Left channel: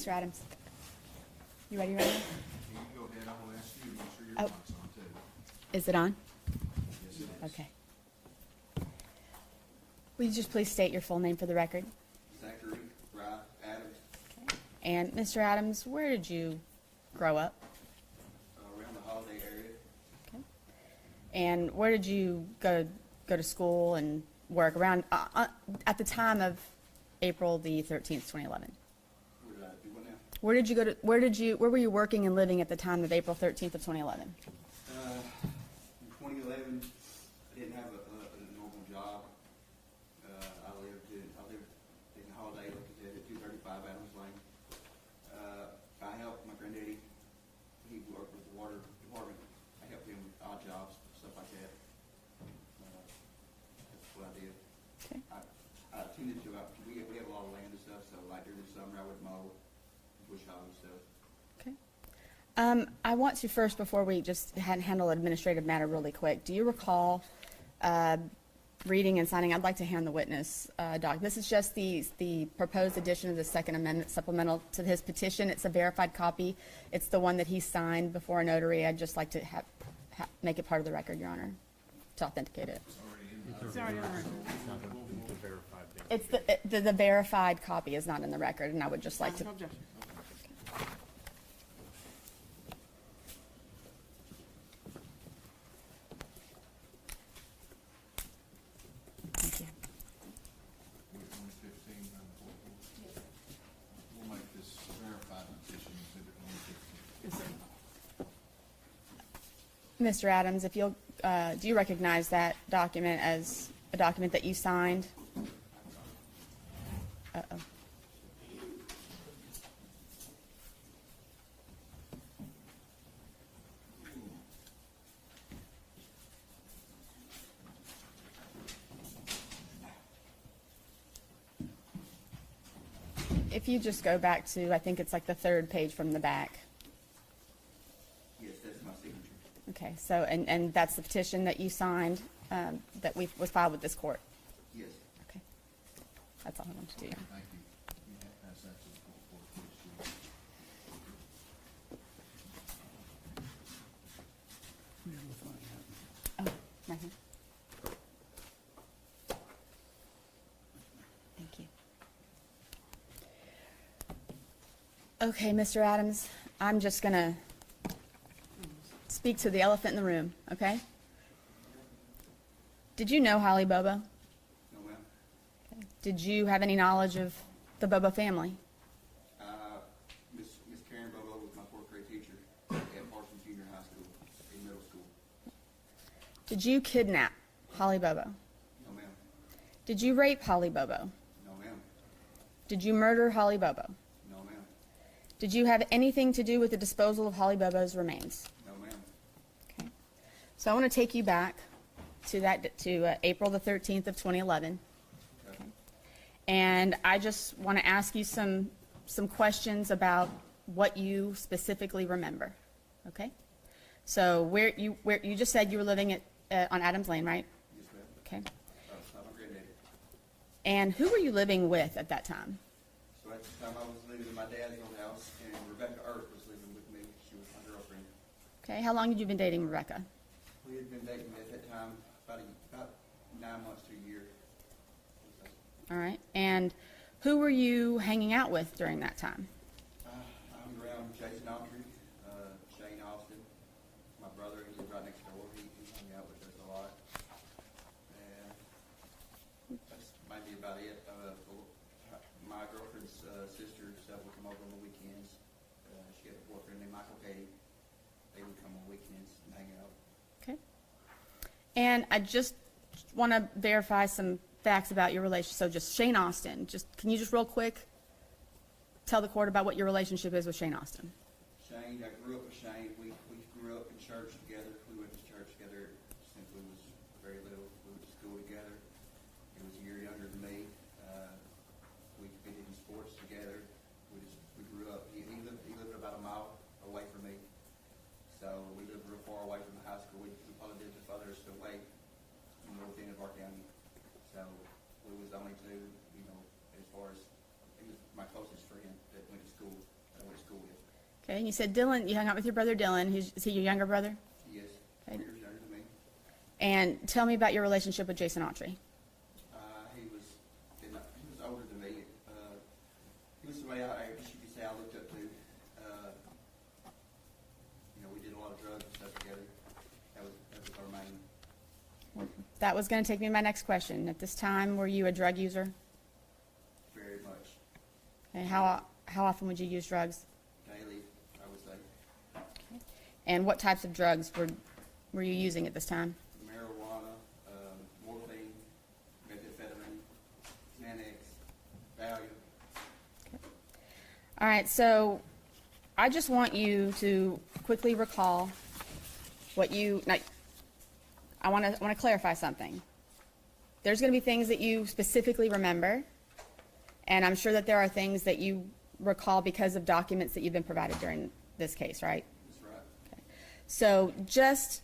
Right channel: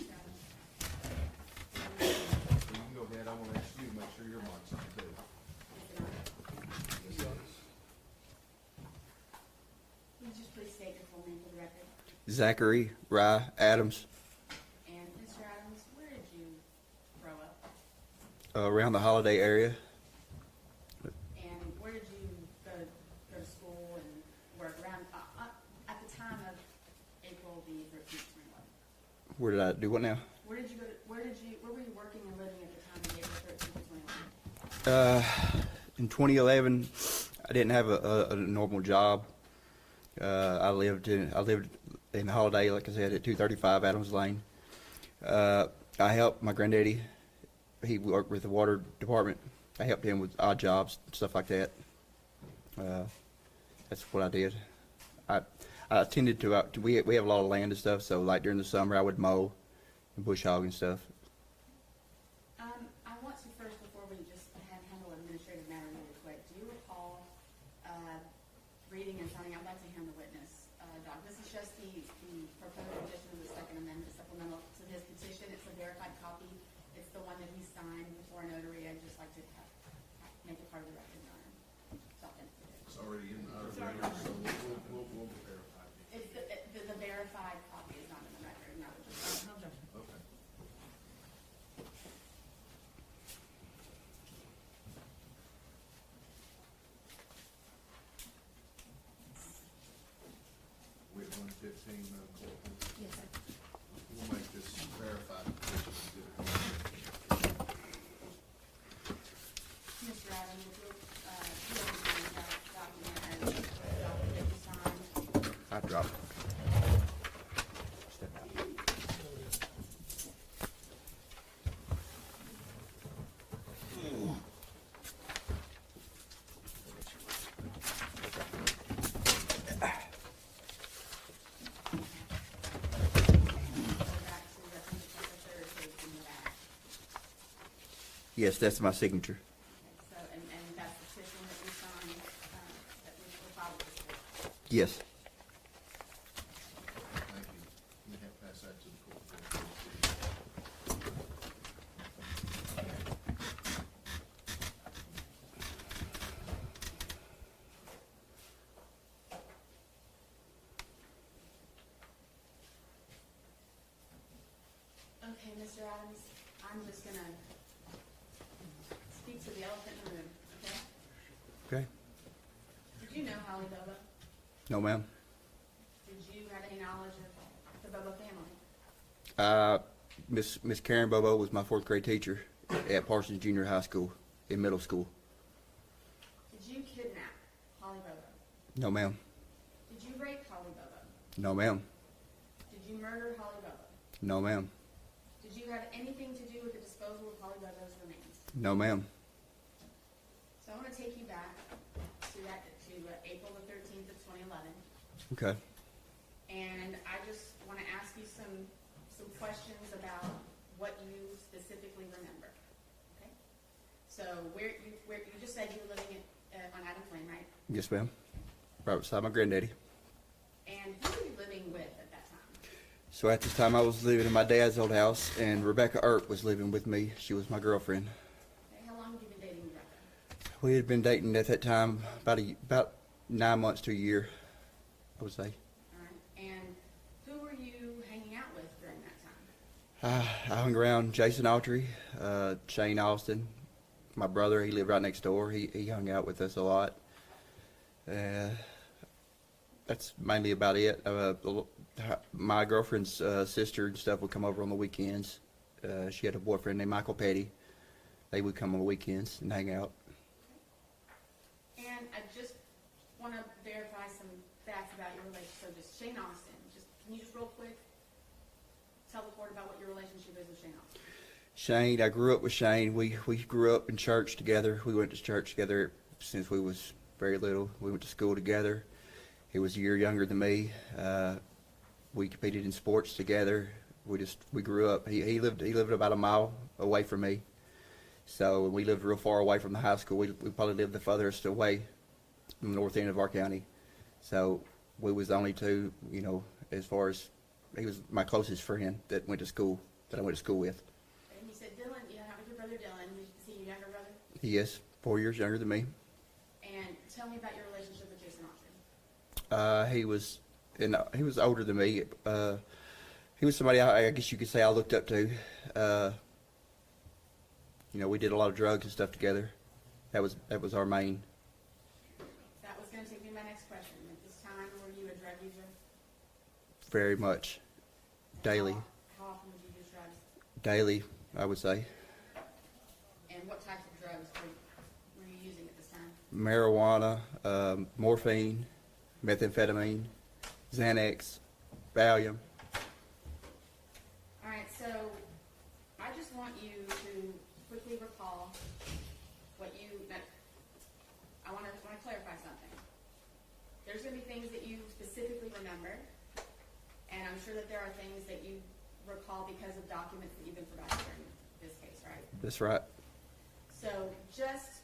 Mr. Adams. You ready? Ready? You can go ahead, I want to ask you, make sure your Oh. mic's on too. Is it on? Yes, it is. Okay. Will you just please state your full name for the record? Zachary Adams, And Mr. Adams, where did you grow up? around the Holiday area. And where did you go to school and work around at the time of April the 13th, 2011? Where did I do what now? Where did you go to? Where were you working and living at the time of April 13th of 2011? In 2011, I didn't have a normal job. I lived in Holiday, like I said, at 235 Adams Lane. I helped my granddaddy. He worked with the water department. I helped him with odd jobs, stuff like that. That's what I did. Okay. I tended to, we have a lot of land and stuff, so like during the summer I would mow and bush hog and stuff. Okay. I want to first, before we just handle administrative matter really quick, do you recall reading and signing? I'd like to hand the witness doc. This is just the proposed addition of the Second Amendment supplemental to his petition. It's a verified copy. It's the one that he signed before a notary. I'd just like to make it part of the record, Your Honor, to authenticate it. It's already in the. It's already in the record. We'll verify it. It's the verified copy is not in the record, and I would just like to. Thank you. We're at 115, we'll make this verified petition and Mr. Adams, if you'll, do you recognize that document as a document that you signed? I dropped. Uh-oh. If you just go back to, I think it's like the third page from the back. Yes, that's my signature. Okay, so, and that's the petition that you signed, that was filed with this court. Yes. That's all I want to do. Thank you. You can pass that to the court. Oh, right here. Thank you. Okay, Mr. Adams, I'm just gonna speak to the elephant in the room, okay? Okay. Did you know Holly Bobo? No, ma'am. Did you have any knowledge of the Bobo family? Miss Karen Bobo was my fourth grade teacher at Parsons Junior High School in middle school. Did you kidnap Holly Bobo? No, ma'am. Did you rape Holly Bobo? No, ma'am. Did you murder Holly Bobo? No, ma'am. Did you have anything to do with the disposal of Holly Bobo's remains? No, ma'am. Okay. So I want to take you back to April the 13th of 2011. Okay. And I just want to ask you some questions about what you specifically remember. Okay? So where you just said you were living on Adams Lane, right? Yes, ma'am. Okay. Right beside my granddaddy. And who were you living with at that time? So at this time I was living in my dad's old house, and Rebecca Earp was living with me. She was my girlfriend. Okay. How long had you been dating Rebecca? We had been dating at that time about 9 months to a year, I would say. All right. And who were you hanging out with during that time? I hung around Jason Autry, Shane Austin, my brother. He lived right next door. He hung out with us a lot. That's mainly about it. My girlfriend's sister and stuff would come over on the weekends. She had a boyfriend named Michael Petty. They would come on the weekends and hang out. Okay. And I just want to verify some facts about your relationship. So just Shane Austin, can you just real quick tell the court about what your relationship is with Shane Austin? Shane, I grew up with Shane. We grew up in church together. We went to church together since we was very little. We went to school together. He was a year younger than me. We competed in sports together. We grew up. He lived about a mile away from me. So we lived real far away from the high school. We probably lived the furthest away from the north end of our county. So we was the only two, as far as he was my closest friend that went to school that I went to school with. Okay, and you said Dylan, you hung out with your brother Dylan. Is he your younger brother? He is 4 years younger than me. And tell me about your relationship with Jason Autry. He was older than me. He was somebody I guess you could say I looked up to. We did a lot of drugs and stuff together. That was our main. That was going to take me to my next question. At this time, were you a drug user? Very much. And Daily. How often would you use drugs? Daily, I would say. And what types of drugs were you using at this time? Marijuana, morphine, methamphetamine, Xanax, Valium. All right, so I just want you to quickly recall what you, now, I want to clarify something. There's going to be things that you specifically remember, and I'm sure that there are things that you recall because of documents that you've been provided during this case, right? That's right. So just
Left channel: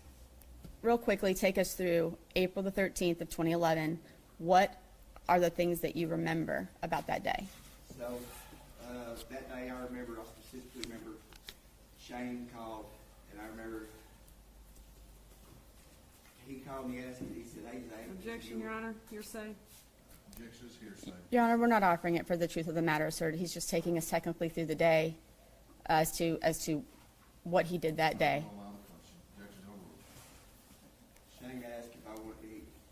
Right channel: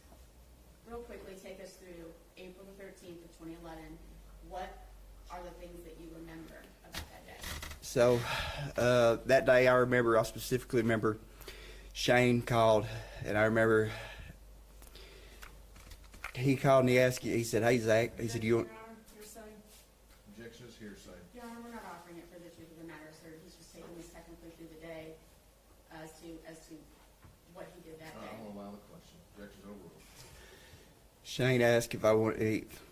real quickly, take us through April the 13th of 2011. What are the things that you remember about that day? So that day I specifically remember Shane called, and I remember he called and he said, "Hey, Zach," he said, Your Honor, hearsay. Objection is hearsay. Your Honor, we're not offering it for the truth of the matter asserted. He's just taking us technically through the day as to what he did that day. I'll allow the question. Objection overruled. Shane asked if I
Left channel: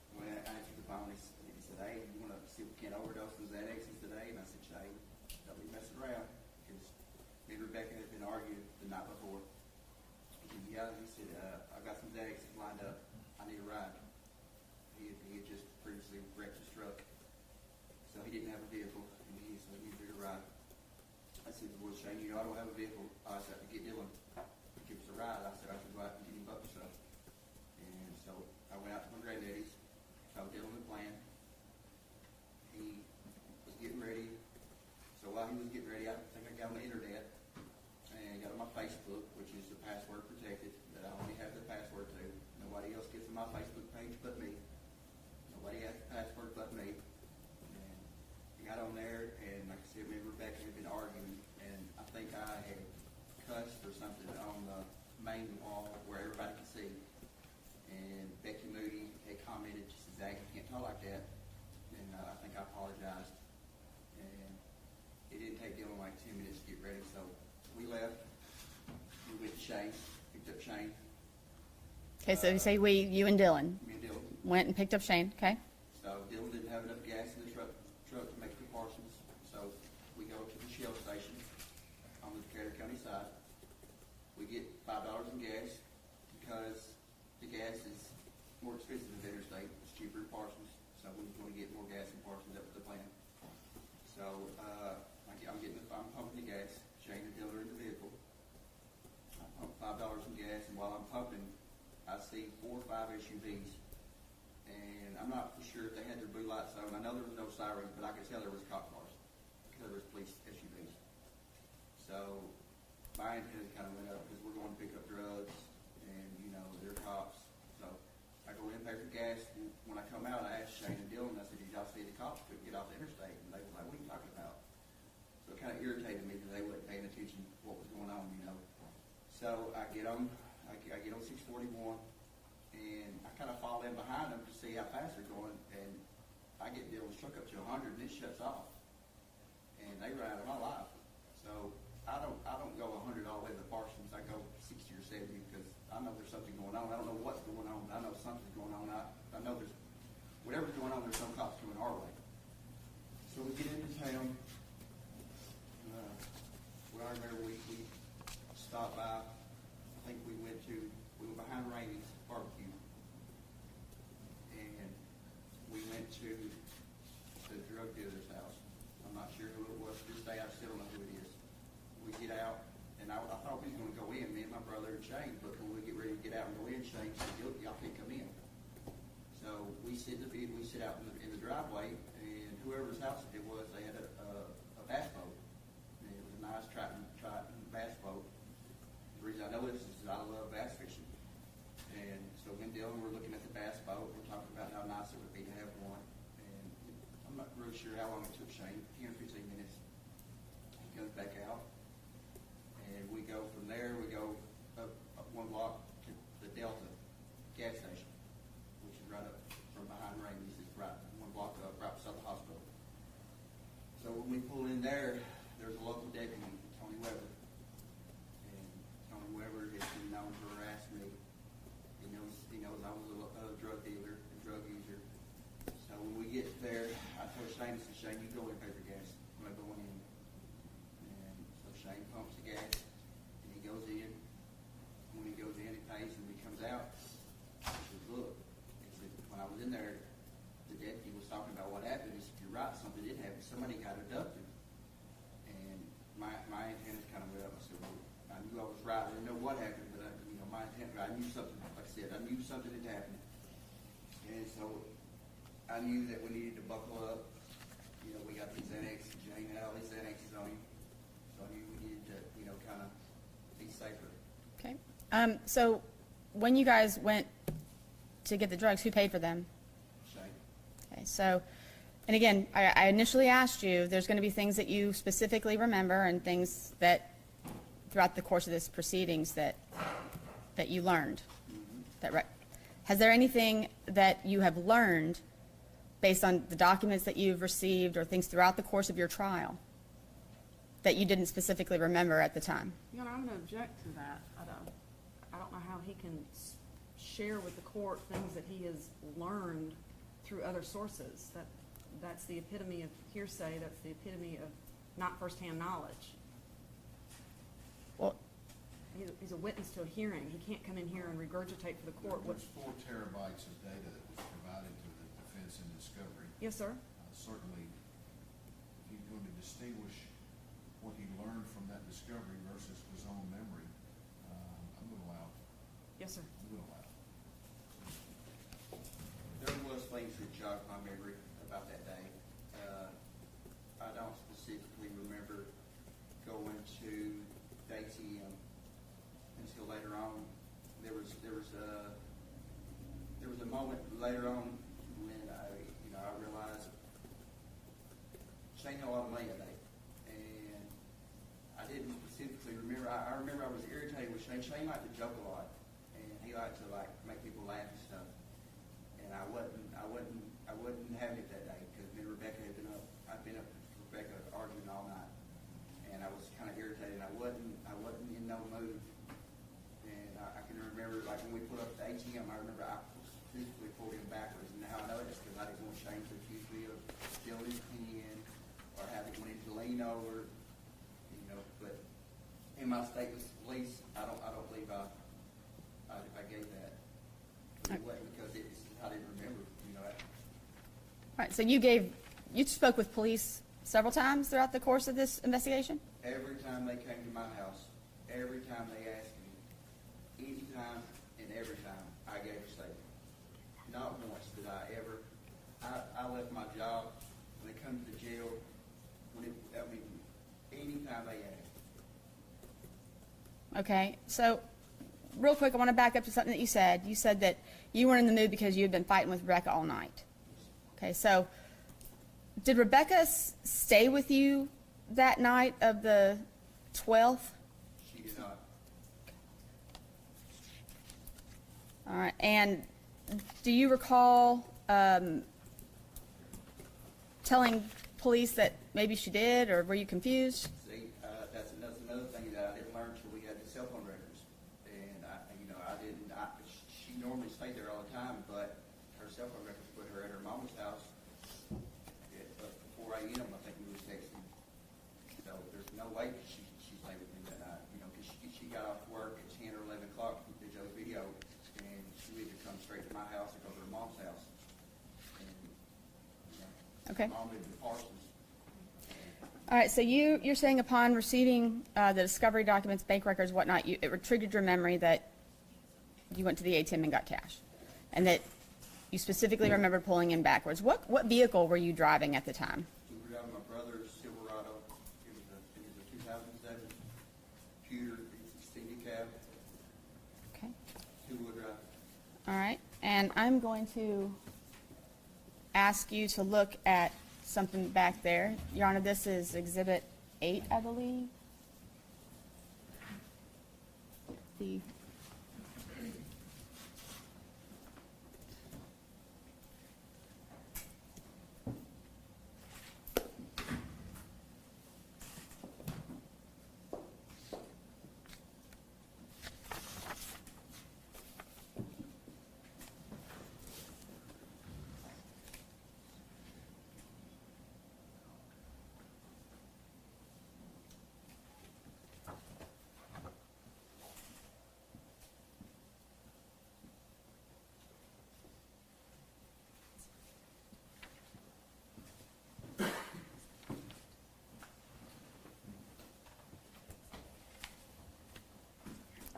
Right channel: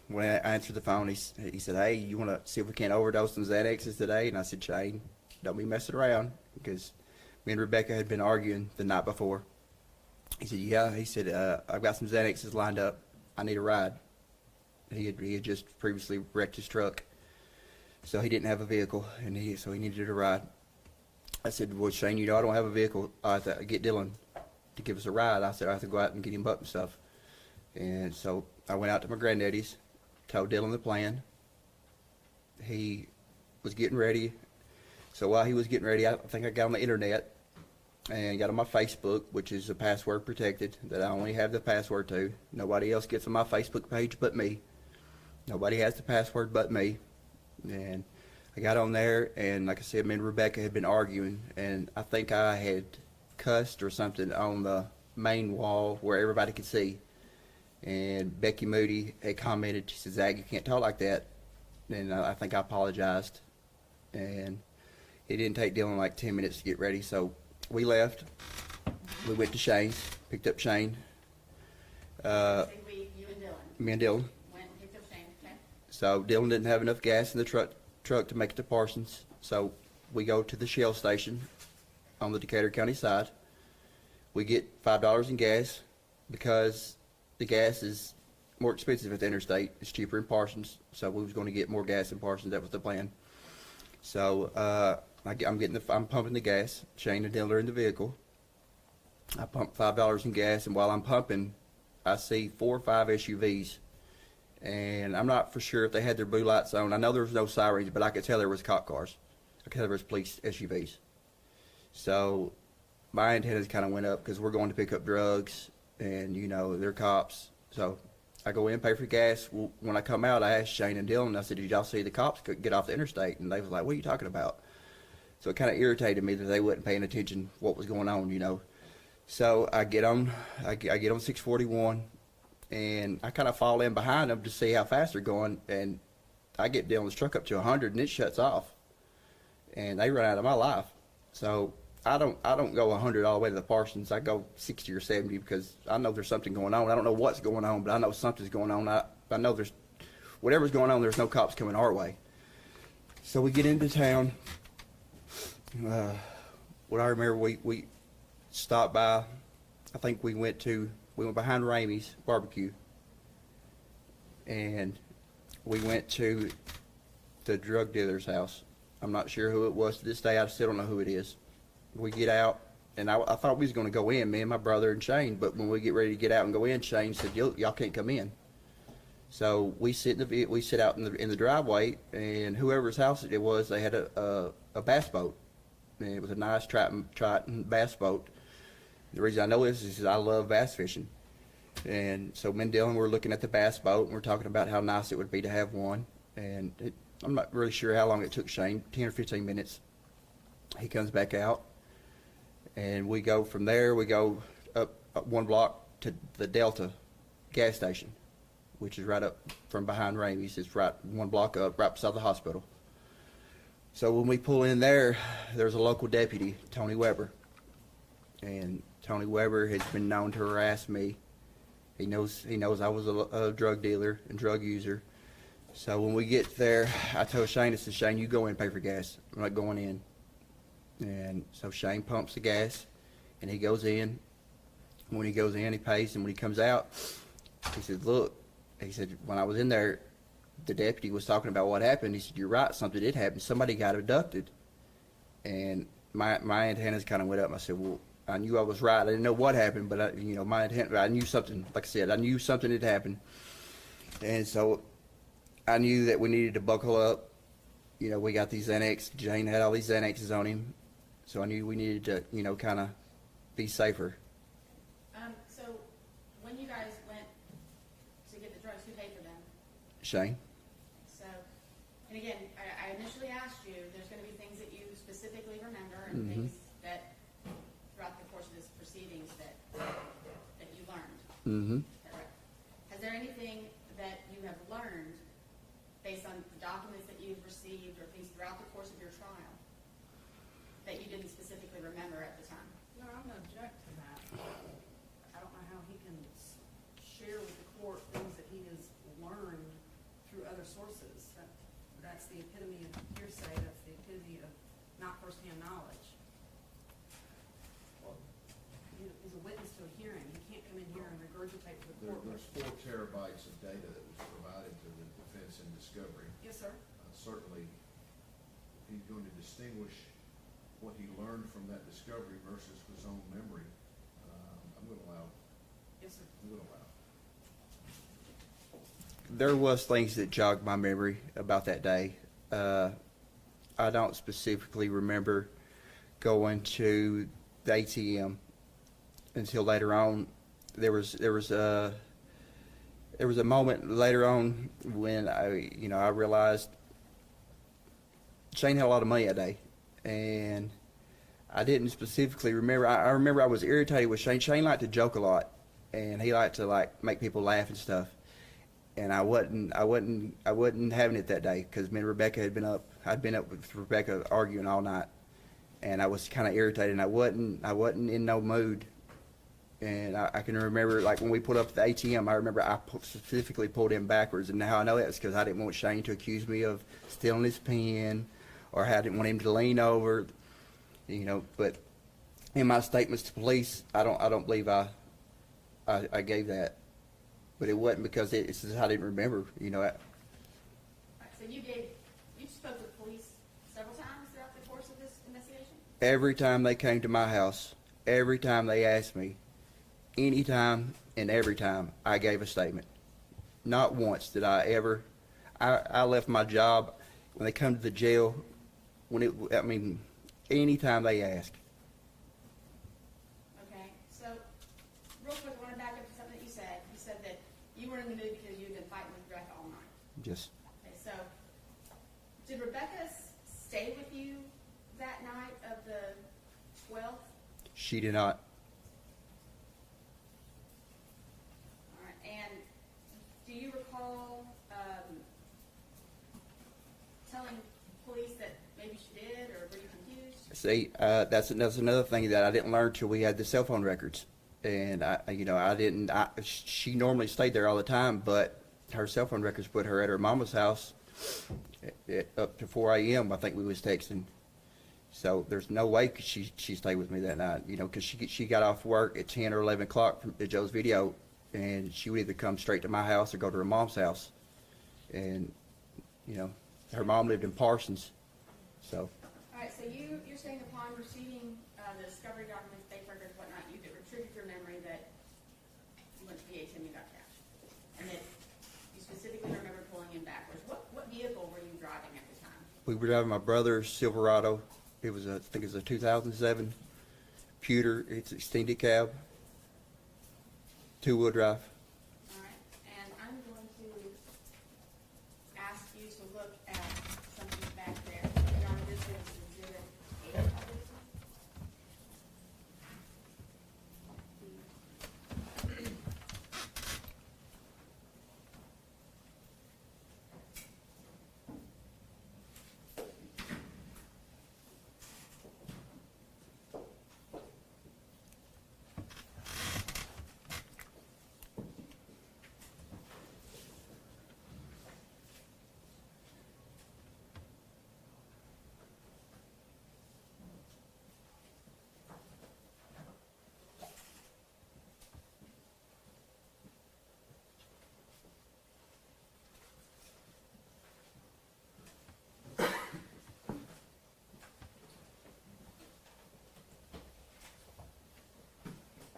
when I answered the phone, he said, "Hey, you want to see if we can't overdose some Xanaxes today?" And I said, "Shane, don't be messing around," because me and Rebecca had been arguing the night before. He said, "Yeah." He said, "I've got some Xanaxes lined up. I need a ride." He had just previously wrecked his truck, so he didn't have a vehicle, and so he needed a ride. I said, "Well, Shane, I don't have a vehicle. I have to get Dylan to give us a ride." I said, "I have to go out and get him up and stuff." And so I went out to my granddaddy's, told Dylan the plan. He was getting ready. So while he was getting ready, I think I got on the internet and got on my Facebook, which is a password protected, that I only have the password to. Nobody else gets on my Facebook page but me. Nobody has the password but me. And I got on there, and like I said, me and Rebecca had been arguing, and I think I had cussed or something on the main wall where everybody could see. And Becky Moody had commented, she said, "Zach, you can't talk like that." And I think I apologized. And it didn't take Dylan like 10 minutes to get ready, so we left. We went to Shane's, picked up Shane. Okay, so say you and Dylan Me and Dylan. went and picked up Shane, okay? So Dylan didn't have enough gas in the truck to make it to Parsons. So we go to the Shell station on the Decatur County side. We get $5 in gas because the gas is more expensive at the interstate. It's cheaper in Parsons, so we was going to get more gas in Parsons. That was the plan. So I'm pumping the gas. Shane and Dylan are in the vehicle. I pump $5 in gas, and while I'm pumping, I see 4 or 5 SUVs, and I'm not for sure if they had their blue lights on. I know there was no sirens, but I could tell there was cop cars. I could tell there was police SUVs. So my antennas kind of went up because we're going to pick up drugs, and they're cops. So I go in, pay for gas. Well, when I come out, I asked Shane and Dylan, I said, "Did y'all see the cops get off the interstate?" And they was like, "What are you talking about?" So it kind of irritated me that they wasn't paying attention what was going on, So I get on 641, and I kind of fall in behind them to see how fast they're going, and I get Dylan's truck up to 100, and it shuts off, and they run out of my life. So I don't go 100 all the way to the Parsons. I go 60 or 70 because I know there's something going on. I don't know what's going on, but I know something's going on. I know there's whatever's going on. There's no cops coming our way. So we get into town. What I remember, we stopped by. I think we went behind Ramey's barbecue, and we went to the drug dealer's house. I'm not sure who it was to this day. I still don't know who it is. We get out, and I thought we was going to go in, me and my brother and Shane. But when we get ready to get out and go in, Shane said, "Y'all can't come in." So we sit out in the driveway, and whoever's house it was, they had a bass boat, and it was a nice Triton bass boat. The reason I know this is I love bass fishing, and so me and Dylan were looking at the bass boat, and we're talking about how nice it would be to have one. And I'm not really sure how long it took Shane, 10 or 15 minutes. He comes back out. And we go from there, we go up 1 block to the Delta gas station, which is right up from behind Ramey's. It's right 1 block up, right beside the hospital. So when we pull in there, there's a local deputy, Tony Weber. And Tony Weber has been known to harass me. He knows I was a drug dealer and drug user. So when we get there, I told Shane, I said, Shane, you go in and pay for gas. I'm not going in. And so Shane pumps the gas, and he goes in. When he goes in, he pays, and when he comes out, he said, look, he said, when I was in there, the deputy was talking about what happened. He said, you're right, something did happen. Somebody got abducted. And my antennas kind of went up. I said, well, I knew I was right. I didn't know what happened, but I knew something, like I said, I knew something had happened. And so I knew that we needed to buckle up. We got these Xanax. Jane had all these Xanaxes on him. So I knew we needed to, kind of be safer. Okay. So when you guys went to get the drugs, who paid for them? Shane? Okay, so, and again, I initially asked you, there's going to be things that you specifically remember and things that throughout the course of this proceedings that you learned. Mm-hmm. Has there anything that you have learned based on the documents that you've received or things throughout the course of your trial that you didn't specifically remember at the time? Your Honor, I'm going to object to that. I don't know how he can share with the court things that he has learned through other sources. That's the epitome of hearsay. That's the epitome of not firsthand knowledge. Well, He's a witness to a hearing. He can't come in here and regurgitate for the court. There's 4 terabytes of data that was provided to the defense in discovery. Yes, sir. Certainly, if he's going to distinguish what he learned from that discovery versus his own memory, I'm going to allow it. Yes, sir. I'm going to allow it. There was things that jogged my memory about that day. I don't specifically remember going to the ATM until later on. There was a moment later on when I realized Shane had a lot of money that day, and I didn't specifically remember. I remember I was irritated with Shane. Shane liked to joke a lot, and he liked to make people laugh and stuff. And I wasn't having it that day because me and Rebecca had been up. I'd been up with Rebecca arguing all night, and I was kind of irritated. And I wasn't in no mood. And I can remember, when we pulled up at the ATM, I remember I specifically pulled him backwards. And how I know that is because I didn't want Shane to accuse me of stealing his pen, or I didn't want him to lean over, But in my statements to police, I don't believe I gave that. But it wasn't because it's just I didn't remember, right, so you spoke with police several times throughout the course of this investigation? Every time they came to my house, every time they asked me, anytime and every time, I gave a statement. Not once did I ever. I left my job when they come to the jail. Anytime they ask. Okay, so real quick, I want to back up to something that you said. You said that you weren't in the mood because you had been fighting with Rebecca all night. Just Okay, so did Rebecca stay with you that night of the 12th? she did not. All right, and do you recall telling police that maybe she did, or were you confused? See, that's another thing that I didn't learn till we had the cell phone records, and she normally stayed there all the time, but her cell phone records put her at her mama's house up to 4 a.m. I think we was texting, so there's no way she stayed with me that night, because she got off work at 10 or 11 o'clock from Joe's video, and she would either come straight to my house or go to her mom's house, and her Okay. mom lived in Parsons, so. All right, so you're saying upon receiving the discovery documents, bank records, whatnot, it triggered your memory that you went to the ATM and got cash, and that you specifically remember pulling in backwards. What vehicle were you driving at the time? We were driving my brother's Silverado. I think it was a 2007 Pewter. It's extended cab, Okay. 2-wheel drive. All right, and I'm going to ask you to look at something back there. Your Honor, this is Exhibit 8, I believe. the,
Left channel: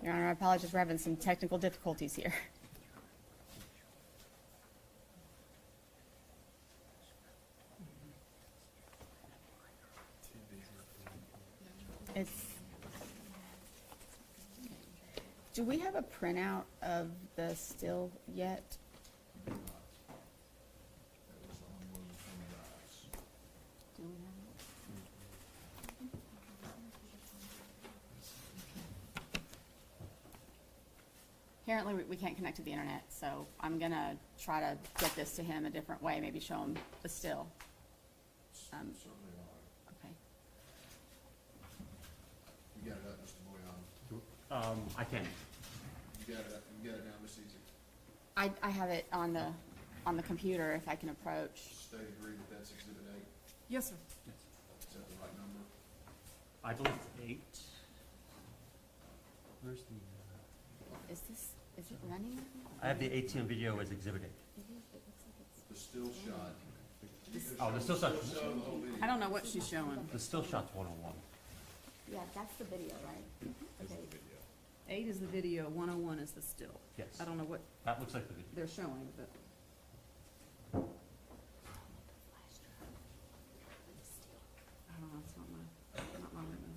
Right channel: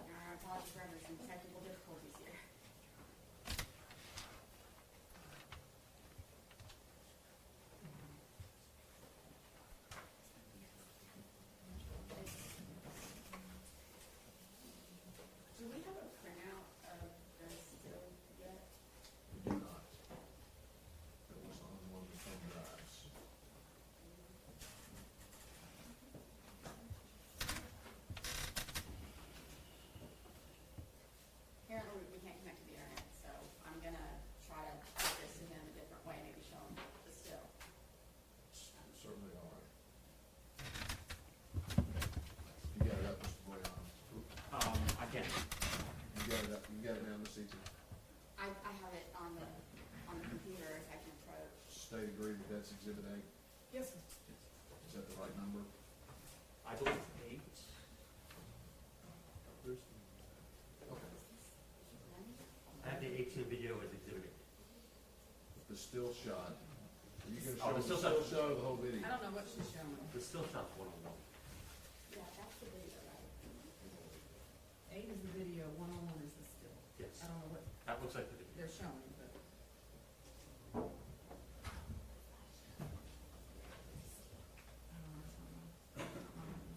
Your Honor, I apologize, we're having some technical difficulties here. It's, do we have a printout of the still yet? Not. That was on one of the thumb drives. Apparently, we can't connect to the internet, so I'm gonna try to get this to him a different way, maybe show him the still. Certainly all right. Okay. You got it up, Mr. Boyan. I can't. You got it down, Ms. Eaton? I have it on the computer if I can approach. State agree that that's Exhibit A? Yes, sir. Is that the right number? I believe 8. Where's the? Is it running? I have the ATM video as Exhibit A. The still shot. You can Oh, the show still shot. show the whole video. I don't know what she's showing. The still shot's 101. Yeah, that's the video, right? Okay. 8 is the video, 101 is the still. Yes. I don't know what That looks like the video. they're showing, but. I don't know, it's not my limit.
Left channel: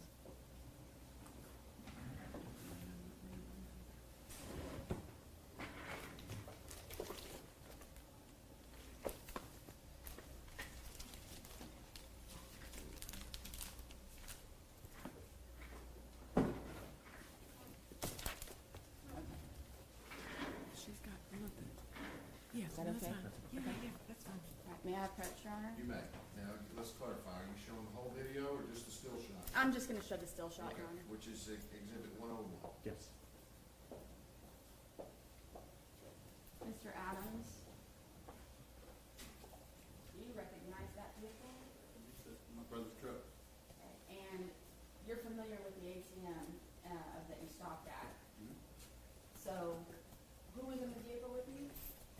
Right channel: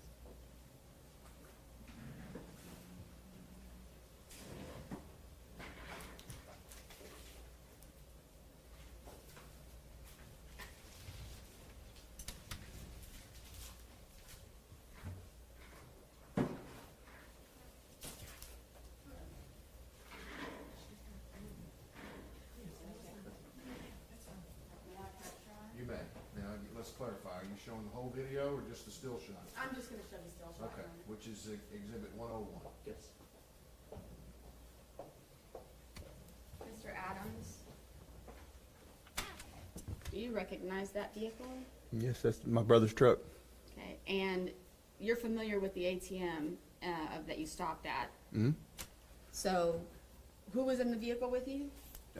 She's got everything. Yeah, Is that that's okay? fine. Yeah, yeah, that's fine. All right, may I approach, Your Honor? You may. Now, let's clarify. Are you showing the whole video or just the still shot? I'm just gonna show the still shot, Okay, Your Honor. which is Exhibit 101. Yes. Mr. Adams? Do you recognize that vehicle? Yes, that's my brother's truck. Okay, and you're familiar with the ATM that you stopped at. Mm-hmm. So, who was in the vehicle with you?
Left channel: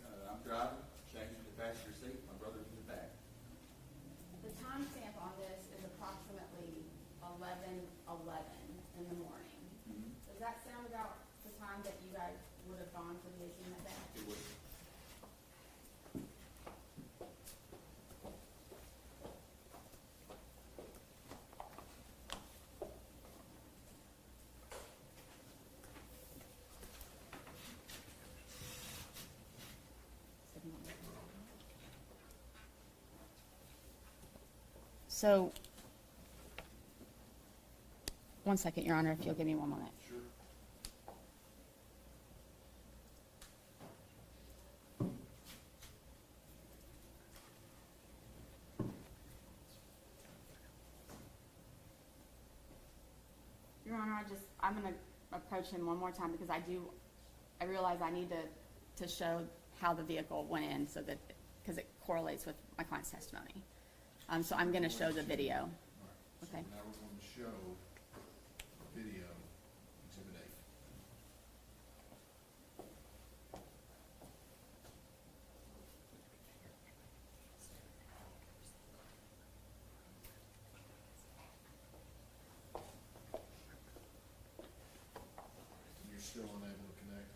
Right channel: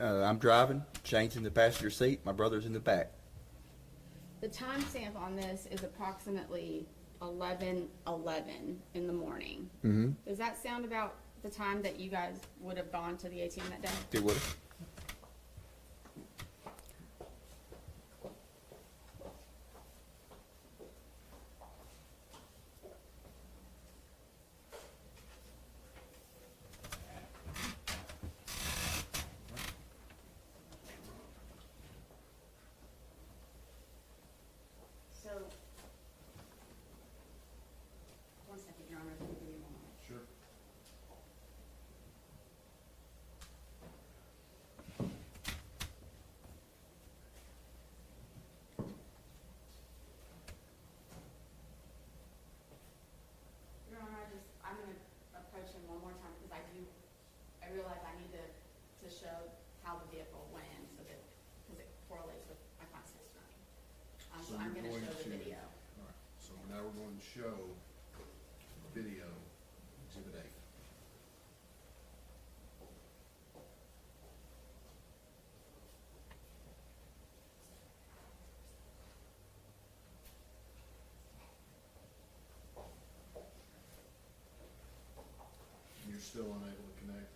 I'm driving, Shane's in the passenger seat, my brother's in the back. The timestamp on this is approximately 11:11 in the morning. Mm-hmm. Does that sound about the time that you guys would have gone to the ATM that day? It would. So, one second, Your Honor, if you'll give me one moment. Sure. Your Honor, I'm gonna approach him one more time because I realize I need to show how the vehicle went in so that, because it correlates with my client's testimony. So I'm gonna show the video. All right, so Okay. now we're going to show video, Exhibit A. You're still unable to connect?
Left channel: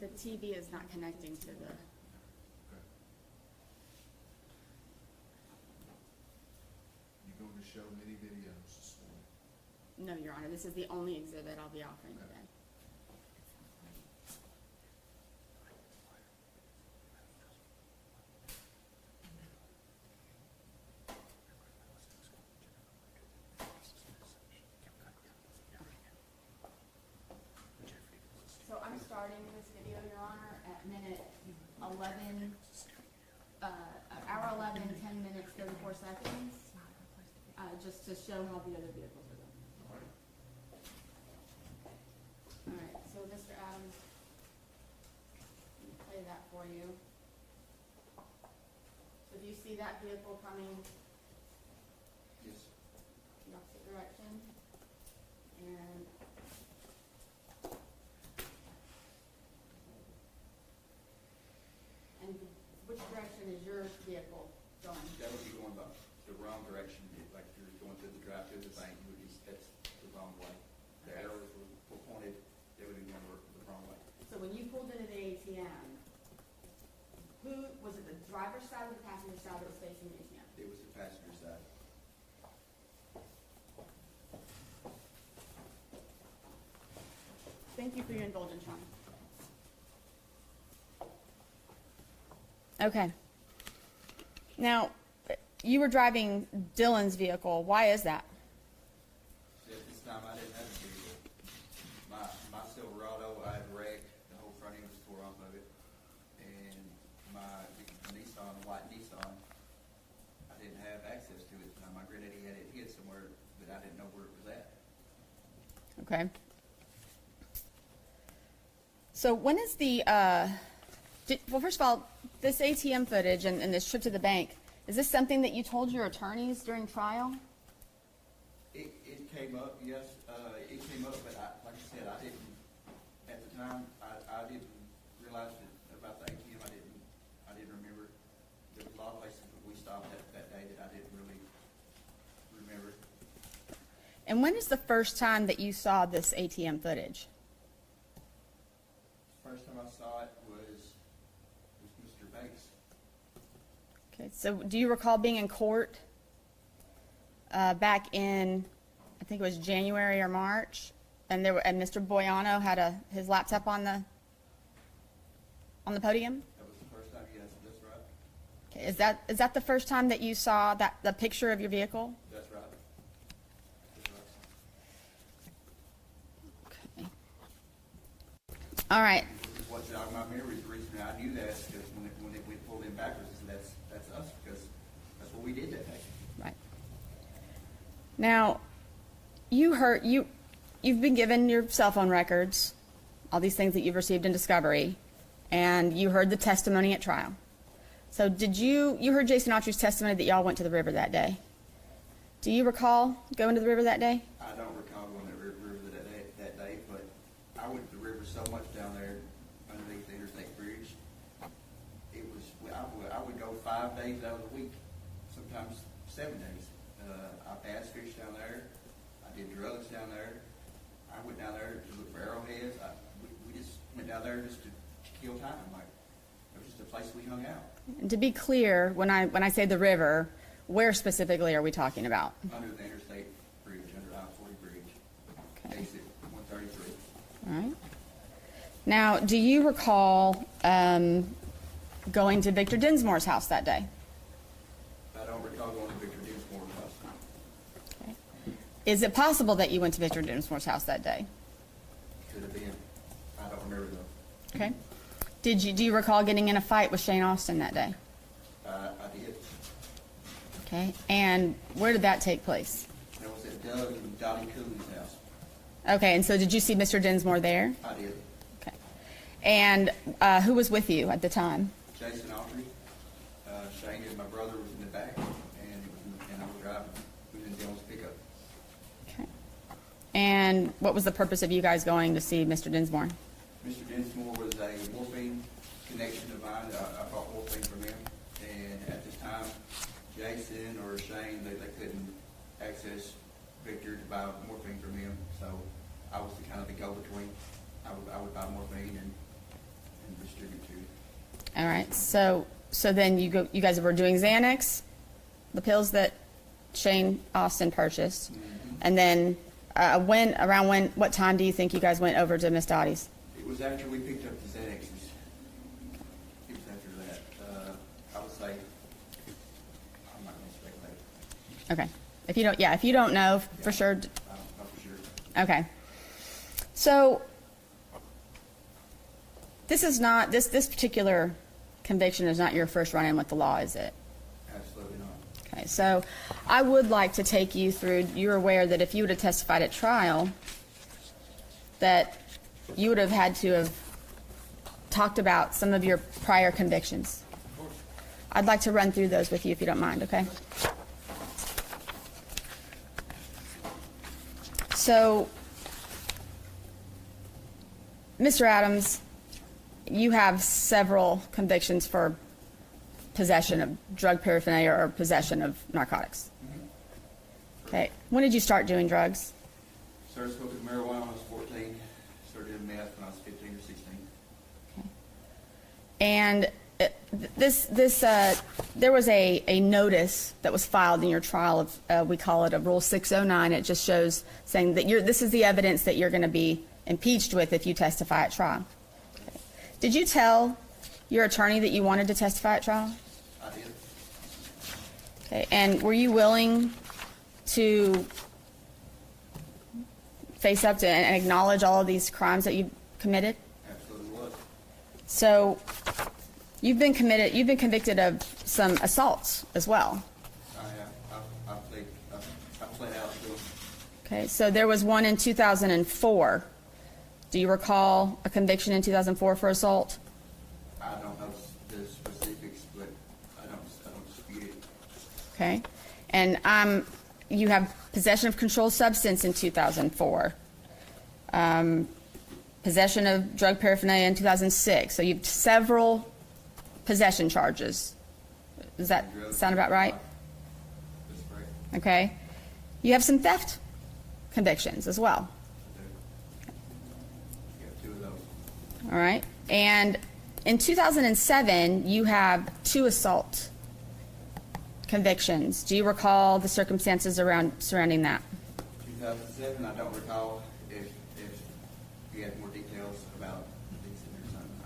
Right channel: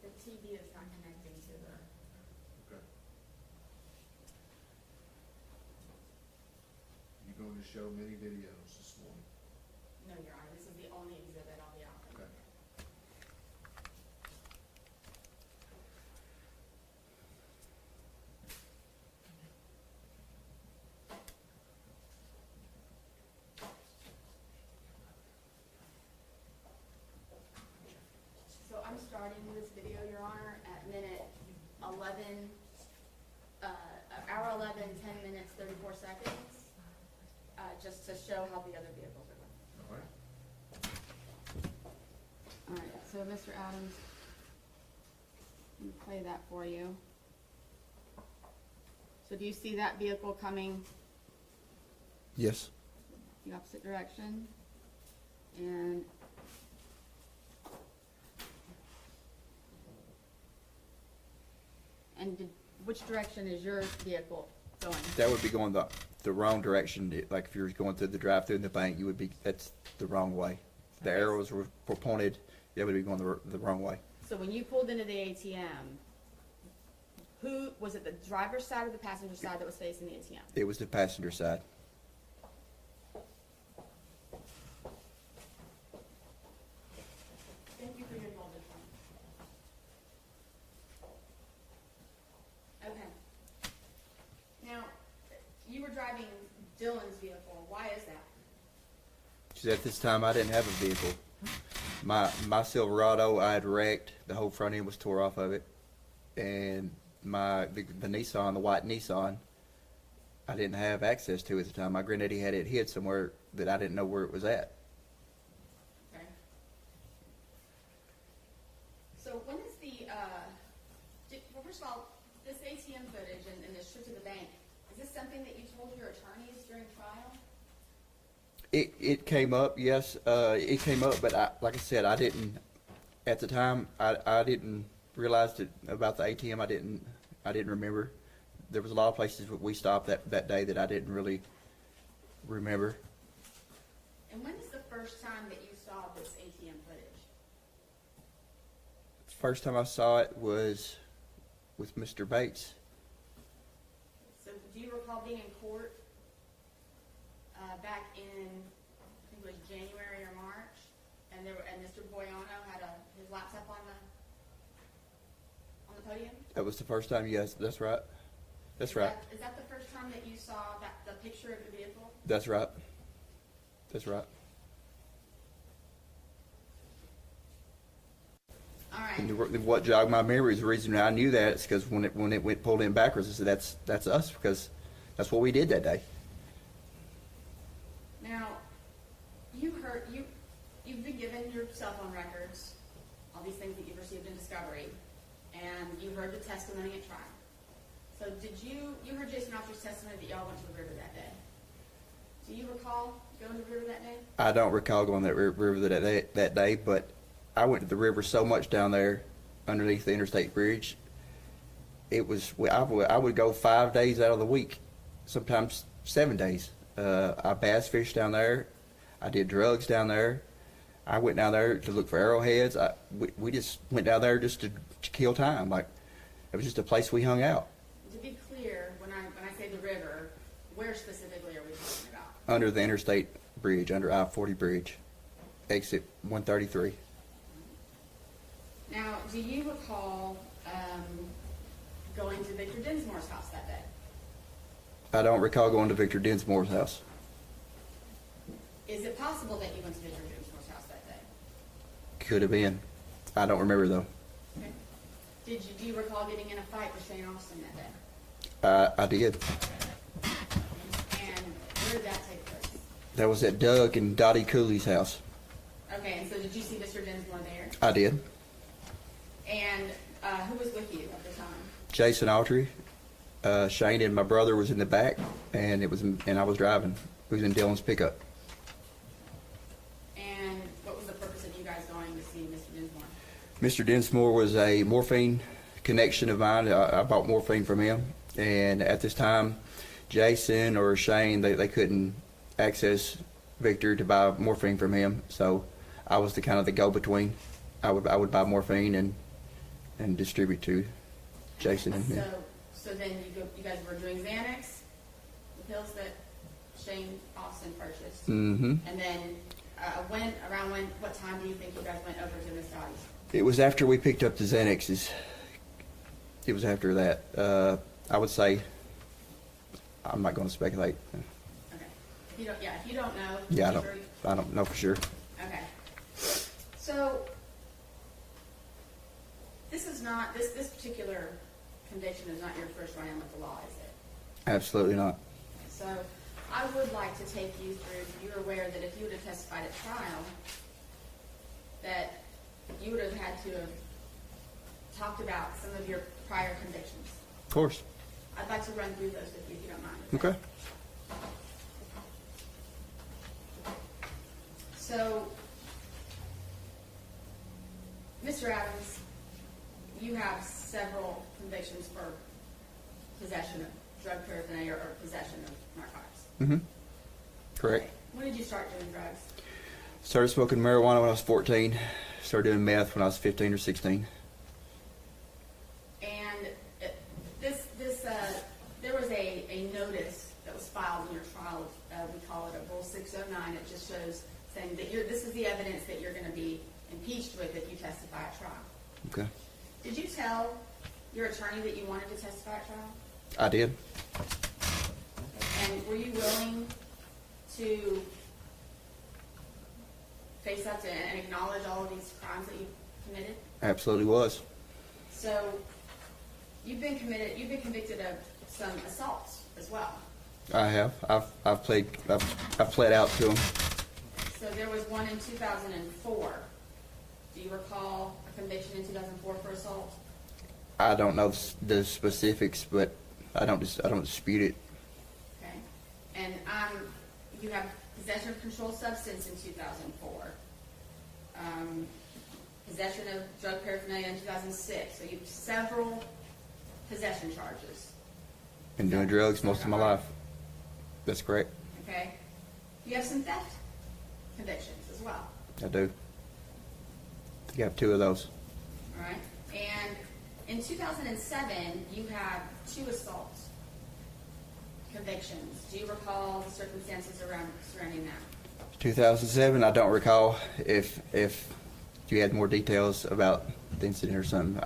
The TV is not connecting to the, Okay. You're going to show many videos this morning. no, Your Honor, this is the only exhibit I'll be offering Okay. today. hour 11, 10 minutes, 34 seconds, just to show how the other vehicles are going. All right. All right, so Mr. Adams, let me play that for you. So do you see that vehicle coming Yes. the opposite direction? And which direction is your vehicle going? That would be going the wrong direction. Like if you were going through the drive-through in the bank, you would be, that's the wrong way. The Okay. arrows were pointed, that would be going the wrong way. So when you pulled into the ATM, was it the driver's side or the passenger side that was facing the ATM? It was the passenger side. Thank you for your indulgence, Ron. Okay. Now, you were driving Dylan's vehicle. Why is that? Because at this time, I didn't have a vehicle. My Silverado, I had wrecked. The whole front end was tore off of it. And the Nissan, the white Nissan, I didn't have access to at the time. My granddaddy had it hid somewhere that I didn't know where it was at. Okay. So when is well, first of all, this ATM footage and this trip to the bank, is this something that you told your attorneys during trial? It came up, yes, it came up, but like I said, I didn't, at the time, I didn't realize about the ATM, I didn't remember. There was a lot of places that we stopped that day that I didn't really remember. And when is the first time that you saw this ATM footage? First time I saw it was with Mr. Bates. Okay, so do you recall being in court back in, I think it was January or March, and Mr. Boyano had his laptop on the podium? That was the first time, yes, that's right. Okay, That's right. Is that the first time that you saw the picture of your vehicle? That's right. That's right. Okay. All right. And what jogged my memory is the reason I knew that is because when it went pulled in backwards, I said, that's us, because that's what we did that day. Right. Now, you've been given your cell phone records, all these things that you've received in discovery, and you heard the testimony at trial. So you heard Jason Autry's testimony that y'all went to the river that day. Do you recall going to the river that day? I don't recall going to that river that day, but I went to the river so much down there underneath the interstate bridge. It was, I would go 5 days out of the week, sometimes 7 days. I bass fished down there. I did drugs down there. I went down there to look for arrowheads. We just went down there just to kill time. Like, it was just a place we hung out. And to be clear, when I say the river, where specifically are we talking about? Under the interstate bridge, under I-40 bridge, exit 133. All right. Now, do you recall going to Victor Dinsmore's house that day? I don't recall going to Victor Dinsmore's house. Is it possible that you went to Victor Dinsmore's house that day? Could have been. I don't remember though. Okay. Do you recall getting in a fight with Shane Austin that day? I did. Okay. And where did that take place? That was at Doug and Dottie Cooley's house. Okay. And so did you see Mr. Dinsmore there? I did. Okay. And who was with you at the time? Jason Autry, Shane and my brother was in the back, and I was driving. We was in Dylan's pickup. Okay. And what was the purpose of you guys going to see Mr. Dinsmore? Mr. Dinsmore was a morphine connection of mine. I bought morphine from him, and at this time, Jason or Shane, they couldn't access Victor to buy morphine from him, so I was the kind of the go-between. I would buy morphine and distribute to All Jason. right. and him. So then you guys were doing Xanax, the pills that Shane Austin purchased, Mm-hmm. and then what time do you think you guys went over to Miss Dottie's? It was after we picked up the Xanaxes. It was after that. I would say, I'm not going to speculate. Okay. If you don't know Yeah, for sure. I don't know for sure. Okay. So this is not this particular conviction is not your first run-in with the law, is it? Absolutely not. Okay, so I would like to take you through, you're aware that if you would have testified at trial, that you would have had to have talked about some of your prior convictions. Of course. I'd like to run through those with you if you don't mind, okay? Okay. So, Mr. Adams, you have several convictions for possession of drug paraphernalia or possession of narcotics. Mm-hmm. Correct. Okay. When did you start doing drugs? Started smoking marijuana when I was 14. Started doing meth when I was 15 or 16. And there was a notice that was filed in your trial of, we call it a Rule 609. It just shows saying that this is the evidence that you're going to be impeached with if you testify at trial. Okay. Did you tell your attorney that you wanted to testify at trial? I did. Okay. And were you willing to face up to and acknowledge all of these crimes that you committed? Absolutely was. So you've been convicted of some assaults as well. I have. I've pled out to them. Okay, so there was one in 2004. Do you recall a conviction in 2004 for assault? I don't know the specifics, but I don't dispute it. Okay, and you have possession of controlled substance in 2004. Possession of drug paraphernalia in 2006. So you have several possession charges. Been Does that doing drugs sound most about of my right? life. That's correct. Okay. You have some theft convictions as well. I do. I think I have 2 of those. All right. And in 2007, you have 2 assault convictions. Do you recall the circumstances surrounding that? 2007, I don't recall. If you had more details about the incident or something.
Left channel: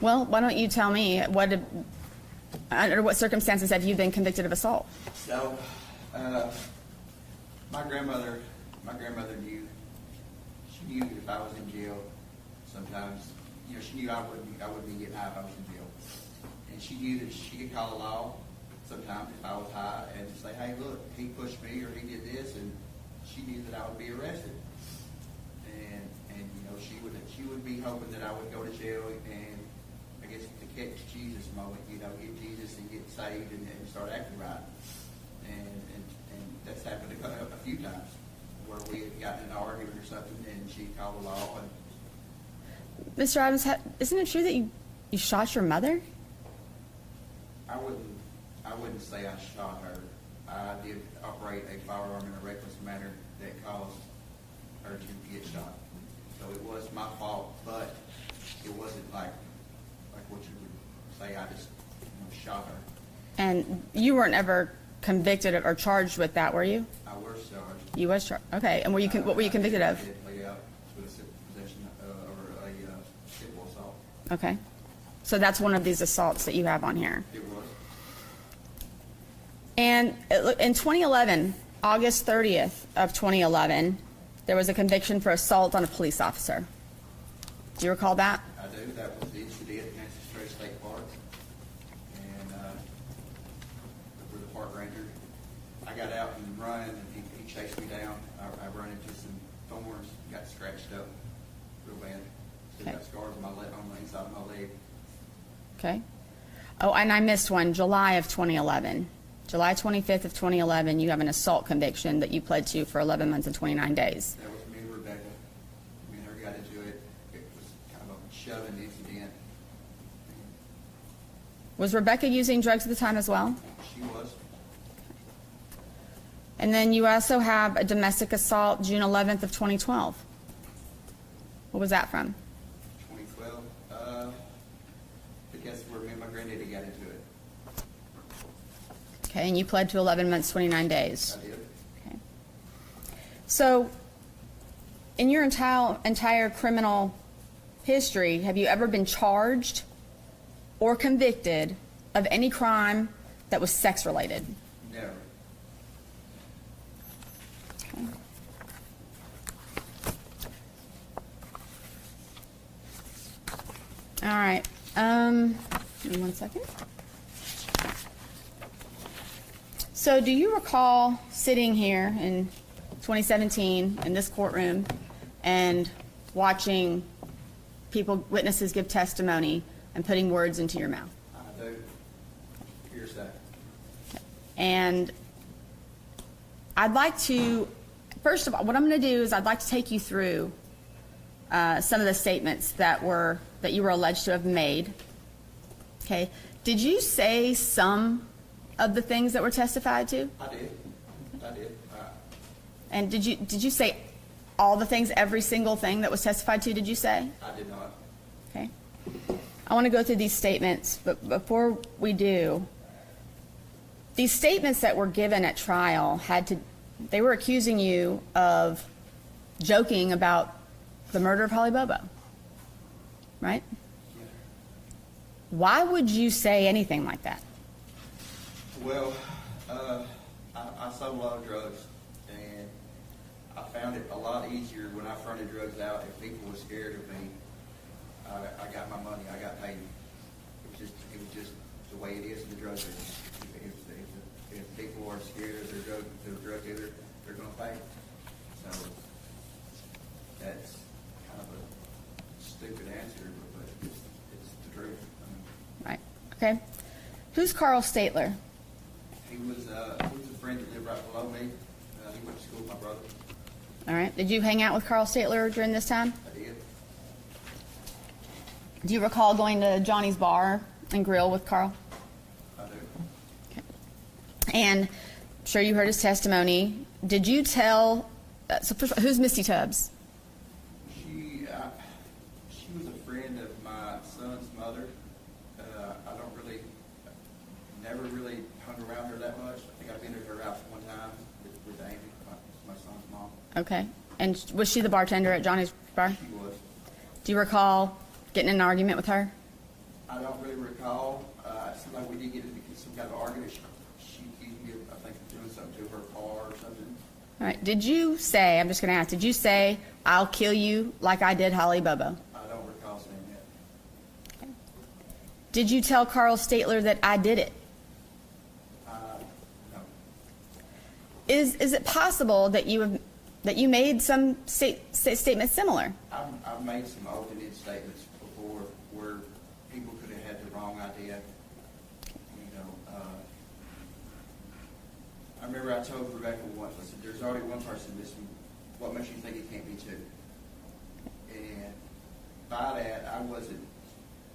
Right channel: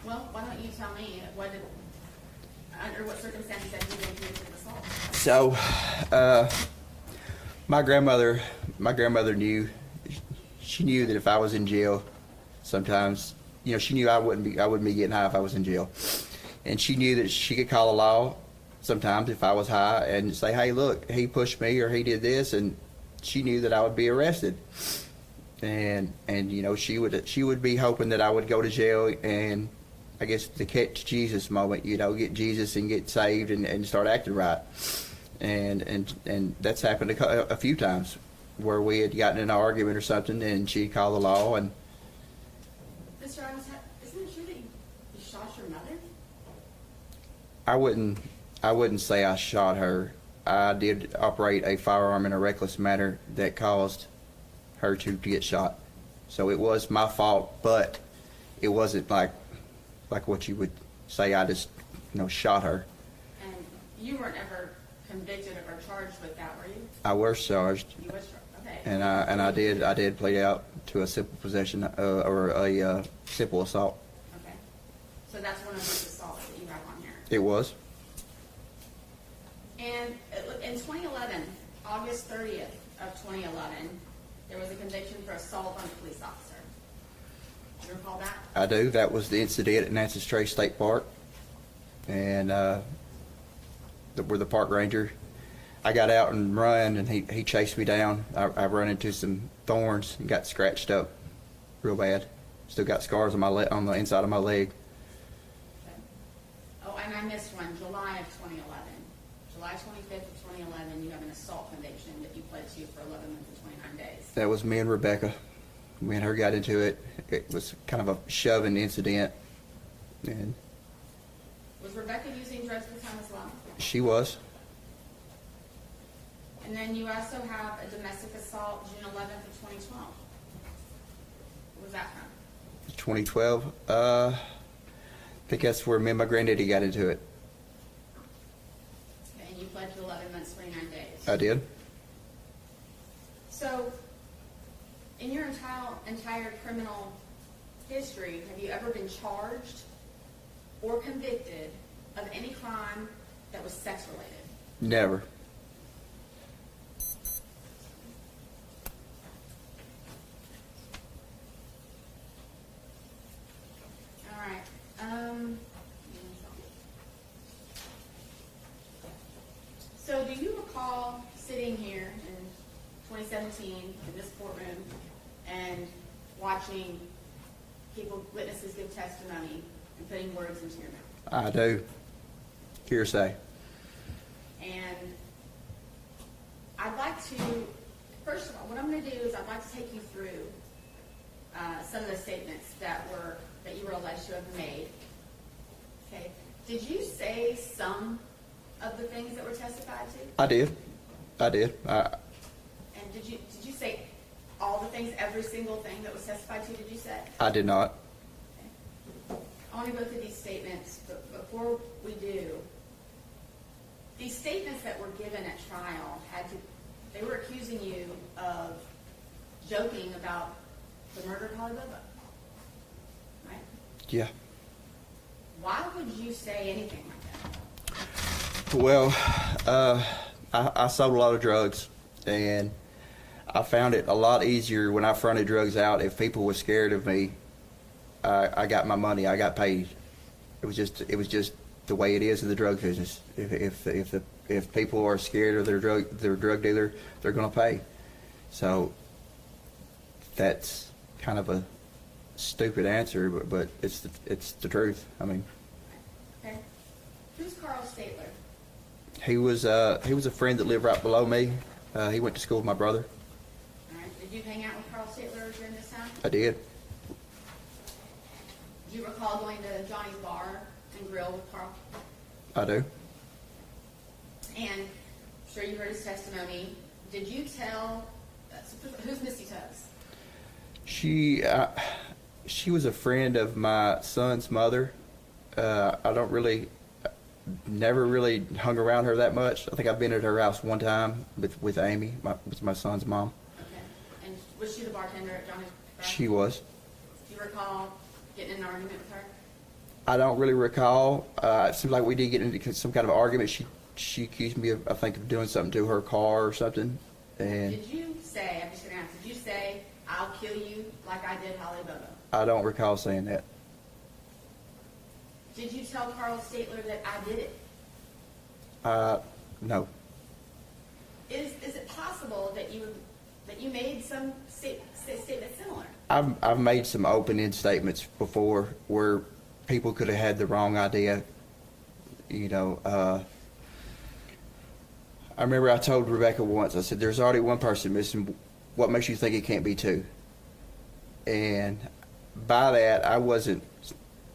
Well, why don't you tell me under what circumstances have you been convicted of assault? So, my grandmother knew. She knew that if I was in jail, sometimes, she knew I wouldn't be getting high if I was in jail, and she knew that she could call the law sometimes if I was high and say, "Hey, look, he pushed me or he did this," and she knew that I would be arrested, and she would be hoping that I would go to jail and, I guess, the catch Jesus moment, get Jesus and get saved and start acting right. And that's happened a few times where we had gotten in an argument or something and she'd call the law. And Mr. Adams, isn't it true that you shot your mother? I wouldn't say I shot her. I did operate a firearm in a reckless manner that caused her to get shot. So it was my fault, but it wasn't like what you would say I just, shot her. And you weren't ever convicted or charged with that, were you? I was charged. You was charged. Okay. And what And were you convicted of? I did plead out to a simple possession or a simple assault. Okay. So that's one of these assaults that you have on here. It was. And in 2011, August 30th of 2011, there was a conviction for assault on a police officer. Do you recall that? I do. That was the incident at Nancy's Trace State Park. And where the park ranger, I got out and run, and he chased me down. I run into some thorns and got scratched up real bad. Still got scars on on the inside of my leg. Okay. Oh, and I missed one, July of 2011. July 25th of 2011, you have an assault conviction that you pled to for 11 months and 29 days. That was me and Rebecca. Me and her got into it. It was kind of a shoving incident. And Was Rebecca using drugs at the time as well? she was. And then you also have a domestic assault, June 11th of 2012. What was that from? 2012. I think that's where me and my granddaddy got into it. Okay, and you pled to 11 months, 29 days. I did. Okay. So, in your entire criminal history, have you ever been charged or convicted of any crime that was sex-related? Never. Okay. All right. Let Give me 1 second. So do you recall sitting here in 2017 in this courtroom and watching witnesses give testimony and putting words into your mouth? I do. Hearsay. And I'd like to, first of all, what I'm going to do is I'd like to take you through some of the statements that you were alleged to have made. Okay. Did you say some of the things that were testified to? I did. And did you say all the things, every single thing that was testified to, did you say? I did not. Okay. I want to go through these statements, but before we do, these statements that were given at trial they were accusing you of joking about the murder of Holly Bobo, right? Yeah. Why would you say anything like that? Well, I sold a lot of drugs, and I found it a lot easier when I fronted drugs out. If people were scared of me, I got my money. I got paid. It was just the way it is in the drug business. If people are scared of their drug dealer, they're going to pay. So that's kind of a stupid answer, but it's the truth. I mean, Right. Okay. Who's Carl Statler? he was a friend that lived right below me. He went to school with my brother. All right. Did you hang out with Carl Statler during this time? I did. Do you recall going to Johnny's Bar and Grill with Carl? I do. And I'm sure you heard his testimony. Did you tell, so first of all, who's Misty Tubbs? She was a friend of my son's mother. Never really hung around her that much. I think I've been at her house one time with Amy, with my son's mom. Okay. And was she the bartender at Johnny's Bar? She was. Do you recall getting in an argument with her? I don't really recall. It seems like we did get into some kind of argument. She accused me of, I think, of doing something to her car or something. All right. And Did you say, I'm just going to ask, did you say, I'll kill you like I did Holly Bobo? I don't recall saying that. Did you tell Carl Statler that I did it? No. Is it possible that you made some statements similar? I've made some open-end statements before where people could have had the wrong idea. You know, I remember I told Rebecca once, I said, there's already one person missing. What makes you think it can't be two? And by that, I wasn't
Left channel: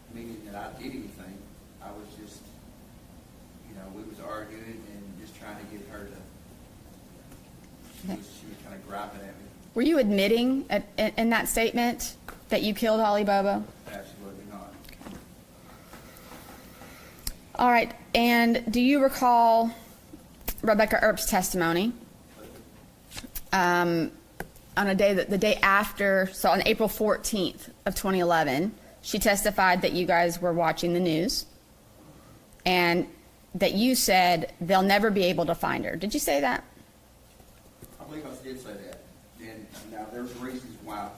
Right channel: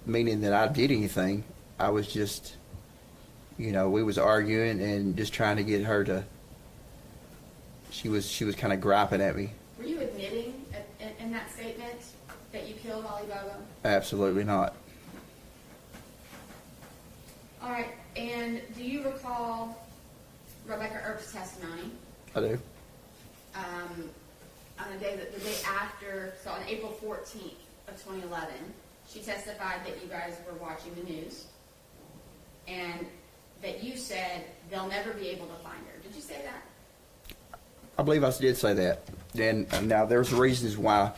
meaning that I did anything. I was just, we was arguing and just trying to get her to, she was kind of griping at me. Were you admitting in that statement that you killed Holly Bobo? Absolutely not. All right. And do you recall Rebecca Earp's testimony? I do. On the day after, so on April 14th of 2011, she testified that you guys were watching the news and that you said they'll never be able to find her. Did you say that? I believe I did say that. And now there's reasons why.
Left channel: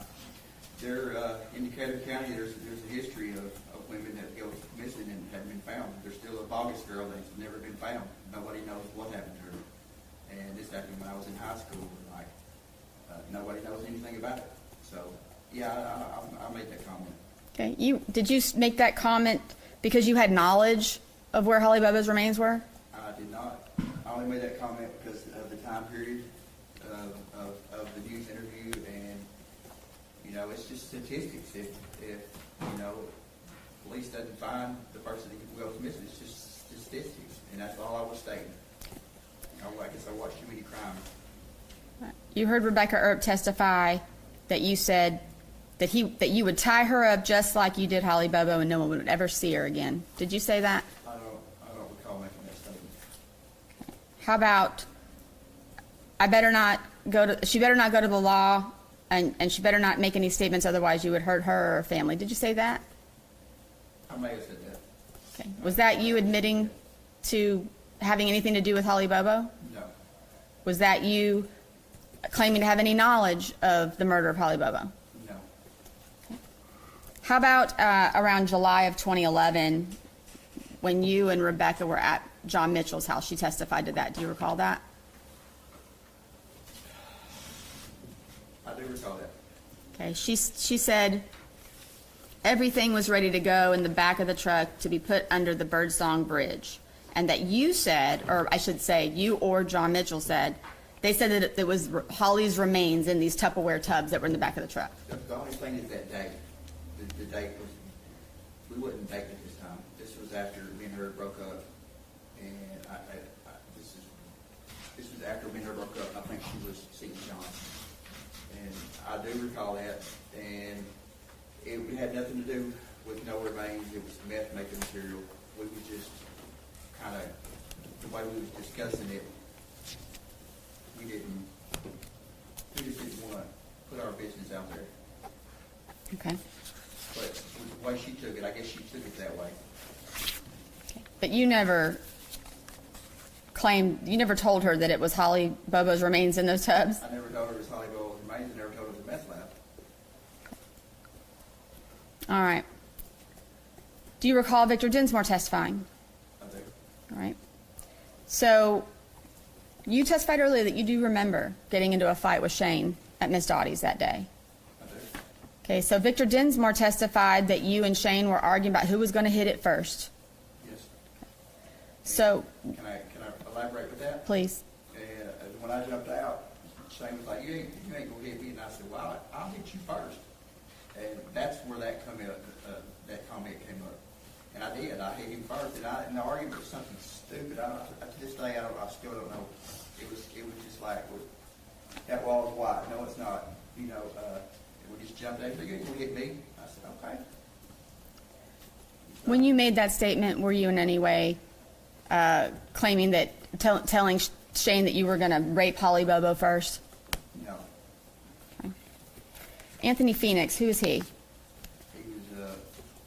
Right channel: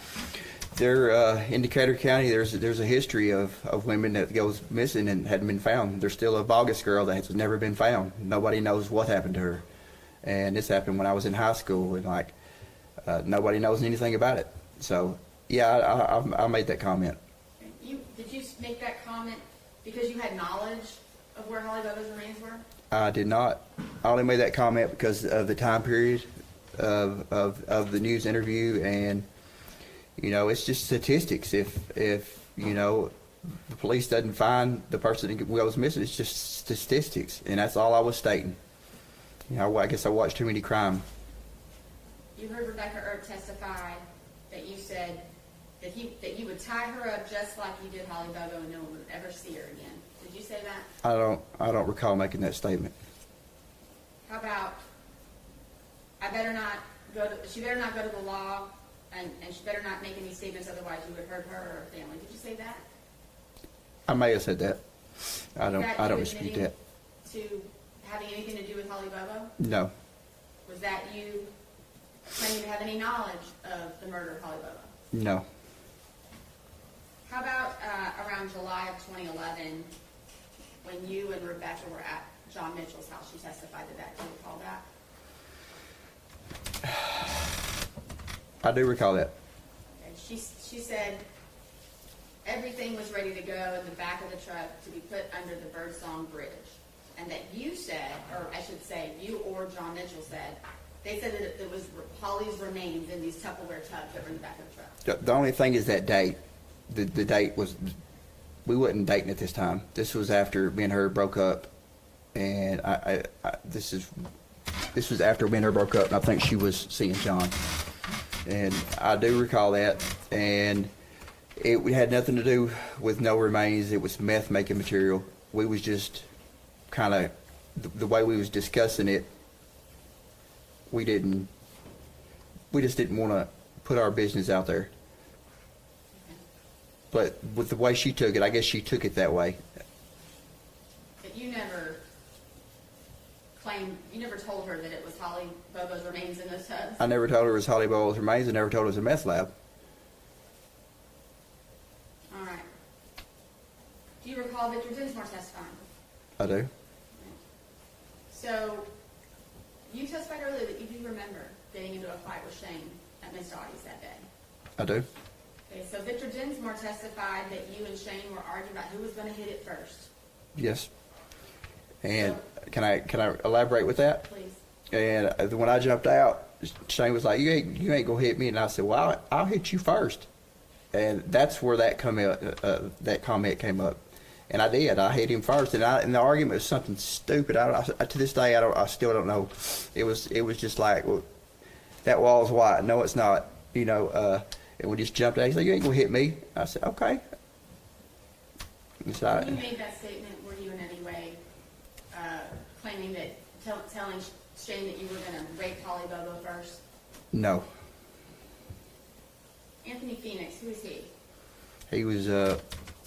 In Decatur County, there's a history of women that goes missing and hadn't been found. There's still a Bogus girl that has never been found. Nobody knows what happened to her. And this happened when I was in high school, and nobody knows anything about it. So yeah, I made that comment. Okay. Did you make that comment because you had knowledge of where Holly Bobo's remains were? I did not. I only made that comment because of the time period of the news interview, and it's just statistics. If the police doesn't find the person that goes missing, it's just statistics, and that's all I was stating. I guess I watched too many crime. You heard Rebecca Earp testify that you said that you would tie her up just like you did Holly Bobo and no one would ever see her again. Did you say that? I don't recall making that statement. How about she better not go to the law and she better not make any statements, otherwise you would hurt her or her family. Did you say that? I may have said that. Okay. Was that you admitting to having anything to do with Holly Bobo? No. Was that you claiming to have any knowledge of the murder of Holly Bobo? No. How about around July of 2011, when you and Rebecca were at John Mitchell's house. She testified to that. Do you recall that? I do recall that. Okay, she said everything was ready to go in the back of the truck to be put under the Birdsong Bridge. And that you said, or I should say, you or John Mitchell said, they said that it was Holly's remains in these Tupperware tubs that were in the back of the truck. The only thing is that date. The date was, we wasn't dating at this time. This was after me and her broke up, and this was after me and her broke up, and I think she was seeing John. And I do recall that, and it had nothing to do with no remains. It was meth making material. We was just kind of, the way we was discussing it, we just didn't want to put our business out there. Okay. But with the way she took it, I guess she took it that way. But you never told her that it was Holly Bobo's remains in those tubs? I never told her it was Holly Bobo's remains. I never told her it was a meth lab. All right. Do you recall Victor Dinsmore testifying? I do. All right. So you testified earlier that you do remember getting into a fight with Shane at Miss Dottie's that day. I do. Okay, so Victor Dinsmore testified that you and Shane were arguing about who was going to hit it first. Yes. And So- can I elaborate with that? Please. And when I jumped out, Shane was like, "You ain't gonna hit me," and I said, "Well, I'll hit you first." And that's where that comment came up. And I did. I hit him first, and the argument was something stupid. To this day, I still don't know. It was just like, well, that wall's white. No, it's not. And we just jumped out. He said, "You ain't gonna hit me." I said, "Okay." So When you made that statement, were you in any way claiming that, telling Shane that you were going to rape Holly Bobo first? No, Anthony Phoenix, who is he? he was a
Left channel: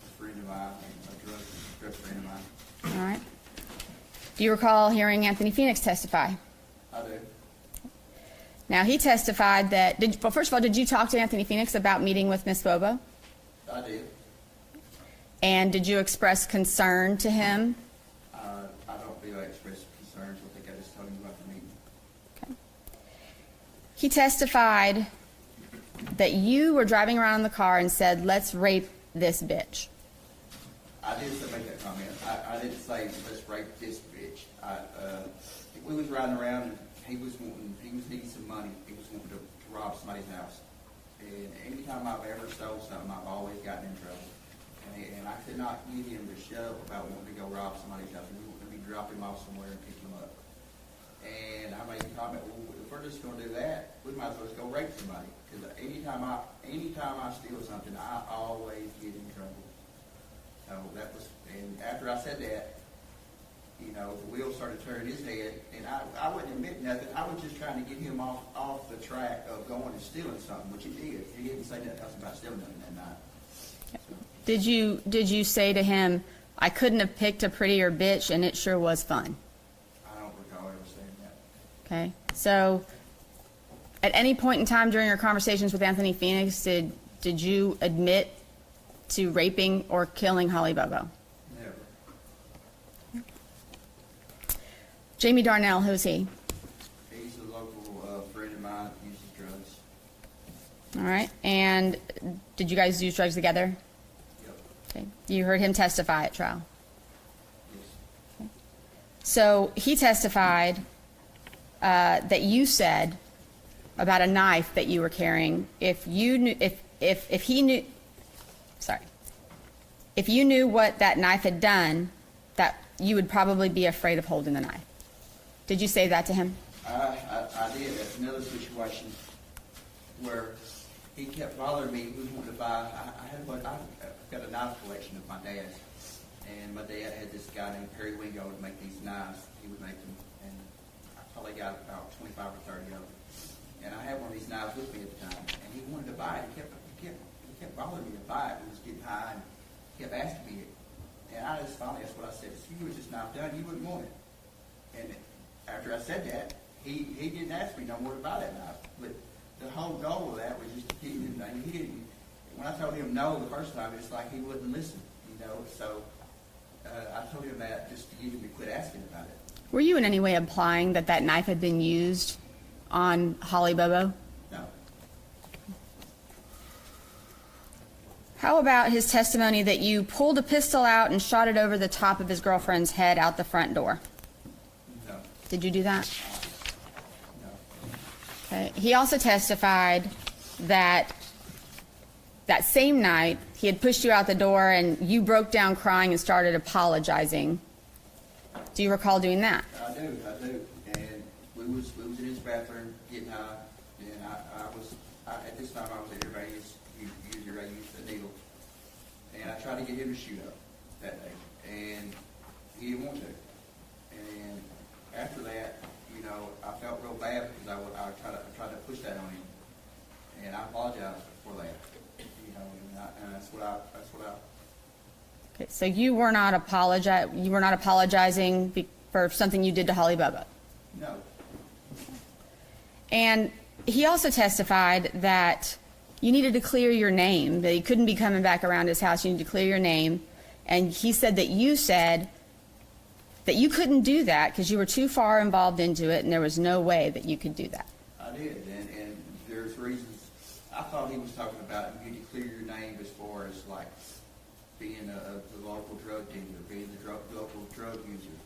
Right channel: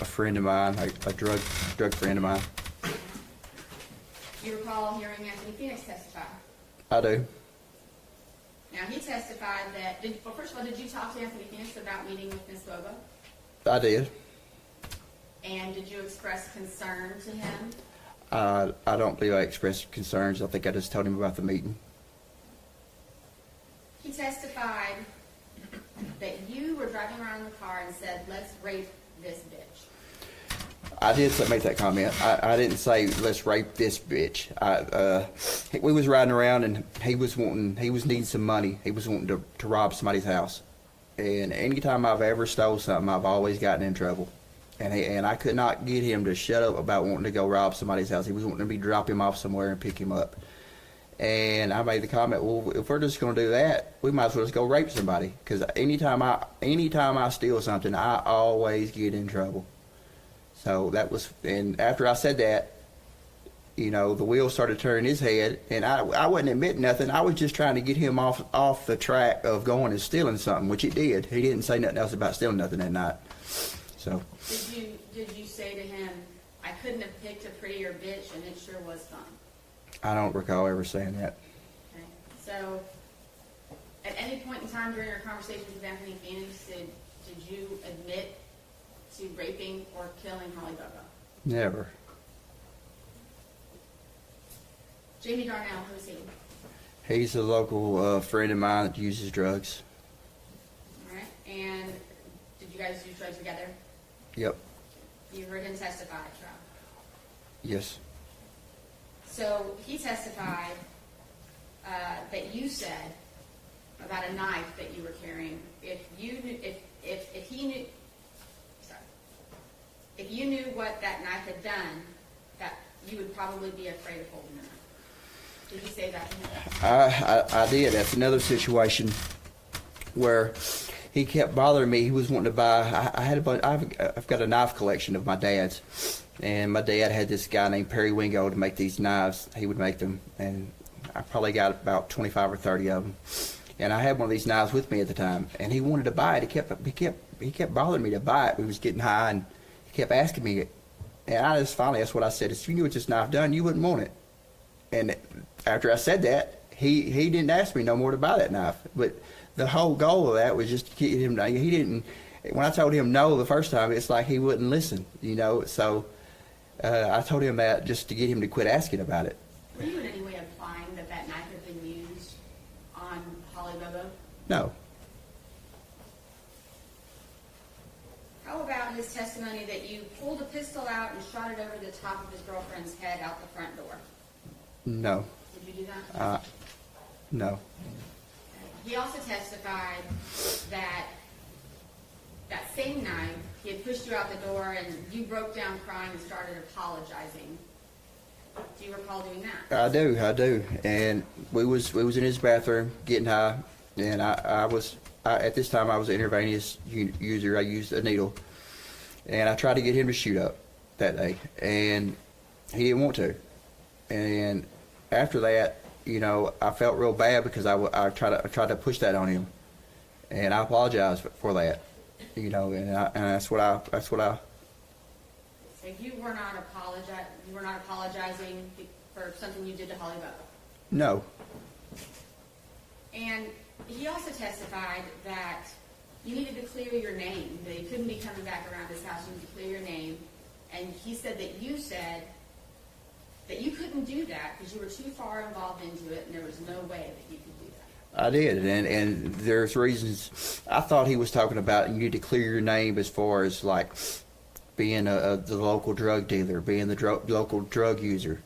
friend of mine, a drug friend of mine. All right. Do you recall hearing Anthony Phoenix testify? I do. Now, he testified that, well, first of all, did you talk to Anthony Phoenix about meeting with Miss Bobo? I did. And did you express concern to him? I don't believe I expressed concerns. I think I just told him about the meeting. He testified that you were driving around in the car and said, "Let's rape this bitch." I did make that comment. I didn't say let's rape this bitch. We was riding around and he was needing some money. He was wanting to rob somebody's house. And anytime I've ever stole something, I've always gotten in trouble. And I could not get him to shut up about wanting to go rob somebody's house. He was wanting me to drop him off somewhere and pick him up. And I made the comment, well, if we're just going to do that, we might as well just go rape somebody. Because anytime I steal something, I always get in trouble. So that was, and after I said that, the wheels started turning his head, and I wasn't admitting nothing. I was just trying to get him off the track of going and stealing something, which he did. He didn't say nothing else about stealing nothing that night. So Did you say to him, "I couldn't have picked a prettier bitch and it sure was fun"? I don't recall ever saying that. Okay. So at any point in time during your conversations with Anthony Phoenix, did you admit to raping or killing Holly Bobo? Never. Jamie Darnell, who's he? He's a local friend of mine that uses drugs. All right. And did you guys use drugs together? Yep. Okay. You heard him testify at trial. Yes. So he testified that you said about a knife that you were carrying. If you knew what that knife had done, that you would probably be afraid of holding the knife. Did you say that to him? I did. That's another situation where he kept bothering me. He was wanting to buy. I've got a knife collection of my dad's, and my dad had this guy named Perry Wingo to make these knives. He would make them, and I probably got about 25 or 30 of them. And I had one of these knives with me at the time, and he wanted to buy it. He kept bothering me to buy it. We was getting high, and he kept asking me it. And that's what I said. If you knew what this knife done, you wouldn't want it. And after I said that, he didn't ask me no more to buy that knife. But the whole goal of that was just to get him. He didn't. When I told him no the first time, it's like he wouldn't listen. So I told him that just to get him to quit asking about it. Were you in any way implying that that knife had been used on Holly Bobo? No. How about his testimony that you pulled a pistol out and shot it over the top of his girlfriend's head out the front door? No. Did you do that? No. Okay. He also testified that that same night he had pushed you out the door and you broke down crying and started apologizing. Do you recall doing that? I do. And we was in his bathroom getting high, and at this time I was an intravenous user. I used a needle, and I tried to get him to shoot up that day, and he didn't want to. And after that, I felt real bad because I tried to push that on him, and I apologized for that, and that's what I. Okay, so you were not apologizing for something you did to Holly Bobo. No. And he also testified that you needed to clear your name, that you couldn't be coming back around his house, you needed to clear your name. And he said that you said that you couldn't do that because you were too far involved into it and there was no way that you could do that. I did, and there's reasons. I thought he was talking about you need to clear your name as far as like being the local drug dealer, being the local drug user.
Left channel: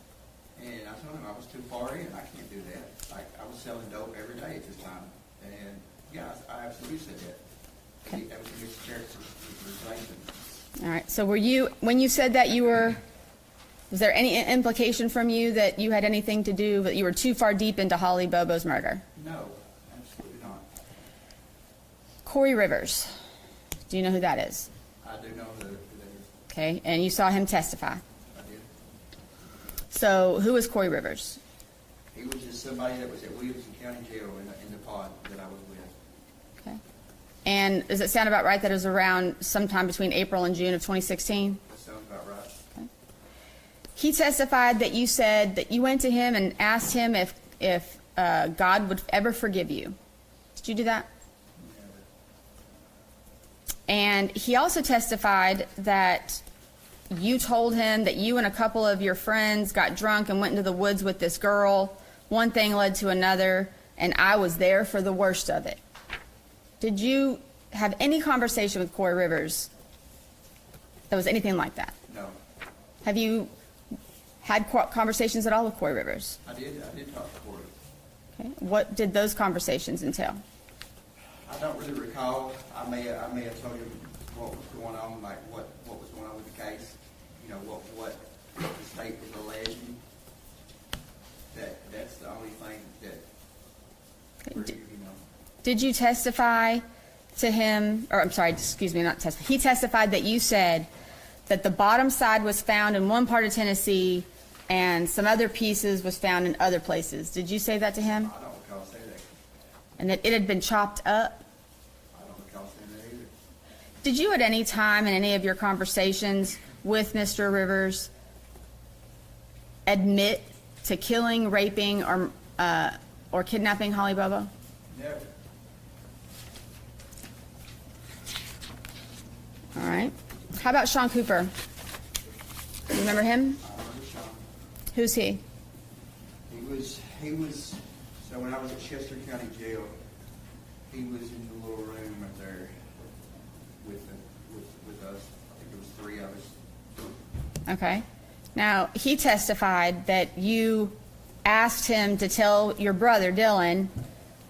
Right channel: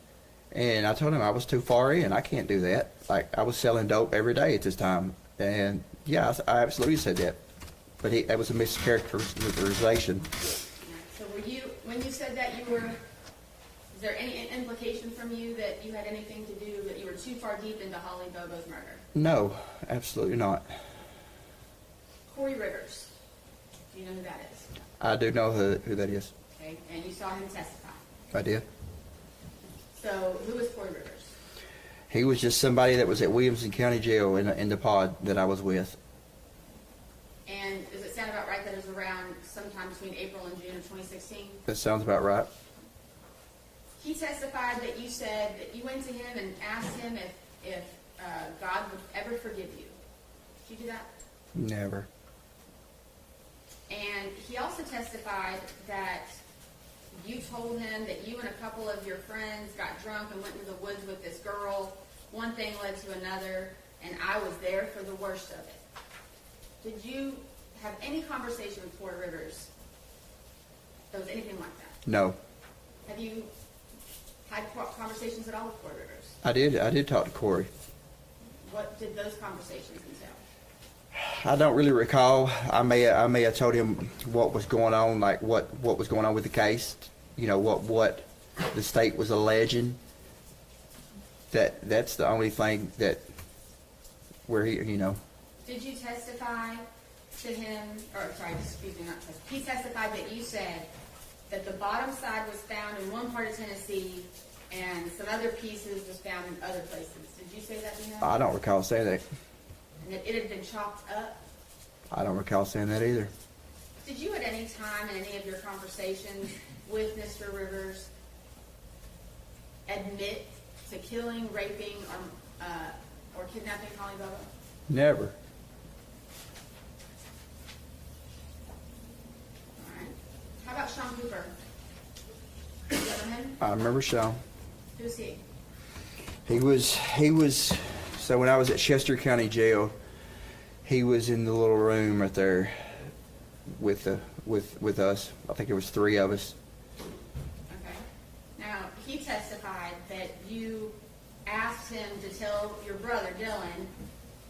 And I told him I was too far in. I can't do that. Like, I was selling dope every day at this time. And yeah, I absolutely said that. But that was a mischaracterization. All right, so when you said that was there any implication from you that you had anything to do, that you were too far deep into Holly Bobo's murder? No, absolutely not. Corey Rivers, do you know who that is? I do know who that is. Okay, and you saw him testify. I did. So who is Corey Rivers? He was just somebody that was at Williamson County Jail in the pod that I was with. Okay. And does it sound about right that it was around sometime between April and June of 2016? That sounds about right. He testified that you said that you went to him and asked him if God would ever forgive you. Did you do that? Never. And he also testified that you told him that you and a couple of your friends got drunk and went into the woods with this girl. One thing led to another, and I was there for the worst of it. Did you have any conversation with Corey Rivers that was anything like that? No. Have you had conversations at all with Corey Rivers? I did talk to Corey. Okay. What did those conversations entail? I don't really recall. I may have told him what was going on, like what was going on with the case. What the state was alleging. That's the only thing that where he. Did you testify to him, or I'm sorry, excuse me, not testify. He testified that you said that the bottom side was found in one part of Tennessee and some other pieces was found in other places. Did you say that to him? I don't recall saying that. And that it had been chopped up? I don't recall saying that either. Did you at any time in any of your conversations with Mr. Rivers admit to killing, raping, or kidnapping Holly Bobo? Never. All right. How about Sean Cooper? You remember him? I remember Sean. Who's he? He was. So when I was at Chester County Jail, he was in the little room right there with us. I think there was 3 of us. Okay. Now, he testified that you asked him to tell your brother, Dylan,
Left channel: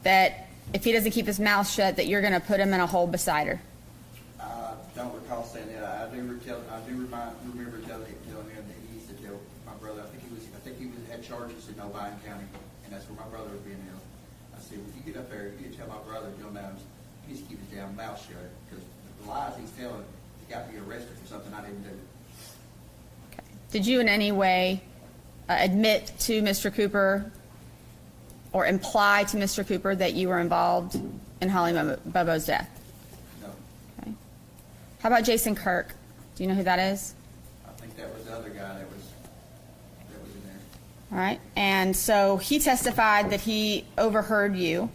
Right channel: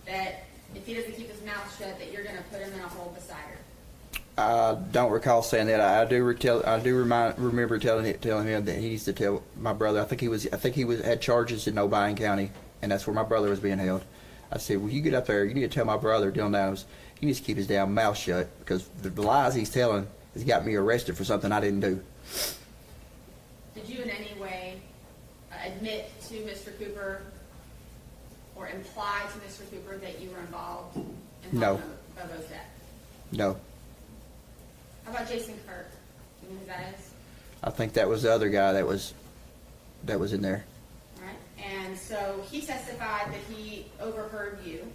that if he doesn't keep his mouth shut, that you're going to put him in a hole beside her. I don't recall saying that. I do remember telling him that he needs to tell my brother. I think he had charges in Nobian County, and that's where my brother was being held. I said, well, you get up there, you need to tell my brother, Dylan Adams, he needs to keep his damn mouth shut, because the lies he's telling has got me arrested for something I didn't do. Did you in any way admit to Mr. Cooper or imply to Mr. Cooper that you were involved in Holly No. Bobo's death? No. Okay. How about Jason Kirk? Do you know who that is? I think that was the other guy that was in there. All right. And so he testified that he overheard you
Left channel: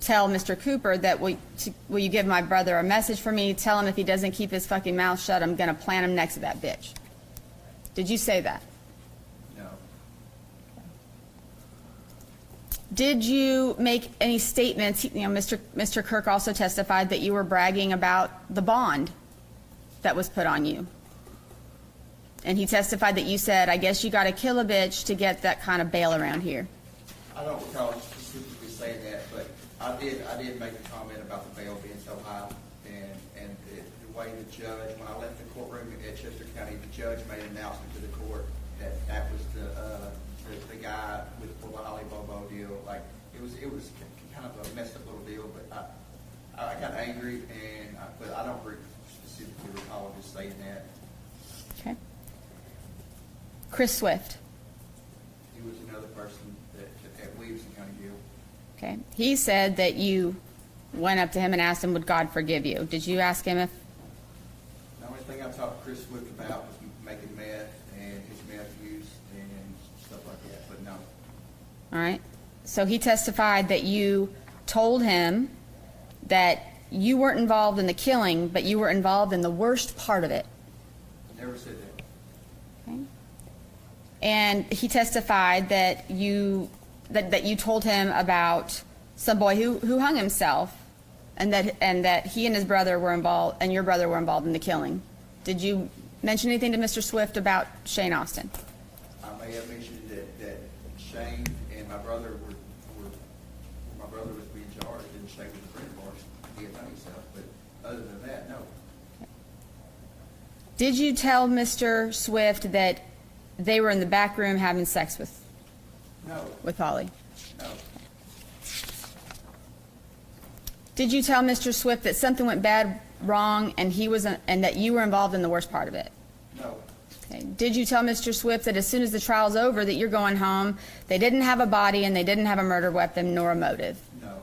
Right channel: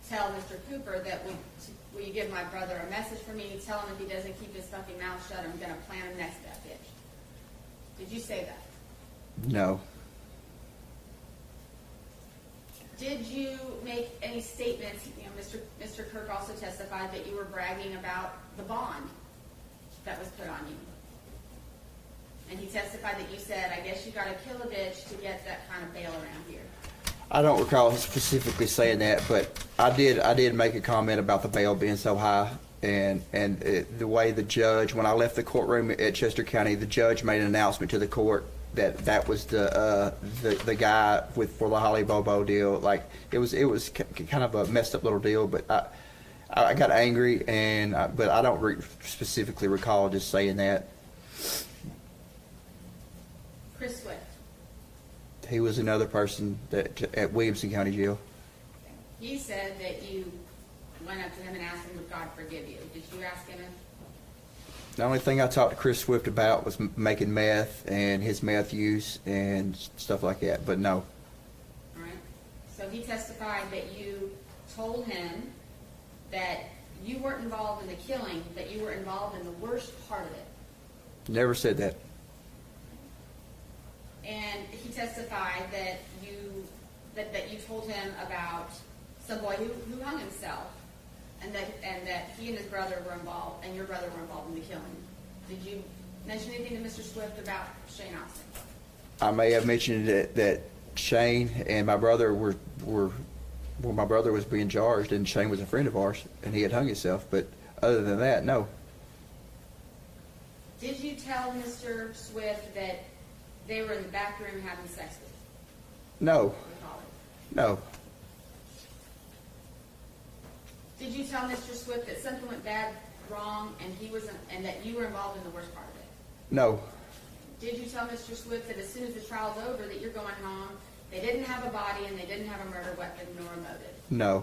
tell Mr. Cooper that, will you give my brother a message for me? Tell him if he doesn't keep his fucking mouth shut, I'm going to plant him next to that bitch. Did you say that? No. Did you make any statements, Mr. Kirk also testified that you were bragging about the bond that was put on you. And he testified that you said, I guess you gotta kill a bitch to get that kind of bail around here. I don't recall specifically saying that, but I did make a comment about the bail being so high, and the way the judge, when I left the courtroom at Chester County, the judge made an announcement to the court that was the guy for the Holly Bobo deal. Like, it was kind of a messed up little deal, but I got angry, but I don't specifically recall just saying that. Okay. Chris Swift. He was another person at Williamson County Jail. Okay. He said that you went up to him and asked him, would God forgive you? Did you ask him if? The only thing I talked to Chris Swift about was making meth and his meth use and stuff like that, but no. All right. So he testified that you told him that you weren't involved in the killing, but you were involved in the worst part of it. Never said that. Okay. And he testified that you told him about some boy who hung himself, and that he and his brother were involved, and your brother were involved in the killing. Did you mention anything to Mr. Swift about Shane Austin? I may have mentioned that Shane and my brother my brother was being charged, and Shane was a friend of ours, and he had hung himself, but other than that, no. Did you tell Mr. Swift that they were in the back room having sex with No. Holly? No. Did you tell Mr. Swift that something went wrong, and and that you were involved in the worst part of it? No. Okay. Did you tell Mr. Swift that as soon as the trial's over that you're going home, they didn't have a body and they didn't have a murder weapon nor a motive? No.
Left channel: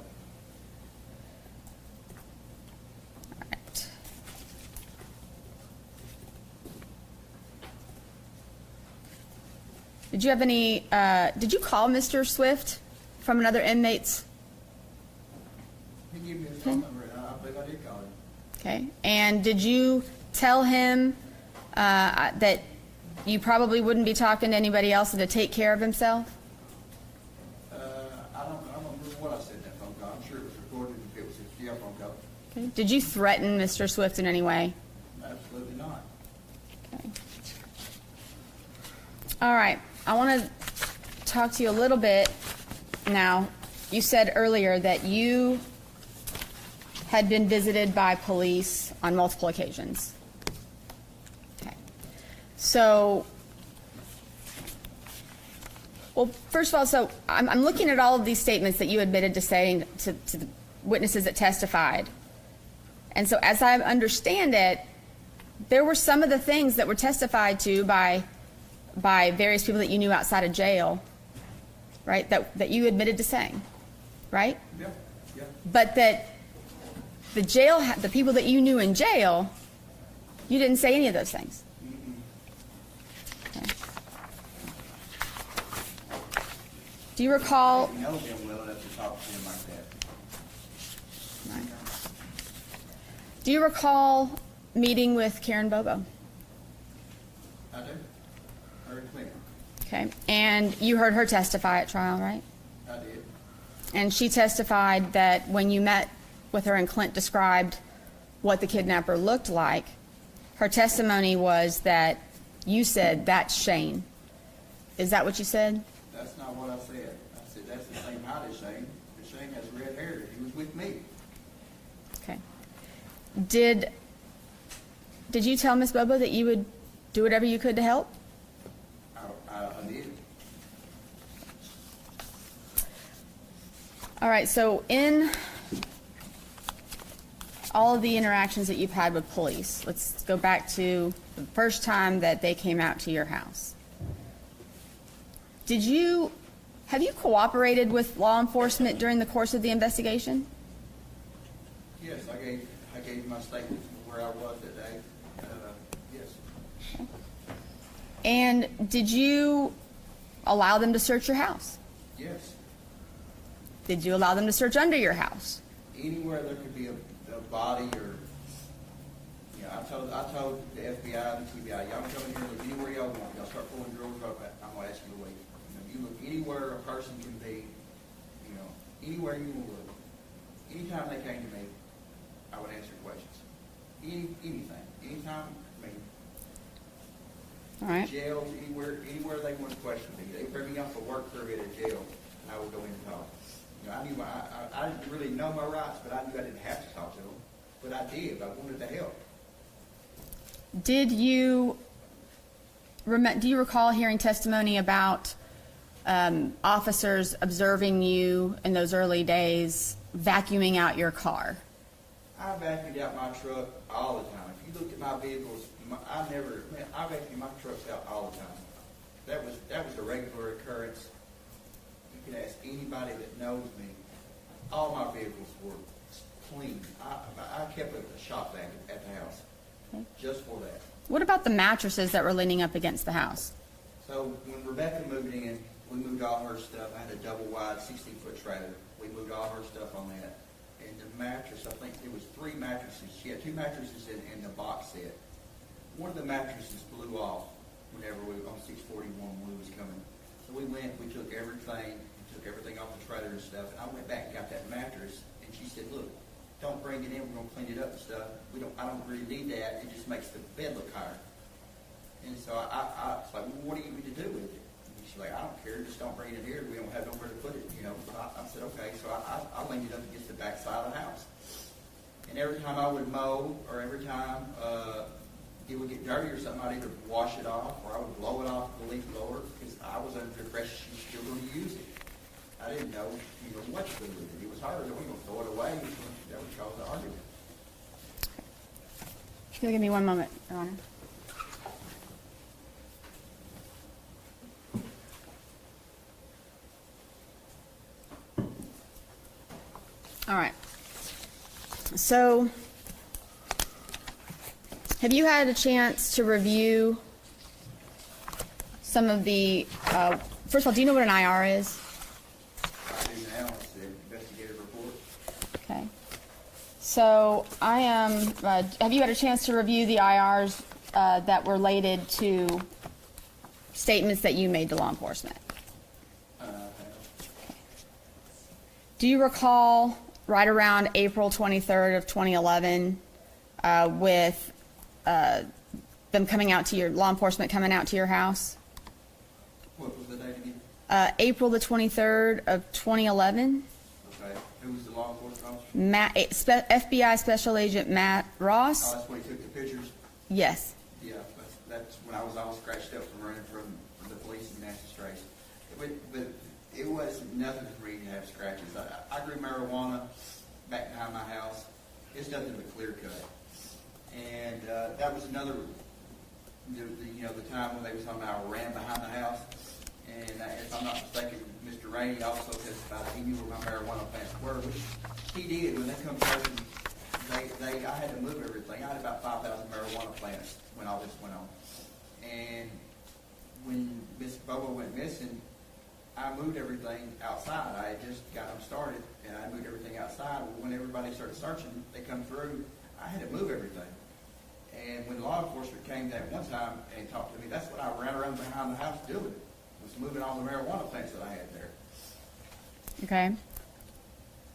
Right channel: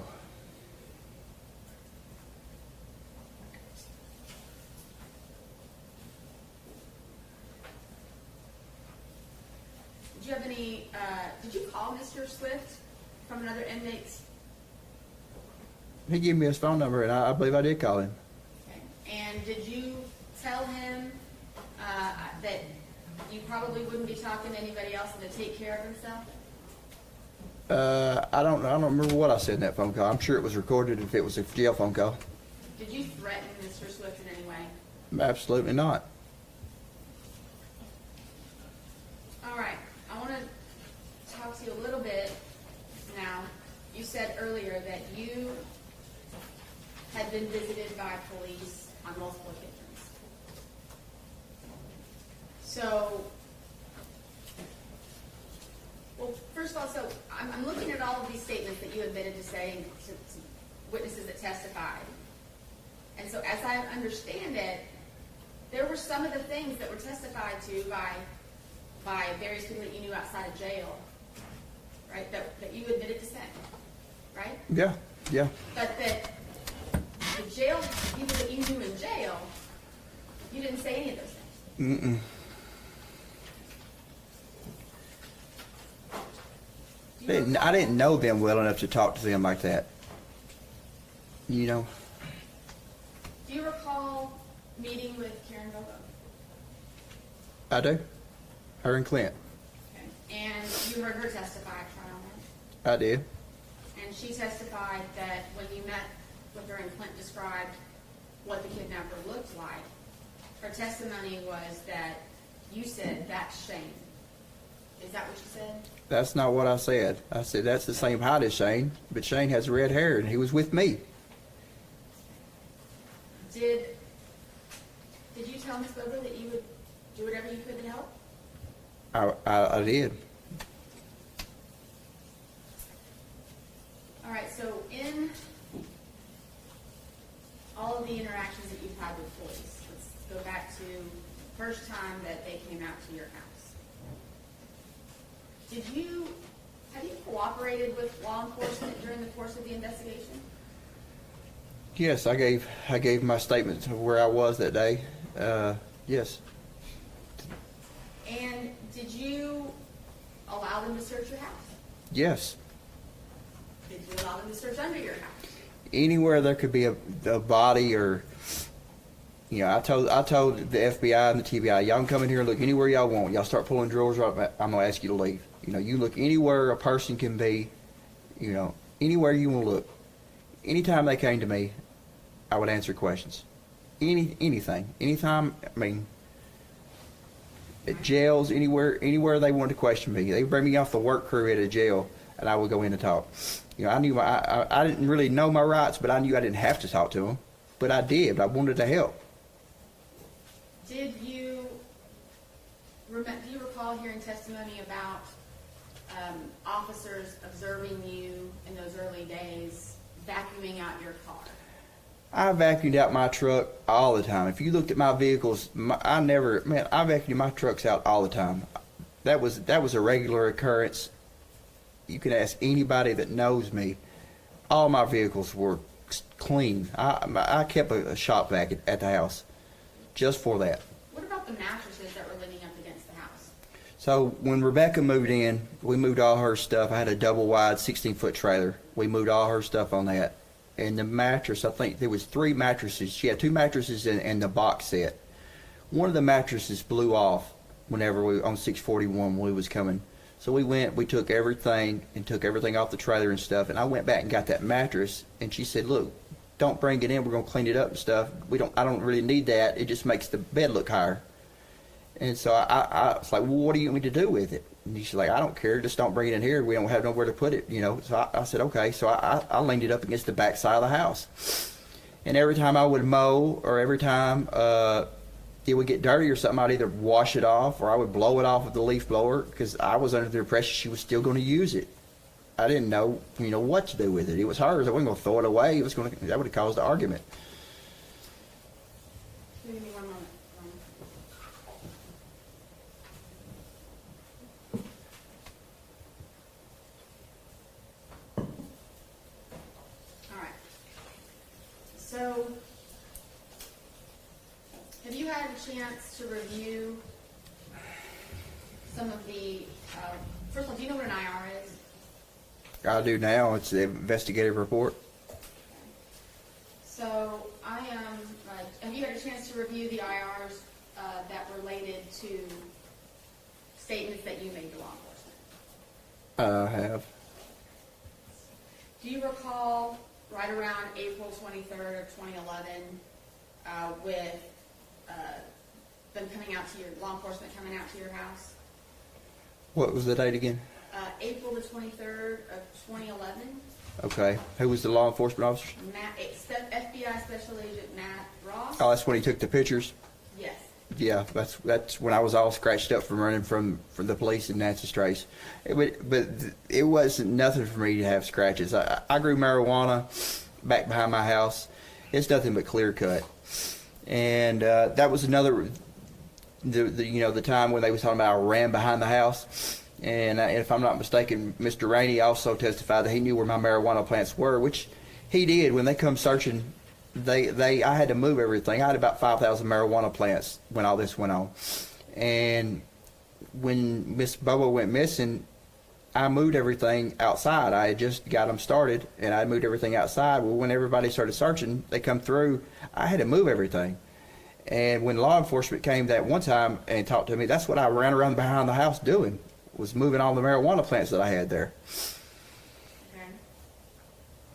All right. Did you have any, did you call Mr. Swift from another inmate's? He gave me his phone number, and I believe I did call him. Okay. And did you tell him that you probably wouldn't be talking to anybody else and to take care of himself? I don't remember what I said in that phone call. I'm sure it was recorded if it was a jail phone call. Okay. Did you threaten Mr. Swift in any way? Absolutely not. Okay. All right. I want to talk to you a little bit now. You said earlier that you had been visited by police on multiple occasions. Okay. So, well, first of all, so I'm looking at all of these statements that you admitted to saying to the witnesses that testified. And so as I understand it, there were some of the things that were testified to by various people that you knew outside of jail, right, that you admitted to saying, right? Yeah. Yeah. But that the people that you knew in jail, you didn't say any of those things. Mm-mm. Okay. Do you recall? I didn't know them well enough to talk to them like that. You know? Do you recall meeting with Karen Bobo? I do. Her and Clint. Okay. And you heard her testify at trial, right? I did. And she testified that when you met with her and Clint described what the kidnapper looked like, her testimony was that you said, that's Shane. Is that what you said? That's not what I said. I said that's the same height as Shane, but Shane has red hair, and he was with me. Okay. Did you tell Miss Bobo that you would do whatever you could to help? I did. All right, so in all of the interactions that you've had with police, let's go back to the first time that they came out to your house. Have you cooperated with law enforcement during the course of the investigation? Yes, I gave my statement of where I was that day. Yes. And did you allow them to search your house? Yes. Did you allow them to search under your house? Anywhere there could be a body or, You know, I told the FBI and the TBI, y'all can come in here and look anywhere y'all want. Y'all start pulling drawers up, I'm gonna ask you to leave. You know, you look anywhere a person can be, you know, anywhere you wanna look. Anytime they came to me, I would answer questions. Anything. Anytime, I mean, All at right. jails, anywhere they wanted to question me. They would bring me off the work crew at a jail, and I would go in and talk. You know, I knew I didn't really know my rights, but I knew I didn't have to talk to them. But I did. I wanted to help. Did you, do you recall hearing testimony about officers observing you in those early days vacuuming out your car? I vacuumed out my truck all the time. If you looked at my vehicles, I vacuumed my trucks out all the time. That was a regular occurrence. You can ask anybody that knows me. All my vehicles were clean. I kept a shop vac at the house just for that. What about the mattresses that were leaning up against the house? So when Rebecca moved in, we moved all her stuff. I had a double wide 16-foot trailer. We moved all her stuff on that. And the mattress, I think there was 3 mattresses. She had 2 mattresses in the box set. One of the mattresses blew off whenever on 641 when we was coming. So we took everything off the trailer and stuff. And I went back and got that mattress. And she said, look, don't bring it in. We're going to clean it up and stuff. I don't really need that. It just makes the bed look higher. And so I was like, well, what do you want me to do with it? And she's like, I don't care. Just don't bring it in here. We don't have nowhere to put it, you know. So I said, okay. So I leaned it up against the back side of the house. And every time I would mow or every time it would get dirty or something, I'd either wash it off or I would blow it off with the leaf blower because I was under the impression she was still going to use it. I didn't know, you know, what to do with it. It was hers. I wasn't going to throw it away. That would have caused an argument. Can you give me one moment, Your Honor? All right. So, have you had a chance to review some of the, first of all, do you know what an IR is? I do now. It's the investigative report. Okay. So, have you had a chance to review the IRs that were related to statements that you made to law enforcement? I have. Do you recall right around April 23rd of 2011 with them coming out to law enforcement coming out to your house? What was the date again? April the 23rd of 2011. Okay. Who was the law enforcement officer? FBI Special Agent Matt Ross. Oh, that's when he took the pictures? Yes. Yeah, that's when I was all scratched up from running from the police in Nancy Strace. But it wasn't nothing for me to have scratches. I grew marijuana back behind my house. It's nothing but clear cut. And that was another, the time when they was talking about I ran behind the house. And if I'm not mistaken, Mr. Rainey also testified that he knew where my marijuana plants were, which he did. When they come searching, I had to move everything. I had about 5,000 marijuana plants when all this went on. And when Miss Bobo went missing, I moved everything outside. I had just got them started, and I moved everything outside. Well, when everybody started searching, they come through, I had to move everything. And when law enforcement came that one time and talked to me, that's what I ran around behind the house doing, was moving all the marijuana plants that I had there. Okay.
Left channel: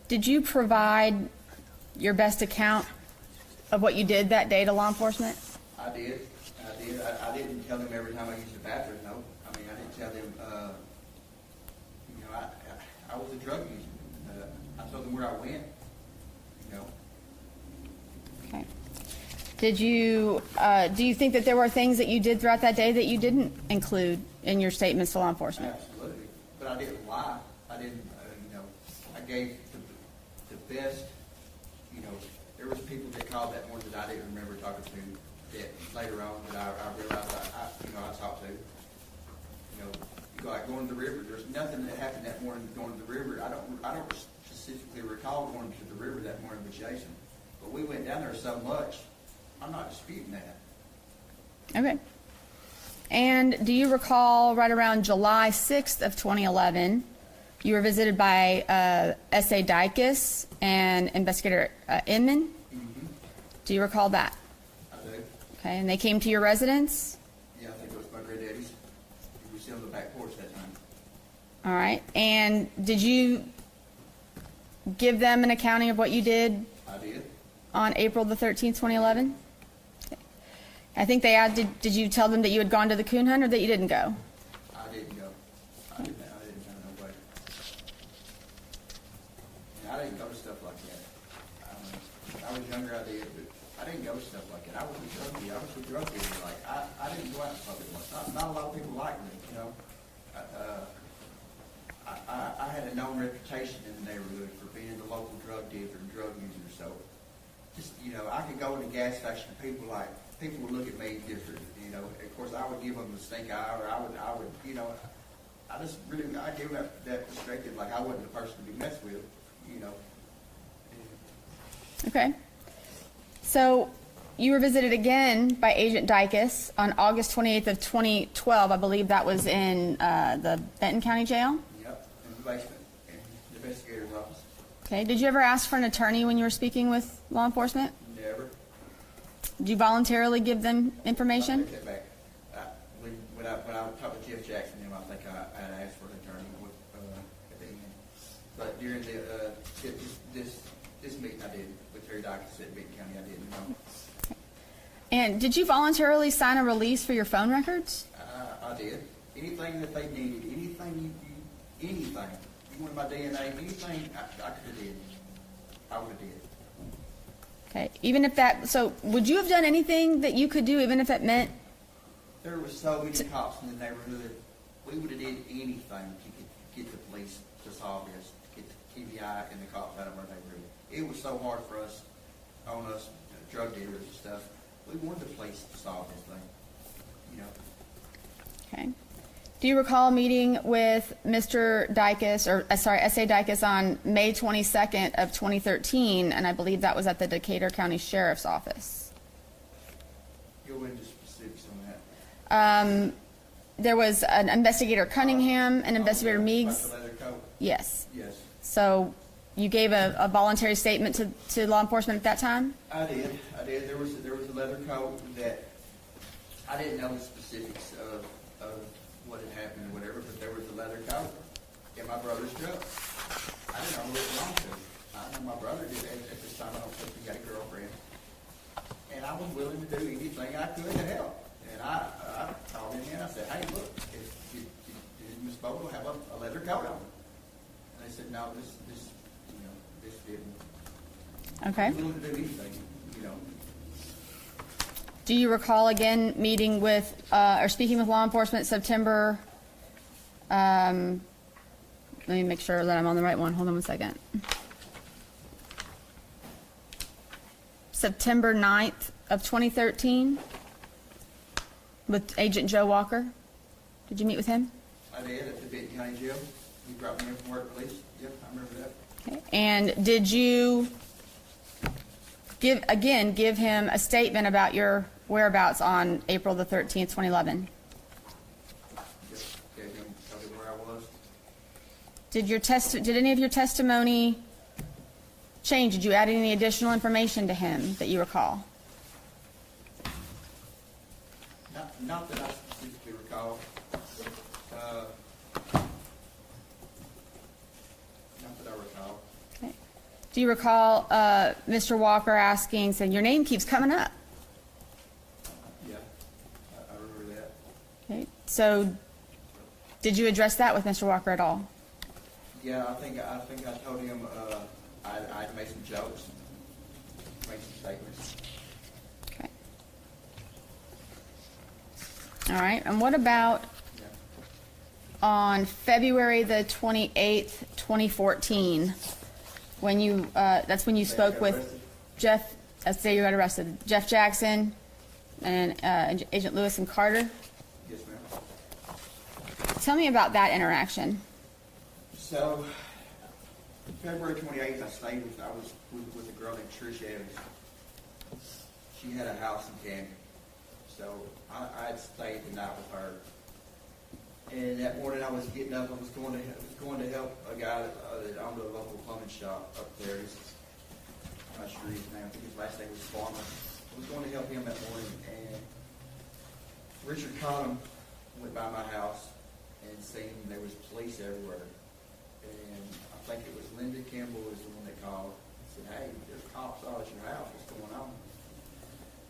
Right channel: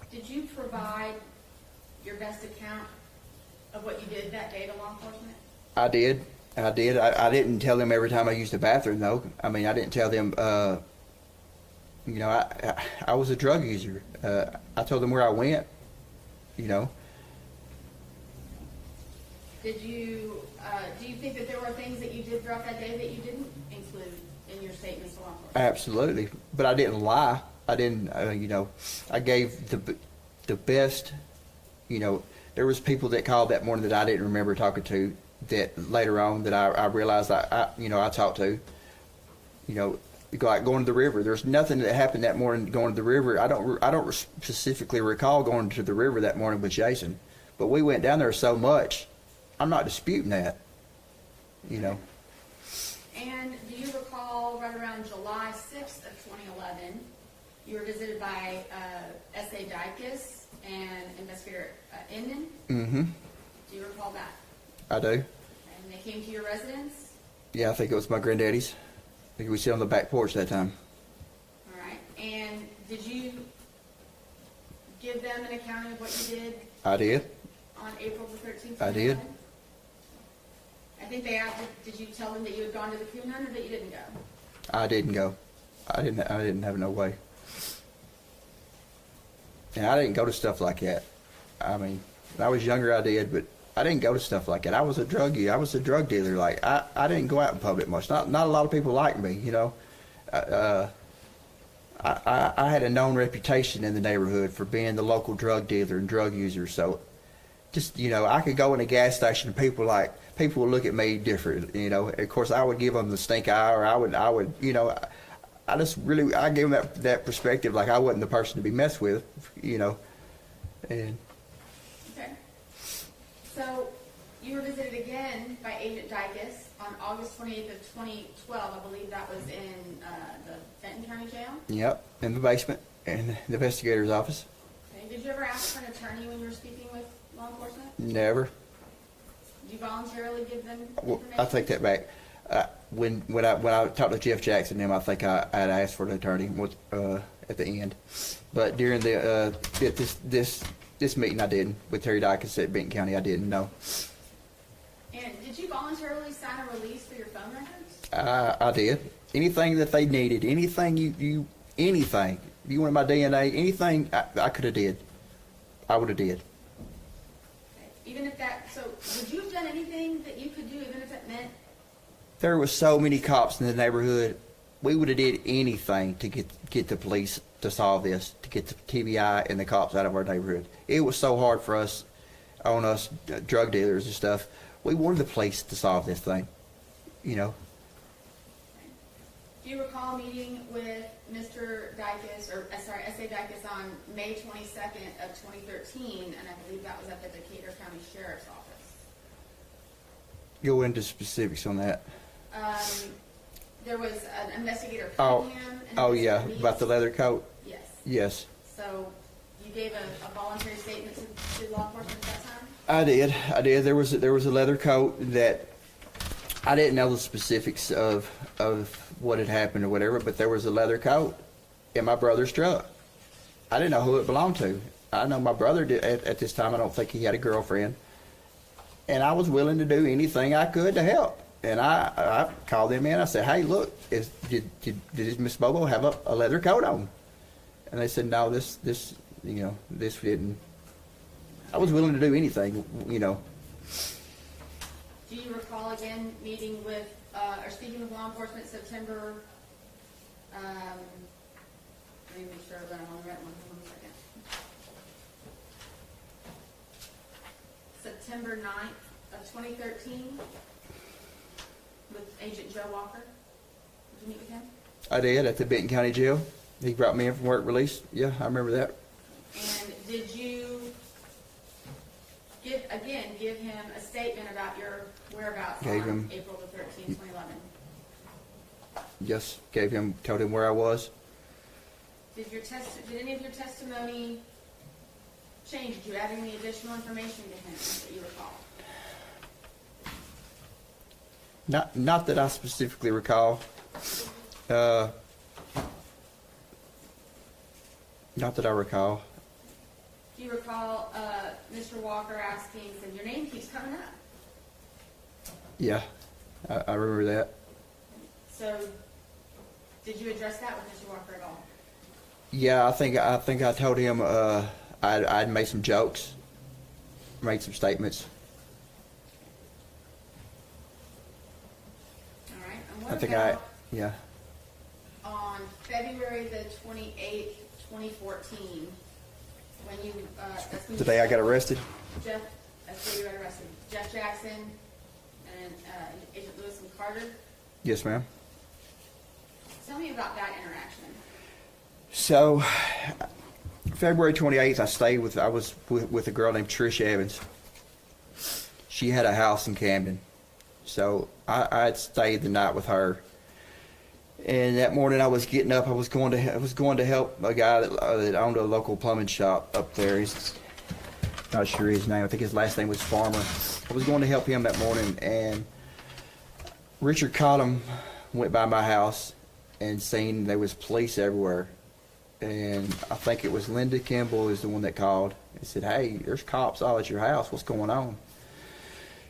Did you provide your best account of what you did that day to law enforcement? I did. I didn't tell them every time I used the bathroom, though. I mean, I didn't tell them, I was a drug user. I told them where I went, Okay. Do you think that there were things that you did throughout that day that you didn't include in your statements to law enforcement? Absolutely. But I didn't lie. I didn't, I gave the best, there was people that called that morning that I didn't remember talking to, that later on that I realized I talked to, like going to the river. There's nothing that happened that morning going to the river. I don't specifically recall going to the river that morning with Jason, but we went down there so much. I'm not disputing that. you Okay. know. And do you recall right around July 6th of 2011, you were visited by S.A. Dykes and Investigator Inman? Mm-hmm. Do you recall that? I do. Okay, and they came to your residence? Yeah, I think it was my granddaddy's. I think we sit on the back porch that time. All right, and did you give them an accounting of what you did I did. on April the 13th, I did. 2011? I think they had, did you tell them that you had gone to the coon hunt or that you didn't go? I didn't go. I didn't have no way. And I didn't go to stuff like that. I mean, when I was younger, I did, but I didn't go to stuff like that. I was a druggie. I was a drug dealer. Like, I didn't go out in public much. Not a lot of people liked me, you know. I had a known reputation in the neighborhood for being the local drug dealer and drug user. So, just, you know, I could go in a gas station and people would look at me different, you know. Of course, I would give them the stink eye, or I would, you know, I gave them that perspective, like I wasn't the person to be messed with, you know. And Okay. So you were visited again by Agent Dykus on August 28th of 2012. I believe that was in the Benton County Jail. yep, in the basement, in the investigator's office. Okay. Did you ever ask for an attorney when you were speaking with law enforcement? Never. Did you voluntarily give them information? I take that back. When I talked to Jeff Jackson, I think I had asked for an attorney at the end. But during this meeting, I didn't. With Terry Dykus at Benton County, I didn't. No. And did you voluntarily sign a release for your phone records? I did. Anything that they needed, anything anything. You wanted my DNA, anything I could have did. I would have did. Okay. Even if that, so would you have done anything that you could do, even if it meant? There were so many cops in the neighborhood. We would have did anything to get the police to solve this, to get the TBI and the cops out of our neighborhood. It was so hard for us, drug dealers and stuff. We wanted the police to solve this thing, you know. Okay. Do you recall meeting with Mr. Dykus, S.A. Dykus on May 22nd of 2013, and I believe that was at the Decatur County Sheriff's Office? Go into specifics on that. There was an investigator Cunningham and investigator Meeks. About the leather coat? Yes. Yes. So you gave a voluntary statement to law enforcement at that time? I did. There was a leather coat that I didn't know the specifics of what had happened or whatever, but there was a leather coat in my brother's truck. I didn't know who it belonged to. I know my brother did at this time. I don't think he had a girlfriend, and I was willing to do anything I could to help. And I called them in. I said, "Hey, look, did Miss Bobo have a leather coat on?" And they said, "No, this didn't." Okay. I was willing to do anything, you know. Do you recall again meeting with, or speaking with law enforcement September, let me make sure that I'm on the right one. Hold on one second. September 9th of 2013 with Agent Joe Walker? Did you meet with him? I did, at the Benton County Jail. He brought me in from work release. Yeah, I remember that. Okay. And did you give him a statement about your whereabouts on him. April the 13th, 2011? Just told him where I was. Did any of your testimony change? Did you add any additional information to him that you recall? Not that I specifically recall. Not that I recall. Okay. Do you recall Mr. Walker saying, your name keeps coming up? Yeah, I remember that. Okay. So did you address that with Mr. Walker at all? Yeah, I think I told him I'd made some jokes, made some statements. Okay. All right. And what I think about yeah. on February the 28th, 2014, when you, that's when you The day spoke I got with arrested? Jeff, that's the day you got arrested, Jeff Jackson and Agent Lewis and Carter? Yes, ma'am. Tell me about that interaction. So, February 28th, I was with a girl named Trish Evans. She had a house in Camden. So, I had stayed the night with her. And that morning I was getting up, I was going to help a guy that owned a local plumbing shop up there. not sure his name, I think his last name was Farmer. I was going to help him that morning, and Richard Cottom went by my house and seen there was police everywhere. And I think it was Linda Kimball is the one that called and said, "Hey, there's cops all at your house. What's going on?"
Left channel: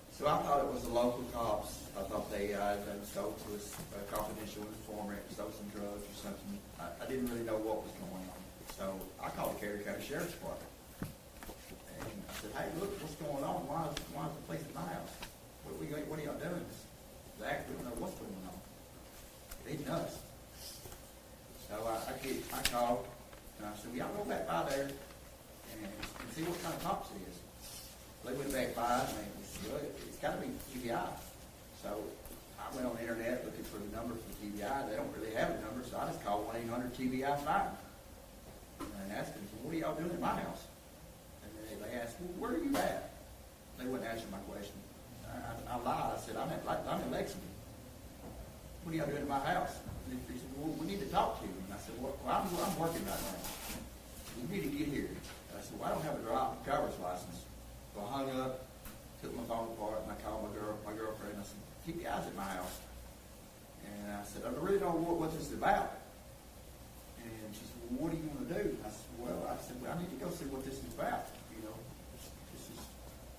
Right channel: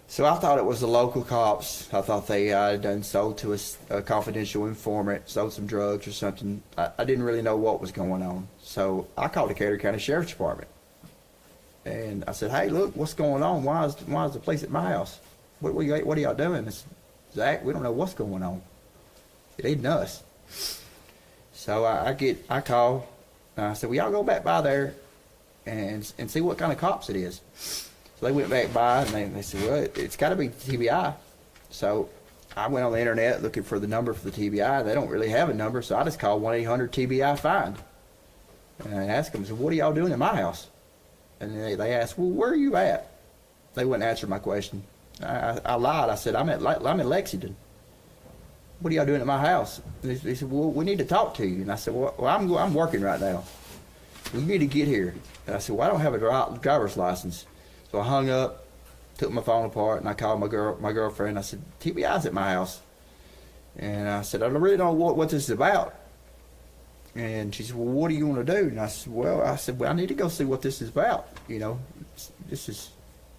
So I thought it was the local cops. I thought they had done sold to a confidential informant, sold some drugs or something. I didn't really know what was going on. So I called the Carter County Sheriff's Department. And I said, "Hey, look, what's going on? Why is the police at my house? What are y'all doing?" I said, "Zach, we don't know what's going on. It ain't us." So I call, and I said, "Well, y'all go back by there and see what kind of cops it is." So they went back by, and they said, "Well, it's got to be TBI." So I went on the internet looking for the number for the TBI. They don't really have a number, so I just called 1-800-TBI-FIND. And I asked them, I said, "What are y'all doing in my house?" And they asked, "Well, where are you at?" They wouldn't answer my question. I lied. I said, I'm in Lexington. "What are y'all doing at my house?" They said, "Well, we need to talk to you." And I said, "Well, I'm working right now. Well, you need to get here." And I said, "Well, I don't have a driver's license." So I hung up, took my phone apart, and I called my girlfriend. I said, "TBI's at my house." And I said, "I don't really know what this is about." And she said, "Well, what do you want to do?" And I said, well, I need to go see what this is about. This is,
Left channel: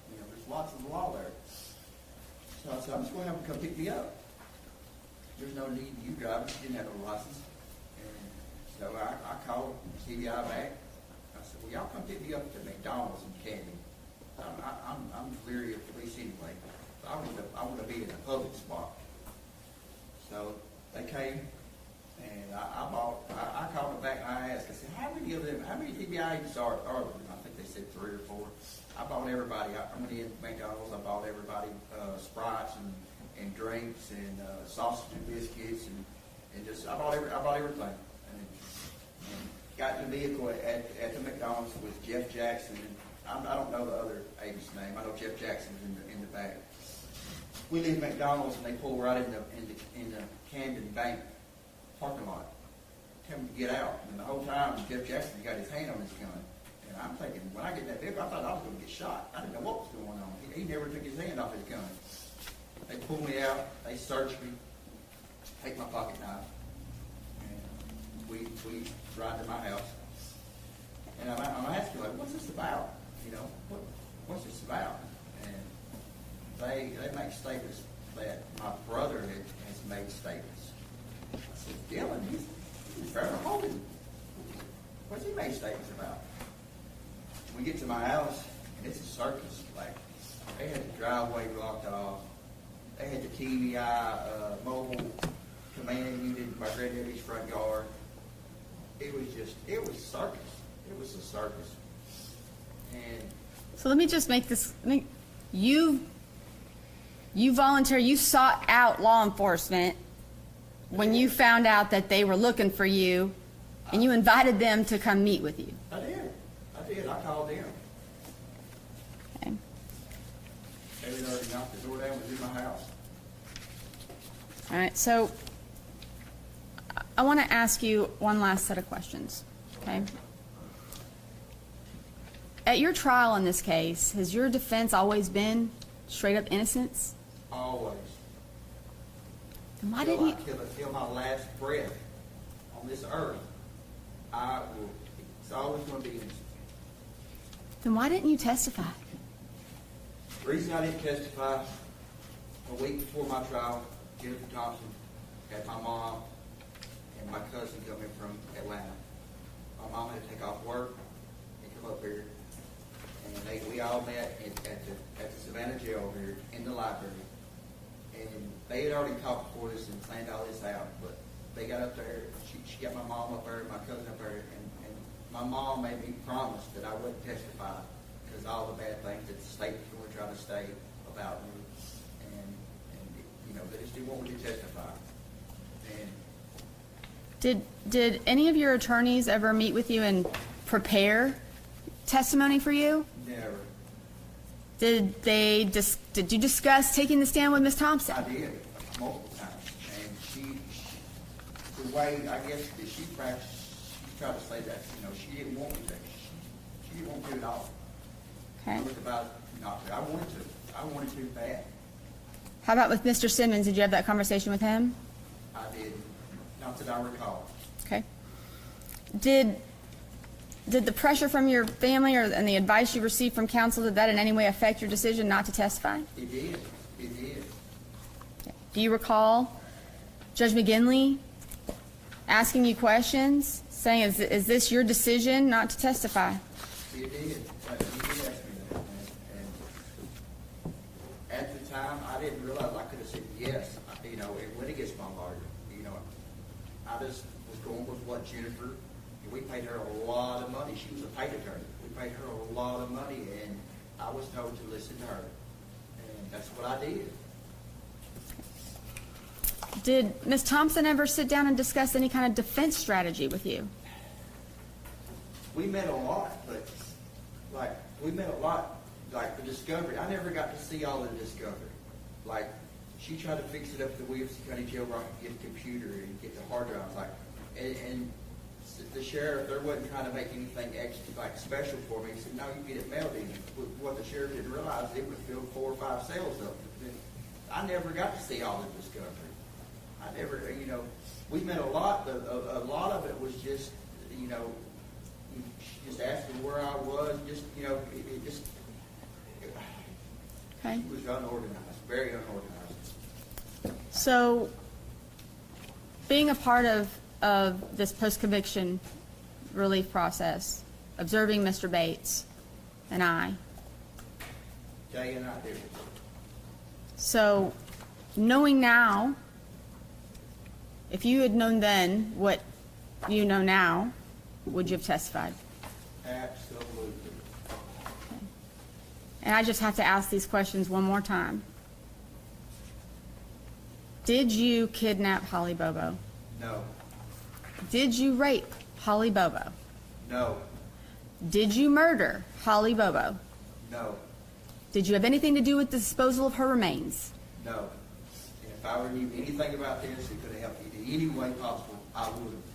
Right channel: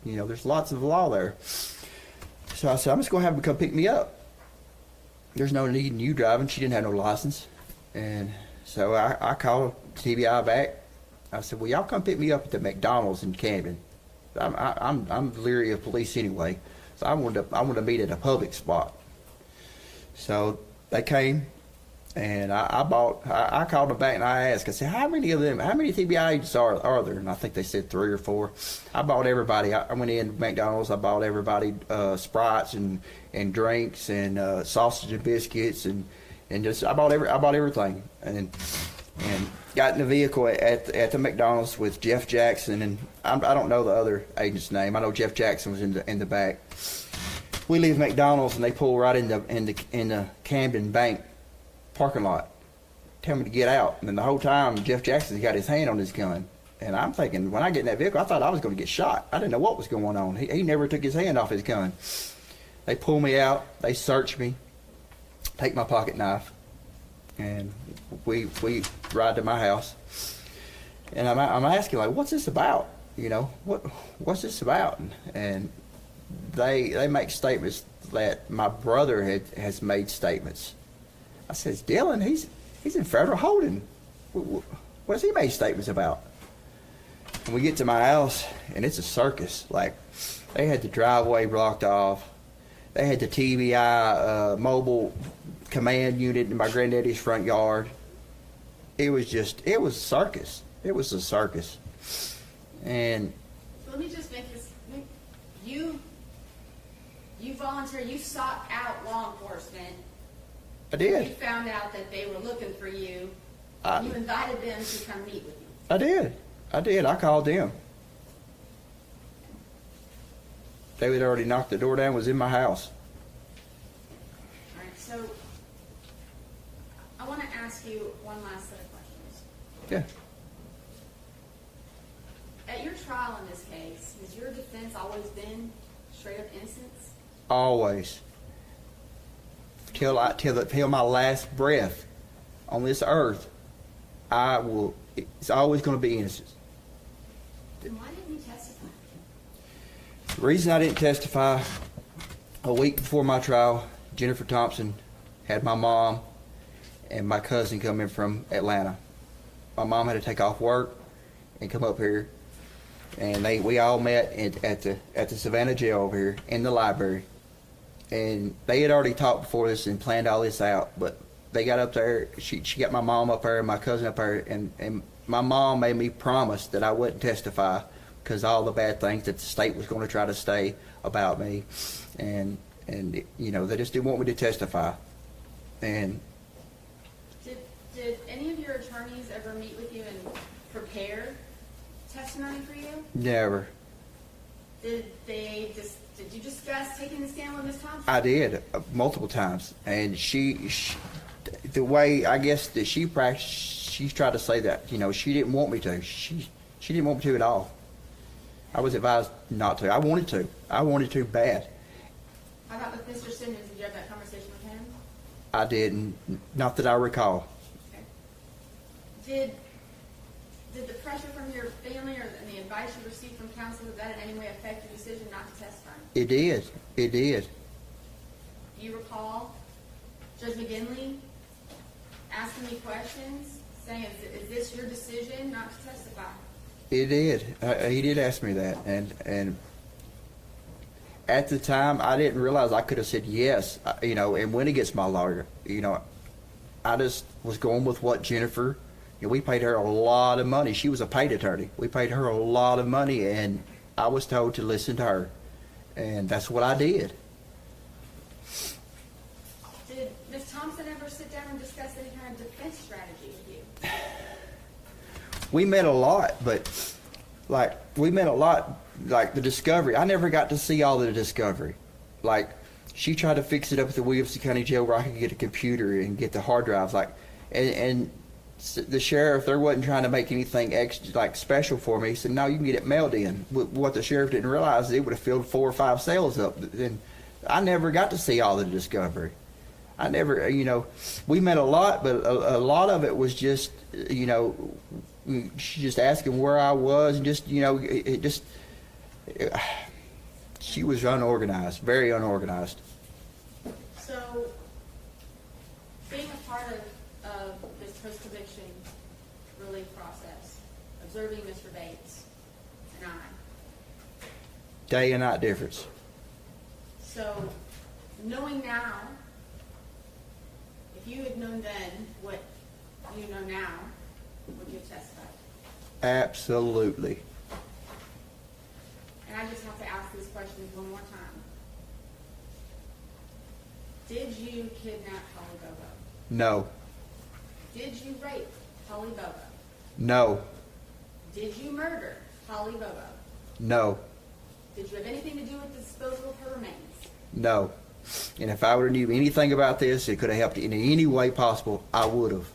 there's lots of law there. So I said, "I'm just going to have them come pick me up. There's no need in you driving." She didn't have no license. And so I called TBI back. I said, "Well, y'all come pick me up at the McDonald's in Camden. I'm leery of police anyway. So I wanted to meet at a public spot." So they came, and I called them back and I asked, I said, how many TBI agents are there? And I think they said 3 or 4. I bought everybody. I went in McDonald's. I bought everybody Sprites and drinks and sausage and biscuits and just I bought everything and got in the vehicle at the McDonald's with Jeff Jackson, and I don't know the other agent's name. I know Jeff Jackson was in the back. We leave McDonald's and they pull right in the Camden Bank parking lot. Tell me to get out, and then the whole time Jeff Jackson's got his hand on his gun. And I'm thinking, when I get in that vehicle, I thought I was going to get shot. I didn't know what was going on. He never took his hand off his gun. They pull me out. They search me, take my pocket knife, and we ride to my house. And I'm asking, like, what's this about? What's this about? And they make statements that my brother has made statements. I says, "Dylan, he's in federal holding. What's he made statements about?" And we get to my house, and it's a circus. Like, they had the driveway blocked off. They had the TBI mobile command unit in my granddaddy's front yard. It was a circus. It was a circus. And So let me just make this, you voluntarily, you sought out law enforcement I when did. you found out that they were looking for you, and you invited them to come meet with you. I did. I called them. Okay. They had already knocked the door down, was in my house. All right, so I want to ask you one last set of questions. Okay? Okay. At your trial in this case, has your defense always been straight up innocence? Always. Then why didn't you- Till my last breath on this earth, it's always going to be innocent. Then why didn't you testify? The reason I didn't testify, a week before my trial, Jennifer Thompson had my mom and my cousin come in from Atlanta. My mom had to take off work and come up here, and we all met at the Savannah jail over here in the library. And they had already talked before this and planned all this out, but they got up there. She got my mom up there and my cousin up there, and my mom made me promise that I wouldn't testify because all the bad things that the state was going to try to say about me, and they just didn't want me to testify. And Did any of your attorneys ever meet with you and prepare testimony for you? never. Did you discuss taking the stand with Ms. Thompson? I did multiple times, and the way I guess that she practiced, she tried to say that she didn't want me to. She didn't want me to at all. Okay. I was advised not to. I wanted to. I wanted to bad. How about with Mr. Simmons? Did you have that conversation with him? I didn't, not that I recall. Okay. Did the pressure from your family and the advice you received from counsel, did that in any way affect your decision not to testify? It did. It did. Do you recall Judge McGinley asking you questions, saying, is this your decision not to testify? It did. He did ask me that, and at the time, I didn't realize I could have said yes, you know, and went against my lawyer. You know, I just was going with what Jennifer, you know, we paid her a lot of money. She was a paid attorney. We paid her a lot of money, and I was told to listen to her, and that's what I did. Did Ms. Thompson ever sit down and discuss any kind of defense strategy with you? We met a lot, but like the discovery. I never got to see all of the discovery. Like, she tried to fix it up at the Williamson County Jail where I could get a computer and get the hard drives. Like, and the sheriff, there wasn't trying to make anything extra, like, special for me. He said, no, you can get it mailed in. What the sheriff didn't realize is it would have filled 4 or 5 cells up. And I never got to see all of the discovery. I never, you know, we met a lot, but a lot of it was just, you know, she just asking where I was, and just, you know, she was unorganized, very unorganized. So, being a part of this post-conviction relief process, observing Mr. Bates and I, Day and night difference. so knowing now, if you had known then what you know now, would you have testified? Absolutely. And I just have to ask these questions one more time. Did you kidnap Holly Bobo? No. Did you rape Holly Bobo? No. Did you murder Holly Bobo? No. Did you have anything to do with the disposal of her remains? No. And if I would have knew anything about this, it could have helped in any way possible, I would have.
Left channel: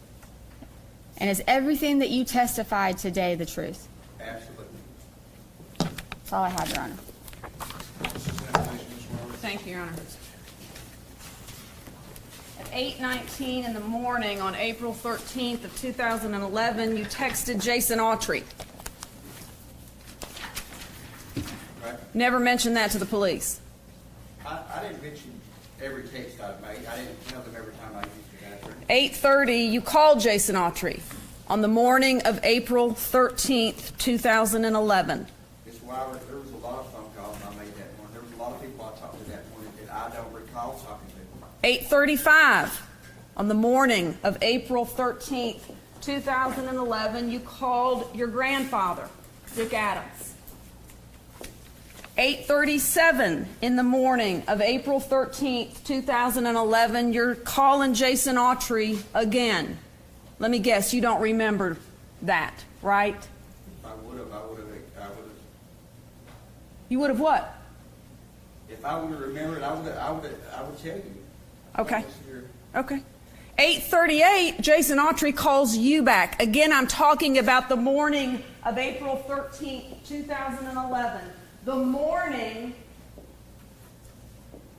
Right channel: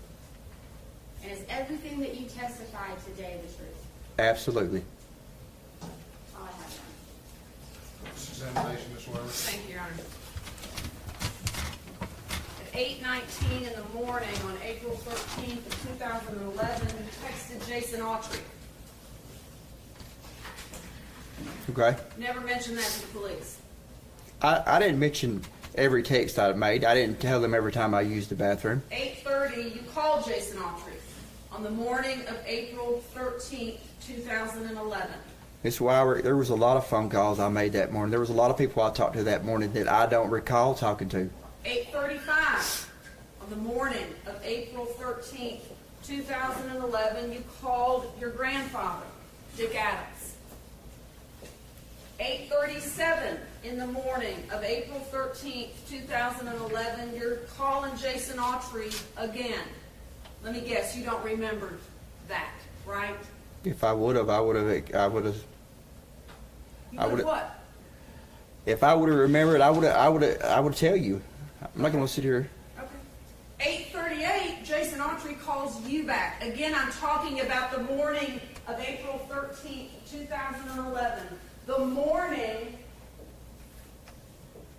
And is everything that you testified today the truth? Absolutely. That's all I have, Your Honor. This is examination, Ms. Weber. Thank you, Your Honor. At 8:19 in the morning on April 13th of 2011, you texted Jason Autry. Okay. Never mentioned that to the police. I didn't mention every text I made. I didn't tell them every time I used the bathroom. 8:30, you called Jason Autry on the morning of April 13th, 2011. Ms. Weiber, there was a lot of phone calls I made that morning. There was a lot of people I talked to that morning that I don't recall talking to. 8:35, on the morning of April 13th, 2011, you called your grandfather, Dick Adams. 8:37 in the morning of April 13th, 2011, you're calling Jason Autry again. Let me guess, you don't remember that, right? If I would have, You would have what? if I would have remembered, I would tell you. I'm not Okay. gonna sit here. Okay. 8:38, Jason Autry calls you back. Again, I'm talking about the morning of April 13th, 2011. The morning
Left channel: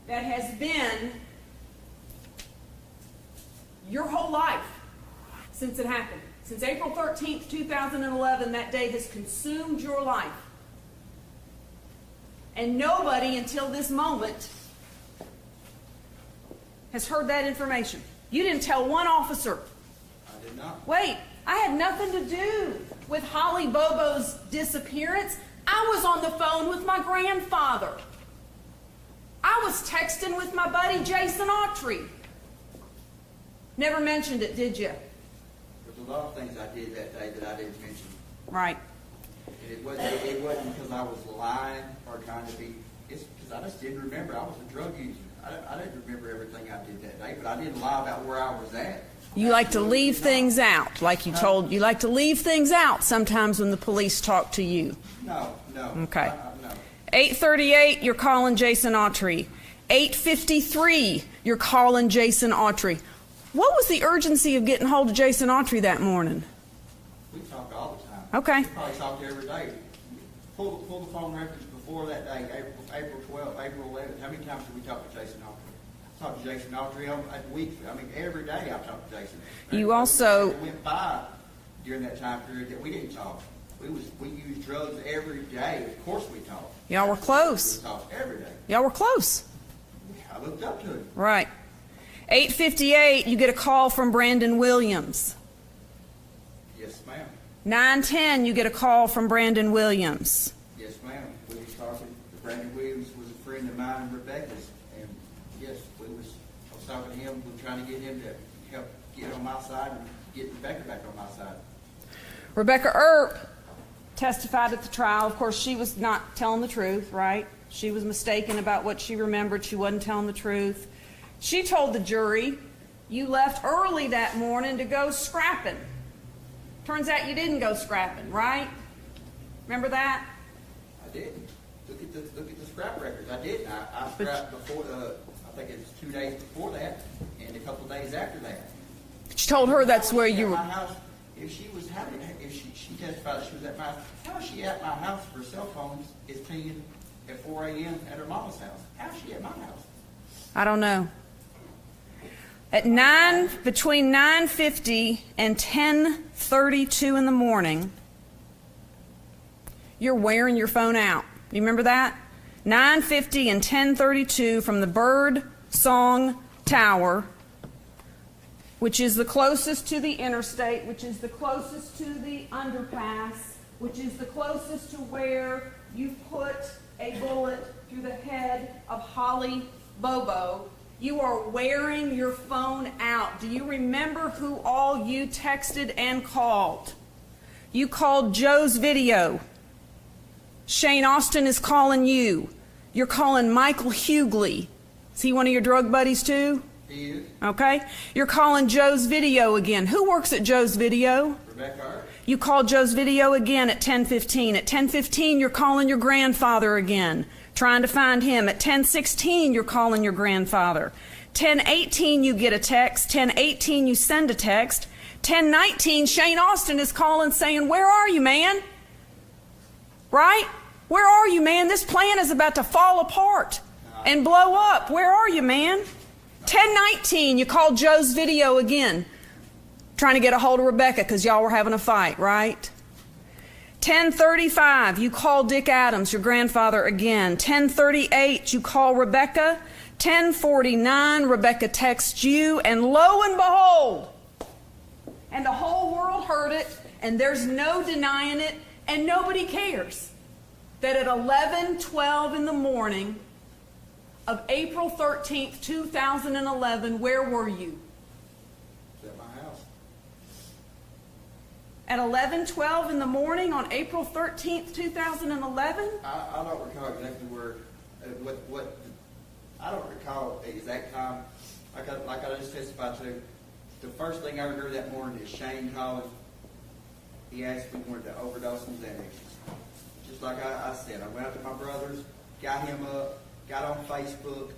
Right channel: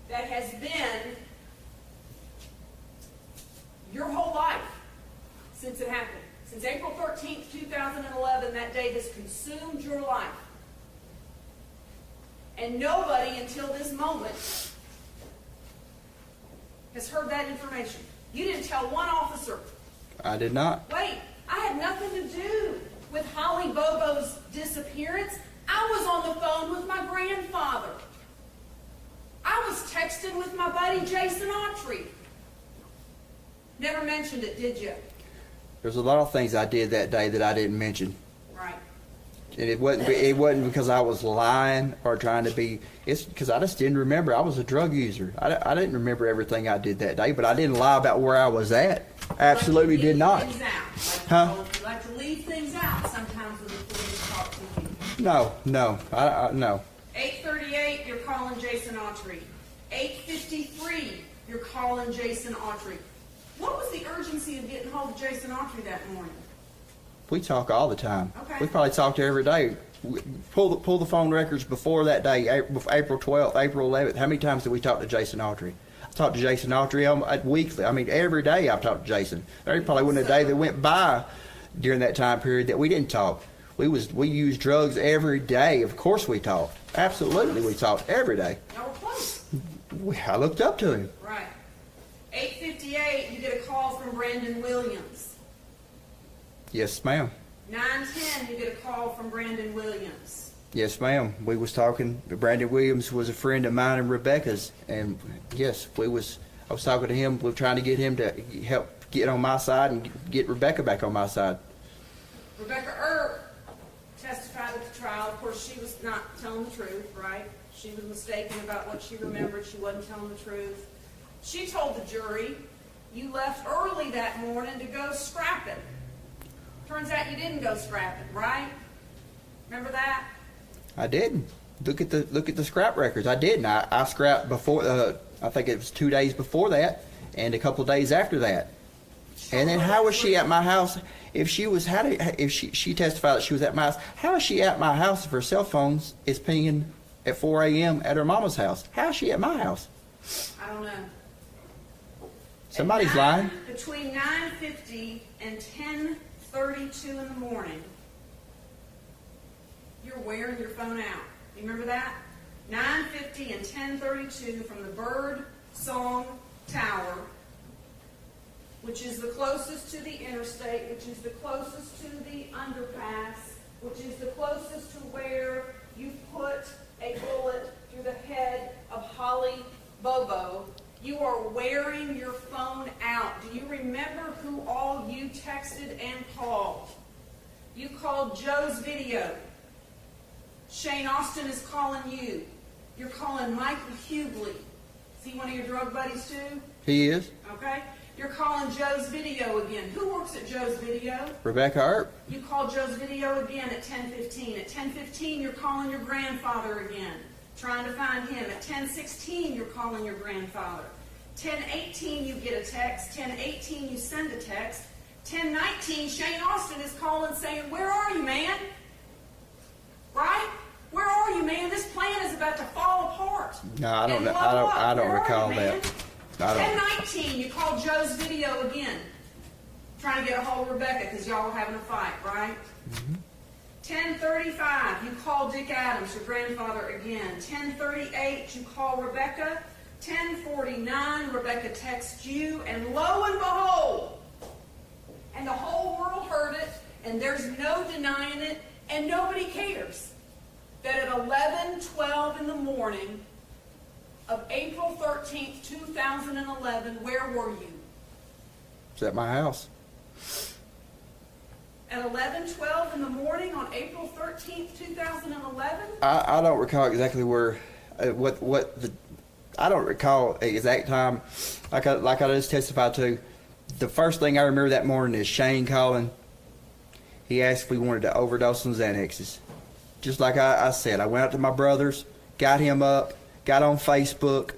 that has been your whole life since it happened. Since April 13th, 2011, that day has consumed your life. And nobody until this moment has heard that information. You didn't tell one officer. I did not. Wait, I had nothing to do with Holly Bobo's disappearance. I was on the phone with my grandfather. I was texting with my buddy Jason Autry. Never mentioned it, did you? There's a lot of things I did that day that I didn't mention. Right. And it wasn't because I was lying or trying to be. It's because I just didn't remember. I was a drug user. I didn't remember everything I did that day, but I didn't lie about where I was at. You like to Absolutely leave did not. things out, like you told. You like to leave things out sometimes when the police talk to you. No. Okay. No. 8:38, you're calling Jason Autry. 8:53, you're calling Jason Autry. What was the urgency of getting hold of Jason Autry that morning? We talk all the time. Okay. We probably talk to her every day. pull the phone records before that day, April 12th, April 11th. How many times did we talk to Jason Autry? I talked to Jason Autry weekly. I mean, every day I've talked to Jason. There You probably wasn't a also- day that went by during that time period that we didn't talk. We used drugs every day. Of course we talked. Y'all were Absolutely, close. we talked every day. Y'all were close. I looked up to him. Right. 8:58, you get a call from Brandon Williams. Yes, ma'am. 9:10, you get a call from Brandon Williams. Yes, ma'am. We was talking. Brandon Williams was a friend of mine and Rebecca's, and yes, I was talking to him. We were trying to get him to help get on my side and get Rebecca back on my side. Rebecca Earp testified at the trial. Of course, she was not telling the truth, right? She was mistaken about what she remembered. She wasn't telling the truth. She told the jury, you left early that morning to go scrapping. Turns out you didn't go scrapping, right? Remember that? I didn't. Look at the scrap records. I didn't. I scrapped before. I think it was 2 days before that, and a couple of days after that. She told And her then how that's was where she you at were. my house? If she was if she testified that she was at my house, how is she at my house if her cell phone is pinging at 4 a.m. at her mama's house? How is she at my house? I don't know. At Somebody's lying. between 9:50 and 10:32 in the morning, you're wearing your phone out. You remember that? 9:50 and 10:32 from the Bird Song Tower, which is the closest to the interstate, which is the closest to the underpass, which is the closest to where you put a bullet through the head of Holly Bobo. You are wearing your phone out. Do you remember who all you texted and called? You called Joe's Video. Shane Austin is calling you. You're calling Michael Hughley. Is he one of your drug buddies too? He is. Okay. You're calling Joe's Video again. Who works at Joe's Video? Rebecca Earp. You call Joe's Video again at 10:15. At 10:15, you're calling your grandfather again, trying to find him. At 10:16, you're calling your grandfather. 10:18, you get a text. 10:18, you send a text. 10:19, Shane Austin is calling saying, where are you, man? Right? Where are you, man? This plan is about to fall apart No, I and don't- blow I don't- I up. don't Where are you, recall man? that. 10:19, you call Joe's Video again, trying to get a hold of Rebecca because y'all were having a fight, right? 10:35, you call Dick Adams, your grandfather, again. 10:38, you call Rebecca. 10:49, Rebecca texts you, and lo and behold, and the whole world heard it, and there's no denying it, and nobody cares, that at 11:12 in the morning of April 13th, 2011, where were you? It's at my house. At 11:12 in the morning on April 13th, 2011? I don't recall exactly where, I don't recall the exact time. Like I just testified to, the first thing I remember that morning is Shane calling. He asked if we wanted to overdose on Xanaxes. Just like I said, I went out to my brother's, got him up, got on Facebook.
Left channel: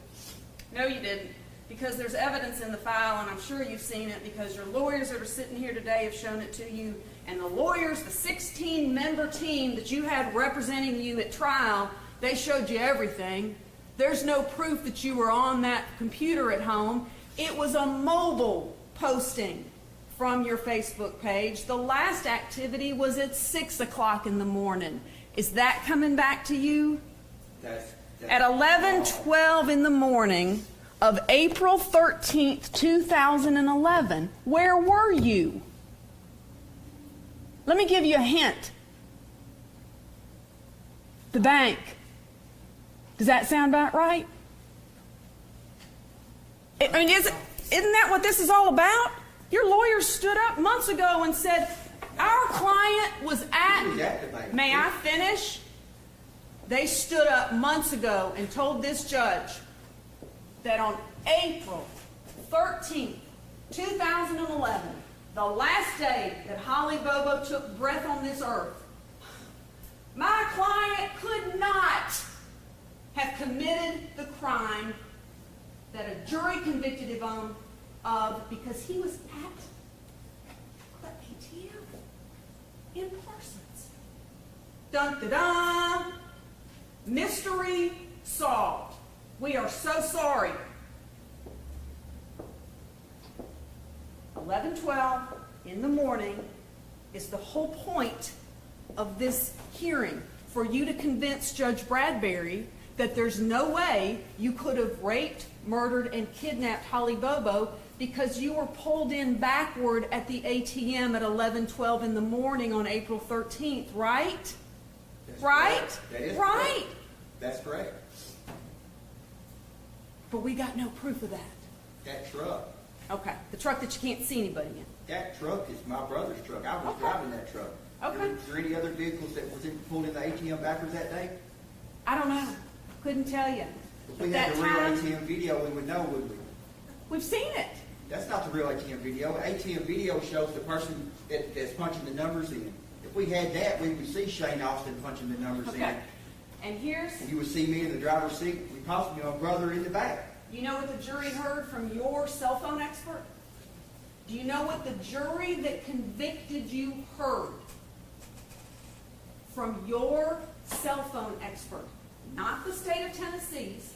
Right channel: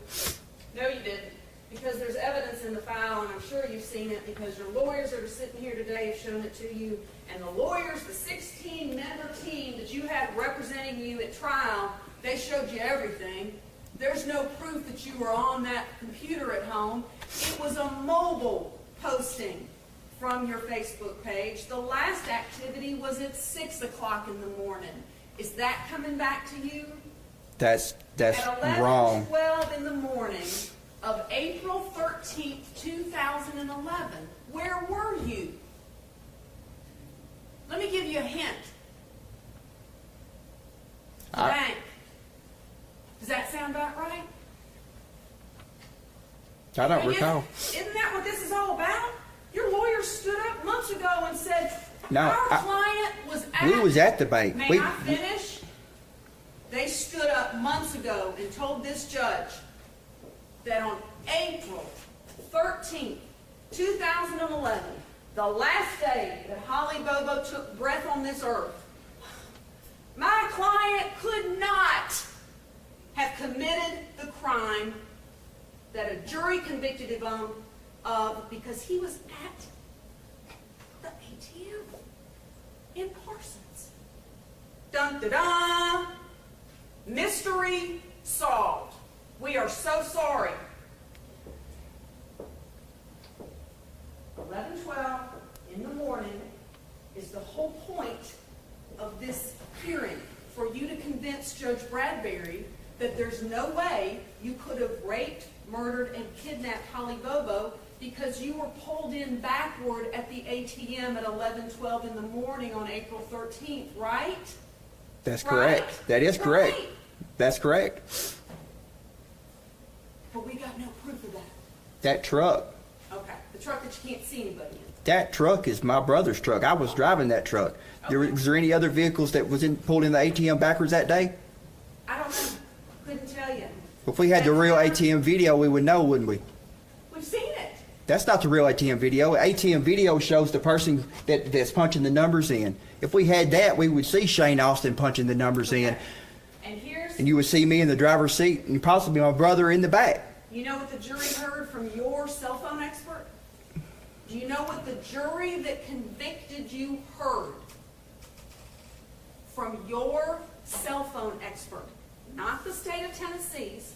No, you didn't, because there's evidence in the file, and I'm sure you've seen it, because your lawyers that are sitting here today have shown it to you, and the lawyers, the 16-member team that you had representing you at trial, they showed you everything. There's no proof that you were on that computer at home. It was a mobile posting from your Facebook page. The last activity was at 6 o'clock in the morning. Is that coming back to you? That's At wrong. 11:12 in the morning of April 13th, 2011, where were you? Let me give you a hint. The bank. Does that sound about right? I don't mean, recall. isn't that what this is all about? Your lawyers stood up months ago and said, No, our client was at... We was at the bank. May I finish? They stood up months ago and told this judge that on April 13th, 2011, the last day that Holly Bobo took breath on this earth, my client could not have committed the crime that a jury convicted him of because he was at the ATM in Parsons. Dun, da-da. Mystery solved. We are so sorry. 11:12 in the morning is the whole point of this hearing, for you to convince Judge Bradbury that there's no way you could have raped, murdered, and kidnapped Holly Bobo because you were pulled in backward at the ATM at 11:12 in the morning on April 13th, right? That's Right? correct. That is correct. Right. That's correct. But we got no proof of that. That truck, Okay, the truck that you can't see anybody in. that truck is my brother's truck. I was driving that truck. Okay. Was there any other vehicles that was pulled in the ATM backwards that day? I don't know. Couldn't tell you. If we had the That real time- ATM video, we would know, wouldn't we? We've seen it. That's not the real ATM video. ATM video shows the person that's punching the numbers in. If we had that, we would see Shane Austin punching the numbers in, Okay. And here's, and you would see me in the driver's seat, and possibly my brother in the back. you know what the jury heard from your cell phone expert? Do you know what the jury that convicted you heard from your cell phone expert? Not the state of Tennessee's,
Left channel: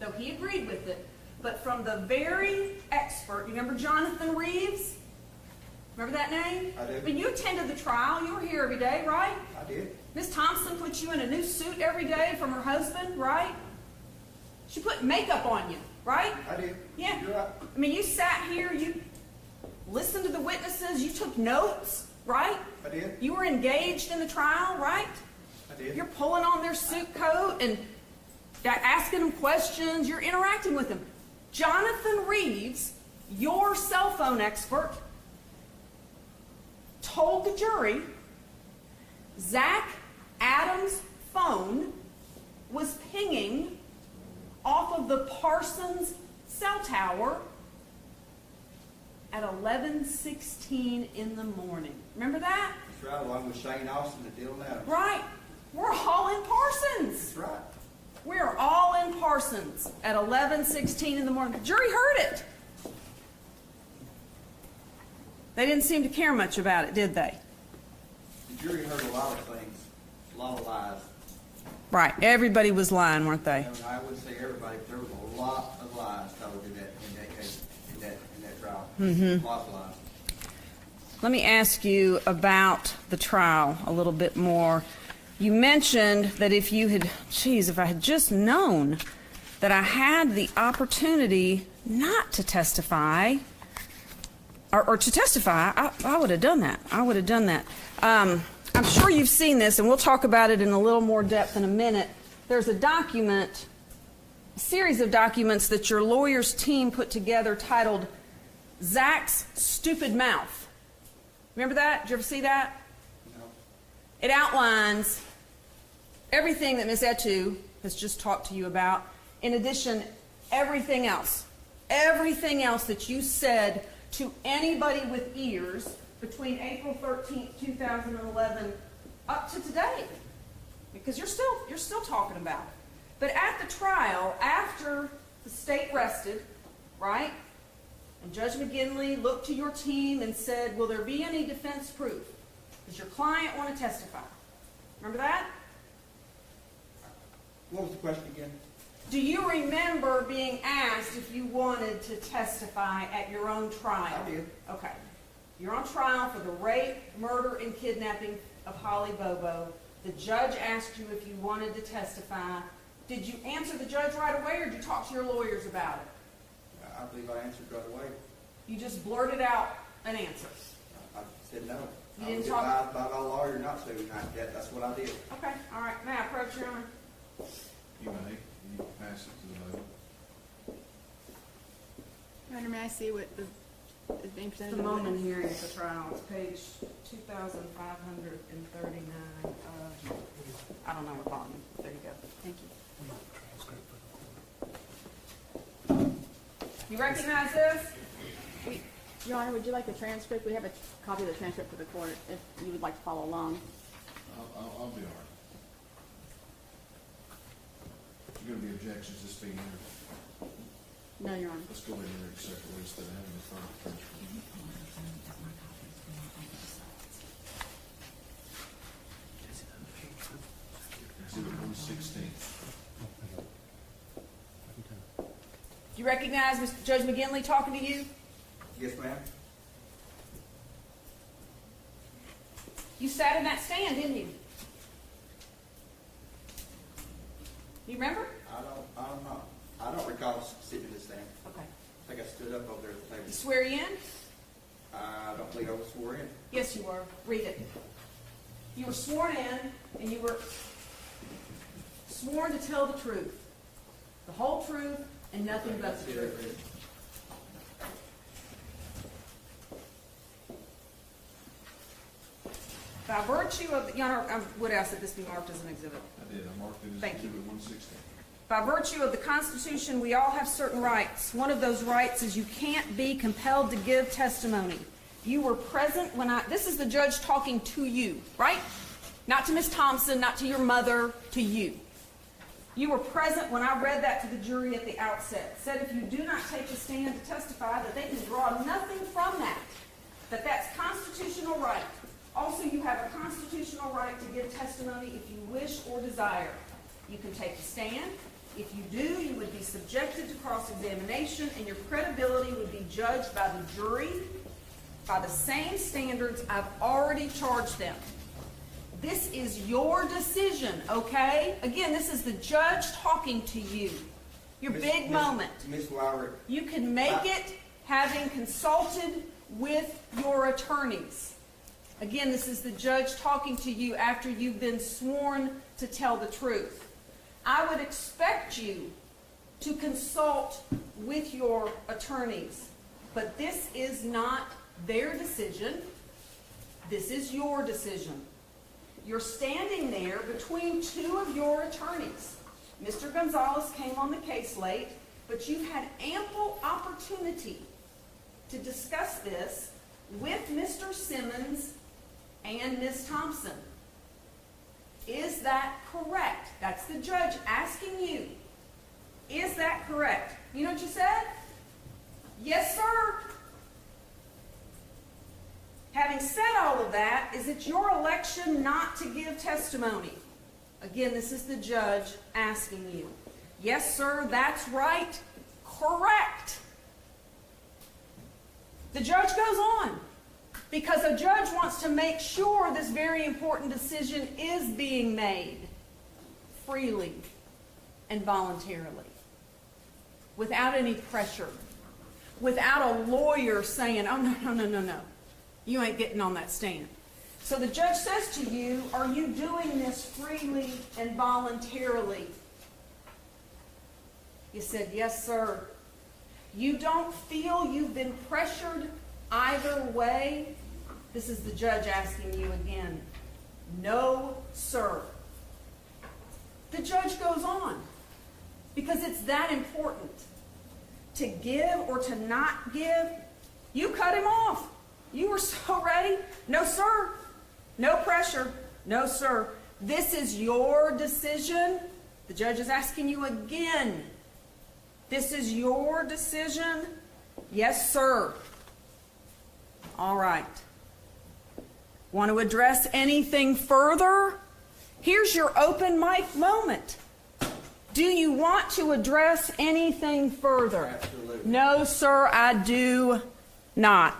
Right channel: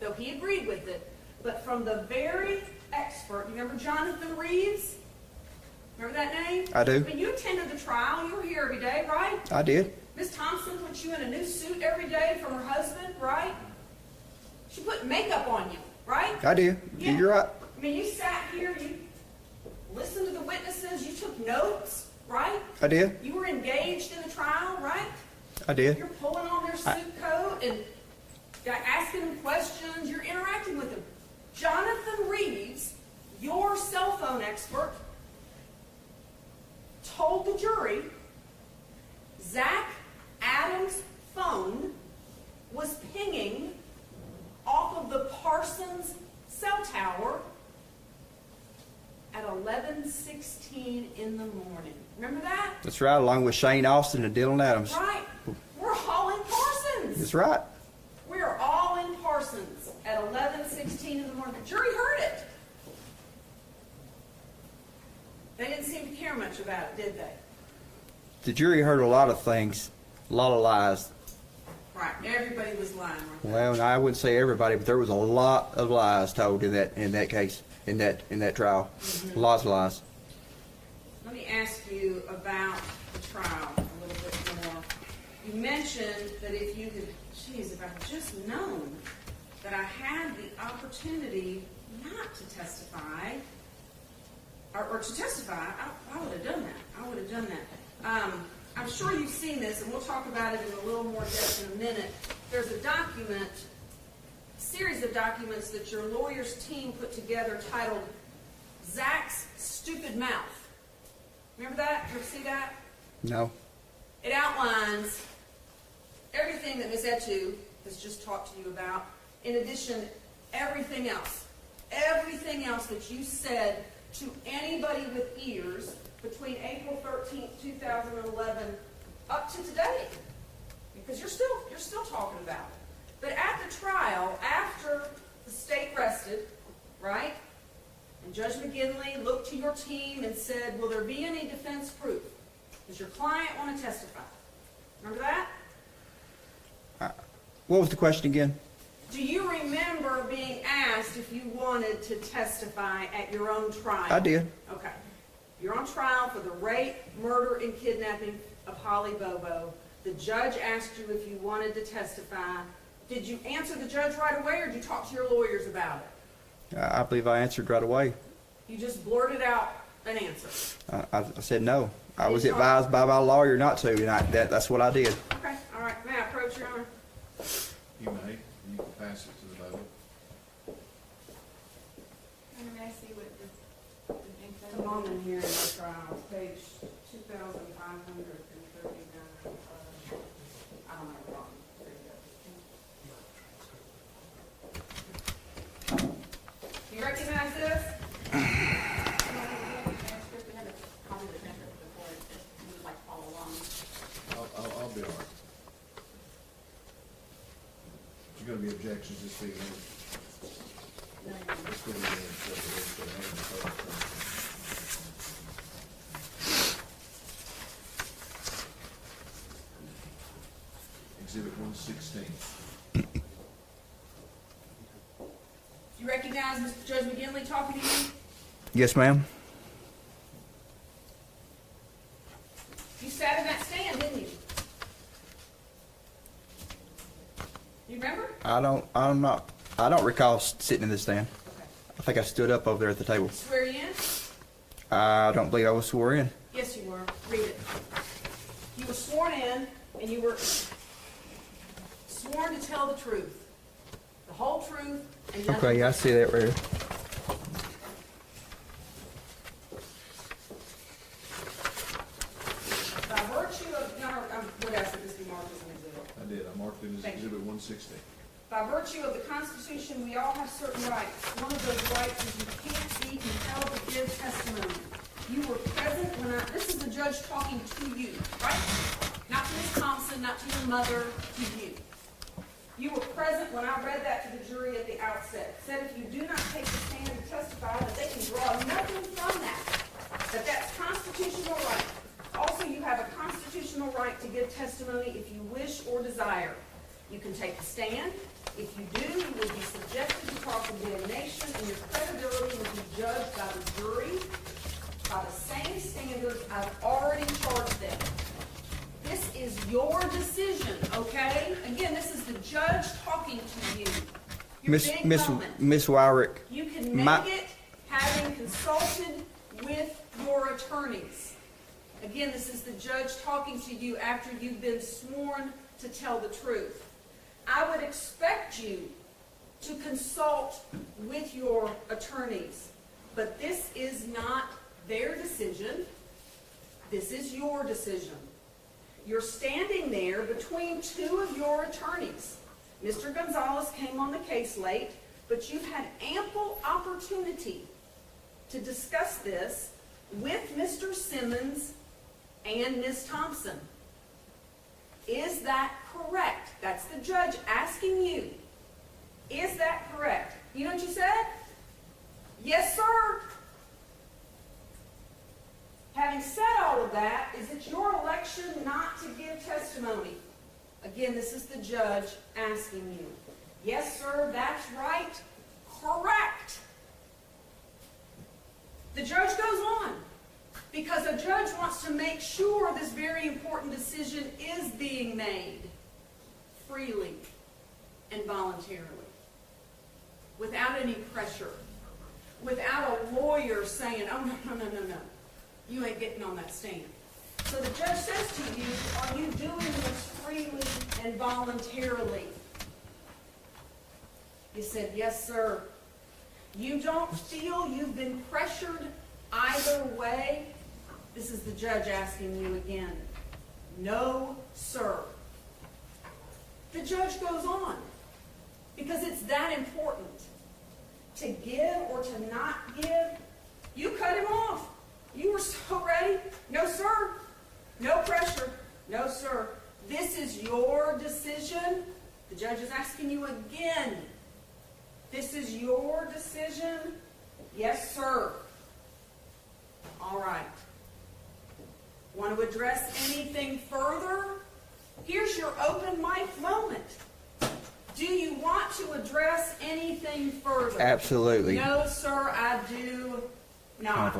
though he agreed with it, but from the very expert. You remember Jonathan Reeves? Remember that name? I do. When you attended the trial, you were here every day, right? I did. Miss Thompson put you in a new suit every day from her husband, right? She put makeup on you, right? I did. Yeah. You're right. I mean, you sat here, you listened to the witnesses, you took notes, right? I did. You were engaged in the trial, right? I did. You're pulling on their suit coat and asking them questions, you're interacting with them. Jonathan Reeves, your cell phone expert, told the jury Zach Adams' phone was pinging off of the Parsons cell tower at 11:16 in the morning. Remember that? That's right, along with Shane Austin and Dylan Adams. Right. We're all in Parsons. That's right. We're all in Parsons at 11:16 in the morning. The jury heard it. They didn't seem to care much about it, did they? The jury heard a lot of things, a lot of lies. Right. Everybody was lying, weren't they? Well, I wouldn't say everybody, but there was a lot of lies told in that case, in that trial. Lots of lies. Let me ask you about the trial a little bit more. You mentioned that if I had just known that I had the opportunity not to testify, or to testify, I would have done that. I would have done that. I'm sure you've seen this, and we'll talk about it in a little more depth in a minute. There's a document, a series of documents that your lawyer's team put together titled Zach's Stupid Mouth. Remember that? Did you ever see that? No. It outlines everything that Ms. Etu has just talked to you about. In addition, everything else that you said to anybody with ears between April 13th, 2011 up to today. Because you're still talking about it. But at the trial, after the state rested, right? And Judge McGinley looked to your team and said, will there be any defense proof? Does your client want to testify? Remember that? What was the question again? Do you remember being asked if you wanted to testify at your own trial? I did. Okay. You're on trial for the rape, murder, and kidnapping of Holly Bobo. The judge asked you if you wanted to testify. Did you answer the judge right away, or did you talk to your lawyers about it? I believe I answered right away. You just blurted out an answer. I said no. I You was talk- advised by my lawyer not to, and that's what I did. Okay, all right. May I approach, Your Honor? You may, you can pass it to the vote. Your Honor, may I see what is being presented? The moment here at the trial, page 2,539. I don't know what bottom. There you go. Thank you. You recognize this? Your Honor, would you like the transcript? We have a copy of the transcript for the court if you would like to follow along. I'll be all right. Is there gonna be objections to this being heard? No, Your Honor. Let's go ahead and accept this for another deferral. 116. Do you recognize Mr. Judge McGinley talking to you? Yes, ma'am. You sat in that stand, didn't you? You remember? I don't recall sitting in the stand. Okay. I think I stood up over there at the table. Swear you in? I don't believe I was sworn in. Yes, you were. Read it. You were sworn in, and you were sworn to tell the truth, the whole truth, and nothing Okay, I but see that right here. by virtue of, Your Honor, what else did this be marked as an exhibit? I did, I marked it as Thank you. Exhibit 116. By virtue of the Constitution, we all have certain rights. One of those rights is you can't be compelled to give testimony. You were present when this is the judge talking to you, right? Not to Ms. Thompson, not to your mother, to you. You were present when I read that to the jury at the outset. Said if you do not take a stand to testify, that they can draw nothing from that. That that's constitutional right. Also, you have a constitutional right to give testimony if you wish or desire. You can take a stand. If you do, you will be subjected to cross-examination, and your credibility will be judged by the jury by the same standards I've already charged them. This is your decision, okay? Again, this is the judge talking to you. Your big moment. Miss Wyrick, You can make it having consulted with your attorneys. Again, this is the judge talking to you after you've been sworn to tell the truth. I would expect you to consult with your attorneys, but this is not their decision. This is your decision. You're standing there between two of your attorneys. Mr. Gonzalez came on the case late, but you've had ample opportunity to discuss this with Mr. Simmons and Ms. Thompson. Is that correct? That's the judge asking you. Is that correct? You know what you said? Yes, sir. Having said all of that, is it your election not to give testimony? Again, this is the judge asking you. Yes, sir, that's right. Correct. The judge goes on because a judge wants to make sure this very important decision is being made freely and voluntarily, without any pressure, without a lawyer saying, oh, no. You ain't getting on that stand. So the judge says to you, are you doing this freely and voluntarily? You said, yes, sir. You don't feel you've been pressured either way? This is the judge asking you again. No, sir. The judge goes on because it's that important. To give or to not give, you cut him off. You were so ready. No, sir. No pressure. No, sir. This is your decision. The judge is asking you again. This is your decision. Yes, sir. All right. Want to address anything further? Here's your open mic moment. Do you want to address anything further? absolutely. No, sir, I do not.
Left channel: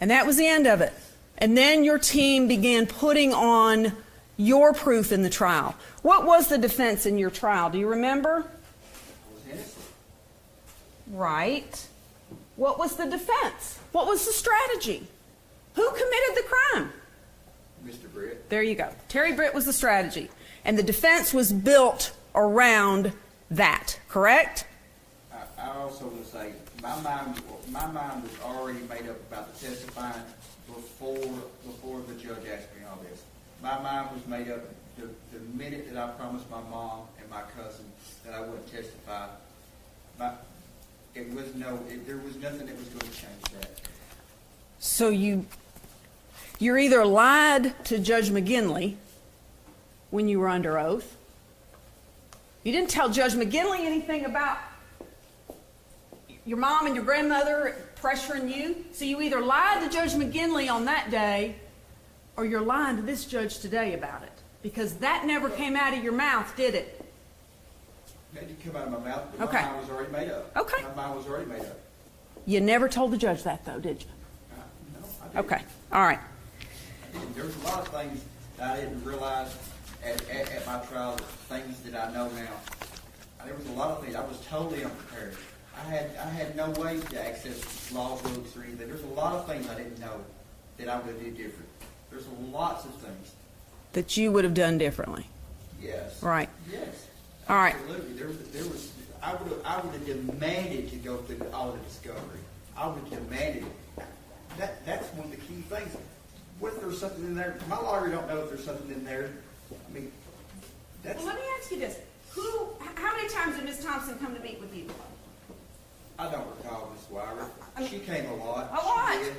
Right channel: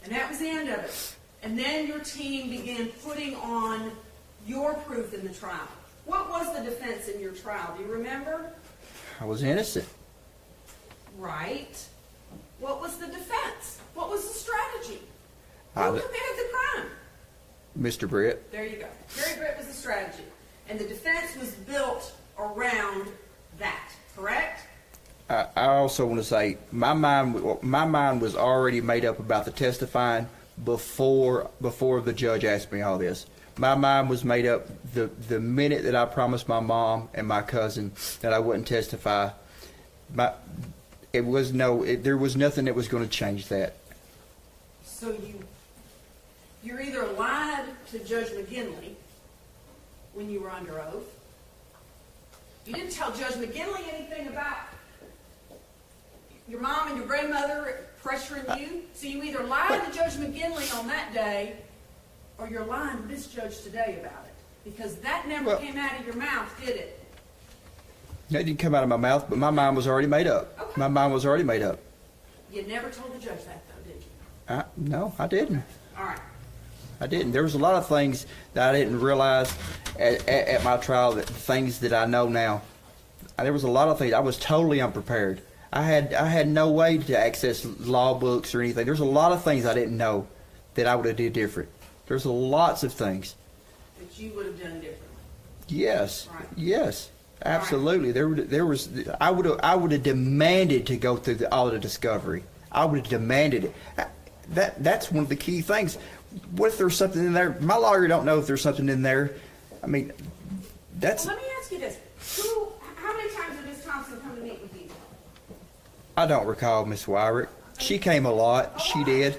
And that was the end of it. And then your team began putting on your proof in the trial. What was the defense in your trial? Do you remember? I was innocent. Right. What was the defense? What was the strategy? Who I- committed the crime? Mr. Britt, There you go. Terry Britt was the strategy. And the defense was built around that, correct? I also want to say my mind was already made up about the testifying before the judge asked me all this. My mind was made up the minute that I promised my mom and my cousin that I wouldn't testify. There was nothing that was going to change that. So you're either lied to Judge McGinley when you were under oath. You didn't tell Judge McGinley anything about your mom and your grandmother pressuring you. So you either lied to Judge McGinley on that day or you're lying to this judge today about it. Because that never Well- came out of your mouth, did it? That didn't come out of my mouth, but my Okay. mind was already made up. Okay. My mind was already made up. You never told the judge that, though, did you? No, I didn't. Okay, all right. I didn't. There was a lot of things that I didn't realize at my trial, that things that I know now. There was a lot of things. I was totally unprepared. I had no way to access law books or anything. There's a lot of things I didn't know that I would have did different. There's lots of things. That you would have done differently. Yes. Right. Yes. All right. Absolutely. There was. I would have demanded to go through all the discovery. I would have demanded it. That's one of the key things. What if there's something in there? My lawyer don't know if there's something in there. I mean, that's. Well, let me ask you this. How many times did Ms. Thompson come to meet with you? I don't recall Miss Wyrick. She came a lot. A She lot. did.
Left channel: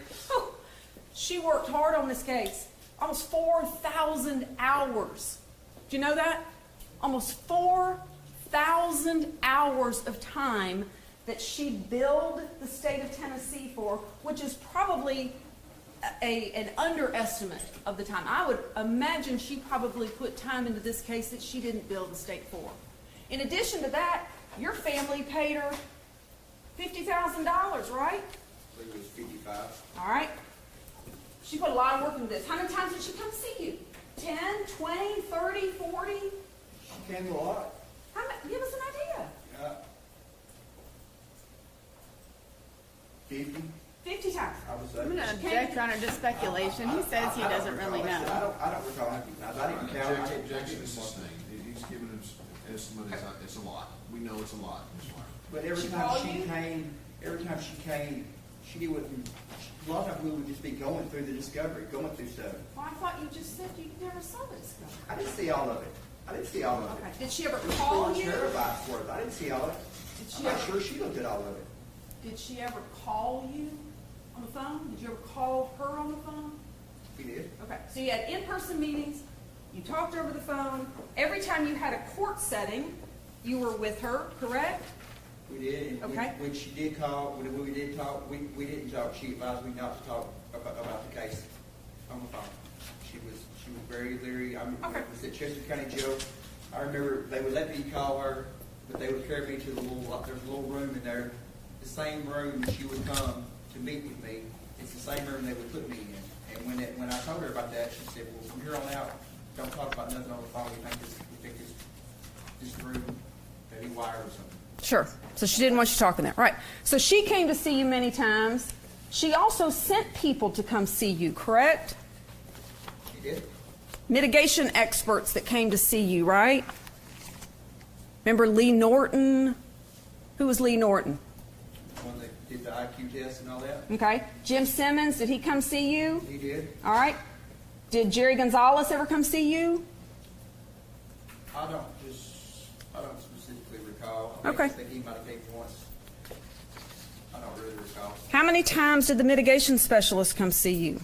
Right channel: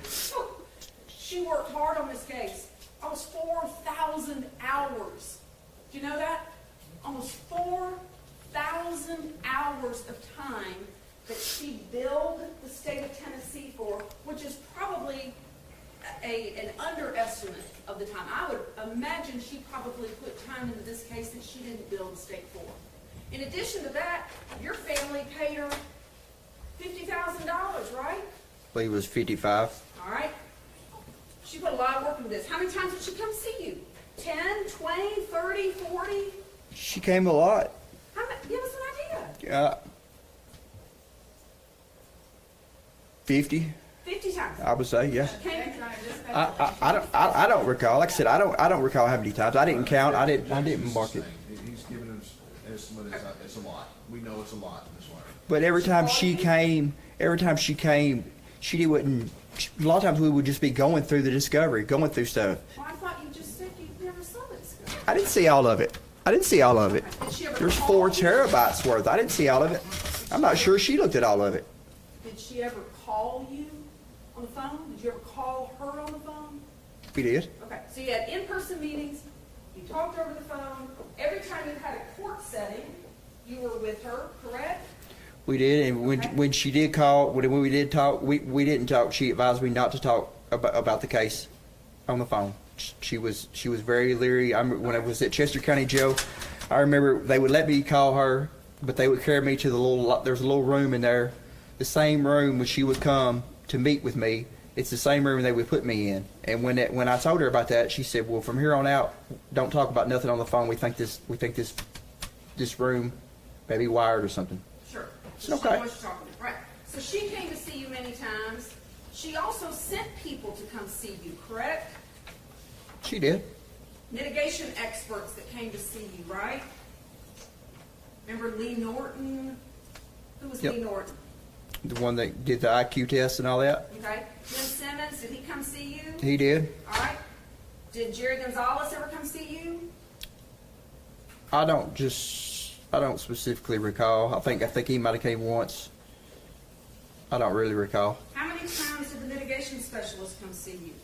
She worked hard on this case. Almost 4,000 hours. Do you know that? Almost 4,000 hours of time that she billed the state of Tennessee for, which is probably an underestimate of the time. I would imagine she probably put time into this case that she didn't bill the state for. In addition to that, your family paid her $50,000, right? I believe it was 55. All right. She put a lot of work into this. How many times did she come see you? 10, 20, 30, 40? She came a lot. Give us an idea. 50, 50 times. I would say, yes. Judge, Your Honor, just I speculation. I He don't, says I he don't doesn't recall. really Like I said, know. I don't recall how many times. I didn't count. I didn't mark it. He's giving us an estimate, it's a lot. We know it's a lot, Ms. Wyrick. But every time she came, she wouldn't. A lot of times we would just be going through the discovery, going through stuff. Well, I thought you just said you never saw this. I didn't see all of it. Did she ever There's call 4 you? terabytes worth. I didn't see all of it. I'm not sure she looked at all of it. Did she ever call you on the phone? Did you ever call her on the phone? We did. Okay, so you had in-person meetings, you talked over the phone. Every time you had a court setting, you were with her, correct? We did, and Okay. when she did call, when we did talk, we didn't talk. She advised me not to talk about the case on the phone. She was very leery. When I was at Chester County Jail, I remember they would let me call her, but they would carry me to there's a little room in there, the same room when she would come to meet with me. It's the same room they would put me in. And when I told her about that, she said, "Well, from here on out, don't talk about nothing on the phone. We think this room may be wired or something." Sure. So she Okay. didn't want you talking there. Right. So she came to see you many times. She also sent people to come see you, correct? She did. Mitigation experts that came to see you, right? Remember Lee Norton? Who was Lee Yep. Norton? The one that did the IQ test and all that. Okay. Jim Simmons, did he come see you? He did. All right. Did Jerry Gonzalez ever come see you? I don't specifically recall. I Okay. think he might have came once. I don't really recall. How many times did the mitigation specialist come see you?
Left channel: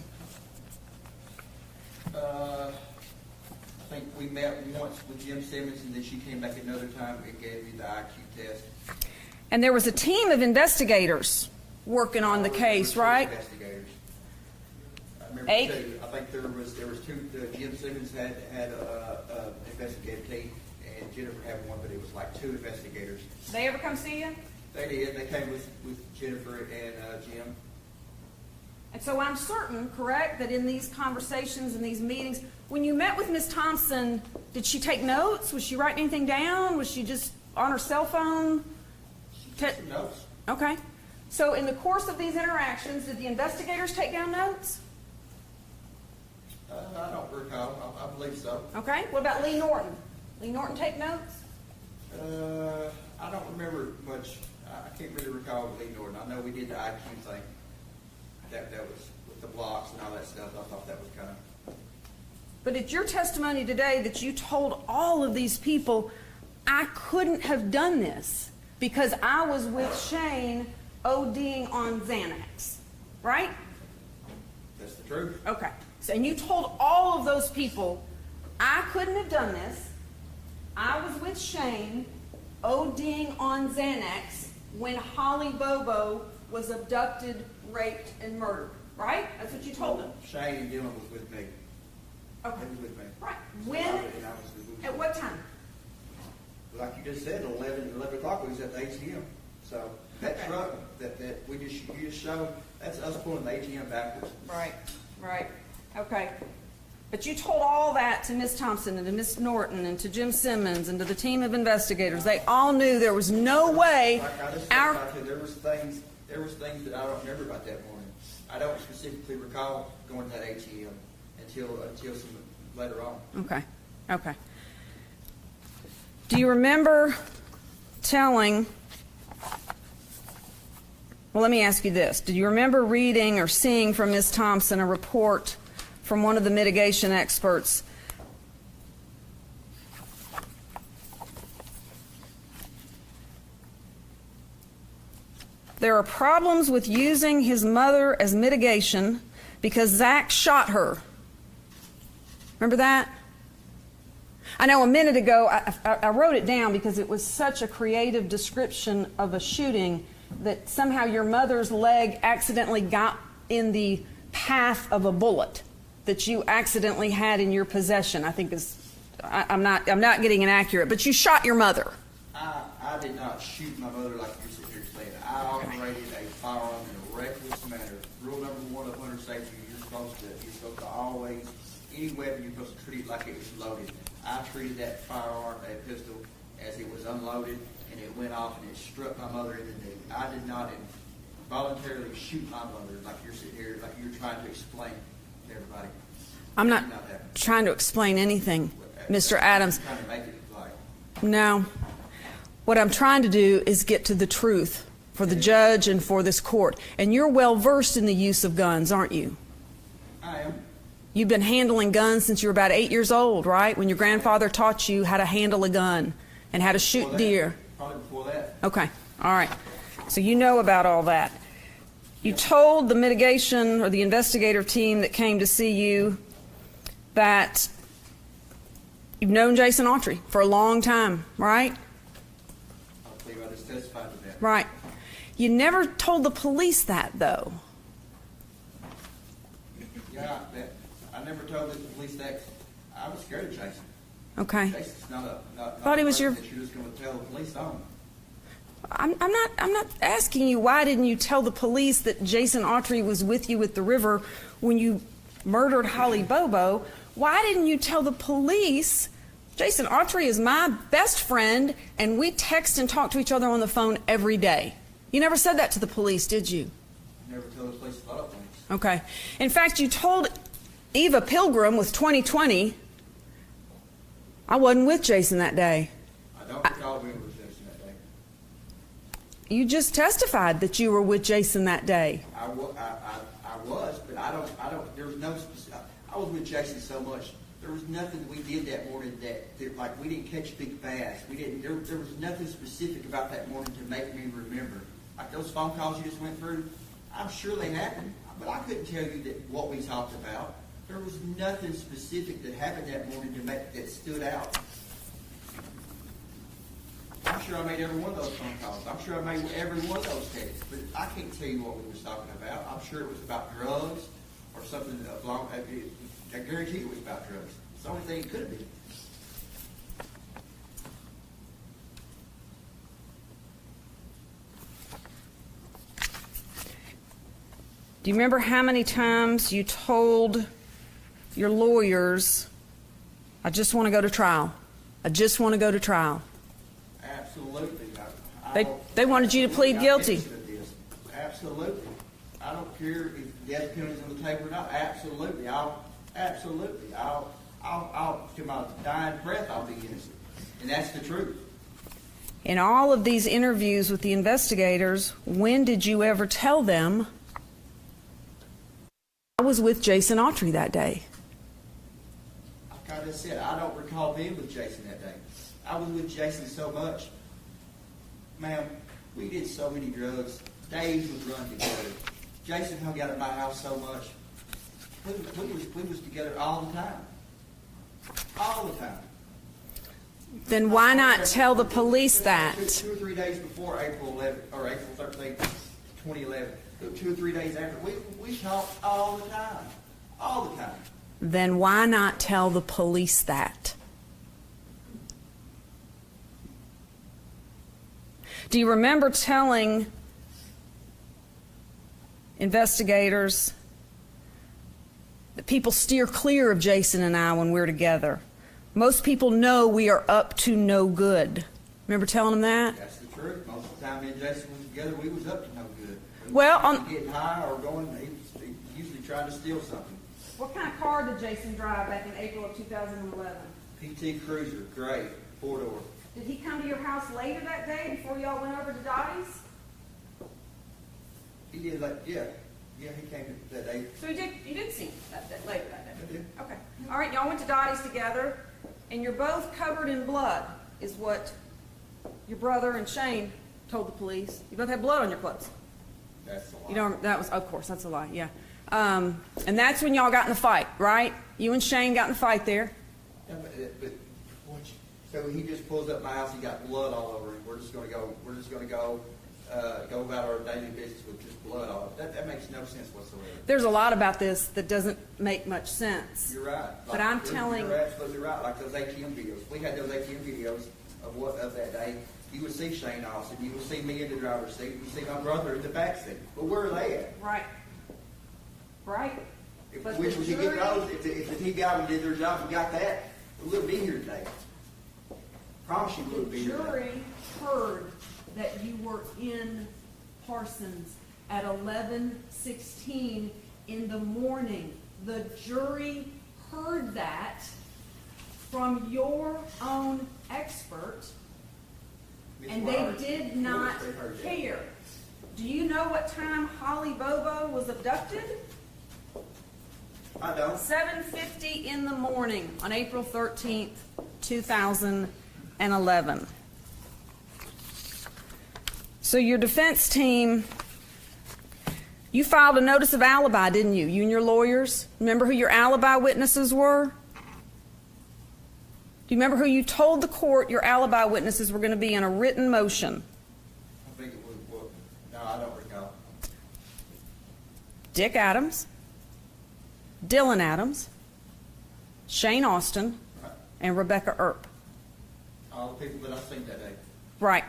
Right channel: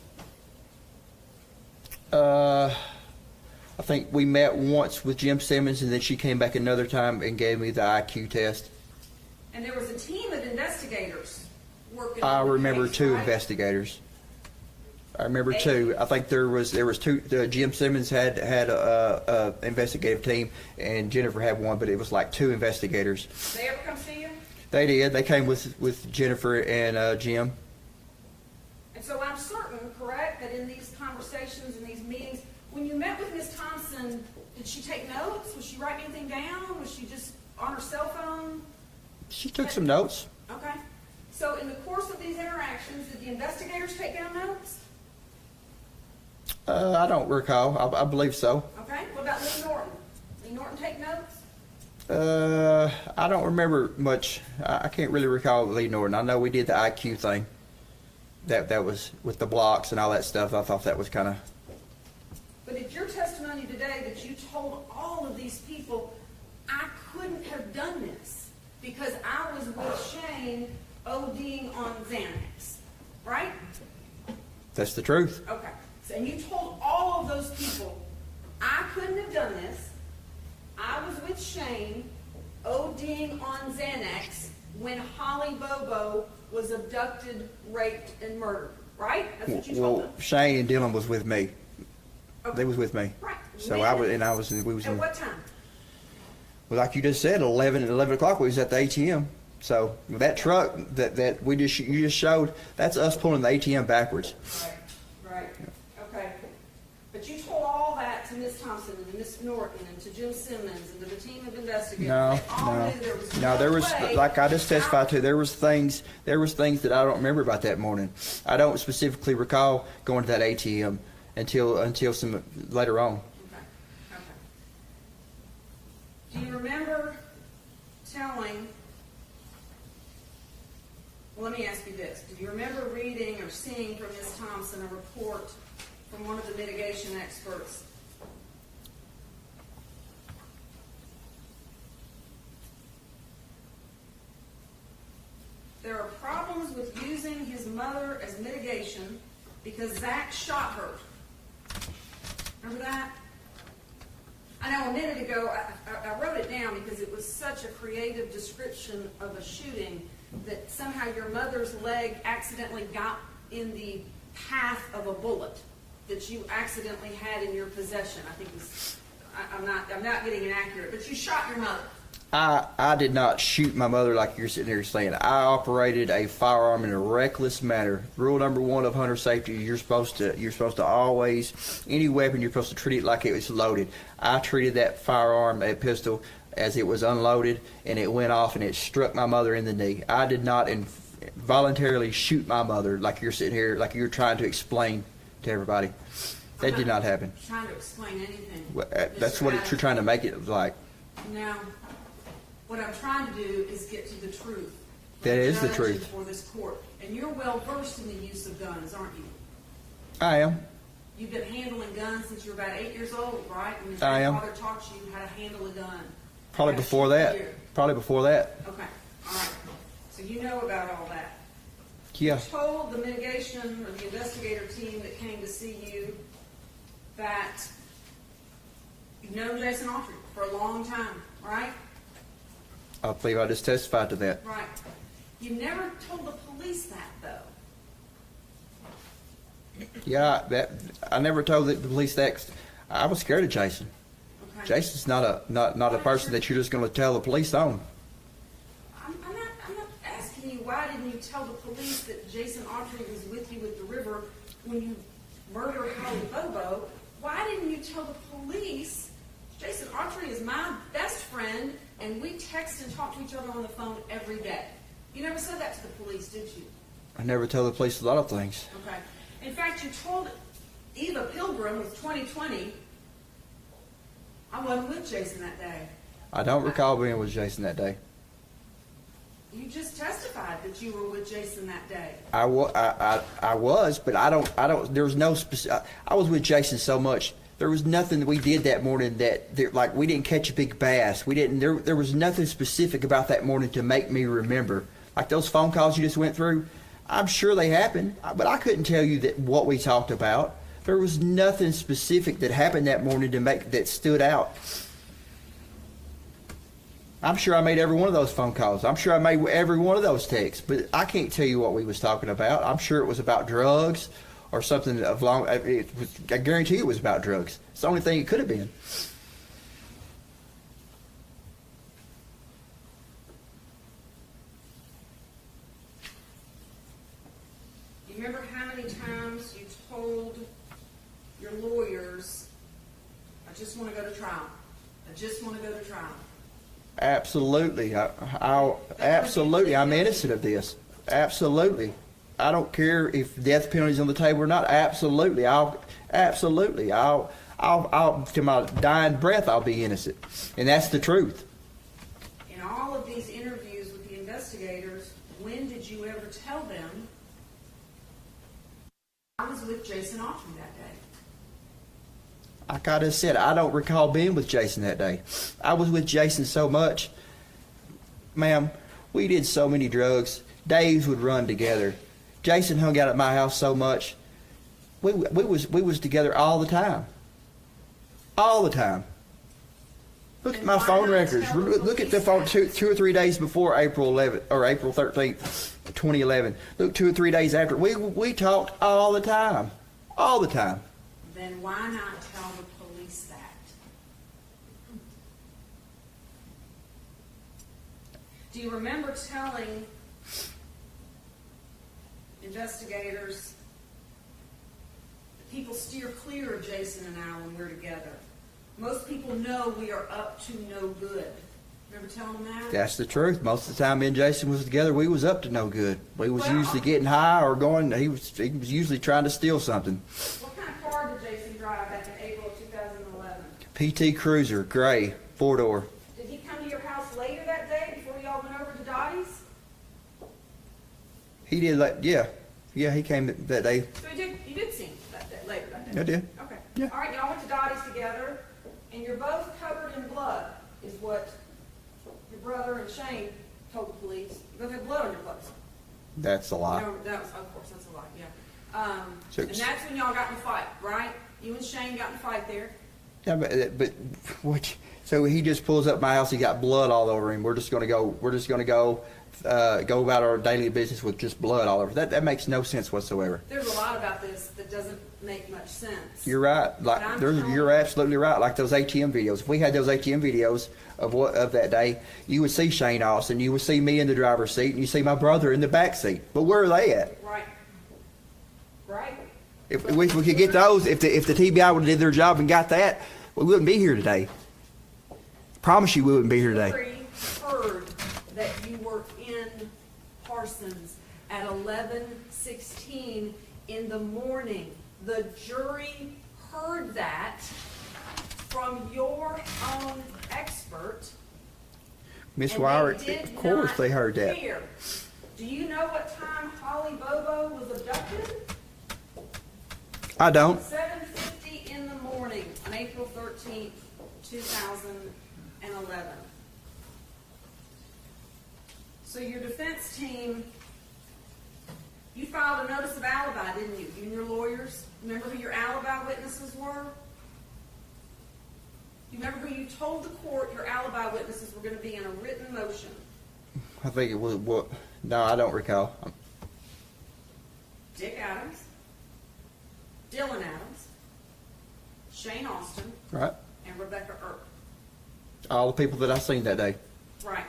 I think we met once with Jim Simmons, and then she came back another time and gave me the IQ test. And there was a team of investigators working on the I remember case, 2 right? investigators. I remember 8? 2. I think there was 2. Jim Simmons had a investigative team, and Jennifer had one, but it was like 2 investigators. They ever come see you? They did. They came with Jennifer and Jim. And so I'm certain, correct, that in these conversations and these meetings, when you met with Ms. Thompson, did she take notes? Was she writing anything down? Was she just on her cell phone? She took some notes. Okay. So in the course of these interactions, did the investigators take down notes? I don't recall. I believe so. Okay. What about Lee Norton? Lee Norton take notes? I don't remember much. I can't really recall Lee Norton. I know we did the IQ thing. That was with the blocks and all that stuff. I thought that was kind of. But it's your testimony today that you told all of these people, I couldn't have done this because I was with Shane ODing on Xanax, right? That's the truth. Okay. So, and you told all of those people, I couldn't have done this. I was with Shane ODing on Xanax when Holly Bobo was abducted, raped, and murdered, right? That's what you told them. Shane and Dylan was with me. Okay. They was with me. Right. So When? we was At in, what time? well, like you just said, 11 o'clock, we was at the ATM. So that truck that you just showed, that's us pulling the ATM backwards. Right, okay. But you told all that to Miss Thompson and to Miss Norton and to Jim Simmons and to the team of investigators. No, They all no. knew there was No, no there was, way. like I just testified to, there was things that I don't remember about that morning. I don't specifically recall going to that ATM until some later on. Okay. Do you remember telling, well, let me ask you this. Did you remember reading or seeing from Ms. Thompson a report from one of the mitigation experts there are problems with using his mother as mitigation because Zach shot her? Remember that? I know a minute ago, I wrote it down because it was such a creative description of a shooting that somehow your mother's leg accidentally got in the path of a bullet that you accidentally had in your possession. I think I'm not getting it accurate, but you shot your mother. I did not shoot my mother like you're sitting here saying. I operated a firearm in a reckless manner. Rule number 1 of hunter safety: you're supposed to always, any weapon, you're supposed to treat it like it was loaded. I treated that firearm, that pistol, as it was unloaded, and it went off and it struck my mother in the knee. I did not voluntarily shoot my mother like you're sitting here, like you're trying to explain to everybody. I'm That did not happen. trying to explain anything, That's Mr. what Adams. you're trying to make it like. No. What I'm trying to do is get to the truth for That the is the judge truth. and for this court. And you're well versed in the use of guns, aren't you? I am. You've been handling guns since you were about 8 years old, right? When your I am. grandfather taught you how to handle a gun and how Probably to before shoot that. deer. Probably before that. Okay, all right. So you know about all that. You Yeah. told the mitigation or the investigative team that came to see you that you've known Jason Autry for a long time, right? I believe I just testified to that. Right. You never told the police that, though. Yeah, I never told the police that. I was scared of Jason. Okay. Jason's not a Thought he was person your- that you're just going to tell the police on. I'm not asking you why didn't you tell the police that Jason Autry was with you at the river when you murdered Holly Bobo. Why didn't you tell the police Jason Autry is my best friend and we text and talk to each other on the phone every day? You never said that to the police, did you? I never tell the police a lot of things. Okay. In fact, you told Eva Pilgrim with 2020, I wasn't with Jason that day. I don't recall being with Jason that day. You just testified that you were with Jason that day. I was, but I don't, there was no specific, I was with Jason so much. There was nothing that we did that morning like we didn't catch a big bass. There was nothing specific about that morning to make me remember. Like those phone calls you just went through, I'm sure they happened, but I couldn't tell you what we talked about. There was nothing specific that happened that morning that stood out. I'm sure I made every one of those phone calls. I'm sure I made every one of those texts, but I can't tell you what we was talking about. I'm sure it was about drugs or something I guarantee it was about drugs. It's the only thing it could have been. Do you remember how many times you told your lawyers, I just want to go to trial. I just want to go to trial. Absolutely. They wanted you to plead I'm guilty. innocent of this. Absolutely. I don't care if death penalty's on the table or not. Absolutely. I'll to my dying breath, I'll be innocent. And that's the truth. In all of these interviews with the investigators, when did you ever tell them I was with Jason Autry that day? Like I just said, I don't recall being with Jason that day. I was with Jason so much. Ma'am, we did so many drugs. Days would run together. Jason hung out at my house so much. We was together all the time. All the time. Look Then at my why phone not records. tell the Look at police phone that? two or 3 days before April 11th or April 13th, 2011. Look, 2 or 3 days after. We talked all the time. All the time. then why not tell the police that? Do you remember telling investigators that people steer clear of Jason and I when we're together? Most people know we are up to no good. Remember telling them that? That's the truth. Most of the time me and Jason was together, we was up to no good. We was Well, usually getting high or going, he was usually trying to steal something. What kind of car did Jason drive back in April of 2011? PT Cruiser, gray, 4-door. Did he come to your house later that day before y'all went over to Dottie's? He did yeah, he came that day. So you did see him that day, later that day? I did. Okay. All right, y'all went to Dottie's together, and you're both covered in blood, is what your brother and Shane told the police. You both had blood on your clothes. That's a You lie. don't, that was, of course, that's a lie, yeah. So- And that's when y'all got in a fight, right? You and Shane got in a fight there. Yeah, but what? So he just pulls up my house. He got blood all over him. We're just gonna go go about our daily business with just blood all over. That makes no sense whatsoever. There's a lot about this that doesn't make much sense. You're right. But I'm telling You're you- absolutely right. Like those ATM videos. If we had those ATM videos of that day, you would see Shane Austin. You would see me in the driver's seat, and you see my brother in the back seat. But where are they at? Right. Right? If we could get those, if the TBI would have did their job and got that, we wouldn't be here today. Promise you, we wouldn't be here today. Jury heard that you were in Parsons at 11:16 in the morning. The jury heard that from your own expert. Miss and Wire, they did of course not they heard that. care. Do you know what time Holly Bobo was abducted? I don't. 7:50 in the morning on April 13th, 2011. So your defense team, you filed a notice of alibi, didn't you? You and your lawyers? Remember who your alibi witnesses were? Do you remember who you told the court your alibi witnesses were going to be in a written motion? I think it was what? No, I don't recall. Dick Adams, Dylan Adams, Shane Austin, Right. and Rebecca Earp. All the people that I seen that day. Right.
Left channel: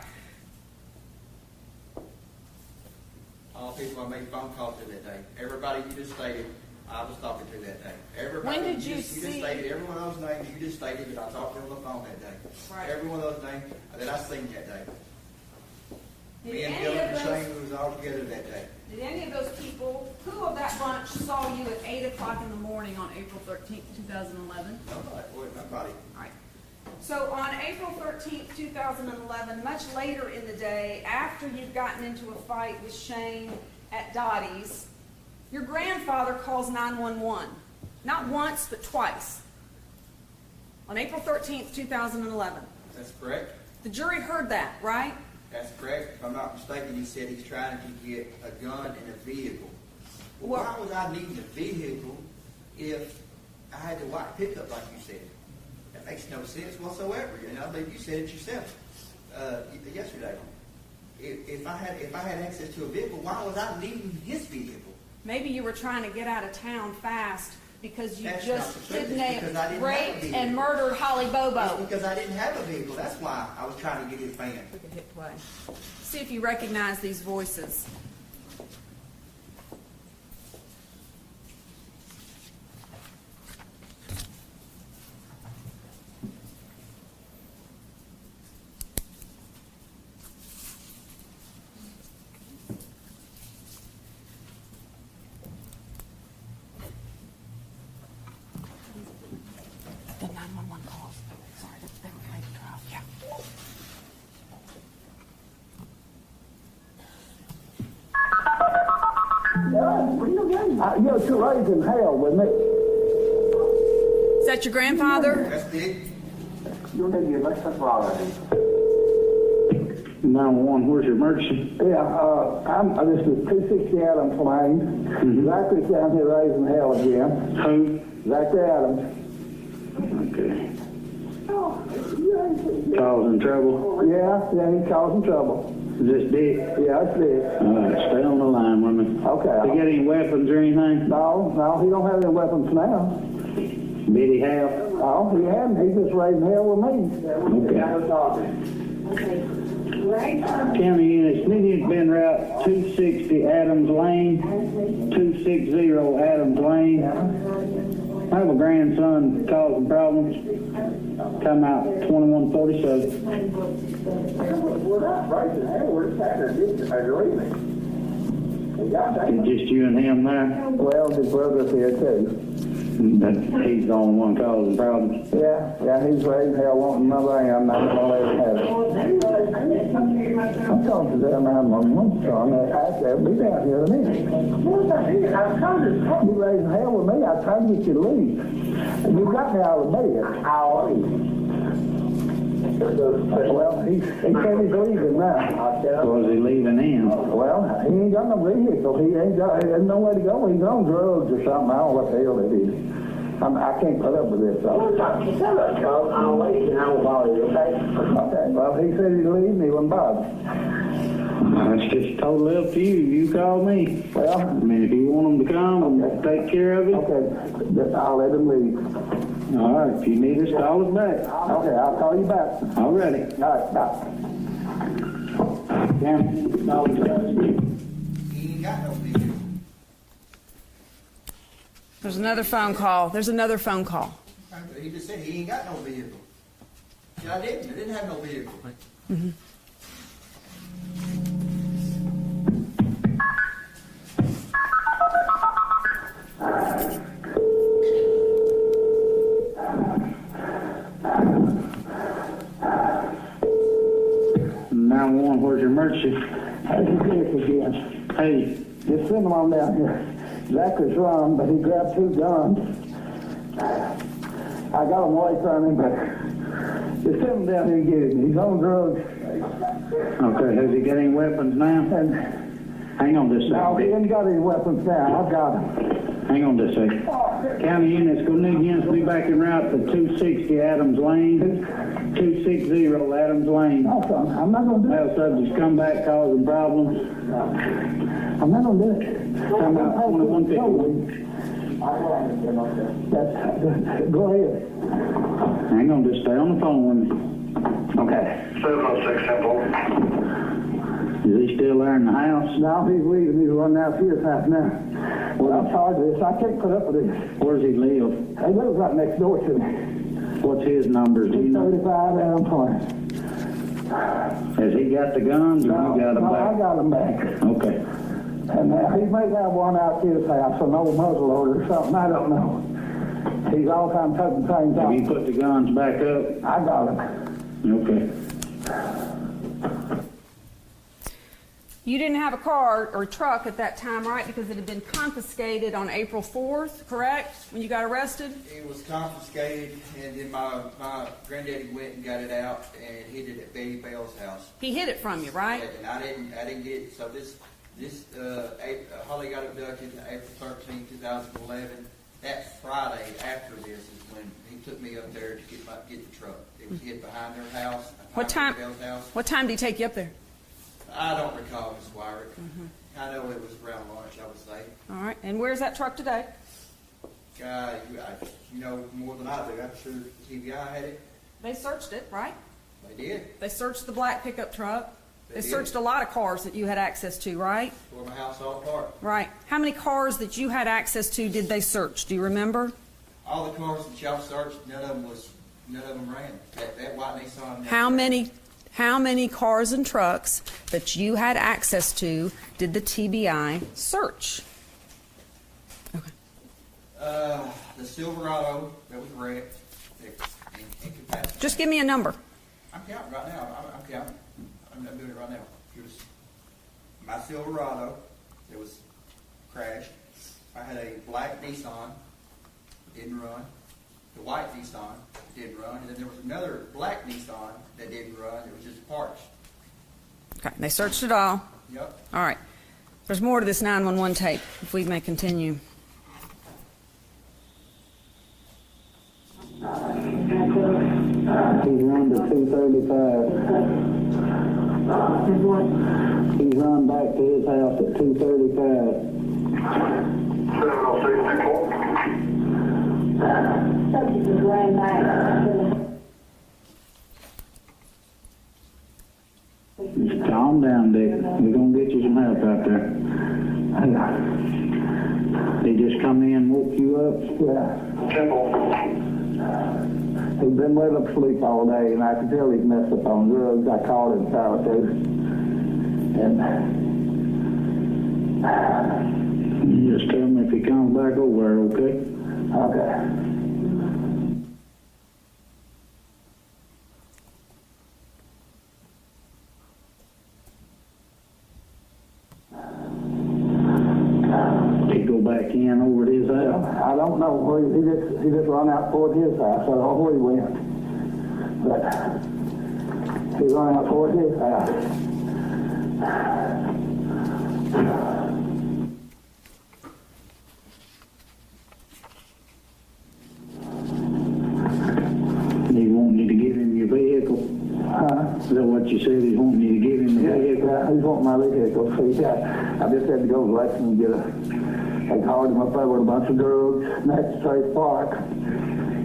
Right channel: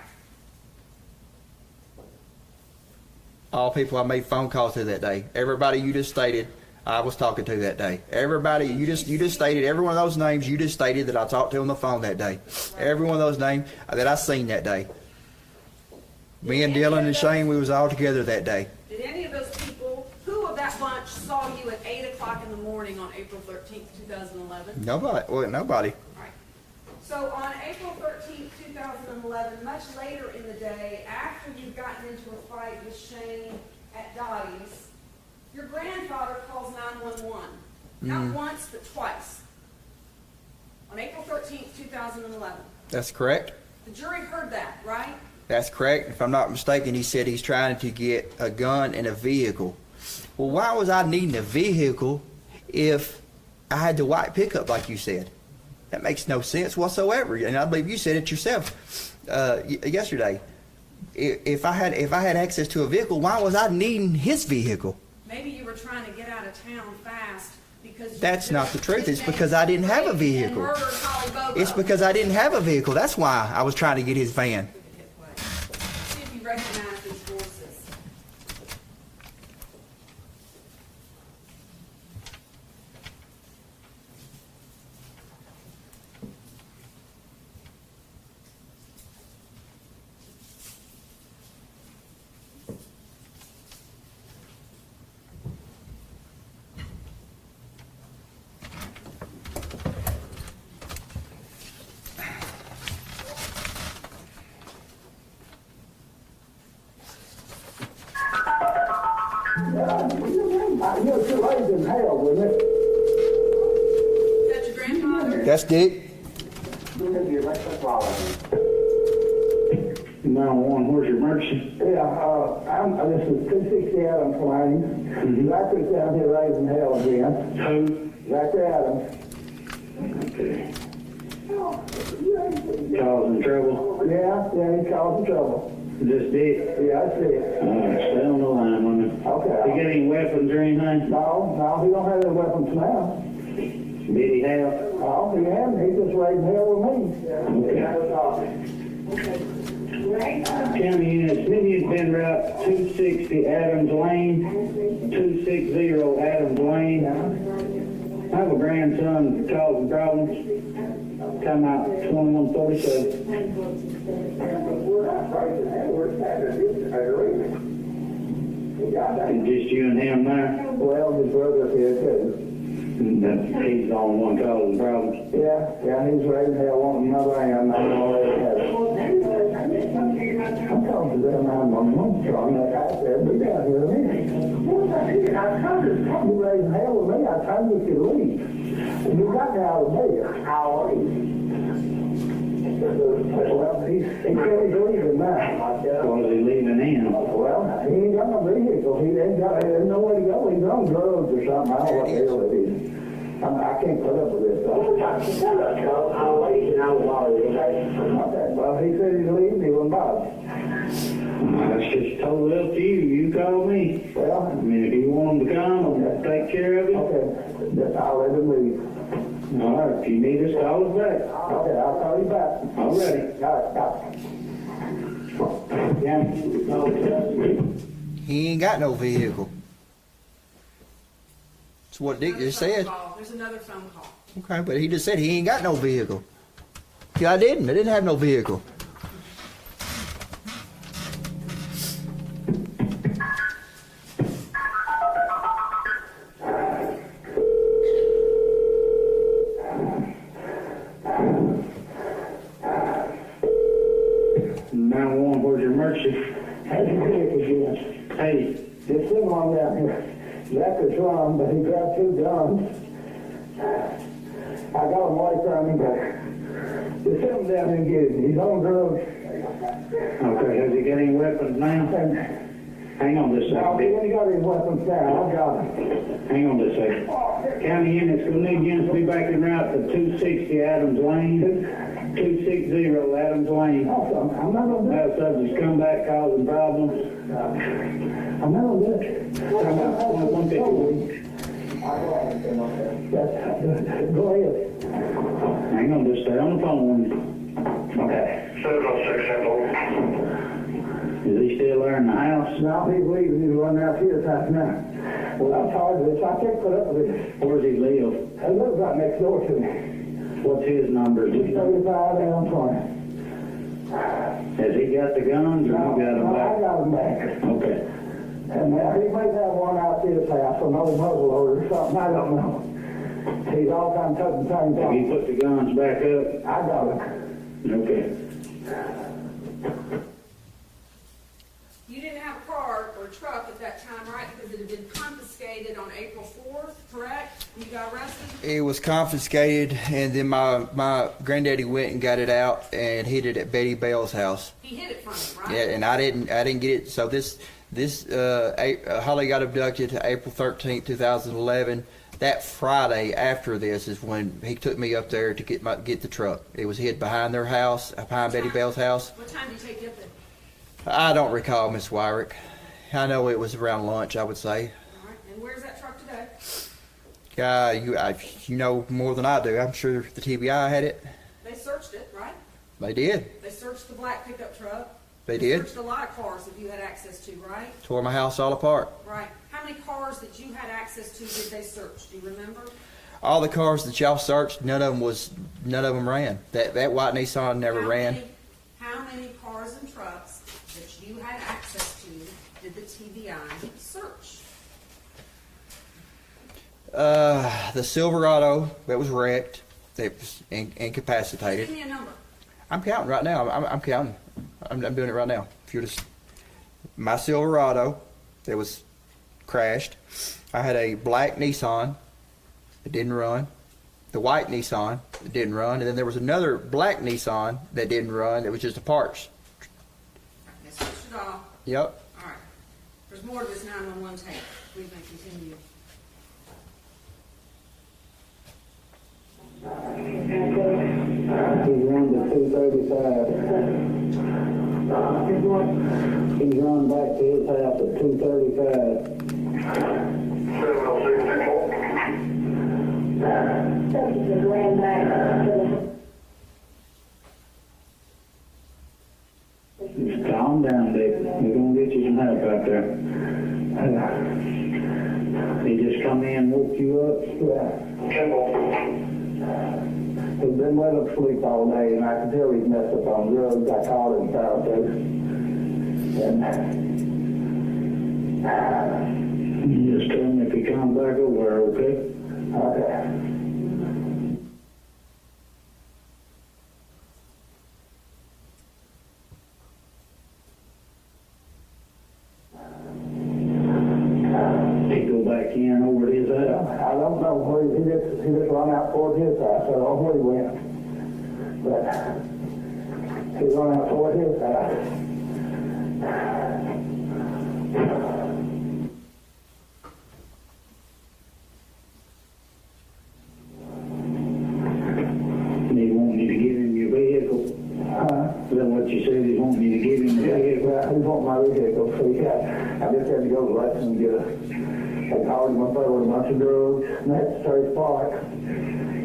All the people I made phone calls to that day. Everybody you just stated, I was talking to that day. Everybody, When did you you just see- stated every one of those names you just stated that I talked to on the phone that day. Right. Every one of those names that I seen that day. Me and Did any Dylan of and those- Shane, we was all together that day. Did any of those people, who of that bunch saw you at 8 o'clock in the morning on April 13th, 2011? Nobody. Well, nobody. All right. So on April 13th, 2011, much later in the day, after you've gotten into a fight with Shane at Dottie's, your grandfather calls 911. Not once, but twice. On April 13th, 2011. That's correct. The jury heard that, right? That's correct. If I'm not mistaken, he said he's trying to get a gun and a vehicle. Well, why was I needing a vehicle if I had the white pickup like you said? That makes no sense whatsoever. And I believe you said it yourself yesterday. If I had access to a vehicle, why was I needing his vehicle? Maybe you were trying to get out of town fast because you That's just not the truth. It's kidnapped, because I didn't have a raped, vehicle. and murdered Holly Bobo. It's because I didn't have a vehicle. That's why I was trying to get his van. We could hit play. See if you recognize these voices. You're too raised in hell with me. Is that your grandfather? That's Dick. You need to get back to all of you. 911, where's your emergency? Yeah, this is 260 Adams Lane. Zachary's down here raising hell again. Who? Zachary Adams. Okay. Oh, Causing trouble? yeah, he's causing trouble. Is this Dick? Yeah, that's it. Alright, stay on the line with me. Okay. You got any weapons or anything? No, he don't have any weapons now. Did he have? Oh, he hadn't, he just raised hell with me. County unit, Smitty's been route 260 Adams Lane, 260 Adams Lane. I have a grandson causing problems. Come out 2147. It's just you and him there. Well, his brother's here too. But he's the only one causing problems. Yeah, he's raised hell wanting another am, not gonna let it have it. I'm talking to them, I'm on so I'm gonna pass there, be down here a minute. You raising hell with me, I tried to get you to leave. And you got me out of bed. How are you? Well, he can't be leaving now. Was he leaving in? Well, he ain't got no vehicle, there's nowhere to go, he's on drugs or something, I don't know what the hell it is. I can't put up with this, though. I'll wait and I'll bother you, okay? Okay, well, he said he'd leave me, he wouldn't bother. It's just totally up to you. You call me. Well, I mean, if you want him to come and take care of it, okay, I'll let him leave. all right. If you need us, call us back. Okay, I'll call you back. All righty. All right, bye. He ain't got no vehicle. That's There's what Dick another just phone said. call. There's another phone call. Okay, but he just said he ain't got no vehicle. Yeah, I didn't have no vehicle. Where's your emergency? How's your dick again? Hey, Just send him on down here. Zachary's wrong, but he grabbed 2 guns. I got him away from him, but just send him down here and get him. He's on drugs. okay, has he got any weapons now? And Hang on just a no, he second. ain't got his weapons now. I got him. Hang on just a second. County units, gonna need units to be back en route to 260 Adams Lane. 260 Adams Lane. Also, I'm not gonna do it. Have subjects come back causing problems. I'm not gonna do it. Hang on, 150. Go ahead. Hang on, just stay on the phone. Okay. Is he still there in the house? Now he's leaving. He's running out of his house now. Well, I'm tired of this. I can't put up with this. Where's he live? He lives right next door to me. What's his number? Do you know? 35 down 20. Has he got the guns or you got No, them I back? got him back. Okay. And he may have one out his house, an old muzzleloader or something. I don't know. He's all kind of cutting things Have you off. put the guns back up? I got him. Okay. You didn't have a car or truck at that time, right? Because it had been confiscated on April 4th, correct? When you got arrested? It was confiscated, and then my granddaddy went and got it out and hid it at Betty Bell's house. He hid it from you, right? Yeah, and I didn't get it. So Holly got abducted April 13th, 2011. That Friday after this is when he took me up there to get the truck. It was hid behind their house, behind Betty Bell's house. What time did he take you up there? I don't recall, Miss Wyrick. I know it was around lunch, I would say. All right. And where's that truck today? You know more than I do. I'm sure the TBI had it. They searched it, right? They did. They searched the black pickup truck. They They did. searched a lot of cars that you had access to, right? Tore my house all apart. Right. How many cars that you had access to did they search? Do you remember? All the cars that y'all searched, none of them ran. That white Nissan never ran. How many cars and trucks that you had access to did the TBI search? The Silverado that was wrecked, that was incapacitated. Just give me a number. I'm counting right now. I'm counting. I'm doing it right now. If you're just my Silverado that was crashed. I had a black Nissan that didn't run. The white Nissan that didn't run, and then there was another black Nissan that didn't run. It was just the parts. Okay. They searched it all. Yep. All right. There's more to this 911 tape, if we may continue. He's run to 235. He's run back to his house at 235. ran back. Just calm down, Dick. We're gonna get you some help out there. They just come in and woke you up? Yeah. He's been let him sleep all day, and I can tell he's messed up on drugs. I called him fabricated. And just tell him if he comes back over, okay? Okay. He go back in over at his house? I don't know where he just run out toward his house. I don't know where he went. But he run out toward his house. He wanting you to give him your vehicle? Is that what you said? He's wanting you to give him the vehicle? Yeah, he's wanting my vehicle. So I just had to go to Lexington and get I called him up there with a bunch of drugs next to Trace Park.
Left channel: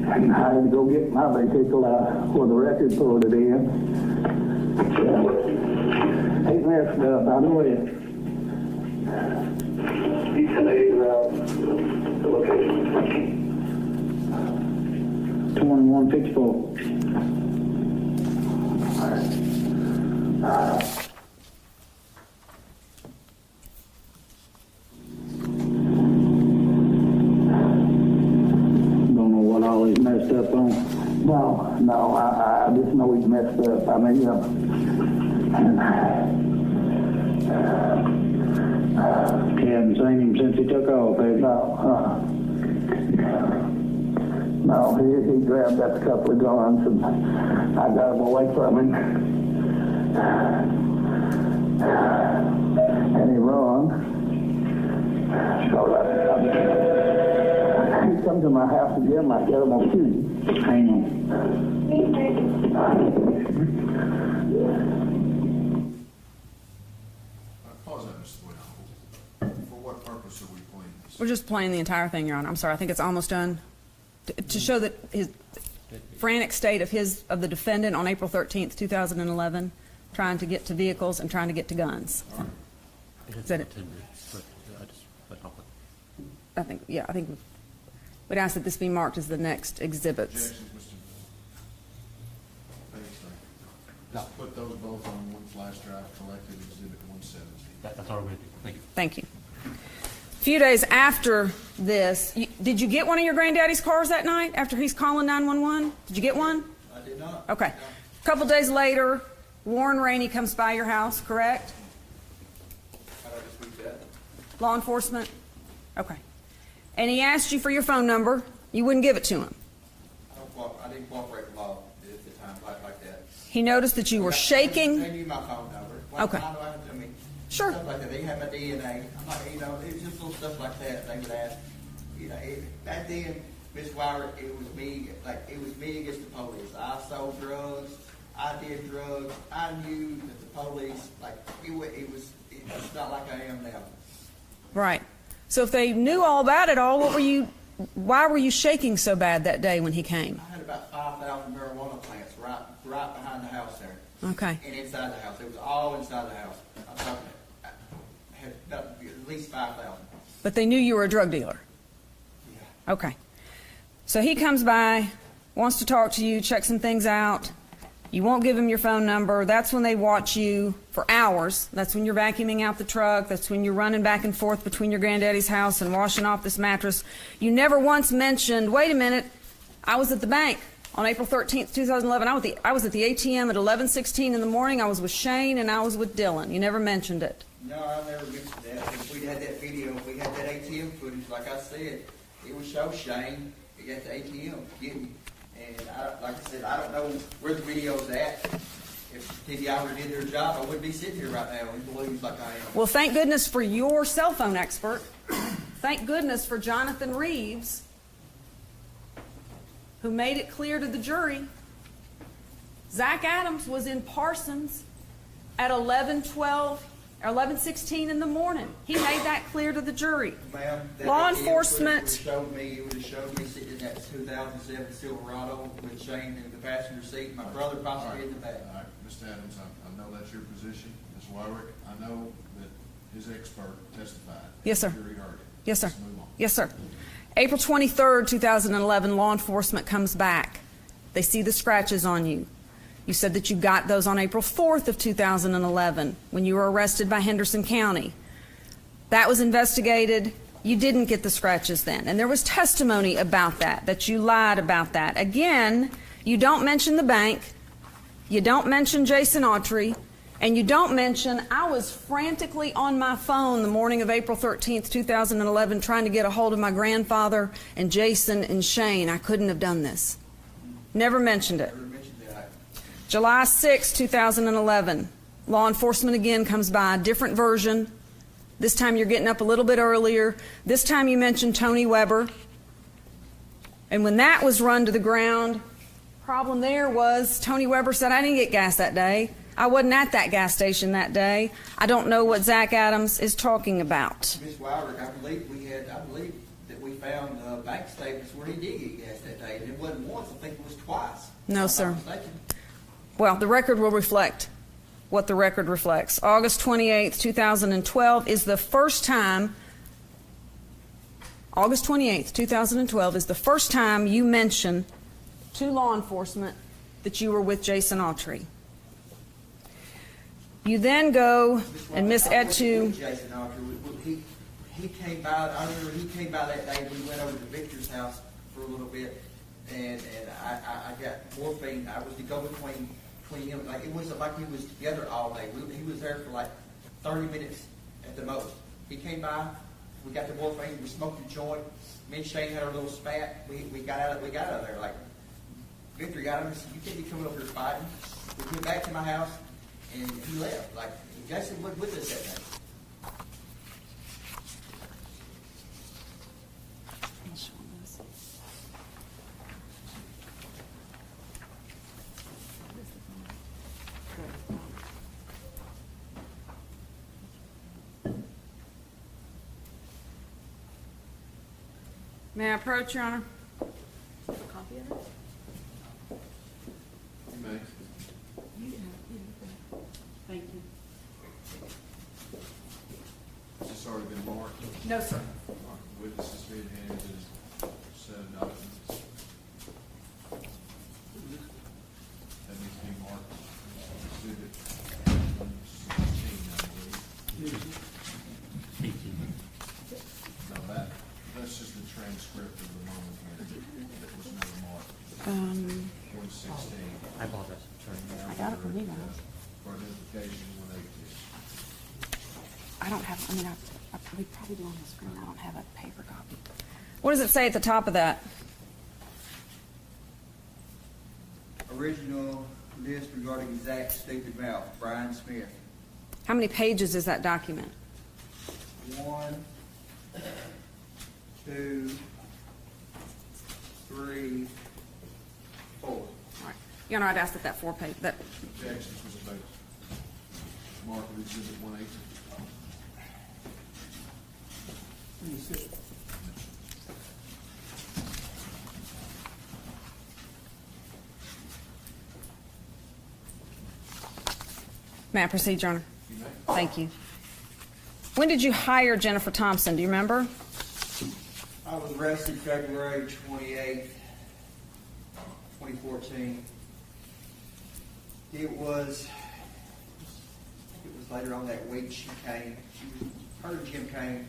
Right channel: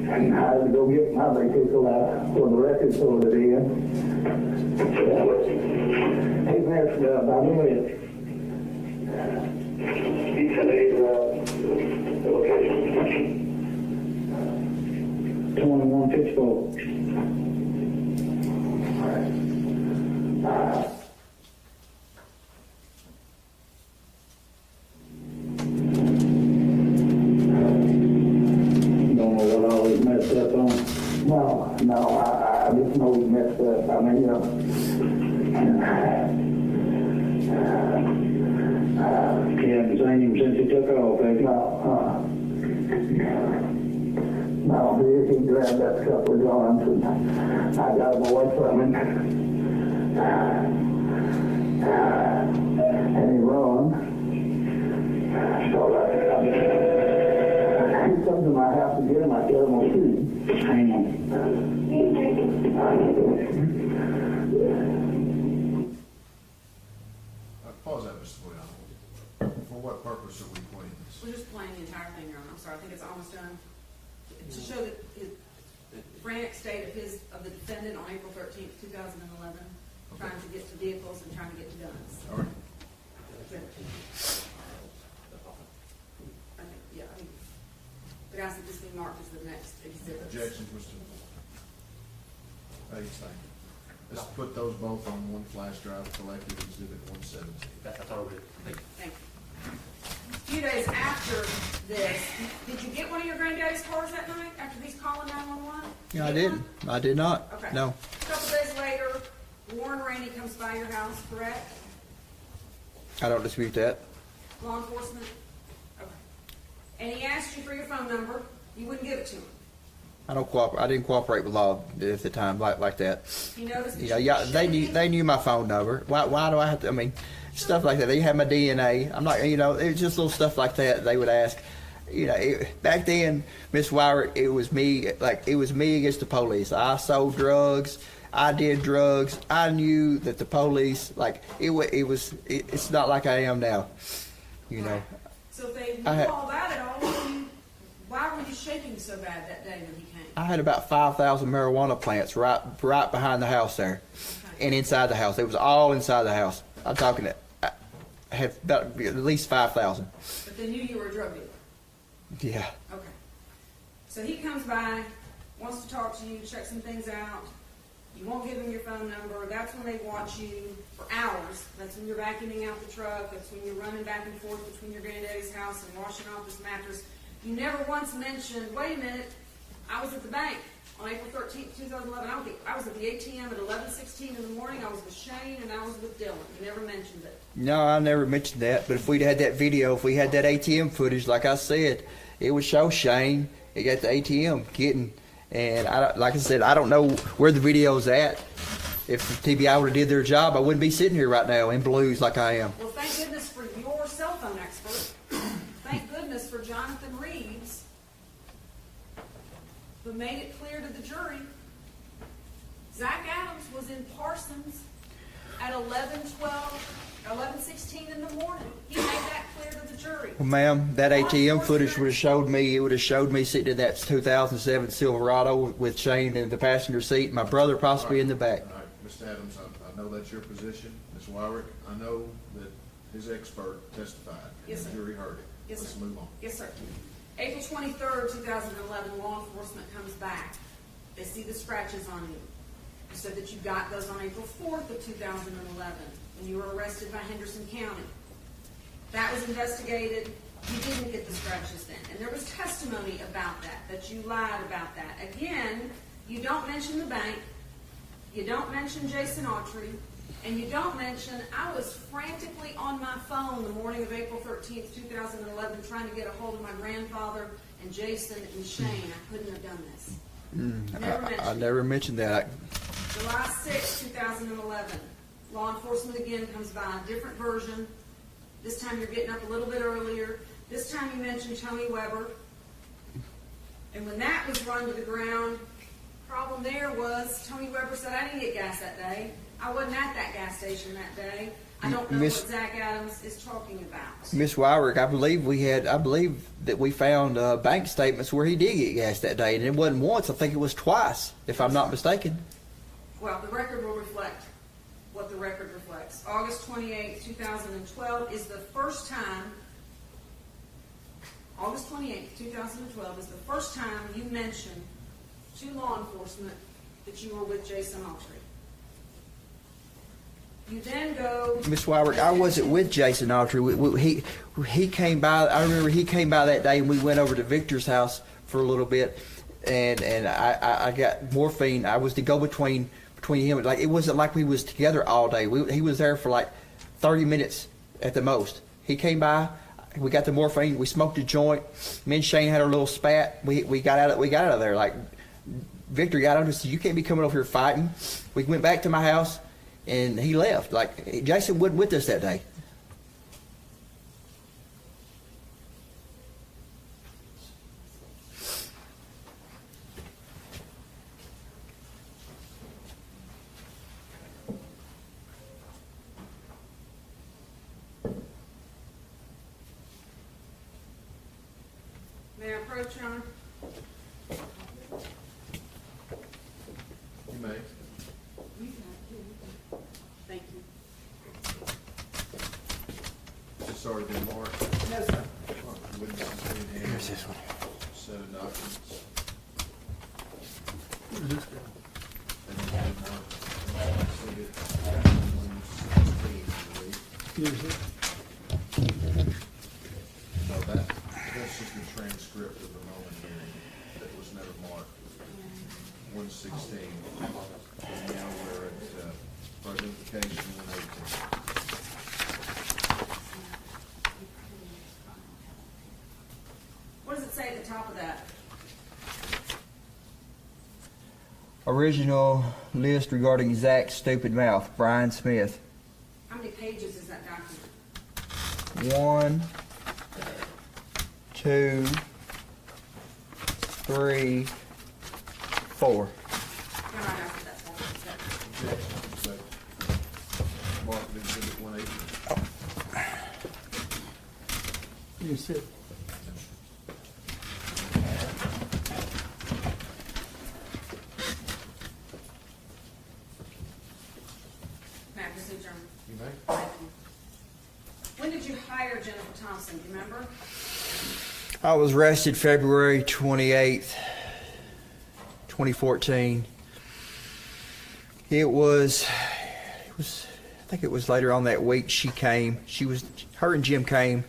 And I had to go get my vehicle out where the record store it in. He's messed up. I know it. He said the location. 2154. Don't know what all he's messed up on. No, I just know he's messed up. I mean, you haven't seen him since he took off, have you? No, he grabbed that couple of guns and I got him away from him. And he run. So he come to my house again, I tell him I'll shoot him. Hang on. Pause that, Mr. Boyd. For what purpose are we playing this? We're just playing the entire thing, Your Honor. I'm sorry, I think it's almost done. To show that his frantic state of the defendant on April 13th, 2011, trying to get to vehicles and trying to get to guns. Is that it? I think we'd ask that this be marked as the next exhibits. Objections, Mr. Bates, thank you. Let's put those both on one flash drive, collected exhibit 117. That's all we, thank you. Thank you. A few days after this, did you get one of your granddaddy's cars that night after he's calling 911? Did you get one? I did not. Okay. No. A couple days later, Warren Rainey comes by your house, correct? I don't dispute that. Law enforcement? Okay. And he asked you for your phone number. You wouldn't give it to him. I didn't cooperate with law at the time like that. He noticed that you were Yeah, shaking. They knew my phone number. Why do I have to? I mean, Sure. stuff like that. They had my DNA. I'm not. It was just little stuff like that. They would ask. Back then, Miss Wyrick, it was me. Like it was me against the police. I sold drugs. I did drugs. I knew that the police. Like it's not like I am now. you Right. know. So if they knew all that at all, why were you shaking so bad that day when he came? I had about 5,000 marijuana plants right behind the house there. Okay. And inside the house. It was all inside the house. I'm talking I had about at least 5,000. But they knew you were a drug dealer. Yeah. Okay. So he comes by, wants to talk to you, check some things out. You won't give him your phone number. That's when they watch you for hours. That's when you're vacuuming out the truck. That's when you're running back and forth between your granddaddy's house and washing off this mattress. You never once mentioned, wait a minute, I was at the bank on April 13th, 2011. I was at the ATM at 11:16 in the morning. I was with Shane and I was with Dylan. You never mentioned it. No, I never mentioned that. But if we'd had that video, if we had that ATM footage, like I said, it would show Shane at the ATM getting. And like I said, I don't know where the video's at. If TBI would have did their job, I wouldn't be sitting here right now in blues like I am. Well, thank goodness for your cell phone expert. Thank goodness for Jonathan Reeves, who made it clear to the jury Zach Adams was in Parsons at 11:12 11:16 in the morning. He made that clear to the jury. Well, ma'am, that Law ATM footage enforcement- would have showed me sitting in that 2007 Silverado with Shane in the passenger seat, my brother possibly in the back. All right, Mr. Adams, I know that's your position. Ms. Wyrick, I know that his expert testified. Yes, sir. The jury heard it. Yes, sir. Let's move on. Yes, sir. April 23rd, 2011, law enforcement comes back. They see the scratches on you. You said that you got those on April 4th of 2011 when you were arrested by Henderson County. That was investigated. You didn't get the scratches then. And there was testimony about that you lied about that. Again, you don't mention the bank. You don't mention Jason Autry. And you don't mention, I was frantically on my phone the morning of April 13th, 2011, trying to get a hold of my grandfather and Jason and Shane. I couldn't have done this. Never mentioned I it. never mentioned that. July 6, 2011, law enforcement again comes by, different version. This time you're getting up a little bit earlier. This time you mentioned Tony Weber. And when that was run to the ground, problem there was Tony Weber said, I didn't get gas that day. I wasn't at that gas station that day. I don't know what Zach Adams is talking about. Miss Wyrick, I believe that we found bank statements where he did get gas that day, and it wasn't once, I think it was twice, if No, I'm sir. not mistaken. Well, the record will reflect what the record reflects. August 28th, 2012 is the first time, August 28th, 2012 is the first time you mention to law enforcement that you were with Jason Autry. You then go Miss and Wyrick, Miss I wasn't with Etu. Jason Autry. He came by, I remember he came by that day, and we went over to Victor's house for a little bit, and I got morphine. I was the go-between him. Like, it wasn't like we was together all day. He was there for like 30 minutes at the most. He came by, we got the morphine, we smoked a joint. Me and Shane had a little spat. We got out of there. Like, Victor got up and said, "You can't be coming over here fighting." We went back to my house, and he left. Like, Jason wasn't with us that day. May I approach, Your Honor? You may. Thank you. Is this already been marked? No, sir. Witnesses in hand. Here's this one. Set of documents. That has been marked. Exhibit 16, I believe. So that's just a transcript of the moment here that was never marked. 116. I apologize. And now we're at notification 118. I don't have, we probably do on the screen, I don't have a paper copy. What does it say at the top of that? Original list regarding Zach's stupid mouth, Brian Smith. How many pages is that document? 1, 2, 3, 4. Your Honor, I'd ask that 4 page, that, Objection, say, mark it exhibit 118. You said, may I proceed, Your Honor? You may. Thank you. When did you hire Jennifer Thompson, do you remember? I was arrested February 28th, 2014. It was, I think it was later on that week she came. Her and Jim came.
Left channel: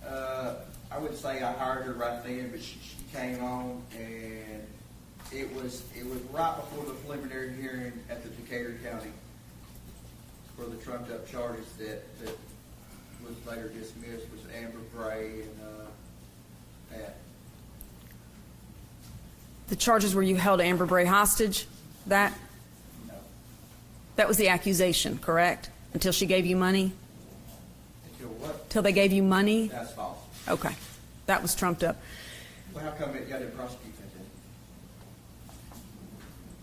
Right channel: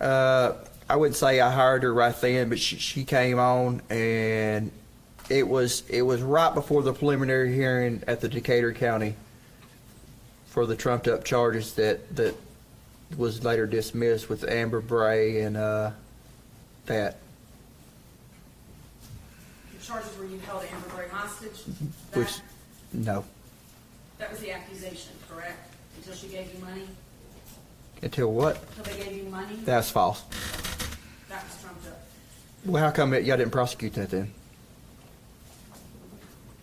I wouldn't say I hired her right then, but she came on, and it was right before the preliminary hearing at the Decatur County for the trumped up charges that was later dismissed with Amber Bray and that. The charges where you held Amber Bray hostage? That No. that was the accusation, correct? Until she gave you money? Until what? Till they gave you money? That's false. Okay. That was trumped up. Well, how come y'all didn't prosecute that then?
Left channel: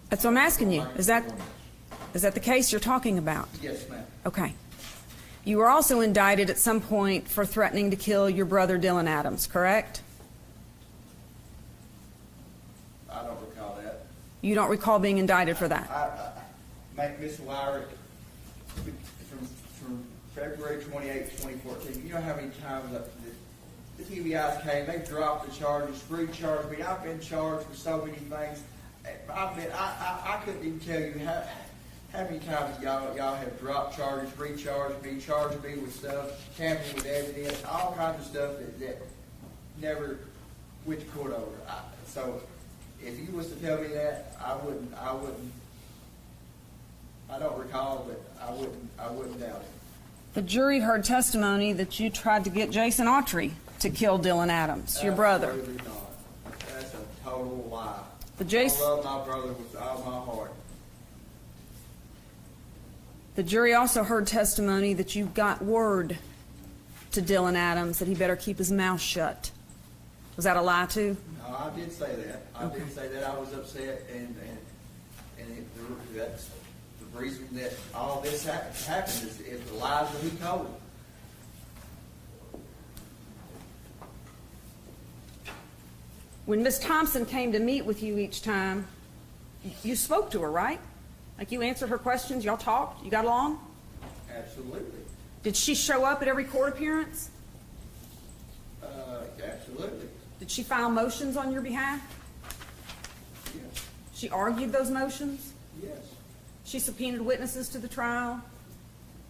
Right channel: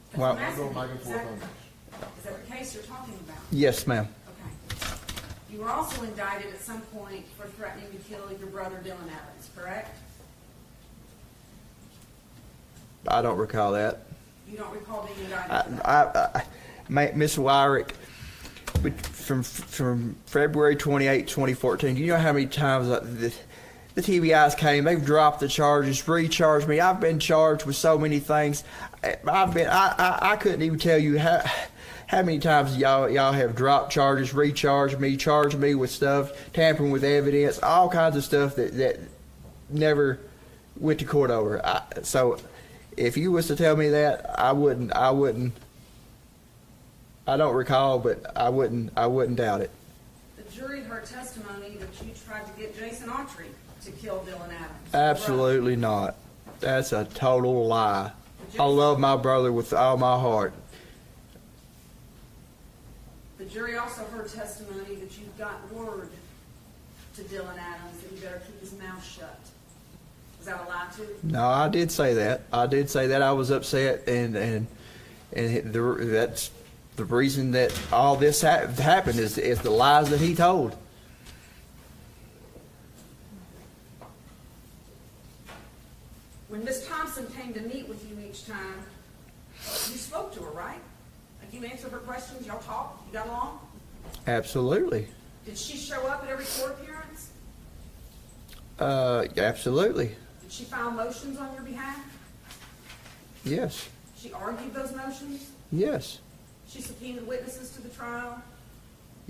That's what I'm asking you. Is that the case you're talking about? Yes, ma'am. Okay. You were also indicted at some point for threatening to kill your brother Dylan Adams, correct? I don't recall that. You don't recall being indicted for that? Miss Wyrick, from February 28, 2014, do you know how many times the TBIs came? They've dropped the charges, recharged me. I've been charged with so many things. I couldn't even tell you how many times y'all have dropped charges, recharged me, charged me with stuff, tampering with evidence, all kinds of stuff that never went to court over. So if you was to tell me that, I wouldn't. I don't recall, but I wouldn't doubt it. The jury heard testimony that you tried to get Jason Autry to kill Dylan Adams, your brother. Absolutely not. That's a total lie. But I love my brother with all my heart. The jury also heard testimony that you got word to Dylan Adams that he better keep his mouth shut. Was that a lie too? No, I did say that. I did say that. I was upset, and that's the reason that all this happened is the lies that he told. When Miss Thompson came to meet with you each time, you spoke to her, right? Like you answered her questions, y'all talked, you got along? Absolutely. Did she show up at every court appearance? Absolutely. Did she file motions on your behalf? Yes. She argued those motions? Yes. She subpoenaed witnesses to the trial?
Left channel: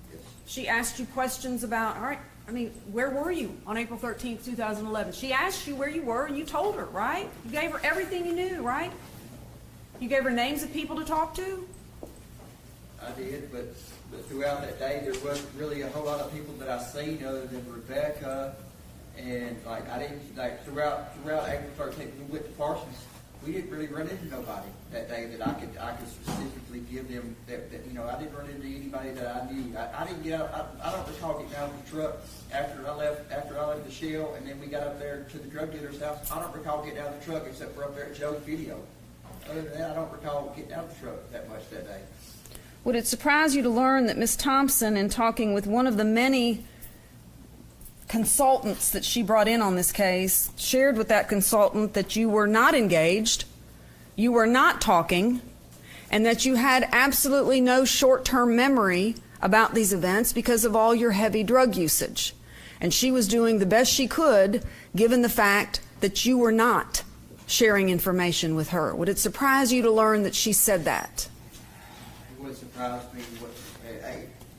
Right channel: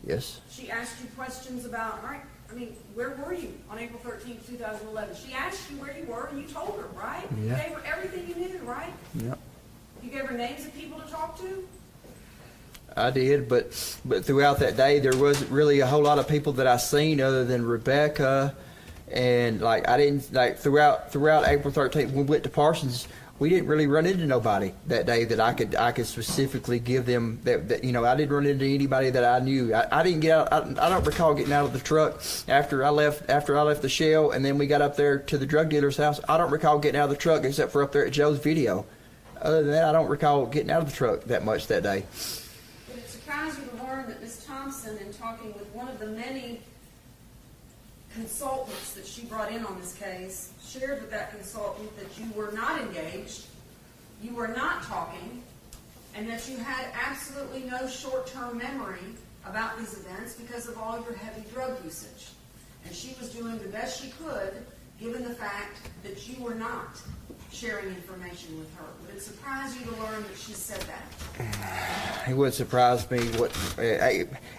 Yes. She asked you questions about, all right, I mean, where were you on April 13th, 2011? She asked you where you were and you told her, right? Yeah. You gave her everything you knew, right? Yep. You gave her names of people to talk to? I did, but throughout that day, there wasn't really a whole lot of people that I seen other than Rebecca, and like I didn't like throughout April 13th when we went to Parsons, we didn't really run into nobody that day that I could specifically give them that you know, I didn't run into anybody that I knew. I didn't get out. I don't recall getting out of the truck after I left the Shell, and then we got up there to the drug dealer's house. I don't recall getting out of the truck except for up there at Joe's video. Other than that, I don't recall getting out of the truck that much that day. Would it surprise you to learn that Ms. Thompson, in talking with one of the many consultants that she brought in on this case, shared with that consultant that you were not engaged, you were not talking, and that you had absolutely no short-term memory about these events because of all your heavy drug usage? And she was doing the best she could given the fact that you were not sharing information with her. Would it surprise you to learn that she said that? It wouldn't surprise me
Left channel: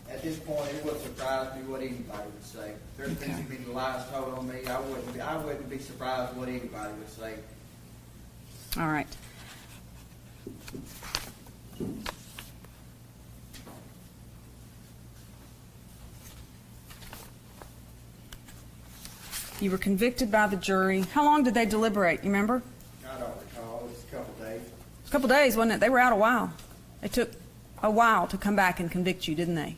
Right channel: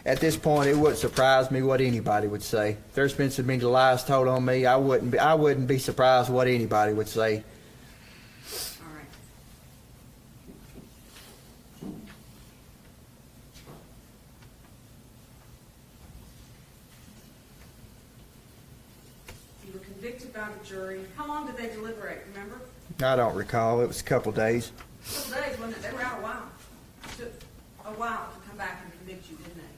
at this point. It wouldn't surprise me what anybody would say. There's been so many lies told on me. I wouldn't be surprised what anybody would say. All right. You were convicted by the jury. How long did they deliberate? You remember? I don't recall. It was a couple days. A couple days, wasn't it? They were out a while. It took a while to come back and convict you, didn't they?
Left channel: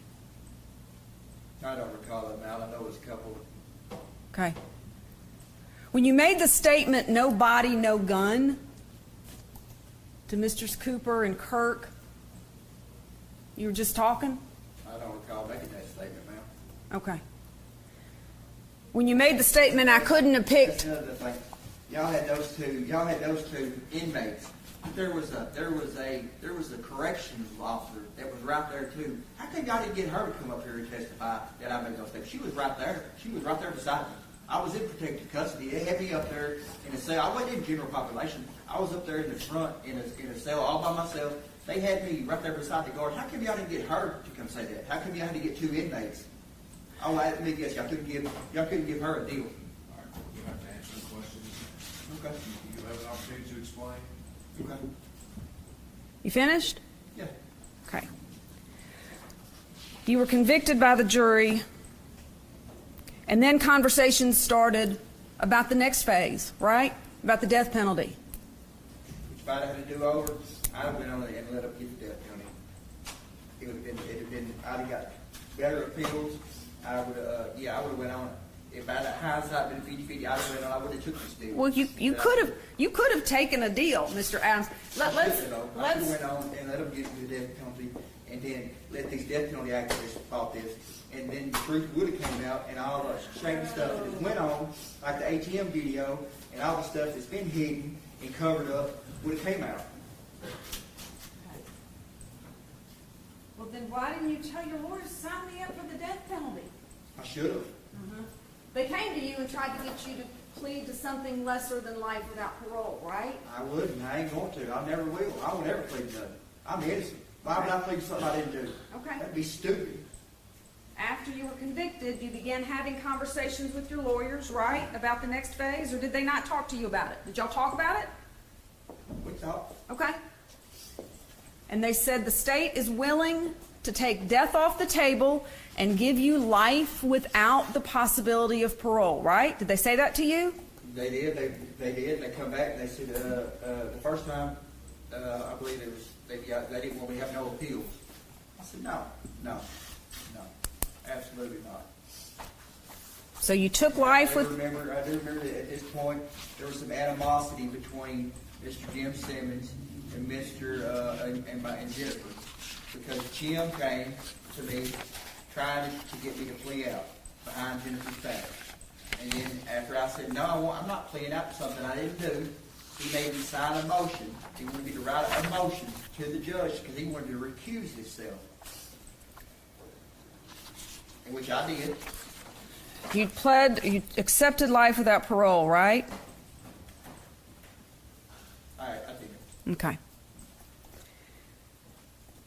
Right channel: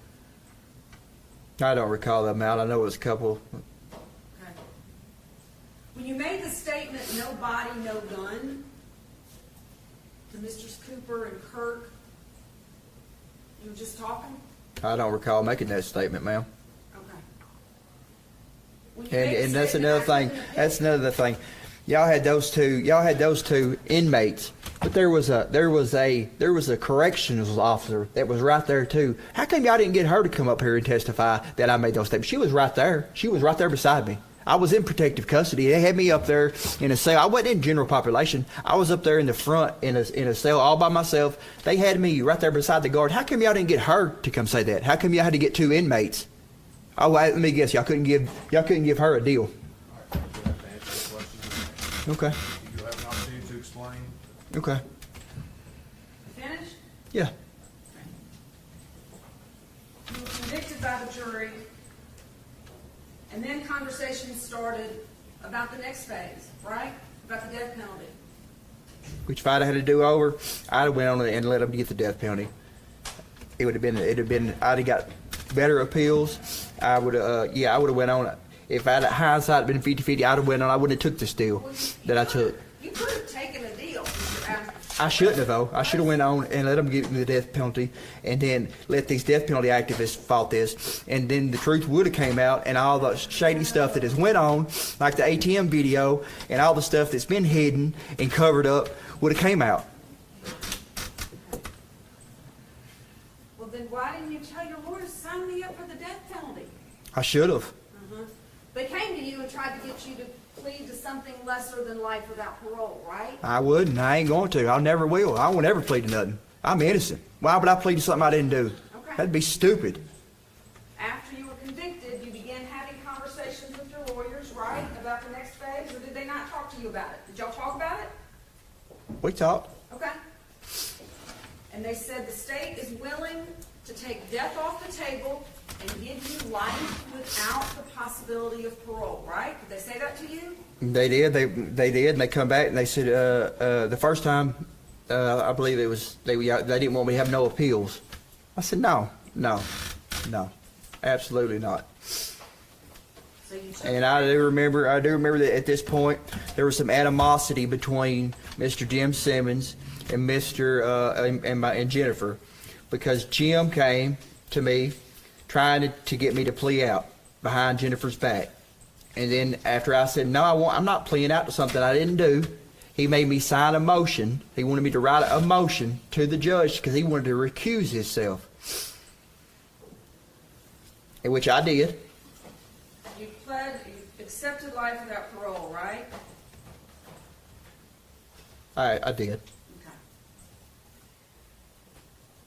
I don't recall the amount. I know it was a couple. Okay. When you made the statement, no body, no gun, to Mr. Cooper and Kirk, you were just talking? I don't recall making that statement, ma'am. Okay. When you made the statement, I couldn't have That's picked. another thing. Y'all had those two inmates, but there was a corrections officer that was right there too. How come y'all didn't get her to come up here and testify that I made those statements? She was right there. She was right there beside me. I was in protective custody. They had me up there in a cell. I wasn't in general population. I was up there in the front in a cell all by myself. They had me right there beside the guard. How come y'all didn't get her to come say that? How come y'all had to get two inmates? Oh, let me guess. Y'all couldn't give her a deal. Okay. You'll have an opportunity to explain. Okay. You finished? Yeah. Okay. You were convicted by the jury, and then conversations started about the next phase, right? About the death penalty. Which if I'd have had to do over, I'd have went on and let them get the death penalty. It'd have been, I'd have got better appeals. I would have went on. if I'd hindsight been 50-50, I'd have went on. I wouldn't have took this deal. Well, you could have taken a deal, Mr. Adams. I shouldn't have, though. I should have went on and let them give me the death penalty, and then let these death penalty activists fought this, and then the truth would have came out, and all the shady stuff that has went on, like the ATM video, and all the stuff that's been hidden and covered up, would have came out. Well, then why didn't you tell your lawyers to sign me up for the death penalty? I should have. They came to you and tried to get you to plead to something lesser than life without parole, right? I would, and I ain't going to. I never will. I won't ever plead to nothing. I'm innocent. Why would I plead to something I didn't do? Okay. That'd be stupid. After you were convicted, you began having conversations with your lawyers, right, about the next phase, or did they not talk to you about it? Did y'all talk about it? We talked. Okay. And they said the state is willing to take death off the table and give you life without the possibility of parole, right? Did they say that to you? They did. They did, and they come back and they said the first time, I believe it was they didn't want me to have no appeals. I said no, absolutely not. So you took And life I do with... remember that at this point there was some animosity between Mr. Jim Simmons and and Jennifer, because Jim came to me trying to get me to plea out behind Jennifer's back. And then after I said, no, I'm not pleading out to something I didn't do, he made me sign a motion. He wanted me to write a motion to the judge because he wanted to recuse himself. In which I did. You accepted life without parole, right? I did. Okay.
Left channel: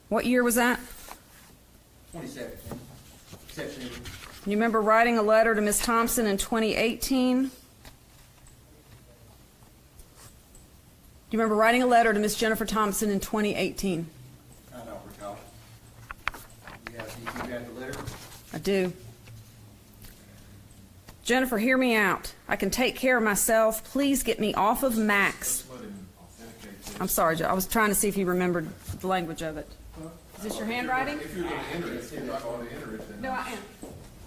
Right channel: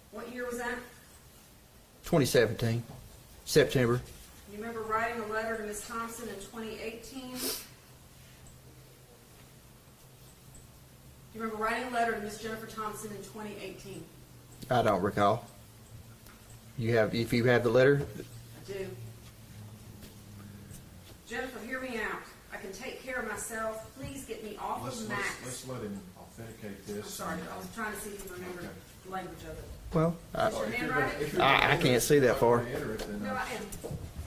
What year was that? 2017, September. You remember writing a letter to Ms. Thompson in 2018? Do you remember writing a letter to Ms. Jennifer Thompson in 2018? I don't recall. If you have the letter? I do. Jennifer, hear me out. I can take care of myself. Please get me off of Max. Let's let him authenticate this. I'm sorry, Joe. I was trying to see if you remembered the language of it. Well, Is this your handwriting? I can't see that far. No, I am.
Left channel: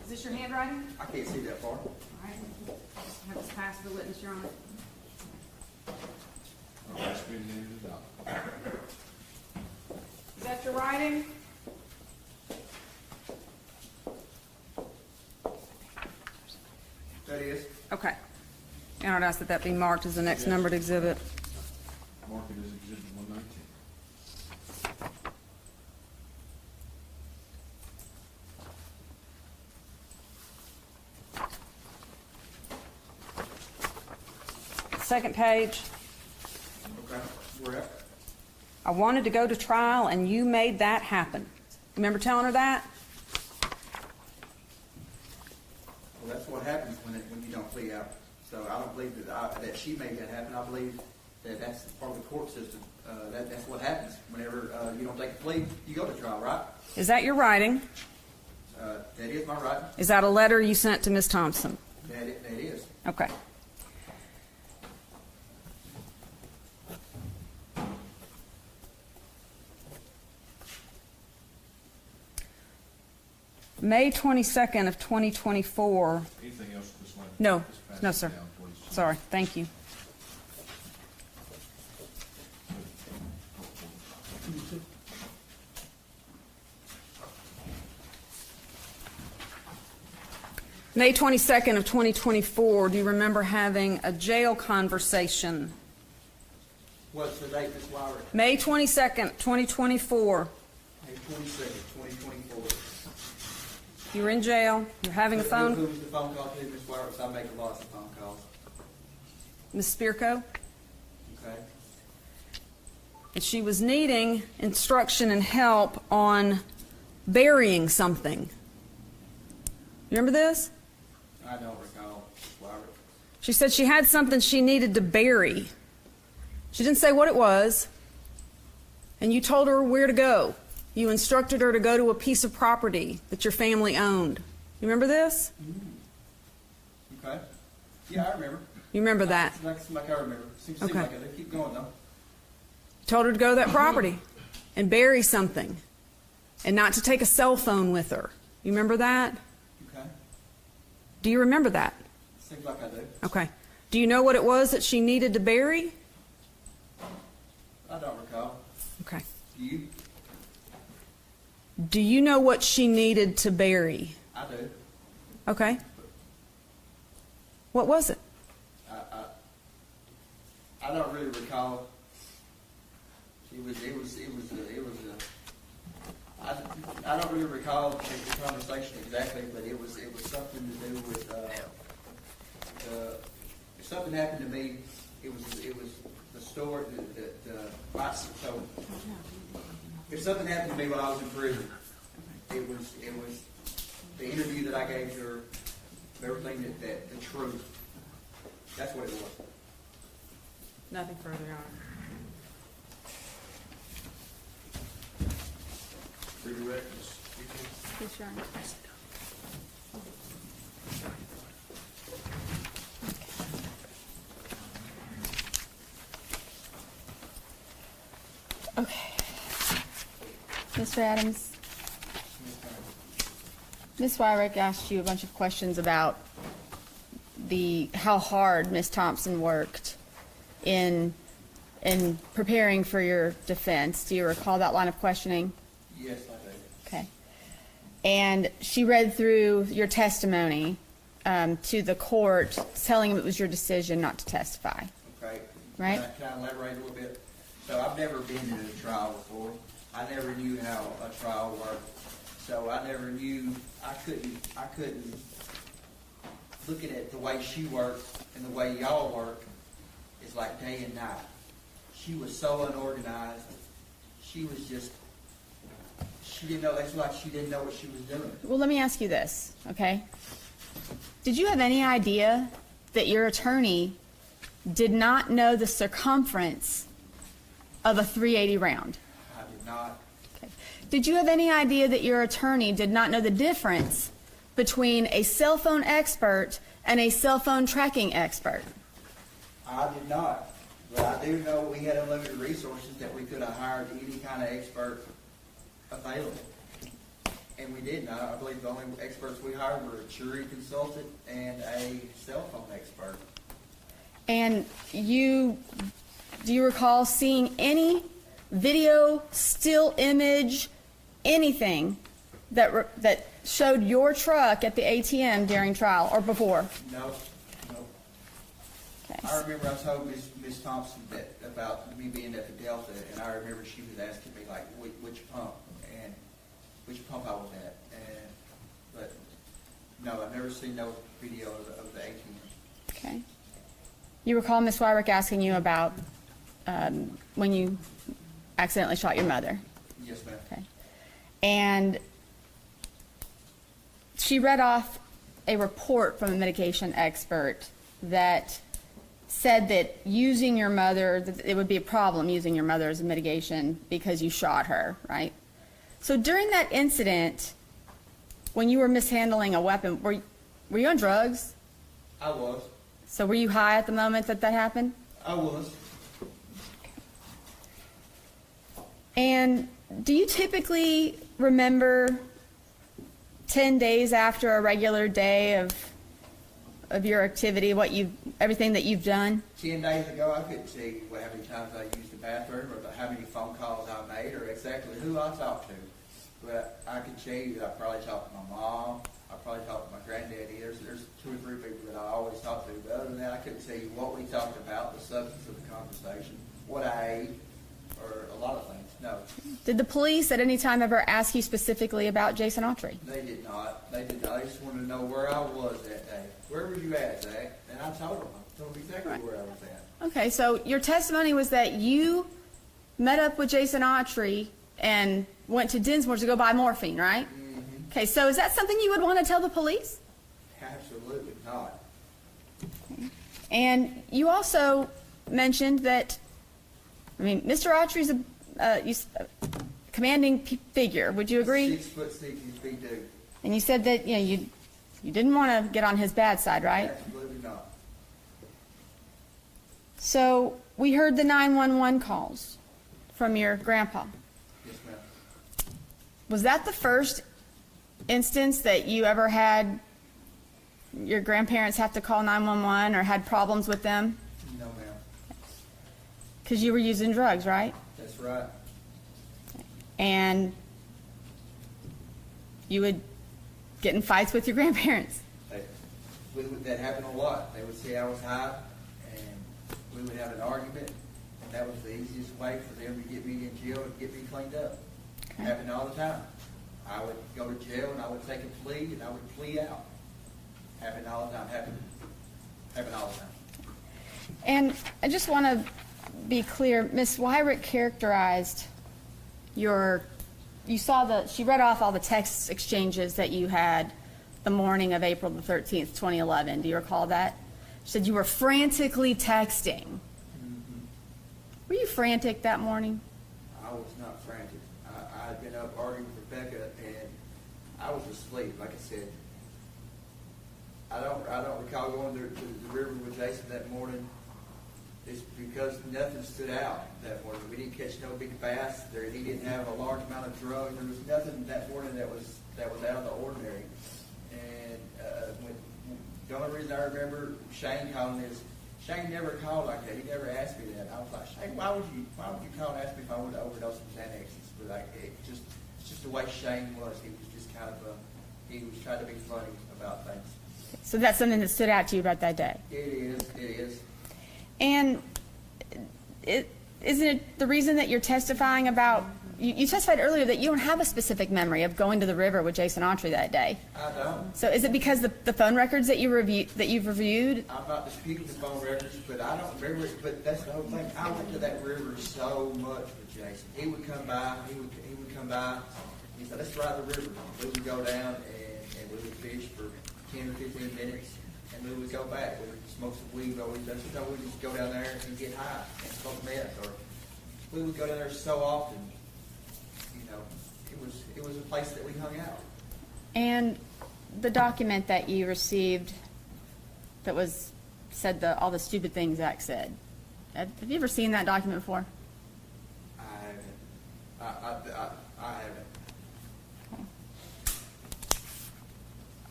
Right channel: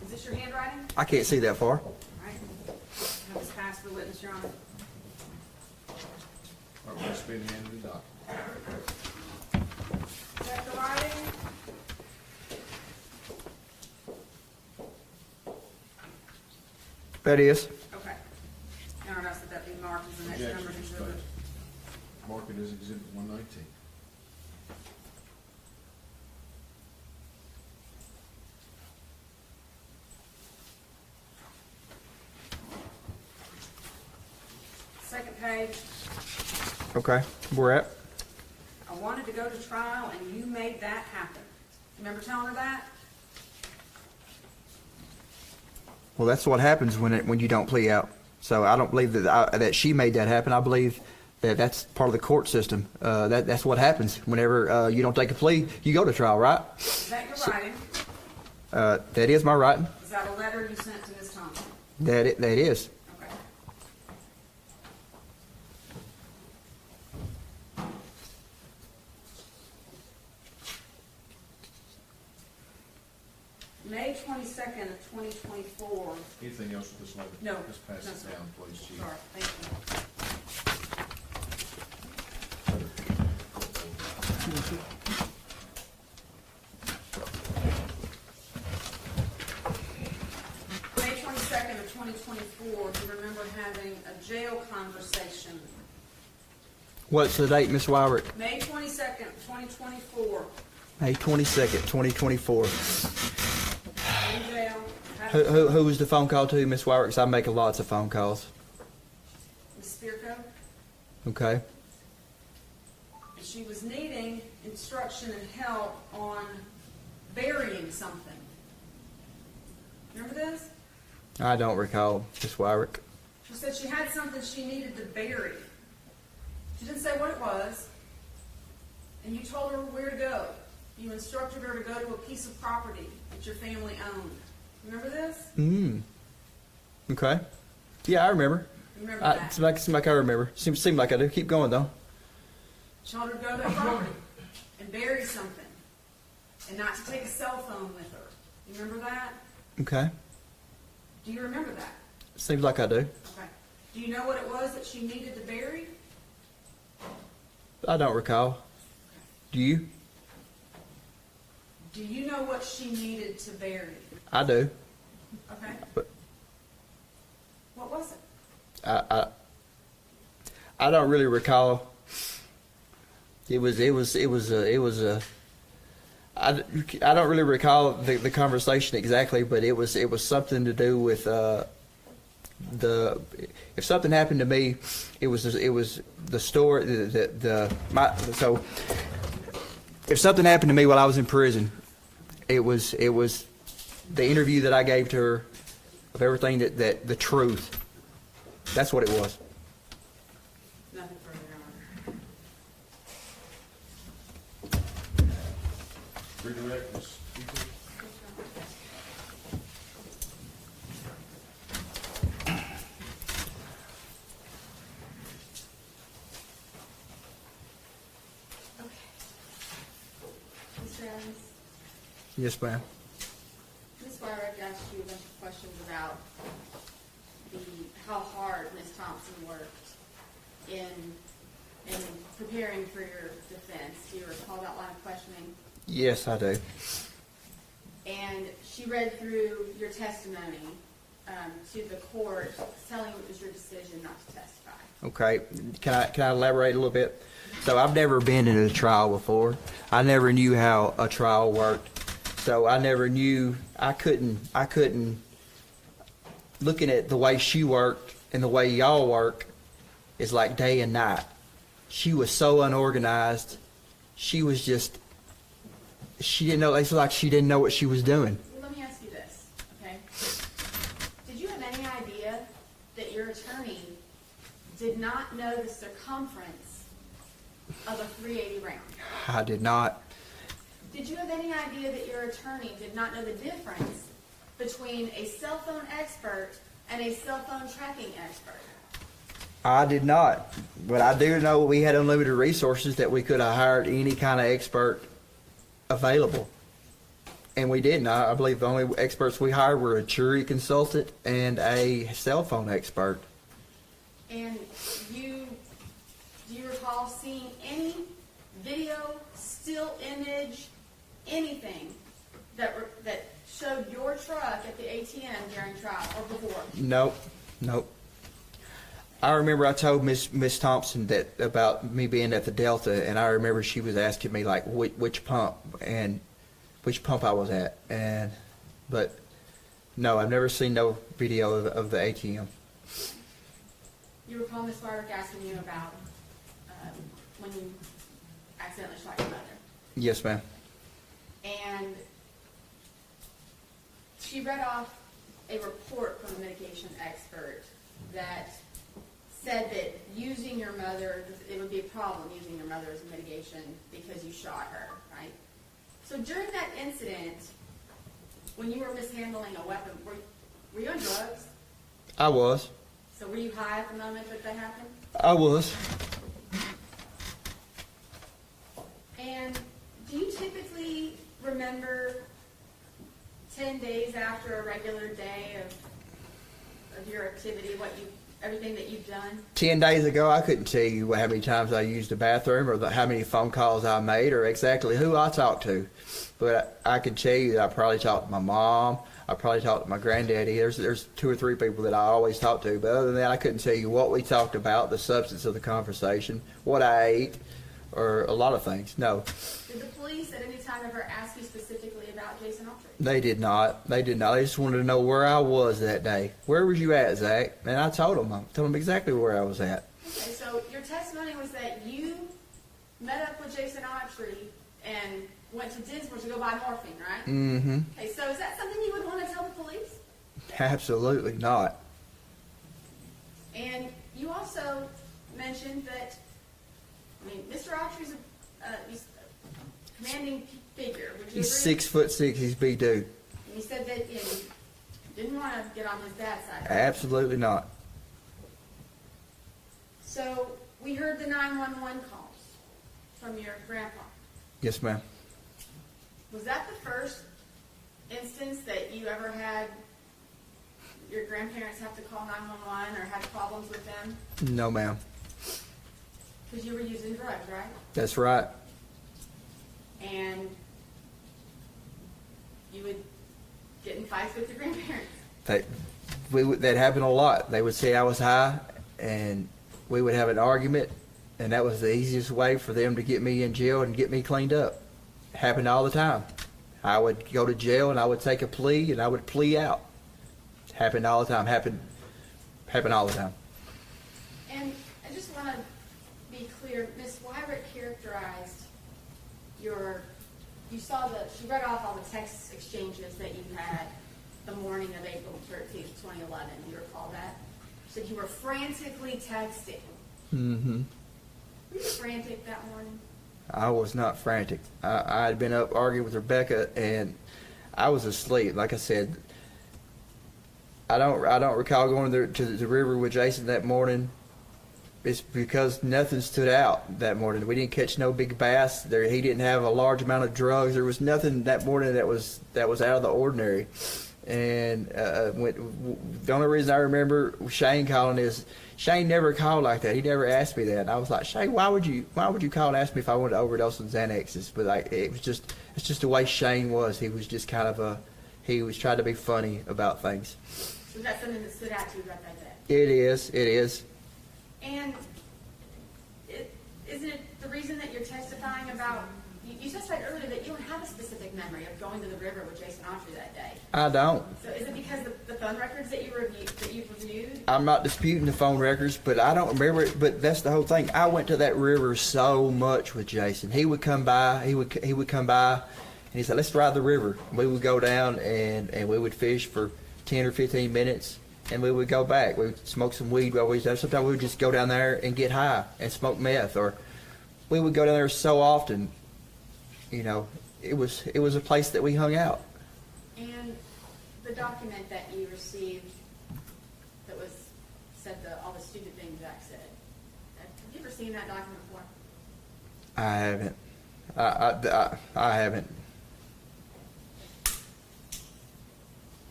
Is this your handwriting? I can't see that far. All right. Have this passed for witness, Your Honor. All right, let's spin the end of the document. Is that your writing? That is. Okay. And I'd ask that that be marked as the next numbered exhibit. Mark it as exhibit 119. Second page. Okay, where at? I wanted to go to trial and you made that happen. Remember telling her that? Well, that's what happens when you don't plea out. So I don't believe that she made that happen. I believe that that's part of the court system. That's what happens whenever you don't take a plea. You go to trial, right? Is that your writing? That is my writing. Is that a letter you sent to Ms. Thompson? That is. Okay. May 22nd of 2024. Anything else with this letter? No, Just pass no, it sir. down, please. Sorry, thank you. May 22nd of 2024, do you remember having a jail conversation? What's the date, Ms. Wyrick? May 22nd, 2024. May 22nd, 2024. You're in jail, you're having Who phone. was the phone call to, Ms. Wyrick? 'Cause I'm making lots of phone calls. Ms. Spirko? Okay. And she was needing instruction and help on burying something. You remember this? I don't recall, Ms. Wyrick. She said she had something she needed to bury. She didn't say what it was. And you told her where to go. You instructed her to go to a piece of property that your family owned. You remember this? Okay. Yeah, I remember. You remember that? Seems like I remember. Seems like I do. Keep going, though. Told her to go to that property and bury something. And not to take a cell phone with her. You remember that? Okay. Do you remember that? Seems like I do. Okay. Do you know what it was that she needed to bury? I don't recall. Okay. Do you? Do you know what she needed to bury? I do. Okay. But What was it? I don't really recall. I don't really recall the conversation exactly, but it was something to do with if something happened to me, it was the story so if something happened to me while I was in prison, it was the interview that I gave to her of everything that the truth. That's what it was. Nothing further, Your Honor. Redirect this. Yes, Your Honor. Okay. Mr. Adams, Yes, ma'am. Ms. Wyrick asked you a bunch of questions about how hard Ms. Thompson worked in preparing for your defense. Do you recall that line of questioning? Yes, I do. Okay. And she read through your testimony to the court, telling them it was your decision not to testify. Okay. Right. Can I elaborate a little bit? So I've never been in a trial before. I never knew how a trial worked. So I never knew, I couldn't, looking at the way she worked and the way y'all work is like day and night. She was so unorganized. She was just, she didn't know, it's like she didn't know what she was doing. Well, let me ask you this, okay? Did you have any idea that your attorney did not know the circumference of a .380 round? I did not. Did you have any idea that your attorney did not know the difference between a cell phone expert and a cell phone tracking expert? I did not. But I do know we had unlimited resources that we could have hired any kind of expert available. And we didn't. I believe the only experts we hired were a jury consultant and a cell phone expert. And do you recall seeing any video, still image, anything that showed your truck at the ATM during trial or before? Nope. I remember I told Miss Thompson that about me being at the Delta, and I remember she was asking me like which pump I was at, but no, I've never seen no video of the ATM. Okay. You recall Ms. Wyrick asking you about when you accidentally shot your mother? Yes, ma'am. Okay. And she read off a report from a mitigation expert that said that using your mother, that it would be a problem using your mother as a mitigation because you shot her, right? So during that incident, when you were mishandling a weapon, were you on drugs? I was. So were you high at the moment that happened? I was. And do you typically remember 10 days after a regular day of your activity, everything that you've done? 10 days ago, I couldn't tell you how many times I used the bathroom or how many phone calls I made or exactly who I talked to. But I could tell you that I probably talked to my mom. I probably talked to my granddaddy. There's 2 or 3 people that I always talk to. But other than that, I couldn't tell you what we talked about, the substance of the conversation, what I ate, or a lot of things. No. Did the police at any time ever ask you specifically about Jason Autry? They did not. They just wanted to know where I was that day. Where was you at, Zach? And I told them exactly where I was at. Okay, so your testimony was that you met up with Jason Autry and went to Dinsmore's to go buy morphine, right? Mm-hmm. Okay, so is that something you would want to tell the police? Absolutely not. And you also mentioned that, Mr. Autry's a commanding figure. Would you agree? 6'6", he's big dude. And you said that you didn't want to get on his bad side, right? Absolutely not. So we heard the 911 calls from your grandpa. Yes, ma'am. Was that the first instance that you ever had your grandparents have to call 911 or had problems with them? No, ma'am. Because you were using drugs, right? That's right. And you would get in fights with your grandparents. That happened a lot. They would say I was high, and we would have an argument, and that was the easiest way for them to get me in jail and get me cleaned up. Happened all the time. I would go to jail, and I would take a plea, and I would plea out. Happened all the time. Happened all the time. And I just want to be clear, Ms. Wyrick characterized she read off all the text exchanges that you had the morning of April the 13th, 2011. Do you recall that? She said you were frantically texting. Mm-hmm. Were you frantic that morning? I was not frantic. I had been up arguing with Rebecca, and I was asleep. Like I said, I don't recall going to the river with Jason that morning. It's because nothing stood out that morning. We didn't catch no big bass. He didn't have a large amount of drugs. There was nothing that morning that was out of the ordinary. And the only reason I remember Shane calling is Shane never called like that. He never asked me that. And I was like, Shane, why would you call and ask me if I wanted to overdose on Xanaxes? But it's just the way Shane was. He was just kind of he was trying to be funny about things. So that's something that stood out to you about that day? It is. And isn't it the reason that you're testifying about, you testified earlier that you don't have a specific memory of going to the river with Jason Autry that day. I don't. So is it because the phone records that you've reviewed? I'm not disputing the phone records, but I don't remember it. But that's the whole thing. I went to that river so much with Jason. He would come by. He would come by, and he said, "Let's ride the river." We would go down and we would fish for 10 or 15 minutes. And we would go back. We would smoke some weed. Sometimes we would just go down there and get high and smoke meth. Or we would go down there so often. You know, it was a place that we hung out. And the document that you received that said all the stupid things Zach said. Have you ever seen that document before? I haven't. I haven't.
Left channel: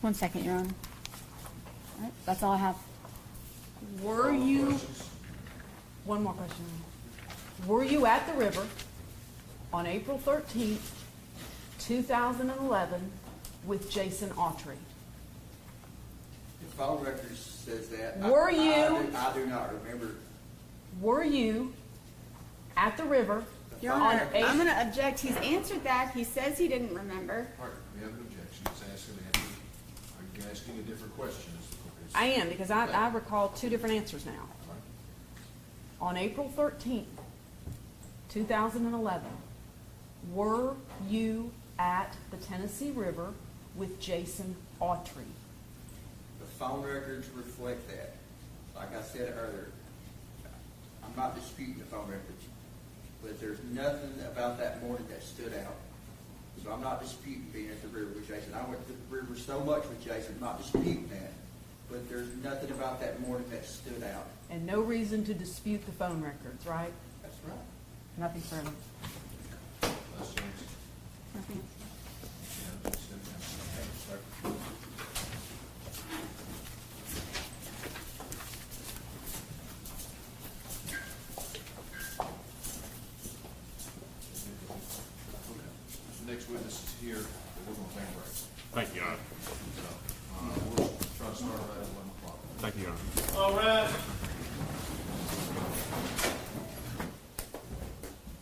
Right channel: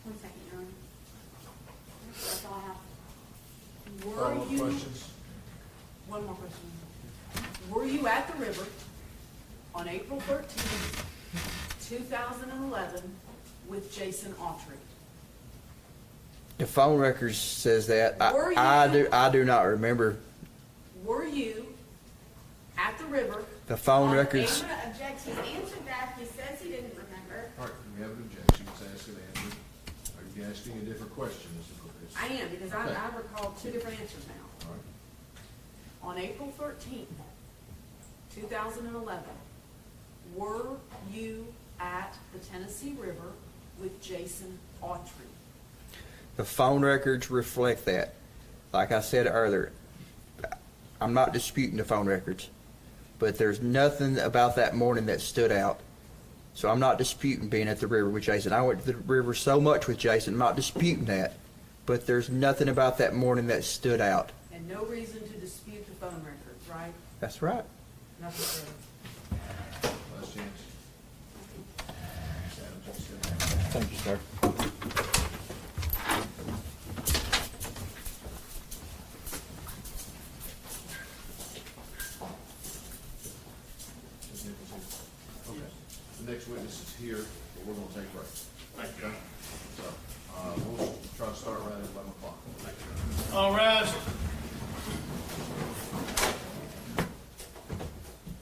1 second, Your Honor. All right, that's all I have. Were Follow-up you, questions? one more question. Were you at the river on April 13th, 2011 with Jason Autry? The phone records says that. Were you? I do not remember. Were you at the river? The Your phone Honor, records. I'm going to object. He's answered that. He says he didn't remember. All right, we have an objection. It's asked and answered. Are you asking a different question? Is the court- I am, because I recall two different answers now. All right. On April 13th, 2011, were you at the Tennessee River with Jason Autry? The phone records reflect that. Like I said earlier, I'm not disputing the phone records, but there's nothing about that morning that stood out. So I'm not disputing being at the river with Jason. I went to the river so much with Jason, I'm not disputing that. But there's nothing about that morning that stood out. And no reason to dispute the phone records, right? That's right. Nothing further. Last chance. Nothing. Thank you, sir. The next witness is here. We're going to take a break. Thank you, Your Honor. So, we'll try to start right at 11 o'clock. Thank you, Your Honor. All rise.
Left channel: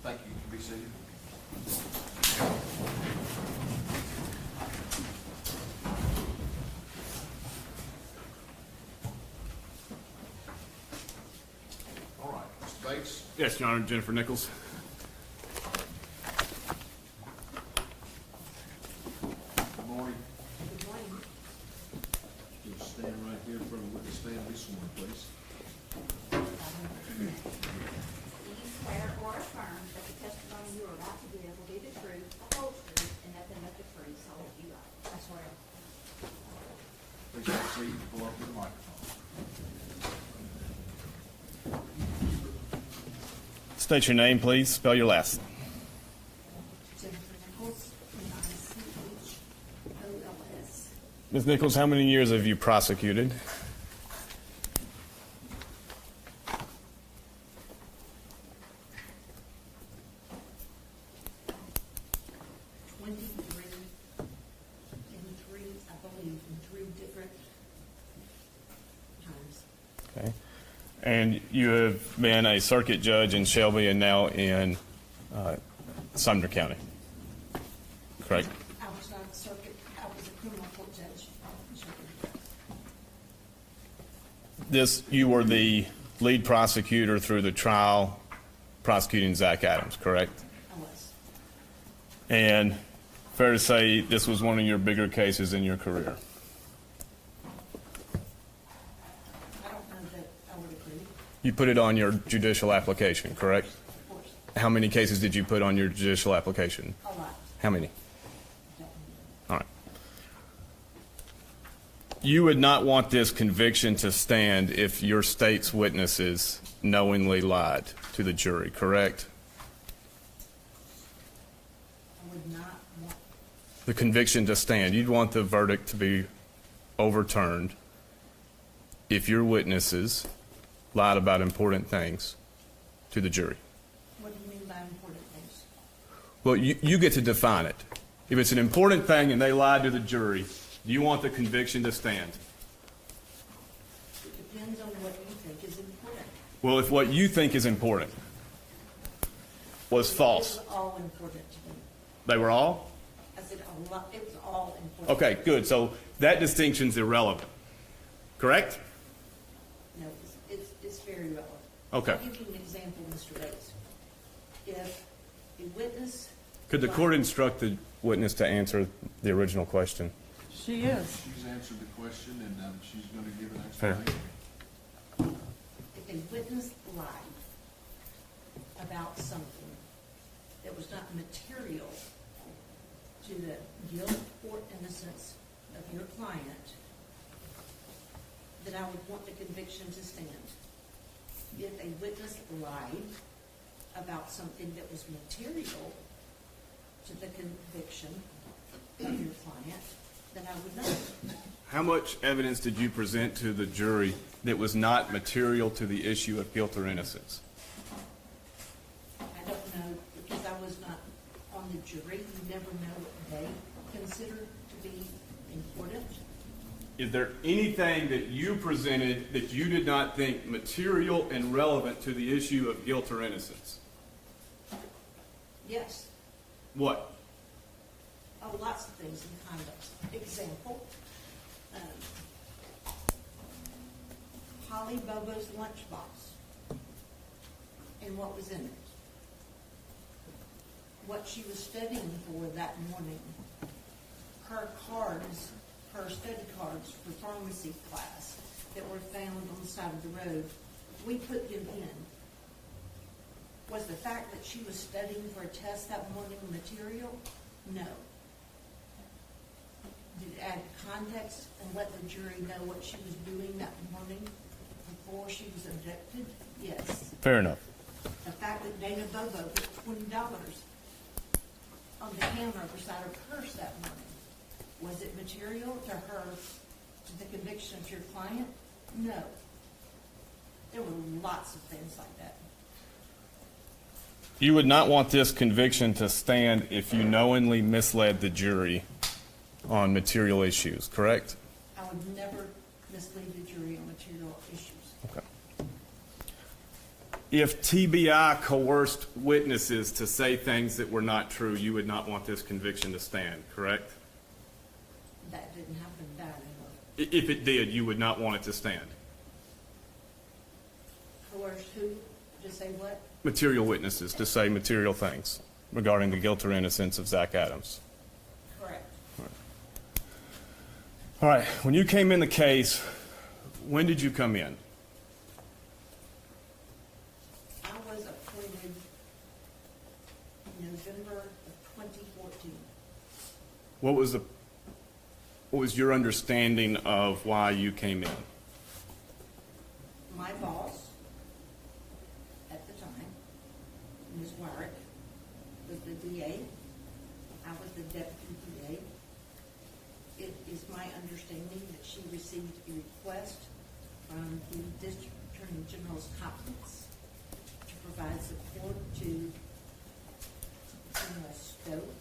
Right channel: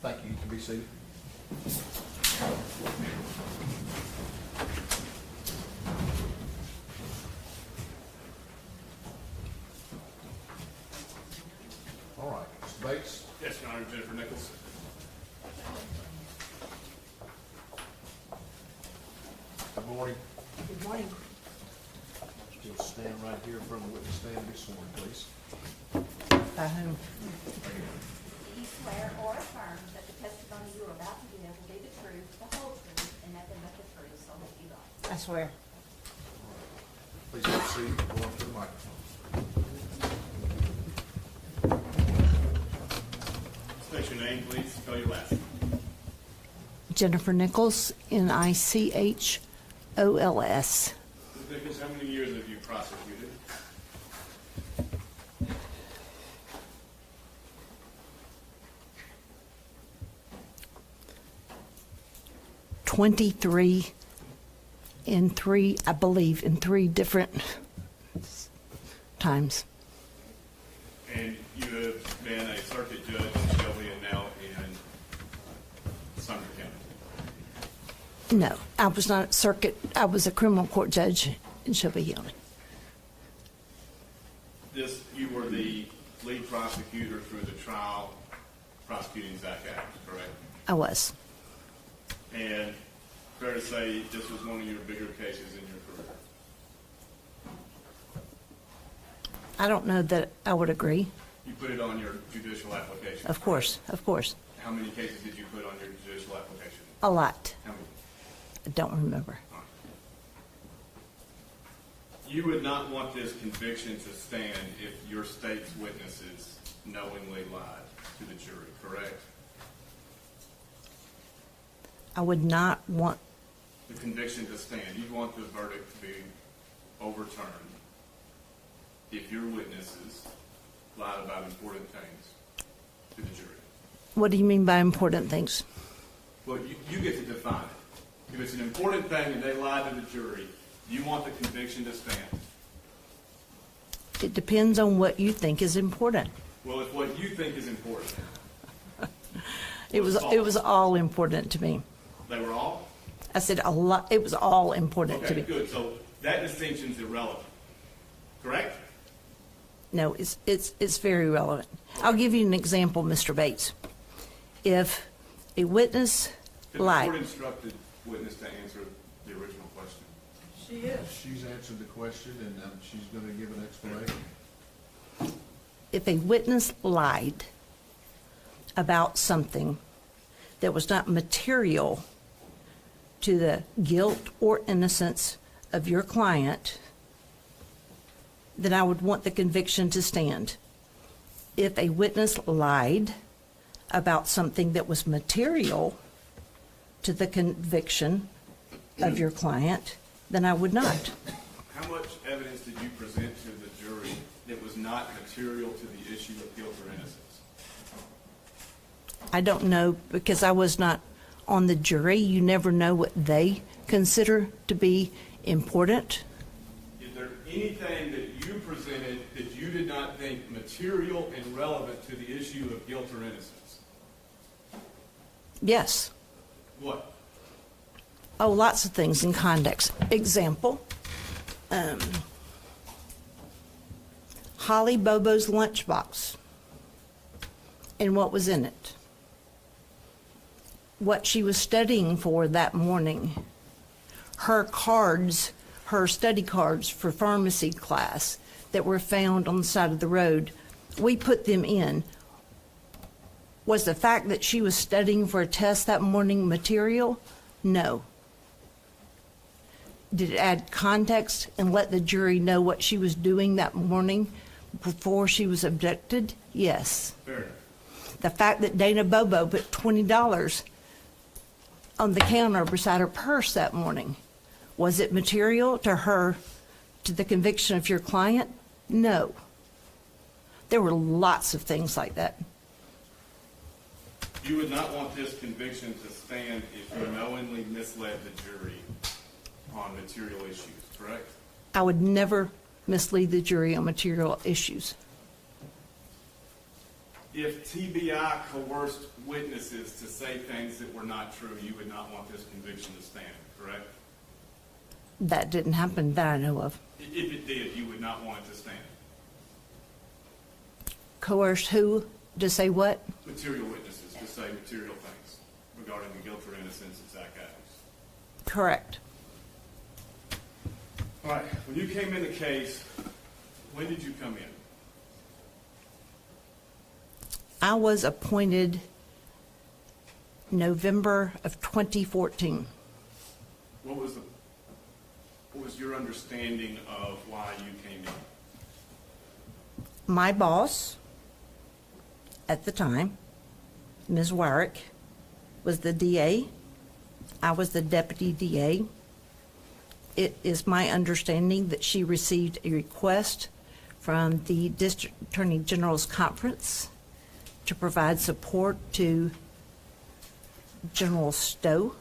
Thank you. You can be seated. All right, Mr. Bates. Yes, Your Honor, Jennifer Nichols. Good morning. Good morning. Just stand right here in front of the witness stand and be sworn, please. Do you swear or affirm that the testimony you are about to give will be the truth, the whole truth, and nothing but the truth, so help you God? I swear. Please have a seat and go up to the microphone. State your name, please. Spell your last. Jennifer Nichols, Nichols. Ms. Nichols, how many years have you prosecuted? I believe, in three different times. Okay. And you have been a circuit judge in Shelby and now in Sumner County? Correct? No, I was not a circuit, I was a criminal court judge in Shelby Hill. You were the lead prosecutor through the trial prosecuting Zach Adams, correct? I was. And fair to say this was one of your bigger cases in your career? I don't know that I would agree. You put it on your judicial application, Of correct? course, of course. How many cases did you put on your judicial application? A lot. How many? I don't remember. All right. You would not want this conviction to stand if your state's witnesses knowingly lied to the jury, correct? I would not want, The conviction to stand. You'd want the verdict to be overturned if your witnesses lied about important things to the jury. what do you mean by important things? Well, you get to define it. If it's an important thing and they lied to the jury, do you want the conviction to stand? It depends on what you think is important. Well, if what you think is important was false. It was all important to me. They were all? I said a lot, it was all important to me. Okay, good. So that distinction's irrelevant, correct? No, it's very relevant. Okay. I'll give you an example, Mr. Bates. If a witness Could the court lied, instruct the witness to answer the original question? She is. She's answered the question, and she's gonna give an Fair. explanation. if a witness lied about something that was not material to the guilt or innocence of your client, then I would want the conviction to stand. If a witness lied about something that was material to the conviction of your client, then I would not. How much evidence did you present to the jury that was not material to the issue of guilt or innocence? I don't know, because I was not on the jury. You never know what they consider to be important. Is there anything that you presented that you did not think material and relevant to the issue of guilt or innocence? Yes. What? Oh, lots of things in context. Example, Holly Bobo's lunchbox and what was in it. What she was studying for that morning. Her cards, her study cards for pharmacy class that were found on the side of the road. We put them in. Was the fact that she was studying for a test that morning material? No. Did it add context and let the jury know what she was doing that morning before she was abducted? Yes. Fair enough. The fact that Dana Bobo put $20 on the counter beside her purse that morning, was it material to her, to the conviction of your client? No. There were lots of things like that. You would not want this conviction to stand if you knowingly misled the jury on material issues, correct? I would never mislead the jury on material issues. If TBI coerced witnesses to say things that were not true, you would not want this conviction to stand, correct? That didn't happen that I know of. If it did, you would not want it to stand. Coerced who to say what? Material witnesses to say material things regarding the guilt or innocence of Zach Adams. Correct. All right, when you came in the case, when did you come in? I was appointed November of 2014. What was your understanding of why you came in? My boss at the time, Ms. Wyrick, was the DA. I was the deputy DA. it is my understanding that she received a request from the District Attorney General's Conference to provide support to General Stowe.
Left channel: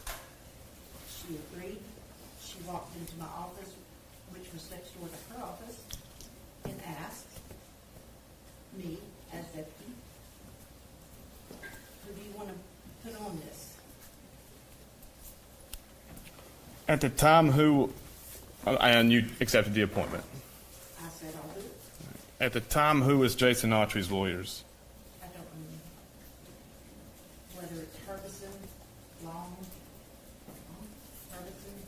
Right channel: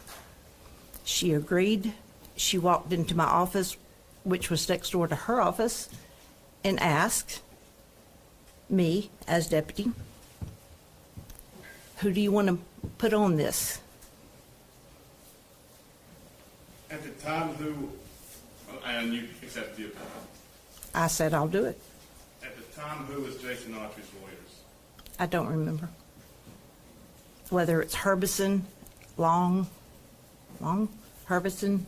She agreed. She walked into my office, which was next door to her office, and asked me as deputy, who do you want to put on this? At the time, and you accepted the appointment. I said, I'll do it. At the time, who was Jason Autry's lawyers? I don't remember. Whether it's Herbison, Herbison.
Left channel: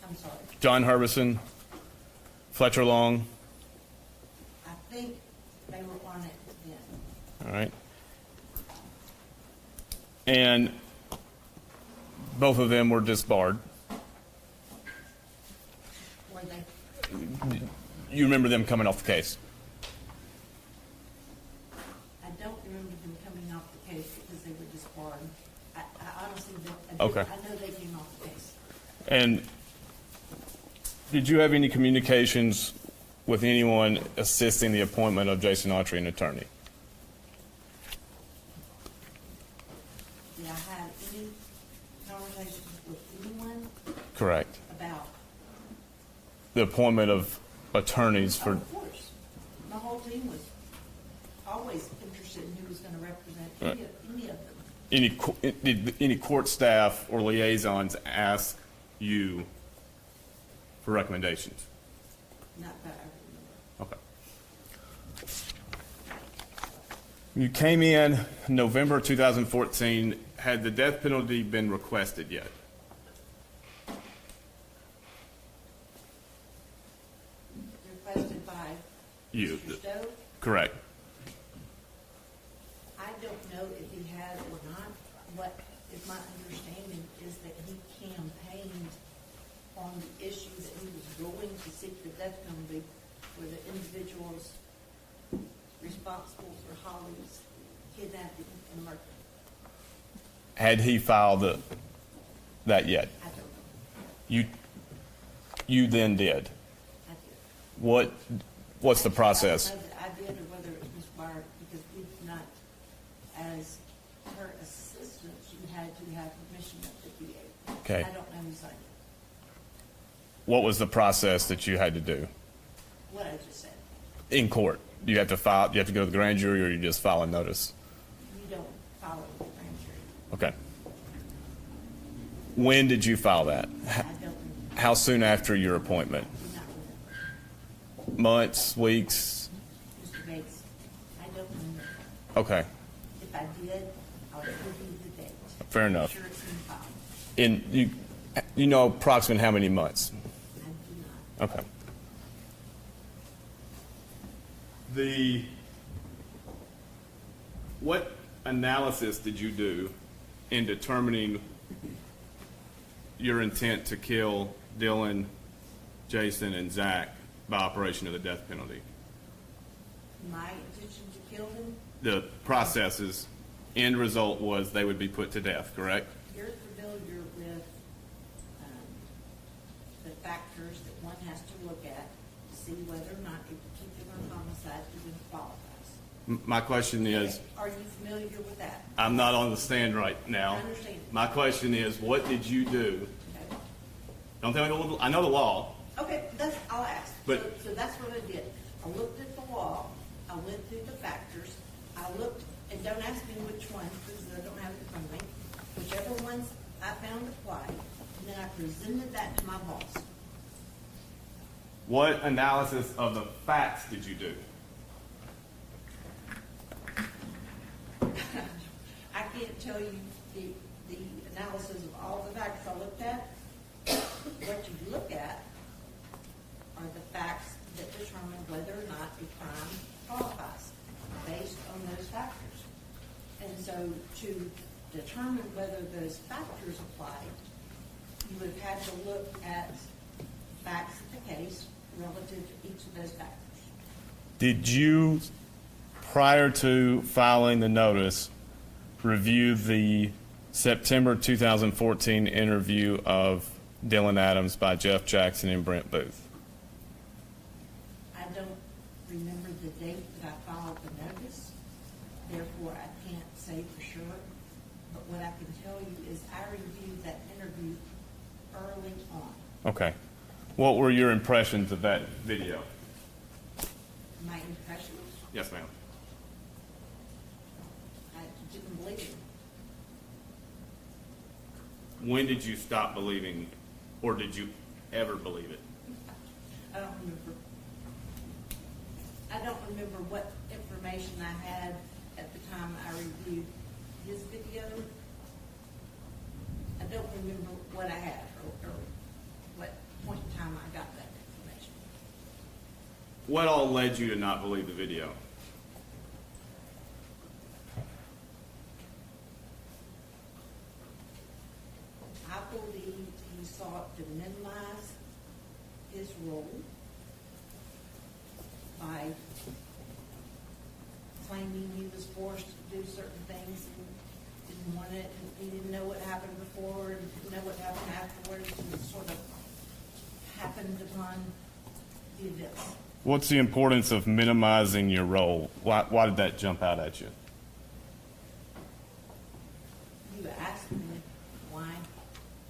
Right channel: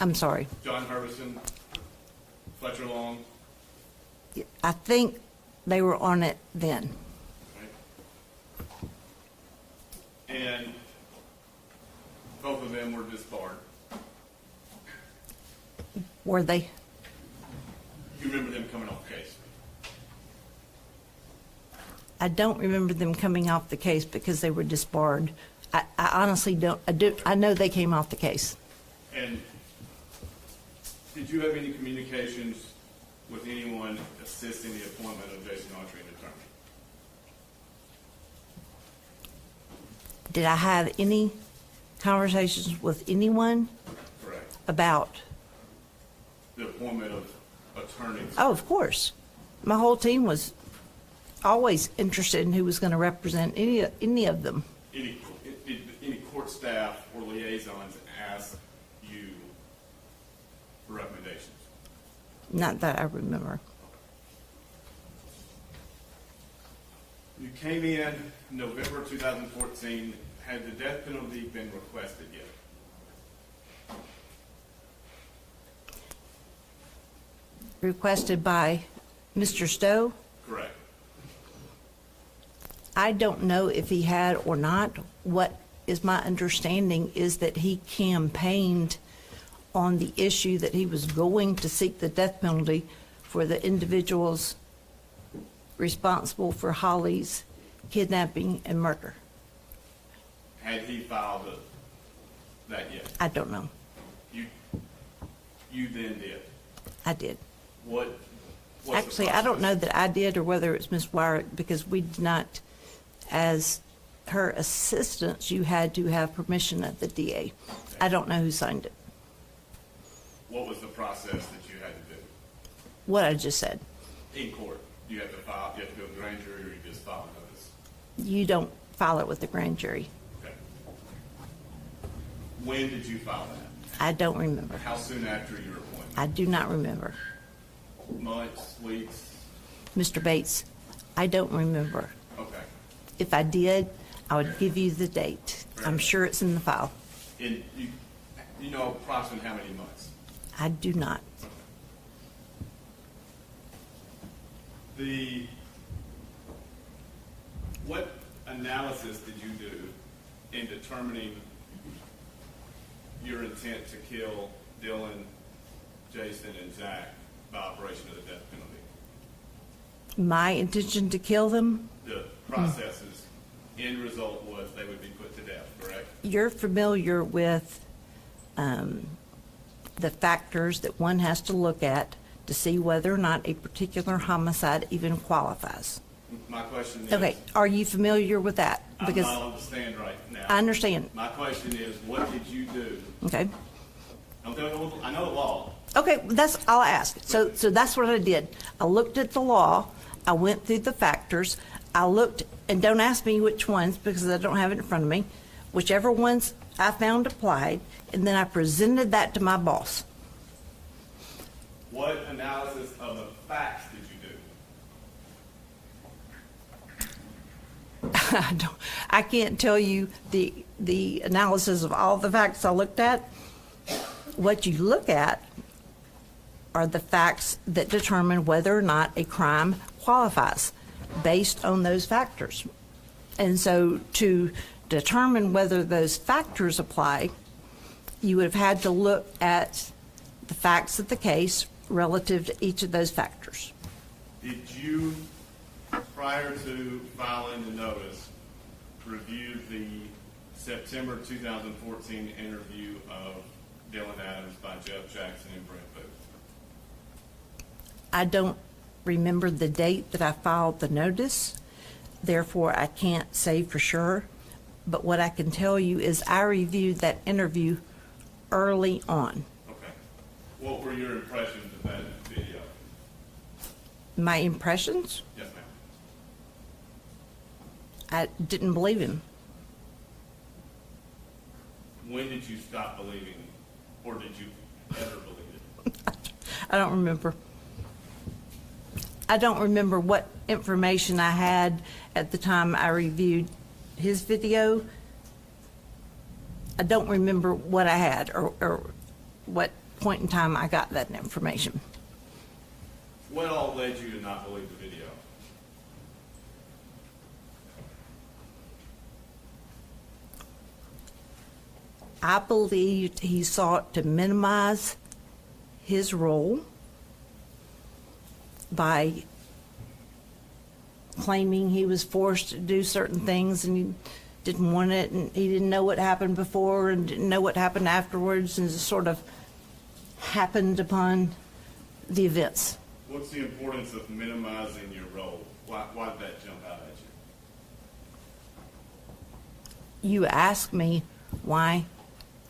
I'm sorry. John Herbison, Fletcher Long, I think they were on it then. all right? And both of them were disbarred. Were they? You remember them coming off the case? I don't remember them coming off the case because they were disbarred. I honestly don't. Okay. I know they came off the case. And did you have any communications with anyone assisting the appointment of Jason Autry, an attorney? Did I have any conversations with anyone Correct. about? The appointment of attorneys Oh, for, of course. My whole team was always interested in who was going to represent any of them. did any court staff or liaisons ask you for recommendations? Not that I remember. Okay. You came in November 2014. Had the death penalty been requested yet? Requested by You. Mr. Stowe. Correct. I don't know if he had or not. What is my understanding is that he campaigned on the issue that he was going to seek the death penalty for the individuals responsible for Holly's kidnapping and murder. Had he filed that yet? I don't know. You then did. I did. What's the process? Actually, I don't know that I did or whether it's Ms. Wyrick, because we did not, as her assistants, you had to have permission of the DA. Okay. I don't know who signed it. What was the process that you had to do What I just said. in court? You have to file. You have to go to the grand jury, or you just file a notice. You don't file it with the grand jury. Okay. When did you file that? I don't remember. How soon after your I appointment? do not remember. Months, weeks? Mr. Bates, I don't remember. Okay. If I did, I would give you the date. Fair enough. I'm sure it's in the file. And you know approximately how many months? I do not. Okay. What analysis did you do in determining your intent to kill Dylan, Jason, and Zach by operation of the death penalty? My intention to kill them, The processes, end result was they would be put to death, correct? you're familiar with the factors that one has to look at to see whether or not a particular homicide even qualifies. My question Okay, is, are you familiar with that? I'm Because- not on the stand right now. I understand. My question is, what did you do? Okay. Don't tell me, I know the law. Okay, that's all I asked. So But- that's what I did. I looked at the law, I went through the factors, I looked, and don't ask me which ones because I don't have it in front of me, whichever ones I found applied, and then I presented that to my boss. What analysis of the facts did you do? I can't tell you the analysis of all the facts I looked at. What you look at are the facts that determine whether or not a crime qualifies based on those factors. And so to determine whether those factors apply, you would have had to look at the facts of the case relative to each of those factors. Did you, prior to filing the notice, review the September 2014 interview of Dylan Adams by Jeff Jackson and Brent Booth? I don't remember the date that I filed the notice, therefore I can't say for sure. But what I can tell you is I reviewed that interview early on. Okay. What were your impressions of that video? My impressions? Yes, ma'am. I didn't believe him. When did you stop believing, or did you ever believe it? I don't remember. I don't remember what information I had at the time I reviewed his video. I don't remember what I had or what point in time I got that information. What all led you to not believe the video? I believed he sought to minimize his role by claiming he was forced to do certain things and he didn't want it, and he didn't know what happened before and didn't know what happened afterwards, and just sort of happened upon the events. What's the importance of minimizing your role? Why did that jump out at you? You asked me why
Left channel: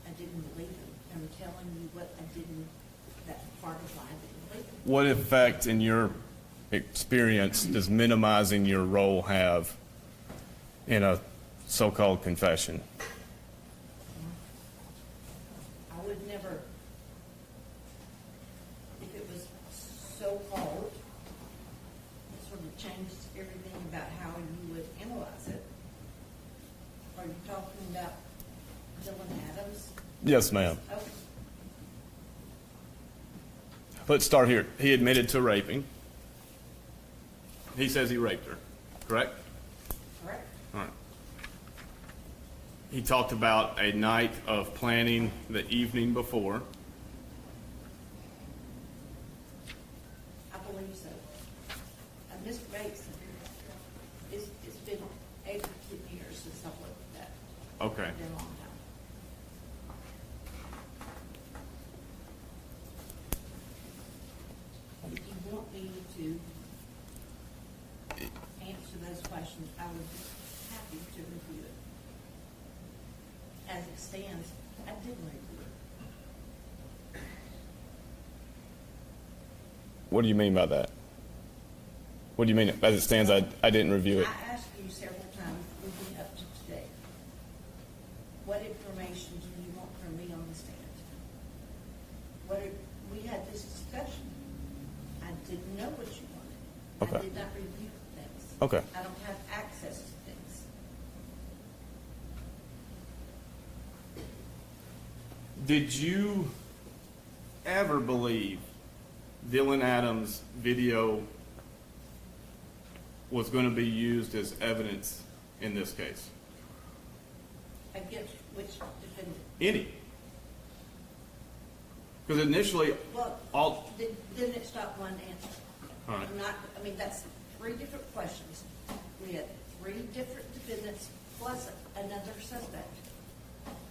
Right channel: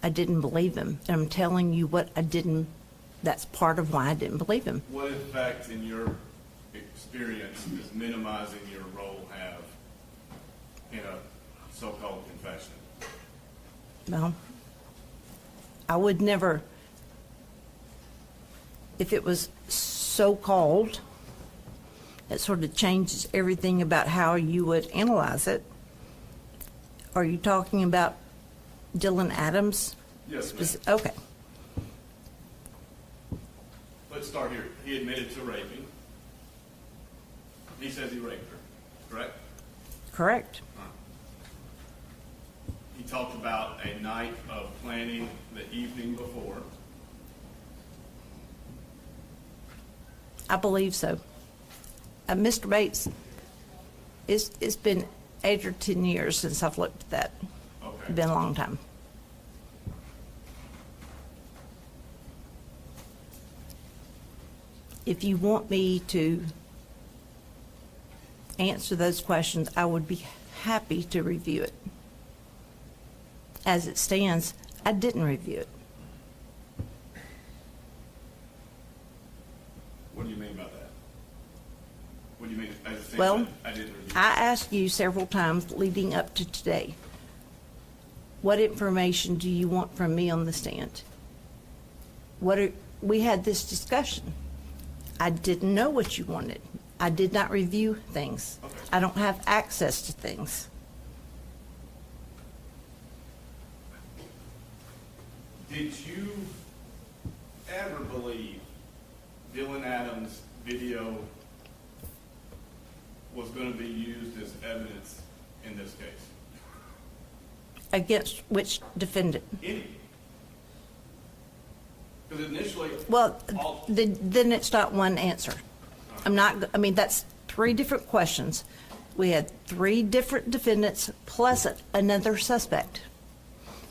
I didn't believe him, and I'm telling you what I didn't, that's part of why I didn't believe him. What effect, in your experience, does minimizing your role have in a so-called confession? Well, I would never, if it was so-called, it sort of changes everything about how you would analyze it. Are you talking about Dylan Adams? Yes, ma'am. Okay. Let's start here. He admitted to raping. He says he raped her, correct? Correct. All right. He talked about a night of planning the evening before. I believe so. Mr. Bates, it's been 8 or 10 years since I've looked at that. Okay. It's been a long time. If you want me to answer those questions, I would be happy to review it. As it stands, I didn't review it. What do you mean by that? What do you mean, as it stands, Well, I didn't review I it? asked you several times leading up to today, what information do you want from me on the stand? We had this discussion. I didn't know what you wanted. I Okay. did not review things. Okay. I don't have access to things. Did you ever believe Dylan Adams' video was going to be used as evidence in this case? Against which defendant? Any? Because initially, Well, all, then it's not one answer. All right. I'm not, I mean, that's 3 different questions. We had 3 different defendants plus another suspect.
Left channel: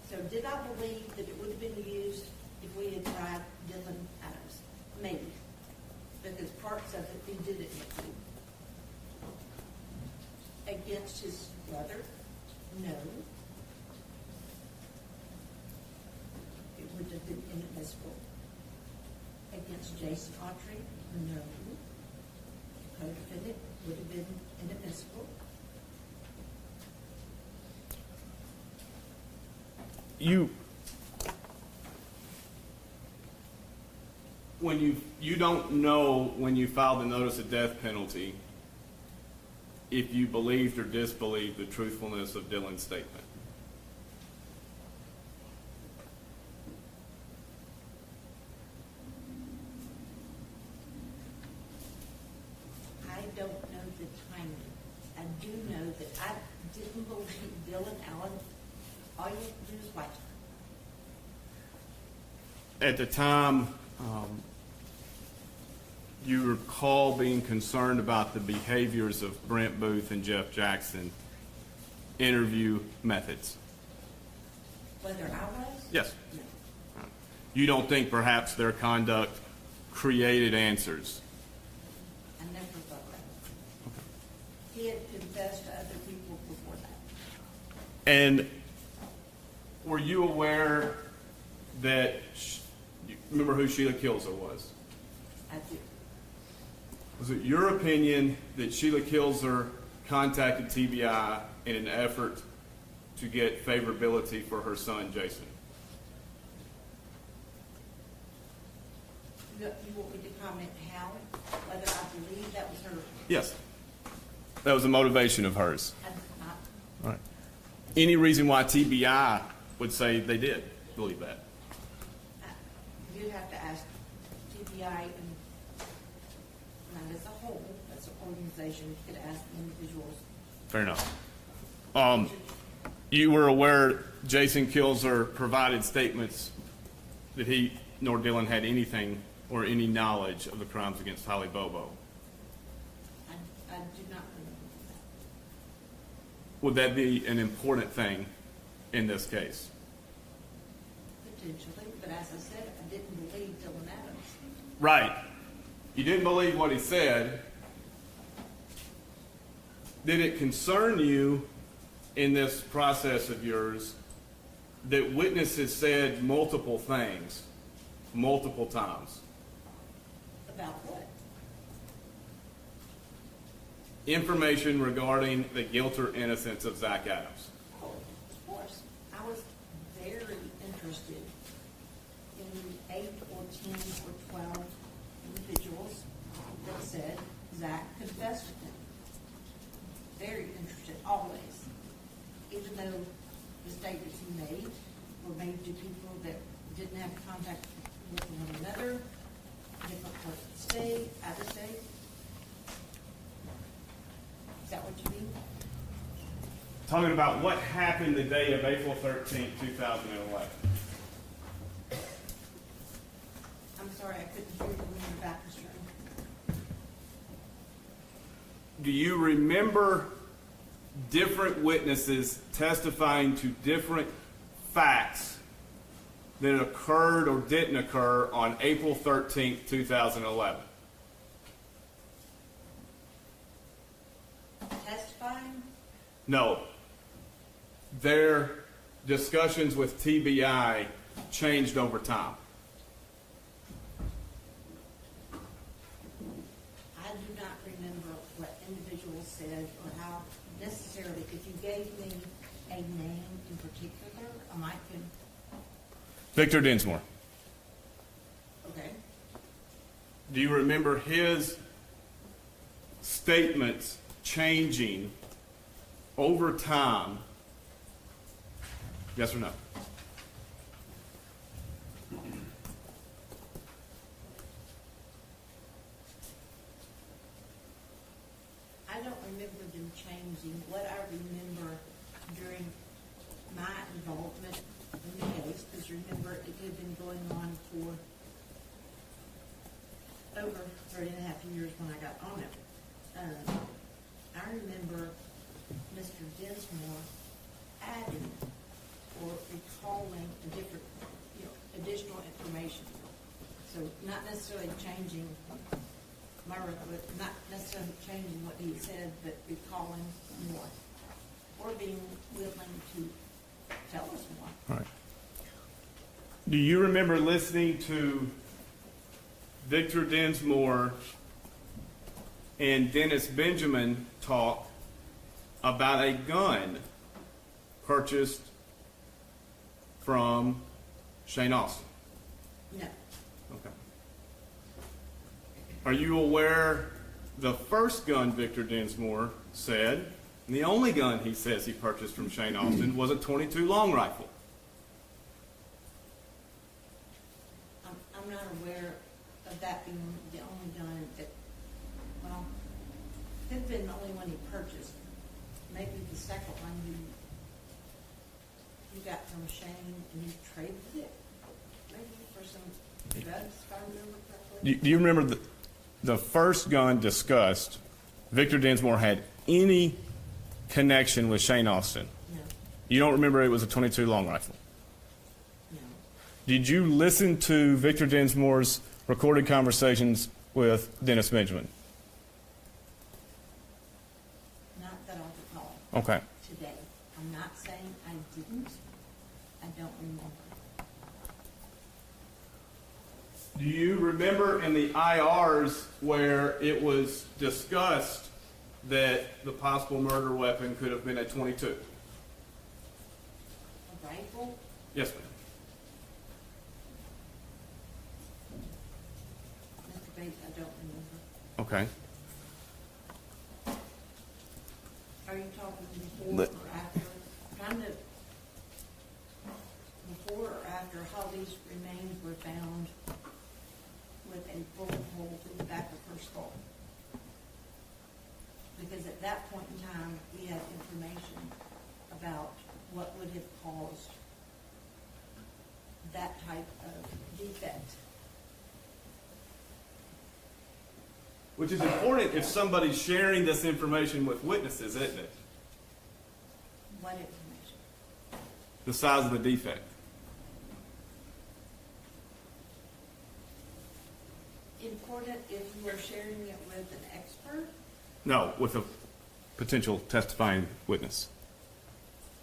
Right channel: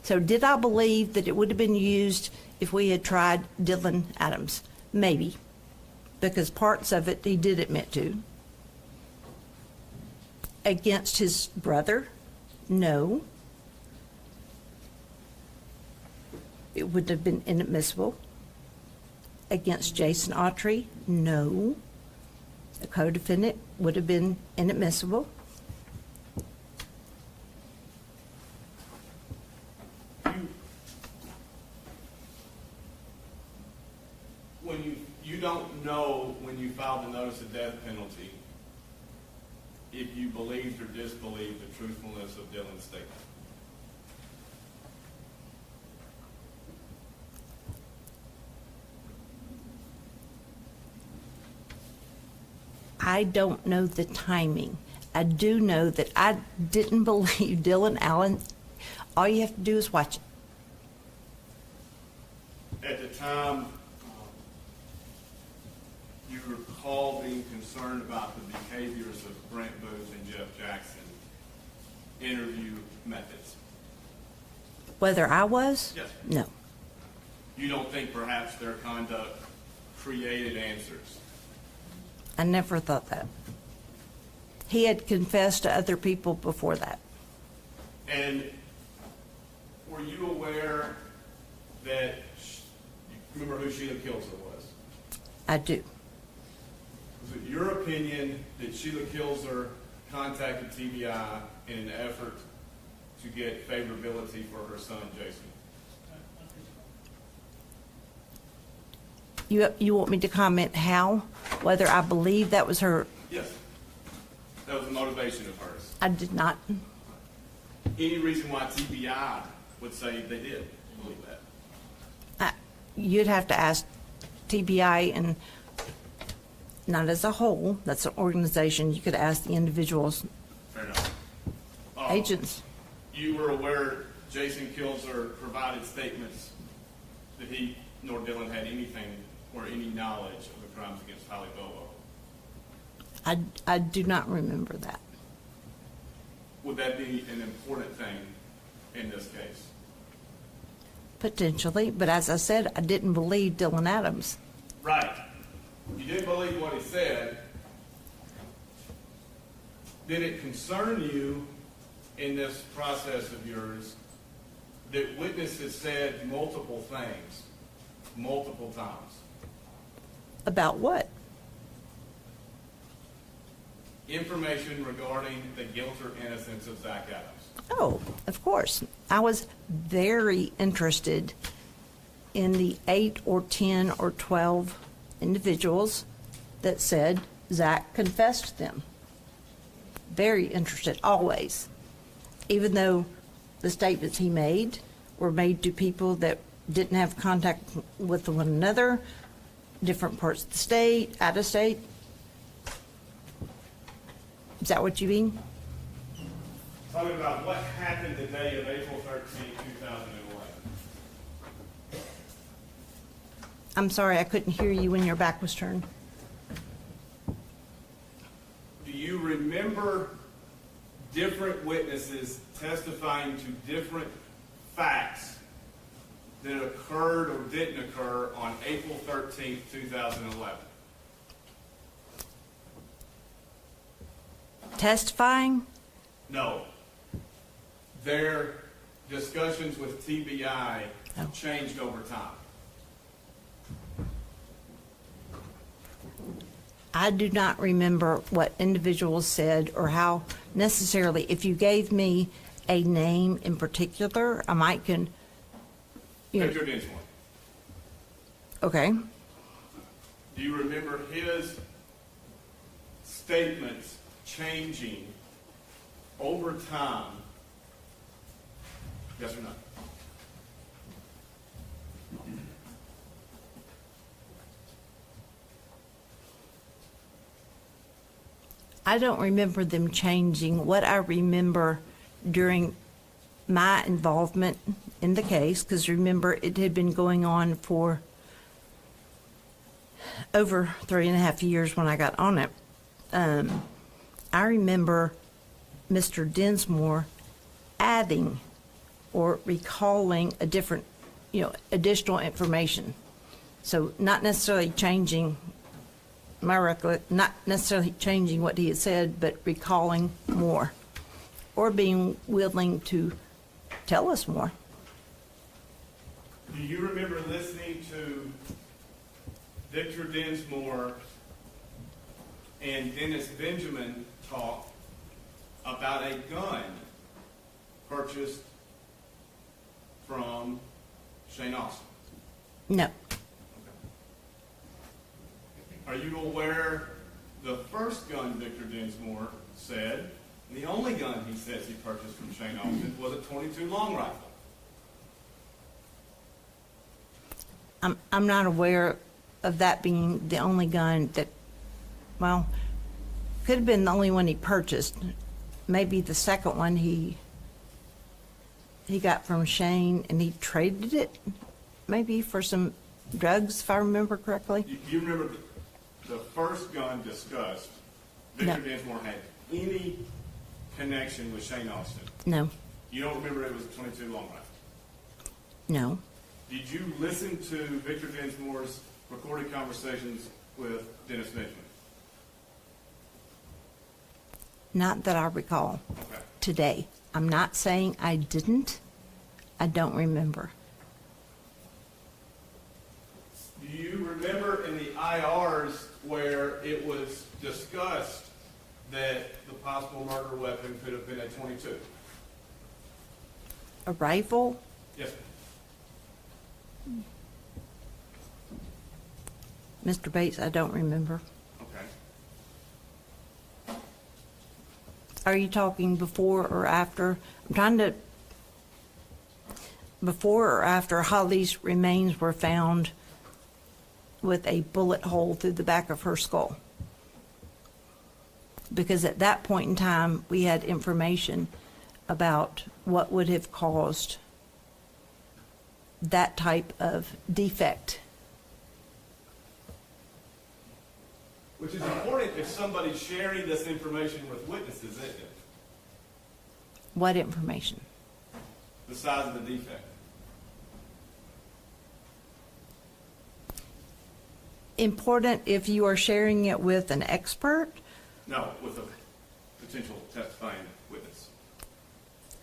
So did I believe that it would have been used if we had tried Dylan Adams? Maybe, because parts of it he did admit to. Against his brother? No. It would have been inadmissible. Against Jason Autry? No. The co-defendant would have been inadmissible. when you don't know when you filed the notice of death penalty if you believed or disbelieved the truthfulness of Dylan's statement. I don't know the timing. I do know that I didn't believe Dylan Allen. All you have to do is watch it. At the time, you recall being concerned about the behaviors of Brent Booth and Jeff Jackson interview methods. Whether I was? Yes. No. You don't think perhaps their conduct created answers? I never thought that. He had confessed to other people before that. And were you aware that, you remember who Sheila Kilzer was? I do. Was it your opinion that Sheila Kilzer contacted TBI in an effort to get favorability for her son, Jason? You want me to comment how, whether I believe that was her? Yes. That was a motivation of hers. I did not. Right. Any reason why TBI would say they did believe that? You'd have to ask TBI, and not as a whole, that's an organization. You could ask the individuals, Fair enough. agents. You were aware Jason Kilzer provided statements that he nor Dylan had anything or any knowledge of the crimes against Holly Bobo. I do not remember that. Would that be an important thing in this case? Potentially, but as I said, I didn't believe Dylan Adams. Right. You didn't believe what he said. Did it concern you in this process of yours that witnesses said multiple things, multiple times? About what? Information regarding the guilt or innocence of Zach Adams. Oh, of course. I was very interested in the 8 or 10 or 12 individuals that said Zach confessed to them. Very interested, always. Even though the statements he made were made to people that didn't have contact with one another, different parts of the state, out of state. Is that what you mean? Talking about what happened the day of April 13th, 2011. I'm sorry, I couldn't hear you when your back was turned. Do you remember different witnesses testifying to different facts that occurred or didn't occur on April 13th, 2011? Testifying? No. Their discussions with TBI changed over time. I do not remember what individuals said or how necessarily. If you gave me a name in particular, I might can. Victor Dinsmore. Okay. Do you remember his statements changing over time? Yes or no? I don't remember them changing. What I remember during my involvement in the case, because remember, it had been going on for over 3.5 years when I got on it. I remember Mr. Dinsmore adding or recalling a different, additional information. So not necessarily changing not necessarily changing what he had said, but recalling more or being willing to tell us more. Right. Do you remember listening to Victor Dinsmore and Dennis Benjamin talk about a gun purchased from Shane Austin? No. Okay. Are you aware the first gun Victor Dinsmore said, and the only gun he says he purchased from Shane Austin, was a .22 long rifle? I'm not aware of that being the only gun that, well, could have been the only one he purchased. Maybe the second one he got from Shane and he traded it maybe for some drugs, if I remember correctly. Do you remember the first gun discussed, Victor No. Dinsmore had any connection with Shane Austin? No, You don't remember it was a .22 long rifle? no. Did you listen to Victor Dinsmore's recorded conversations with Dennis Benjamin? Not that I recall Okay. today. I'm not saying I didn't. I don't remember. Do you remember in the IRs where it was discussed that the possible murder weapon could have been a .22? A rifle? Yes, ma'am. Mr. Bates, I don't remember. Okay. Are you talking before or after? I'm trying to, before or after Holly's remains were found with a bullet hole through the back of her skull? Because at that point in time, we had information about what would have caused that type of defect. Which is important if somebody's sharing this information with witnesses, isn't it? What information? The size of the defect. Important if you are sharing it with an expert? No, with a potential testifying witness.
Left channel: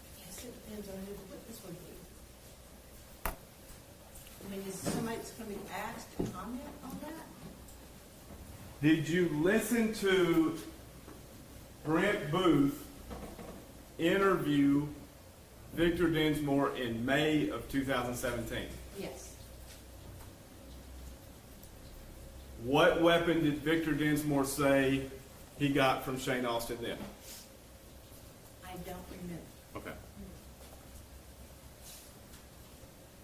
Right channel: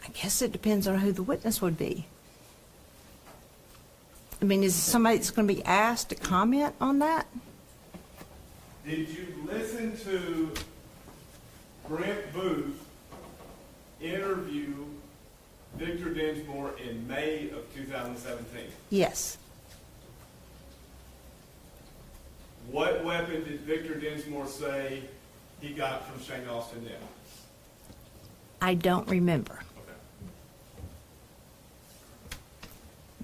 I guess it depends on who the witness would be. I mean, is it somebody that's going to be asked to comment on that? Did you listen to Brent Booth interview Victor Dinsmore in May of 2017? Yes. What weapon did Victor Dinsmore say he got from Shane Austin then? I don't remember, Okay.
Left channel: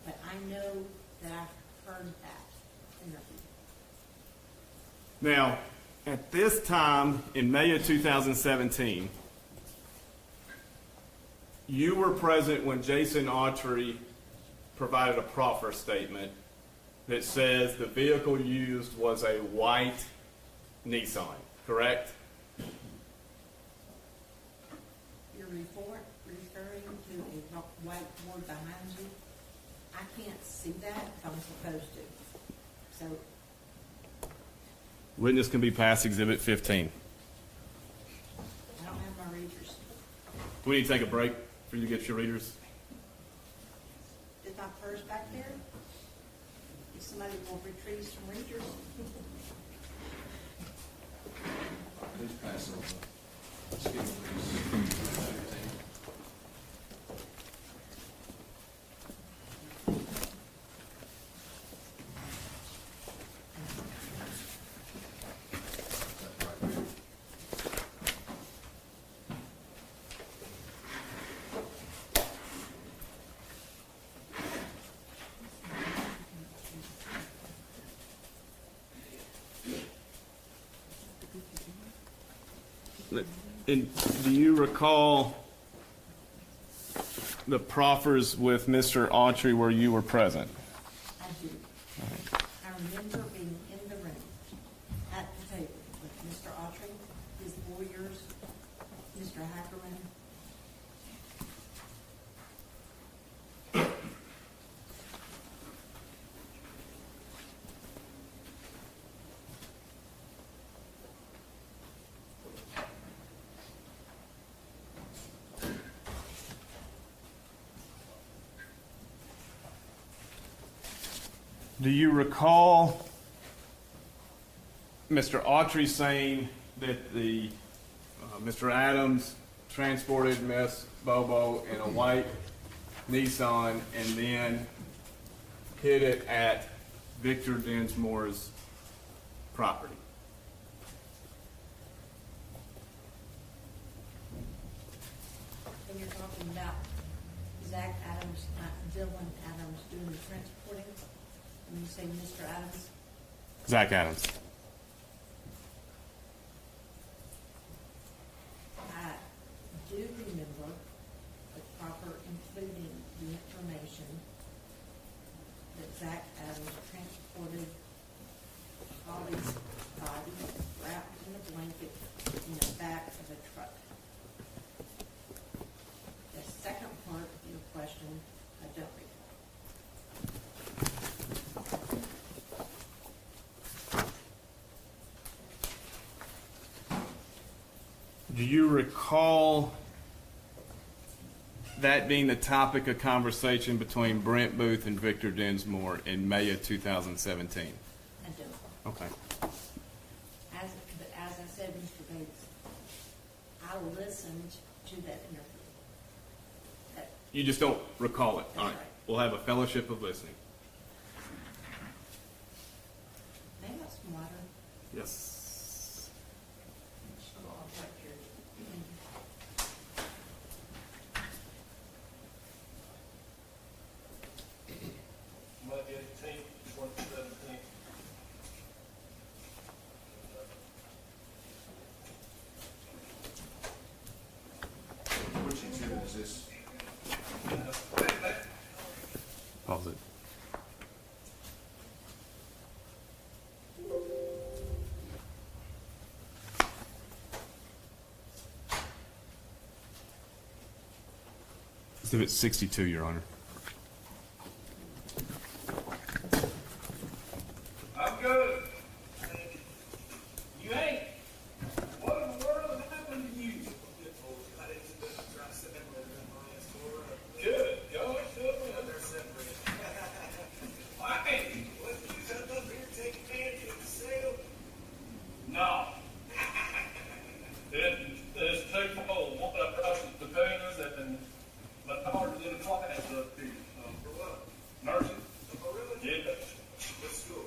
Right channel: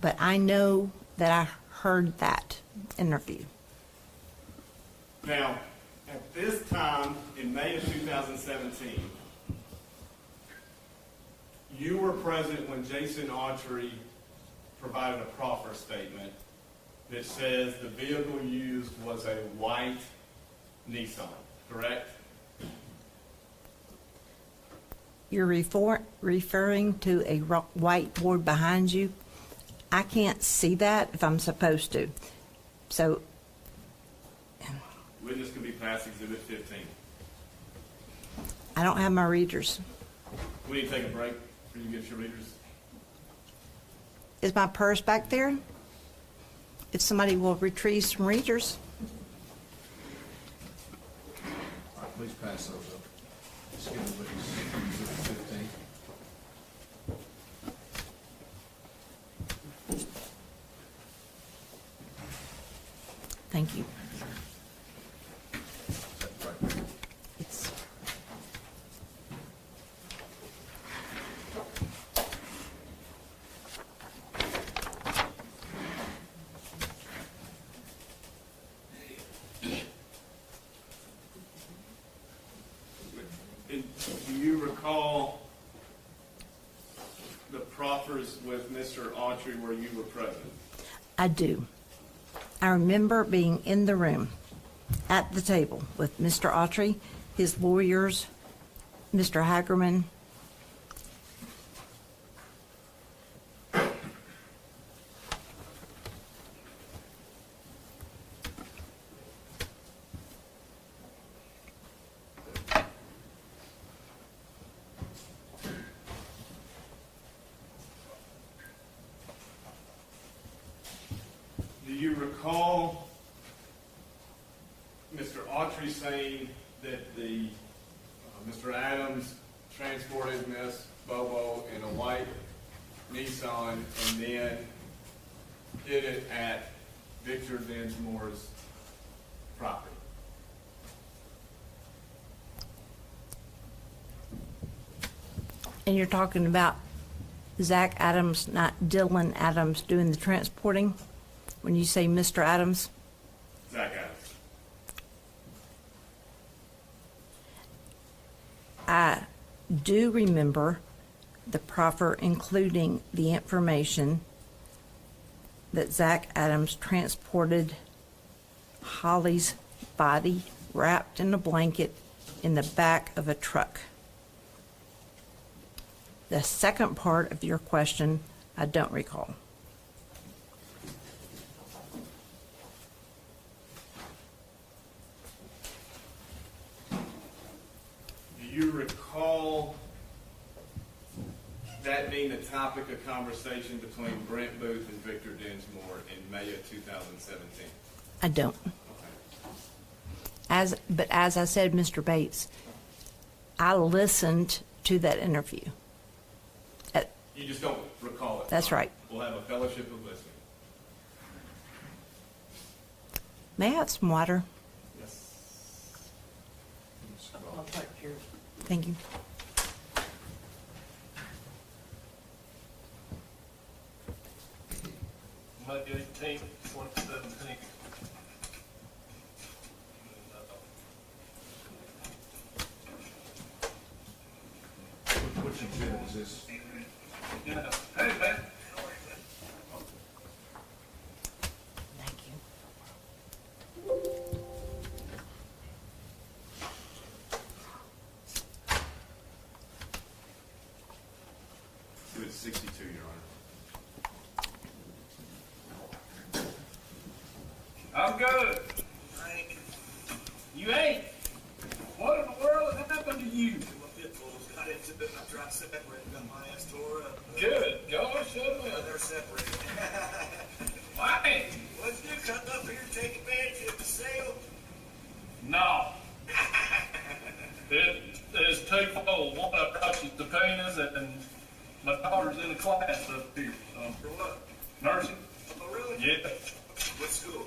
but I know that I heard that interview. Now, at this time, in May of 2017, you were present when Jason Autry provided a proffer statement that says the vehicle used was a white Nissan, correct? You're referring to a whiteboard behind you. I can't see that if I'm supposed to. So Witness can be passed Exhibit 15. I don't have my readers. We need to take a break for you to get your readers. Is my purse back there? If somebody will retrieve some readers. Please pass those up. Let's give it, please. 15. Thank you. That's right there. It's- And do you recall the proffers with Mr. Autry where you were present? I do. I remember being in the room at the table with Mr. Autry, his lawyers, Mr. Hagerman. Do you recall Mr. Autry saying that Mr. Adams transported Miss Bobo in a white Nissan and then hid it at Victor Dinsmore's property? And you're talking about Zach Adams, not Dylan Adams, doing the transporting? When you say Mr. Adams? Zach Adams. I do remember the proffer including the information that Zach Adams transported Holly's body wrapped in a blanket in the back of a truck. The second part of your question, I don't recall. Do you recall that being the topic of conversation between Brent Booth and Victor Dinsmore in May of 2017? I don't. Okay. But as I said, Mr. Bates, I listened to that interview. You just don't recall it. That's All right. We'll have a fellowship of listening. May I have some water? Yes. Thank you. May 18th, 2017. Which exhibit is this? Pause it. Exhibit 62, Your Honor. I'm good. You ain't. What in the world has happened to you? Good. Gosh, they're separated. Why? What you come up here to take advantage of the sale? No. There's twofold. One, I brought you the penis, and my daughter's in a class up here. For what? Nursing. Oh, really? Yeah. What school?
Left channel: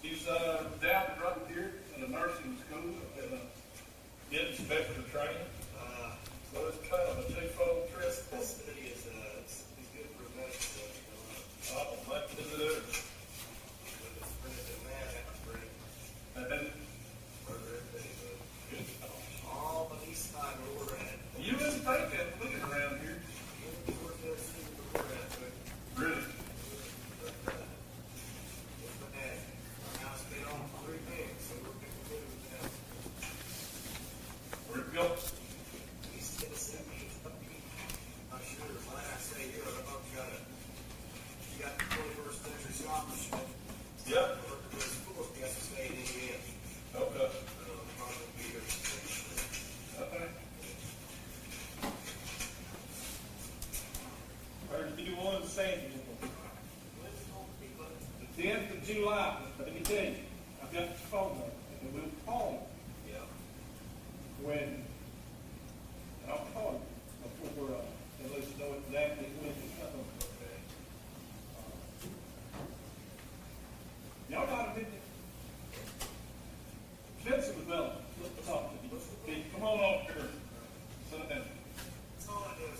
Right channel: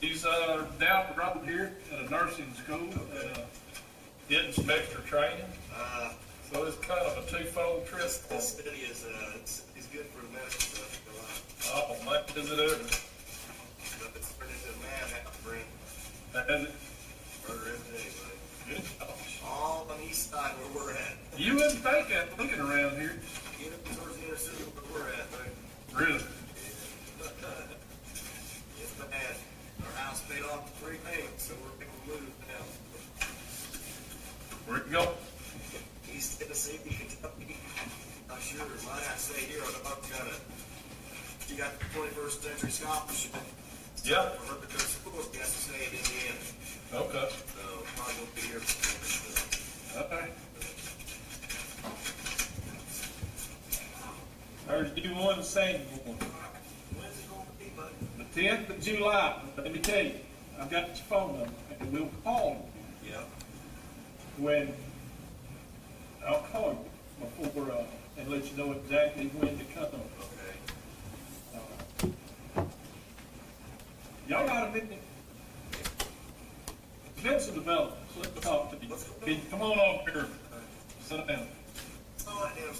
She's down the road here at a nursing school, inspector training. So it's kind of a twofold trip. This study is good for medical stuff. Oh, much as it is. But it's pretty good man out Brent. And For every day, but good gosh. all on the east side where we're at. You wouldn't think that looking around here. Get up towards the inner city where we're at, but Really? it's bad. Our house paid off prepaid, so we're big blue now. Where'd it go? East Tennessee, Kentucky. Not sure. Mine, I stay here. I don't know. You got the 21st century scholarship. Yep. For her to go to school, you have to stay in Indiana. Okay. So probably won't be here. Okay. Heard you one saying When's it going to be, buddy? the 10th of July. Let me tell you, I've got your phone number, and we'll call you Yeah. when I'll call you before and let you know exactly when to come. Okay. Y'all got a minute? Defensive development, let's talk to you. Can you come on over here? Sit down. Oh, I am.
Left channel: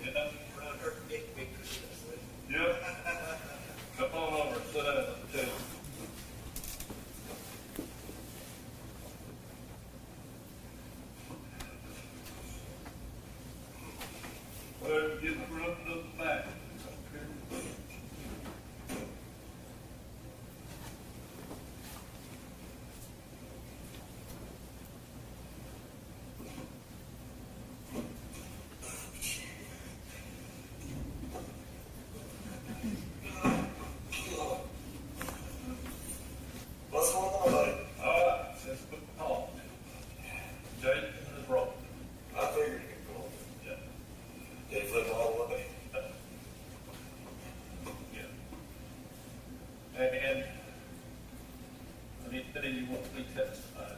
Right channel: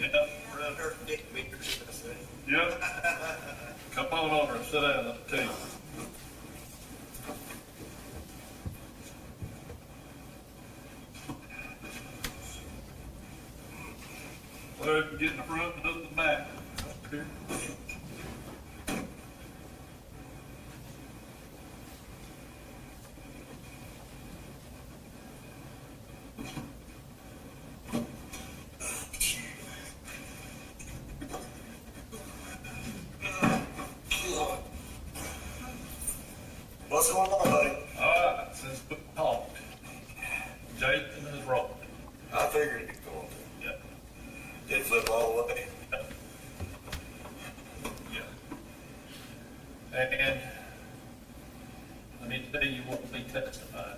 Yeah? Around her dick makers, I say. Yep. Come on over and sit down at the table. Well, get in the front and up the back. Up here. What's going on, buddy? All right, since we talked, Jake and his roll. I figured you'd go on. Yep. Did flip all the way. Yep. Yeah. And I need to tell you what we testified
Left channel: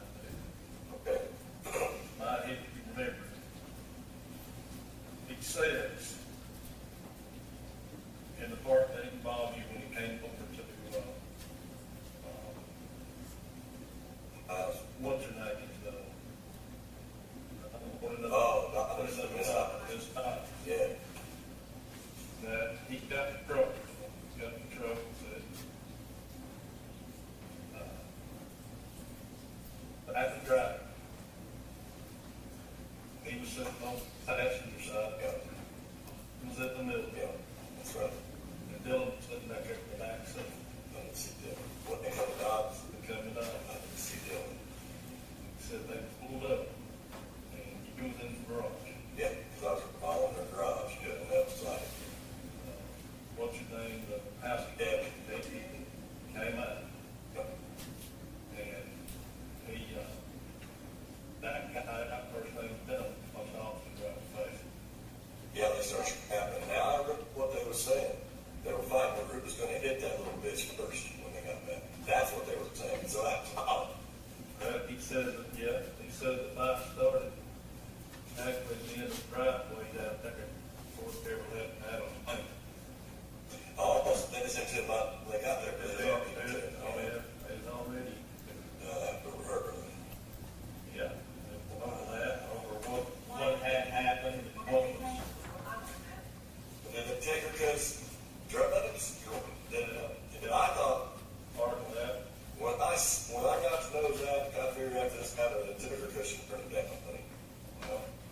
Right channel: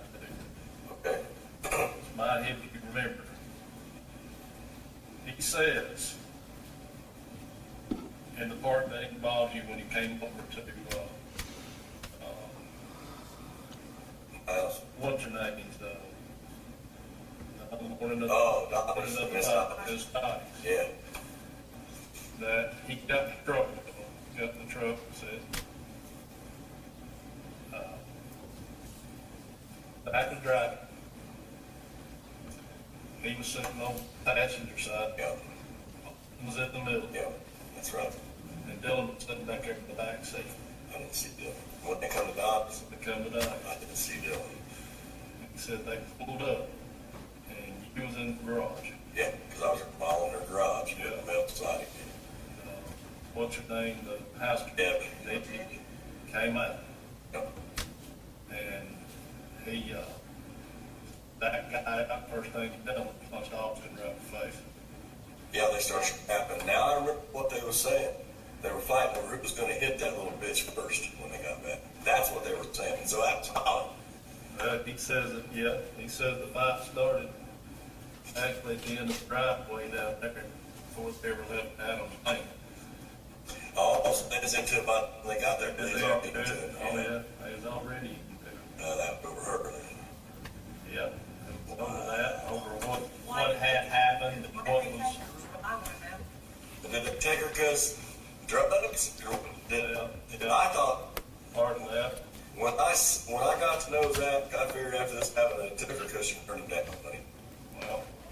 to. Okay. Might help you remember. He says, in the part that involved you when you came over to, what's your name is, one of the. Oh, Doc, Miss Doc. His Doc. Yeah. That he got in trouble, got in trouble, said, back and driving. He was sitting on the passenger side. Yeah. Was in the middle. Yeah. That's right. And Dylan was sitting back there in the back seat. I didn't see Dylan. When they come to dogs, They come to die. I didn't see Dylan. He said they pulled up and he was in the garage. Yeah, because I was following her garage. Yeah. On the outside. What's your name? The house Debbie. Debbie came out Yep. and he, that guy, started happening. Now I remember what they were saying. They were fighting over who was gonna hit that little bitch first when they got back. That's what they were saying, and so that's odd. He says that, yeah, he says the fight started actually at the end of the driveway down there before they ever left Adams Lane. Oh, so they was into it by, when they got there, they was already into it. Oh, yeah, it was already, That overheard. yeah, over that, over what had happened, what was, And then they take her cause drugs, then I thought, part of that. when I got to know Zach, I figured after this happened, it took her cause she turned him down, buddy.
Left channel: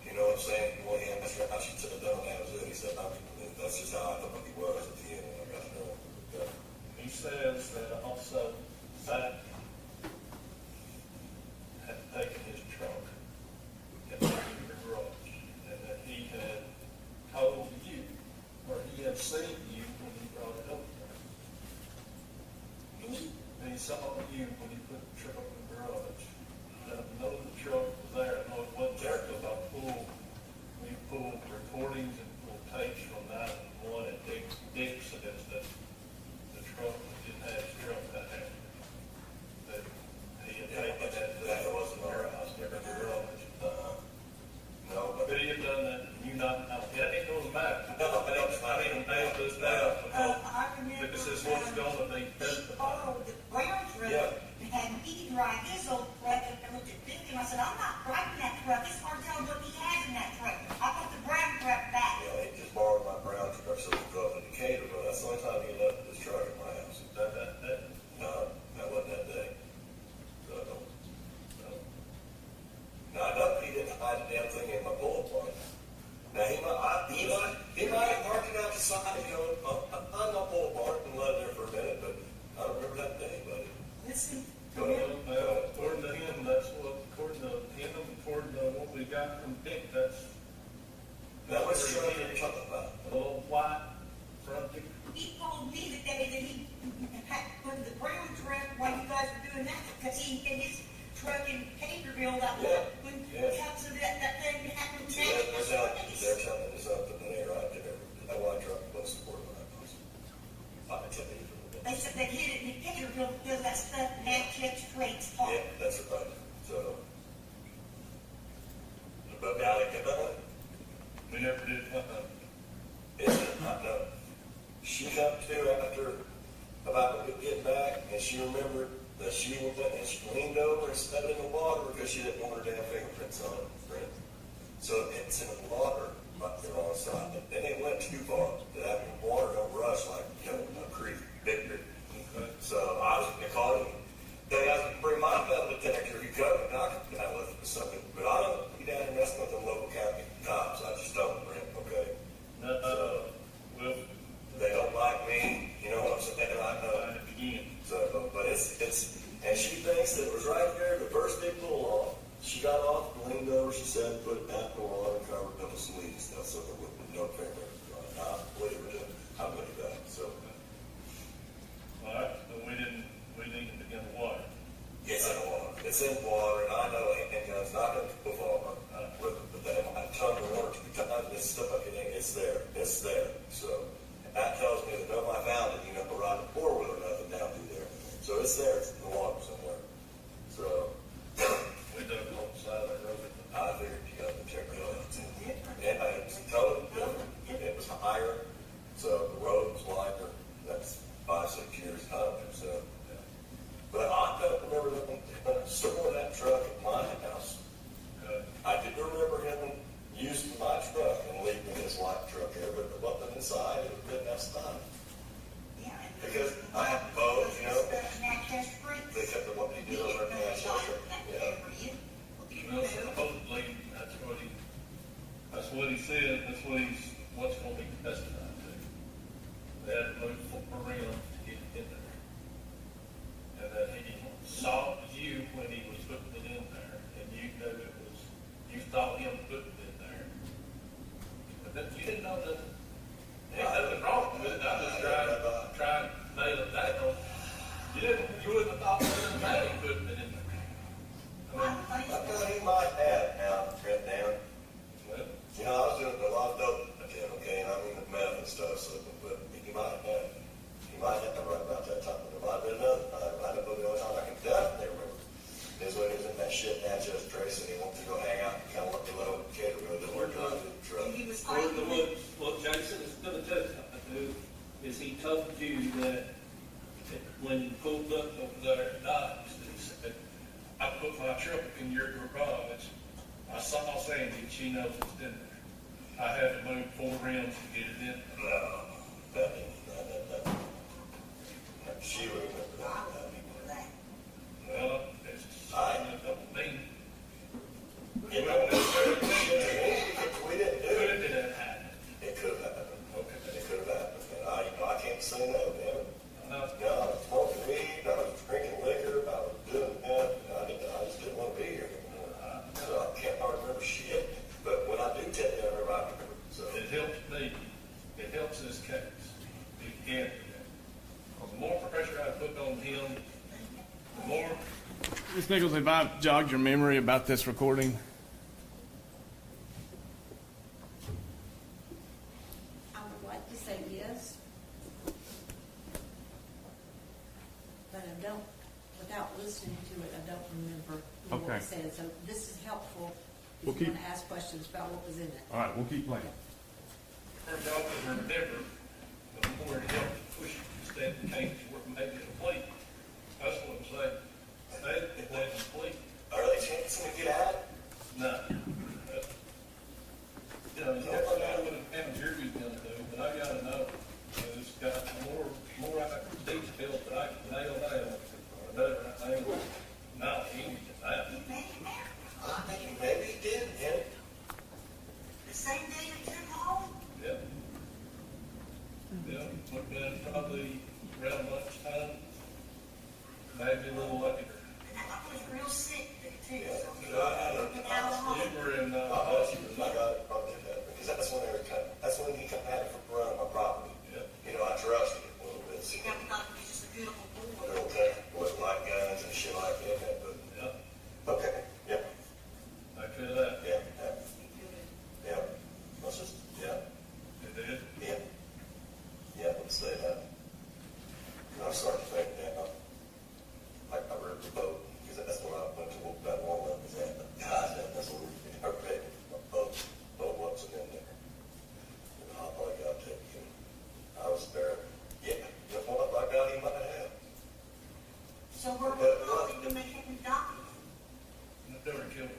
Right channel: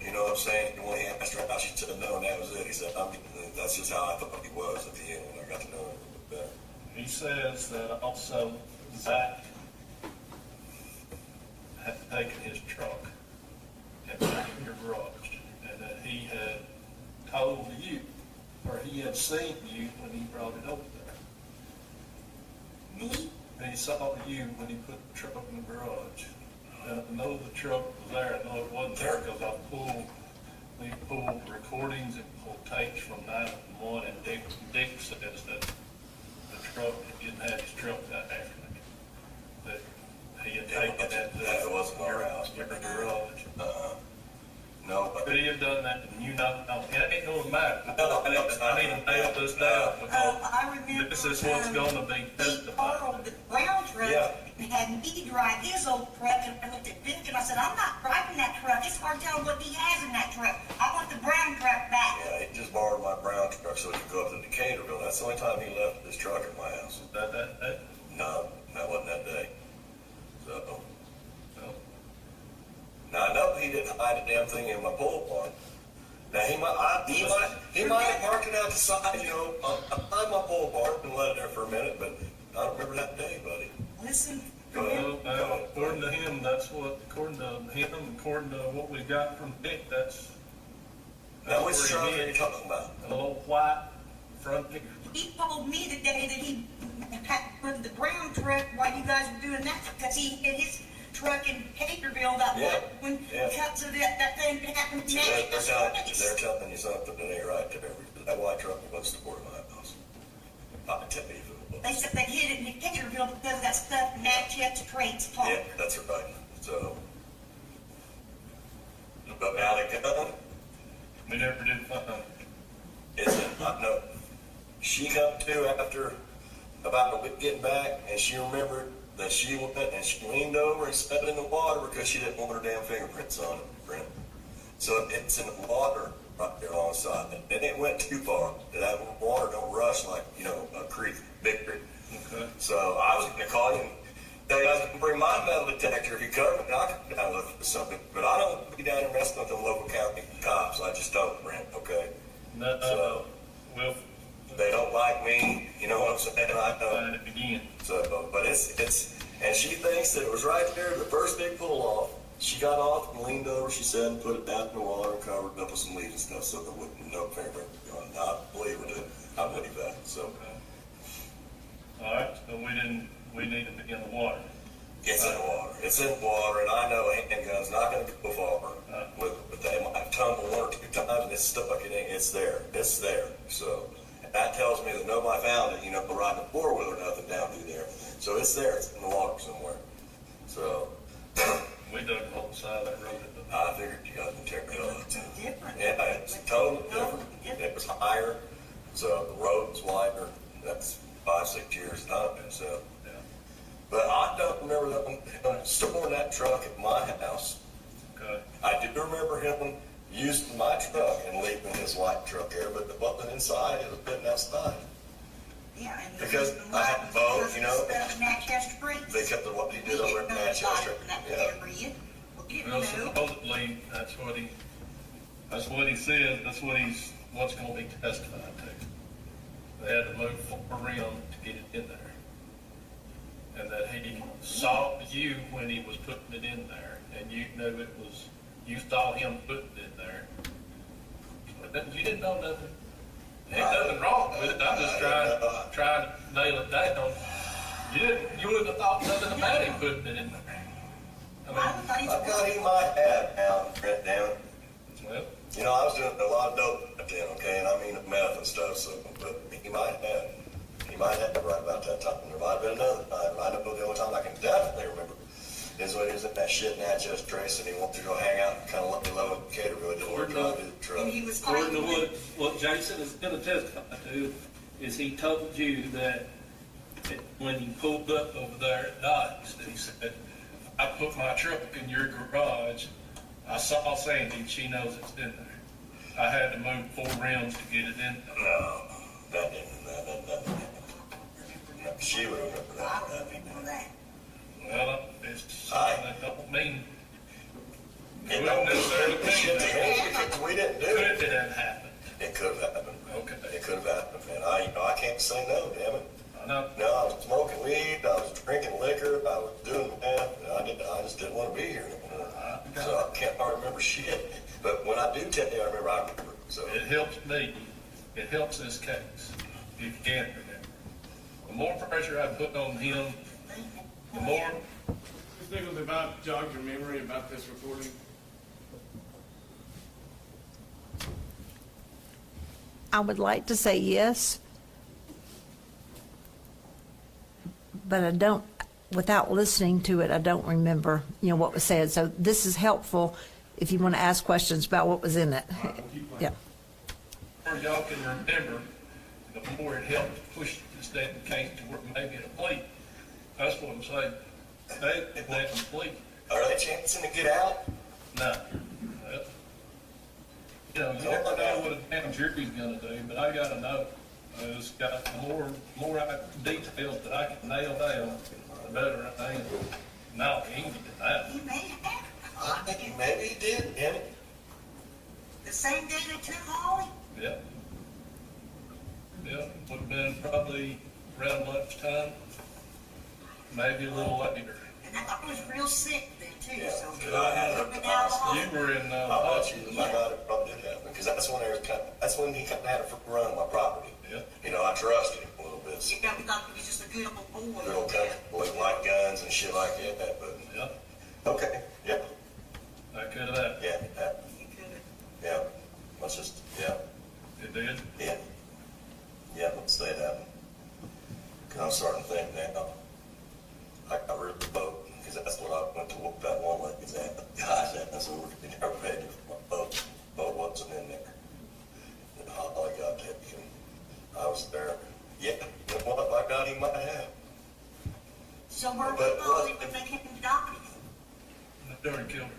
You know what I'm saying? And when he asked her out, she said no, and that was it. He said, that's just how I thought he was at the end when I got to know him a little bit better. He says that also Zach had taken his truck and taken your garage, and that he had told you, or he had seen you when he brought it over there. And he saw you when he put the truck in the garage. And I know the truck was there, I know it wasn't there because we pulled recordings and pulled tapes from 911, and Dick says that the truck, he didn't have his truck that afternoon. That he had taken that to That wasn't our house. your garage. No, but Could he have done that and you not, yeah, it don't matter. No, I need to nail this down I remember. because this is what's gonna be He testified. borrowed the brown truck Yeah. and had me drive his old truck, and I looked at Dick and I said, I'm not driving that truck. It's hard to tell what he has in that truck. I want the brown truck back. yeah, he just borrowed my brown truck so he could go up to Decaturville. That's the only time he left his truck at my house. That, No, that wasn't that day. So, no. now I know he didn't hide a damn thing in my pole barn. Now he might have marked it out the side, you know, behind my pole barn and let it there for a minute, but I don't remember that day, buddy. Listen, Well, according to him, according to what we got from Dick, that's. Now, which where truck he are you is. talking about? A little white front kicker. he told me the day that he packed with the brown truck while you guys were doing that, because he had his truck in Caterville that Yeah, when yeah. cut to that thing happened to See, me. they're telling you something that ain't right there. That white truck was the board of my house. I can tell you. They said they hid it in Caterville because that stuff Manchester trains talk. Yeah, that's right. So, but now they got We never did, is it, I know, she come to after about a week getting back, and she remembered that she went and she leaned over and sat in the water because she didn't want her damn fingerprints on it, friend. So it's in the water right there alongside, and then it went too far. That water don't rush like, you know, a creek, big creek. okay. So I was gonna call you. Hey, I can bring my metal detector if you come, and I can kind of look for something. But I don't be down there messing with the local county cops. I just don't, Brent. Okay. No, well, They don't like me. You know what I'm saying? I know. at it again. So, but it's, and she thinks that it was right there, the first big pull off. She got off and leaned over, she said, and put it down in the water and covered it up with some leaves and stuff, so there would no fingerprint. I believe it. I believe that. So, All right, so we needed to get the water. it's in the water. It's in the water, and I know a handgun's not gonna go far with it, but they might have tongued it one or two times, and it's stuck like it ain't, it's there. It's there. So, and that tells me that nobody found it, you know, riding a four-wheeler or nothing down through there. So it's there, it's in the water somewhere. So, We dug the whole side of that road. I figured you got material. Different. Yeah, it's totally different. It was higher, so the road was wider. That's 5-6 years time, so. Yeah. But I don't remember them storing that truck at my house. Okay. I do remember him using my truck and leaving his white truck there, but the button inside, it was been outside. Yeah, and Because I have both, you know. Manchester Springs. They kept the, what he did over in Manchester. Yeah. Well, supposedly, that's what he said, what's gonna be testified to. They had to move around to get it in there. And that he saw you when he was putting it in there, and you knew you saw him putting it in there. But you didn't know nothing. Ain't nothing wrong with it, I'm just trying to nail it down. You wouldn't have thought nothing about him putting it in there. I I thought he might have now, Brent, down. mean, well, You know, I was doing a lot of dope back then, okay? Jason is gonna testify to is he told you that when you pulled up over there at Dodge's, that he said, I put my truck in your garage, I saw Sandy, and she knows it's in there. I had to move 4 rims to get it in. No, that didn't. No, she would remember I that. don't remember that. Well, it's, Aye. that don't mean, It don't necessarily mean because we didn't do could it. it have happened? It could have happened. Okay. It could have happened, and I can't say no, damn it. I know. No, I was smoking weed, I was drinking liquor, I was doing that, I just didn't want to be here anymore. So I can't hardly remember shit. But when I do tell you, I remember. So It helps me, it helps this case, if you can remember. The more pressure I put on him, the more, Ms. Nichols, have I jogged your memory about this recording? I would like to say yes, but I don't, without listening to it, I don't remember, what Okay. was said. So this is helpful if you want to ask questions about what was in it. All right, we'll keep playing. Yeah. the more y'all can remember, the more it helps push this damn case to where maybe it'll complete. That's what I'm saying. If they complete, are they chancing to get out? no. You know, you never know what a damn jury's gonna do, but I gotta know. It's got more details that I can nail down, the better I am. No, he can get that. He made it happen. I think maybe he did, damn it. The same day they took Holly, Yep. Yep, would've been probably around lunchtime, maybe a little later. and I was real sick then too, Yeah, so. because I had Up and down the hall. You were in, I bet you that my God probably did happen, because that's when that's when he kind of had a run on my property. Yep. I trusted him a little bit. So You got me thought he was just a good old boy. little kind of boy like guns and shit like that, but, Yep, okay, yeah, that could've happened. yeah, that, He could've. yeah, let's just, yeah, It did. yeah. Yeah, let's say that. Because I'm starting to think now, I really boat, because that's what I went to look that one like, is that, gosh, that's over, my boat wasn't in there. And Holly got taken, I was there, yeah, what, by God, he might have. So where But was Holly when they kept him doctored? They already killed him.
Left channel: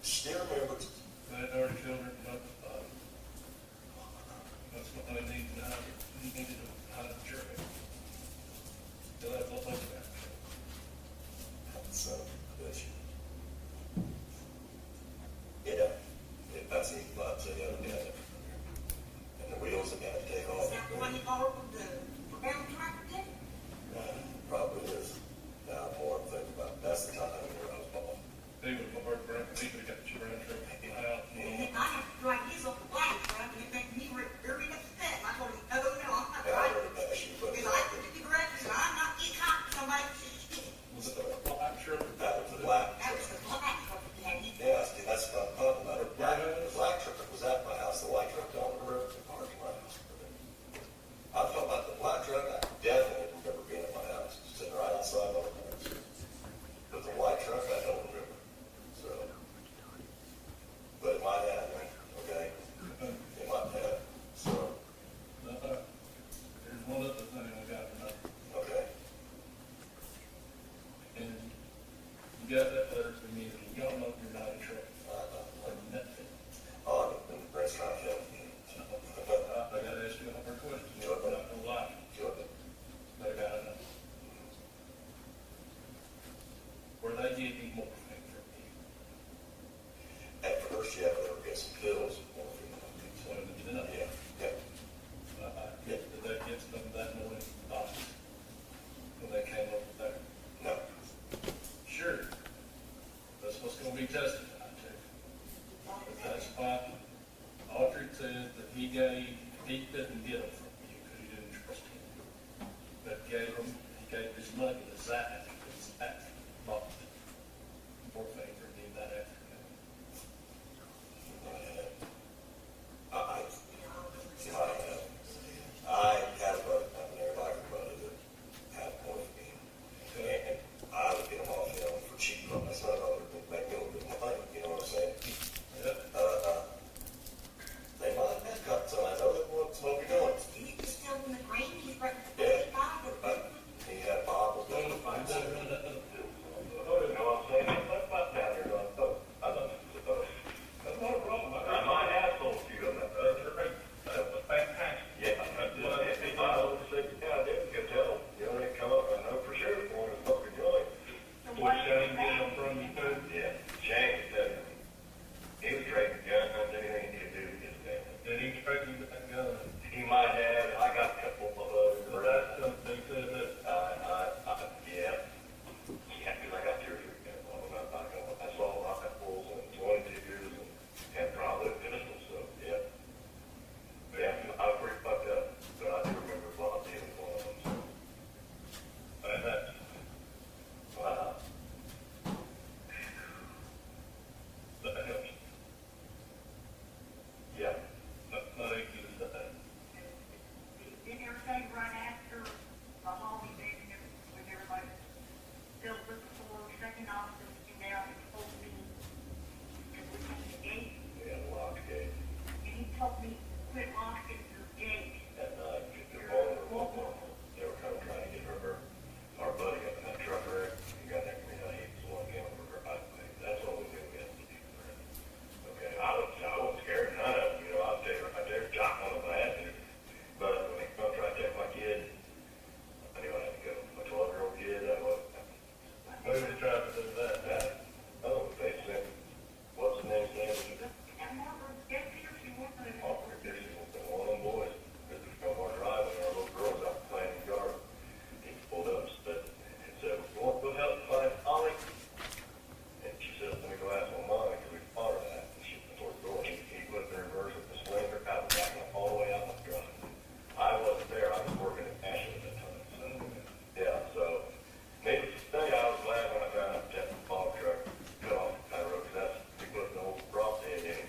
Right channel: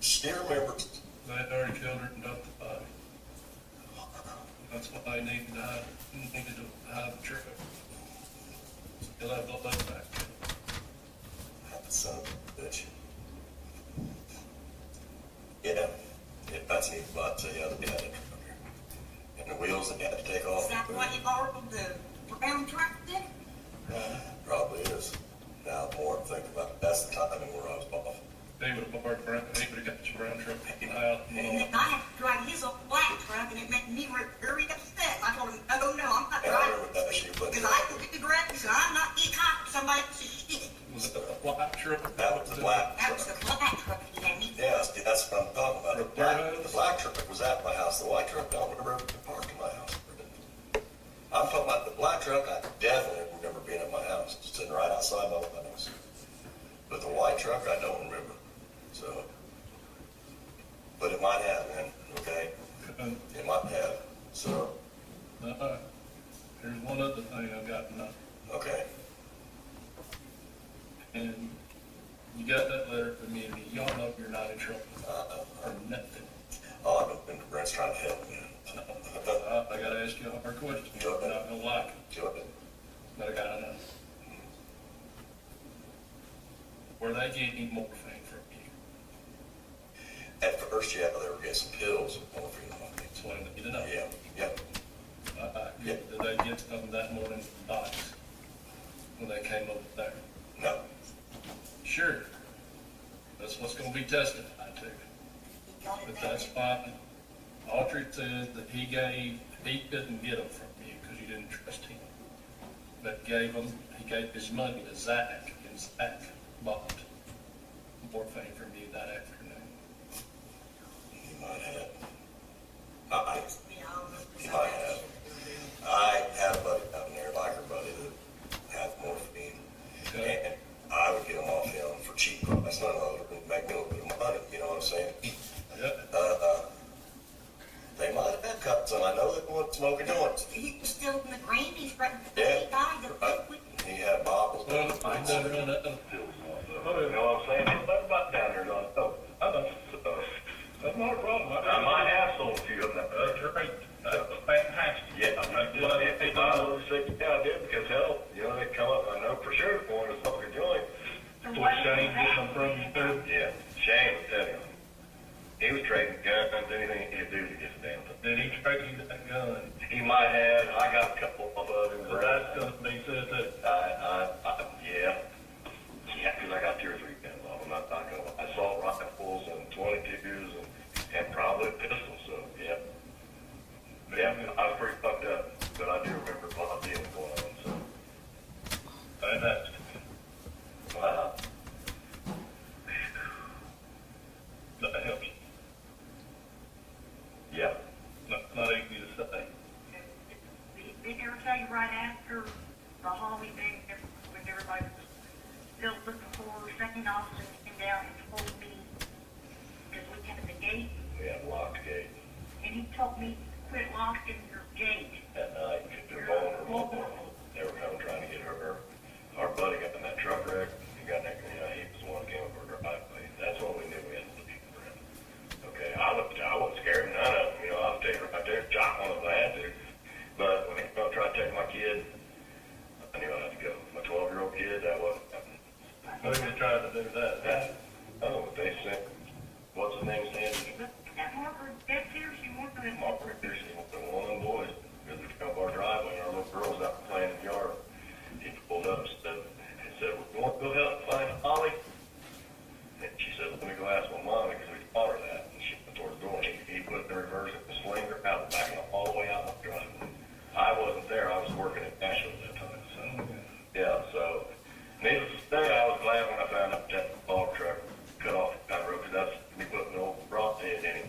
She remembers, They had already killed her and dumped the body. That's what they needed to hide the truck. Still have the lead back. son of a bitch. Yeah, that's neat, but, the other day, and the wheels that had to take off. Is that the one you borrowed the brown truck did? Probably is. Now, more I'm thinking about it, that's the timing where I was off. He would have parked around, he would have got his brown truck out. And then I had to drive his old black truck, and it made me very upset. I told him, no, I'm not And I driving. remember that issue, but Because I looked at the garage and said, I'm not getting caught with somebody else's shit. Was it a black truck? that was the black That was truck. the black truck he had. Yeah, see, that's what I'm talking about. The black truck was at my house, the white truck, I don't remember parking my house. I'm talking about the black truck, I definitely remember being at my house, sitting right outside my house. But the white truck, I don't remember, so. But it might have been, okay? It might have, so, There's one other thing I got to know. okay. And you got that letter from me, and you all know you're not in trouble. Or nothing. Oh, I've been, Brent's trying to help me. I gotta ask you a hard question. Go ahead. I don't like it, Go ahead. but I gotta know. Were they getting morphine from you? At first, yeah, they were getting some pills, morphine. That's what I need to know. Yeah, yeah. Did they get some that morning from Dottie when they came over there? No, Sure. That's what's gonna be testified to. He got it But back. that's fine. Autry says that he didn't get them from you because you didn't trust him. But he gave his money to Zach, and Zach bought morphine from you that afternoon. he might have. I, You know, he might have. I had a buddy down there, like a buddy that had morphine. Okay. And I would get them off him for cheap price. Not a lot of make me a little bit of money, you know what I'm saying? down and told me, because we have the gate, We have locked gate. and he told me, quit locking your gate. At night, they're vulnerable. They were coming trying to get our buddy got in that truck wreck. He got that, he was one game over her driveway. That's when we knew we had to look for him. Okay, I wasn't scared, none of them, I was taking right there, Jock on the land. But when I tried to take my kid, I knew I had to go. My 12-year-old kid, that wasn't. What are they trying to do with that? Oh, they sent, what's the name, Sandy? That Margaret, that's here, she wanted to. Margaret, there's one boy, because we come our driveway, and our little girl's out playing in the yard. He pulled up and said, "We want to go help find Holly?" And she said, "Let me go ask my mom, because we taught her that." And she went towards the door, and he put the reverse of the slinger out, back all the way out the driveway. I wasn't there, I was working at Nashville at that time, so, yeah, so, needless to say, I was glad when I found out that log truck cut off that road, because that's, we put an old rock head in him.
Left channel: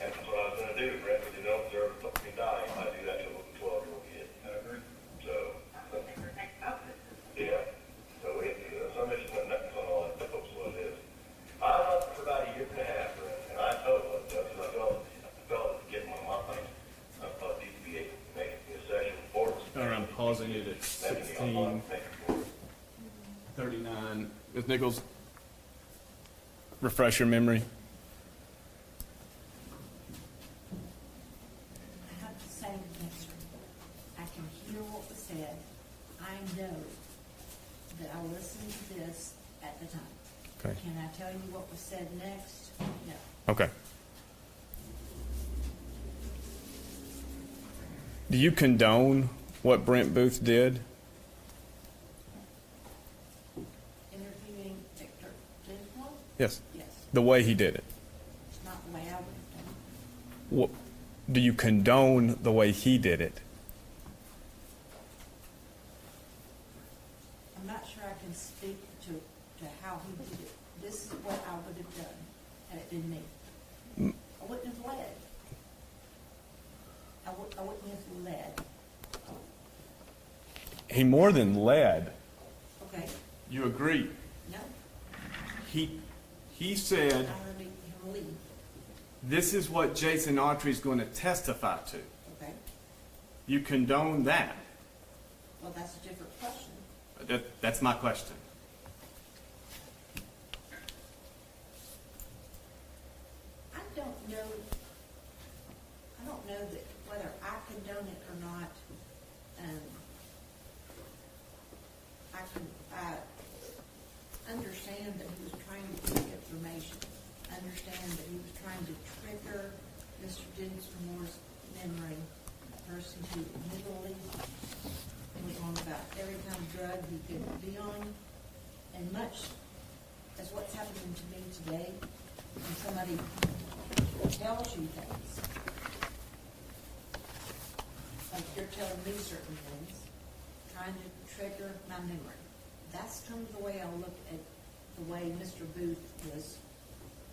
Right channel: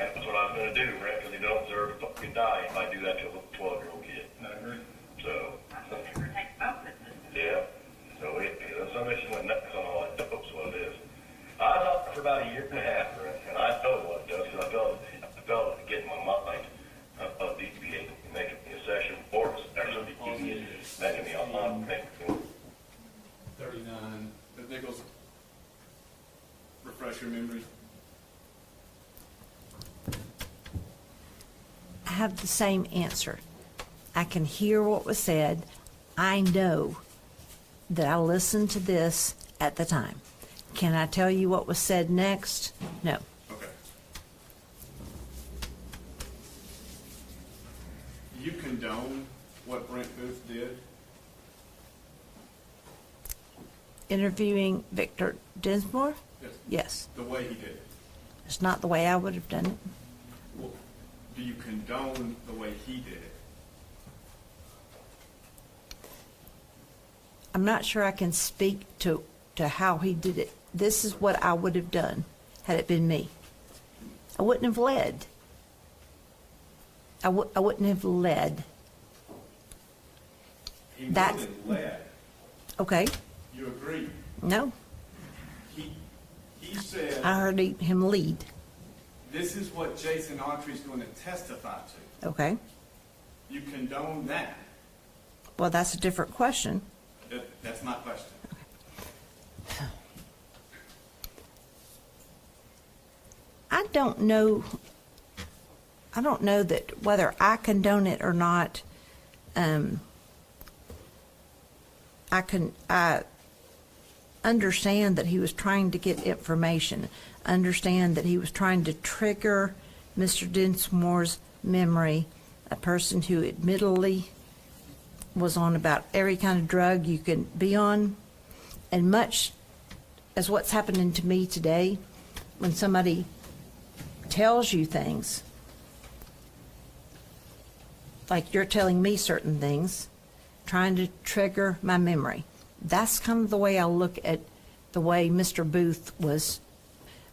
And that's what I was gonna do, Brent, because you don't deserve to fucking die if I do that to a little 12-year-old kid. So, yeah, so somebody just went nuts on all that, that's what it is. I was out for about a year and a half, Brent, and I told you what it does, because I felt it get in my mind. I felt DPA making me a sexual force. I'm pausing it at Making me a 39. Ms. Nichols, refresh your memory. I have the same answer. I can hear what was said. I know that I listened to this at the time. Okay. Can I tell you what was said next? No. Okay. Do you condone what Brent Booth did? Interviewing Victor Dinsmore? Yes. Yes. The way he did it. It's not the way I would have done it. What, do you condone the way he did it? I'm not sure I can speak to how he did it. This is what I would have done had it been me. I wouldn't have led. I wouldn't have led. He more That's- than led. Okay? You agree? No. He said, I heard him lead. this is what Jason Autry's going to testify to. Okay? You condone that? Well, that's a different question. That's my question. I don't know that whether I condone it or not. I understand that he was trying to get information, understand that he was trying to trigger Mr. Dinsmore's memory, a person who admittedly was on about every kind of drug you can be on, and much as what's happening to me today, when somebody tells you things, like you're telling me certain things, trying to trigger my memory. That's kind of the way I look at the way Mr. Booth was.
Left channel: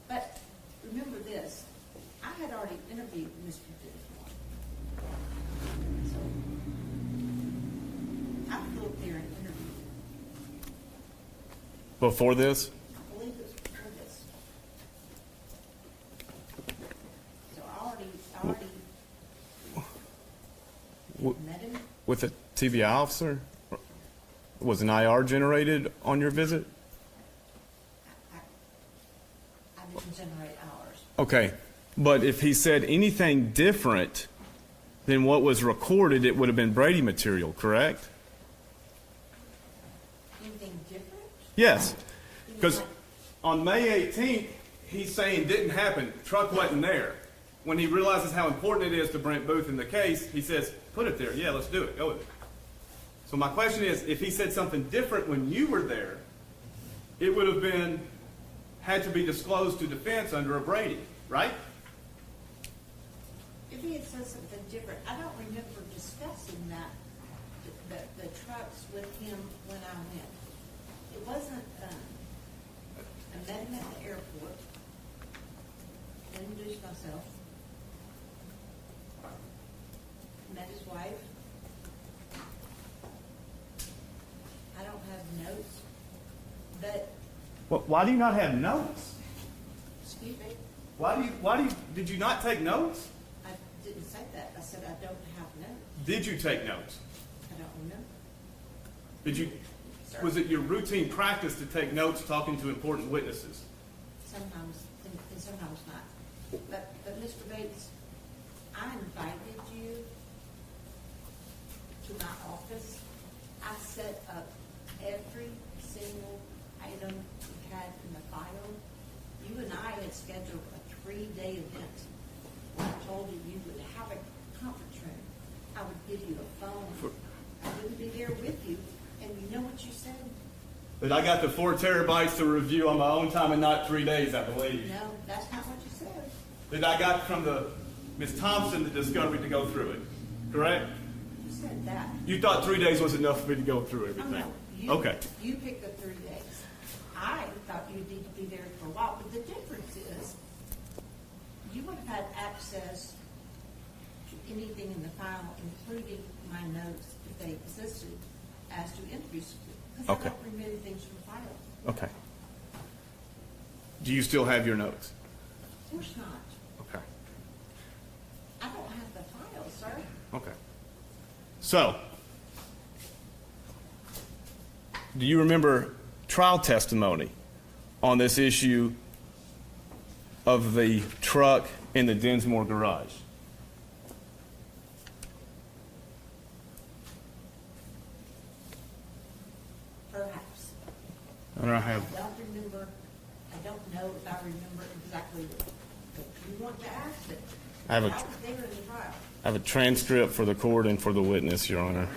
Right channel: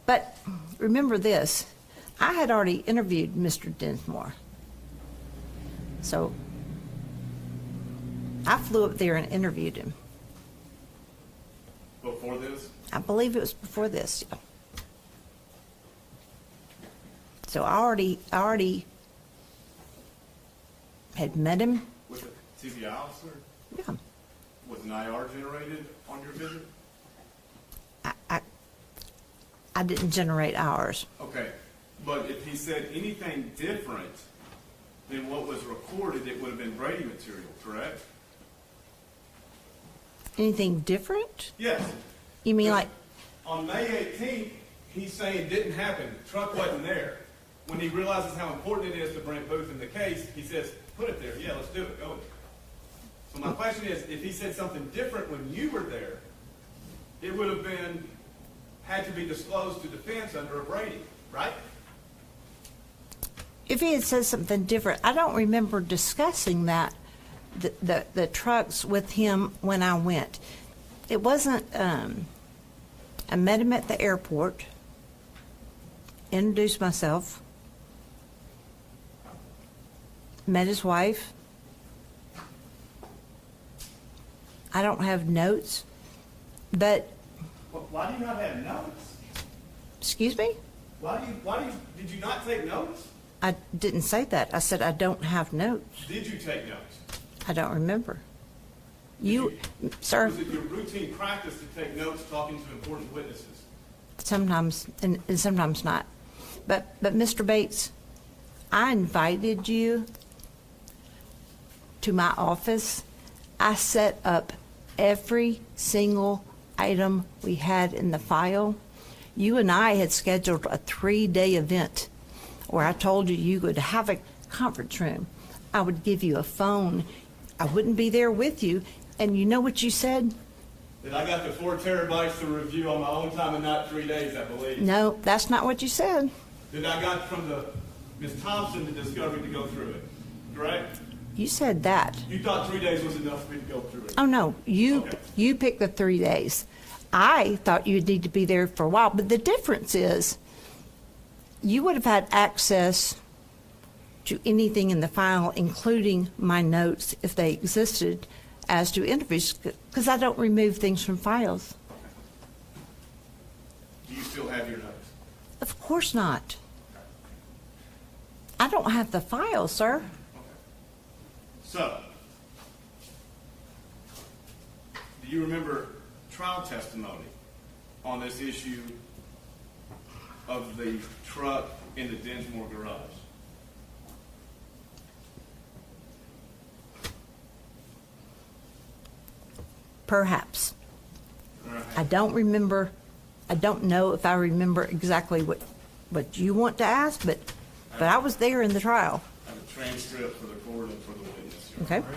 But remember this, I had already interviewed Mr. Dinsmore. So I flew up there and interviewed him. Before this? I believe it was before this. So I already had met him. With a TBI officer? Yeah. Was an IR generated on your visit? I didn't generate ours. Okay, but if he said anything different than what was recorded, it would have been Brady material, correct? Anything different? Yes. You mean 'Cause like, on May 18th, he's saying didn't happen, truck wasn't there. When he realizes how important it is to Brent Booth in the case, he says, put it there, yeah, let's do it, go with it. So my question is, if he said something different when you were there, it would have been, had to be disclosed to defense under a Brady, right? if he had said something different, I don't remember discussing that, the trucks with him when I went. It wasn't, I met him at the airport, introduced myself, met his wife. I don't have notes, but Why do you not have notes? Excuse me? Did you not take notes? I didn't say that. I said I don't have notes. Did you take notes? I don't remember. Did Sir, Was it your routine practice to take notes talking to important witnesses? sometimes, and sometimes not. But Mr. Bates, I invited you to my office. I set up every single item we had in the file. You and I had scheduled a 3-day event where I told you you would have a conference room. I would give you a phone. I wouldn't be there with you. And you know what you said? That I got the 4 terabytes to review on my own time and not 3 days, I believe. No, that's not what you said. That I got from Ms. Thompson the discovery to go through it, correct? You said that. You thought 3 days was enough for me to go through it? Oh, no, Okay. you picked the 3 days. I thought you'd need to be there for a while, but the difference is you would have had access to anything in the file, including my notes, if they existed, as to interviews, because I don't remove things from files. Okay. Do you still have your notes? Of course not. Okay. I don't have the file, sir. Okay. So, do you remember trial testimony on this issue of the truck in the Dinsmore garage? Perhaps. All right. I don't remember, I don't know if I remember exactly what you want to ask, but I was there in the trial. I have a transcript for the court and for the witness, Your Okay. Honor.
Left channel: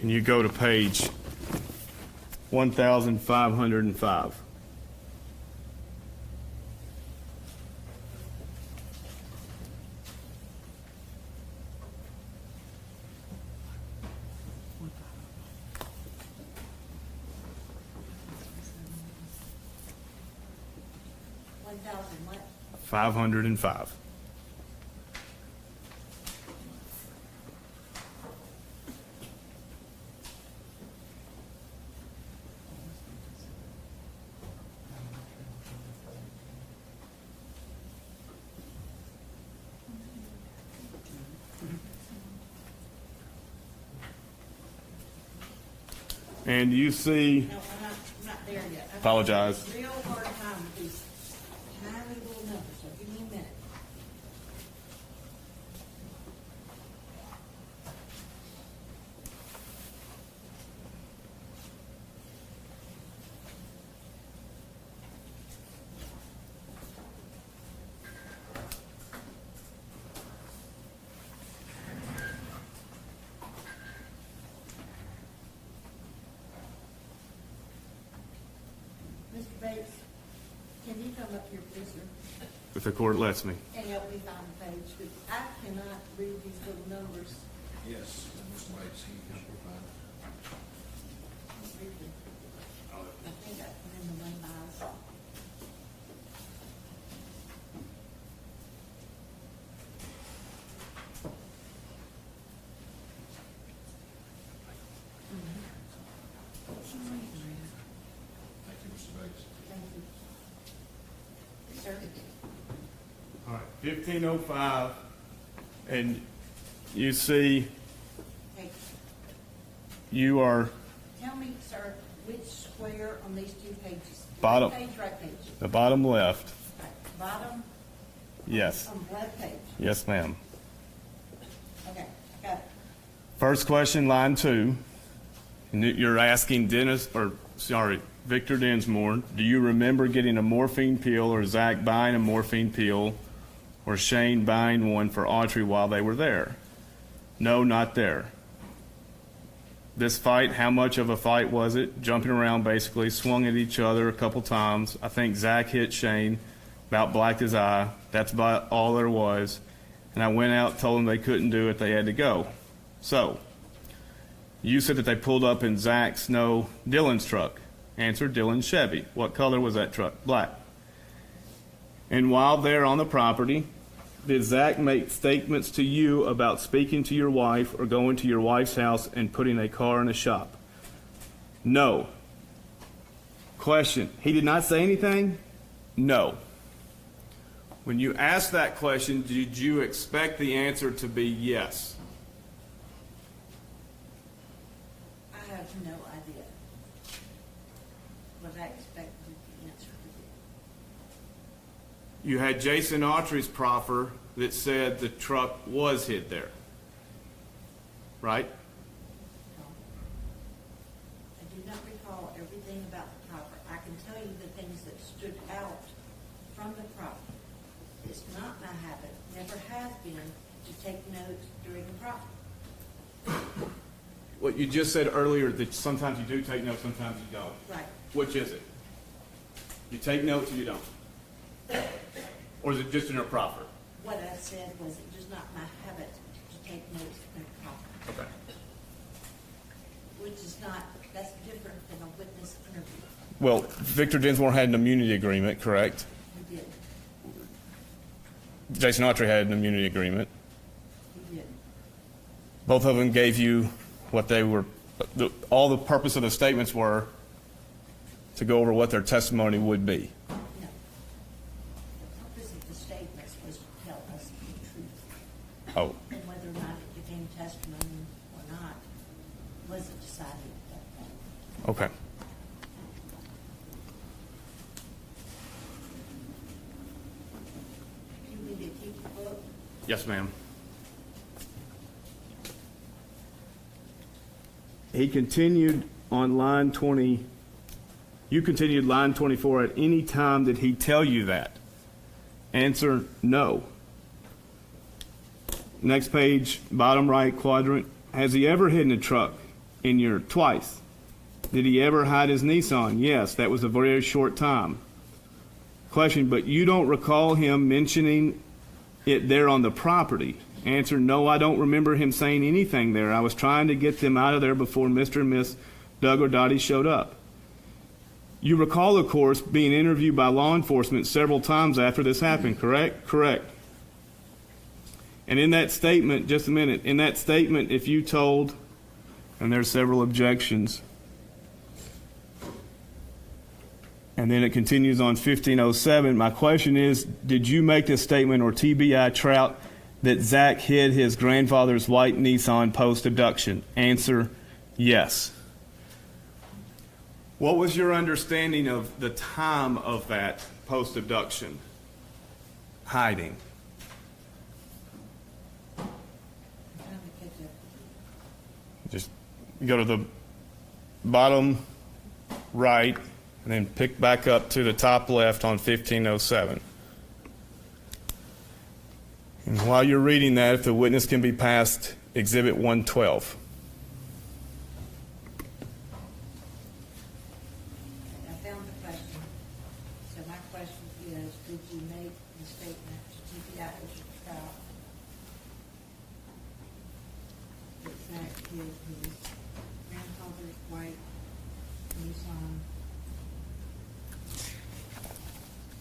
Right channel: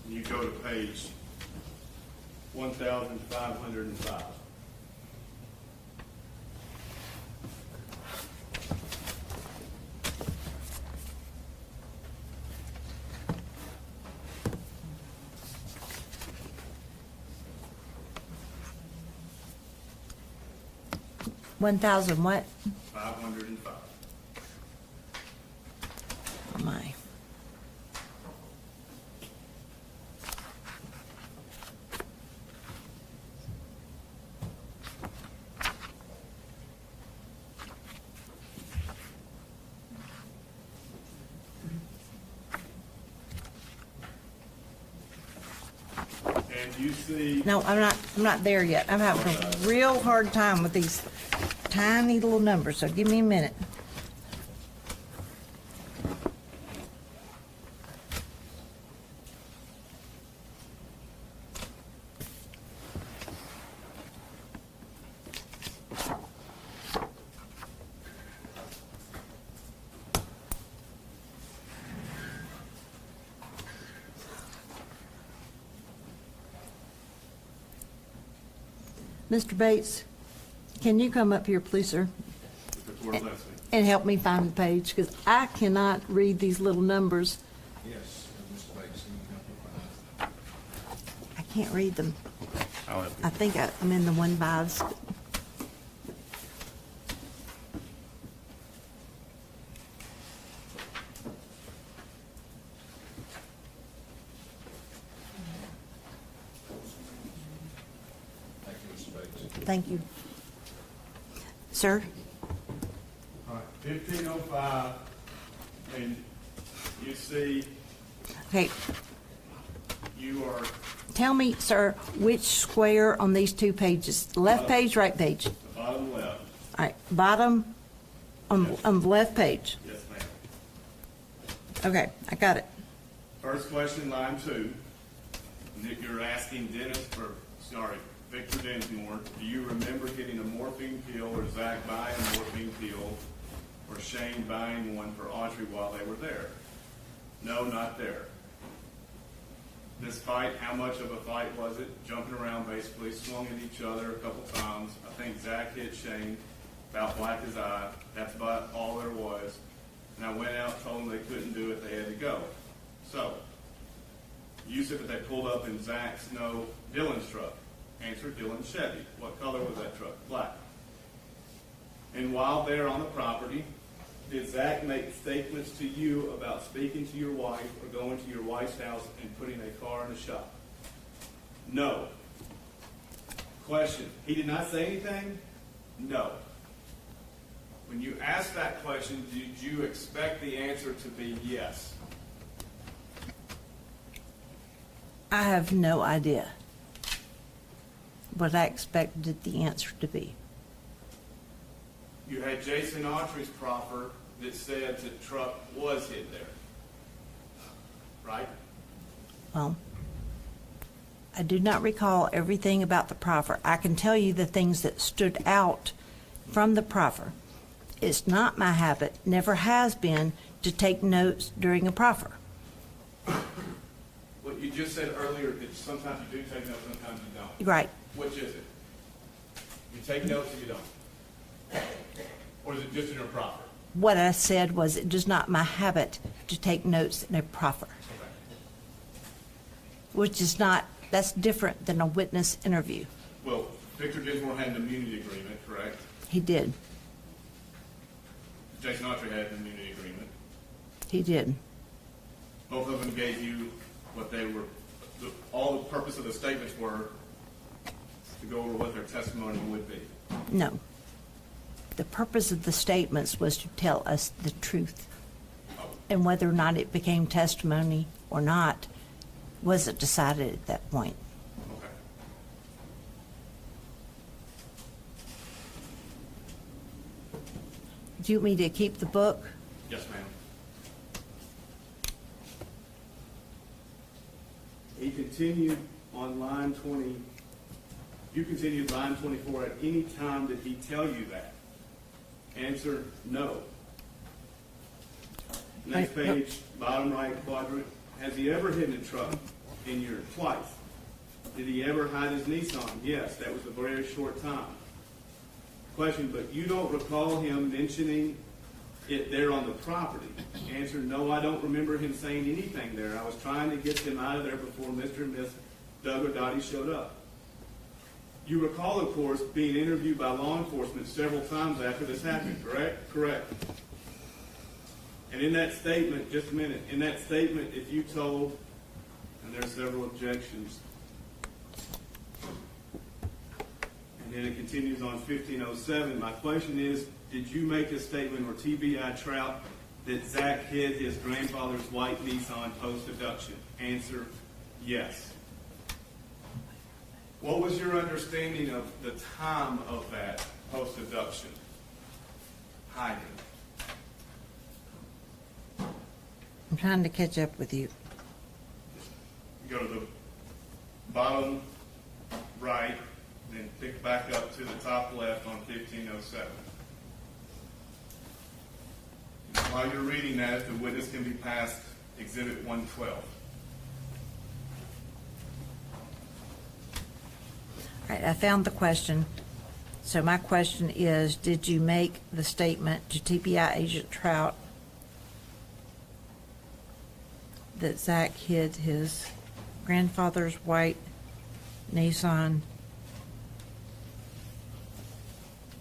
Can you go to page 1505? $1,000 what? 505. Oh, my. And you see, No, I'm not there yet. I'm having Apologize. a real hard time with these tiny little numbers, so give me a minute. Mr. Bates, can you come up here, please, sir, if the court lets me. and help me find the page? Because I cannot read these little numbers. Yes, Mr. Bates, he can provide. I can't read them. I'll have I think I'm in the 1/5s. Thank you, Mr. Bates. Thank you. Sir? All right, 1505, and you see, Okay, you are tell me, sir, which square on these two pages? Bottom. Left page, right page? the bottom left. All right, bottom on Yes. on the left page. Yes, ma'am. Okay, I got it. First question, line 2. You're asking Victor Dinsmore, do you remember getting a morphine pill or Zach buying a morphine pill or Shane buying one for Autry while they were there? No, not there. This fight, how much of a fight was it? Jumping around basically, swung at each other a couple times. I think Zach hit Shane, about blacked his eye. That's about all there was. And I went out, told them they couldn't do it, they had to go. So, you said that they pulled up in Zach's, no, Dylan's truck. Answer, Dylan's Chevy. What color was that truck? Black. And while they're on the property, did Zach make statements to you about speaking to your wife or going to your wife's house and putting a car in a shop? No. Question, he did not say anything? No. When you asked that question, did you expect the answer to be yes? I have no idea what I expected the answer to be. You had Jason Autry's proffer that said the truck was hid there, right? Well, I do not recall everything about the proffer. I can tell you the things that stood out from the proffer. It's not my habit, never has been, to take notes during a proffer. What you just said earlier, that sometimes you do take notes, sometimes you don't. Right. Which is it? You take notes or you don't? Or is it just in your proffer? What I said was it is not my habit to take notes in a proffer, Okay. which is not, that's different than a witness interview. Well, Victor Dinsmore had an immunity agreement, correct? He did. Jason Autry had an immunity agreement. He did. Both of them gave you what they were, all the purpose of the statements were to go over what their testimony would be. No. The purpose of the statements was to tell us the truth. Oh, And whether or not it became testimony or not wasn't decided at that point. okay. Do you want me to keep the book? Yes, ma'am. He continued on line 20. You continued line 24. At any time did he tell you that? Answer, no. Next Right. page, bottom right quadrant. Has he ever hidden a truck in your, twice? Did he ever hide his Nissan? Yes, that was a very short time. Question, but you don't recall him mentioning it there on the property? Answer, no, I don't remember him saying anything there. I was trying to get them out of there before Mr. and Miss Doug or Dottie showed up. You recall, of course, being interviewed by law enforcement several times after this happened, correct? Correct. And in that statement, just a minute, in that statement, if you told, and there's several objections, and then it continues on 1507. My question is, did you make this statement, or TBI Trout, that Zach hid his grandfather's white Nissan post-abduction? Answer, yes. What was your understanding of the time of that post-abduction hiding? I'm trying to catch up with you. Just go to the bottom right, and then pick back up to the top left on 1507. And while you're reading that, if the witness can be passed Exhibit 112. All right, I found the question. So my question is, did you make the statement to TPI Agent Trout that Zach hid his grandfather's white Nissan?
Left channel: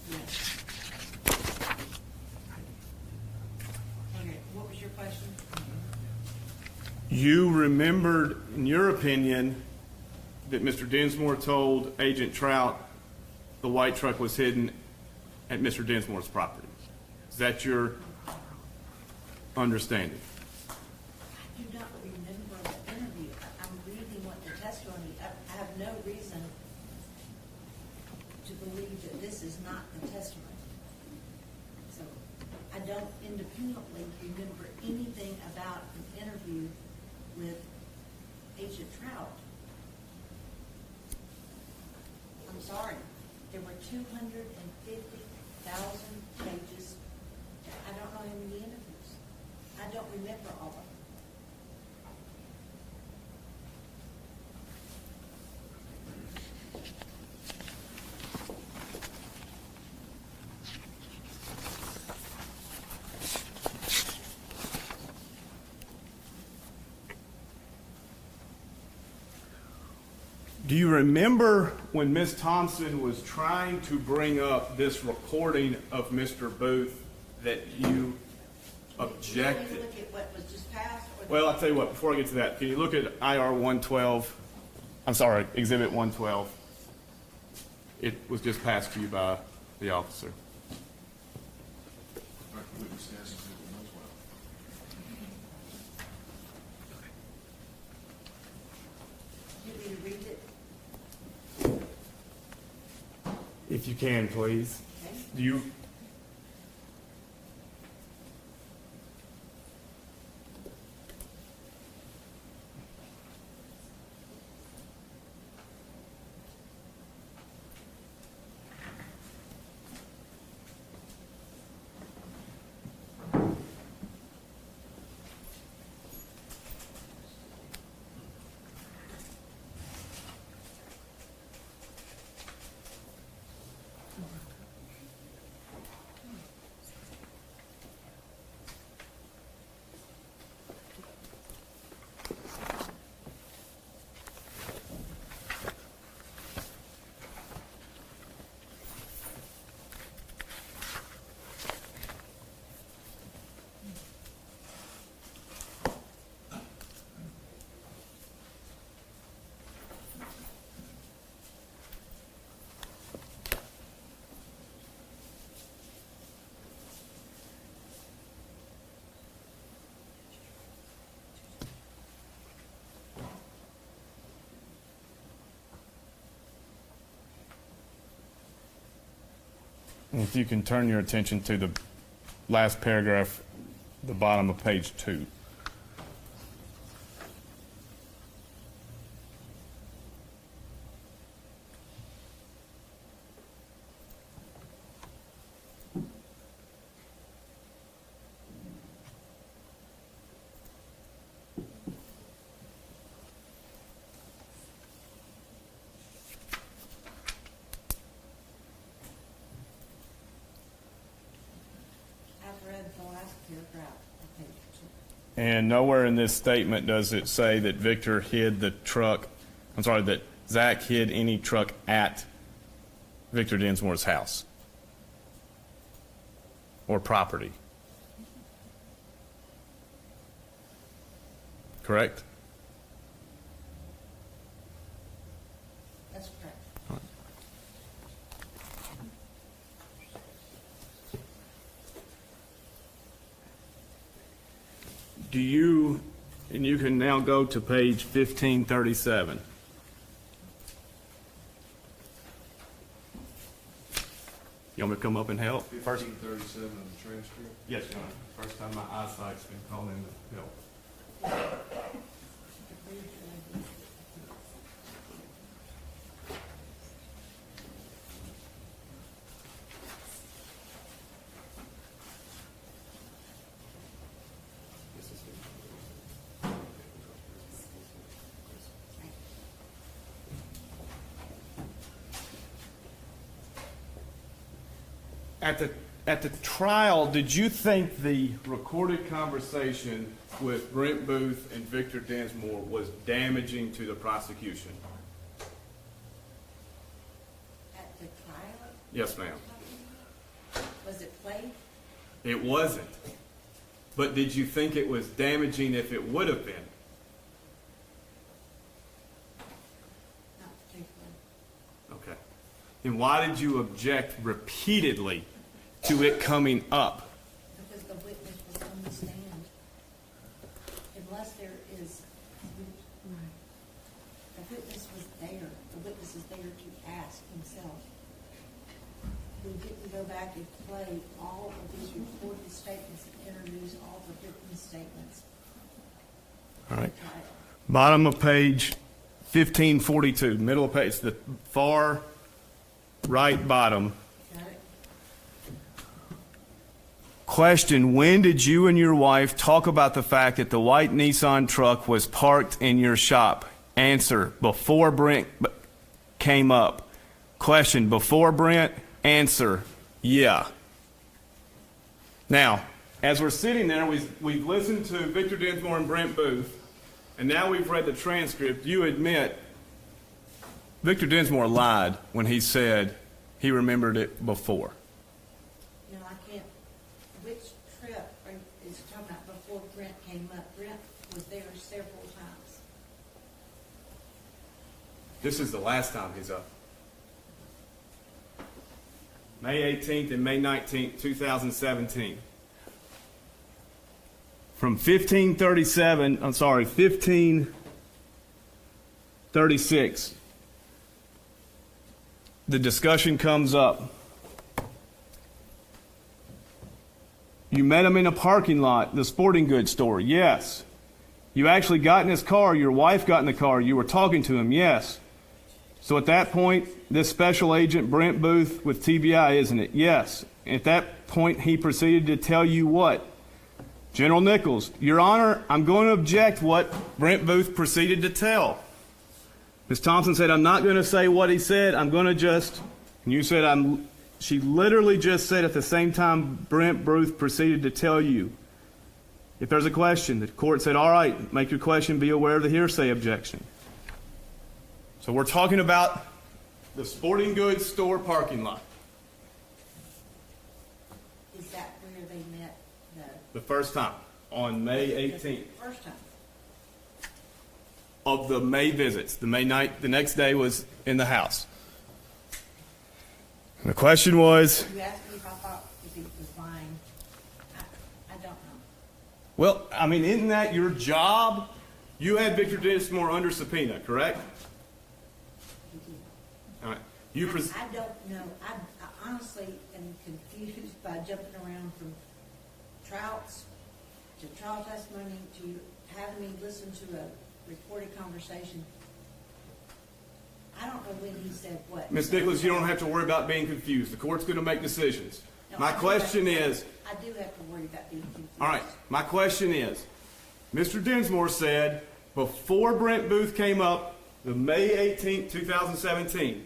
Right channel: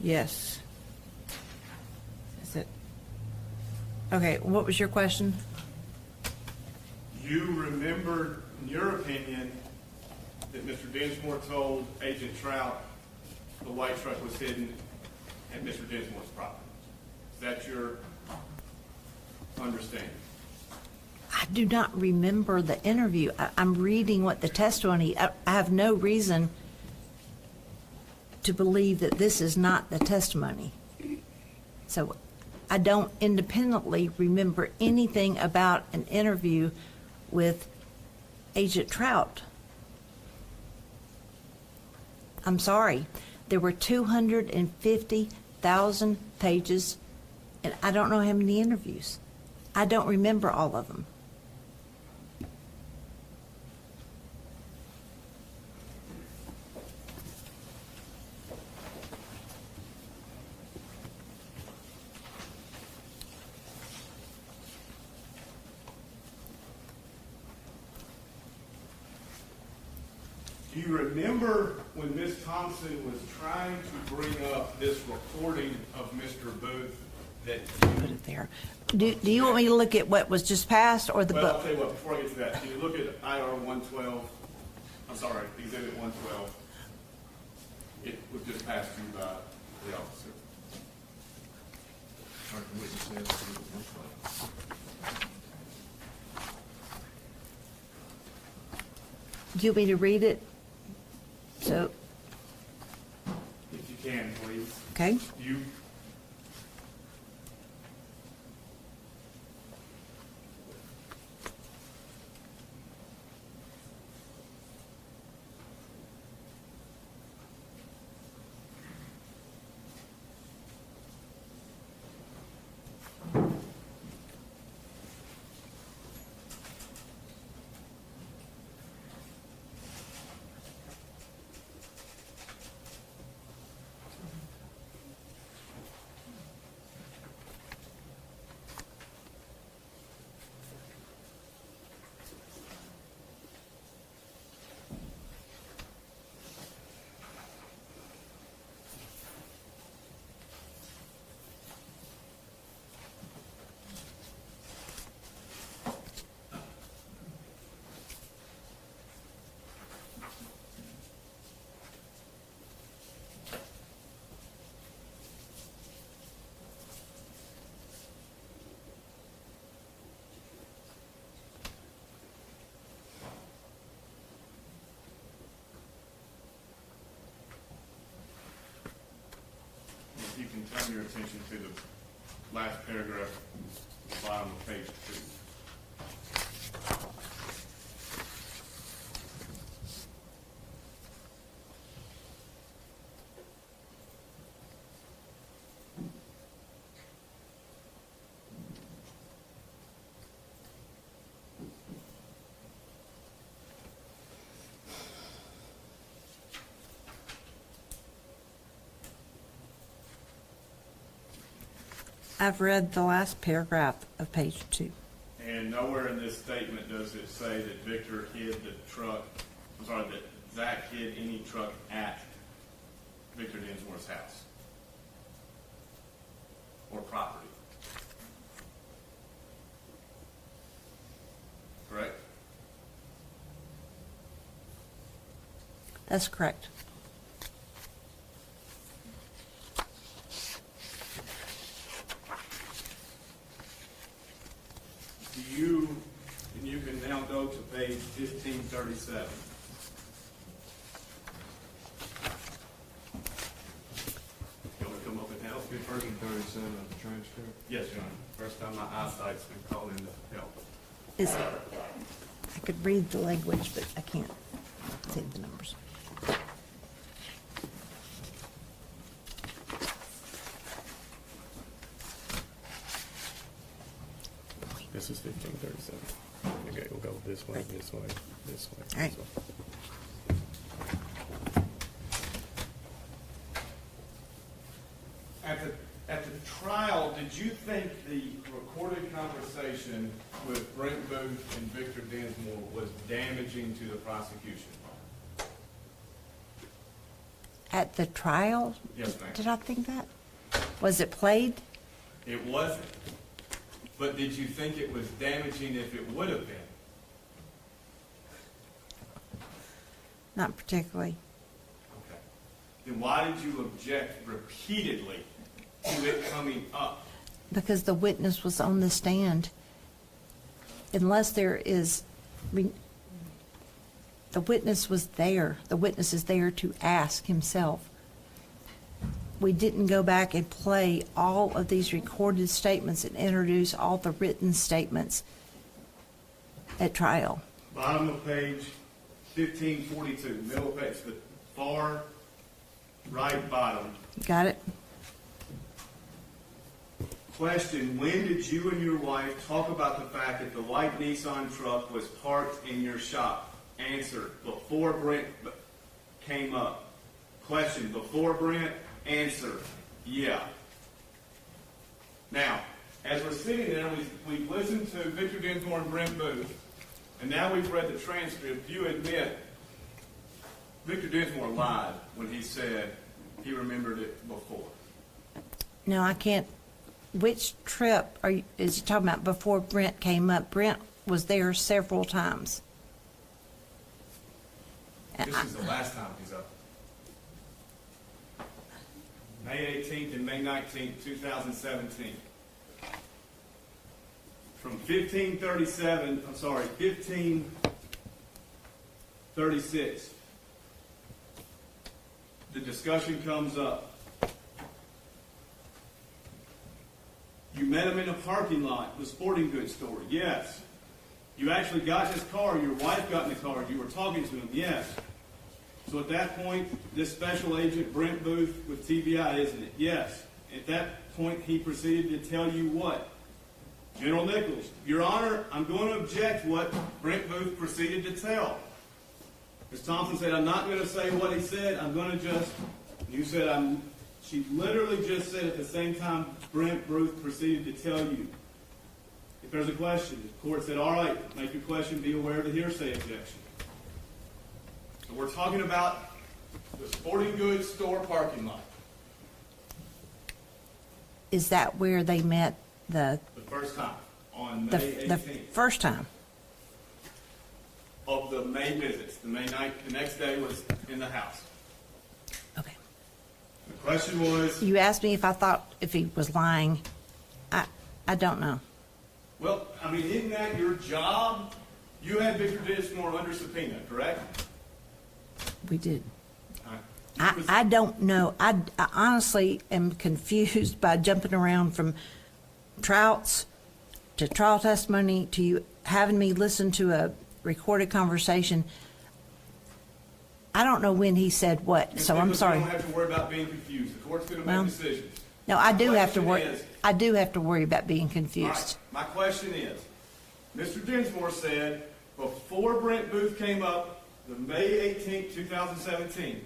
Yes. Is it? Okay, what was your question? You remembered, in your opinion, that Mr. Dinsmore told Agent Trout the white truck was hidden at Mr. Dinsmore's property. Is that your understanding? I do not remember the interview. I'm reading what the testimony, I have no reason to believe that this is not the testimony. So I don't independently remember anything about an interview with Agent Trout. I'm sorry. There were 250,000 pages And I don't know how many interviews. I don't remember all of them. Do you remember when Ms. Thompson was trying to bring up this recording of Mr. Booth that you? There. Do you want me to look at what was just passed or the Well, I'll book? tell you what, before I get to that, can you look at IR 112? I'm sorry, Exhibit 112. It was just passed to you by the officer. All right, the witness says it was well. Do you want me to read it? So, If you can, please. okay. Do you? If you can turn your attention to the last paragraph, the bottom of page 2. I've read the last paragraph of page 2. And nowhere in this statement does it say that Victor hid the truck, I'm sorry, that Zach hid any truck at Victor Densmore's house or property. Correct? That's correct. Do you, and you can now go to page 1537. You want me to come up and help? 1537 of the transcript. Yes, John. First time my eyesight's been calling to help. Is it? I could read the language, but I can't say the numbers. This is 1537. Okay, we'll go this way, this way, this way. All right. This way. At the trial, did you think the recorded conversation with Brent Booth and Victor Densmore was damaging to the prosecution? At the trial? Yes, ma'am. Did I think that? Was it played? It wasn't. But did you think it was damaging if it would have been? Not particularly. Okay. Then why did you object repeatedly to it coming up? Because the witness was on the stand. Unless there is, the witness was there. The witness is there to ask himself. We didn't go back and play all of these recorded statements and introduce all the written statements at trial. Bottom of page 1542, middle of page, the far right bottom. Got it? Question, when did you and your wife talk about the fact that the white Nissan truck was parked in your shop? Answer, before Brent came up. Question, before Brent? Answer, yeah. Now, as we're sitting there, we've listened to Victor Dinsmore and Brent Booth, and now we've read the transcript. You admit Victor Dinsmore lied when he said he remembered it before. No, I can't. Which trip is he talking about before Brent came up? Brent was there several times. This is the last time he's up. May 18th and May 19th, 2017. From 1536, the discussion comes up. You met him in a parking lot, the sporting goods store, yes. You actually got in his car, your wife got in the car, you were talking to him, yes. So at that point, this special agent, Brent Booth with TBI, isn't it? Yes. At that point, he proceeded to tell you what? General Nichols, Your Honor, I'm going to object what Brent Booth proceeded to tell. Ms. Thompson said, I'm not going to say what he said, I'm going to just, and you said, she literally just said at the same time Brent Booth proceeded to tell you. If there's a question, the court said, all right, make your question, be aware of the hearsay objection. So we're talking about the sporting goods store parking lot. Is that where they met The first time, on May 18th. the first time? Of the May visits. The May night, the next day was in the house. Okay. And the question was, You asked me if I thought if he was lying. I don't know. well, I mean, isn't that your job? You had Victor Dinsmore under subpoena, correct? We did. All right. I don't know. I honestly am confused by jumping around from Trouts to trial testimony to you having me listen to a recorded conversation. I don't know when he said what, Ms. so I'm Nichols, you sorry. don't have to worry about being confused. The court's going to make No. decisions. No, My I do have to question worry. is- I do have to worry about being confused. All right, my question is, Mr. Dinsmore said before Brent Booth came up, the May 18th, 2017,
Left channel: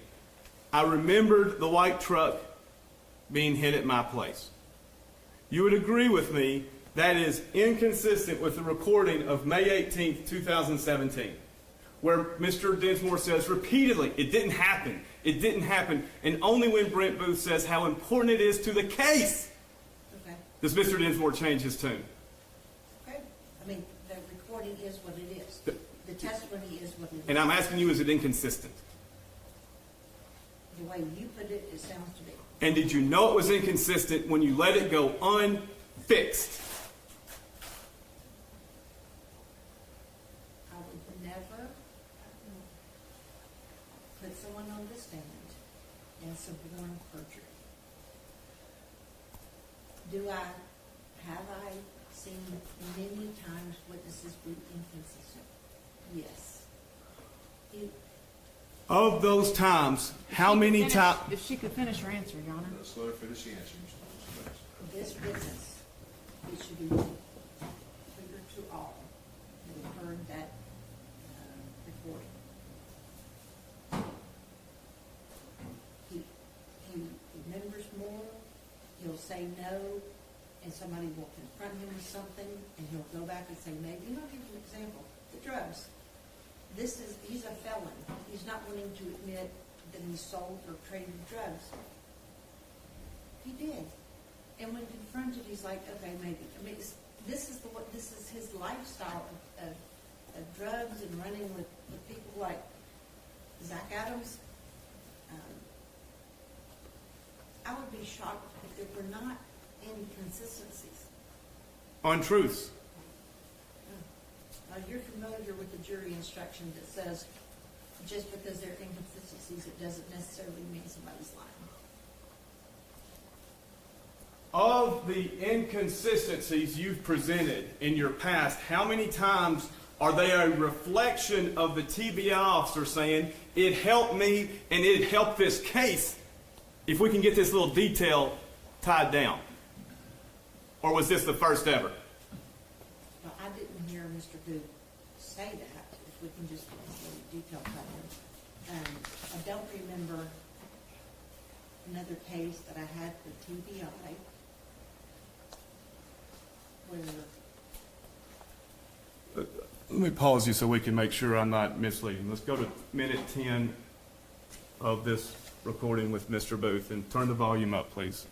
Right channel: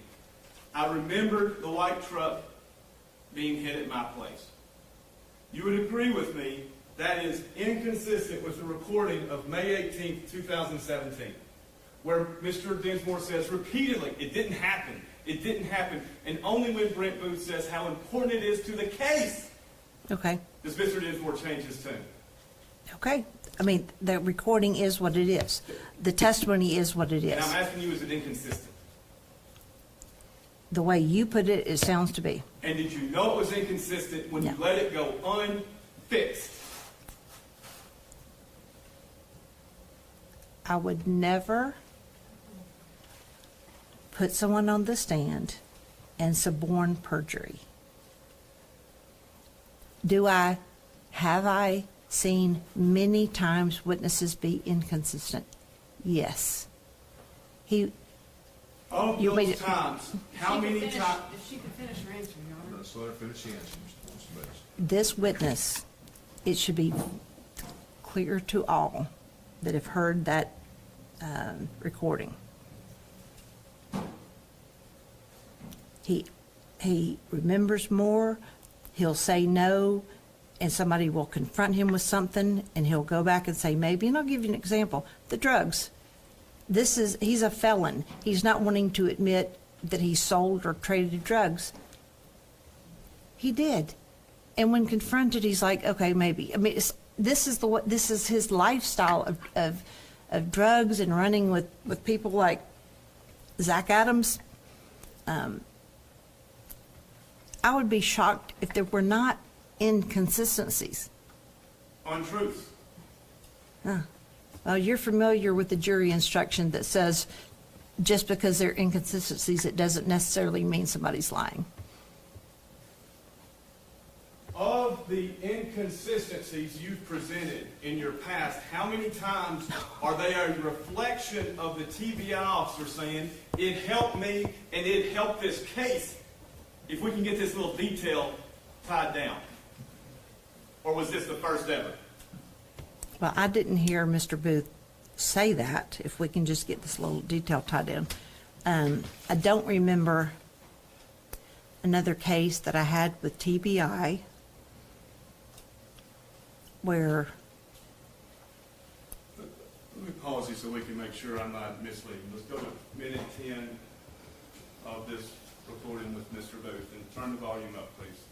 I remembered the white truck being hit at my place. You would agree with me that is inconsistent with the recording of May 18th, 2017, where Mr. Dinsmore says repeatedly, it didn't happen, and only when Brent Booth says how important it is to the case Okay. does Mr. Dinsmore change his tune. Okay. I mean, the recording is what it is. The testimony is what it is. And I'm asking you, is it inconsistent? The way you put it, it sounds to be. And did you know it was inconsistent when you No. let it go unfixed? I would never put someone on the stand and suborn perjury. Have I seen many times witnesses be inconsistent? Yes. Of You those made it- times, how many times? If she could finish her answer, Your Honor. Let's let her finish the answer, Mr. Lewis, please. This witness, it should be clear to all that have heard that recording. He remembers more, he'll say no, and somebody will confront him with something, and he'll go back and say maybe, and I'll give you an example, the drugs. He's a felon. He's not wanting to admit that he sold or traded drugs. He did. And when confronted, he's like, okay, maybe. I mean, this is his lifestyle of drugs and running with people like Zach Adams. I would be shocked if there were not inconsistencies. Untruths. Well, you're familiar with the jury instruction that says just because there are inconsistencies, it doesn't necessarily mean somebody's lying. Of the inconsistencies you've presented in your past, how many times are they a reflection of the TBI officer saying, it helped me and it helped this case if we can get this little detail tied down? Or was this the first ever? Well, I didn't hear Mr. Booth say that, if we can just get this little detail tied in. I don't remember another case that I had with TBI where, Let me pause you so we can make sure I'm not misleading. Let's go to minute 10 of this recording with Mr. Booth and turn the volume up, please.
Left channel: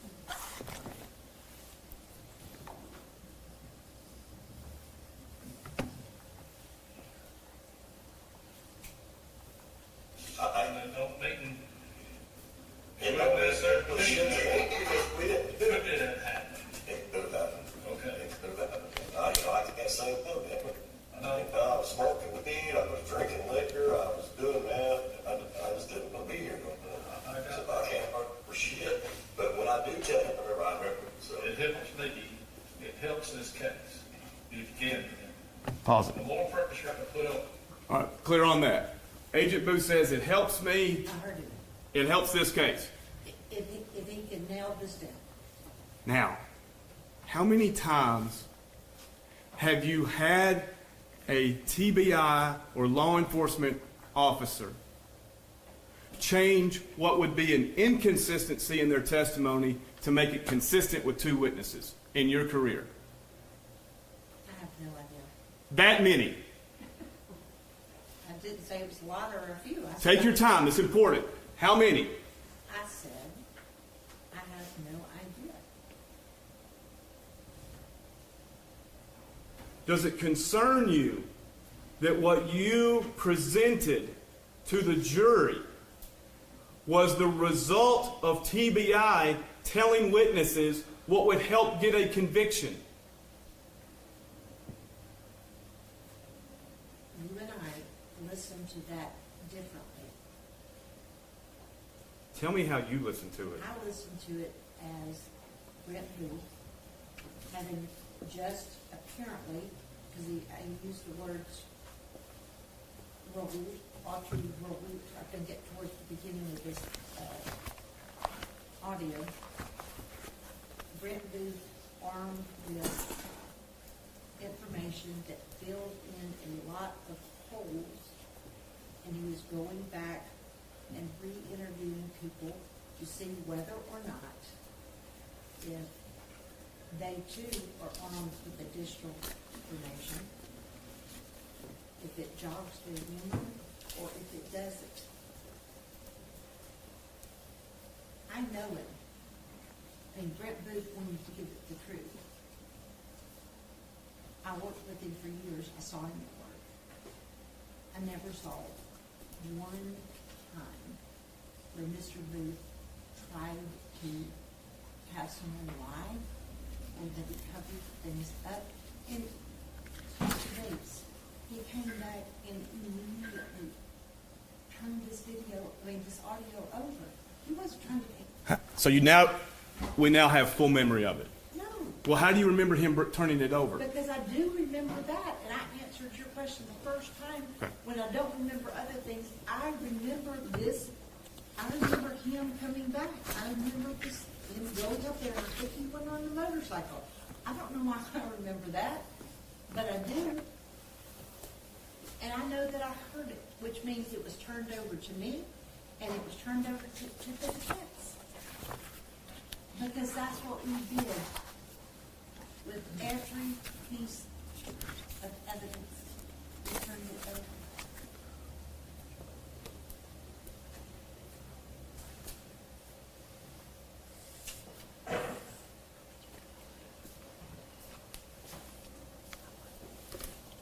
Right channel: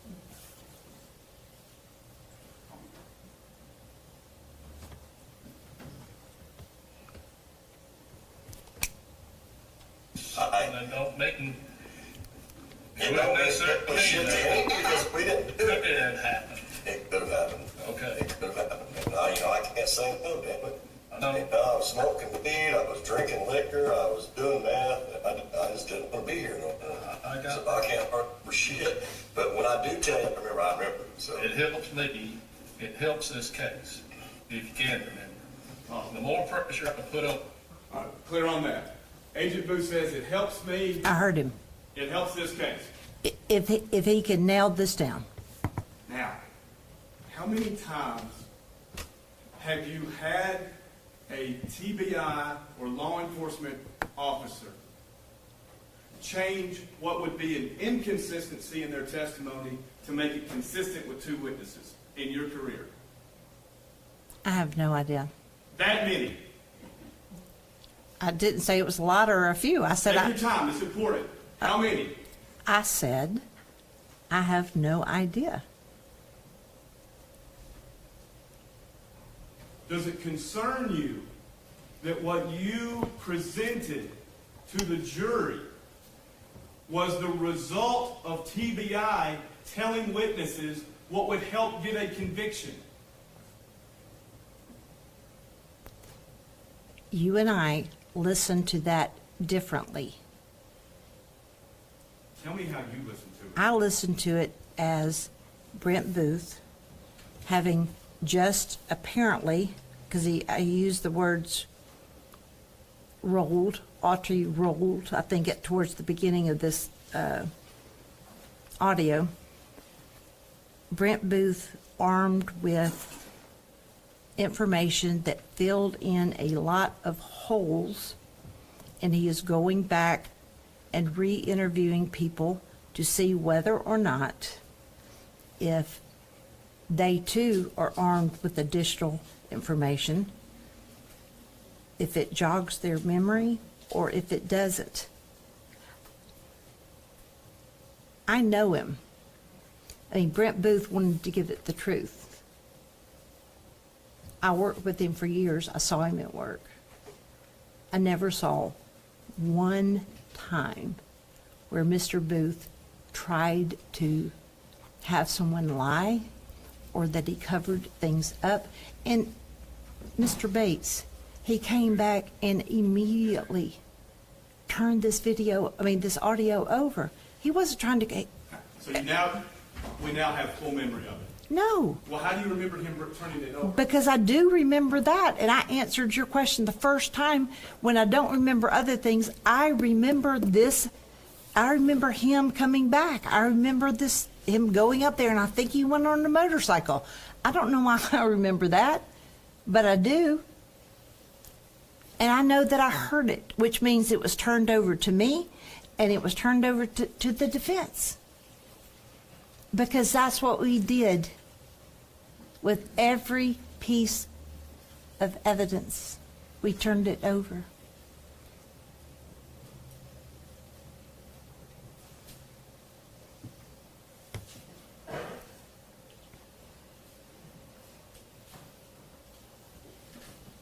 And don't make them. It don't make sense, we should be, because we didn't do it. It didn't happen. It could have happened. Okay. It could have happened. I can't say no, damn it. No. I was smoking weed, I was drinking liquor, I was doing that, I just didn't want to be here no more. I got So I can't remember shit, but when I do tell you, I remember, so. It helps me, it helps this case, if you can remember. Pause The it. more pressure I can put on, All right, clear on that. Agent Booth says it helps me, I heard him. it helps this case. If he can nail this down. Now, how many times have you had a TBI or law enforcement officer change what would be an inconsistency in their testimony to make it consistent with two witnesses in your career? I have no idea. That many. I didn't say it was a lot or a few. I said, Take your time, it's important. How many? I said, I have no idea. Does it concern you that what you presented to the jury was the result of TBI telling witnesses what would help get a conviction? You and I listened to that differently. Tell me how you listen to it. I listened to it as Brent Booth having just apparently, because I used the words rolled, Autry rolled, I think it towards the beginning of this audio. Brent Booth armed with information that filled in a lot of holes, and he is going back and re-interviewing people to see whether or not if they too are armed with additional information, if it jogs their memory or if it doesn't. I know him. I mean, Brent Booth wanted to give it the truth. I worked with him for years. I saw him at work. I never saw one time where Mr. Booth tried to have someone lie or that he covered things up. And Mr. Bates, he came back and immediately turned this audio over. He wasn't trying to, So we now have full memory of it. no. Well, how do you remember him turning it over? Because I do remember that, and I answered your question the first time. When I don't remember other things, I remember this. I remember him coming back. I remember him going up there, and I think he went on a motorcycle. I don't know why I remember that, but I do. And I know that I heard it, which means it was turned over to me, and it was turned over to the defense. Because that's what we did with every piece of evidence. We turned it over.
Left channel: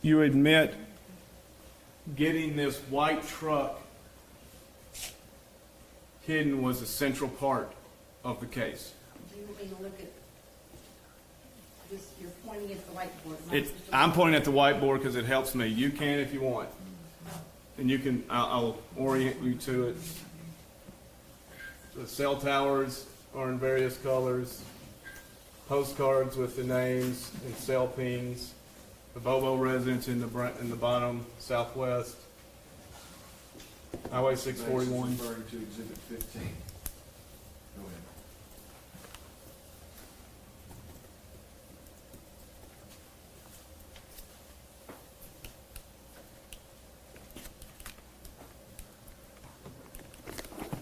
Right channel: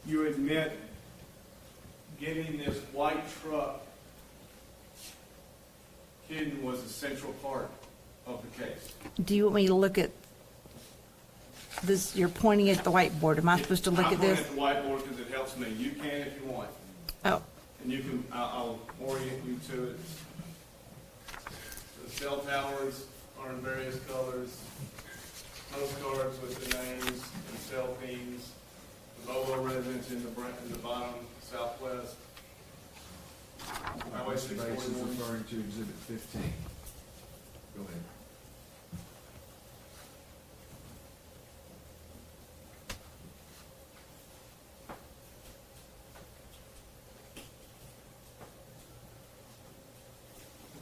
You admit getting this white truck hidden was a central part of the case. Do you want me to look at this? You're pointing at the whiteboard. Am I supposed to look at I'm this? pointing at the whiteboard because it helps me. You can if you want. Oh, And you can, I'll orient you to it. The cell towers are in various colors. Postcards with the names and cell pings. The Bobo residence in the bottom southwest. Highway 641. Referring to Exhibit 15. Go ahead.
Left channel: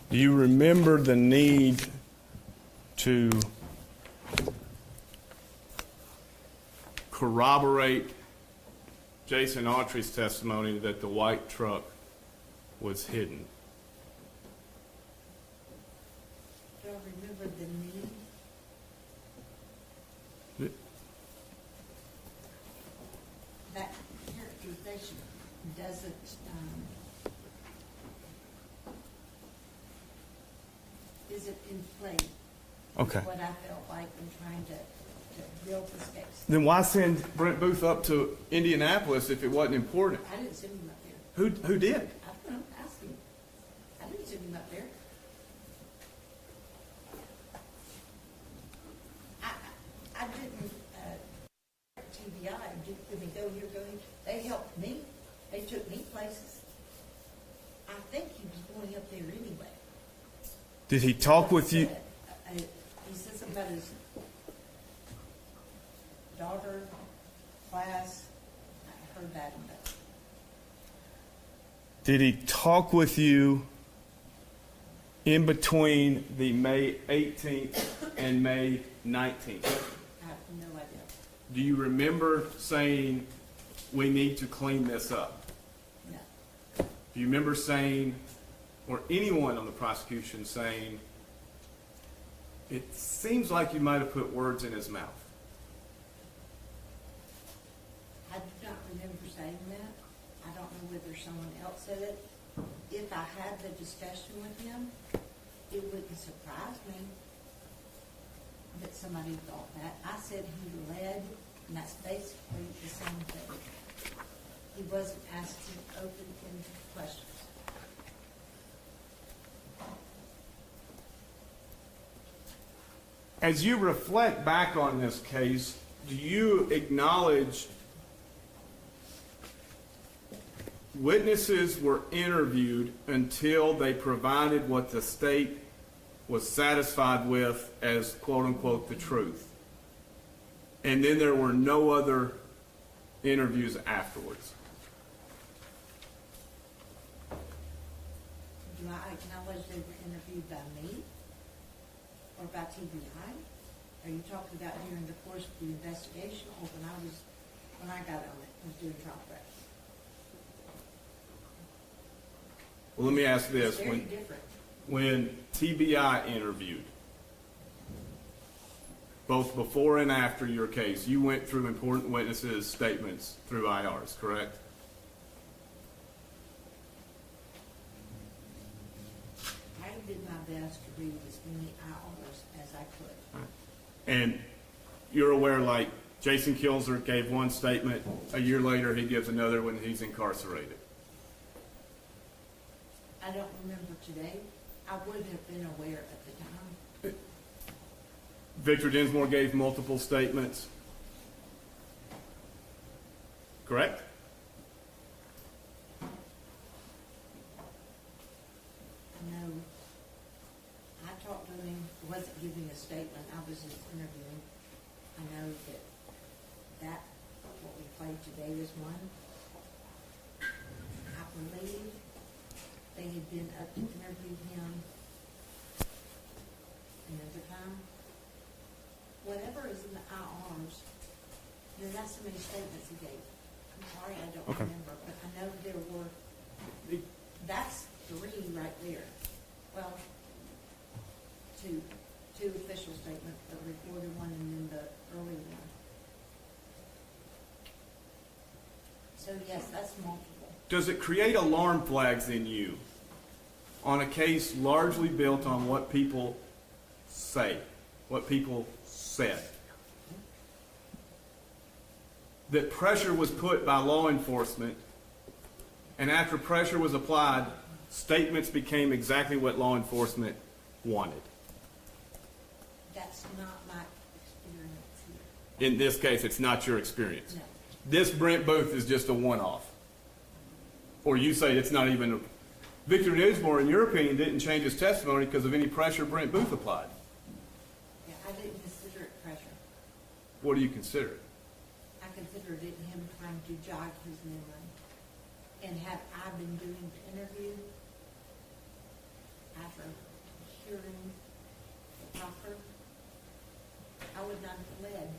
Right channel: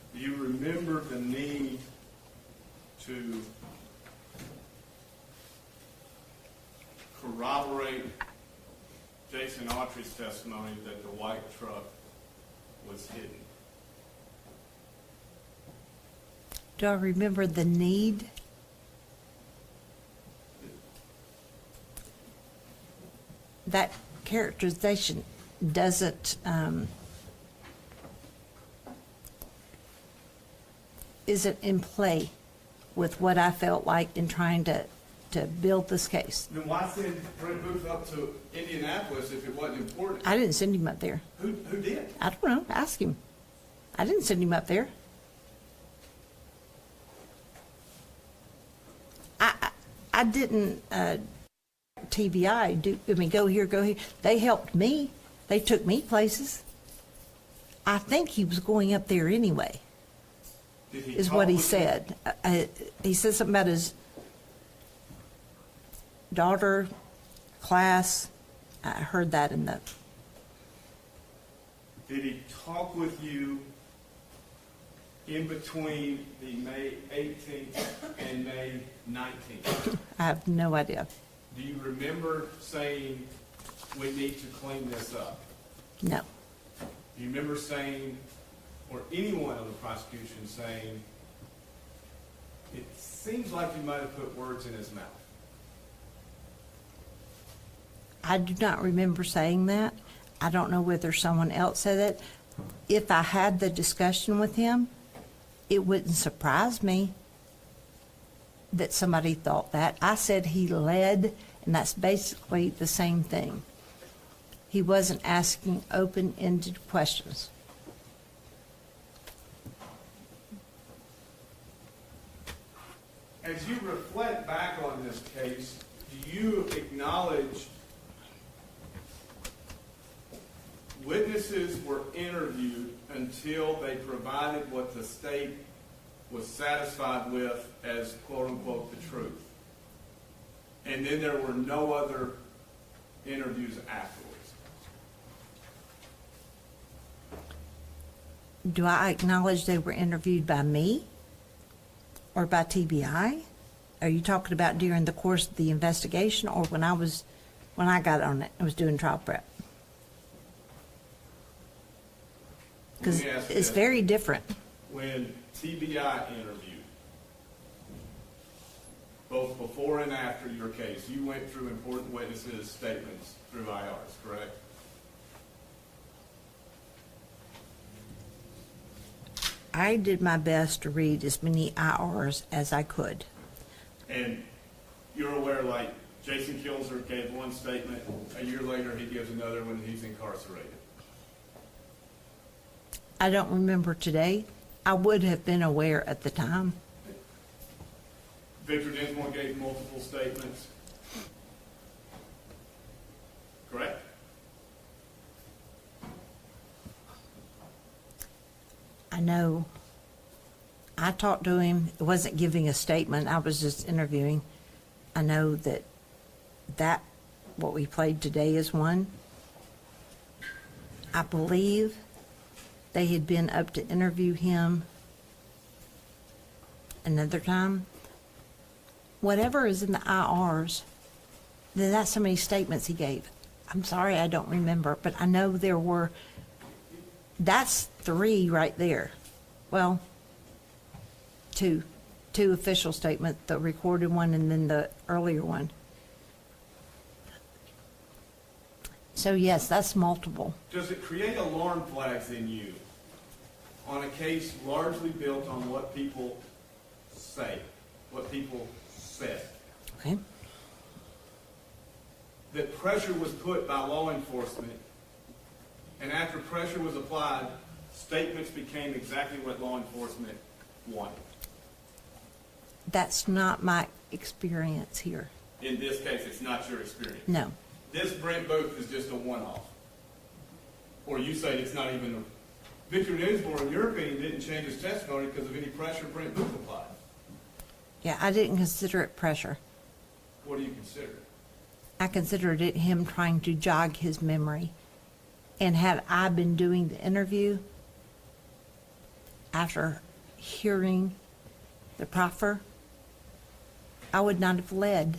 Do you remember the need to corroborate Jason Autry's testimony that the white truck was hidden? Do I remember the need? That characterization doesn't, isn't in play with Okay. what I felt like in trying to build this case. Then why send Brent Booth up to Indianapolis if it wasn't important? I didn't send him up there. Who did? I don't know, ask him. I didn't send him up there. I didn't, TBI, go here, go here. They helped me. They took me places. I think he was going up there anyway, Did he is talk what he with you? said. He said something about his daughter, class. I heard that in the, Did he talk with you in between the May 18th and May 19th? I have no idea. Do you remember saying, we need to clean this up? No. Do you remember saying, or anyone on the prosecution saying, it seems like you might have put words in his mouth? I do not remember saying that. I don't know whether someone else said it. If I had the discussion with him, it wouldn't surprise me that somebody thought that. I said he led, and that's basically the same thing. He wasn't asking open-ended questions. As you reflect back on this case, do you acknowledge witnesses were interviewed until they provided what the state was satisfied with as quote-unquote the truth, and then there were no other interviews afterwards? Do I acknowledge they were interviewed by me or by TBI? Are you talking about during the course of the investigation or when I got on it, I was doing trial prep? Let me ask this. It's very different. When TBI interviewed, both before and after your case, you went through important witnesses' statements through IRs, correct? I did my best to read as many IRs as I could. And you're aware, like, Jason Kilzer gave one statement, a year later he gives another when he's incarcerated. I don't remember today. I would have been aware at the time. Victor Dinsmore gave multiple statements, correct? I know. I talked to him. It wasn't giving a statement. I was just interviewing. I know that what we played today is one. I believe they had been up to interview him another time. Whatever is in the IRs, then that's how many statements he gave. I'm sorry, I don't remember, but I know there were, that's 3 right there. Well, two official statements, the recorded one and then the earlier one. So yes, that's multiple. Does it create alarm flags in you on a case largely built on what people say, what people said? Okay. That pressure was put by law enforcement, and after pressure was applied, statements became exactly what law enforcement wanted. That's not my experience here. In this case, it's not your experience. No. This Brent Booth is just a one-off. Or you say it's not even Victor Dinsmore, in your opinion, didn't change his testimony because of any pressure Brent Booth applied. Yeah, I didn't consider it pressure. What do you consider it? I considered it him trying to jog his memory. And had I been doing the interview, after hearing the proffer, I would not have led.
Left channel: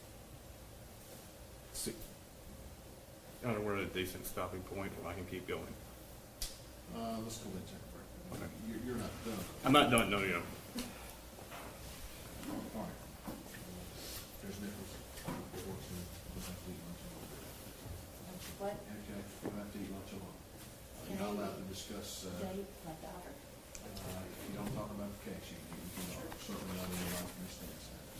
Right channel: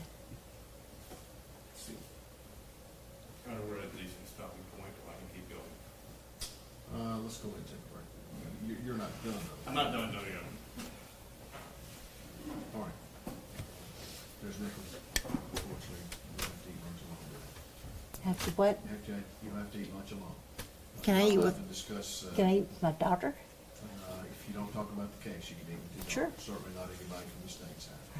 See, I don't know, we're at a decent stopping point, if I can keep going. Let's go into it, right? You're not done. I'm not done, no, you know. All right. There's Nicholas. Unfortunately, we'll have to eat lunch alone. Have to what? You'll have to eat lunch alone. Can I eat We'll with, have to discuss, can I eat with my daughter? if you don't talk about the cash, you need to keep. Sure. Certainly not anybody from these things happen.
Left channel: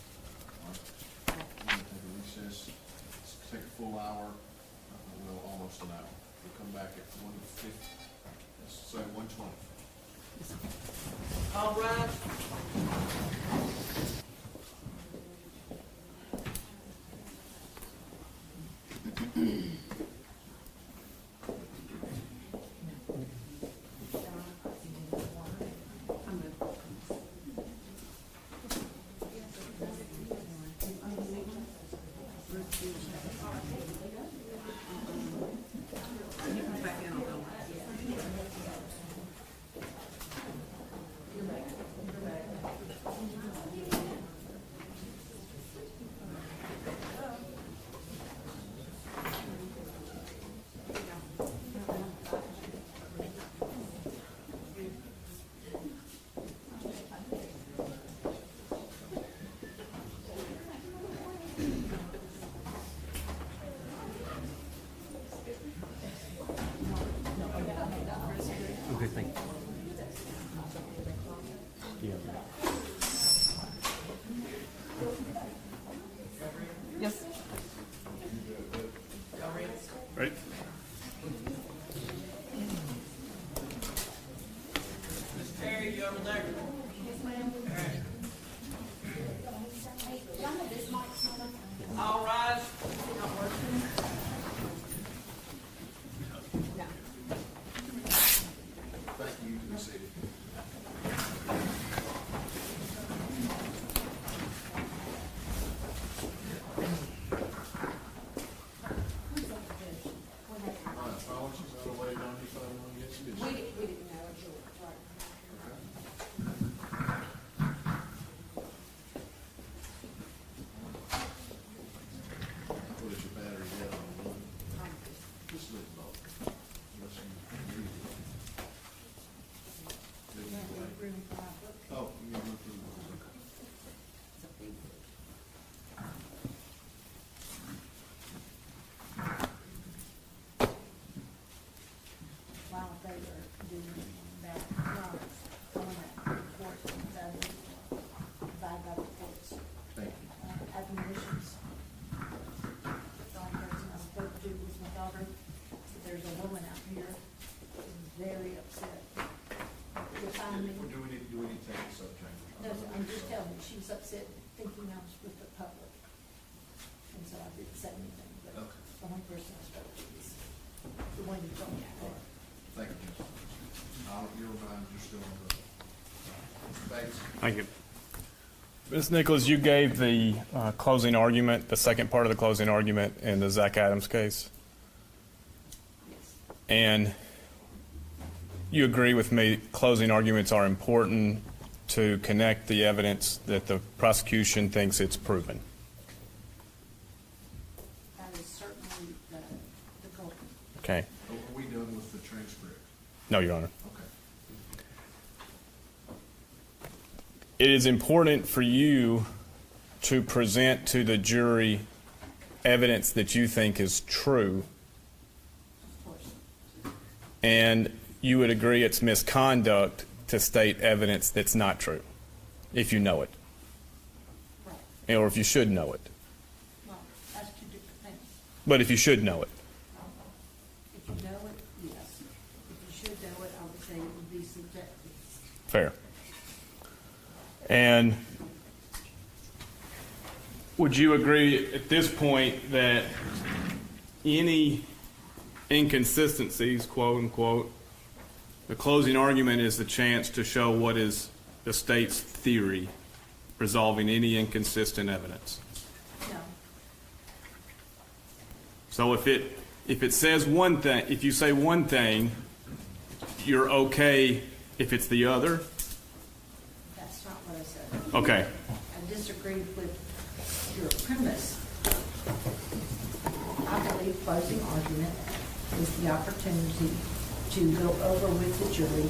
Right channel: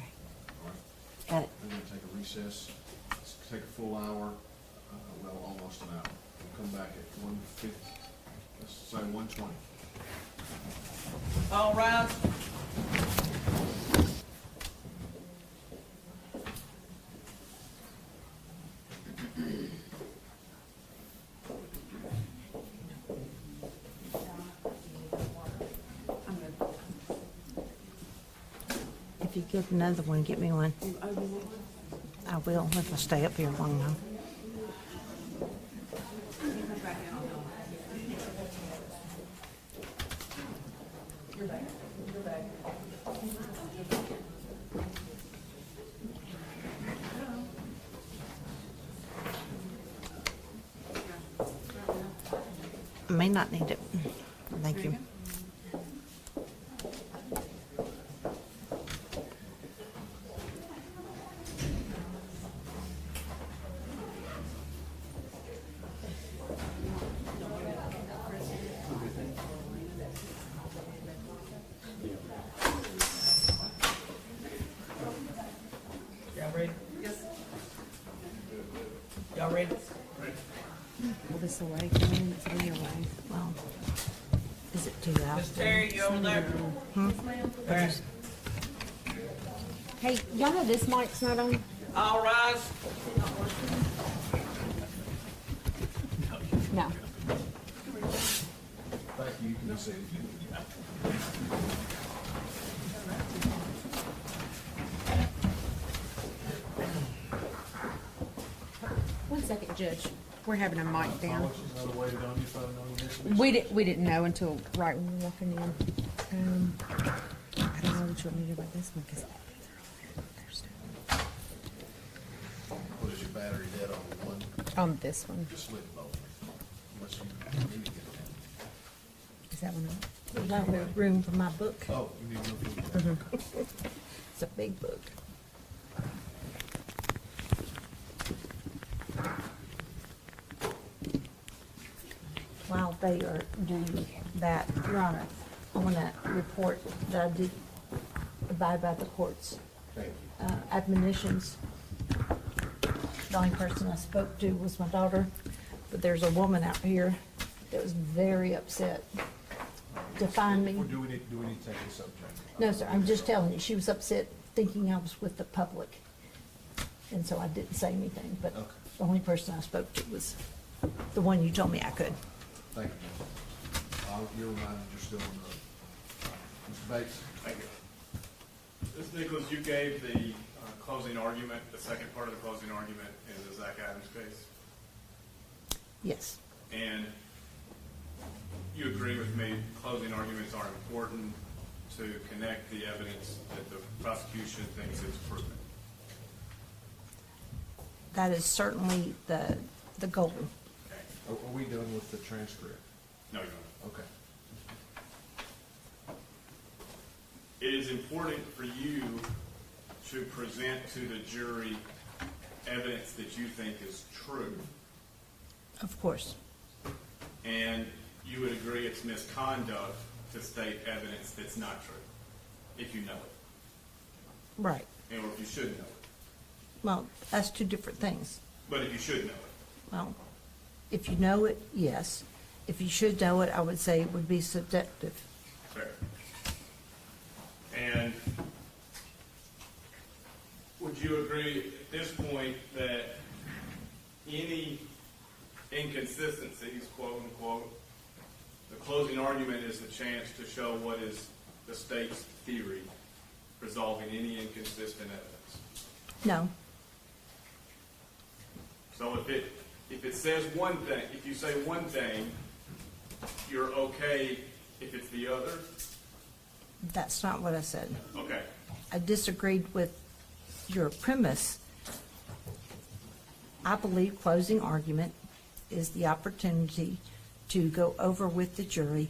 All right. Got it. We're gonna take a recess, let's take a full hour, well, almost an hour. We'll come back at 1:50, let's say 1:20. All rise. If you get another one, get me one. I will, if I stay up here long enough. I may not need it. Thank you. Yes. Y'all ready? Right? This away, can you leave it away? Oh. Is it too loud? Terry, you over there? Hey, y'all know this mic's not on? All rise. No. Thank you, you say. One second, Judge. We're having a mic down. We didn't know until right when we were walking in. I don't know what you want me to do with this one, 'cause What is your battery dead on the one? on this one. Just split both. Unless you- Is that one? There's not really room for my book. Oh, you need to look. It's a big book. While they are doing that, Your Honor, I want to report that I did abide by the court's Thank you. admonitions. The only person I spoke to was my daughter, but there's a woman out here that was very upset to find me. Or do we need to take this up, Jamie? No, sir, I'm just telling you, she was upset thinking I was with the public. And so I didn't say anything, but Okay. the only person I spoke to was the one you told me I could. Thank you. You're reminded you're still on the, Bates. Thank you. Ms. Nichols, you gave the closing argument, the second part of the closing argument in the Zach Adams case. Yes, And you agree with me, closing arguments are important to connect the evidence that the prosecution thinks it's proven. that is certainly the goal. Okay? Are we done with the transcript? No, Your Honor. Okay. It is important for you to present to the jury evidence that you think is true, Of course, and you would agree it's misconduct to state evidence that's not true, if you know it, right. or if you should know it. Well, that's two different things. But if you should know it. Well, if you know it, yes. If you should know it, I would say it would be subjective. Fair. And would you agree at this point that any inconsistencies, quote unquote, the closing argument is the chance to show what is the state's theory, resolving any inconsistent evidence? No, So if it says one thing, if you say one thing, you're okay if it's the other? That's not what I said. Okay, I disagreed with your premise. I believe closing argument is the opportunity to go over with the jury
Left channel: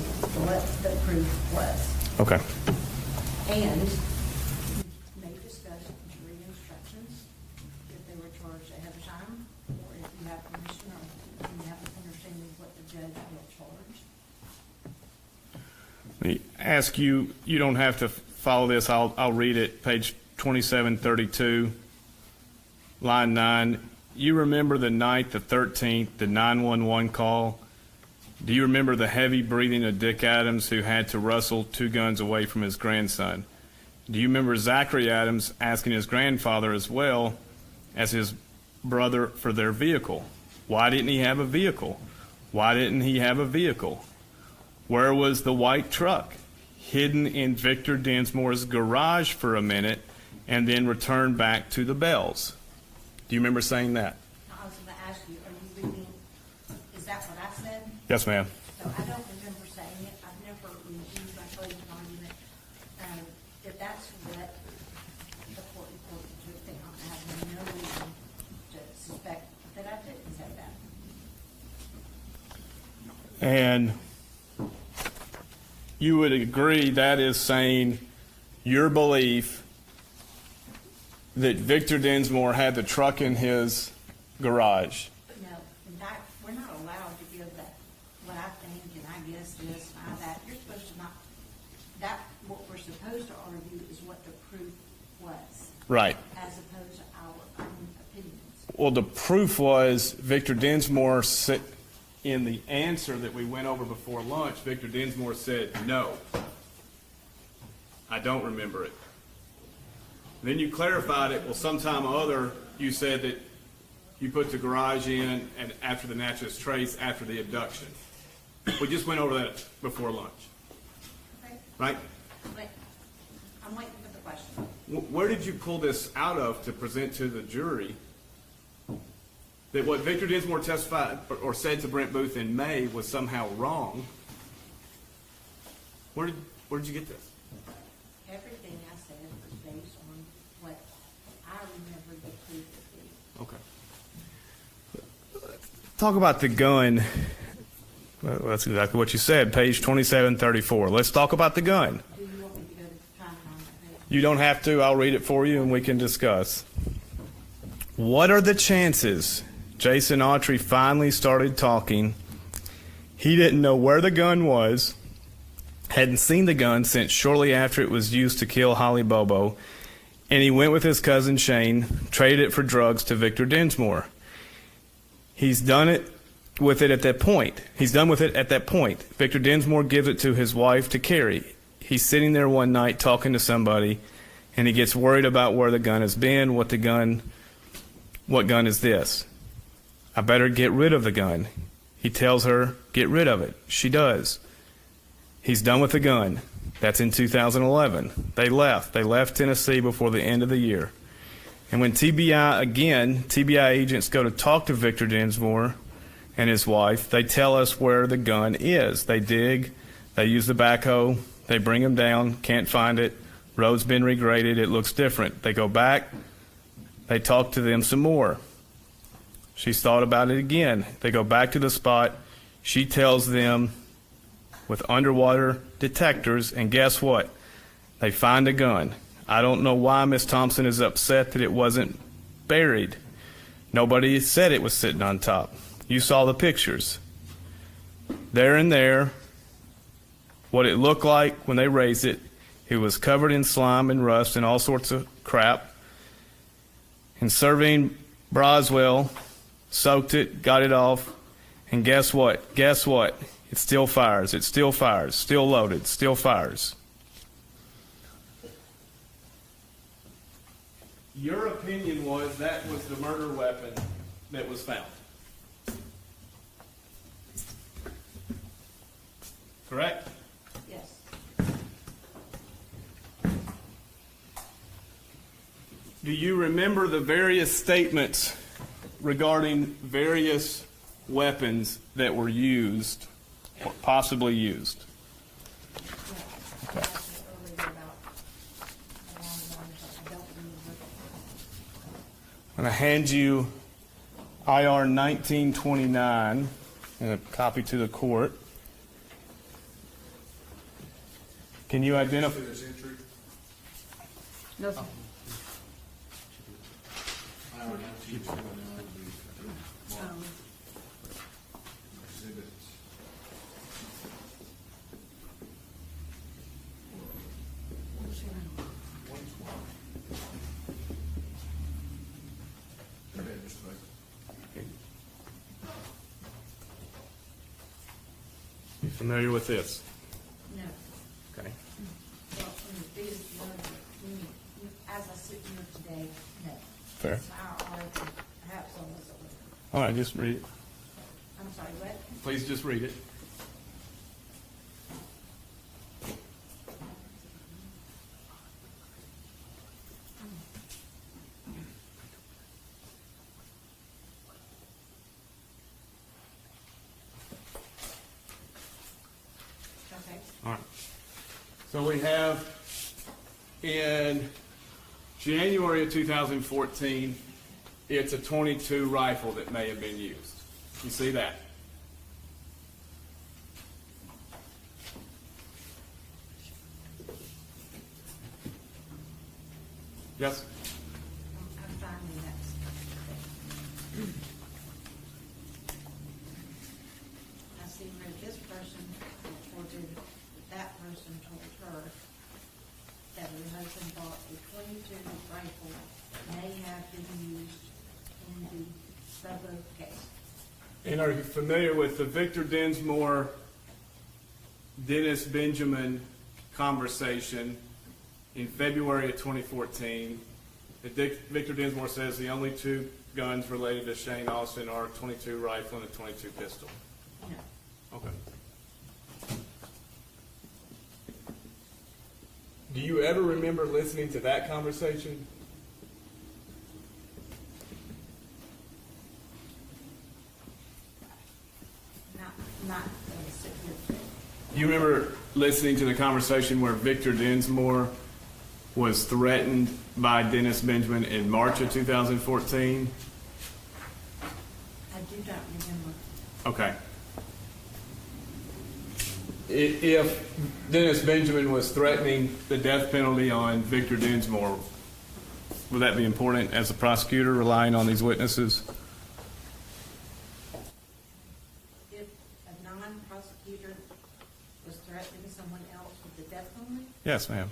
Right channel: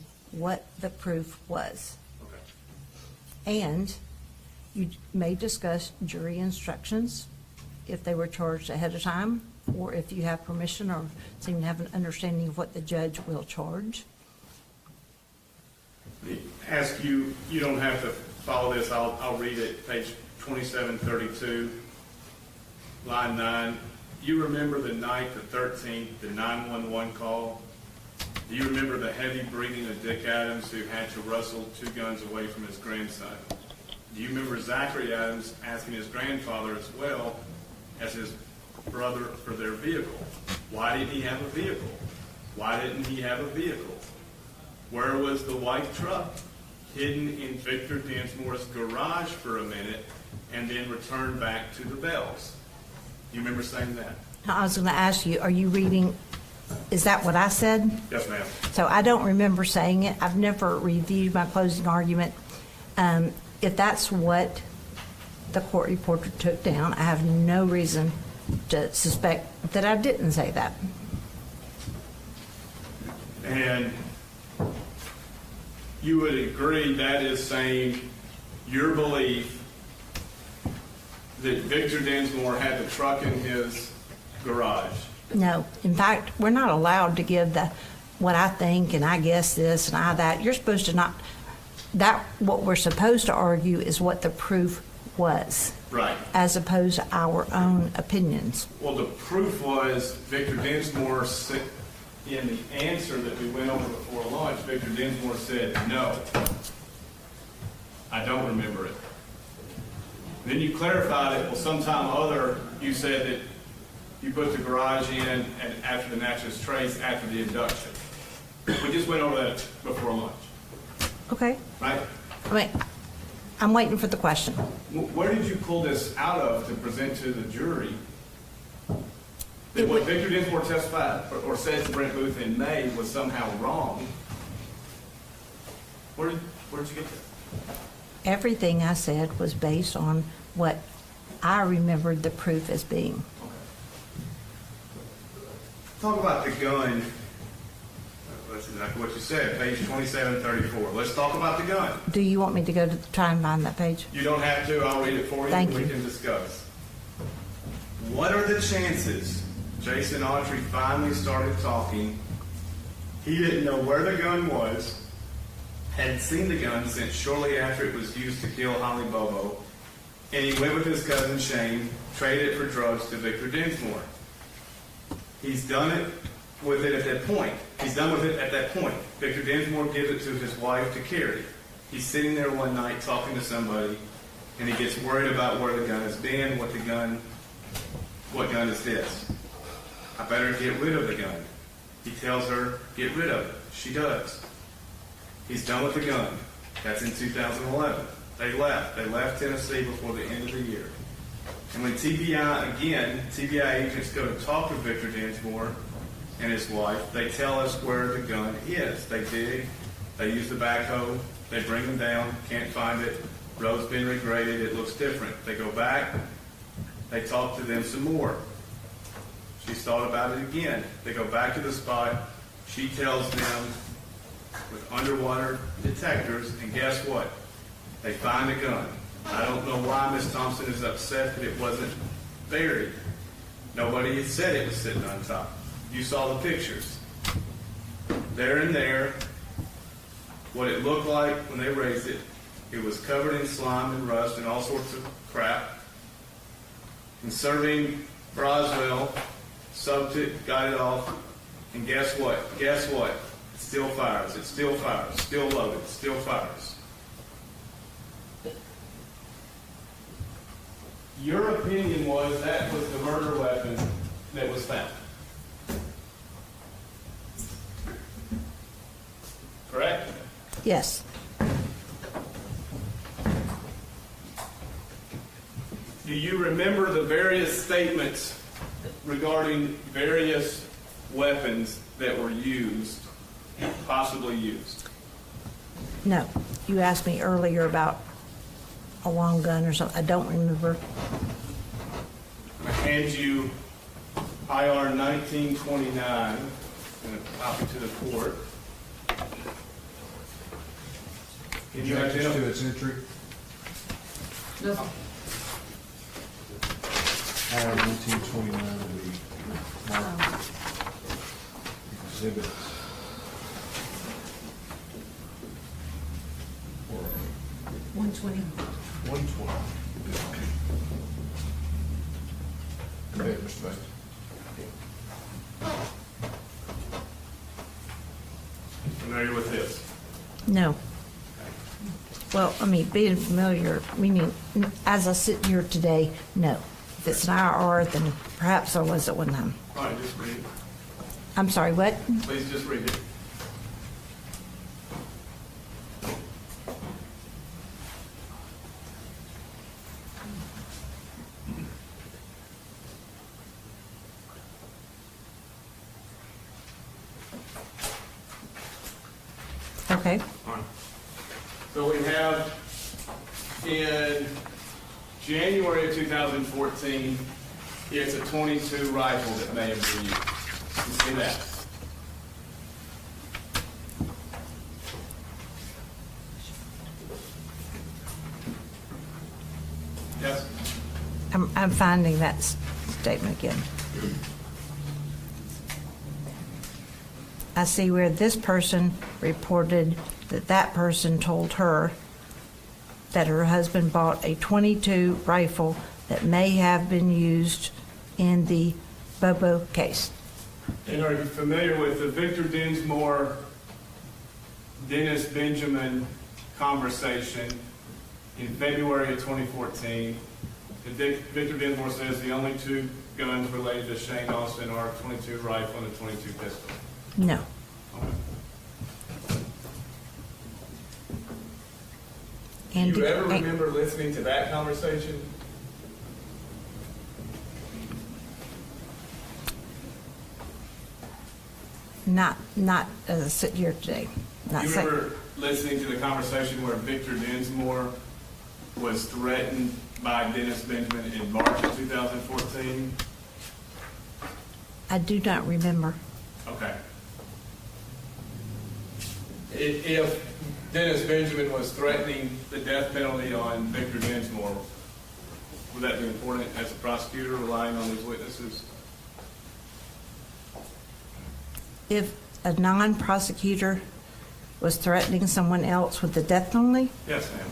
what the proof was. okay. And you may discuss jury instructions if they were charged ahead of time, or if you have permission or seem to have an understanding of what the judge will charge. Let me ask you, you don't have to follow this, I'll read it, page 2732, line 9. You remember the night, the 13th, the 911 call? Do you remember the heavy breathing of Dick Adams, who had to wrestle 2 guns away from his grandson? Do you remember Zachary Adams asking his grandfather as well as his brother for their vehicle? Why didn't he have a vehicle? Why didn't he have a vehicle? Where was the white truck? Hidden in Victor Densmore's garage for a minute and then returned back to the Bells. Do you remember saying that? I was gonna ask you, are you reading, is that what I said? Yes, ma'am. So I don't remember saying it. I've never reviewed my closing argument. If that's what the court reporter took down, I have no reason to suspect that I didn't say that. And you would agree that is saying your belief that Victor Densmore had the truck in his garage? No, in fact, we're not allowed to give what I think and I guess this and I that. You're supposed to not, what we're supposed to argue is what the proof was. Right. As opposed to our own opinions. Well, the proof was Victor Densmore said, in the answer that we went over before lunch, Victor Densmore said, no, I don't remember it. Then you clarified it, well, sometime or other, you said that you put the garage in and after the naturalist trace, after the abduction. We just went over that before lunch, Okay. right? I mean, I'm waiting for the question. Where did you pull this out of to present to the jury that what Victor Densmore testified or said to Brent Booth in May was somehow wrong? Where did you get that? Everything I said was based on what I remembered the proof as being. Talk about the gun. Well, that's exactly what you said, page 2734. Let's talk about the gun. Do you want me to go to try and find that page? You don't have to. I'll read it for you and Thank we you. can discuss. What are the chances Jason Autry finally started talking? He didn't know where the gun was, hadn't seen the gun since shortly after it was used to kill Holly Bobo, and he went with his cousin Shane, traded it for drugs to Victor Densmore. He's done it with it at that point. He's done with it at that point. Victor Densmore gives it to his wife to carry. He's sitting there one night talking to somebody, and he gets worried about where the gun has been, what gun is this? I better get rid of the gun. He tells her, get rid of it. She does. He's done with the gun. That's in 2011. They left Tennessee before the end of the year. And when TBI agents go to talk to Victor Densmore and his wife, they tell us where the gun is. They dig, they use the backhoe, they bring him down, can't find it, road's been regraded, it looks different. They go back, they talk to them some more. She's thought about it again. They go back to the spot, she tells them with underwater detectors, and guess what? They find a gun. I don't know why Miss Thompson is upset that it wasn't buried. Nobody said it was sitting on top. You saw the pictures. There and there, what it looked like when they raised it, it was covered in slime and rust and all sorts of crap. And Serving Broswell soaked it, got it off, and guess what? Guess what? It still fires, it still fires, still loaded, still fires. Your opinion was that was the murder weapon that was found. Correct? Yes. Do you remember the various statements regarding various weapons that were used, possibly used? No. You asked me earlier about a long gun or something. I don't remember. I'm gonna hand you IR 1929 and a copy to the court. Can you identify? To its entry? No. IR 1929 will be marked exhibit. Or 120. 120. Go ahead, Mr. Bates. You familiar with this? No. Well, I mean, being familiar, meaning, as I sit here today, no. If it's an IR, then perhaps I was at one time. All right, just read it. I'm sorry, what? Please just read it. Okay. All right. So we have in January of 2014, it's a .22 rifle that may have been used. You see that? Yes? I'm finding that statement again. I see where this person reported that that person told her that her husband bought a .22 rifle that may have been used in the Bobo case. And are you familiar with the Victor Dinsmore, Dennis Benjamin conversation in February of 2014? Victor Dinsmore says the only two guns related to Shane Austin are a .22 rifle and a .22 pistol. No. Okay. Do And you ever and- remember listening to that conversation? Not as I sit here today. Not You so- remember listening to the conversation where Victor Dinsmore was threatened by Dennis Benjamin in March of 2014? I do not remember. Okay. If Dennis Benjamin was threatening the death penalty on Victor Dinsmore, would that be important as a prosecutor relying on these witnesses? If a non-prosecutor was threatening someone else with the death penalty, Yes, ma'am.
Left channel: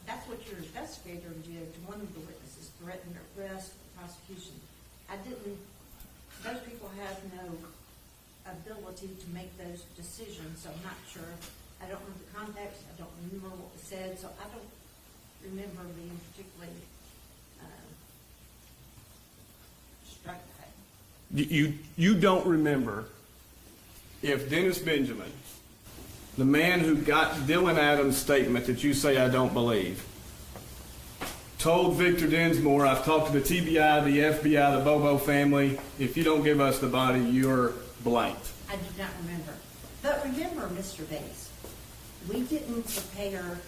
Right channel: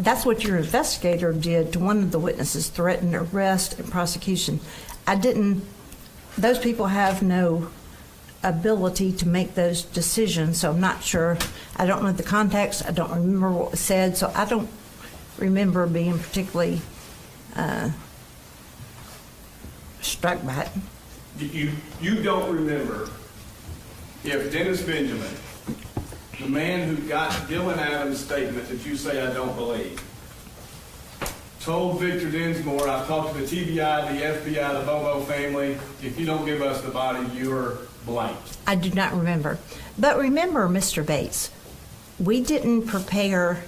that's what your investigator did to one of the witnesses, threatened arrest and prosecution. Those people have no ability to make those decisions, so I'm not sure. I don't know the context, I don't remember what was said, so I don't remember being particularly struck by it. You don't remember if Dennis Benjamin, the man who got Dylan Adams' statement that you say I don't believe, told Victor Dinsmore, I've talked to the TBI, the FBI, the Bobo family, if you don't give us the body, you're blanked. I do not remember. But remember, Mr. Bates, we didn't prepare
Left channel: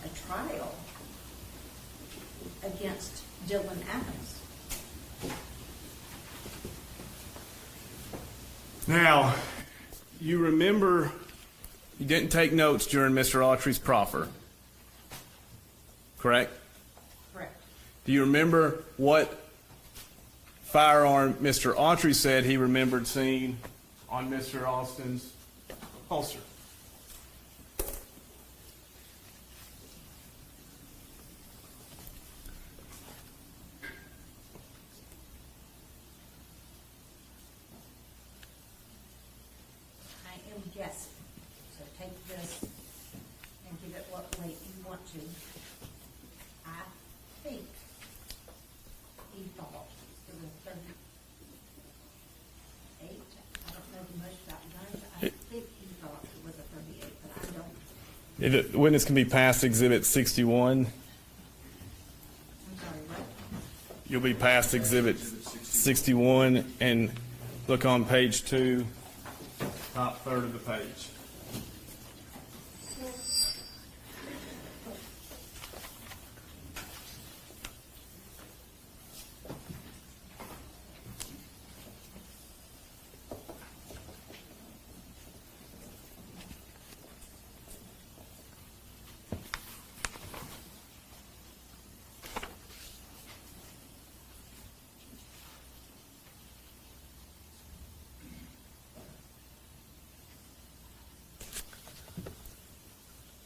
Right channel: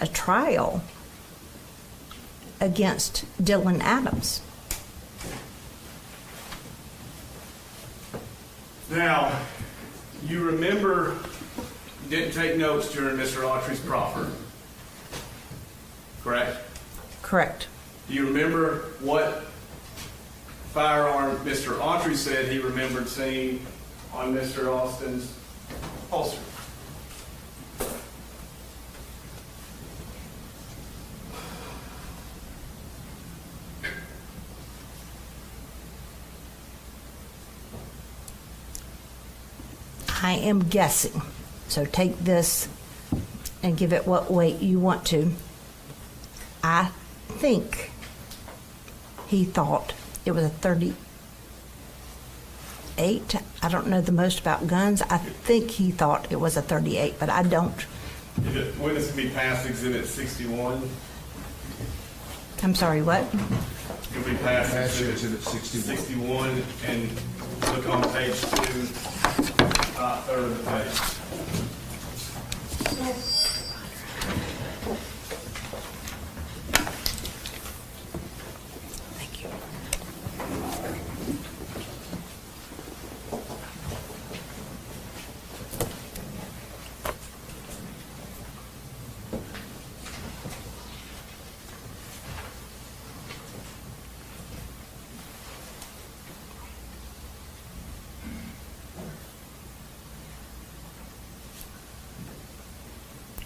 a trial against Dylan Adams. Now, you remember you didn't take notes during Mr. Autry's proffer, correct? Correct. Do you remember what firearm Mr. Autry said he remembered seeing on Mr. Austin's holster? I am guessing, so take this and give it what weight you want to. I think he thought it was a 38. I don't know the most about guns. I think he thought it was a 38, but I don't. Witness can be passed Exhibit 61. I'm sorry, what? You'll be passed Pass Exhibit Exhibit 61 and look on page 2, top third of the page. Thank you.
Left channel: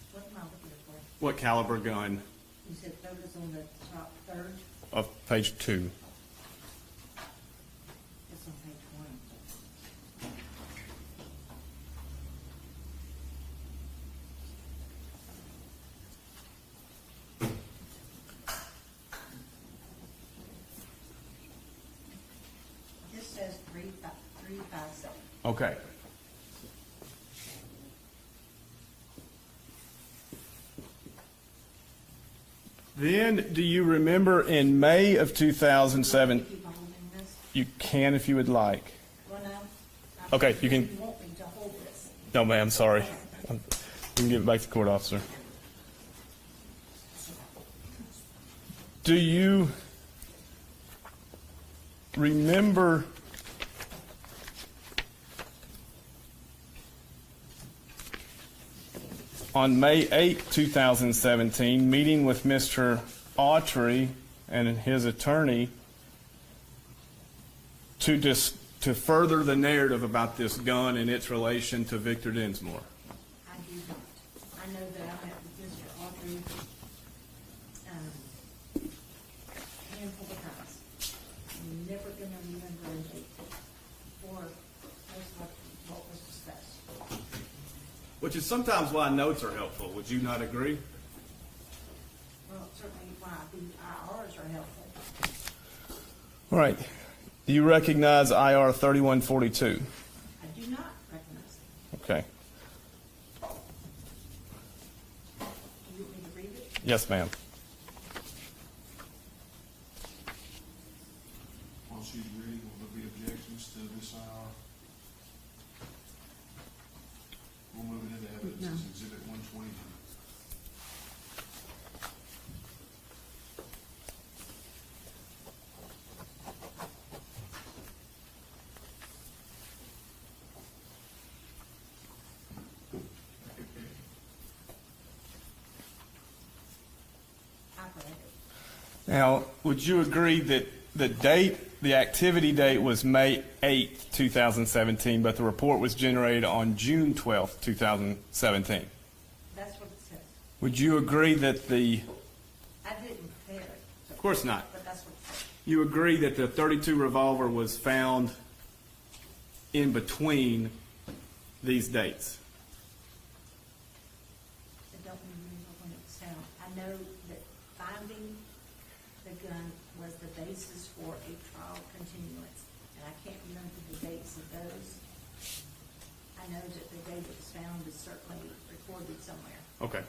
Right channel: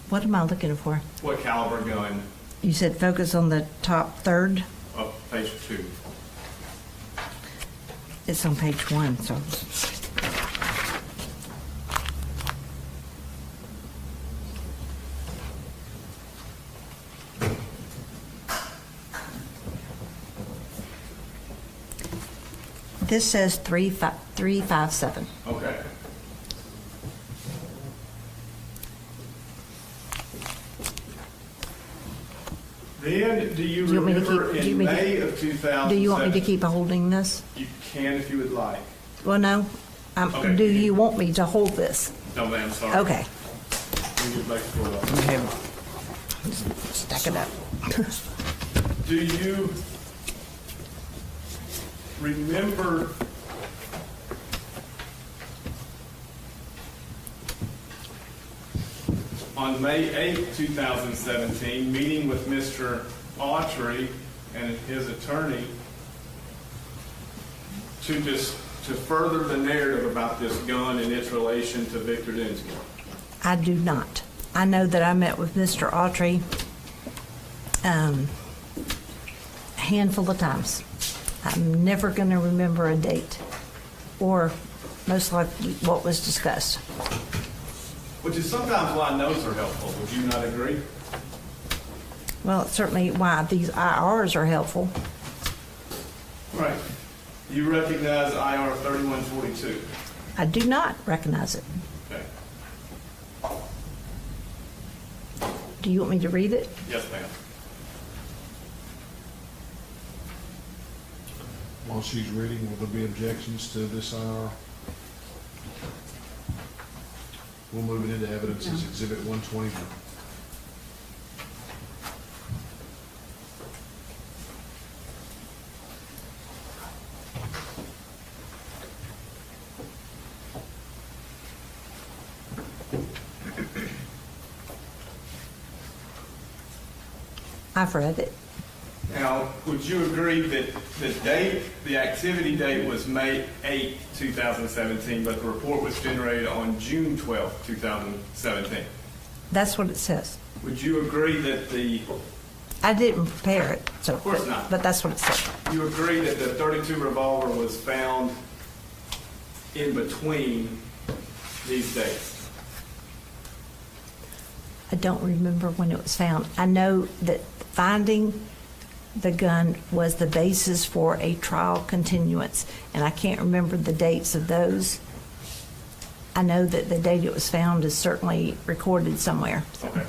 What am I looking for? What caliber gun? You said focus on the top third. Of page 2. It's on page 1, so. This says 357. Okay. Then, do you Do you want me to remember keep- do you in want me to- May of Do you want me 2007? to keep holding this? You can if you would like. Well, no. Okay, Do you can- you want me to hold this? No, ma'am, sorry. Okay. You can get back to court officer. Stack it up. Do you remember on May 8, 2017, meeting with Mr. Autry and his attorney to further the narrative about this gun and its relation to Victor Densmore? I do not. I know that I met with Mr. Autry a handful of times. I'm never going to remember a date or most likely what was discussed. Which is sometimes why notes are helpful. Would you not agree? Well, it's certainly why these IRs are helpful. All right. Do you recognize IR 3142? I do not recognize it. Okay. Do you want me to read it? Yes, ma'am. While she's reading, will there be objections to this IR? We'll move it into evidence as Exhibit 121. I've read it. Now, would you agree that the activity date was May 8th, 2017, but the report was generated on June 12th, 2017? That's what it says. Would you agree that I didn't prepare it, so. Of course not. But that's what it said. you agree that the .32 revolver was found in between these dates? I don't remember when it was found. I know that finding the gun was the basis for a trial continuance, and I can't remember the dates of those. I know that the date it was found is certainly recorded somewhere. so. Okay.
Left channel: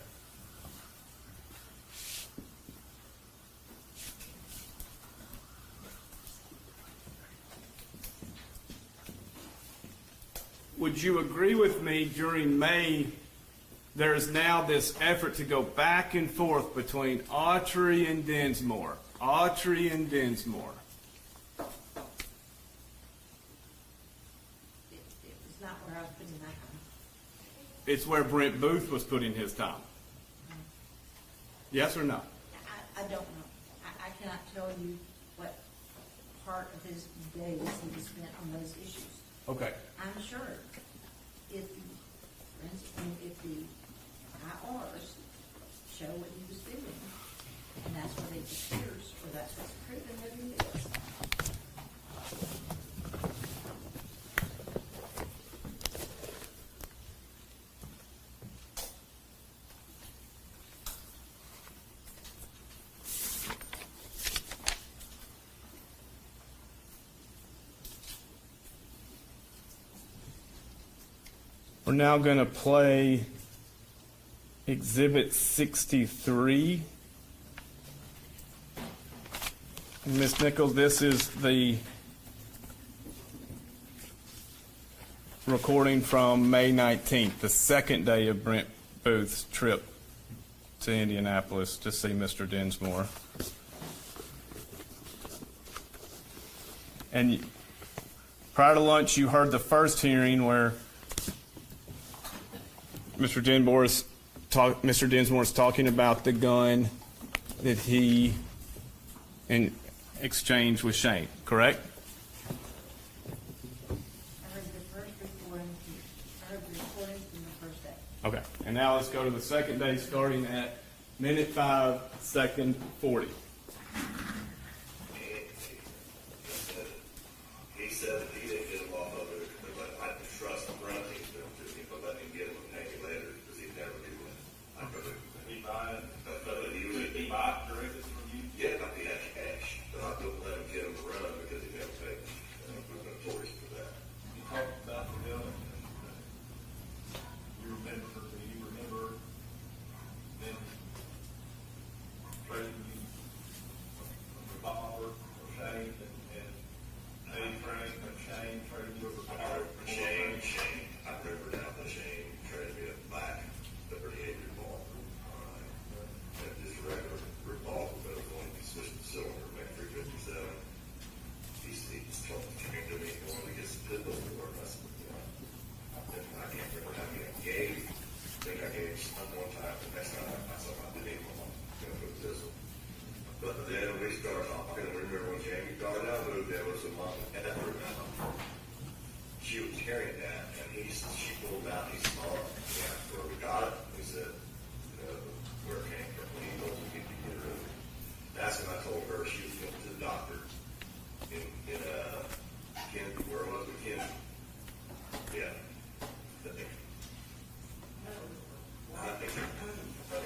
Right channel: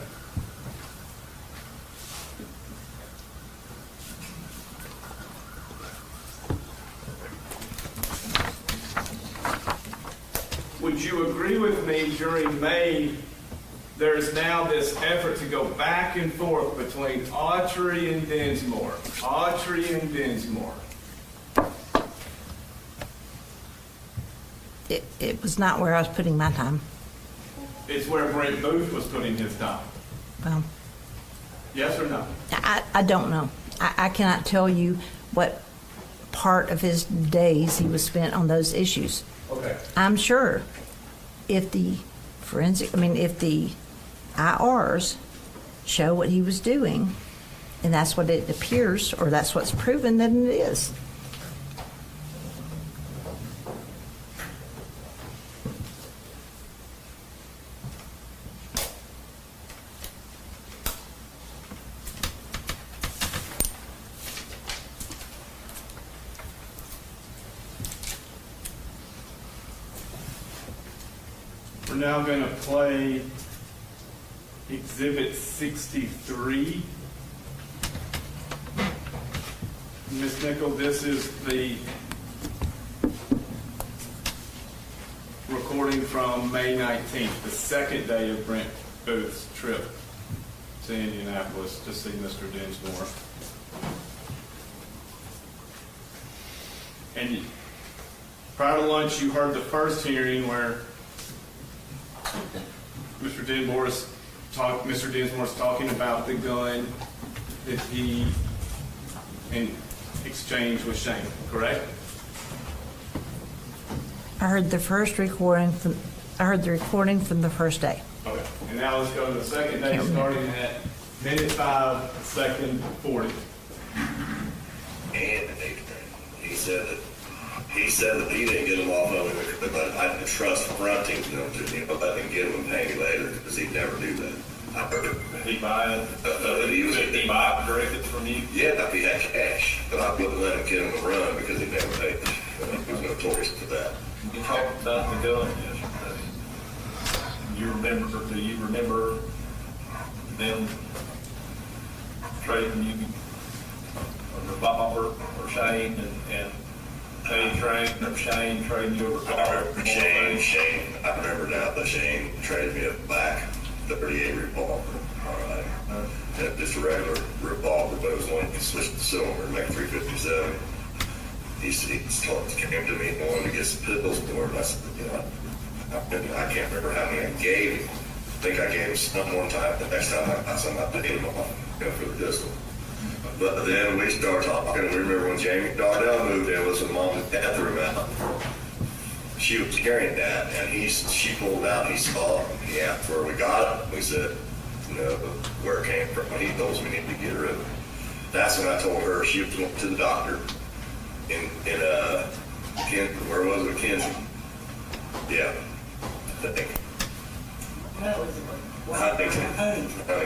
Would you agree with me during May, there's now this effort to go back and forth between Autry and Densmore, Autry and Densmore. It was not where I was putting my time. It's where Brent Booth was putting his time. Well, Yes or no? I don't know. I cannot tell you what part of his days he was spent on those issues. Okay. I'm sure if the if the IRs show what he was doing, and that's what it appears, or that's what's proven, then it is. We're now going to play Exhibit 63. Ms. Nichols, this is the recording from May 19th, the second day of Brent Booth's trip to Indianapolis to see Mr. Dinsmore. And prior to lunch, you heard the first hearing where Mr. Dinsmore's talking about the gun that he in exchange with Shane, correct? I heard the recording from the first day. Okay. And now let's go to the second day, starting at minute 5, second 40. And he said that he didn't get them off of him, but I didn't trust fronting them to let him get them and pay me later, because he'd never do that. I heard it. He buy it, he buy it directly from you? Yeah, if he had cash, but I wouldn't let him get him to run because he never paid. He was notorious for that. You talked about the gun yesterday. Do you remember them trading you a revolver or Shane and Shane trading you a revolver? Shane, I remember now that Shane traded me a black 38 revolver, all right? And just a regular revolver, but it was one you could switch the cylinder and make 357. He came to me and wanted to get some pistols for it, and I said, I can't remember how many I gave him. I think I gave him some one time. The next time I said I paid him off for the pistol. But then we started talking. We remember when Jamie Darnell moved in, was when Mom and Dad threw him out. She was carrying that, and she pulled out. He saw it. He asked where we got it. We said, where it came from. He told us we needed to get rid of it. That's when I told her she went to the doctor in where was it, Kinsey? Yeah. I think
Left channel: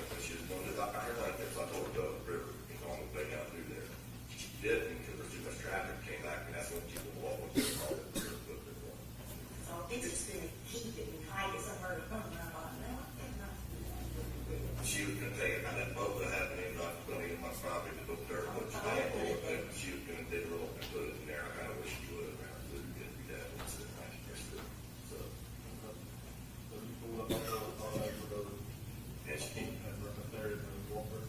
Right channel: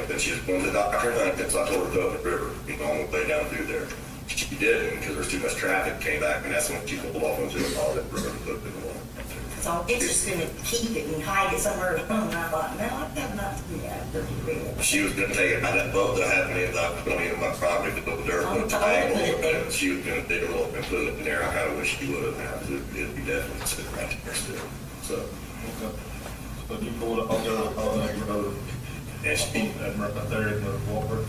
that she was going to the doctor, so I told her to go up the river, on the way down through there. She didn't, because there was too much traffic, came back, and that's when she pulled off into the river and put it in the water. So I'm interested in keep it and hide it somewhere at home, and I thought, no, I've got enough to do that. She was going to take it out of that boat that happened in my property, to put dirt, put a tag on it, and she was going to dig a little and put it in there. I kind of wish she would have. It'd be definitely sitting right there still. So. But you pulled up on that road. And she, right there in the water.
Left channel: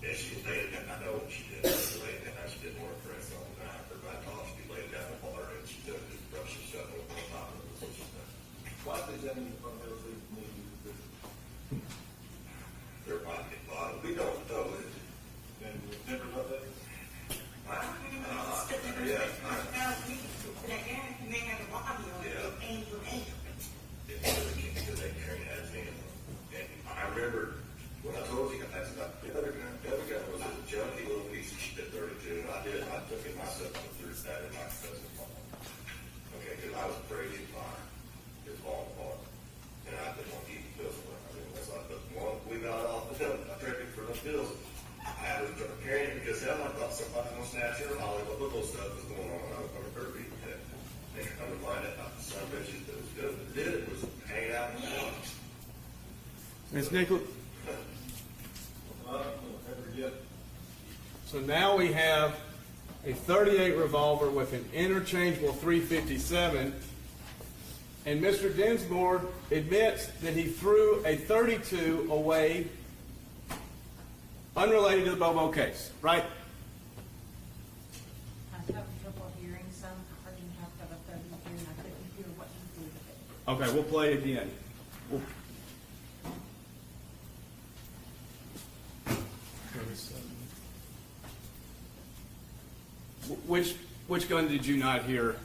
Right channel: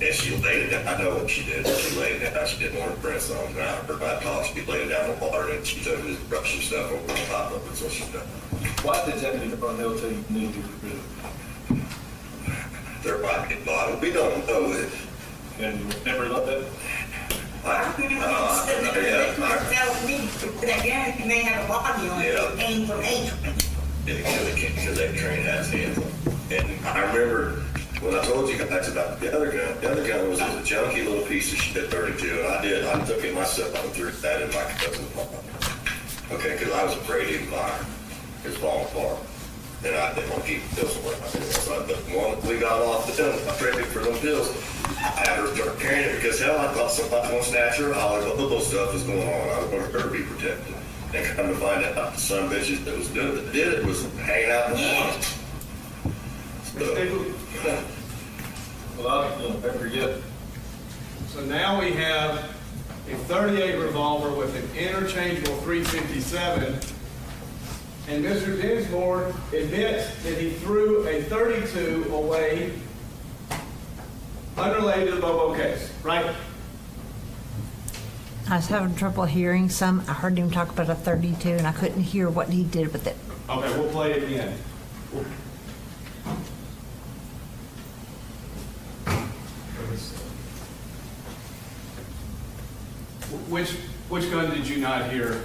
and she laid it down. I know what she did. She laid it down. She didn't want her prints on the ground. Her bad talk. She laid it down in the water, and she took this brush and stuff over the top of it. So she done. Why did Zachary Adams tell you need to get rid of it? Their body bottle. We don't know it. And you never loved it? That guy may have a body on it, it came from Autry. Because that train has hands on it. And I remember when I told you guys about the other gun was a junky little piece of shit 32, and I took it myself and threw that in my cousin's pocket. Okay, because I was afraid he'd fire. It was falling apart. And I didn't want to keep the pills away. So when we got off the pill, I traded for them pills. I had her start carrying it because hell, I thought somebody was going to snatch her. All the little stuff was going on. I wanted her to be protected. And come to find out, the son of bitches that was doing it, that did it, was hanging out in the house. Well, I don't ever forget. So now we have a 38 revolver with an interchangeable 357, and Mr. Dinsmore admits that he threw a 32 away unrelated to the Bobo case, right? I was having trouble hearing some. I heard him talk about a 32, and I couldn't hear what he did with it. Okay, we'll play it again. Which gun did you not hear?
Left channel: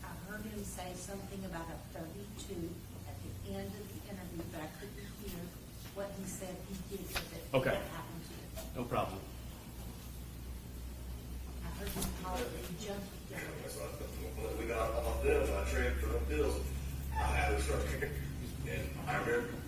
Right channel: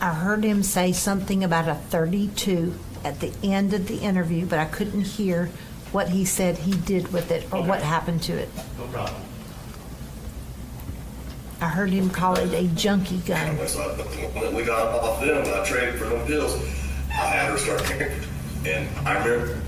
I heard him say something about a 32 at the end of the interview, but I couldn't hear what he said he did with it or Okay. what happened to it. No problem. I heard him call it a junkie gun. So when we got off them, and I traded for them pills, I had her start carrying it. And I remember.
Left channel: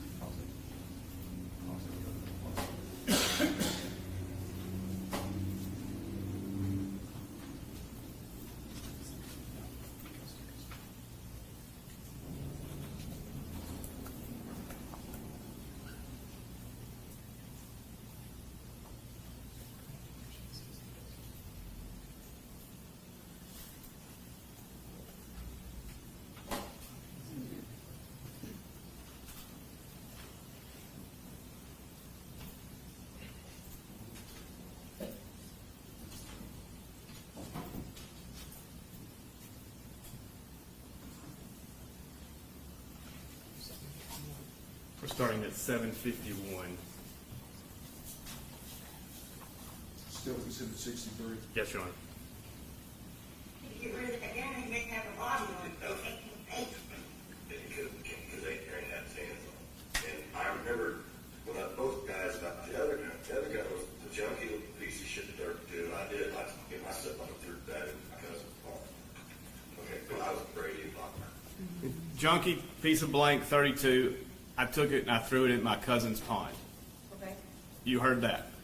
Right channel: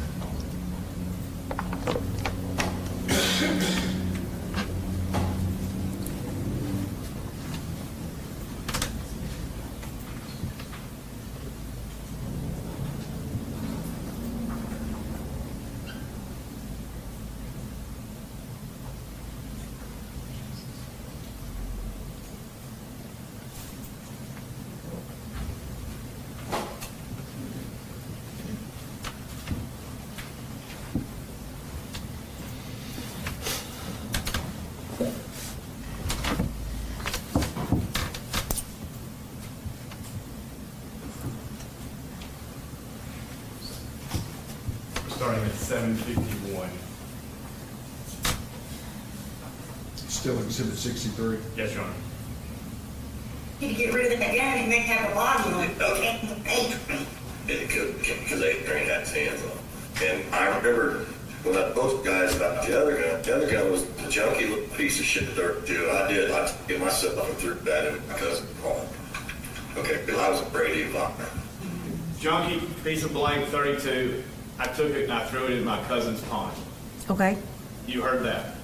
starting at 751. Still exhibit 63. Yes, Your Honor. You need to get rid of that gun and make have a body on it. Okay. Because they ain't got his hands on. And I remember when I both guys about the other gun was the junky little piece of shit dirt too. I took it myself and threw that in my cousin's home. Okay, I was a Brady Vommer. Junky piece of blank 32. I took it and I threw it in my cousin's pond. Okay? You heard that?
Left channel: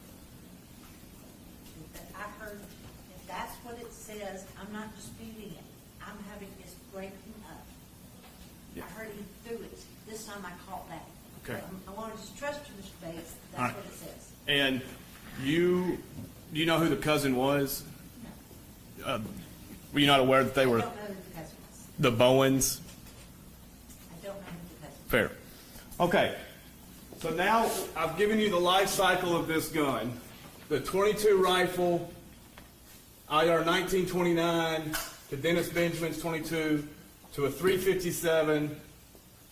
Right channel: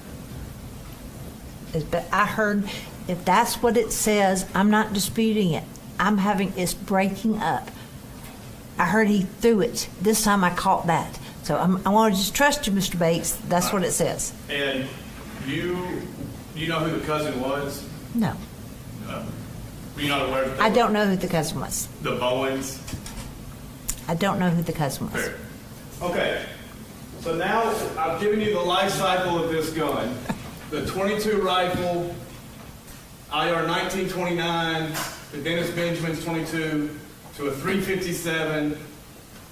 But I heard, if that's what it says, I'm not disputing it. It's breaking up. I heard he threw it. This time I caught that. So I want to just trust you, Mr. Bates. That's what it says. And you know who the cousin was? No. Were you not aware that they I were don't know who the cousin was. the Bowens? I don't know who the cousin was. Fair. Okay. So now I've given you the life cycle of this gun. The .22 rifle, IR 1929, the Dennis Benjamin's .22, to a .357,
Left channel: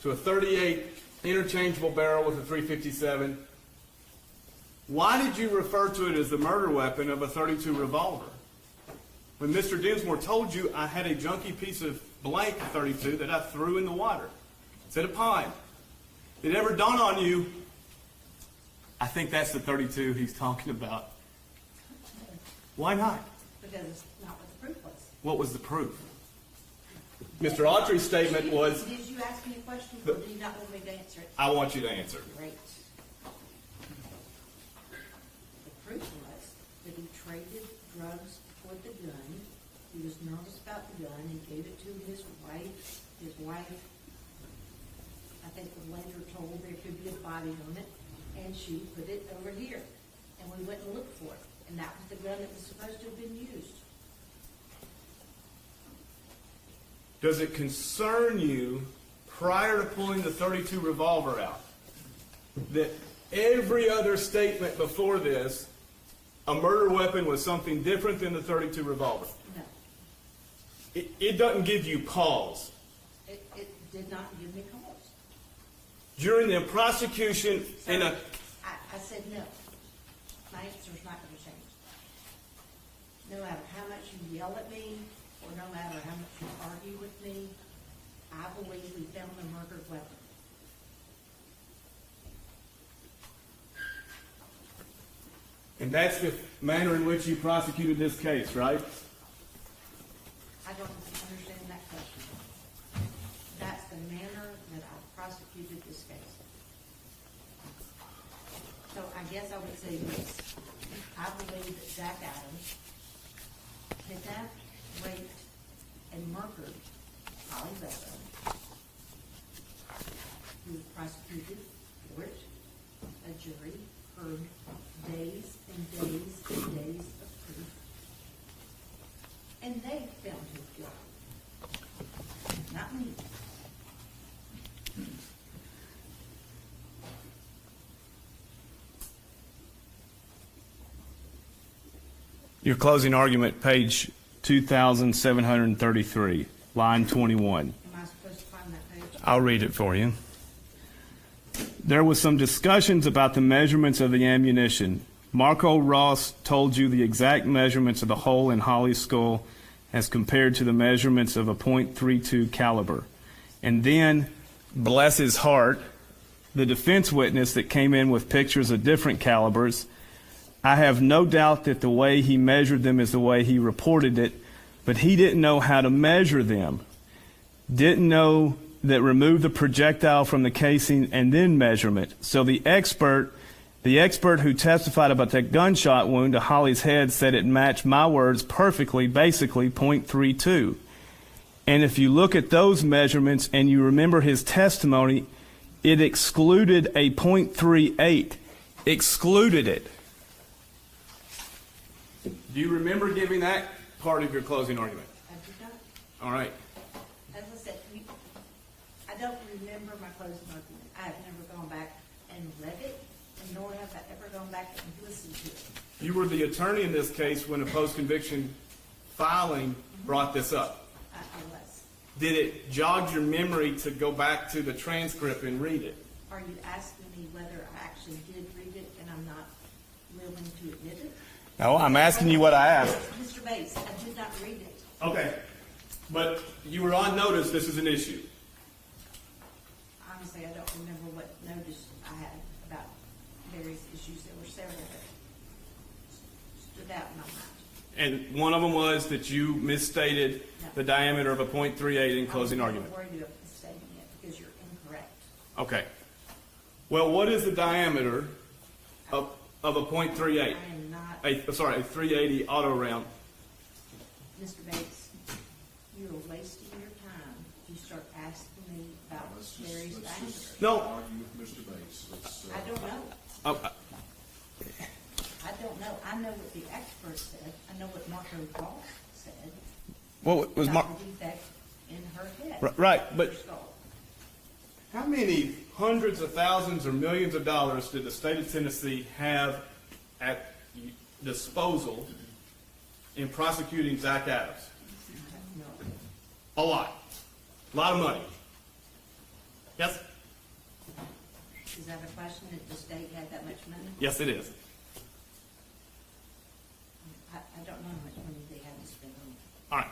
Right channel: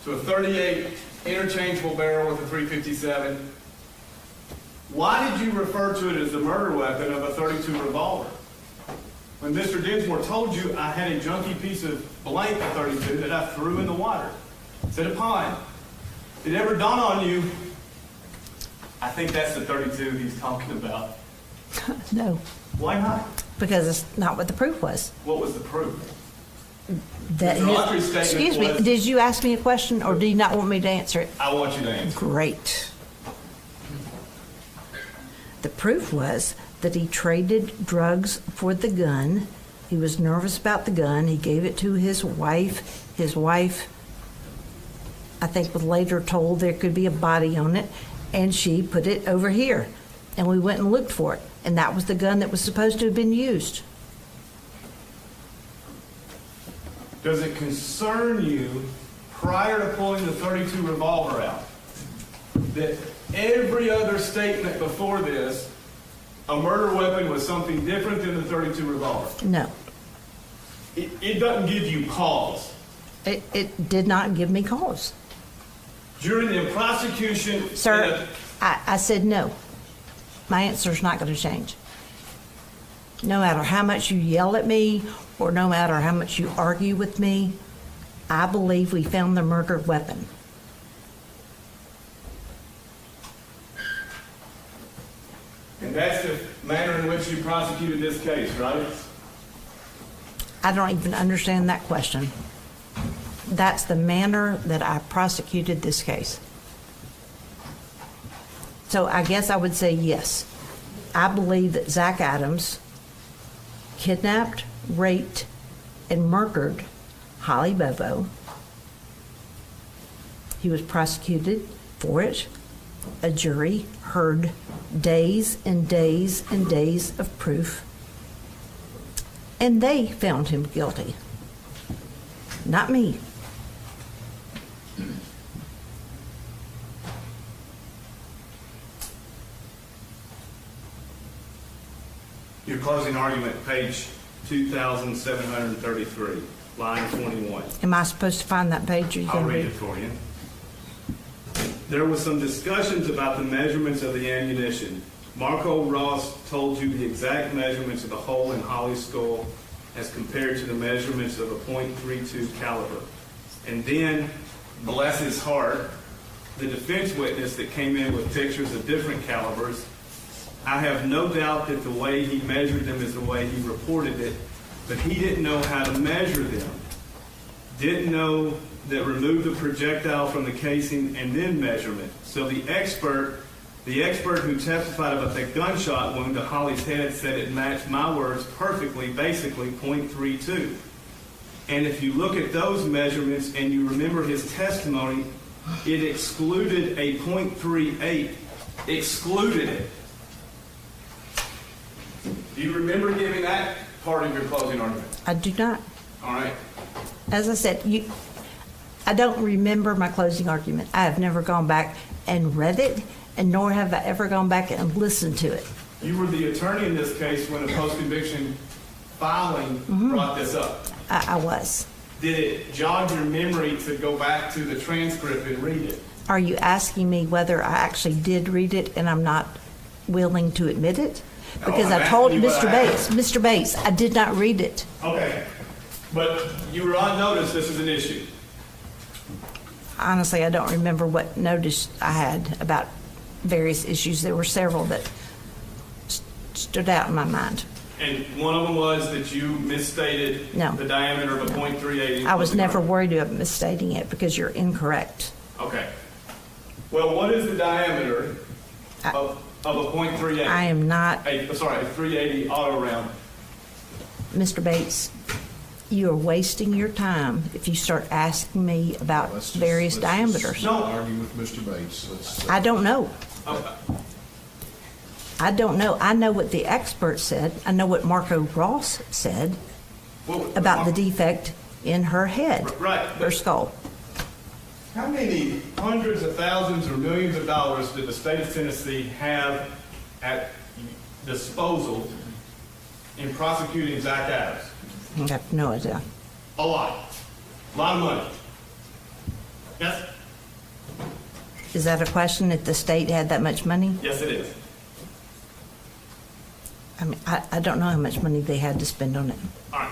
to a .38 interchangeable barrel with a .357. Why did you refer to it as the murder weapon of a .32 revolver? When Mr. Dinsmore told you I had a junky piece of blank .32 that I threw in the water. It's in a pond. Did it ever dawn on you, I think that's the .32 he's talking about? No, Why not? because it's not what the proof was. What was the proof? That Mr. Autry's statement Excuse me, was- did you ask me a question or do you not want me to answer it? I want you to answer. Great. The proof was that he traded drugs for the gun. He was nervous about the gun. He gave it to his wife. His wife, I think, was later told there could be a body on it, and she put it over here. And we went and looked for it, and that was the gun that was supposed to have been used. Does it concern you, prior to pulling the .32 revolver out, that every other statement before this, a murder weapon was something different than the .32 revolver? No, It doesn't give you pause. it did not give me cause. During the prosecution... Sir, I said no. My answer's not going to change. No matter how much you yell at me or no matter how much you argue with me, I believe we found the murder weapon. And that's the manner in which you prosecuted this case, right? I don't even understand that question. That's the manner that I prosecuted this case. So I guess I would say yes. I believe that Zach Adams kidnapped, raped, and murdered Holly Bobo. He was prosecuted for it. A jury heard days and days and days of proof. And they found him guilty. Not me. Your closing argument, page 2,733, line 21. Am I supposed to find that page? Or you I'll can read it for you. There was some discussions about the measurements of the ammunition. Marco Ross told you the exact measurements of the hole in Holly's skull as compared to the measurements of a .32 caliber. And then, bless his heart, the defense witness that came in with pictures of different calibers, I have no doubt that the way he measured them is the way he reported it, but he didn't know how to measure them. Didn't know that remove the projectile from the casing and then measurement. So the expert who testified about that gunshot wound to Holly's head said it matched my words perfectly, basically .32. And if you look at those measurements and you remember his testimony, it excluded a .38. Excluded it. Do you remember giving that part of your closing argument? I do not. All right. As I said, I don't remember my closing argument. I have never gone back and read it, and nor have I ever gone back and listened to it. You were the attorney in this case when the post-conviction filing brought this up. I was. Did it jog your memory to go back to the transcript and read it? Are you asking me whether I actually did read it and I'm not willing to admit it? No, Because I'm I asking told you what Mr. I Bates, Mr. Bates, I did not read it. Okay, but you were on notice this is an issue. Honestly, I don't remember what notice I had about various issues. There were several that stood out in my mind. And one of them was that you misstated No. the diameter of a .380. I was closing never arc. worried about misstating it because you're incorrect. Okay. Well, what is the diameter I- of a .38? I am not, A 380 auto round. Mr. Bates, you are wasting your time if you start asking me about various diameters. No. Argue with Mr. Bates. Let's, I don't know. Okay. I don't know. I know what the expert said. I know what Marco Ross said Well, about the defect in her head, Right, her but skull. how many hundreds of thousands or millions of dollars did the state of Tennessee have at disposal in prosecuting Zach Adams? I have no idea. A lot. A lot of money. Yes? Is that a question if the state had that much money? Yes, it is. I mean, I don't know how much money they had to spend on it. All right.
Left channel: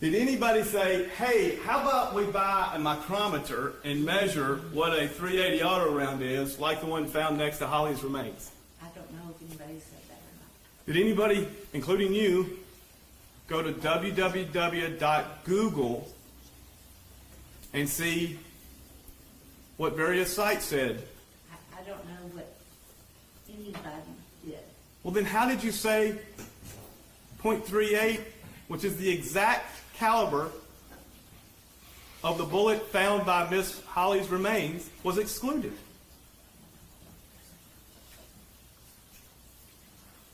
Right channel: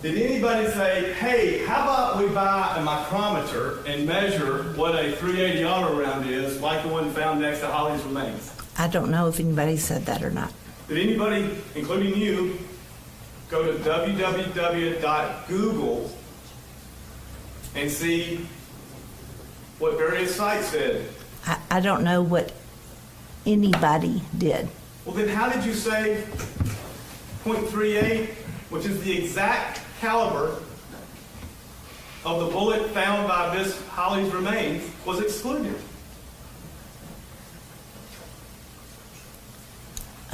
Did anybody say, hey, how about we buy a micrometer and measure what a 380 auto round is, like the one found next to Holly's remains? I don't know if anybody said that or not. Did anybody, including you, go to www.google and see what various sites said? I don't know what anybody did. Well, then how did you say .38, which is the exact caliber of the bullet found by Miss Holly's remains, was excluded?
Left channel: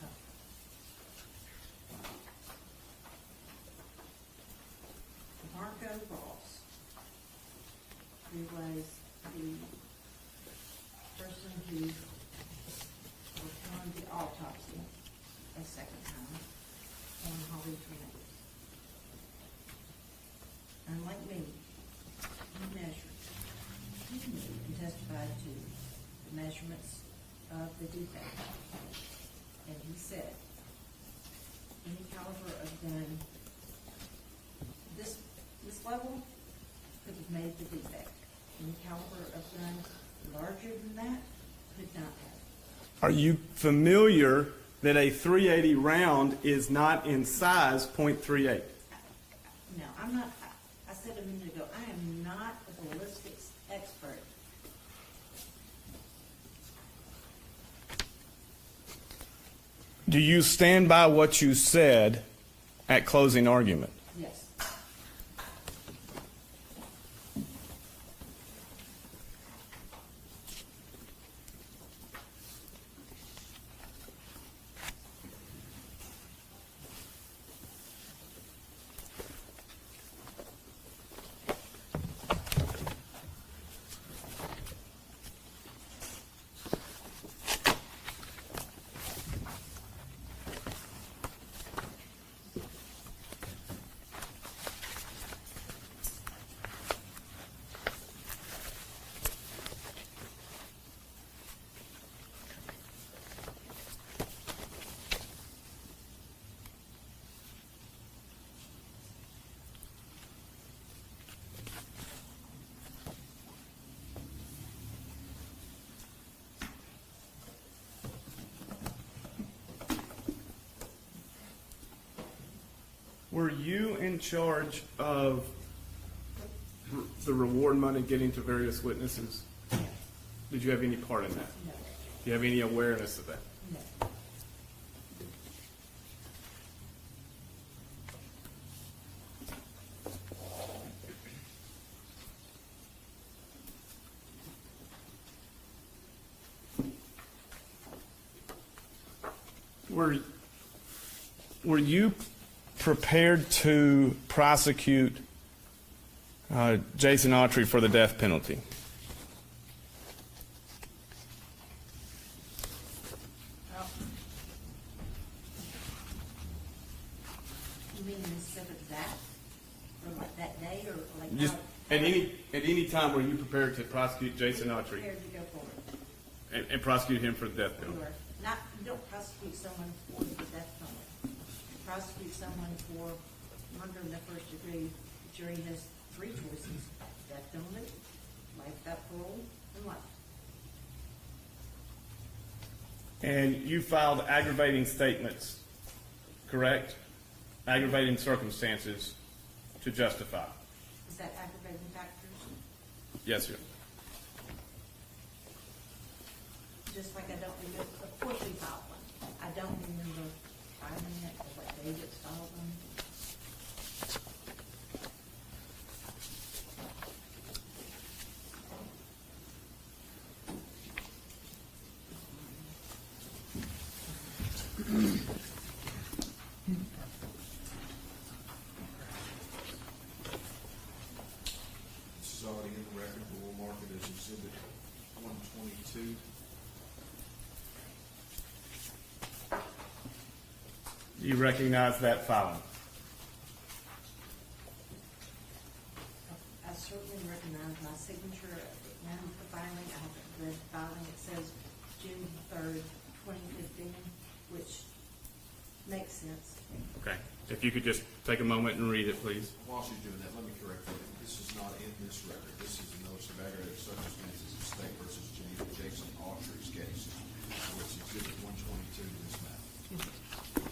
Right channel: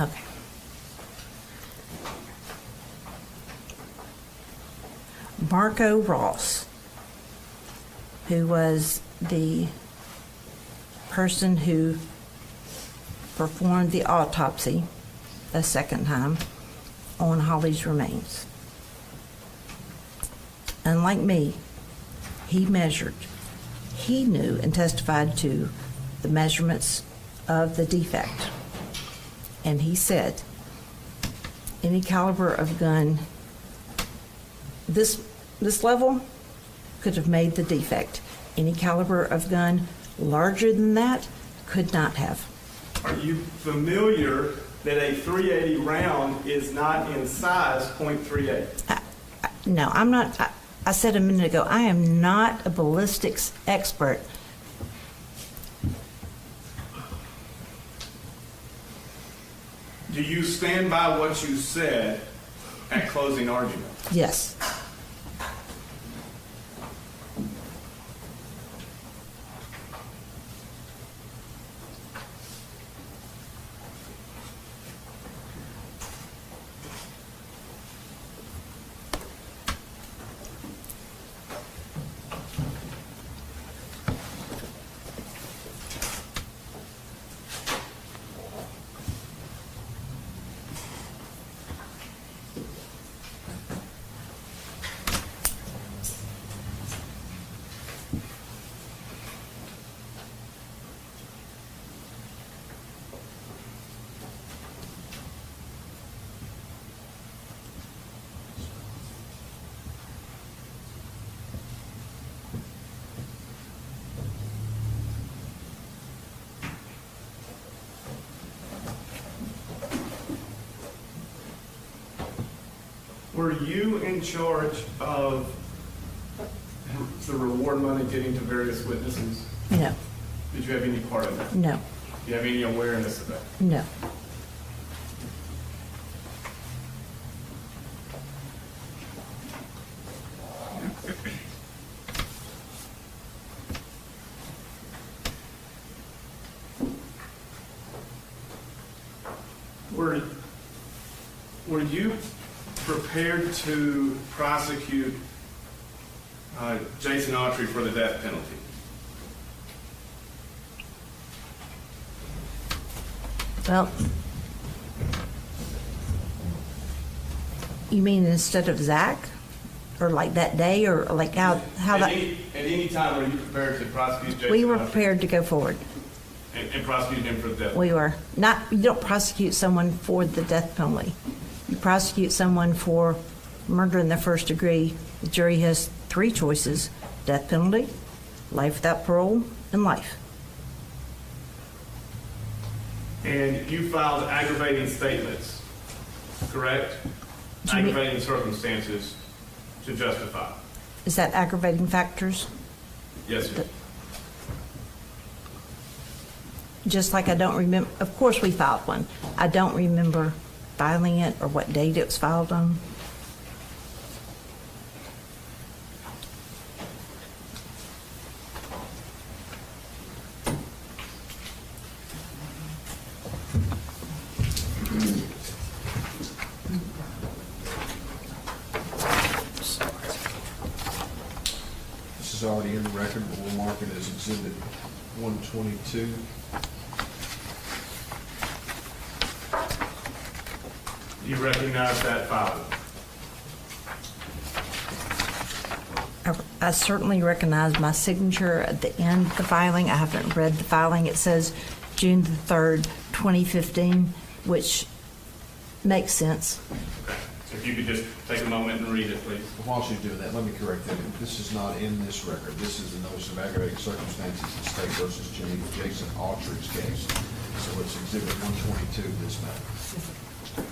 Okay. Marco Ross, who was the person who performed the autopsy a second time on Holly's remains. Unlike me, he measured, he knew and testified to the measurements of the defect. And he said, any caliber of gun, this level could have made the defect. Any caliber of gun larger than that could not have. Are you familiar that a 380 round is not in size .38? No, I'm not. I said a minute ago, I am not a ballistics expert. Do you stand by what you said at closing argument? Yes. Were you in charge of the reward money getting to various witnesses? No. Did you have any part of that? No. Do you have any awareness of that? No. Were you prepared to prosecute Jason Autry for the death penalty? Well, you mean instead of Zach or like that day, or like how At that? any time, were you prepared to prosecute Jason? We were Autry prepared to go forward. And prosecute him for the death? We were. Not, you don't prosecute someone for the death penalty. You prosecute someone for murder in the first degree. The jury has three choices: death penalty, life without parole, and life. And you filed aggravating statements, correct? Do you mean- Aggravating circumstances to justify. Is that aggravating factors? Yes, sir. Just like I don't remember, of course we filed one. I don't remember filing it or what date it was filed on. This is already in the record, but we'll mark it as exhibit 122. You recognize that filing? I certainly recognize my signature at the end of the filing. I haven't read the filing. It says June the 3rd, 2015, which makes sense. Okay. So if you could just take a moment and read it, please. While she's doing that, let me correct that. This is not in this record. This is the notice of aggravating circumstances in State versus Jason Autry's case. So it's exhibit 122, this matter.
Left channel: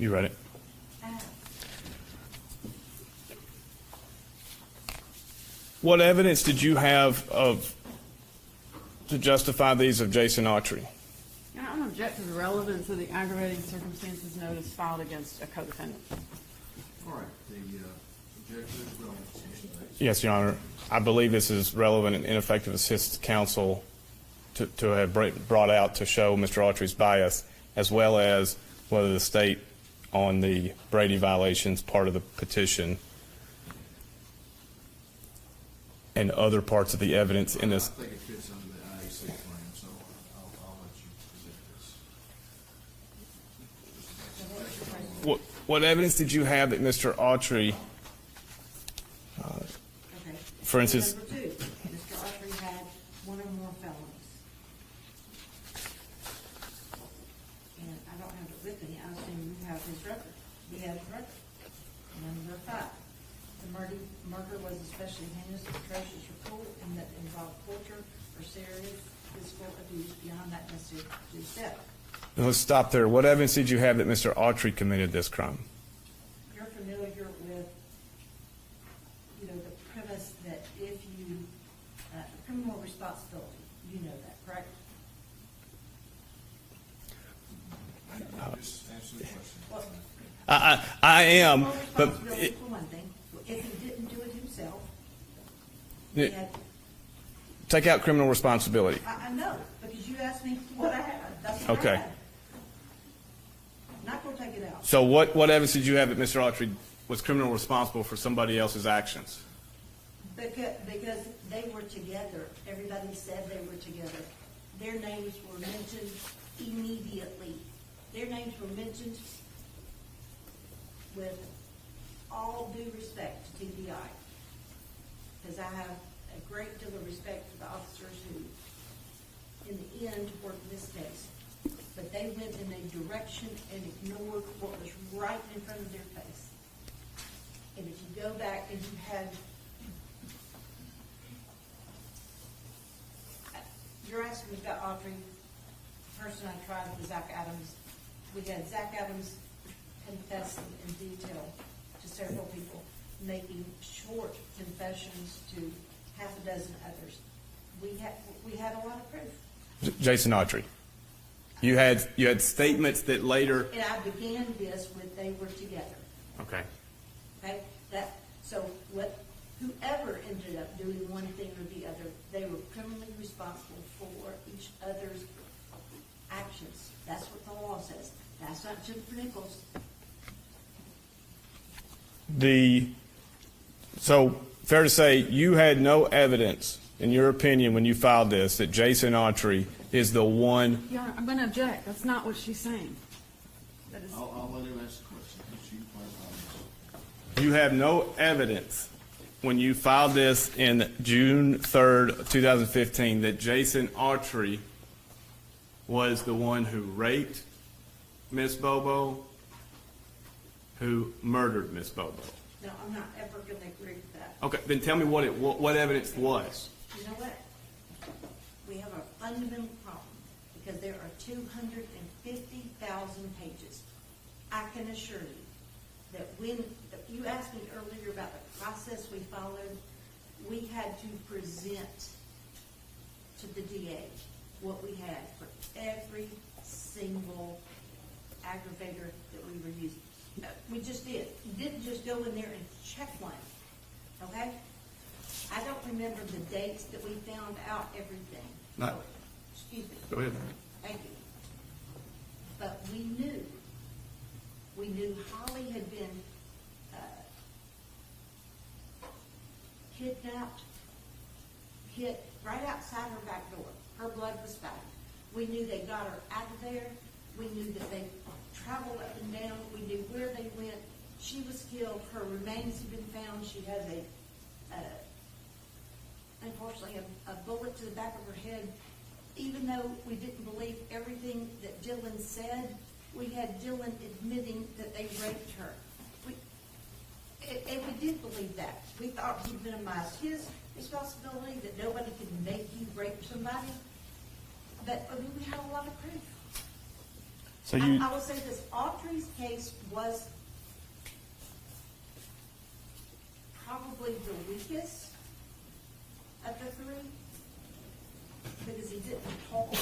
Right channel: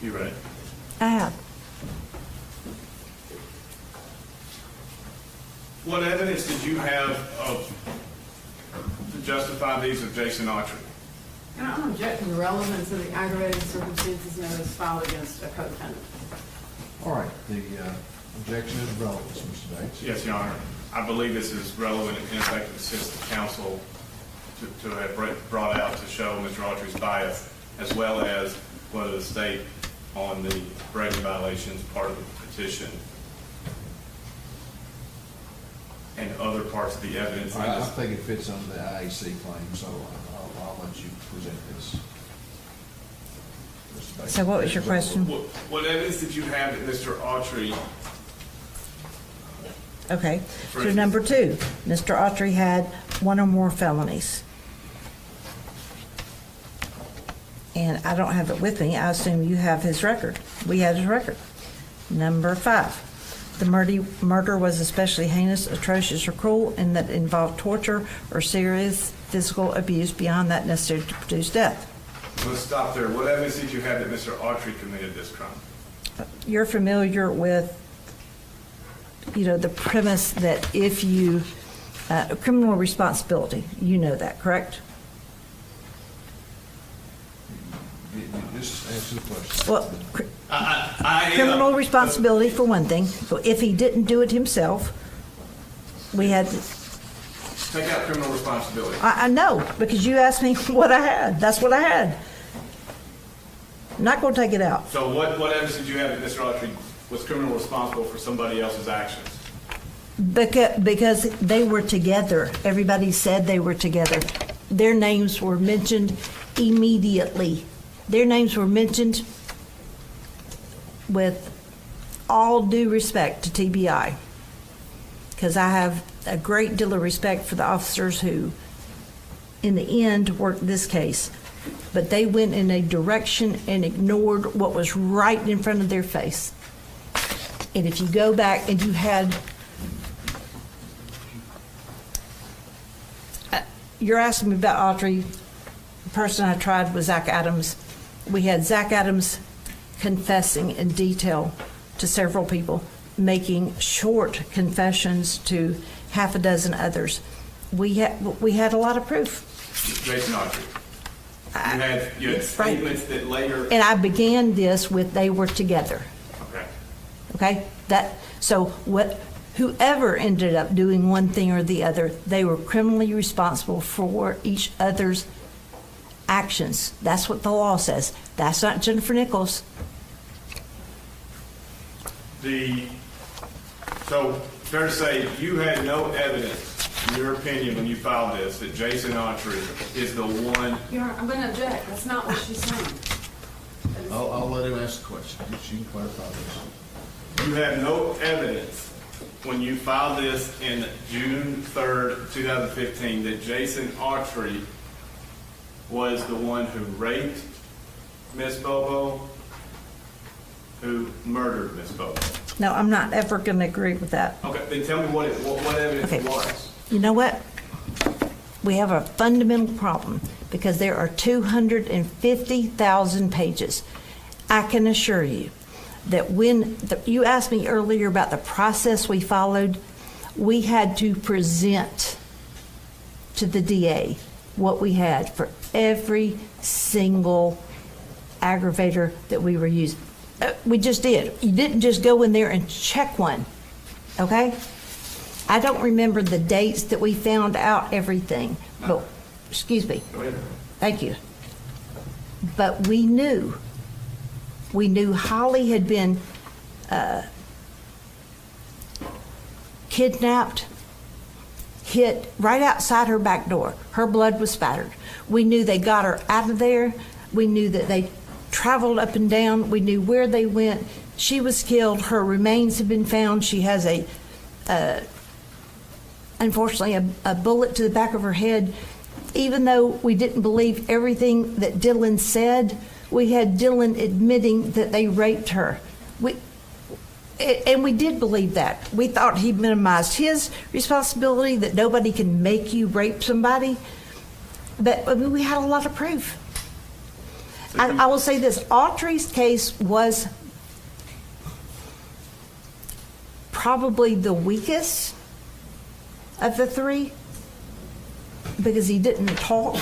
You read it? I have. What evidence did you have to justify these of Jason Autry? And I'm objecting the relevance of the aggravated circumstances notice filed against a co-defendant. All right, the objection is relevance, Mr. Bates. Yes, Your Honor. I believe this is relevant and ineffective assist to counsel to have brought out to show Mr. Autry's bias, as well as whether the state on the Brady violations part of the petition and other parts of the evidence in I this. think it fits under the IAC claim, so I'll let you present this. Mr. Bates. So what was your question? What evidence did you have that Mr. Autry, Okay. For So instance- number two, Mr. Autry had one or more felonies. And I don't have it with me. I assume you have his record. We had his record. Number five, the murder was especially heinous, atrocious, or cruel, and that involved torture or serious physical abuse beyond that necessary to produce death. let's stop there. What evidence did you have that Mr. Autry committed this crime? You're familiar with, the premise that if you, criminal responsibility, you know that, correct? Just answer the question. Well, I am. criminal but- responsibility for one thing. So if he didn't do it himself, we had, Take out criminal responsibility. I know, because you asked me what I had. That's what I Okay. had. Not gonna take it out. So what evidence did you have that Mr. Autry was criminally responsible for somebody else's actions? Because they were together. Everybody said they were together. Their names were mentioned immediately. Their names were mentioned with all due respect to TBI. Because I have a great deal of respect for the officers who, in the end, worked this case. But they went in a direction and ignored what was right in front of their face. And if you go back and you had, you're asking me about Autry. The person I tried was Zach Adams. We had Zach Adams confessing in detail to several people. making short confessions to half a dozen others. We had a lot of proof. Jason Autry. You had statements that later. And I began this with they were together. Okay. Okay? Whoever ended up doing one thing or the other, they were criminally responsible for each other's actions. That's what the law says. That's not Jennifer Nichols. So fair to say you had no evidence, in your opinion, when you filed this, that Jason Autry is the one. I'm gonna object. That's not what she's saying. I'll let him ask the question. She can clarify this. You have no evidence when you filed this in June 3rd, 2015, that Jason Autry was the one who raped Miss Bobo, who murdered Miss Bobo. No, I'm not ever going to agree with that. Okay, then tell me what evidence Okay. it was. You know what? We have a fundamental problem because there are 250,000 pages. I can assure you that you asked me earlier about the process we followed, we had to present to the DA what we had for every single aggravator that we were using. We just did. You didn't just go in there and check one, okay? I don't remember the dates that we found out everything, but, excuse me. Go ahead. Thank you. But we knew Holly had been kidnapped, hit right outside her back door. Her blood was spattered. We knew they got her out of there. We knew that they traveled up and down. We knew where they went. She was killed. Her remains have been found. She has unfortunately, a bullet to the back of her head. Even though we didn't believe everything that Dylan said, we had Dylan admitting that they raped her. And we did believe that. We thought he minimized his responsibility, that nobody can make you rape somebody. But I mean, we had a lot of proof. So I will say this, Autry's case was probably the weakest of the three because he didn't talk.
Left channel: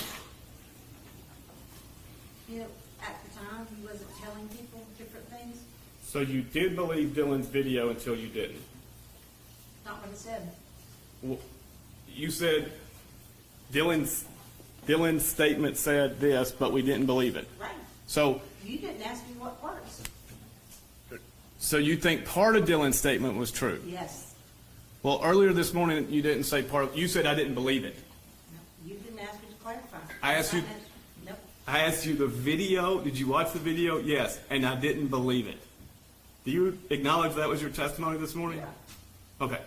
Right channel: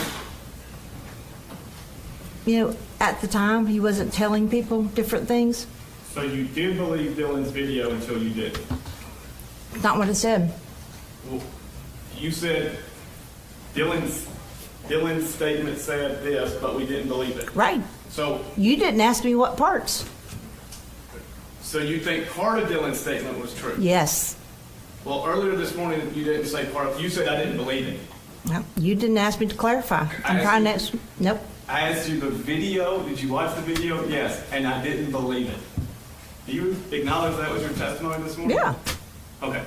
You know, at the time, he wasn't telling people different things. So you did believe Dylan's video until you didn't? Not what it said. Well, you said Dylan's statement said this, but we didn't believe it. Right. So You didn't ask me what parts. you think part of Dylan's statement was true? Yes. Well, earlier this morning, you didn't say part of, you said I didn't believe it. No, you didn't ask me to clarify. I asked Try you- next. Nope. I asked you the video, did you watch the video? Yes, and I didn't believe it. Do you acknowledge that was your testimony this morning? Yeah. Okay.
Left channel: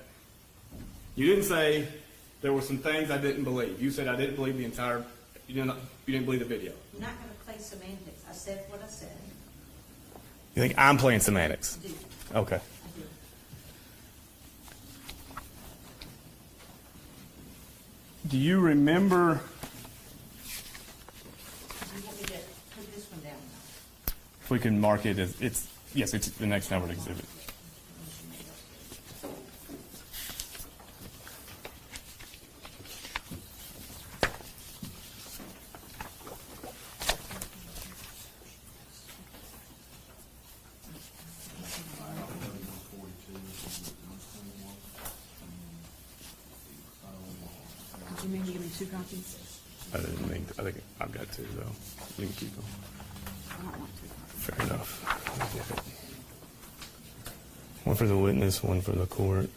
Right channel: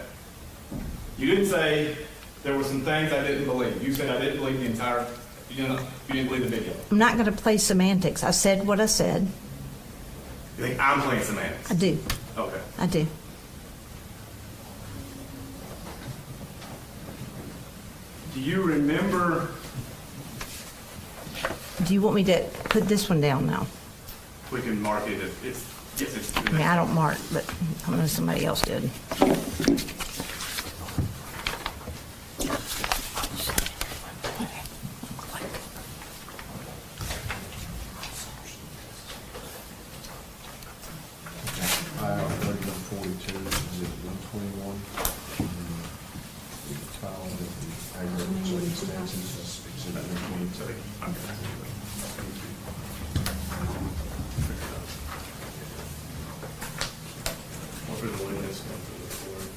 You didn't say there were some things I didn't believe. You said I didn't believe the entire, you didn't believe the video. I'm not going to play semantics. I said what I said. You think I'm playing semantics? I do. Okay. I do. Do you remember, Do you want me to put this one down now? we can mark it as, it's the next I mean, I don't one. mark, but I know somebody else did. File 3142, exhibit 121. File with the aggravated circumstances, I exhibit think I'm good to do that. Thank you. Fair enough. One for the witness, one for the court.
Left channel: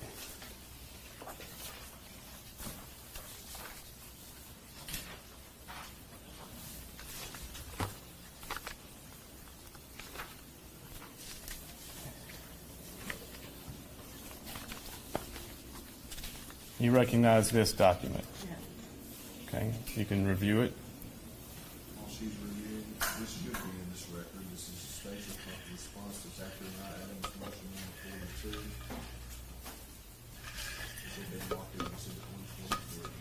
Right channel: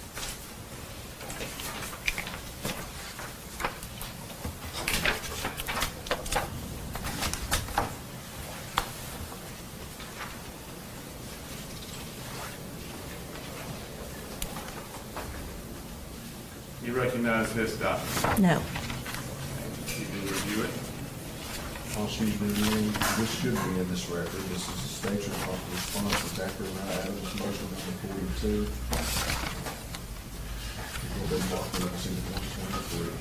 You recognize this document? No. Okay, you can review it. While she's reviewing, this should be in this record. This is the state's response to Zachary Adams, motion number 42. We'll be marking up exhibit 123.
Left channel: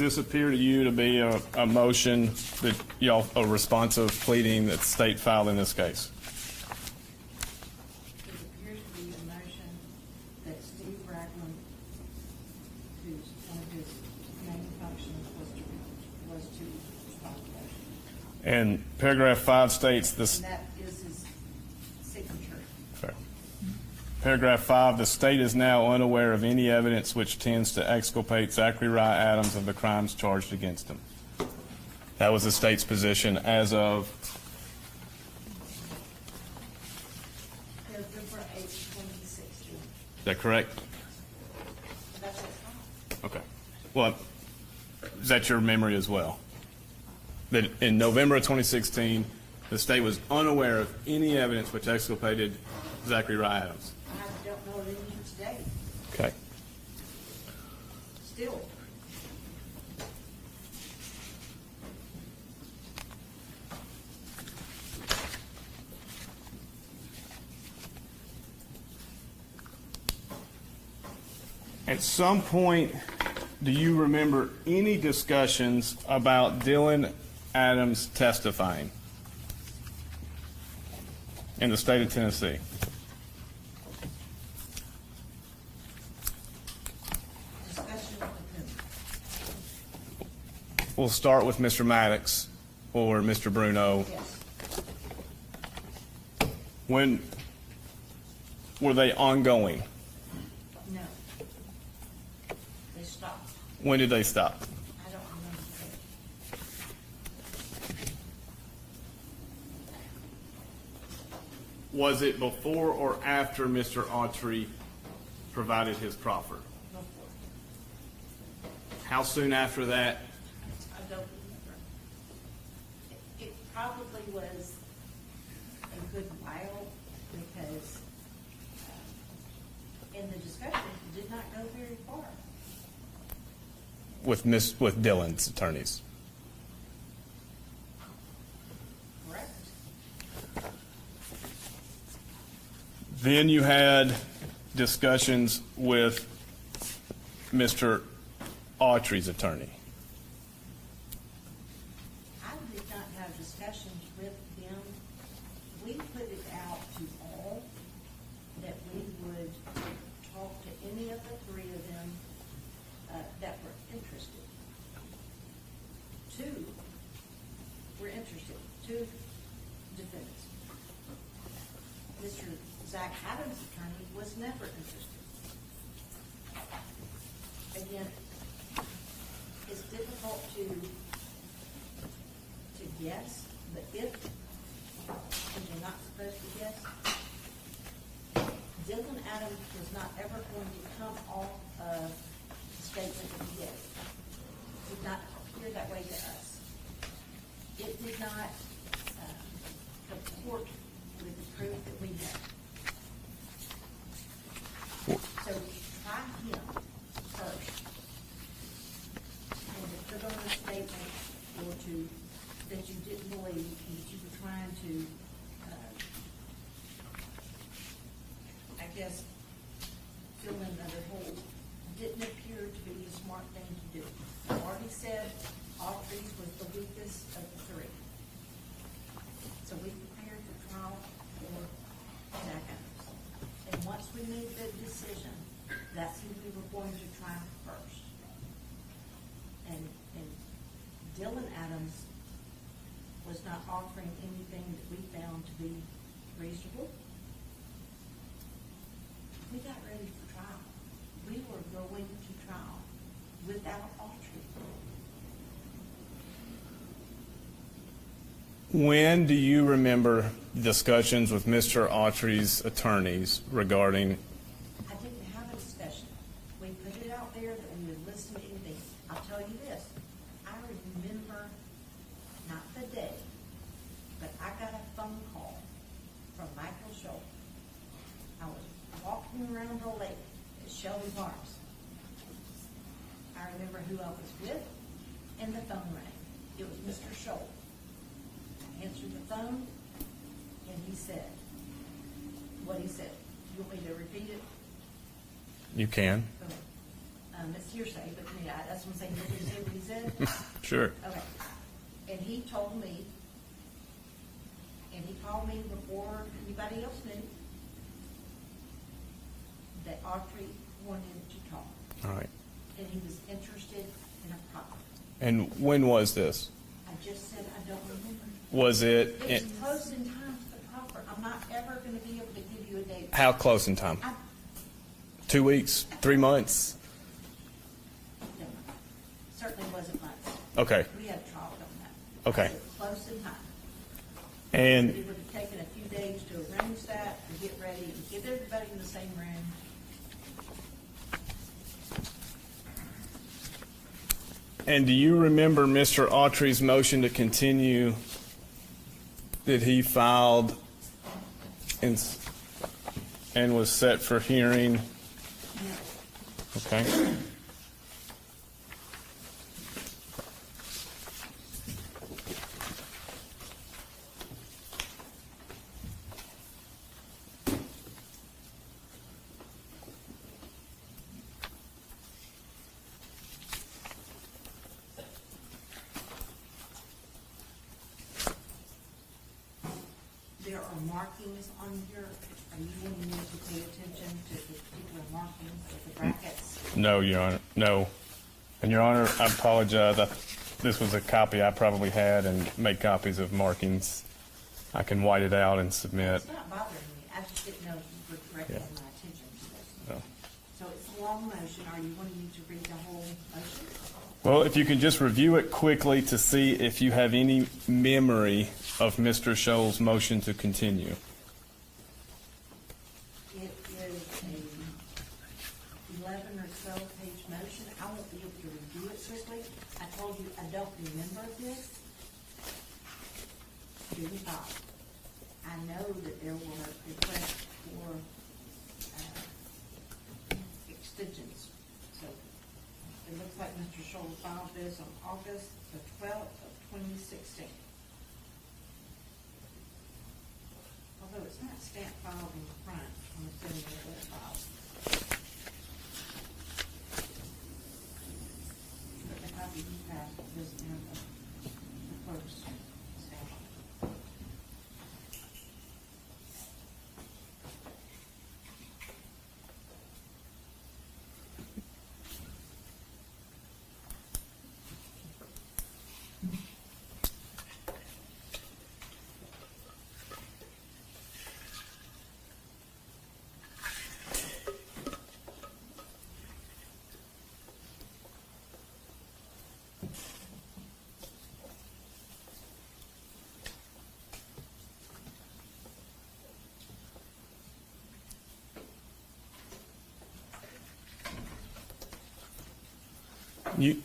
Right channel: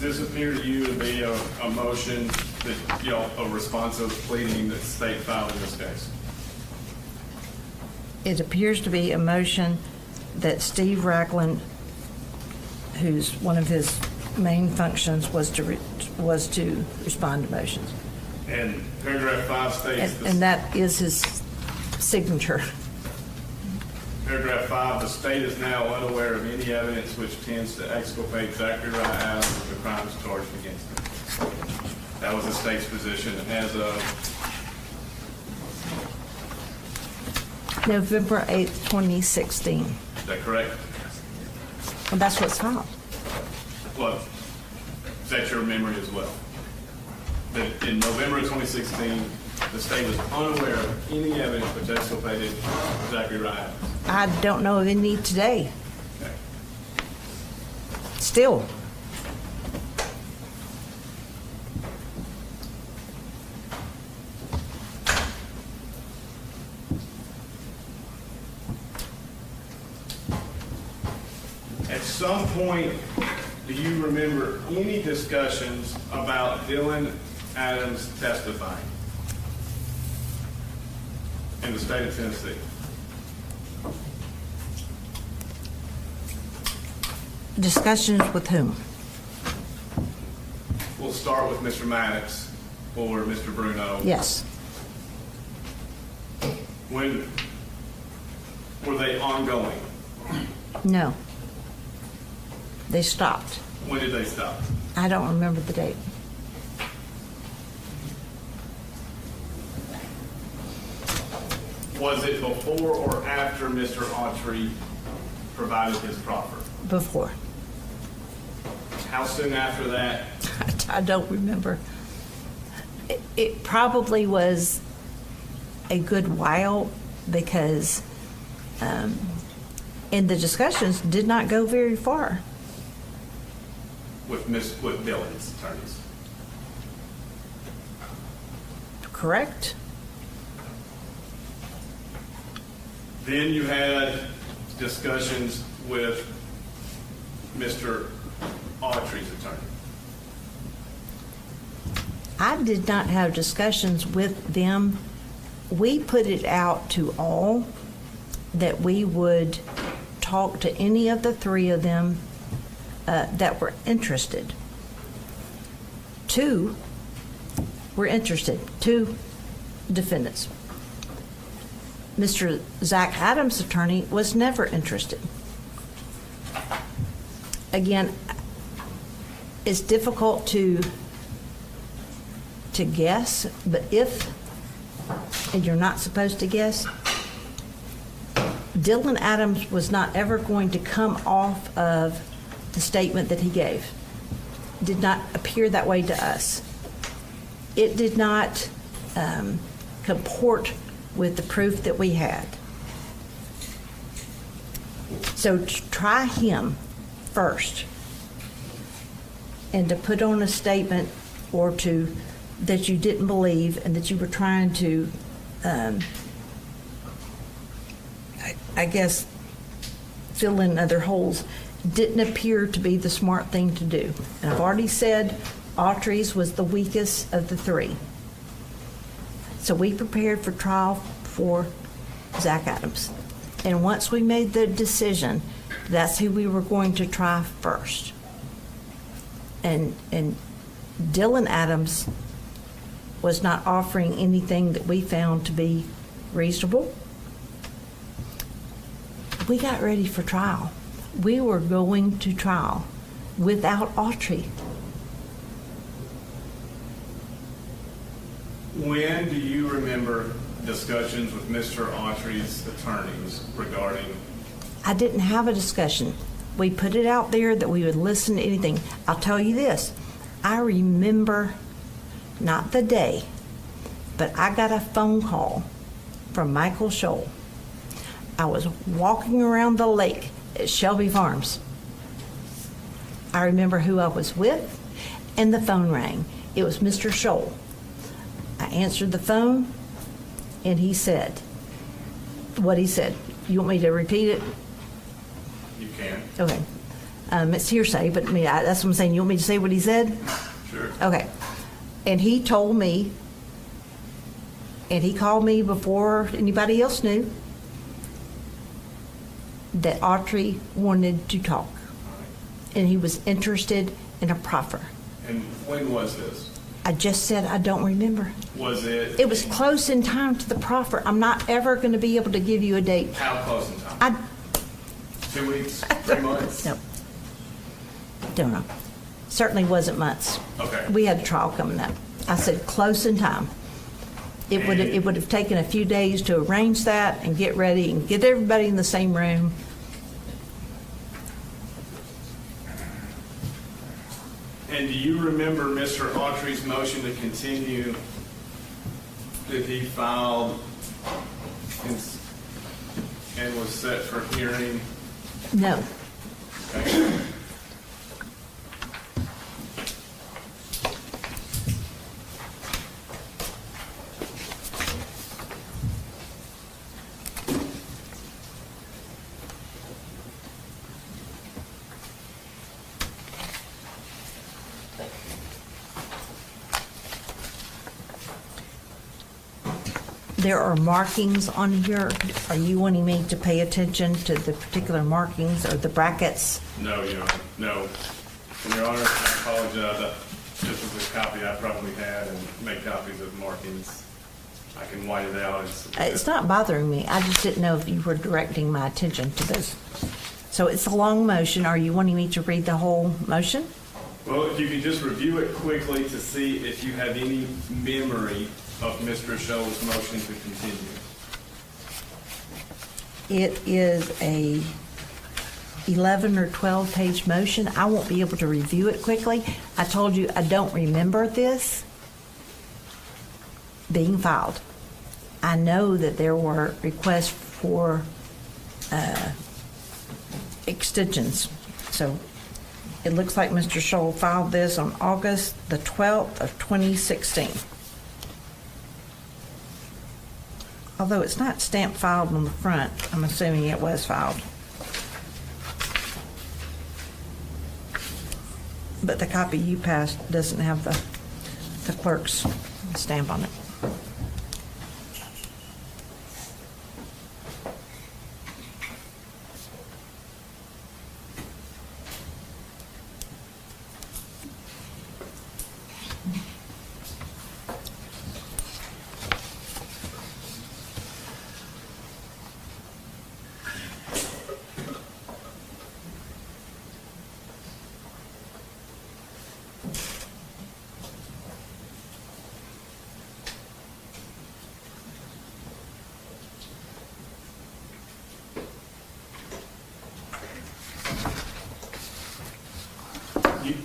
this appear to you to be a motion that, a responsive pleading that the state filed in this case? It appears to be a motion that Steve Racklin, whose one of his main functions was to respond to motions. And paragraph 5 states And that is his signature. Paragraph 5, the state is now unaware of any evidence which tends to exculpate Zachary Adams of the crimes charged against him. That was the state's position as of November 8th, 2016. Is that correct? Well, that's what's filed. Well, is that your memory as well? That in November of 2016, the state was unaware of any evidence which exculpated Zachary Adams. I don't know of any today. Okay. Still. At some point, do you remember any discussions about Dylan Adams testifying in the state of Tennessee? Discussions with whom? We'll start with Mr. Maddox or Mr. Bruno. Yes. When were they ongoing? No. They stopped. When did they stop? I don't remember the date. Was it before or after Mr. Autry provided his proffer? Before. How soon after that? I don't remember. It probably was a good while because, and the discussions did not go very far. With Dylan's attorneys? Correct? Then you had discussions with Mr. Autry's attorney. I did not have discussions with them. We put it out to all that we would talk to any of the three of them that were interested. 2 were interested, 2 defendants. Mr. Zach Adams' attorney was never interested. Again, it's difficult to guess, but if, and you're not supposed to guess, Dylan Adams was not ever going to come off of the statement that he gave. Did not appear that way to us. It did not comport with the proof that we had. So to try him first and to put on a statement or to that you didn't believe and that you were trying to, I guess, fill in other holes, didn't appear to be the smart thing to do. And I've already said Autry's was the weakest of the 3. So we prepared for trial for Zach Adams. And once we made the decision, that's who we were going to try first. And Dylan Adams was not offering anything that we found to be reasonable. We got ready for trial. We were going to trial without Autry. When do you remember discussions with Mr. Autry's attorneys regarding? I didn't have a discussion. We put it out there that we would listen to anything. I'll tell you this, I remember, not the day, but I got a phone call from Michael Scholl. I was walking around the lake at Shelby Farms. I remember who I was with, and the phone rang. It was Mr. Scholl. I answered the phone, and he said what he said. You want me to repeat it? You can. Okay. It's hearsay, but I mean, that's what I'm saying. You want me to say what he said? Sure. Okay. And he told me, and he called me before anybody else knew, that Autry wanted to talk, All right. and he was interested in a proffer. And when was this? I just said I don't remember. Was it? It was close in time to the proffer. I'm not ever going to be able to give you a date. How close in time? I 2 weeks? 3 months? No. Don't know. Certainly wasn't months. Okay. We had a trial coming up. I Okay. said close in time. And- It would have taken a few days to arrange that and get ready and get everybody in the same room. And do you remember Mr. Autry's motion to continue that he filed and was set for hearing? No. Okay. There are markings on here. Are you wanting me to pay attention to the particular markings or the brackets? No, Your Honor, no. And Your Honor, I apologize. This was a copy I probably had and made copies of markings. I can white it out and submit. It's not bothering me. I just didn't know if you were directing my attention to this. So it's a long motion. Are you wanting me to read the whole motion? Well, if you could just review it quickly to see if you have any memory of Mr. Scholl's motion to continue. It is a 11 or 12 page motion. I won't be able to review it quickly. I told you I don't remember this being filed. I know that there were requests for extensions. So it looks like Mr. Scholl filed this on August the 12th of 2016. Although it's not stamped filed on the front, I'm assuming it was filed. But the copy you passed doesn't have the clerk's stamp on it.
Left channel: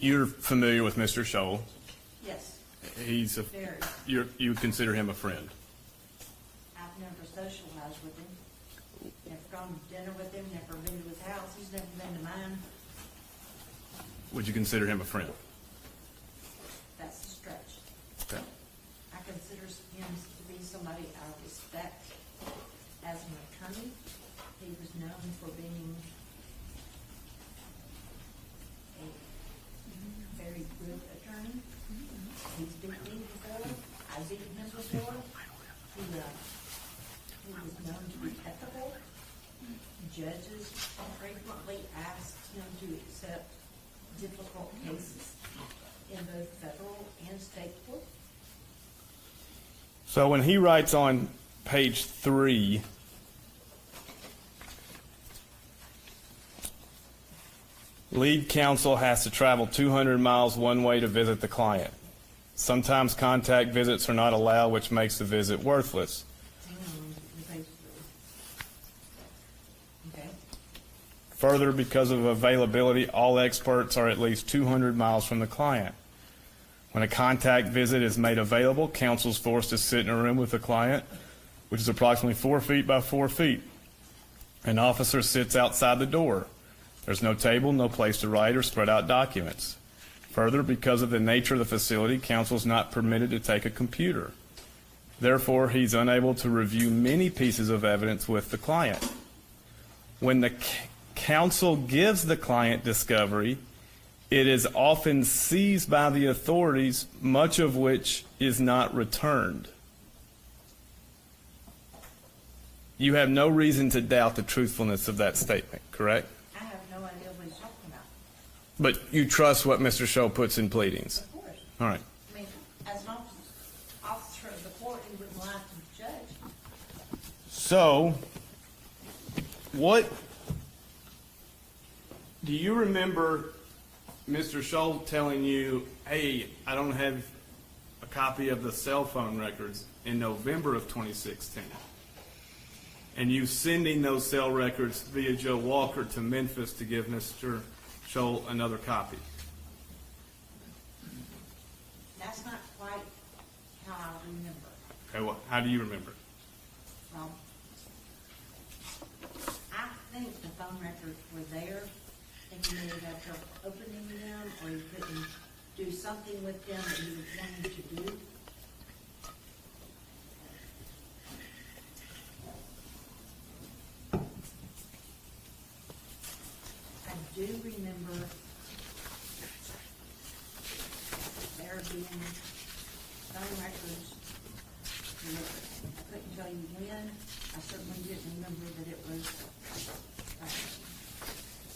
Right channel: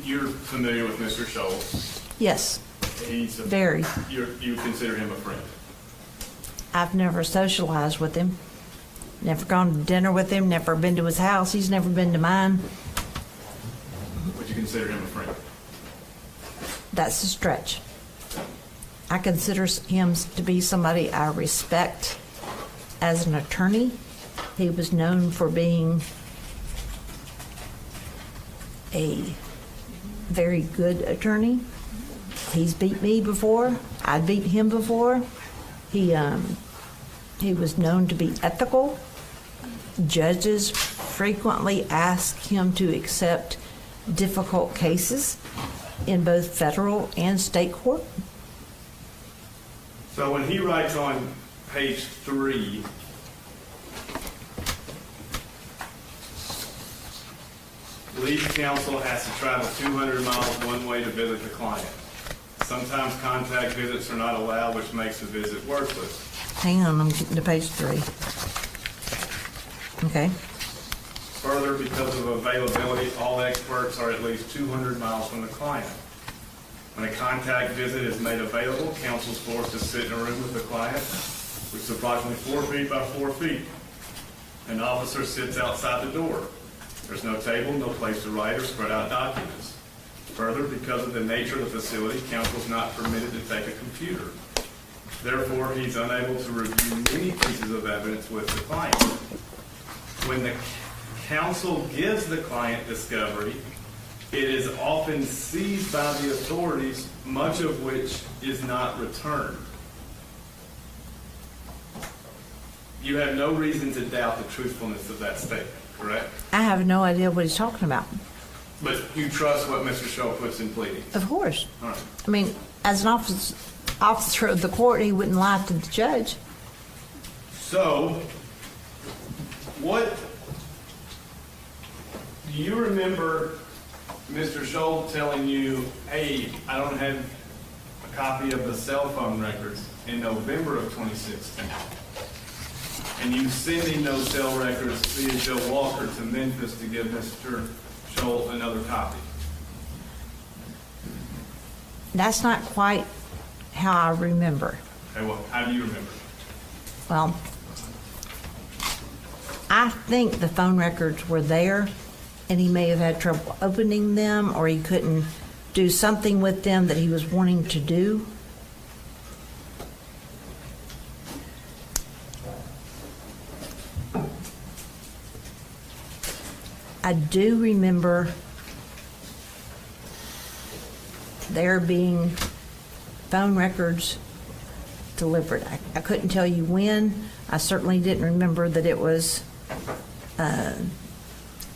You're familiar with Mr. Scholl? Yes, He's a, very. you consider him a friend? I've never socialized with him, never gone to dinner with him, never been to his house. He's never been to mine. Would you consider him a friend? That's a stretch. I consider him to be somebody I respect as an attorney. He was known for being a very good attorney. He's beat me before. I'd beat him before. He was known to be ethical. Judges frequently ask him to accept difficult cases in both federal and state court. So when he writes on page 3, lead counsel has to travel 200 miles one way to visit the client. Sometimes contact visits are not allowed, which makes the visit worthless. Hang on, I'm getting to page 3. Okay. Further, because of availability, all experts are at least 200 miles from the client. When a contact visit is made available, counsel is forced to sit in a room with the client, which is approximately 4 feet by 4 feet. An officer sits outside the door. There's no table, no place to write or spread out documents. Further, because of the nature of the facility, counsel is not permitted to take a computer. Therefore, he's unable to review many pieces of evidence with the client. When the counsel gives the client discovery, it is often seized by the authorities, much of which is not returned. You have no reason to doubt the truthfulness of that statement, correct? I have no idea what he's talking about. But you trust what Mr. Scholl puts in pleadings? Of course. All right. I mean, as an officer of the court, he wouldn't lie to the judge. So, what, do you remember Mr. Scholl telling you, hey, I don't have a copy of the cell phone records in November of 2016? And you sending those cell records via Joe Walker to Memphis to give Mr. Scholl another copy? That's not quite how I remember. Okay, well, how do you remember? Well, I think the phone records were there, and he may have had trouble opening them, or he couldn't do something with them that he was wanting to do. I do remember there being phone records delivered. I couldn't tell you when. I certainly didn't remember that it was,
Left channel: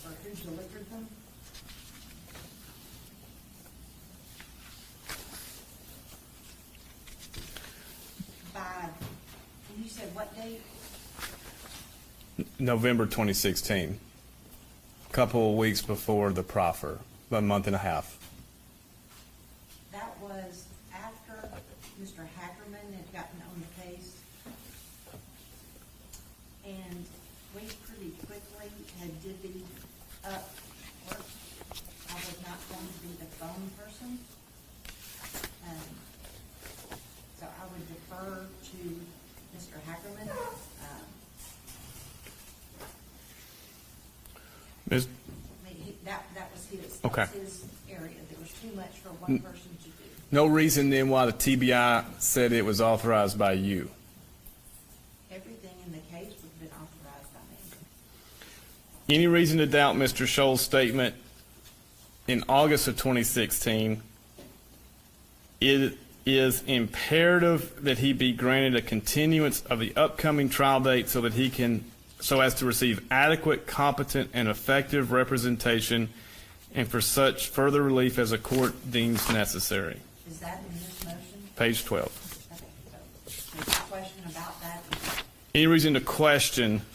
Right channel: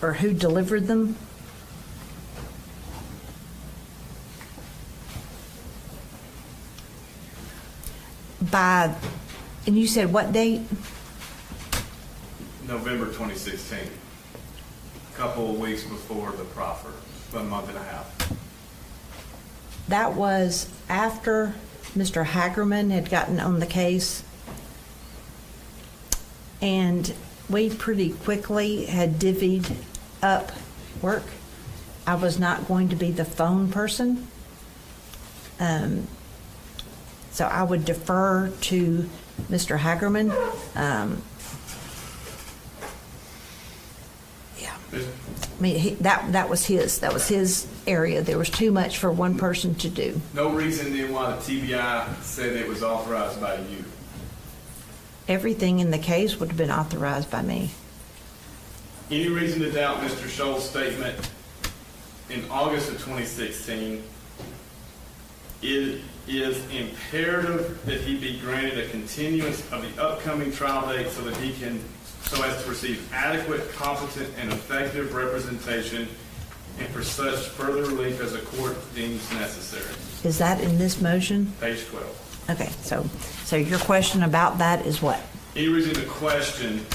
or who delivered them. And you said what date? November 2016. A couple of weeks before the proffer, a month and a half. That was after Mr. Hagerman had gotten on the case, and we pretty quickly had divvied up work. I was not going to be the phone person. So I would defer to Mr. Hagerman. Ms. I mean, that was his Okay. his area. There was too much for one person to do. No reason then why the TBI said it was authorized by you? Everything in the case would have been authorized by me. Any reason to doubt Mr. Scholl's statement in August of 2016, it is imperative that he be granted a continuance of the upcoming trial date so as to receive adequate, competent, and effective representation, and for such further relief as the court deems necessary. Is that in this motion? Page 12. Okay, so your question about that is what? Any reason to question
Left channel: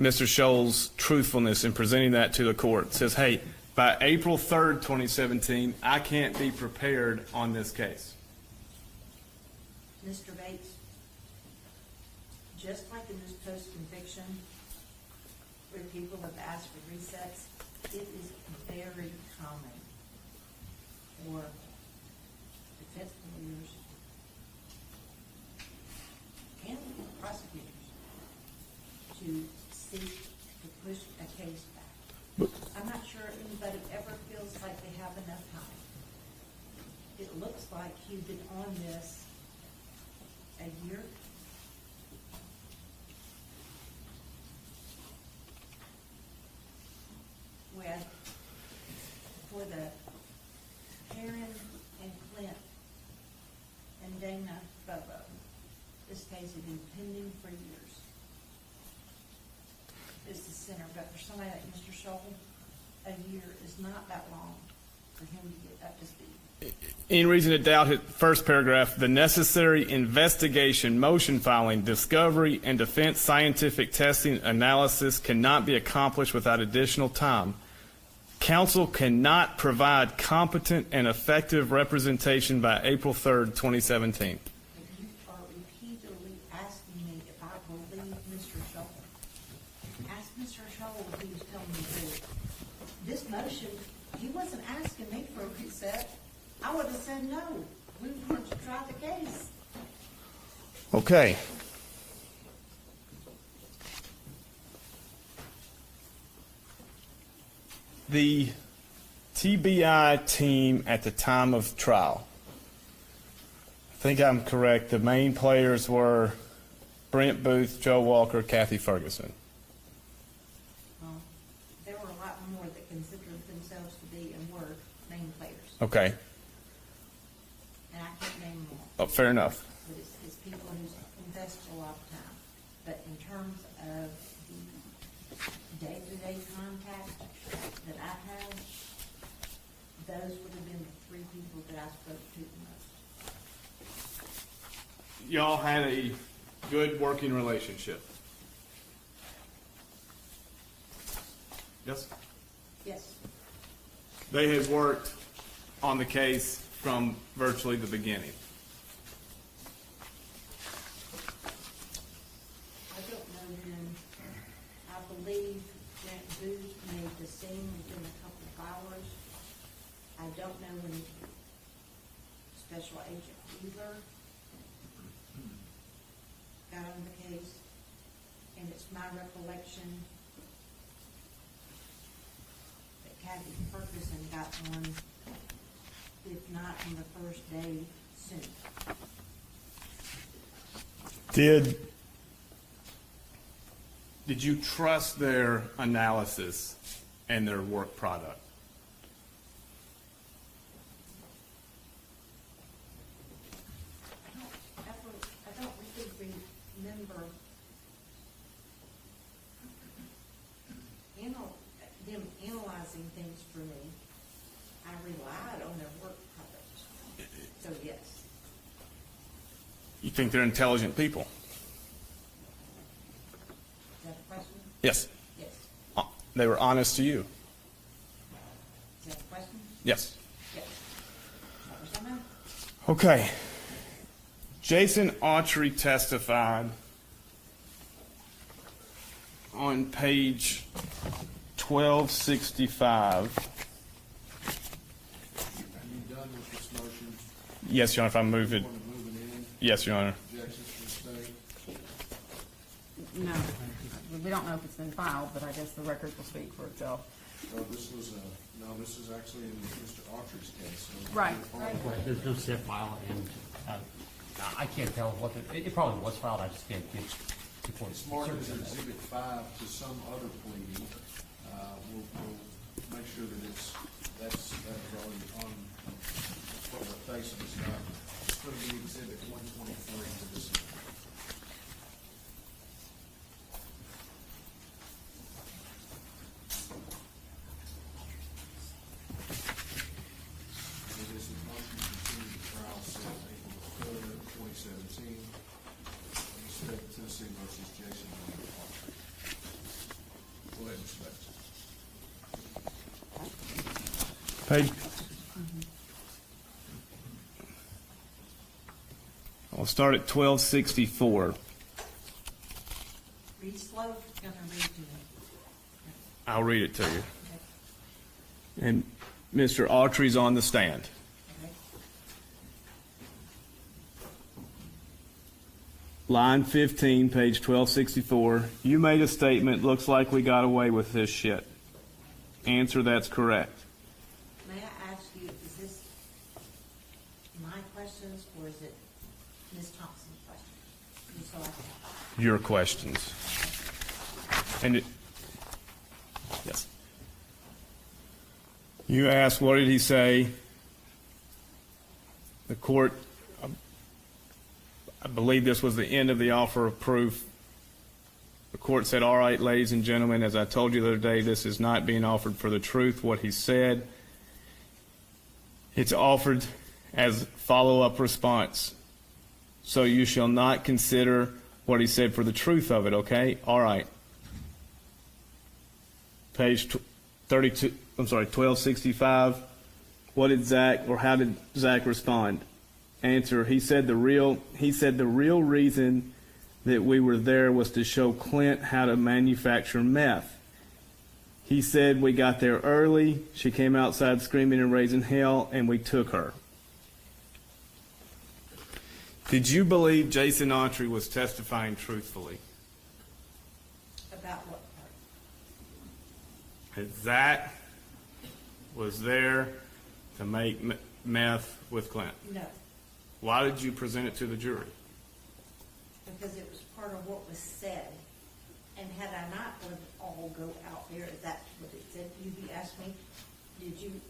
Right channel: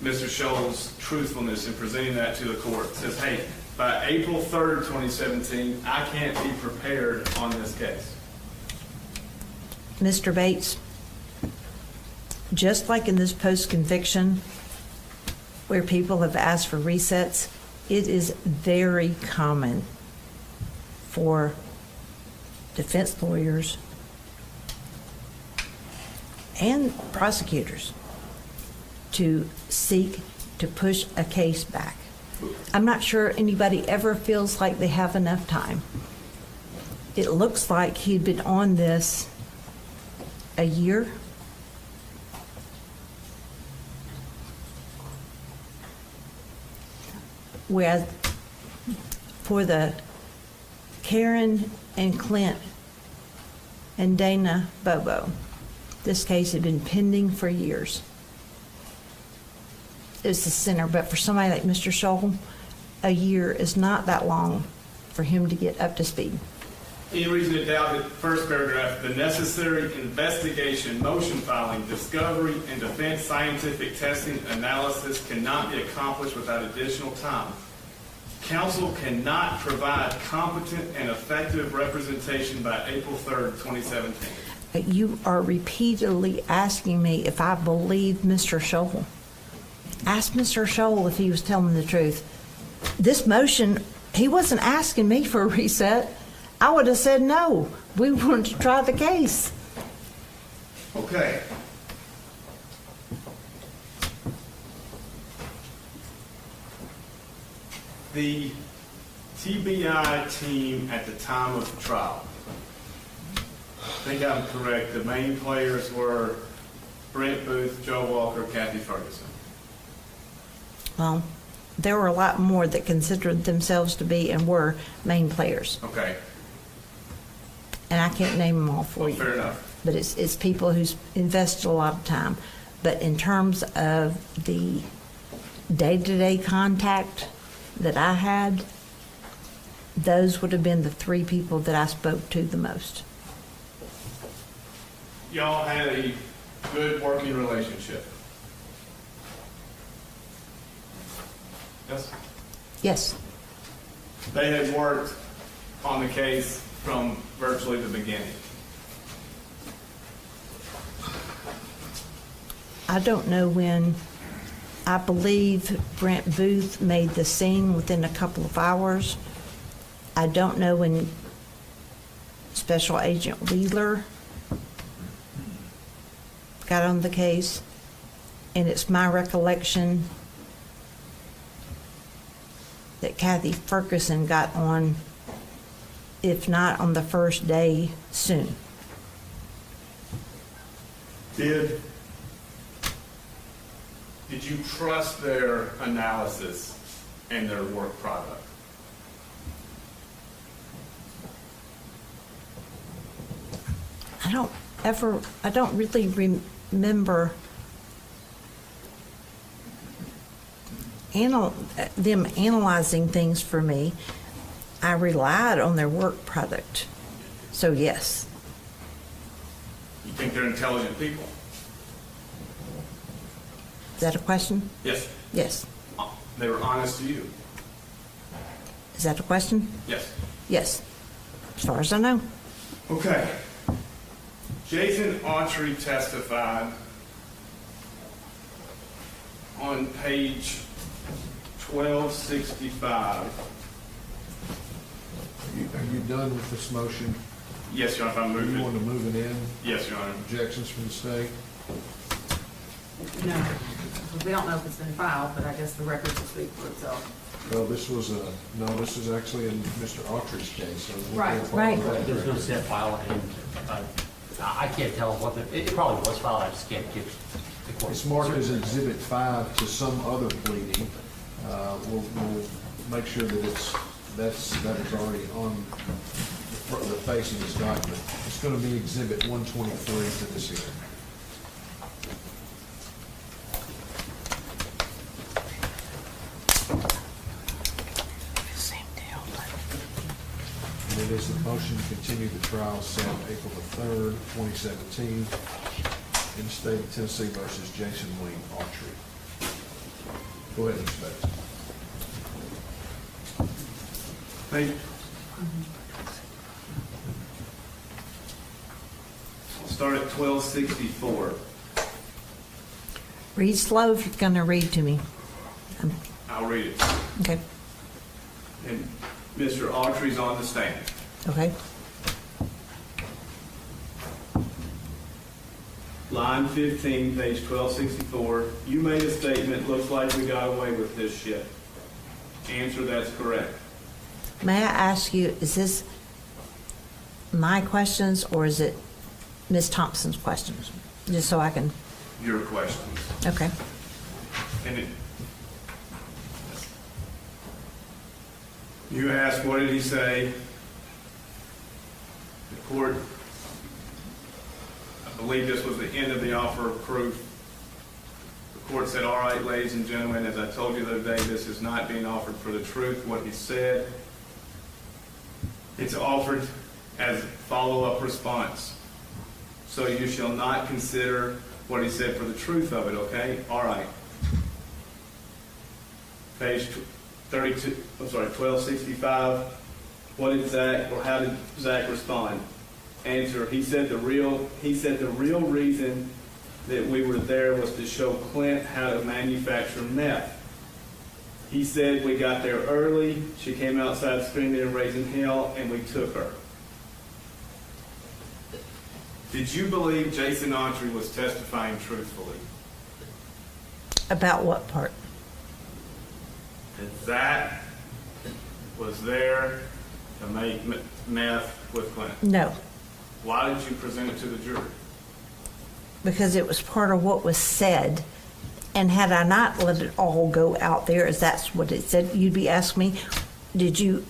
Mr. Scholl's truthfulness in presenting that to the court? It says, hey, by April 3rd, 2017, I can't be prepared on this case. Mr. Bates, just like in this post-conviction where people have asked for resets, it is very common for defense lawyers and prosecutors to seek to push a case back. I'm not sure anybody ever feels like they have enough time. It looks like he'd been on this a year. Whereas for the Karen and Clint and Dana Bobo, this case had been pending for years. It was the center, but for somebody like Mr. Scholl, a year is not that long for him to get up to speed. Any reason to doubt it? First paragraph, the necessary investigation, motion filing, discovery, and defense scientific testing analysis cannot be accomplished without additional time. Counsel cannot provide competent and effective representation by April 3rd, 2017. You are repeatedly asking me if I believe Mr. Scholl. Ask Mr. Scholl if he was telling the truth. This motion, he wasn't asking me for a reset. I would have said no. We wanted to try the case. Okay. The TBI team at the time of trial, I think I'm correct, the main players were Brent Booth, Joe Walker, Kathy Ferguson. Well, there were a lot more that considered themselves to be and were main players. Okay, And I can't name them all for well, you. fair enough. But it's people who's invested a lot of time. But in terms of the day-to-day contact that I had, those would have been the three people that I spoke to the most. Y'all had a good working relationship. Yes? Yes, They had worked on the case from virtually the beginning. I don't know when. I believe Brent Booth made the scene within a couple of hours. I don't know when Special Agent Wheeler got on the case, and it's my recollection that Kathy Ferguson got on, if not on the first day, soon. Did you trust their analysis and their work product? I don't really remember them analyzing things for me. I relied on their work product. So yes, You think they're intelligent people? is that a question? Yes. Yes. They were honest to you? Is that a question? Yes. Yes, as far as I know. Okay. Jason Autry testified on page 1265. Are you done with this motion? Yes, Your Honor, if I move You it. want to move it in? Yes, Your Honor. Objections from the state? No, we don't know if it's been filed, but I guess the records will speak for itself. Well, this is actually in Mr. Autry's case. so we'll Right. be a part of that. There's no set file, and I can't tell what it probably was filed, I just can't get the court. It's marked as Exhibit 5 to some other pleading. We'll make sure that that is already on the face of this document. It's going to be Exhibit 123 to this hearing. And it is the motion to continue the trial set April the 3rd, 2017, in the state of Tennessee versus Jason Lee Autry. Go ahead, Inspector. Page. I'll start at 1264. Read slow if you're gonna read to me. I'll read it to you. Okay, And Mr. Autry's on the stand. okay. Line 15, page 1264. You made a statement, looks like we got away with this shit. Answer, that's correct. May I ask you, is this my questions or is it Ms. Thompson's questions? Just so I can, Your questions. okay. And it, yes. You asked, what did he say? The court, I believe this was the end of the offer of proof. The court said, all right, ladies and gentlemen, as I told you the other day, this is not being offered for the truth, what he said. It's offered as follow-up response. So you shall not consider what he said for the truth of it, okay? All right. Page 1265. What did Zach, or how did Zach respond? Answer, he said the real reason that we were there was to show Clint how to manufacture meth. He said we got there early, she came outside screaming and raising hell, and we took her. Did you believe Jason Autry was testifying truthfully? About what part? That Zach was there to make meth with Clint? No, Why did you present it to the jury? because it was part of what was said And had I not let it all go out there, as that's what it said, you'd be asking me, did you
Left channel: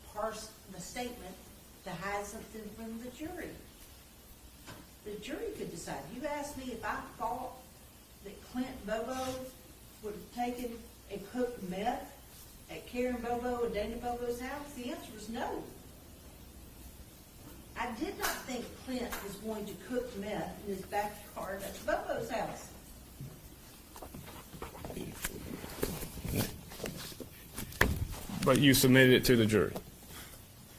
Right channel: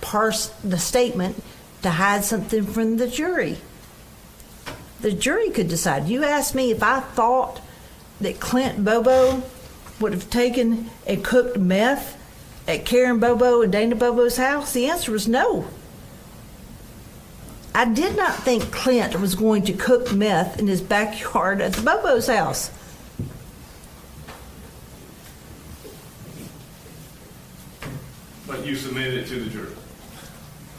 parse the statement to hide something from the jury? The jury could decide. You asked me if I thought that Clint Bobo would have taken and cooked meth at Karen Bobo and Dana Bobo's house. The answer was no. I did not think Clint was going to cook meth in his backyard at the Bobo's house. But you submitted it to the jury.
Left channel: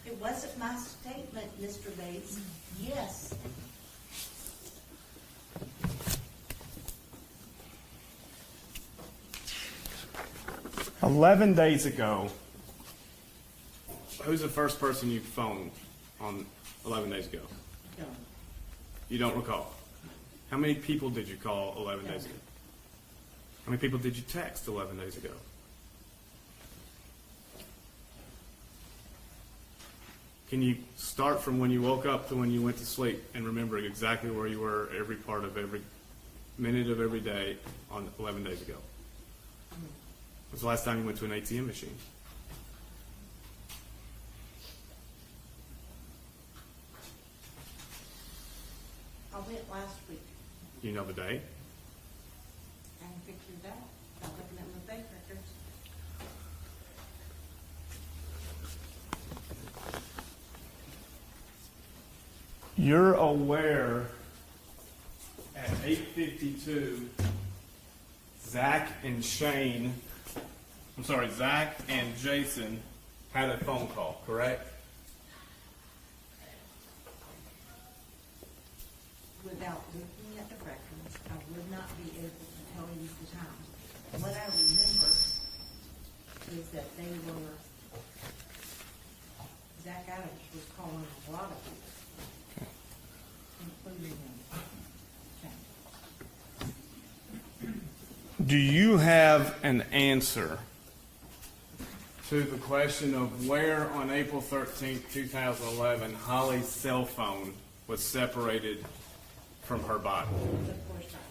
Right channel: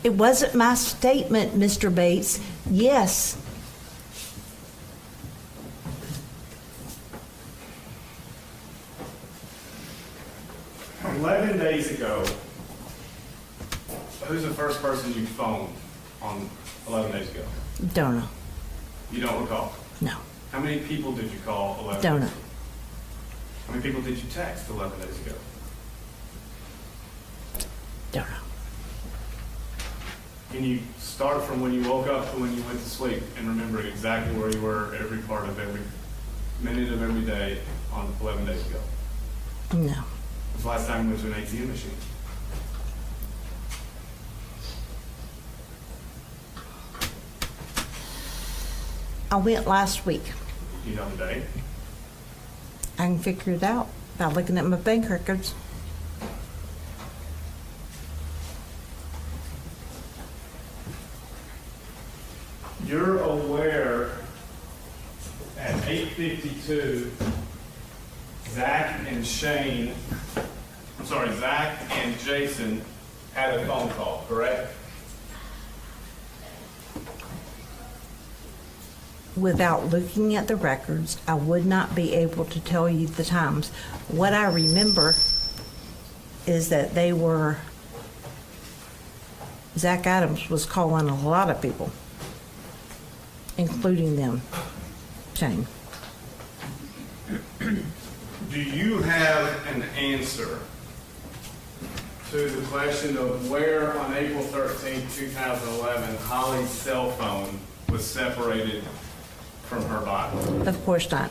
It wasn't my statement, Mr. Bates. Yes. "11 days ago, who's the first person you phoned on 11 days ago? Don't know. You don't recall? No. How many people did you call 11 Don't days know. ago? How many people did you text 11 days ago? Don't know. Can you start from when you woke up to when you went to sleep and remember exactly where you were every part of every minute of every day on 11 days ago? No. When's the last time you went to an ATM machine? I went last week. You know the date? I can figure it out by looking at my bank records. You're aware at 8:52, Zach and Jason had a phone call, correct? Without looking at the records, I would not be able to tell you the times. What I remember is that Zach Adams was calling a lot of people, including them, Shane. Do you have an answer to the question of where on April 13, 2011, Holly's cell phone was separated from her body? Of course not.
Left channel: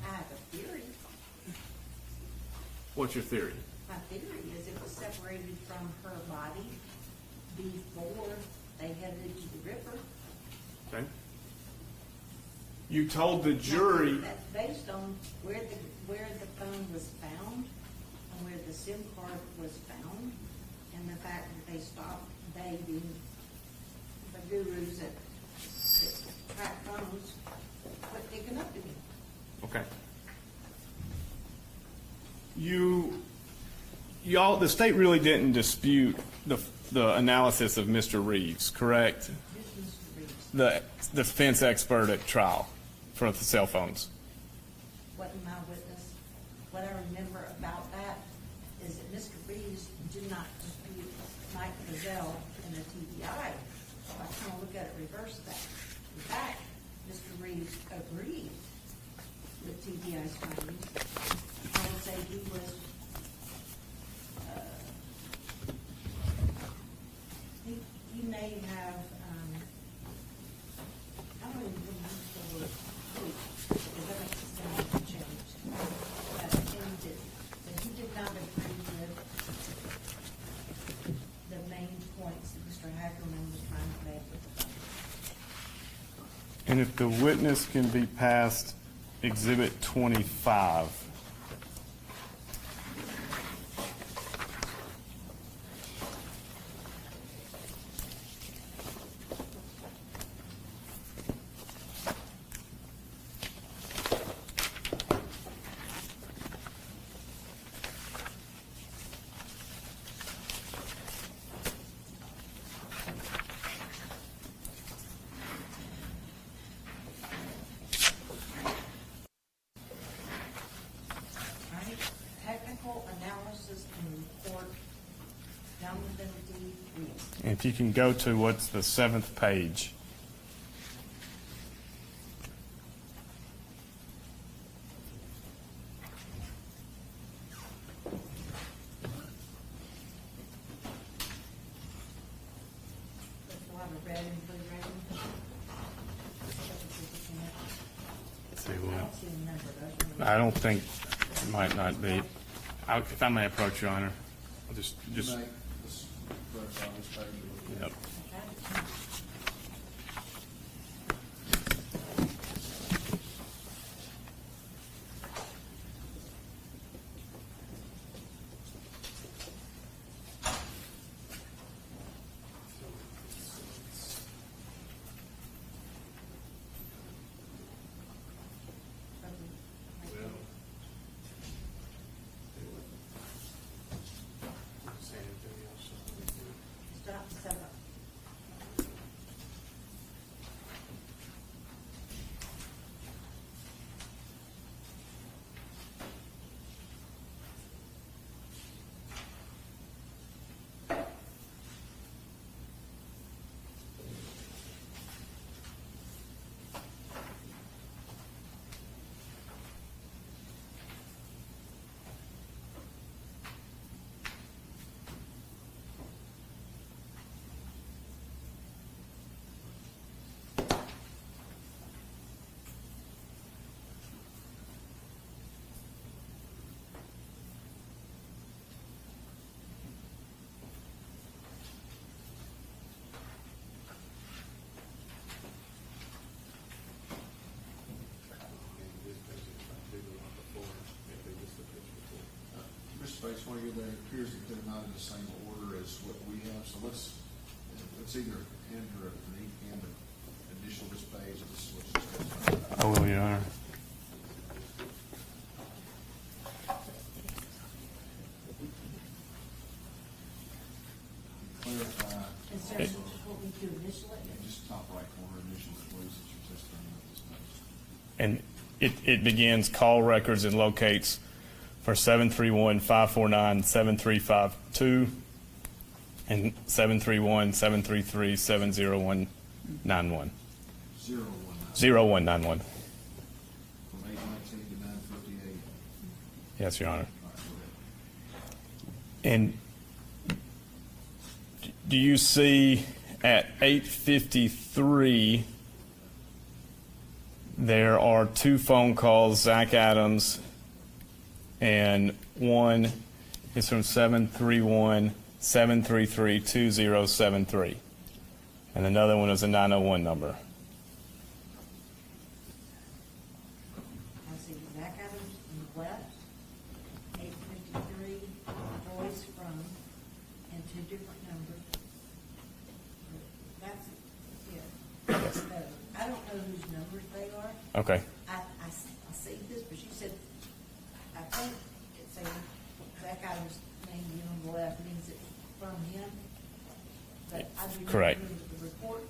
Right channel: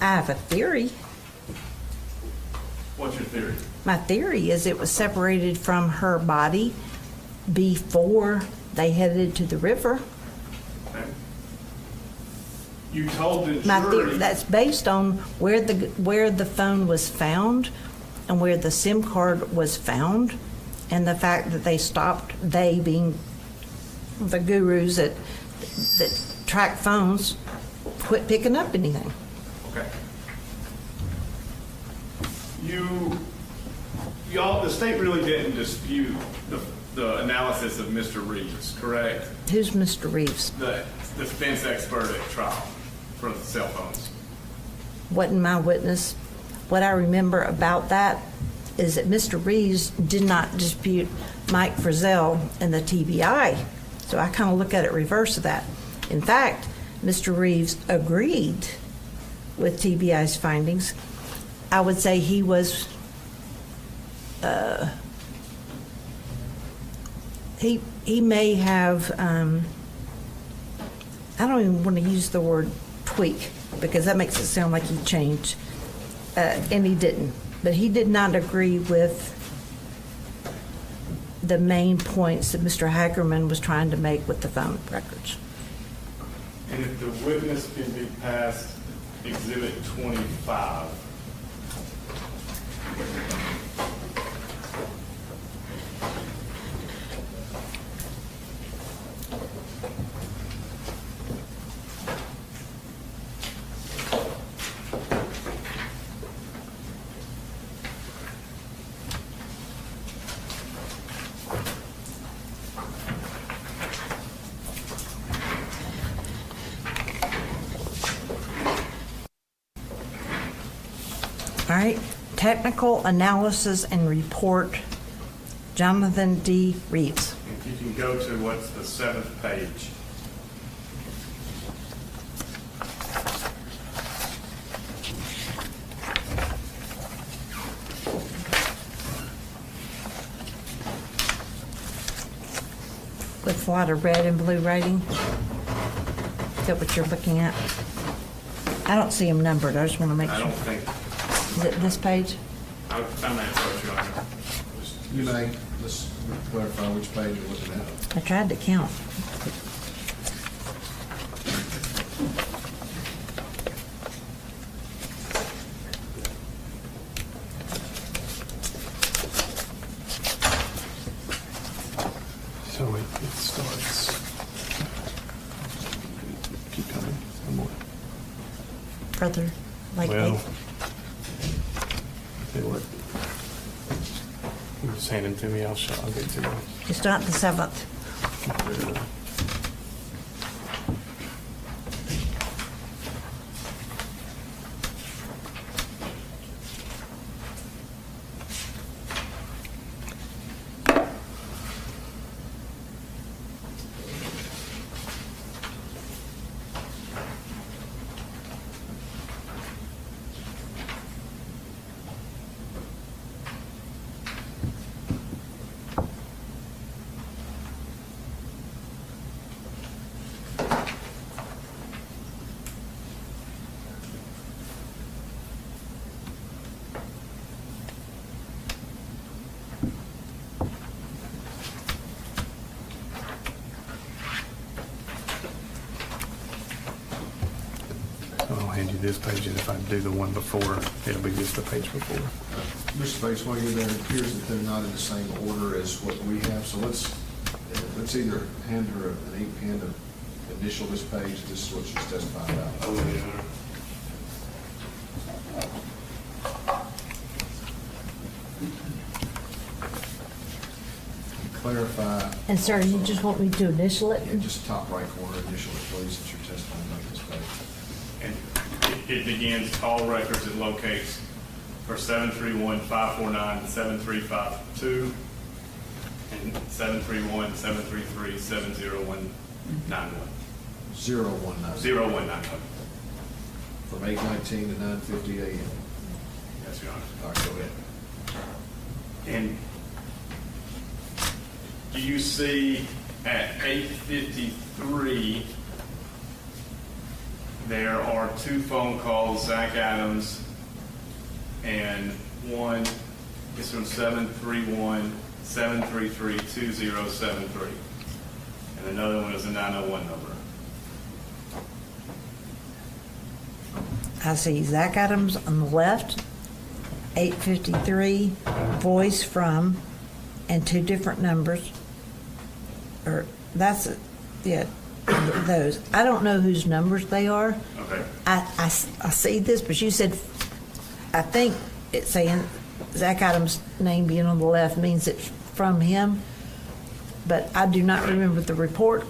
I have a theory. What's your theory? My theory is it was separated from her body before they headed to the river. Okay. You told the My jury. theory, that's based on where the phone was found and where the SIM card was found, and the fact that they stopped, they being the gurus that track phones, quit picking up anything. Okay. Y'all, the state really didn't dispute the analysis of Mr. Reeves, correct? Who's Mr. Reeves? The defense expert at trial for the cell phones. Wasn't my witness. What I remember about that is that Mr. Reeves did not dispute Mike Frizzell and the TBI. So I kind of look at it reverse of that. In fact, Mr. Reeves agreed with TBI's findings. I would say he was, he may have, I don't even want to use the word tweak because that makes it sound like he changed, and he didn't. But he did not agree with the main points that Mr. Hackerman was trying to make with the phone records. And if the witness can be passed Exhibit 25. All right, technical analysis and report, Jonathan D. Reeves. If you can go to what's the 7th page. With a lot of red and blue writing. Is that what you're looking at? I don't see them numbered, I just want to make I sure. don't think. This page? I may approach Your Honor. You may, let's clarify which page you're looking at. I tried to count. So it starts. Keep coming, one more. Further, like Well, eight. tell you what. You just hand them to me, I'll get to them. It's not the 7th. I'll hand you this page, and if I do the one before, it'll be just the page before. Mr. Bates, while you're there, it appears that they're not in the same order as what we have, so let's either hand her initial this page, this is what she's testified about. Oh, Your Honor. Clarify, And sir, you just want me to initial it? just top right corner initially, please, that you're testifying about this page. And it begins call records and locates for 731-549-7352 and 731-733-70191. 0191. 0191. From 8:19 to 9:50 a.m. Yes, Your Honor. All right, go ahead. And do you see at 8:53, there are two phone calls, Zach Adams, and one is from 731-733-2073. And another one is a 901 number. I see Zach Adams on the left, 853, voice from, and two different numbers. Or, that's, yeah, those. I don't know whose numbers they are. Okay. I see this, but you said, I think it's saying Zach Adams' name being on the left means it's from him, but I do not Right. remember the report.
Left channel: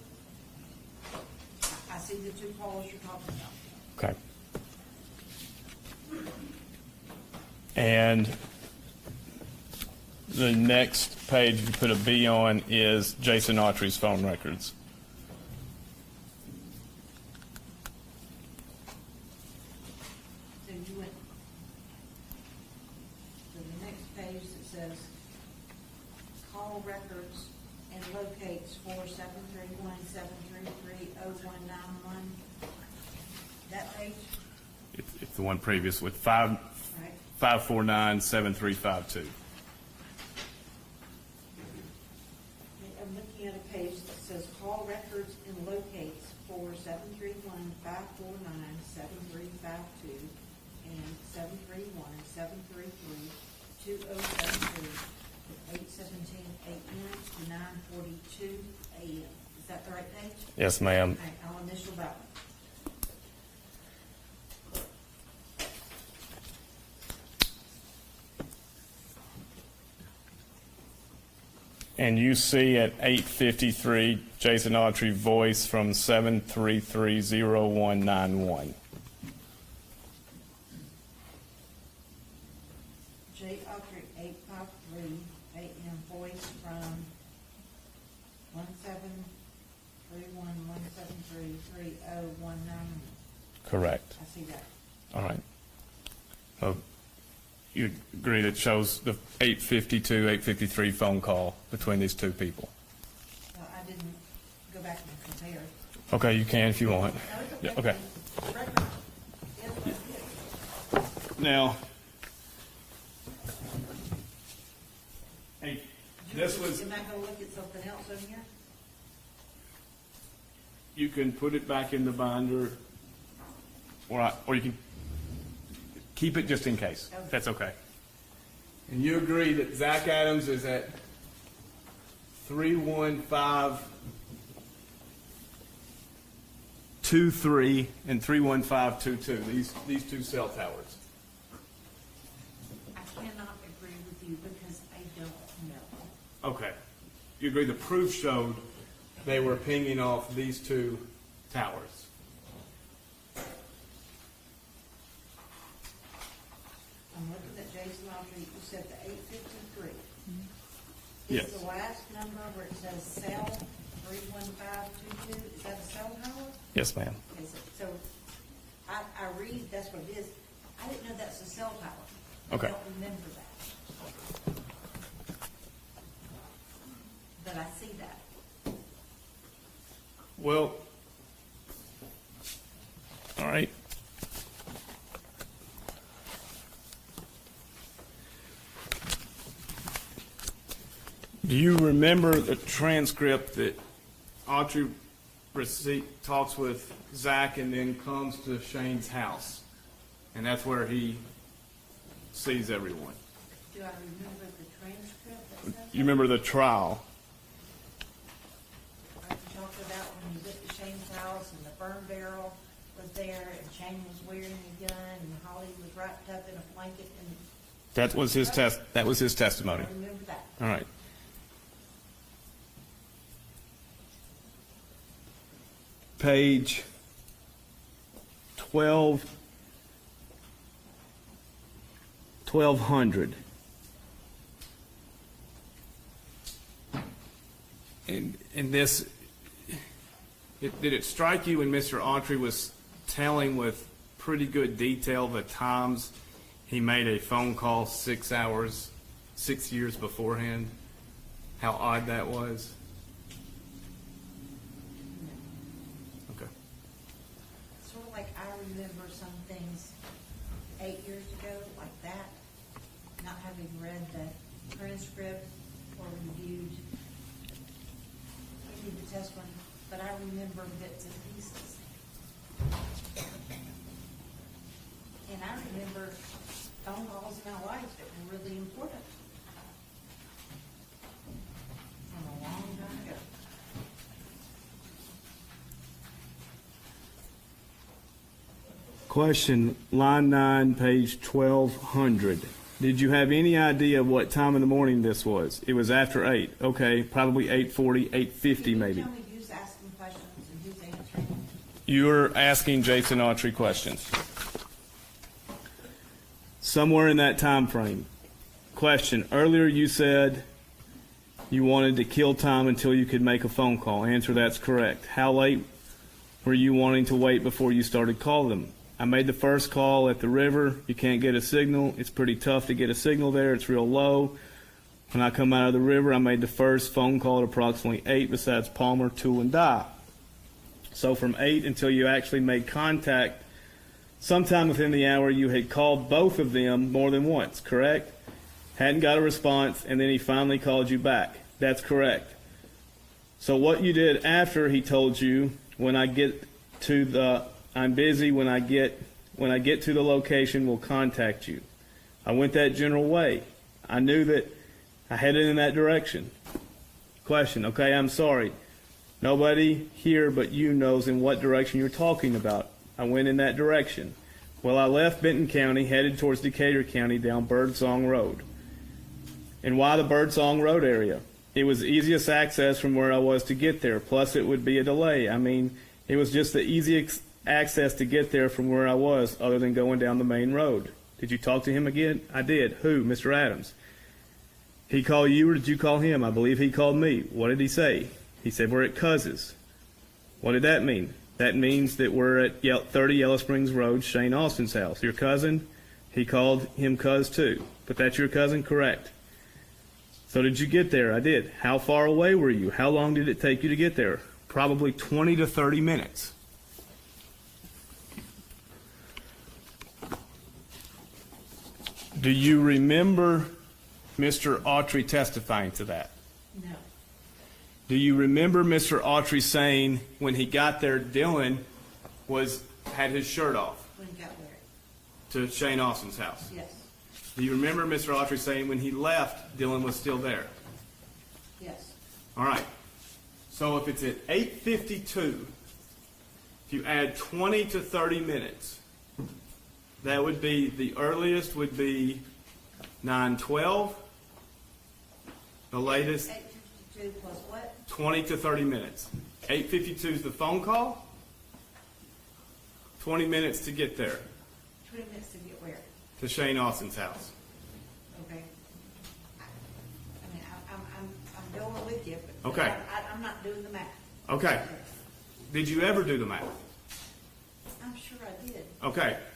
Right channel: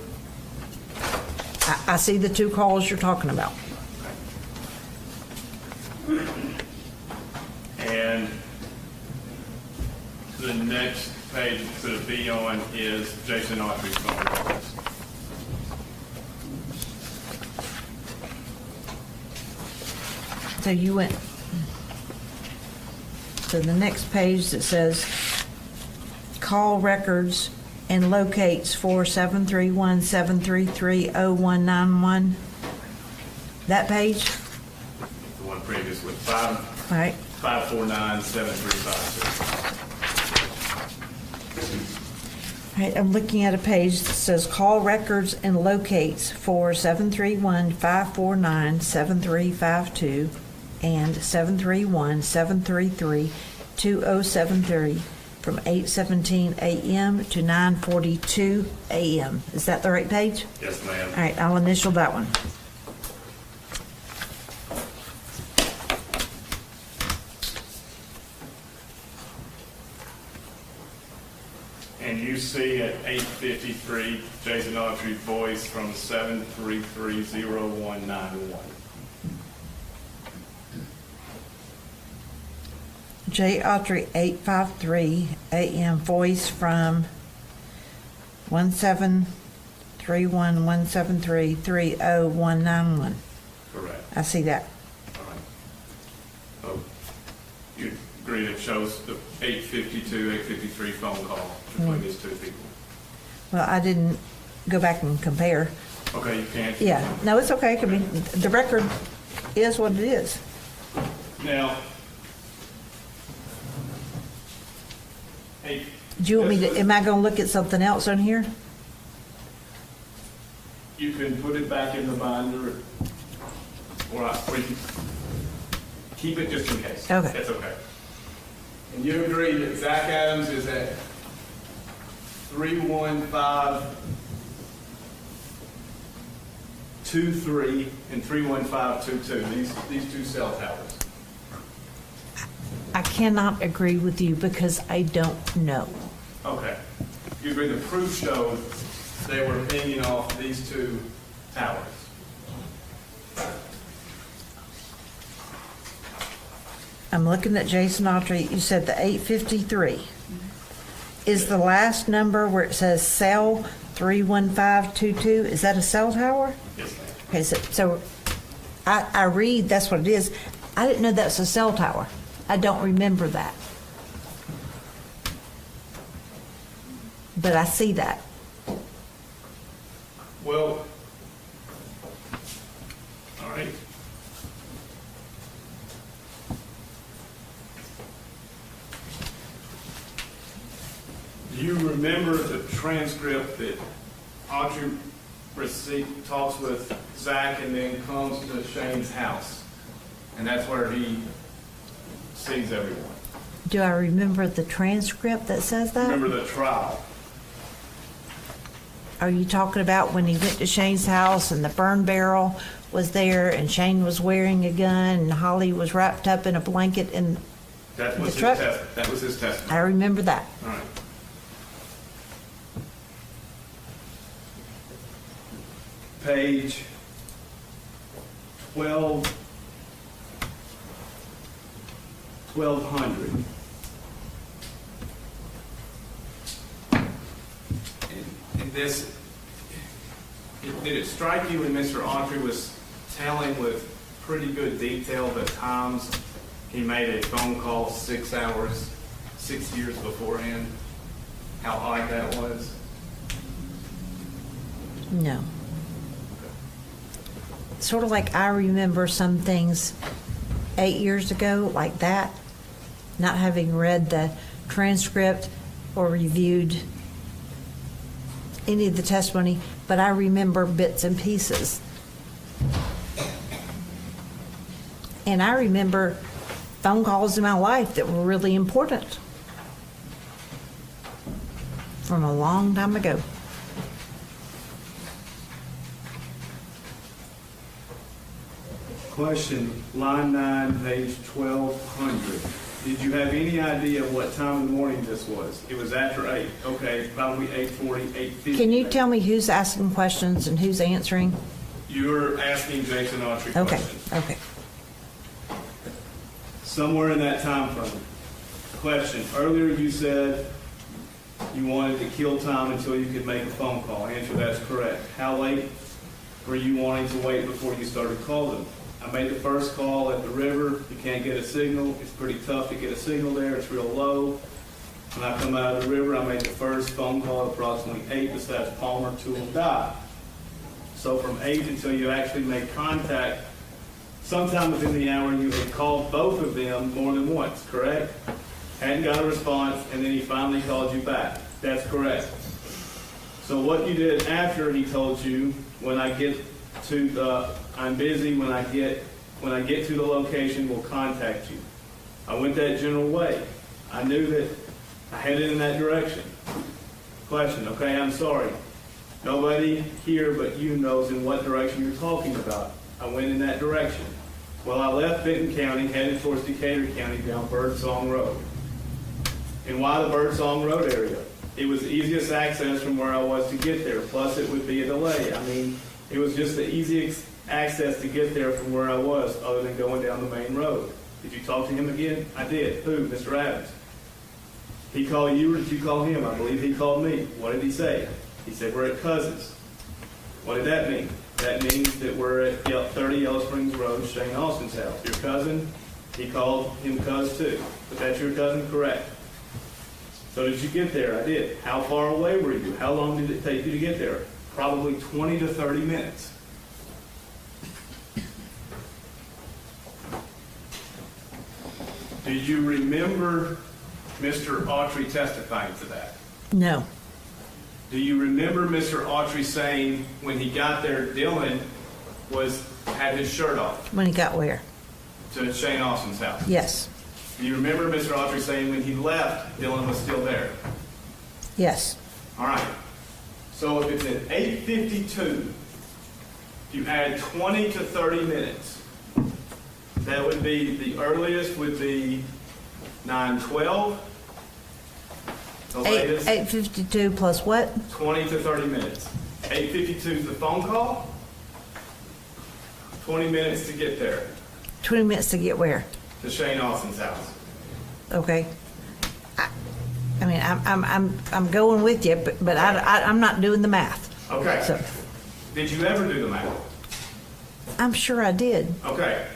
I see the two calls you're talking about. Okay. And the next page we put a B on is Jason Autry's phone records. So you went, so the next page that says call records and locates for 731-733-0191, that page, The one previous with all right? 549-7352. All right, I'm looking at a page that says call records and locates for 731-549-7352 and 731-733-2073 from 8:17 a.m. to 9:42 a.m. Is that the right page? Yes, ma'am. All right, I'll initial that one. And you see at 8:53, Jason Autry voice from 733-0191. J. Autry, 853 a.m. voice from 1731173-30191. Correct. I see that. All right. So you agree it shows the 8:52, 8:53 phone call between these two people? Well, I didn't go back and compare. Okay, you can if you Yeah, want. no, it's okay. I Okay. mean, the record is what it is. Now, hey. Do you want me this to, was- am I gonna look at something else on here? You can put it back in the binder, or you can keep it just in case. Okay. That's okay. And you agree that Zach Adams is at 31523 and 31522, these two cell towers. I cannot agree with you because I don't know. Okay. You agree the proof showed they were pinging off these two towers? I'm looking at Jason Autry, you said the 853. Is the last number where it says cell 31522, is that a cell tower? Yes, ma'am. Okay, so I read, that's what it is. I didn't know that's a cell tower. I don't remember that. But I see that. Well, all right. Do you remember the transcript that Autry talks with Zach and then comes to Shane's house? And that's where he sees everyone. Do I remember the transcript that says Do you that? remember the trial? Are you talking about when he went to Shane's house and the burn barrel was there and Shane was wearing a gun and Holly was wrapped up in a blanket and That was The his truck? that was his testimony. I remember that. All right. Page 1200. And this, did it strike you when Mr. Autry was telling with pretty good detail the times he made a phone call 6 hours, 6 years beforehand? How odd that was? No. Sort of like I remember some things 8 years ago, like that, not having read the transcript or reviewed any of the testimony, but I remember bits and pieces. And I remember phone calls in my life that were really important from a long time ago. Question, line 9, page 1200. Did you have any idea what time in the morning this was? It was after 8. Okay, probably 8:40, 8:50 Can you maybe. tell me who's asking questions and who's answering? You're asking Jason Autry Okay, questions. okay. Somewhere in that time frame. Question, earlier you said you wanted to kill time until you could make a phone call. Answer, that's correct. How late were you wanting to wait before you started calling? I made the first call at the river. You can't get a signal. It's pretty tough to get a signal there. It's real low. When I come out of the river, I made the first phone call at approximately 8 besides Palmer, Tool, and Dye. So from 8 until you actually made contact, sometime within the hour you had called both of them more than once, correct? Hadn't got a response, and then he finally called you back. That's correct. So what you did after he told you, when I get to the, I'm busy, when I get to the location, we'll contact you. I went that general way. I knew that I headed in that direction. Question, okay, I'm sorry. Nobody here but you knows in what direction you're talking about. I went in that direction. Well, I left Benton County, headed towards Decatur County down Birdsong Road. And why the Birdsong Road area? It was the easiest access from where I was to get there, plus it would be a delay. I mean, it was just the easiest access to get there from where I was, other than going down the main road. Did you talk to him again? I did. Who? Mr. Adams. He called you, or did you call him? I believe he called me. What did he say? He said, we're at Cousins. What did that mean? That means that we're at 30 Yellow Springs Road, Shane Austin's house. Your cousin, he called him Cuz too. But that's your cousin? Correct. So did you get there? I did. How far away were you? How long did it take you to get there? Probably 20 to 30 minutes. Do you remember Mr. Autry testifying to that? No. Do you remember Mr. Autry saying when he got there, Dylan had his shirt off When he got where? to Shane Austin's house? Yes. Do you remember Mr. Autry saying when he left, Dylan was still there? Yes. All right. So if it's at 8:52, if you add 20 to 30 minutes, that would be, the earliest would be 9:12. The latest, 8:52 plus what? 20 to 30 minutes. 8:52 is the phone call. 20 minutes to get there, 20 minutes to get where? to Shane Austin's house. Okay. I mean, I'm going with you, but I'm not doing the math. Okay. So, Did you ever do the math? I'm sure I did. Okay.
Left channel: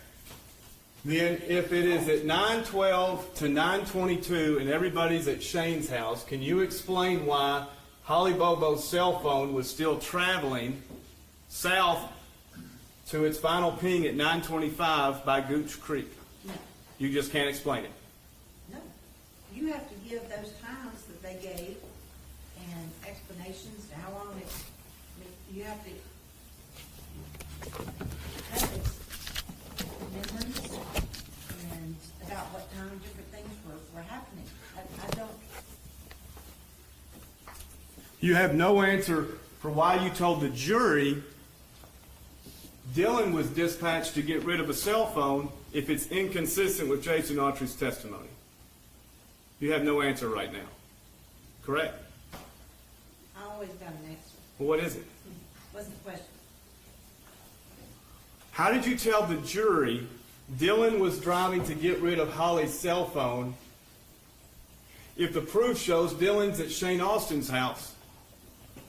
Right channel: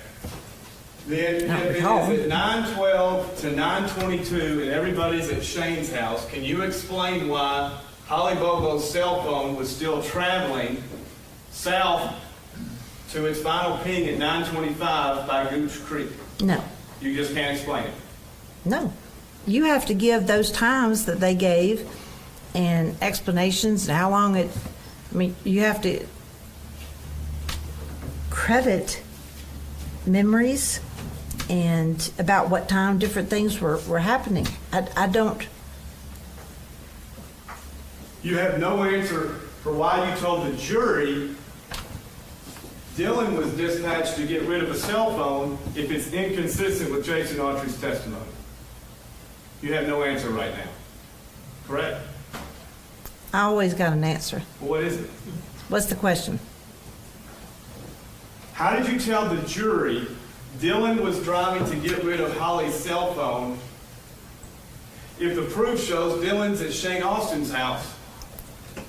Then if it is recall. at 9:12 to 9:22 and everybody's at Shane's house, can you explain why Holly Bobo's cell phone was still traveling south to its final ping at 9:25 by Gooch Creek? No. You just can't explain it. No. You have to give those times that they gave and explanations and how long you have to credit memories and about what time different things were happening. I don't. You have no answer for why you told the jury Dylan was dispatched to get rid of a cell phone if it's inconsistent with Jason Autry's testimony. You have no answer right now. Correct? I always got an answer. What is it? What's the question? How did you tell the jury Dylan was driving to get rid of Holly's cell phone if the proof shows Dylan's at Shane Austin's house?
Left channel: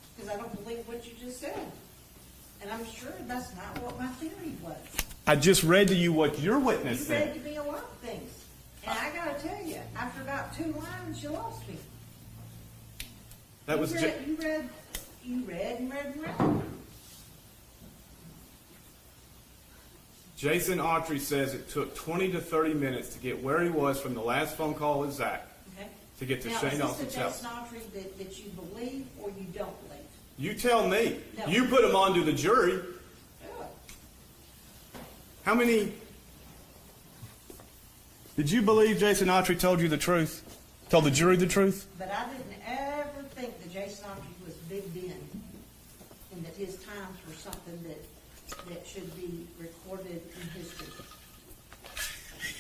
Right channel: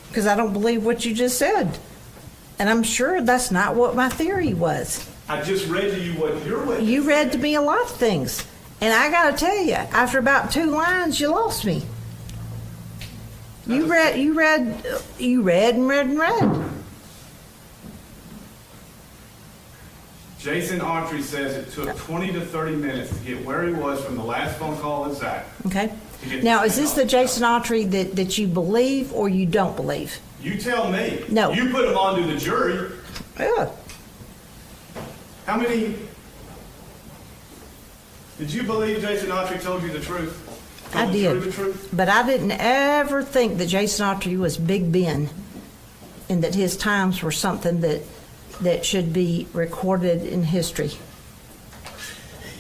Because I don't believe what you just said. And I'm sure that's not what my theory was. I just read to you what your witness You read said. to me a lot of things. And I gotta tell you, after about 2 lines, you lost me. You read and read. Jason Autry says it took 20 to 30 minutes to get where he was from the last phone call with Zach. Okay. To get to Now, Shane is this the Austin's Jason house. Autry that you believe or you don't believe? You tell me. No. You put him on to the jury. Yeah. How many? Did you believe Jason Autry told you the truth? Told I the jury did. the truth? But I didn't ever think that Jason Autry was Big Ben and that his times were something that should be recorded in history.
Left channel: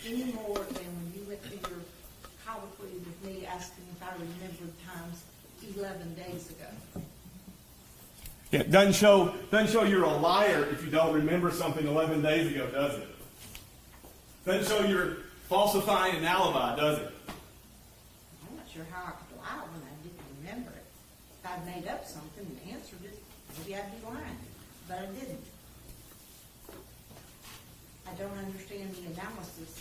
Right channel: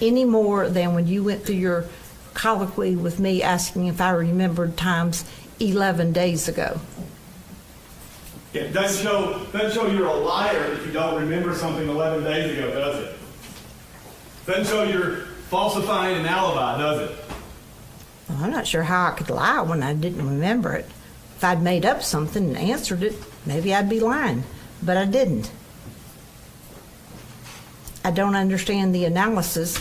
Any more than when you went through your colloquy with me asking if I remembered times 11 days ago. Yeah, doesn't show you're a liar if you don't remember something 11 days ago, does it? Doesn't show you're falsifying an alibi, does it? Well, I'm not sure how I could lie when I didn't remember it. If I'd made up something and answered it, maybe I'd be lying, but I didn't. I don't understand the analysis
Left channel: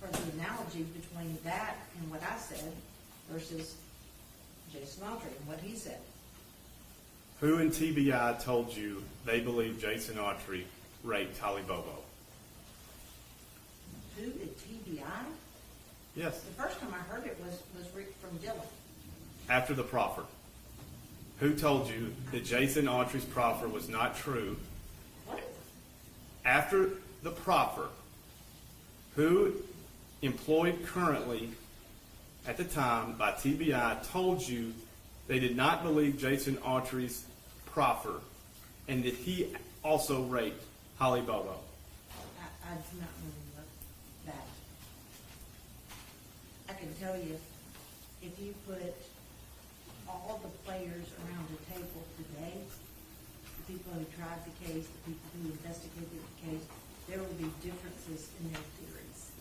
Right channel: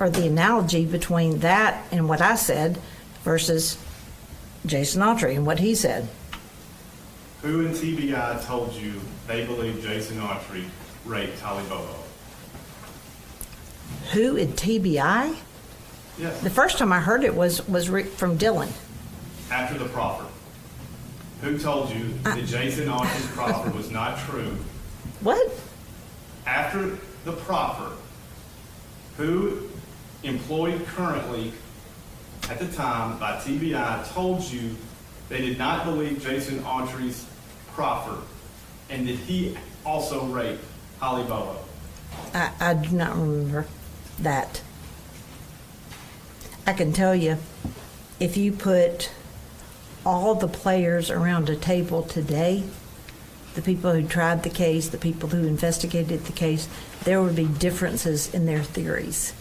or the analogy between that and what I said versus Jason Autry and what he said. Who in TBI told you they believe Jason Autry raped Holly Bobo? Who in TBI? Yes. The first time I heard it was from Dylan. After the proffer. Who told you that Jason Autry's proffer was not true? What? After the proffer, who employed currently at the time by TBI told you they did not believe Jason Autry's proffer and that he also raped Holly Bobo? I do not remember that. I can tell you, if you put all the players around a table today, the people who tried the case, the people who investigated the case, there would be differences in their theories,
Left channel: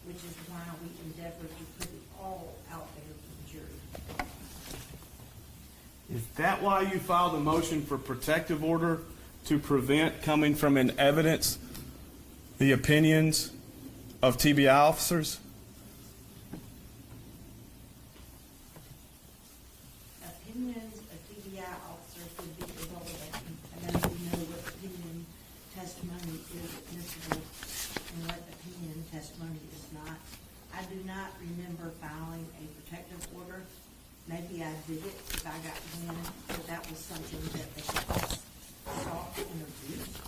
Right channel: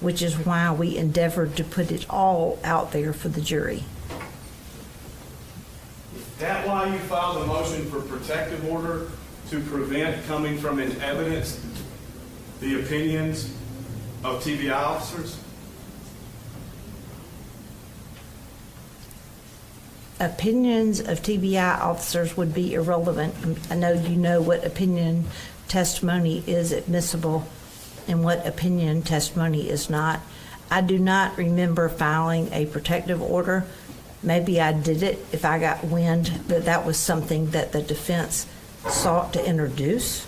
which is why we endeavored to put it all out there for the jury. Is that why you filed a motion for protective order to prevent coming from in evidence the opinions of TBI officers? Opinions of TBI officers would be irrelevant. I know you know what opinion testimony is admissible and what opinion testimony is not. I do not remember filing a protective order. Maybe I did it if I got wind that that was something that the defense sought to introduce.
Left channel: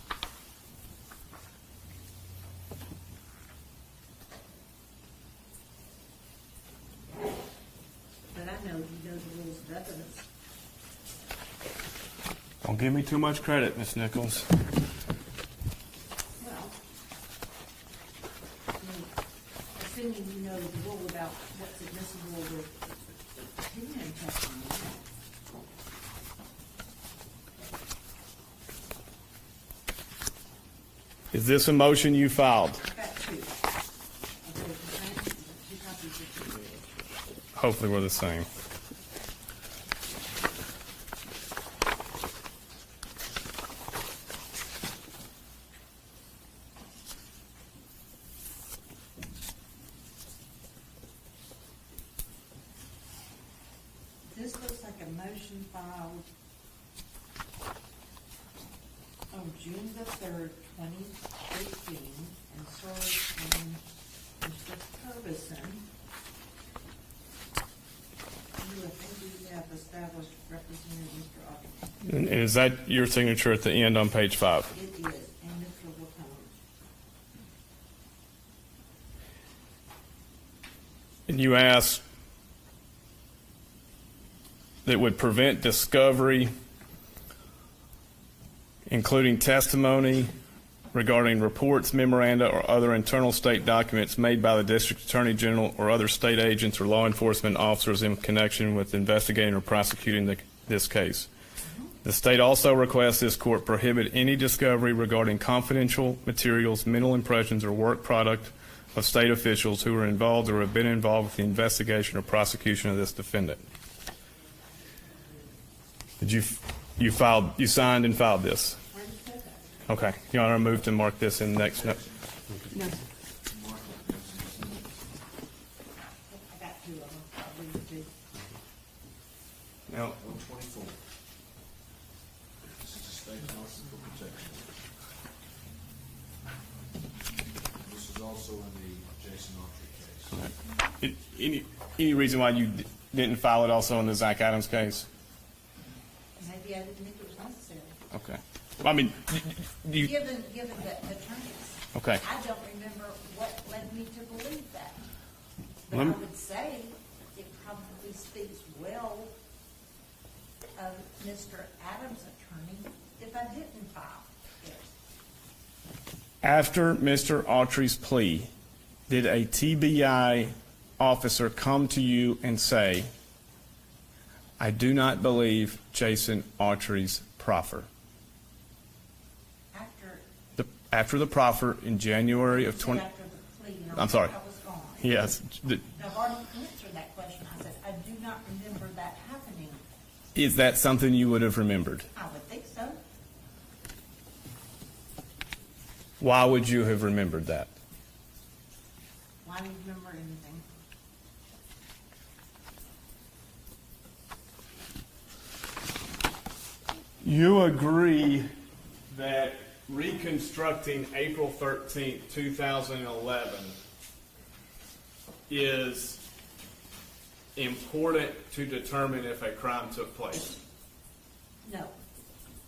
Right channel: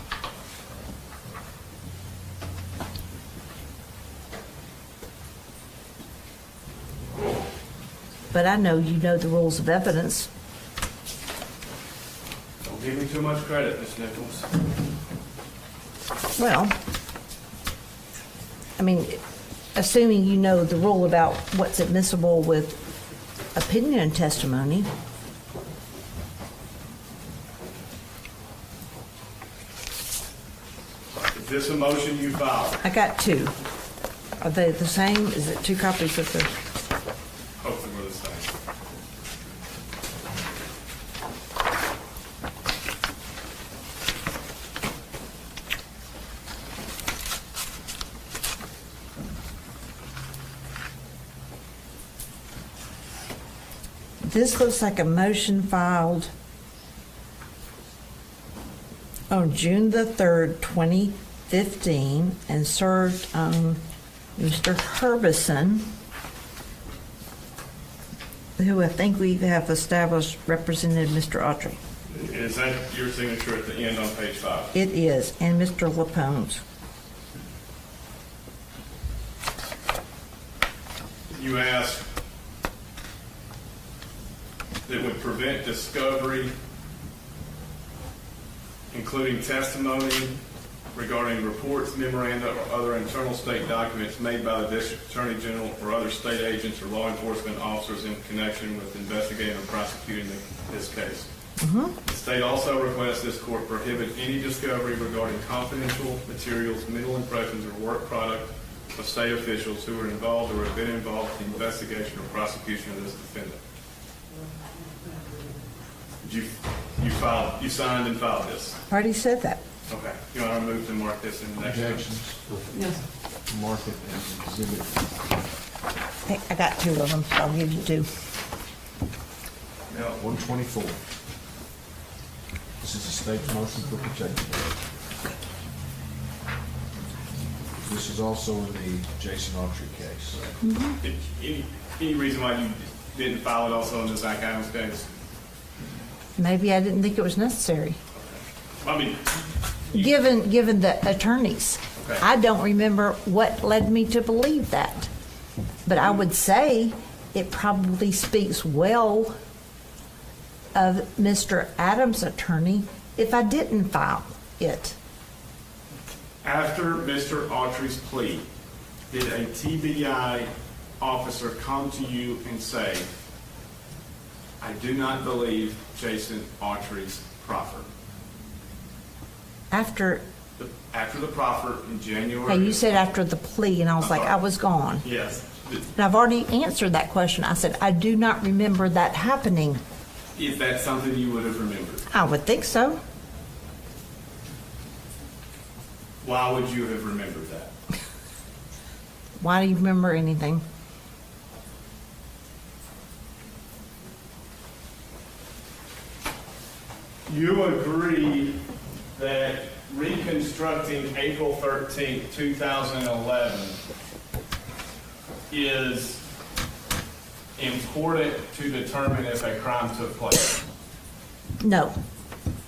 But I know you know the rules of evidence. Don't give me too much credit, Ms. Nichols. Well, I mean, assuming you know the rule about what's admissible with opinion testimony. Is this a motion you filed? I got two. Are they the same? Is it two copies of the? Hopefully we're the same. This looks like a motion filed on June the 3rd, 2015, and served on Mr. Herbison, who I think we have established represented Mr. Autry. And is that your signature at the end on page 5? It is, and Mr. Lapone's. And you asked that would prevent discovery, including testimony regarding reports, memoranda, or other internal state documents made by the District Attorney General or other state agents or law enforcement officers in connection with investigating or prosecuting this case. The state also requests this court prohibit any discovery regarding confidential materials, mental impressions, or work product of state officials who are involved or have been involved with the investigation or prosecution of this defendant. Did you signed and filed this? Already said that. Okay. Your Honor, I move to mark this in next. Objections? Yes. Mark it as exhibit. Hey, I got two of them, so I'll give you two. Now, 124. This is the state's motion for protection. This is also in the Jason Autry case. Any reason why you didn't file it also in the Zach Adams case? Maybe I didn't think it was necessary. Okay. Well, I mean, Given the attorneys. Okay. I don't remember what led me to believe that. But I would say it probably speaks well of Mr. Adams' attorney if I didn't file it. after Mr. Autry's plea, did a TBI officer come to you and say, I do not believe Jason Autry's proffer? After After the proffer in January. you of said 20 after the plea, and I was I'm like, sorry. I was gone. Yes. And I've already answered that question. I said, I do not remember that happening. Is that something you would have remembered? I would think so. Why would you have remembered that? Why do you remember anything? You agree that reconstructing April 13th, 2011 is important to determine if a crime took place? No,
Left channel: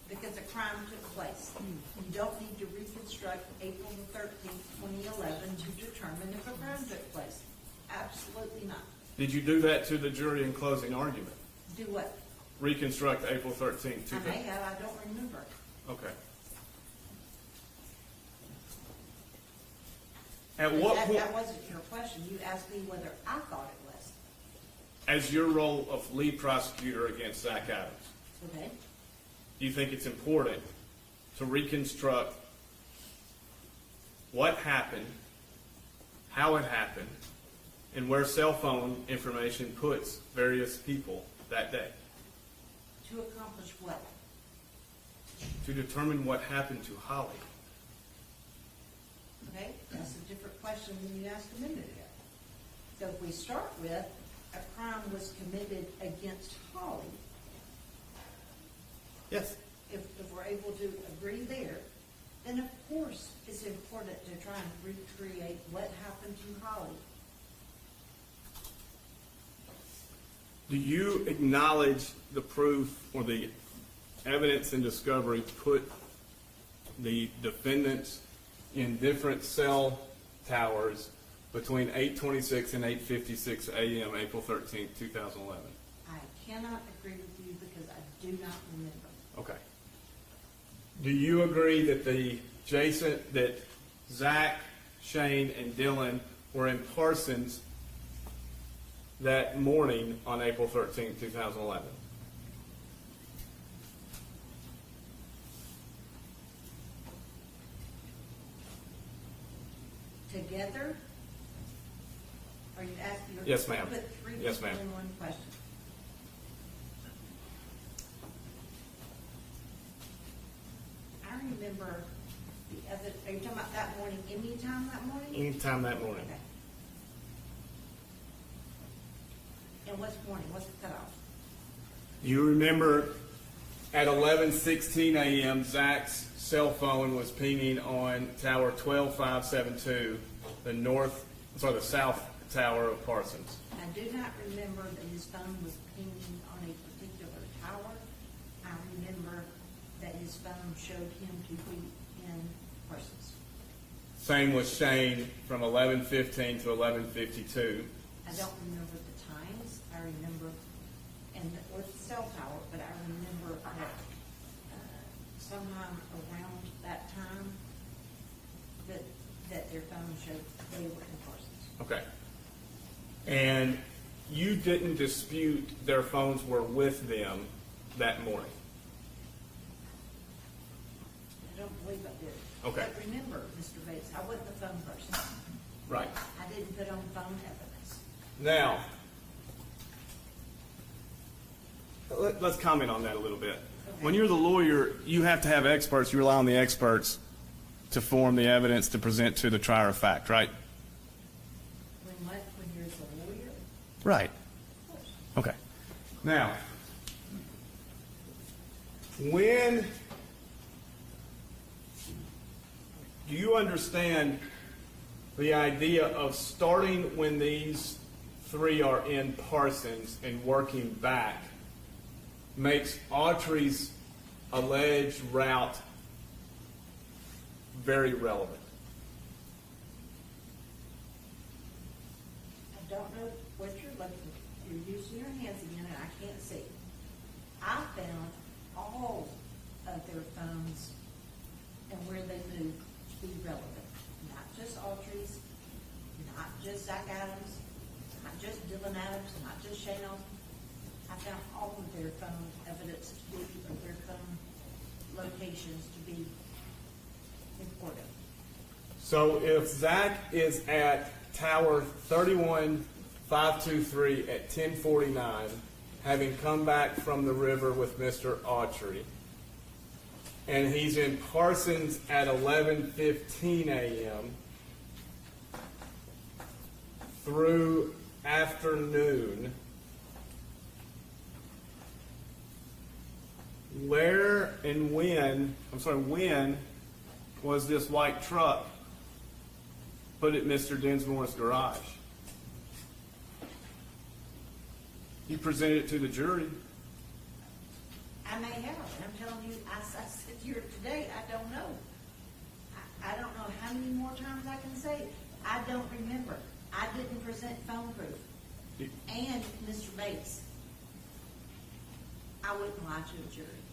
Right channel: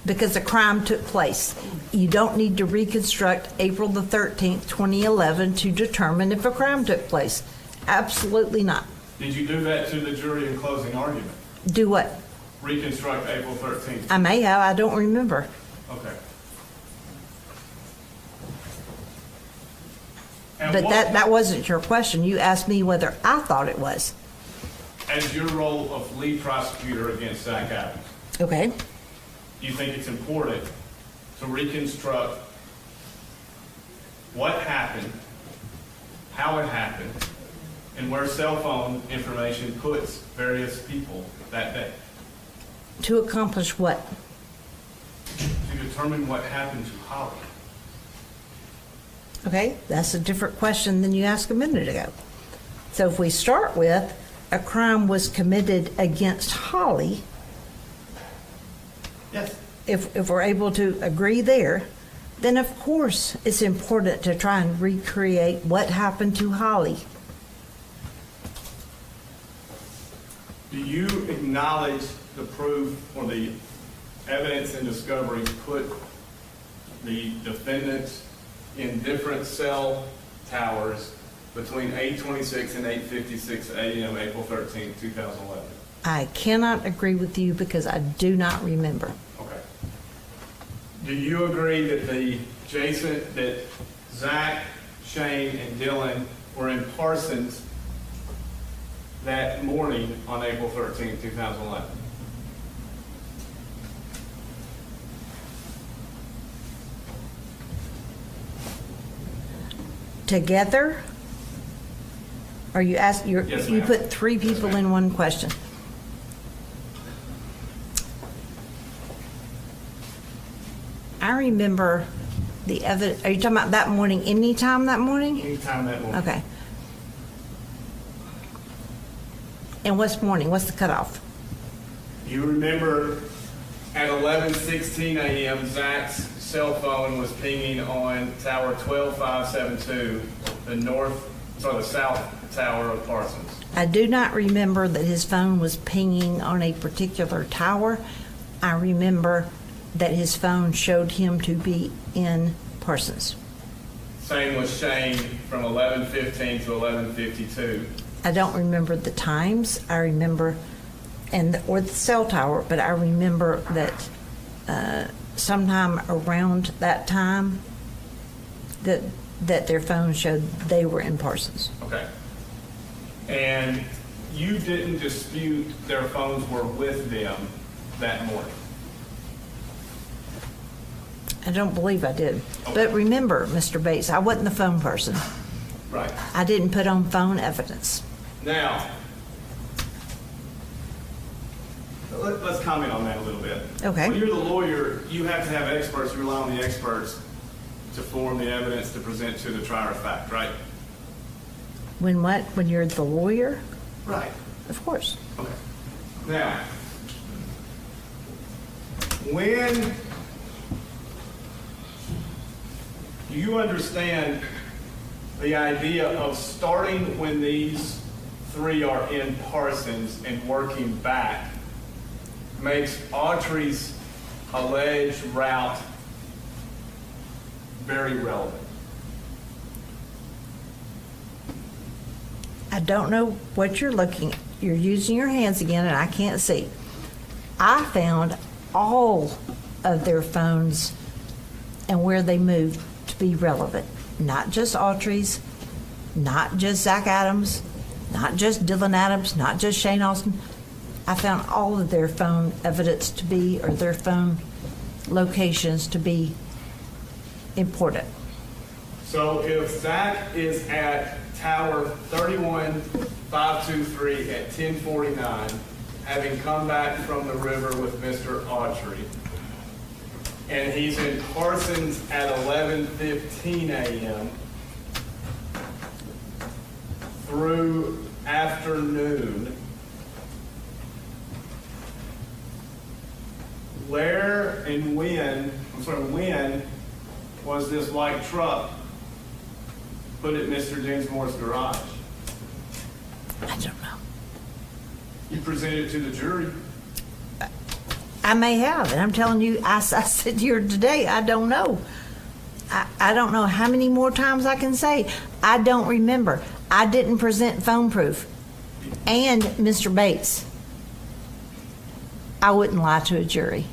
because a crime took place. You don't need to reconstruct April the 13th, 2011 to determine if a crime took place. Absolutely not. Did you do that to the jury in closing argument? Do what? Reconstruct April 13th? I may have, I don't remember. Okay. And But what- that wasn't your question. You asked me whether I thought it was. As your role of lead prosecutor against Zach Adams, Okay. do you think it's important to reconstruct what happened, how it happened, and where cell phone information puts various people that day? To accomplish what? To determine what happened to Holly. Okay, that's a different question than you asked a minute ago. So if we start with a crime was committed against Holly, Yes. if we're able to agree there, then of course it's important to try and recreate what happened to Holly. Do you acknowledge the proof or the evidence and discovery put the defendants in different cell towers between 8:26 and 8:56 a.m. April 13, 2011? I cannot agree with you because I do not remember. Okay. Do you agree that that Zach, Shane, and Dylan were in Parsons that morning on April 13, 2011? Together? Are you asking, Yes, you ma'am. put three Yes, people ma'am. in one question. I remember the evidence, are you talking about that morning, anytime that morning? Anytime that morning. Okay. And what's morning? What's the cutoff? You remember at 11:16 a.m., Zach's cell phone was pinging on tower 12572, the south tower of Parsons. I do not remember that his phone was pinging on a particular tower. I remember that his phone showed him to be in Parsons. Same with Shane from 11:15 to 11:52. I don't remember the times. I remember, or the cell tower, but I remember that sometime around that time that their phone showed they were in Parsons. Okay. And you didn't dispute their phones were with them that morning? I don't believe I did. Okay. But remember, Mr. Bates, I wasn't the phone person. Right. I didn't put on phone evidence. Now, let's comment on that a little bit. Okay. When you're the lawyer, you have to have experts. You rely on the experts to form the evidence to present to the trier of fact, right? When what? When you're the lawyer? Right. Of course. Okay. Now, when do you understand the idea of starting when these three are in Parsons and working back makes Autry's alleged route very relevant? I don't know what you're looking at. You're using your hands again and I can't see. I found all of their phones and where they moved to be relevant. Not just Autry's, not just Zach Adams, not just Dylan Adams, not just Shane Austin. I found all of their phone evidence to be, or their phone locations to be important. So if Zach is at Tower 31523 at 1049, having come back from the river with Mr. Autry, and he's in Parsons at 11:15 a.m. through afternoon, where and when was this white truck put at Mr. Dinsmore's garage? I don't know. You presented it to the jury. I may have, and I'm telling you, I said here today, I don't know. I don't know how many more times I can say. I don't remember. I didn't present phone proof. And, Mr. Bates, I wouldn't lie to a jury.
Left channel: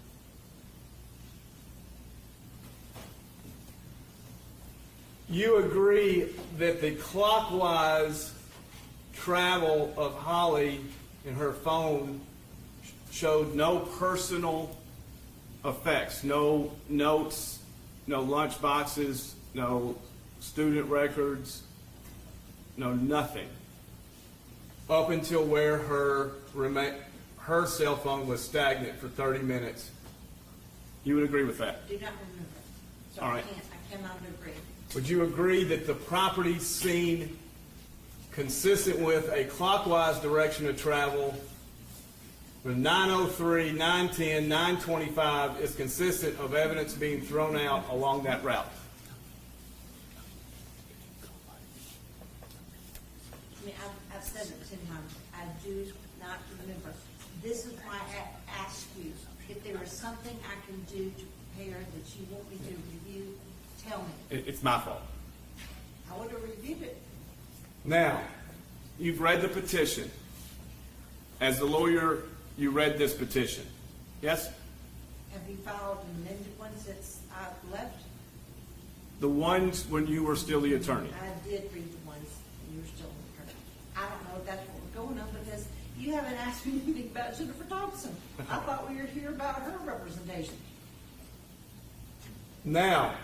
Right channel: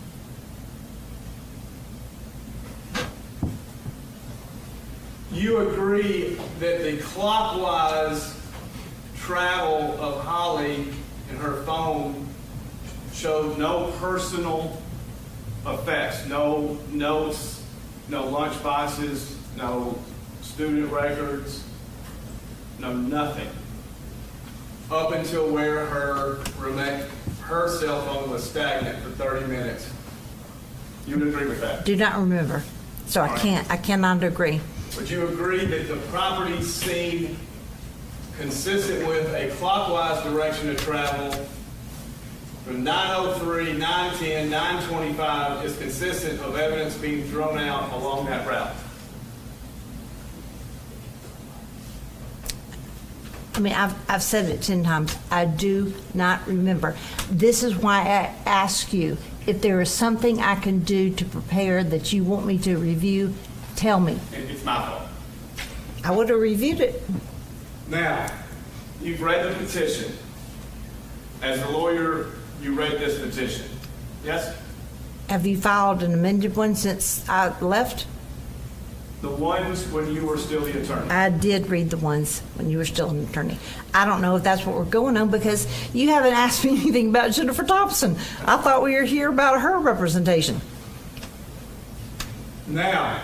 You agree that the clockwise travel of Holly and her phone showed no personal effects, no notes, no lunch boxes, no student records, no nothing, up until where her cell phone was stagnant for 30 minutes. You would agree with that? Do not remember. So All right. I cannot agree. Would you agree that the property seen consistent with a clockwise direction of travel from 903, 910, 925 is consistent of evidence being thrown out along that route? I mean, I've said it 10 times. I do not remember. This is why I ask you, if there is something I can do to prepare that you want me to review, tell me. It's my fault. I would have reviewed it. Now, you've read the petition. As a lawyer, you read this petition. Yes? Have you filed an amended one since I left? The ones when you were still the attorney. I did read the ones when you were still an attorney. I don't know if that's what we're going on because you haven't asked me anything about Jennifer Thompson. I thought we were here about her representation. Now,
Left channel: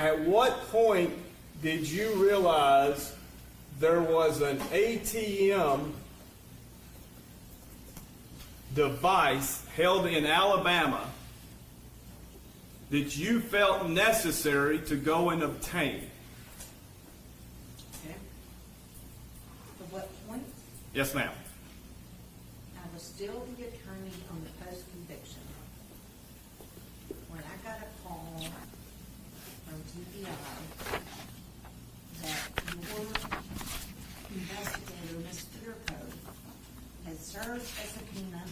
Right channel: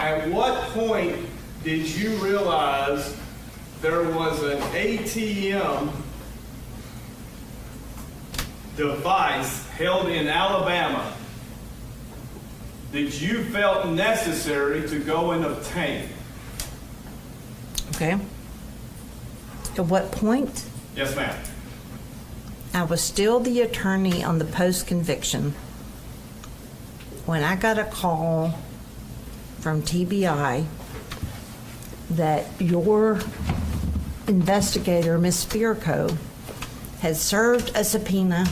at what point did you realize there was an ATM device held in Alabama that you felt necessary to go and obtain? Okay. At what point? Yes, ma'am. I was still the attorney on the post-conviction when I got a call from TBI that your investigator, Ms. Spirko, had served a subpoena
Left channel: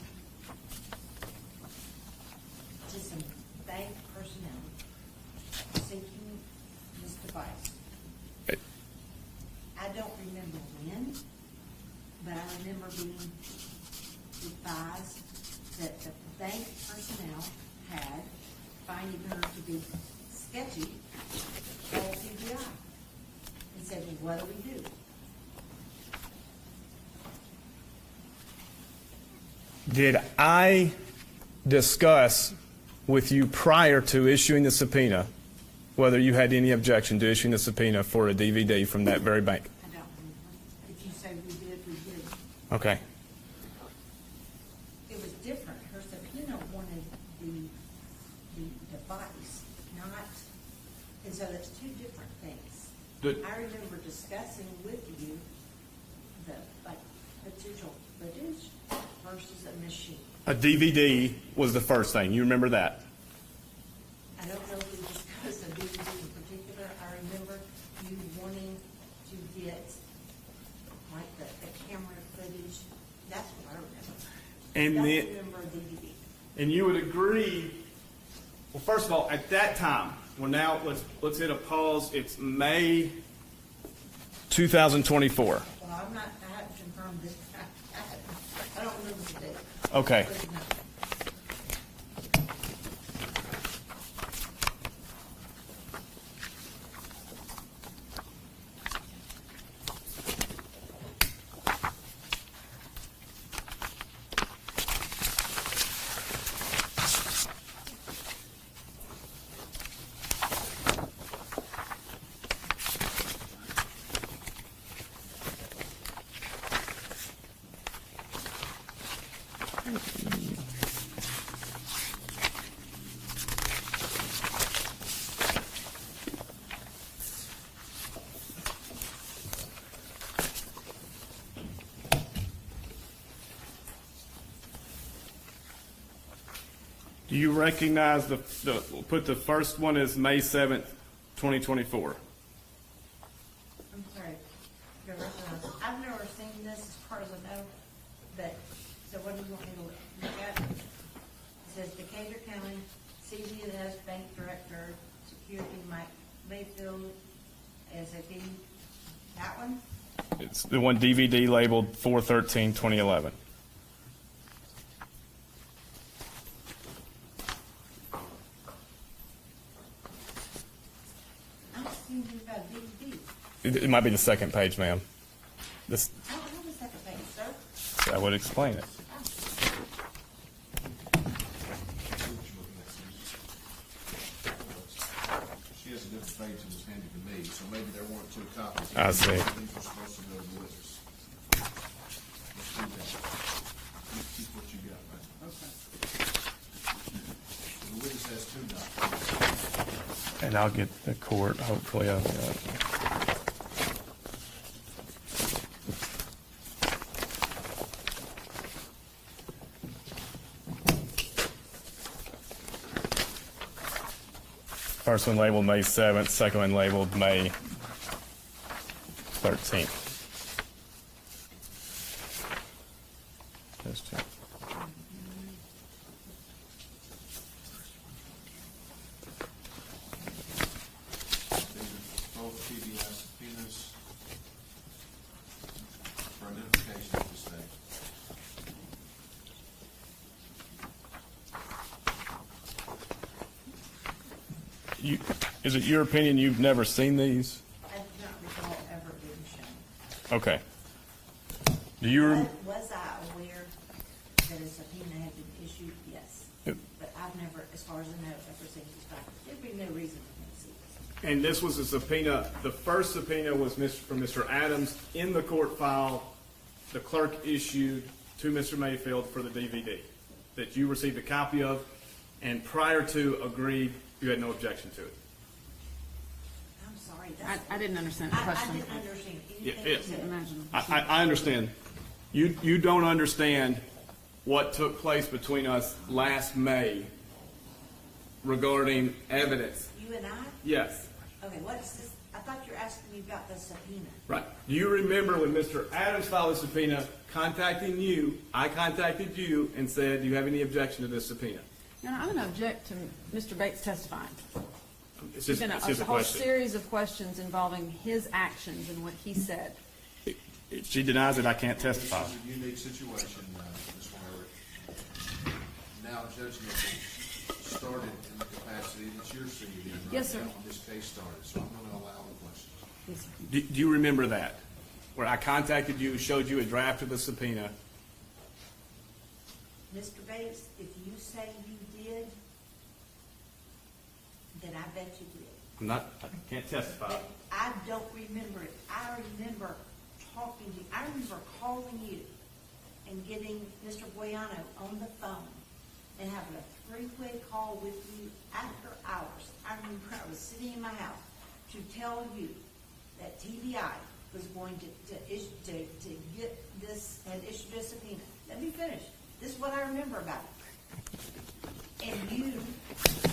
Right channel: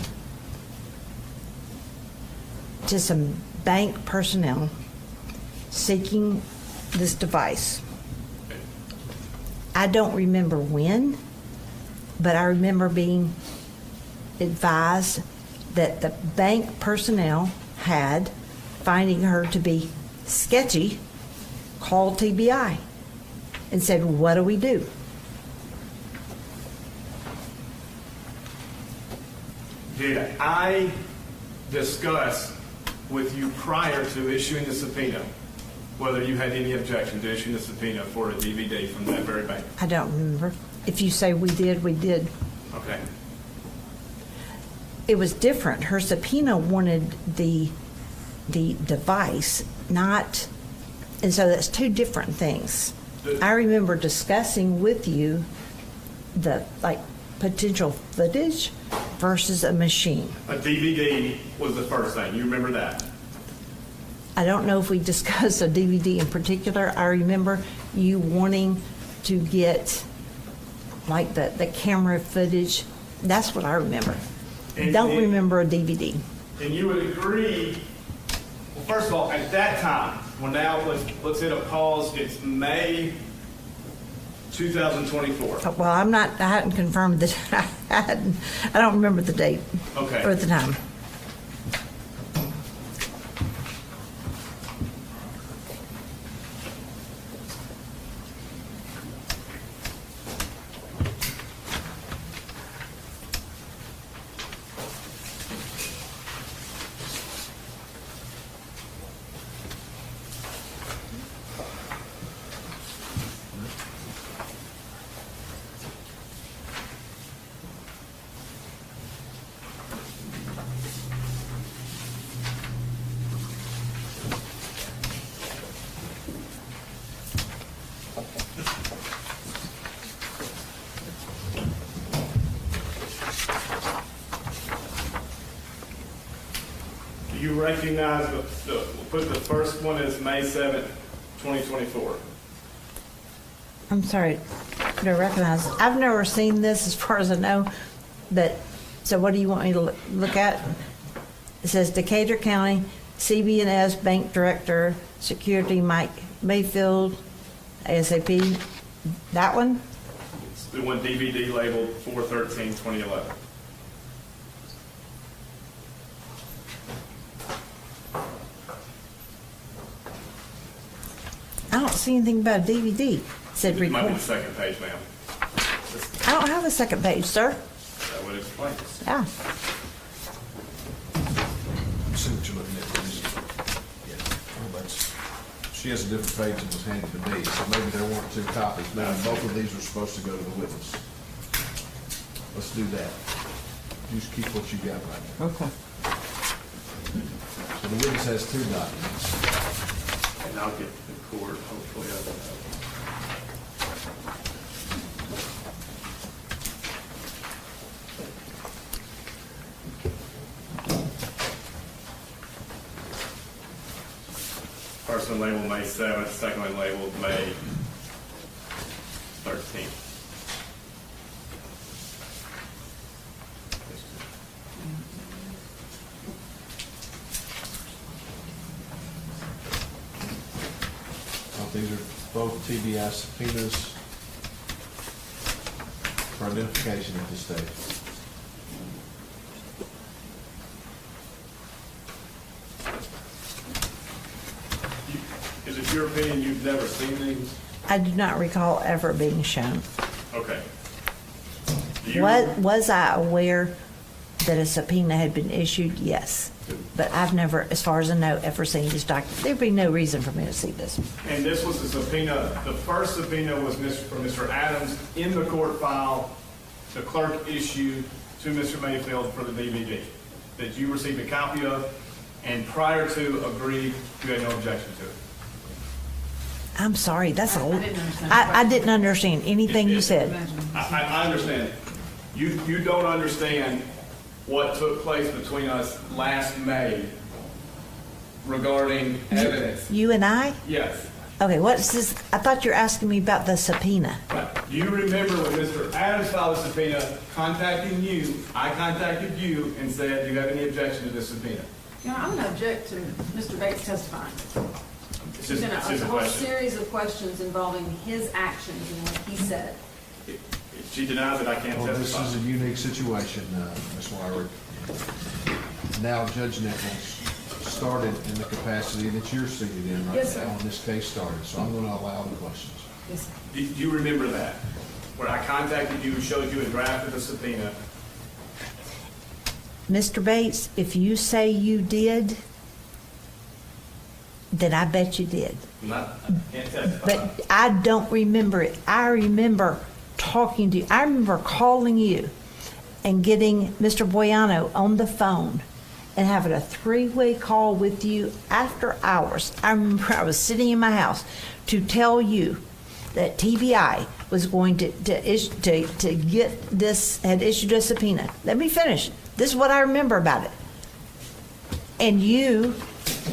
to some bank personnel seeking this device. I don't remember when, but I remember being advised that the bank personnel had, finding her to be sketchy, called TBI and said, what do we do? Did I discuss with you prior to issuing the subpoena whether you had any objection to issuing the subpoena for a DVD from that very bank? I don't remember. If you say we did, we did. Okay. It was different. Her subpoena wanted the device, not, and so that's two different things. I remember discussing with you the, like, potential footage versus a machine. A DVD was the first thing. You remember that? I don't know if we discussed a DVD in particular. I remember you wanting to get, like, the camera footage. That's what I remember. And Don't then- remember a DVD. And you would agree, well, first of all, at that time, well, now let's hit a pause. It's May 2024. Well, I hadn't confirmed that. I don't remember the date. Okay. Or the time. Do you recognize put the first one as May 7th, 2024? I'm sorry, I don't recognize. I've never seen this as far as I know, but, so what do you want me to look at? It says Decatur County, CB&S Bank Director, Security Mike Mayfield, ASAP. That one? It's the one DVD labeled 4/13/2011. I don't see anything about a DVD. It said It might be the report. second page, ma'am. This, I don't have a second page, sir. that would explain. Yeah. See what you're looking at, please. She has a different page than was handed to me, so maybe there weren't two copies. I Maybe see. both of these were supposed to go to the witness. Let's do that. You just keep what you got right now. Okay. So the witness has two documents. And I'll get the court hopefully out of that. First one labeled May 7th, second one labeled May 13th. Those two. These are both TBI subpoenas for identification at this stage. Is it your opinion you've never seen these? I do not recall ever being shown. Okay. Do you? Was I aware that a subpoena had been issued? Yes. But I've never, as far as I know, ever seen this document. There'd be no reason for me to see this. And this was a subpoena, the first subpoena was from Mr. Adams in the court file, the clerk issued to Mr. Mayfield for the DVD that you received a copy of, and prior to agreed, you had no objection to it. I'm sorry, that's I a, didn't understand the I question. didn't understand anything you said. I understand. You don't understand what took place between us last May regarding evidence. You and I? Yes. Okay, what's this? I thought you were asking me about the subpoena. Right. Do you remember when Mr. Adams filed a subpoena contacting you, I contacted you and said, do you have any objection to this subpoena? You know, I'm gonna object to Mr. Bates testifying. It's There's just, been it's a just a whole question. series of questions involving his actions and what he said. If she denies it, I can't Well, this testify. is a unique situation, Ms. Wyrick. Now, Judge Nichols started in the capacity that you're seated in right Yes, sir. now when this case started, so I'm gonna allow the questions. Yes, sir. Do you remember that? Where I contacted you, showed you a draft of the subpoena? Mr. Bates, if you say you did, then I bet you did. I can't testify. But I don't remember it. I remember talking to you. I remember calling you and getting Mr. Boyano on the phone and having a three-way call with you after hours. I remember I was sitting in my house to tell you that TBI was going to get this, had issued a subpoena. Let me finish. This is what I remember about it. And you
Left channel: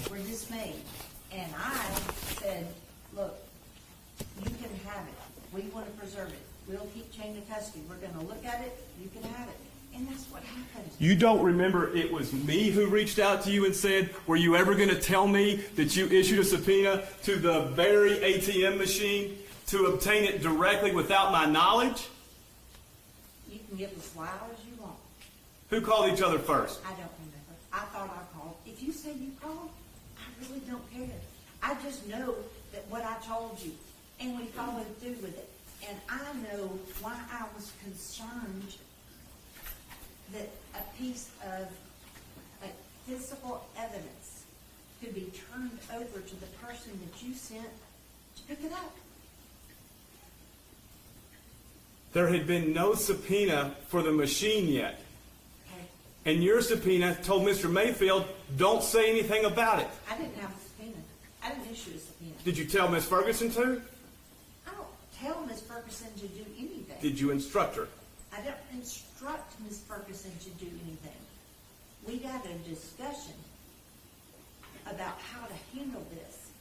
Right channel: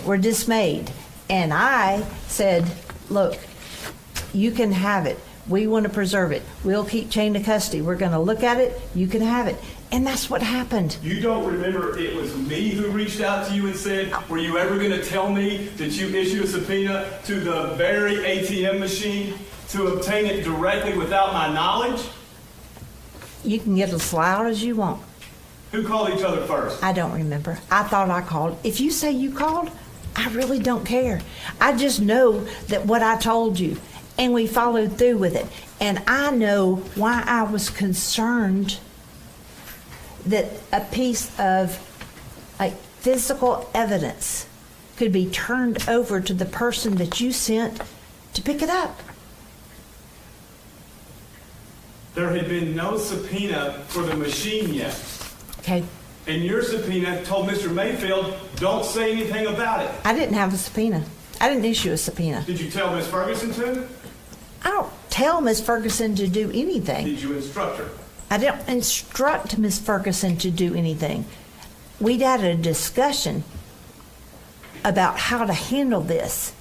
were dismayed. And I said, look, you can have it. We want to preserve it. We'll keep chain of custody. We're going to look at it. You can have it. And that's what happened. You don't remember it was me who reached out to you and said, were you ever going to tell me that you issued a subpoena to the very ATM machine to obtain it directly without my knowledge? You can get as loud as you want. Who called each other first? I don't remember. I thought I called. If you say you called, I really don't care. I just know that what I told you, and we followed through with it. And I know why I was concerned that a piece of like physical evidence could be turned over to the person that you sent to pick it up. There had been no subpoena for the machine yet. Okay? And your subpoena told Mr. Mayfield, don't say anything about it. I didn't have a subpoena. I didn't issue a subpoena. Did you tell Miss Ferguson to? I don't tell Miss Ferguson to do anything. Did you instruct her? I don't instruct Miss Ferguson to do anything. We'd had a discussion about how to handle this.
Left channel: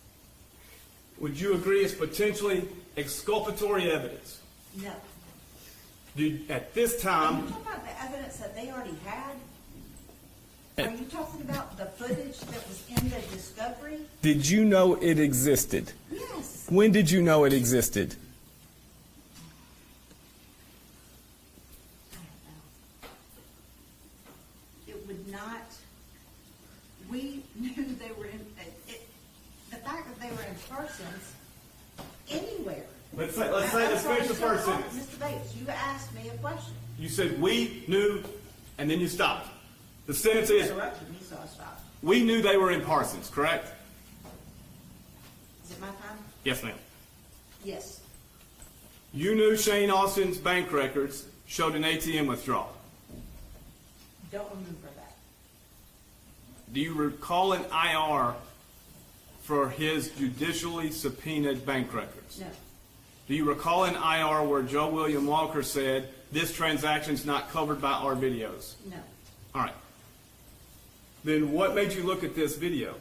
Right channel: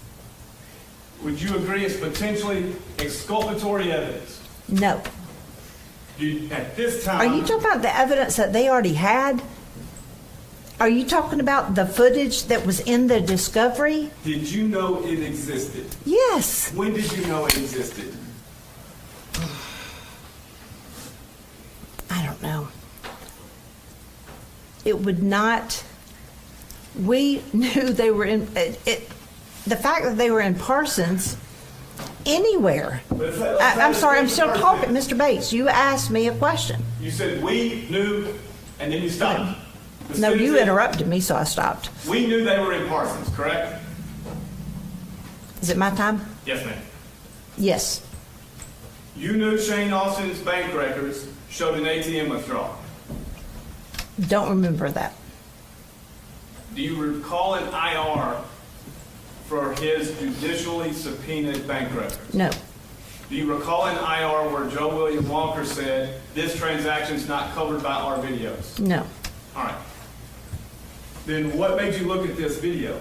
Would you agree it's potentially exculpatory evidence? No. At this Are you time, talking about the evidence that they already had? Are you talking about the footage that was in the discovery? did you know it existed? Yes. When did you know it existed? I don't know. It would not, we knew they were in, the fact that they were in Parsons, anywhere. I'm sorry, I'm still talking, Mr. Bates. You asked me a question. You said, we knew, and then you stopped. The No, sentence you is, interrupted me, so I stopped. We knew they were in Parsons, correct? Is it my time? Yes, ma'am. Yes. You knew Shane Austin's bank records showed an ATM withdrawal. Don't remember that. Do you recall an IR for his judicially subpoenaed bank records? No. Do you recall an IR where Joe William Walker said, this transaction's not covered by our videos? No. All right. Then what made you look at this video?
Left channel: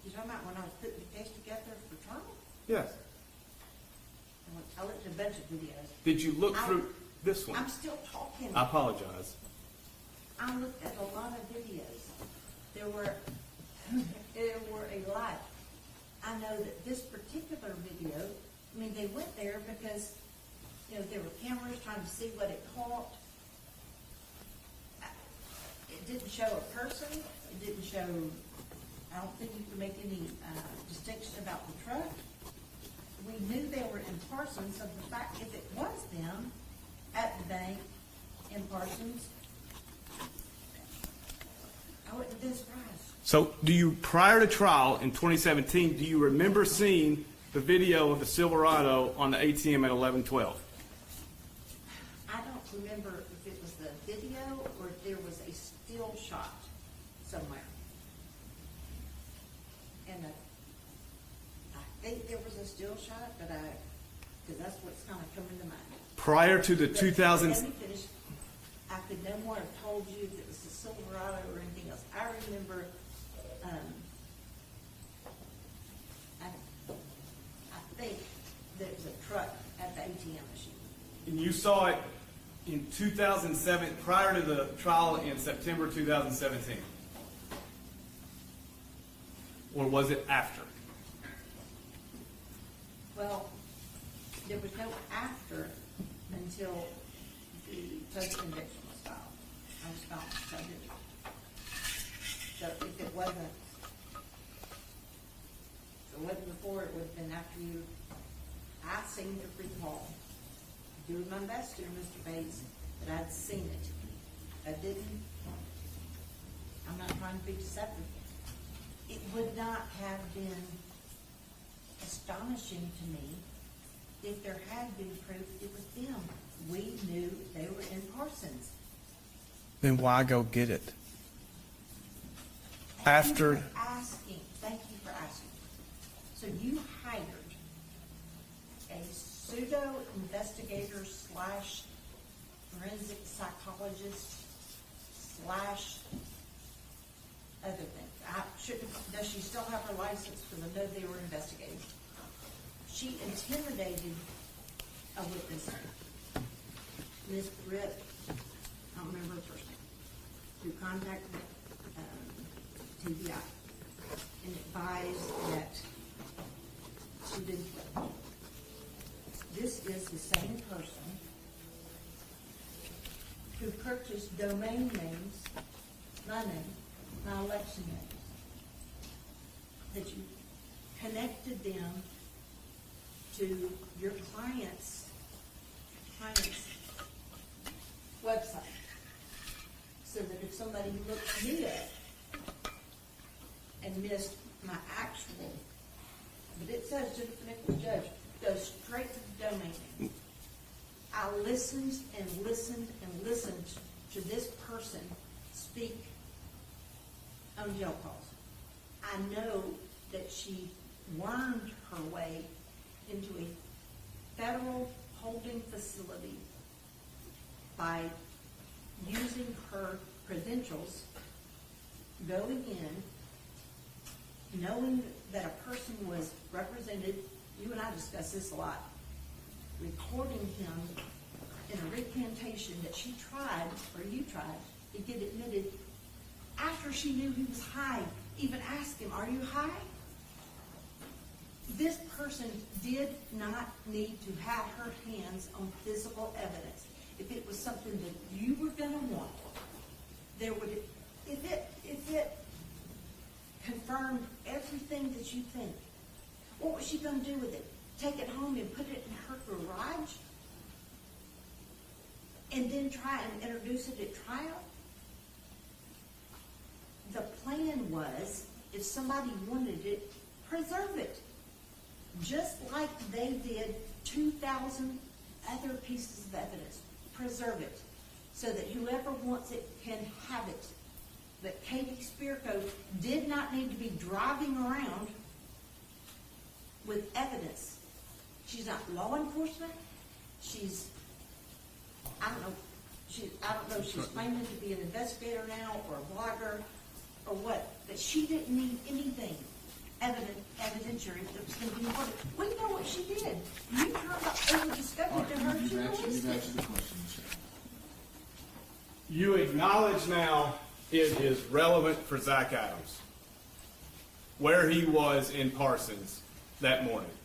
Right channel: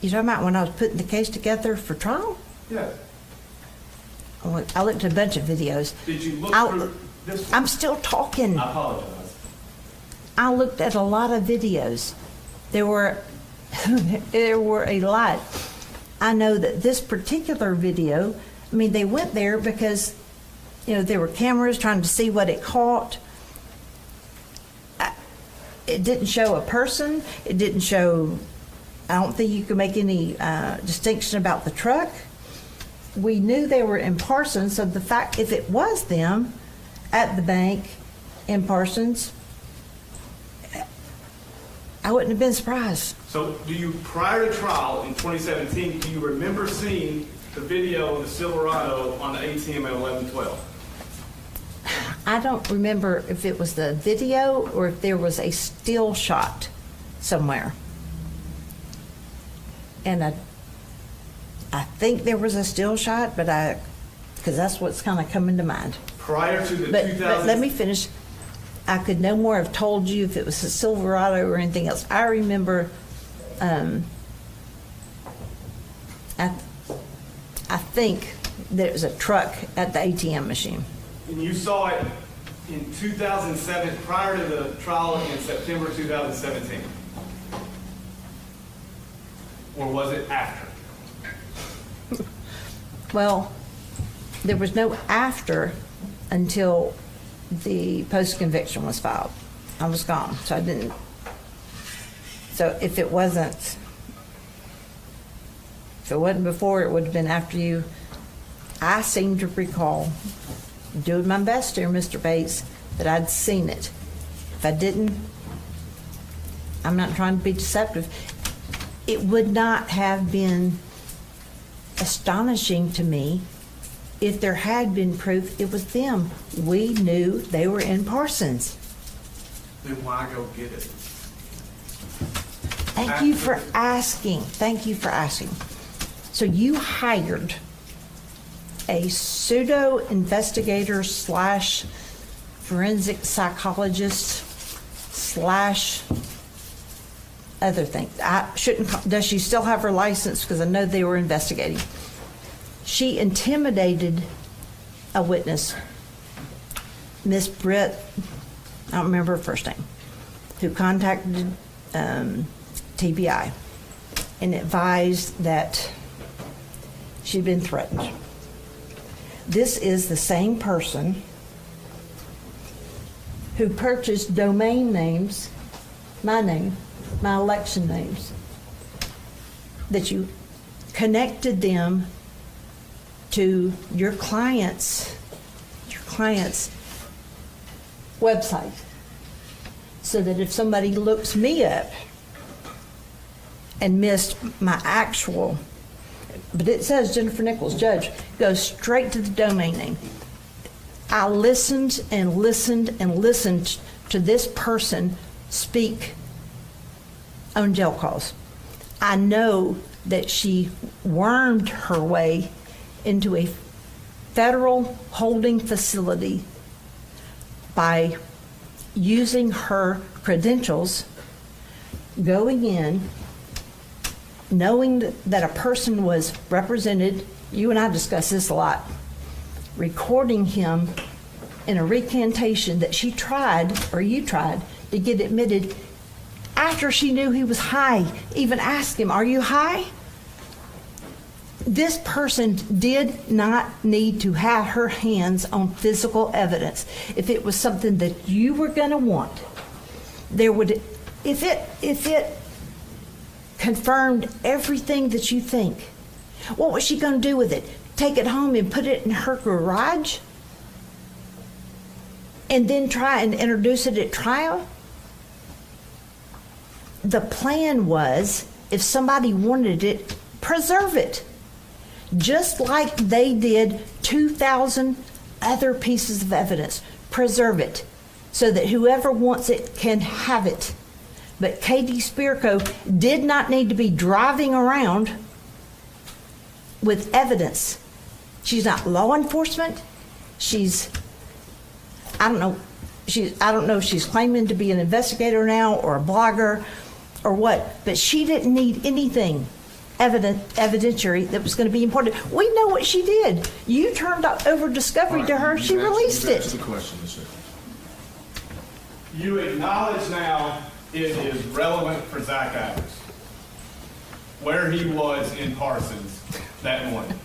You talking about when I was putting the case together for trial? Yes. I looked at a bunch of videos. Did you look I'll- through this one? I'm still talking. I apologize. I looked at a lot of videos. There were, there were a lot. I know that this particular video, I mean, they went there because, you know, there were cameras trying to see what it caught. It didn't show a person. It didn't show, I don't think you could make any distinction about the truck. We knew they were in Parsons, so the fact, if it was them at the bank in Parsons, I wouldn't have been surprised. So do you, prior to trial in 2017, do you remember seeing the video of the Silverado on the ATM at 11:12? I don't remember if it was the video or if there was a still shot somewhere. And I think there was a still shot, but because that's what's kind of coming to mind. Prior to the But 2000. let me finish. I could no more have told you if it was a Silverado or anything else. I remember, I think there was a truck at the ATM machine. And you saw it in 2007, prior to the trial in September 2017? Or was it after? Well, there was no after until the post-conviction was filed. I was gone, so I didn't. So if it wasn't before, it would have been after you. I seem to recall, doing my best here, Mr. Bates, that I'd seen it. If I didn't, I'm not trying to be deceptive. It would not have been astonishing to me if there had been proof it was them. We knew they were in Parsons. Then why go get it? Thank you for asking. Thank you for asking. So you hired a pseudo investigator slash forensic psychologist slash other thing. I shouldn't, does she still have her license? Because I know they were investigating. She intimidated a witness, Miss Britt, I don't remember her first name, who contacted TBI and advised that she'd been threatened. This is the same person who purchased domain names, my name, my election names, that you connected them to your client's website, so that if somebody looks me up and missed my actual, but it says Jennifer Nichols, judge, goes straight to the domain name. I listened and listened and listened to this person speak on jail calls. I know that she wormed her way into a federal holding facility by using her credentials, going in, knowing that a person was represented. You and I discussed this a lot. Recording him in a recantation that she tried, or you tried, to get admitted after she knew he was high. Even asked him, "Are you high?" This person did not need to have her hands on physical evidence. If it was something that you were going to want, there would, if it confirmed everything that you think, what was she going to do with it? Take it home and put it in her garage? And then try and introduce it at trial? The plan was, if somebody wanted it, preserve it. Just like they did 2,000 other pieces of evidence. Preserve it so that whoever wants it can have it. But Katie Spirko did not need to be driving around with evidence. She's not law enforcement. She's, I don't know if she's claiming to be an investigator now or a blogger or what, but she didn't need anything. evidentiary that was going to be important. We know what she did. You turned over discovery to her. She released That's it. the question, sir. You acknowledge now it is relevant for Zach Adams where he was in Parsons that morning.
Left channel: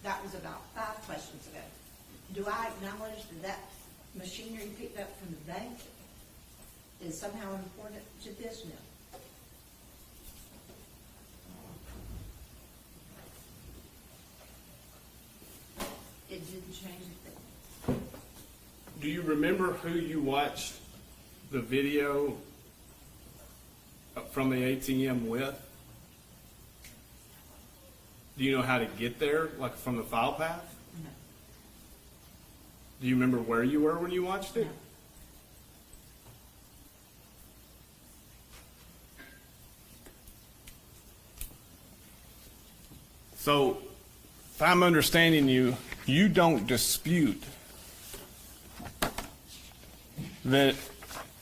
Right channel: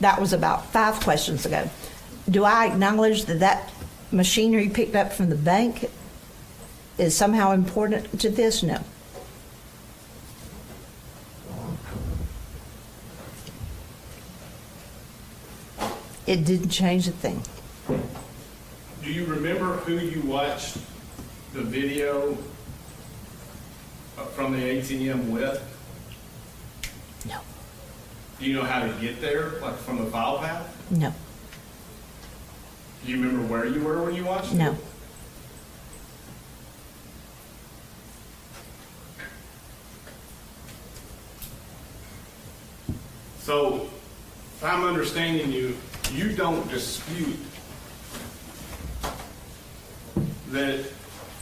That was about 5 questions ago. Do I acknowledge that that machinery picked up from the bank is somehow important to this? No. It didn't change a thing. Do you remember who you watched the video from the ATM with? No. Do you know how to get there, like from the file path? No. Do you remember where you were when you watched it? No. So, if I'm understanding you, you don't dispute that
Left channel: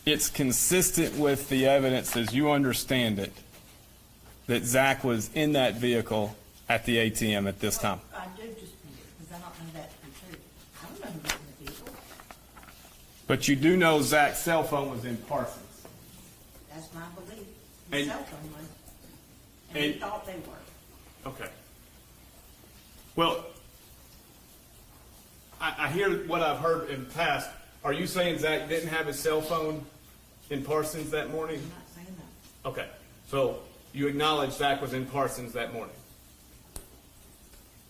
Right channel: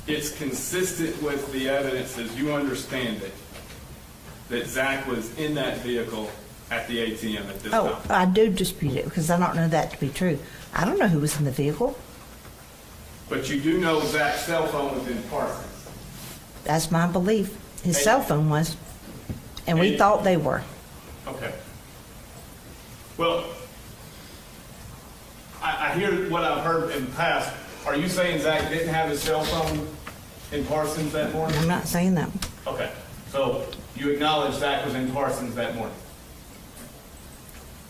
it's consistent with the evidence as you understand it, that Zach was in that vehicle at the ATM at this time? I do dispute it because I don't know that to be true. I don't know who was in the vehicle. But you do know Zach's cell phone was in Parsons. That's my belief. His And- cell phone was. And we And- thought they were. Okay. Well, I hear what I've heard in the past. Are you saying Zach didn't have his cell phone in Parsons that morning? I'm not saying that. Okay, so you acknowledge Zach was in Parsons that morning?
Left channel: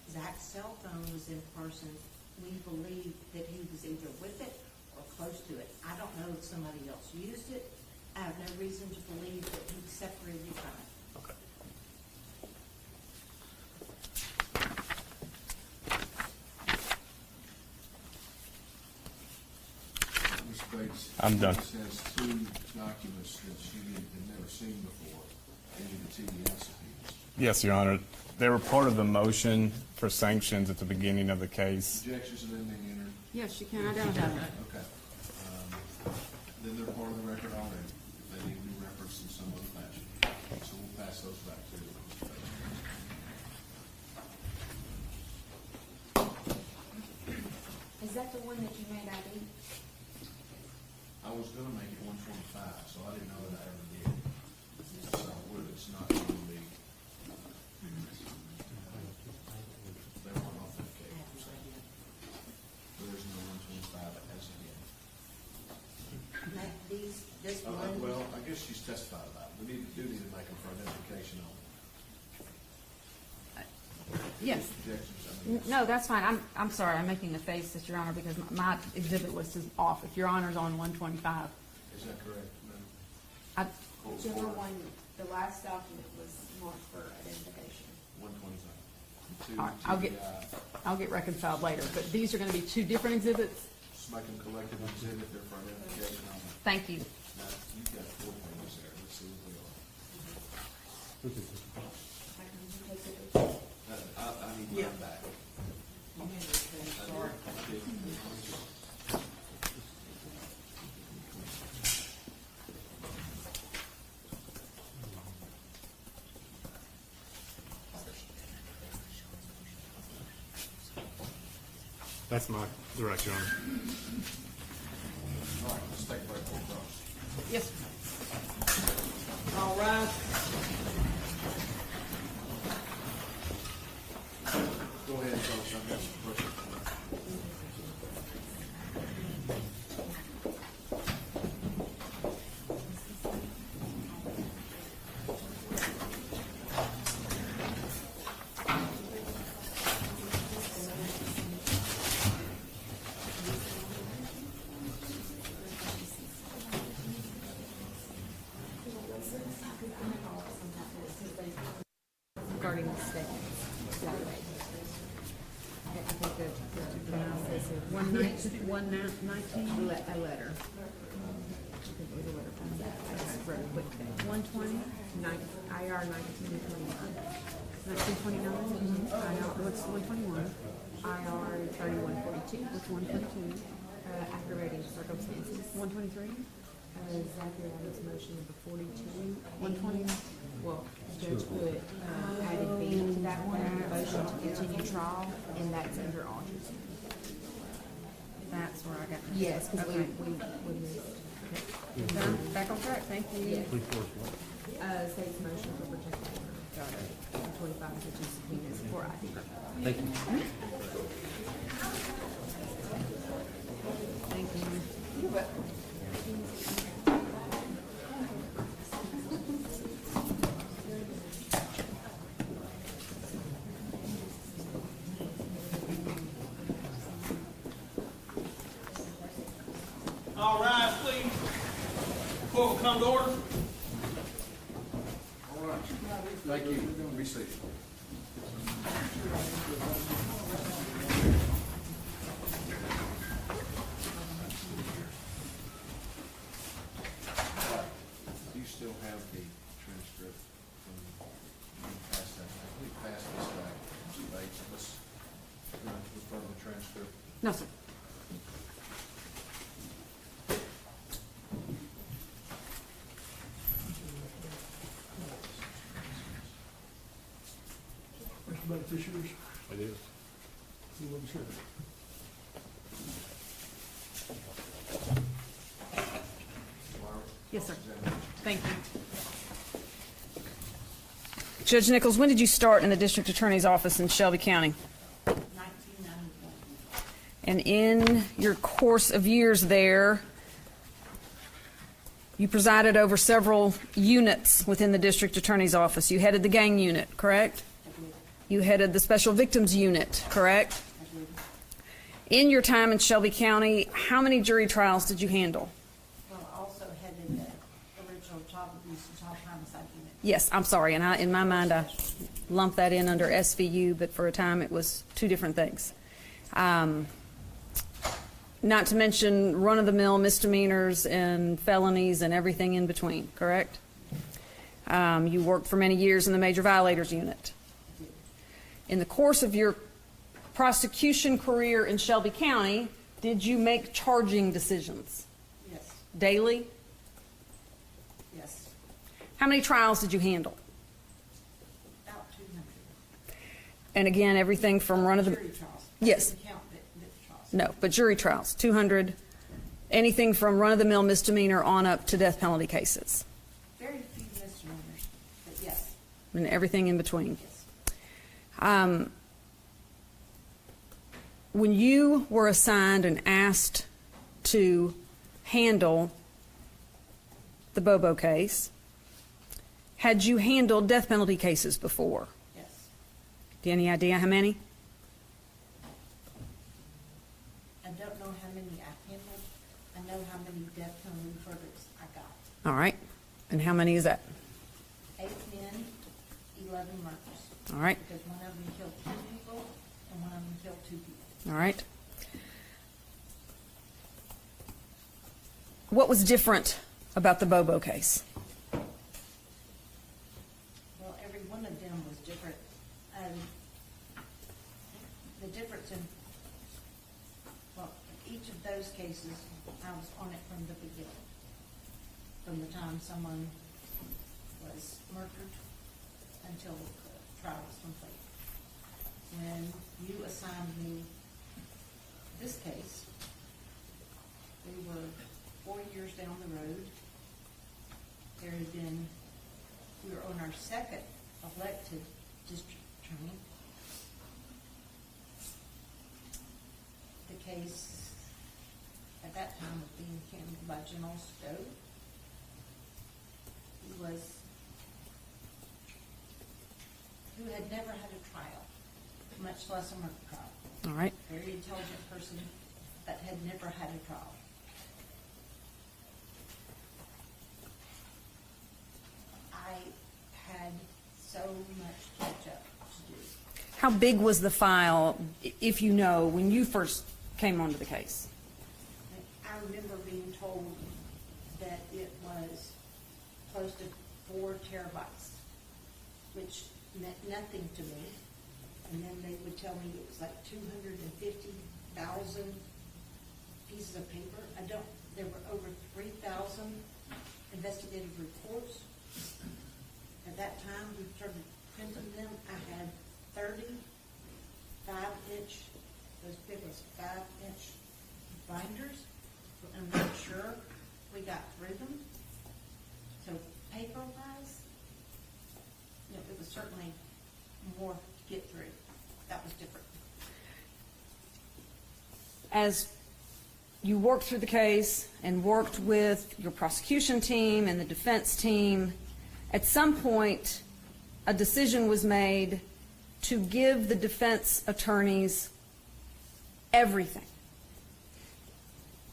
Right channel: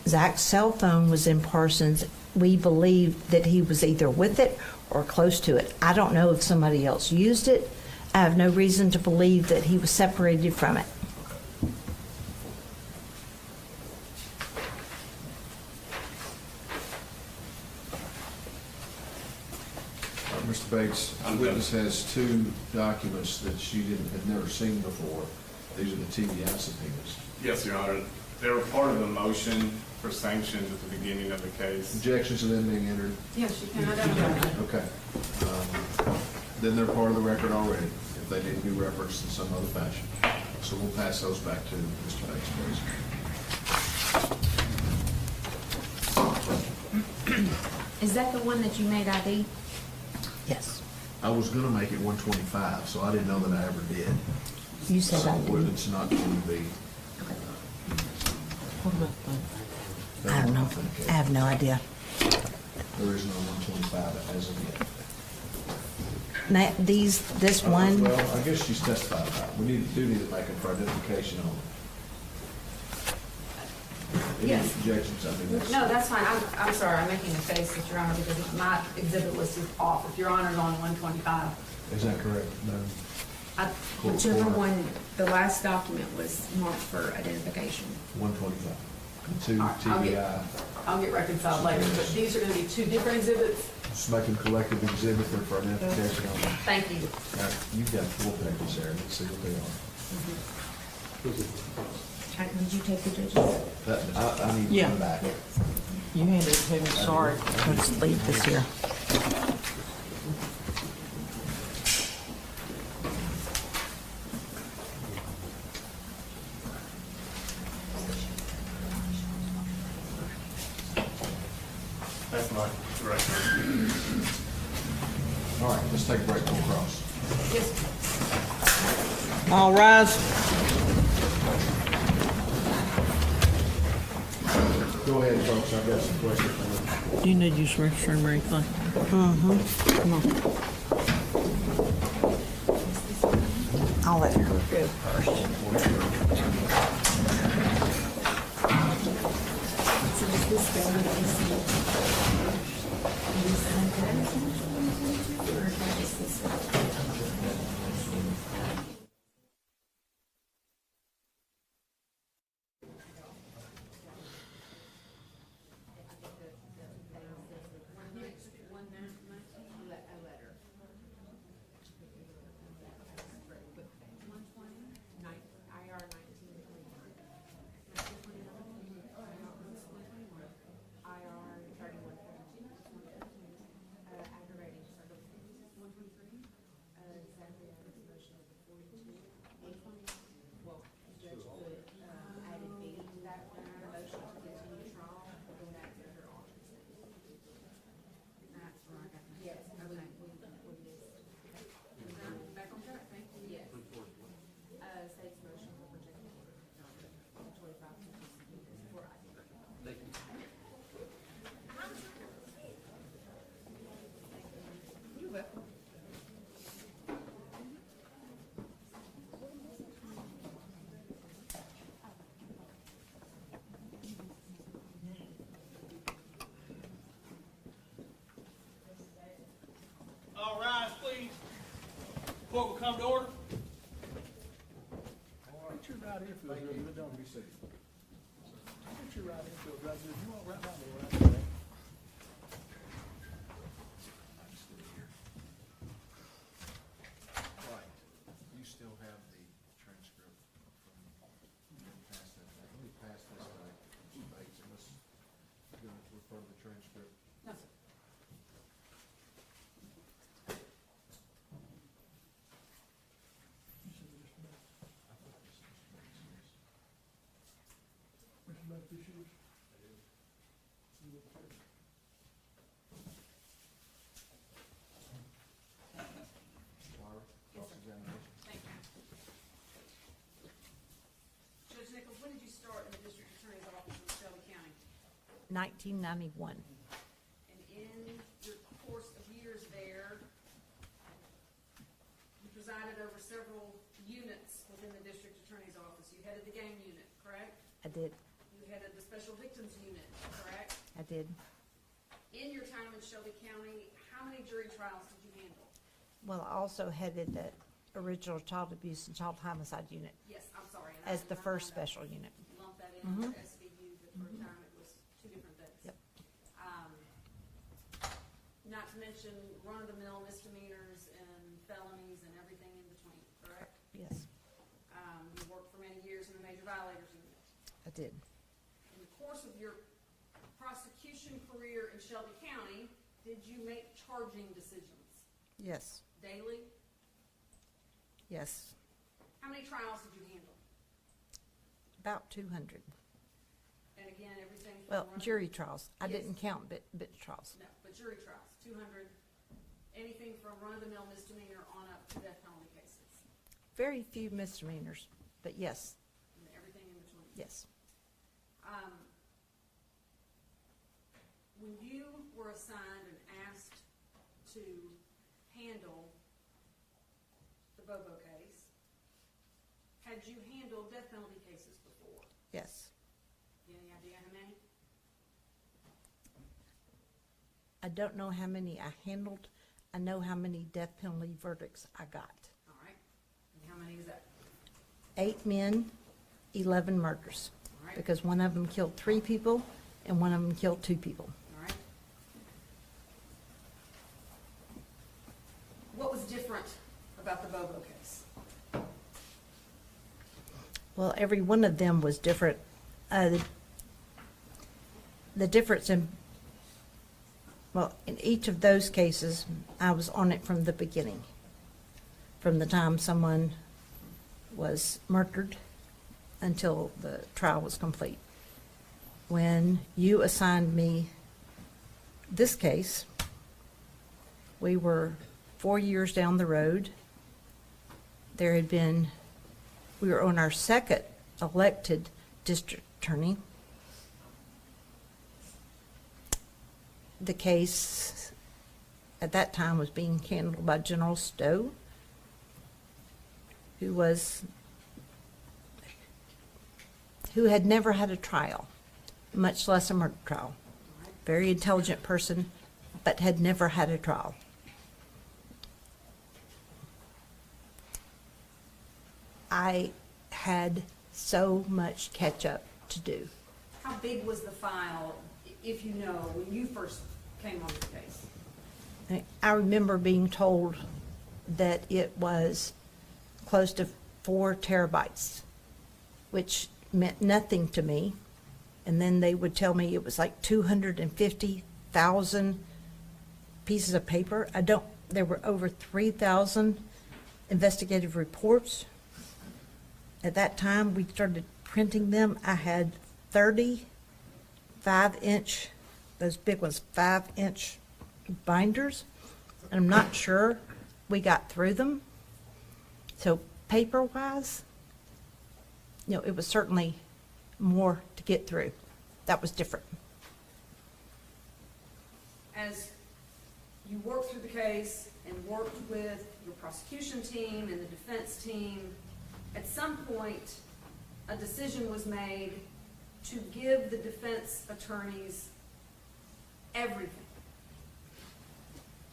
Zach's cell phone was in Parsons. We believe that he was either with it or close to it. I don't know if somebody else used it. I have no reason to believe that he was separated from it. Mr. Bates, I'm the done. witness has 2 documents that she had never seen before. These are the TBI subpoenas. Yes, Your Honor. They were part of the motion for sanctions at the beginning of the case. Objections to them being entered? Yes, you can identify that. Okay. Then they're part of the record already, if they didn't be referenced in some other fashion. So we'll pass those back to Mr. Bates, please. Is that the one that you made ID? Yes. I was gonna make it 125, so I didn't know that I ever did. You said I So did. it's not going to be. I don't know. I have no idea. There is no 125 as of yet. Now, this one, Well, I guess she's testified about it. We do need to make them for identification only. Any Yes. objections, I mean, that's. No, that's fine. I'm sorry, I'm making a face at Your Honor because my exhibit list is off. If Your Honor's on 125. Is that correct? No. Whichever one, the last document was marked for identification. 125. 2 All right, TBI. I'll get reconciled later, but these are gonna be 2 different exhibits. Just making collective exhibit there for identification only. Thank you. All right, you've got 4 papers there. Let's see what they are. Did you take the judges? I need Yeah. one back. you handed it to me, sorry. Let's leave this here. That's my direction. All right, let's take a break. Go across. Yes. All rise. Go ahead, folks. I've got some questions for you. Do you need to use restroom or anything? Mm-hmm. Come on. I'll let her go first. Regarding the statements. One nineteen? A letter. One twenty? IR 1929. 1929? What's 121? IR 3142. What's 122? Aggravating circumstances. 123? Zachary Adams motion number 42. 120? Well, judge put, added B to that one, motion to continue trial, and that's under Autry. That's where I got. Yes, because Okay. we missed. Done. Back on track, thank you. State's motion for protective order. Got it. 25, which is subpoenas for ID. Thank you. Thank you. All rise, please. Court will come to order. All right. Thank you. Be seated. Do you still have the transcript from, pass that back? We pass this back. Mr. Bates, let's refer to the transcript. No, sir. It is. Yes, sir. Thank you. Judge Nichols, when did you start in the district attorney's office in Shelby County? 1991. And in your course of years there, you presided over several units within the district attorney's office. You headed the gang unit, correct? I did. You headed the special victims unit, correct? I did. In your time in Shelby County, how many jury trials did you handle? Well, I also headed the original child abuse and child homicide unit. Yes, I'm sorry, and in my mind, I Special unit. lumped that in under SVU, but for a time, it was two different things. Not to mention run-of-the-mill misdemeanors and felonies and everything in between, correct? You worked for many years in the major violators unit. I did. In the course of your prosecution career in Shelby County, did you make charging decisions Yes. daily? Yes. How many trials did you handle? About 200. And again, everything from run-of-the-mill. Jury trials. Yes. I didn't count bit trials. No, but jury trials, 200, anything from run-of-the-mill misdemeanor on up to death penalty cases, Very few misdemeanors, but yes, and everything in between. yes. When you were assigned and asked to handle the Bobo case, had you handled death penalty cases before? Yes. Do you have any idea how many? I don't know how many I handled. I know how many death penalty verdicts I got. All right, and how many is that? 8 men, 11 murders. All right, Because one of them killed 3 people and one of them killed 2 people. all right. What was different about the Bobo case? Well, every one of them was different. The difference in each of those cases, I was on it from the beginning. From the time someone was murdered until the trial was complete. When you assigned me this case, we were 4 years down the road. We were on our second elected district attorney. The case at that time was being handled by General Stowe, who had never had a trial, much less a murder trial. All right, Very intelligent person, but had never had a trial. I had so much catch up to do. how big was the file, if you know, when you first came onto the case? I remember being told that it was close to 4 terabytes, which meant nothing to me. And then they would tell me it was like 250,000 pieces of paper. There were over 3,000 investigative reports. at that time, we started printing them. I had 30 5-inch, those big ones, 5-inch binders. And I'm not sure we got through them. So paper-wise, you know, it was certainly more to get through. That was different. As you worked through the case and worked with your prosecution team and the defense team, at some point, a decision was made to give the defense attorneys everything.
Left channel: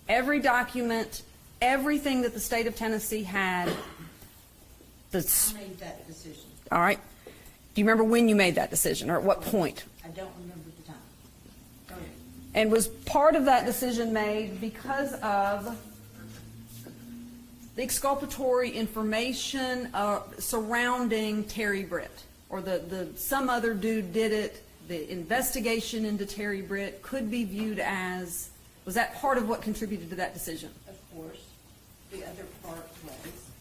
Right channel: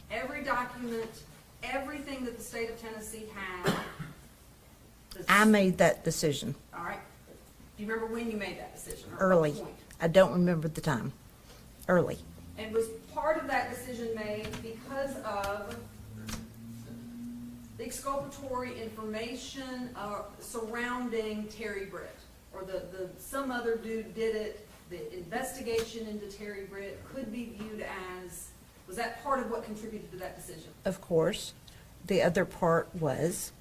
Every document, everything that the state of Tennessee had. I made that decision. All right. Do you remember when you made that decision, or at what Early. point? I don't remember the time. Early. And was part of that decision made because of the exculpatory information surrounding Terry Britt, or the some other dude did it, the investigation into Terry Britt could be viewed as, was that part of what contributed to that decision? Of course. The other part was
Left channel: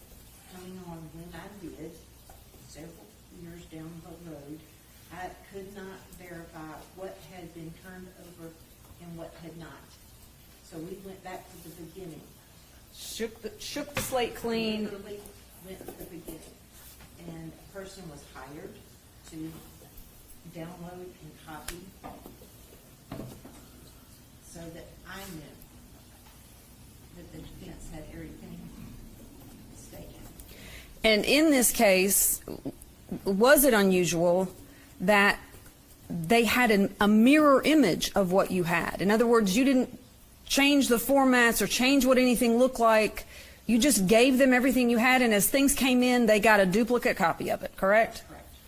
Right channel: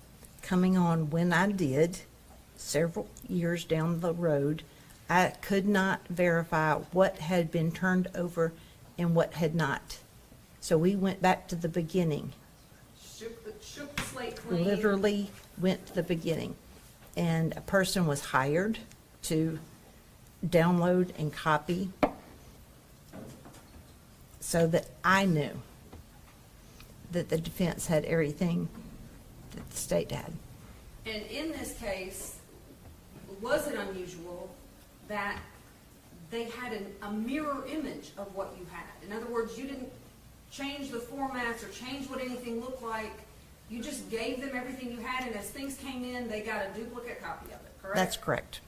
coming on when I did, several years down the road, I could not verify what had been turned over and what had not. So we went back to the beginning. Shook the slate clean. Literally went to the beginning. And a person was hired to download and copy so that I knew that the defense had everything that the state had. And in this case, was it unusual that they had a mirror image of what you had? In other words, you didn't change the formats or change what anything looked like. You just gave them everything you had, and as things came in, they got a duplicate copy of it, correct? That's correct.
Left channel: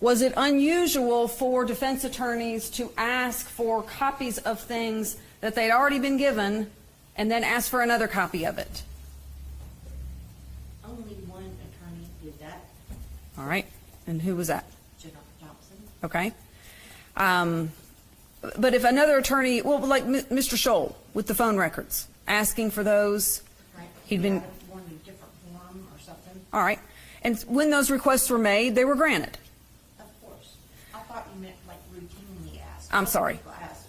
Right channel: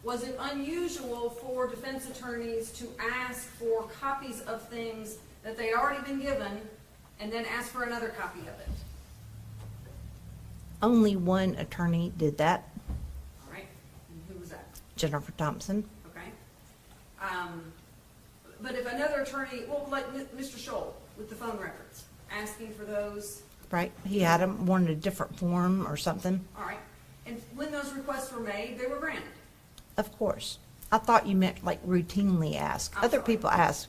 Was it unusual for defense attorneys to ask for copies of things that they'd already been given and then ask for another copy of it? Only one attorney did that, All right. And who was that? Jennifer Thompson. Okay. But if another attorney, well, like Mr. Scholl with the phone records, asking for those. Right. He'd He been- had them, wanted a different form or something. All right. And when those requests were made, they were granted. Of course. I thought you meant like routinely asked. I'm Other sorry. people asked.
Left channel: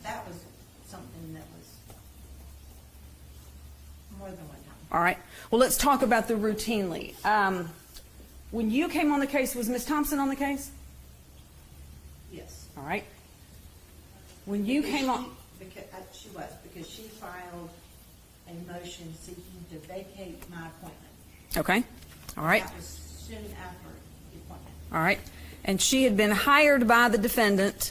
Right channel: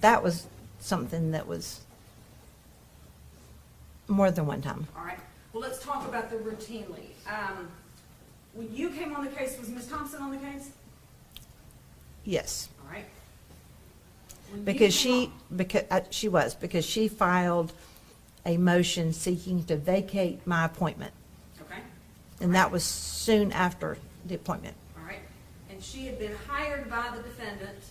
That was something that was more than one time. All right. Well, let's talk about the routinely. When you came on the case, was Ms. Thompson on the case? Yes. All right. When you Because came she was, because she filed a motion seeking to vacate my appointment. Okay. All And right. that was soon after the appointment. All right. And she had been hired by the defendant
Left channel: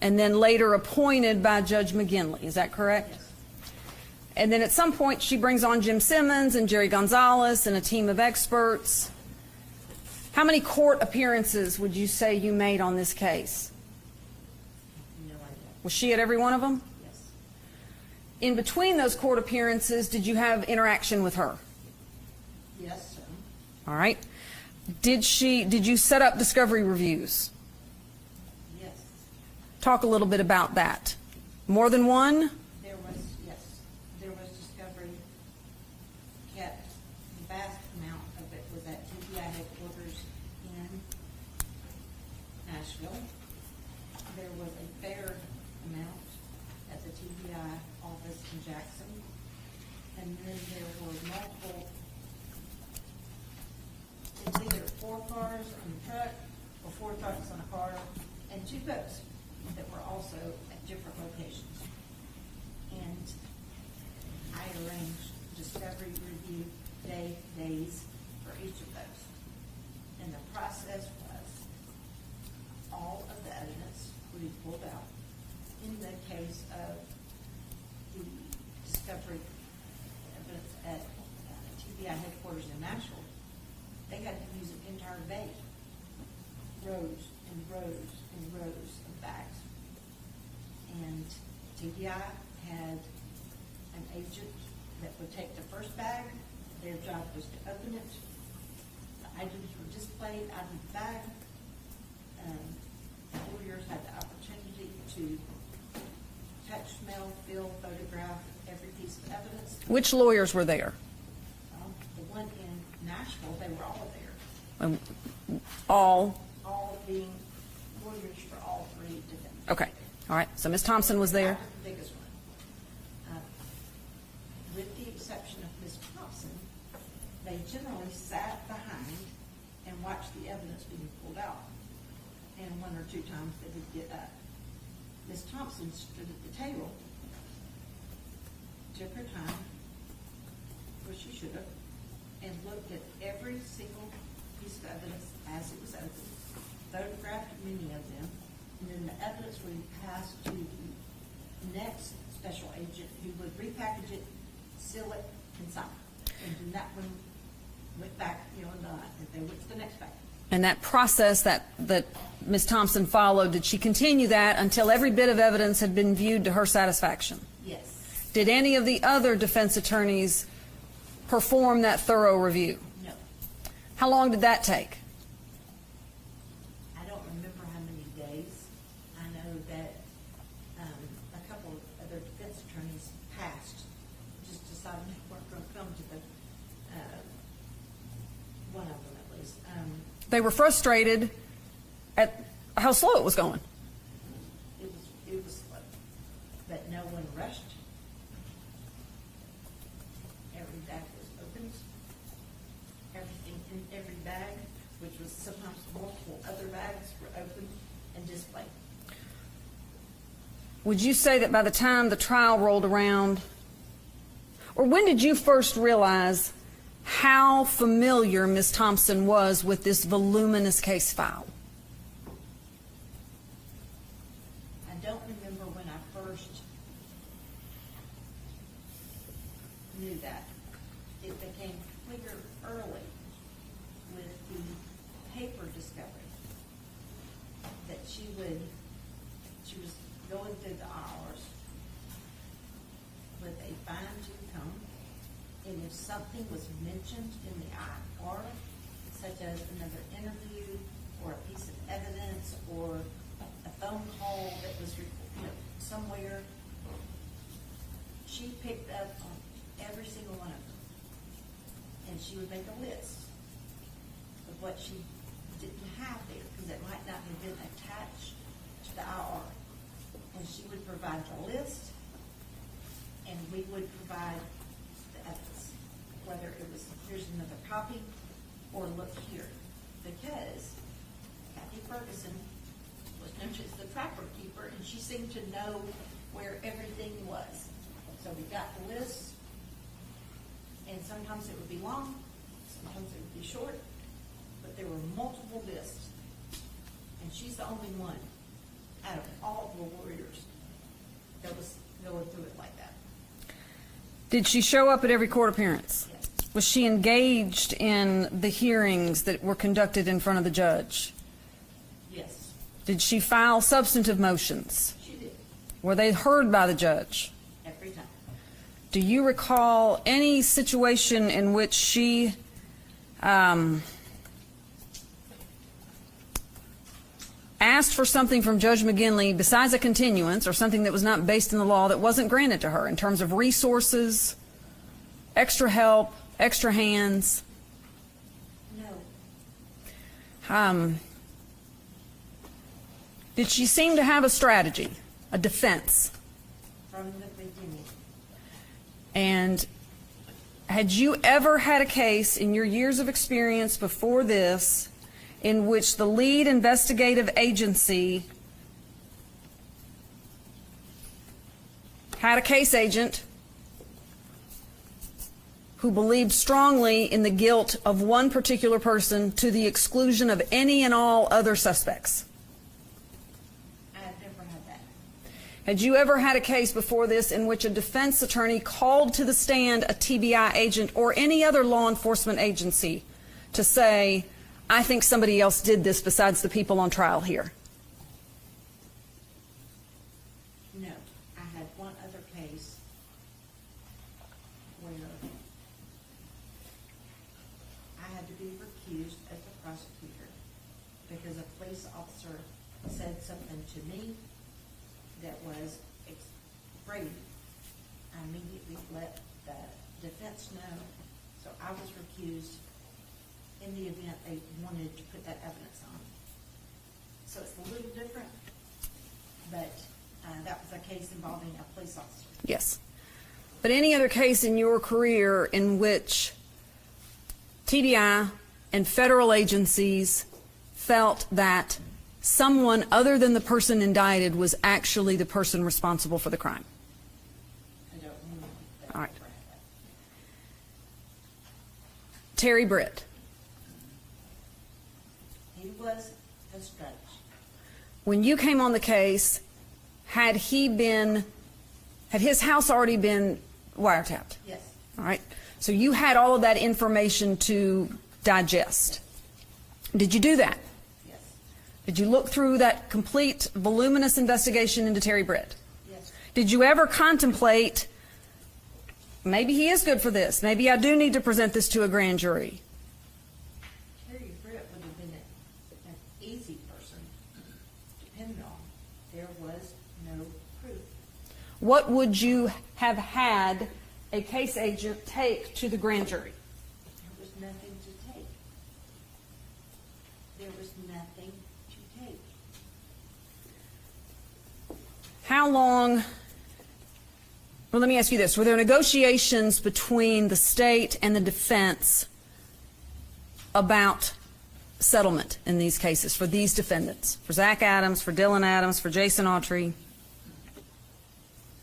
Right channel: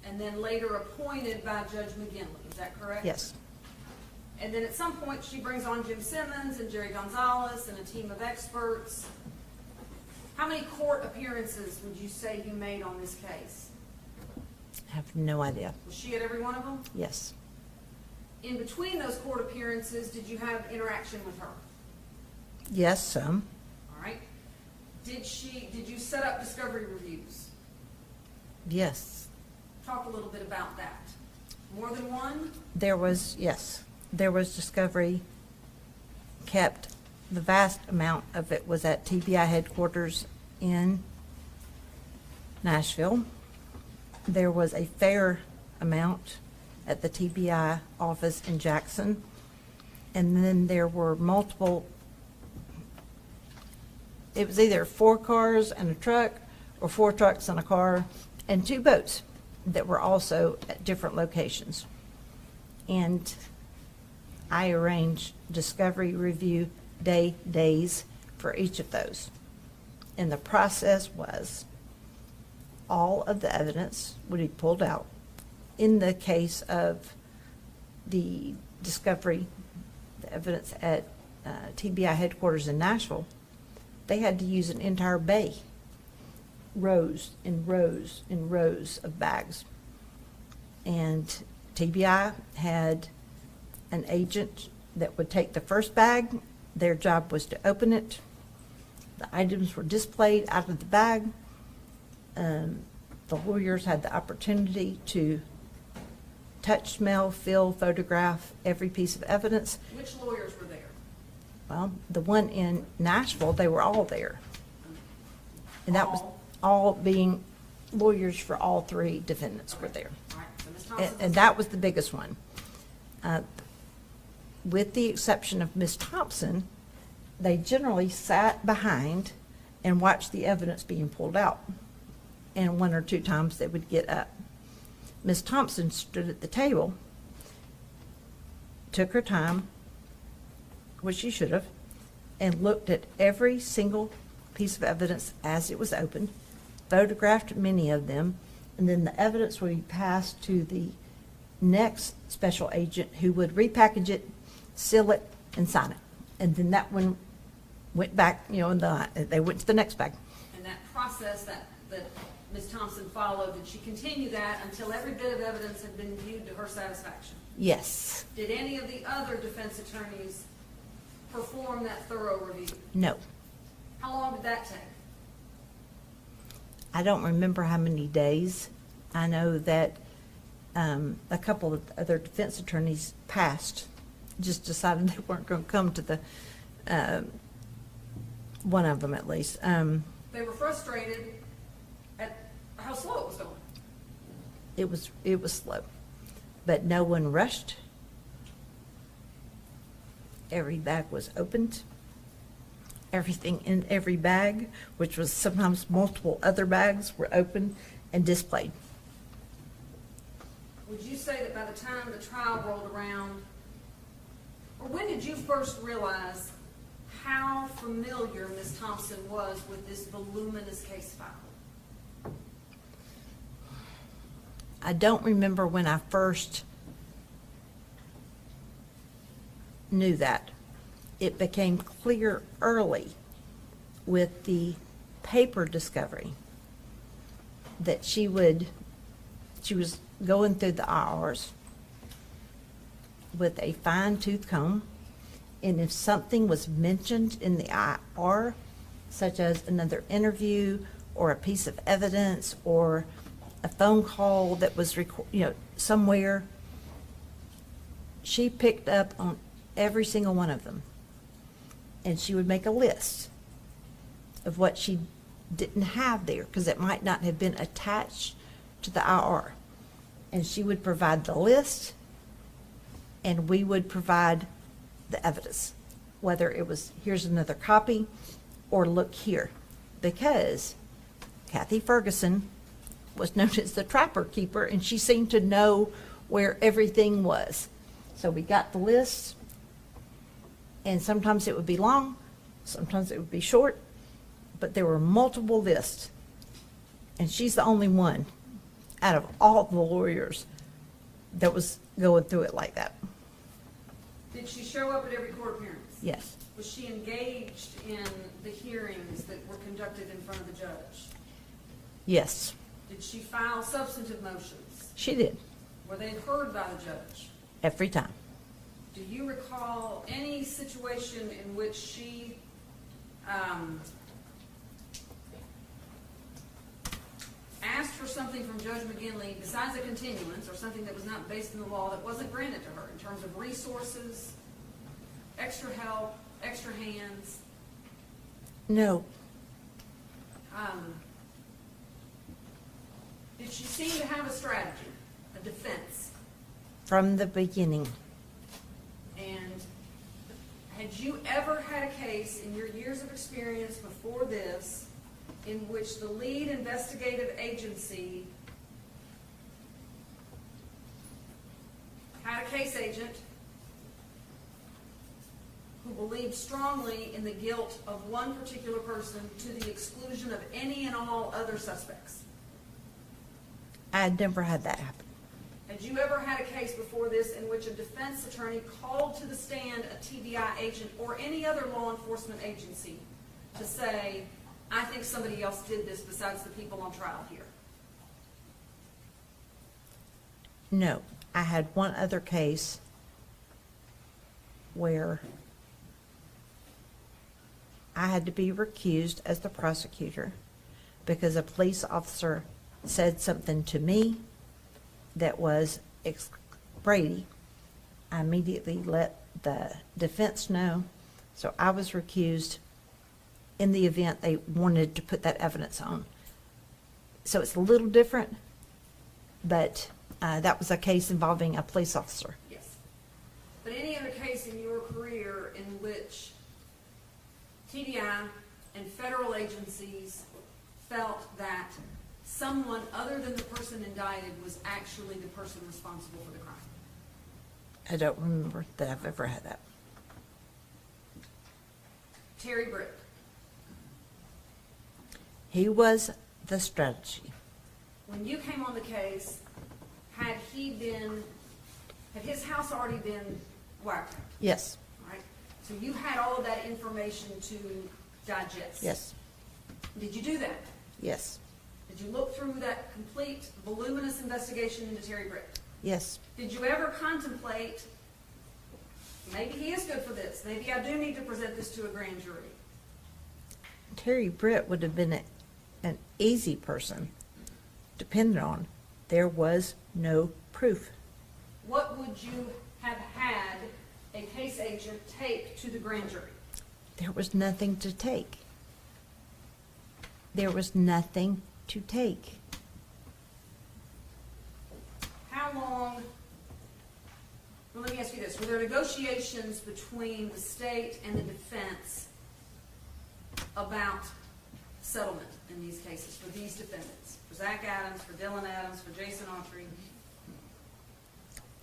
and then later appointed by Judge McGinley. Is that correct? Yes. And then at some point, she brings on Jim Simmons and Jerry Gonzalez and a team of experts. How many court appearances would you say you made on this case? I have no idea. Was she at every one of them? Yes. In between those court appearances, did you have interaction with her? Yes, some. All right. Did you set up discovery reviews? Yes. Talk a little bit about that. More than one? There was, yes, there was discovery kept. The vast amount of it was at TBI headquarters in Nashville. There was a fair amount at the TBI office in Jackson. And then there were multiple, it was either 4 cars and a truck, or 4 trucks and a car, and 2 boats that were also at different locations. And I arranged discovery review days for each of those. And the process was all of the evidence would be pulled out. In the case of the discovery, the evidence at TBI headquarters in Nashville, they had to use an entire bay, rows and rows and rows of bags. And TBI had an agent that would take the first bag. Their job was to open it. The items were displayed out of the bag. The lawyers had the opportunity to touch, smell, feel, photograph every piece of evidence. Which lawyers were there? Well, the one in Nashville, they were all there. And that was All, all being lawyers for all three defendants were okay, there. all right, so Ms. Thompson And was there. that was the biggest one. With the exception of Ms. Thompson, they generally sat behind and watched the evidence being pulled out. And one or two times they would get up. Ms. Thompson stood at the table, took her time, which she should have, and looked at every single piece of evidence as it was opened, photographed many of them, and then the evidence would be passed to the next special agent who would repackage it, seal it, and sign it. And then that one went back, and they went to the next bag. And that process that Ms. Thompson followed, did she continue that until every bit of evidence had been viewed to her satisfaction? Yes. Did any of the other defense attorneys perform that thorough review? No. How long did that take? I don't remember how many days. I know that a couple of other defense attorneys passed, just decided they weren't going to come to the, one of them at least. They were frustrated at how slow it was going. It was slow, but no one rushed. Every bag was opened. Everything in every bag, which was sometimes multiple other bags, were opened and displayed. Would you say that by the time the trial rolled around, or when did you first realize how familiar Ms. Thompson was with this voluminous case file? I don't remember when I first knew that. It became clear early with the paper discovery that she was going through the IRs with a fine-tooth comb, and if something was mentioned in the IR, such as another interview or a piece of evidence or a phone call that was somewhere, she picked up on every single one of them. And she would make a list of what she didn't have there, because it might not have been attached to the IR. And she would provide the list, and we would provide the evidence, whether it was, here's another copy, or look here. Because Kathy Ferguson was known as the trapper keeper, and she seemed to know where everything was. So we got the list, and sometimes it would be long, sometimes it would be short, but there were multiple lists. And she's the only one out of all the lawyers that was going through it like that. Did she show up at every court appearance? Yes. Was she engaged in the hearings that were conducted in front of the judge? Yes. Did she file substantive motions? She did. Were they heard by the judge? Every time. Do you recall any situation in which she asked for something from Judge McGinley besides a continuance or something that was not based in the law that wasn't granted to her in terms of resources, extra help, extra hands? No. Did she seem to have a strategy, a defense? From the beginning. And had you ever had a case in your years of experience before this in which the lead investigative agency had a case agent who believed strongly in the guilt of one particular person to the exclusion of any and all other suspects? I had never had that happen. Had you ever had a case before this in which a defense attorney called to the stand a TBI agent or any other law enforcement agency to say, I think somebody else did this besides the people on trial here? No. I had one other case where I had to be recused as the prosecutor because a police officer said something to me that was Brady. I immediately let the defense know, so I was recused in the event they wanted to put that evidence on. So it's a little different, but that was a case involving a police officer. Yes. But any other case in your career in which TBI and federal agencies felt that someone other than the person indicted was actually the person responsible for the crime? I don't remember that I've ever had that. Terry Britt. He was the strategy. When you came on the case, had his house already been wiretapped? Yes. All right. So you had all of that information to digest? Yes. Did you do that? Yes. Did you look through that complete, voluminous investigation into Terry Britt? Yes. Did you ever contemplate, maybe he is good for this, maybe I do need to present this to a grand jury? Terry Britt would have been an easy person to depend on. There was no proof. What would you have had a case agent take to the grand jury? There was nothing to take. There was nothing to take. How long, well, let me ask you this. Were there negotiations between the state and the defense about settlement in these cases for these defendants? For Zach Adams, for Dylan Adams, for Jason Autry?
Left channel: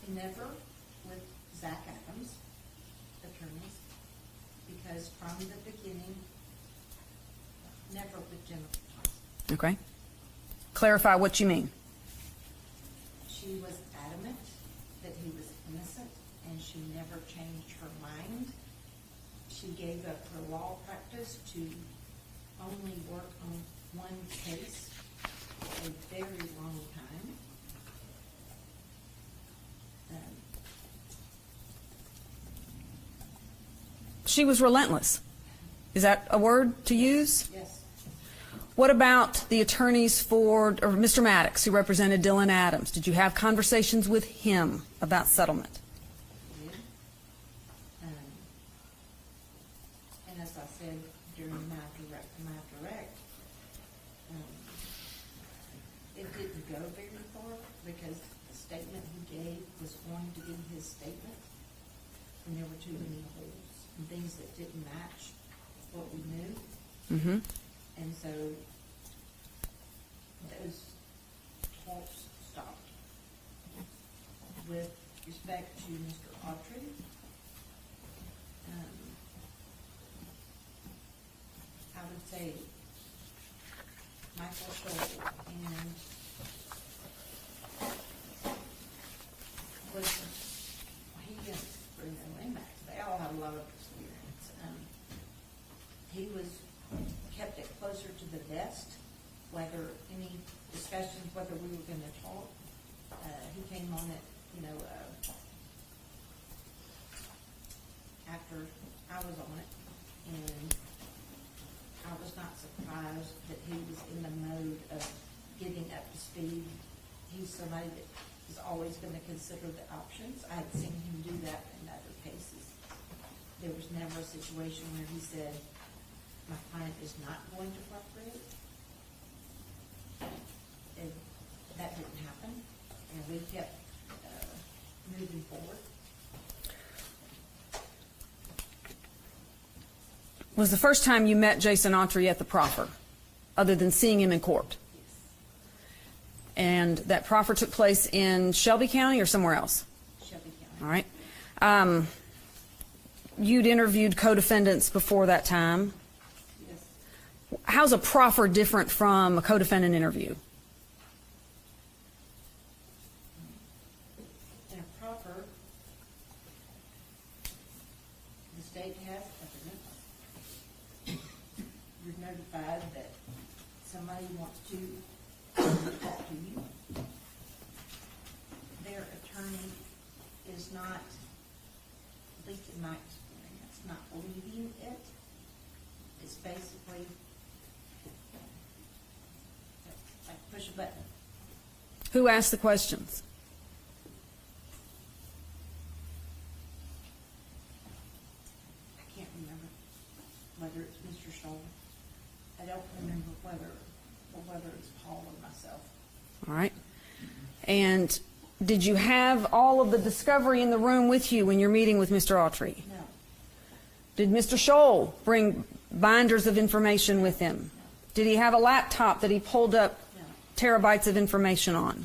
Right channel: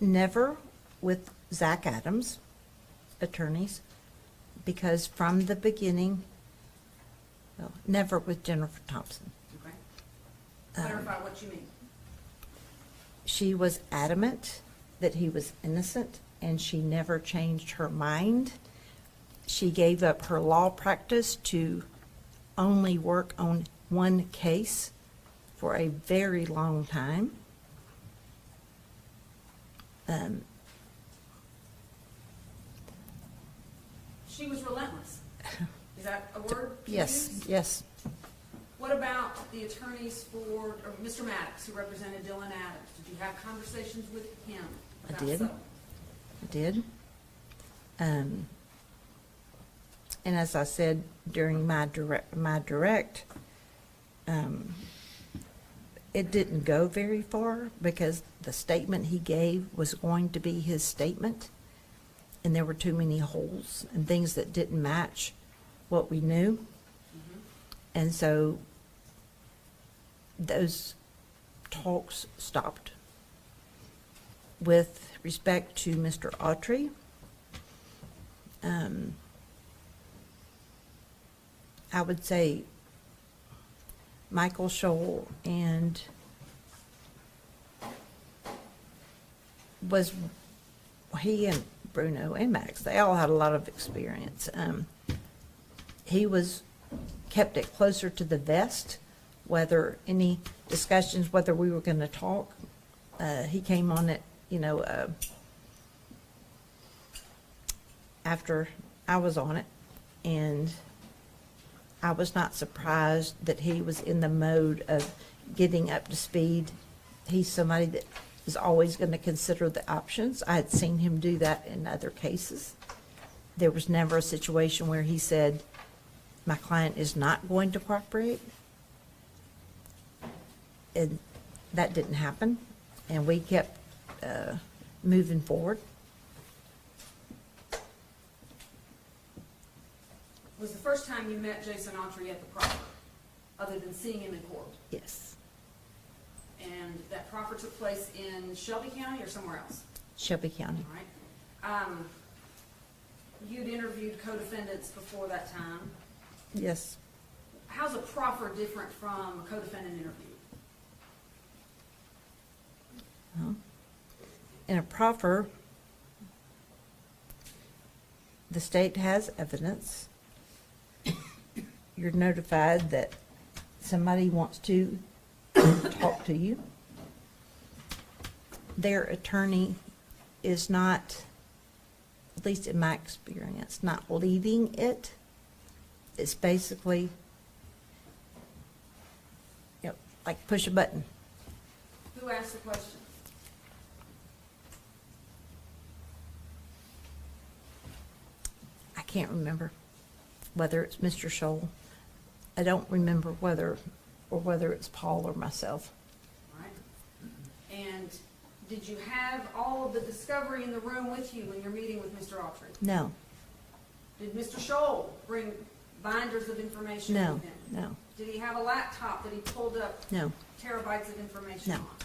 Never with Zach Adams' attorneys, because from the beginning, well, never with Jennifer Thompson. Okay. Clarify what you mean. She was adamant that he was innocent, and she never changed her mind. She gave up her law practice to only work on one case for a very long time. She was relentless. Is that a word to Yes, use? yes. What about the attorneys for, or Mr. Maddox, who represented Dylan Adams? Did you have conversations with him about Did. settlement? Did. And as I said during my direct, it didn't go very far because the statement he gave was going to be his statement, and there were too many holes and things that didn't match what we knew. Mm-hmm. And so those talks stopped. With respect to Mr. Autry, I would say Michael Scholl and he and Bruno and Max, they all had a lot of experience. He kept it closer to the vest, whether any discussions, whether we were going to talk. He came on it, after I was on it, and I was not surprised that he was in the mode of getting up to speed. He's somebody that is always going to consider the options. I had seen him do that in other cases. There was never a situation where he said, my client is not going to cooperate. And that didn't happen, and we kept moving forward. Was the first time you met Jason Autry at the proffer, other than seeing him in court? Yes. And that proffer took place in Shelby County or somewhere else? Shelby County. All right. You'd interviewed co-defendants before that time. Yes. How's a proffer different from a co-defendant interview? Well, in a proffer, the state has evidence. You're notified that somebody wants to talk to you. Their attorney is not, at least in my experience, not leading it. It's basically, like push a button. Who asked the questions? I can't remember whether it's Mr. Scholl I don't remember whether it's Paul or myself. All right. And did you have all of the discovery in the room with you when you're meeting with Mr. Autry? No. Did Mr. Scholl bring binders of information No, with him? no. Did he have a laptop that he pulled up No. terabytes of information on?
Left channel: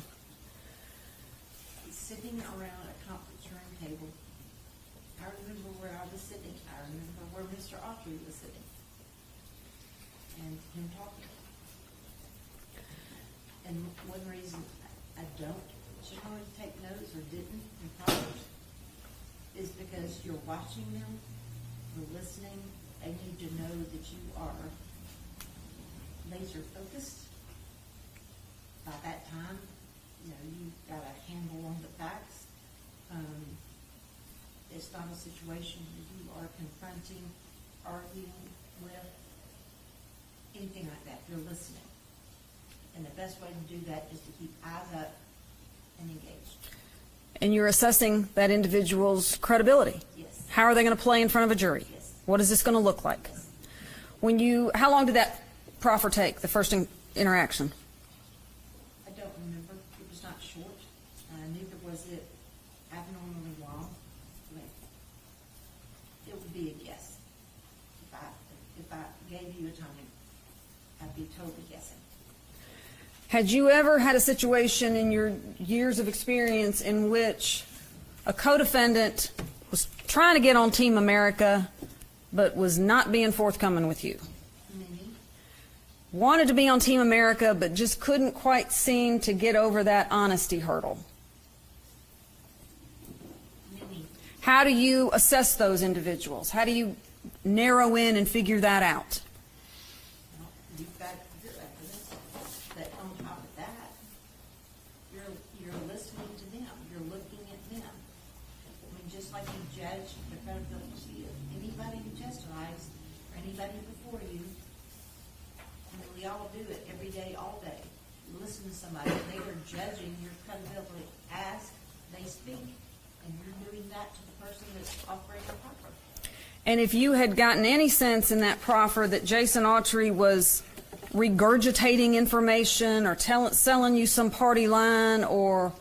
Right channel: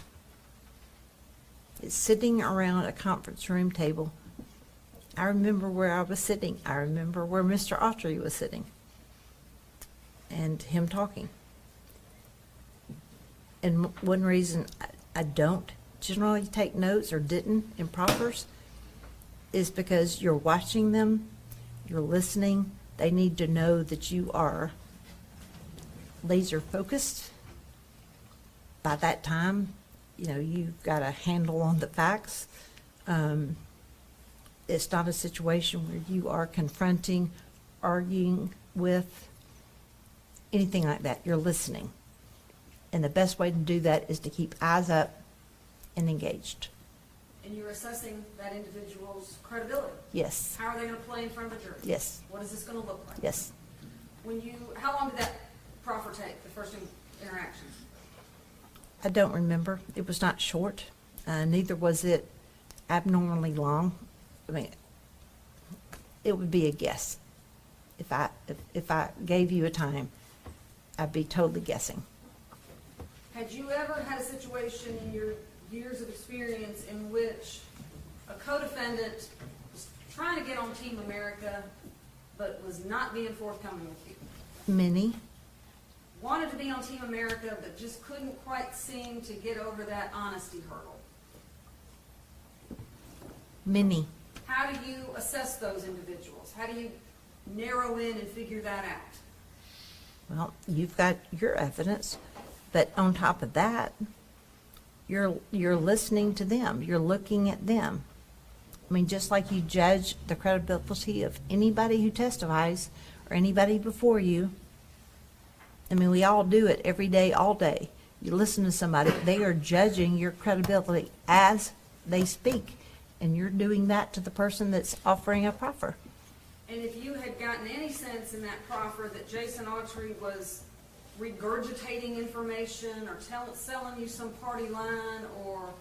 It's sitting around a conference room table. I remember where I was sitting. I remember where Mr. Autry was sitting. And him talking. And one reason I don't generally take notes or didn't in proffers is because you're watching them, you're listening. They need to know that you are laser focused. By that time, you know, you've got a handle on the facts. It's not a situation where you are confronting, arguing with, anything like that. You're listening. And the best way to do that is to keep eyes up and engaged. And you're assessing that individual's credibility? Yes. How are they going to play in front of a jury? Yes. What is this going to look like? Yes. How long did that proffer take, the first interaction? I don't remember. It was not short. Neither was it abnormally long. I mean, it would be a guess. If I gave you a time, I'd be totally guessing. Had you ever had a situation in your years of experience in which a co-defendant was trying to get on Team America but was not being forthcoming with you? Many. Wanted to be on Team America but just couldn't quite seem to get over that honesty hurdle? Many. How do you assess those individuals? How do you narrow in and figure that out? Well, you've got your evidence, but on top of that, you're listening to them. You're looking at them. I mean, just like you judge the credibility of anybody who testifies or anybody before you. I mean, we all do it every day, all day. You listen to somebody, they are judging your credibility as they speak, and you're doing that to the person that's offering a proffer. And if you had gotten any sense in that proffer that Jason Autry was regurgitating information or selling you some party line or,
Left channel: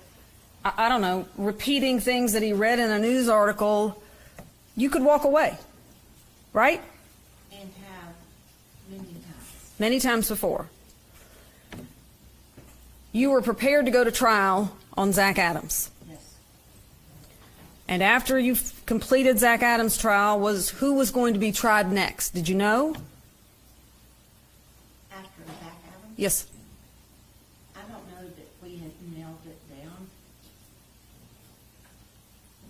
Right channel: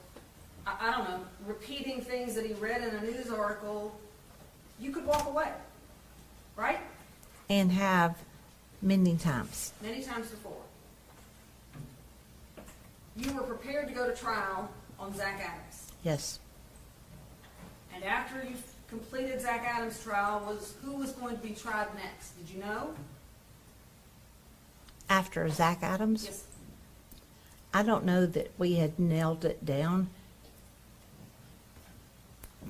I don't know, repeating things that he read in a news article, you could walk away, right? And have many times. Many times before. You were prepared to go to trial on Zach Adams. Yes. And after you completed Zach Adams' trial, who was going to be tried next? Did you know? After Zach Adams? Yes. I don't know that we had nailed it down.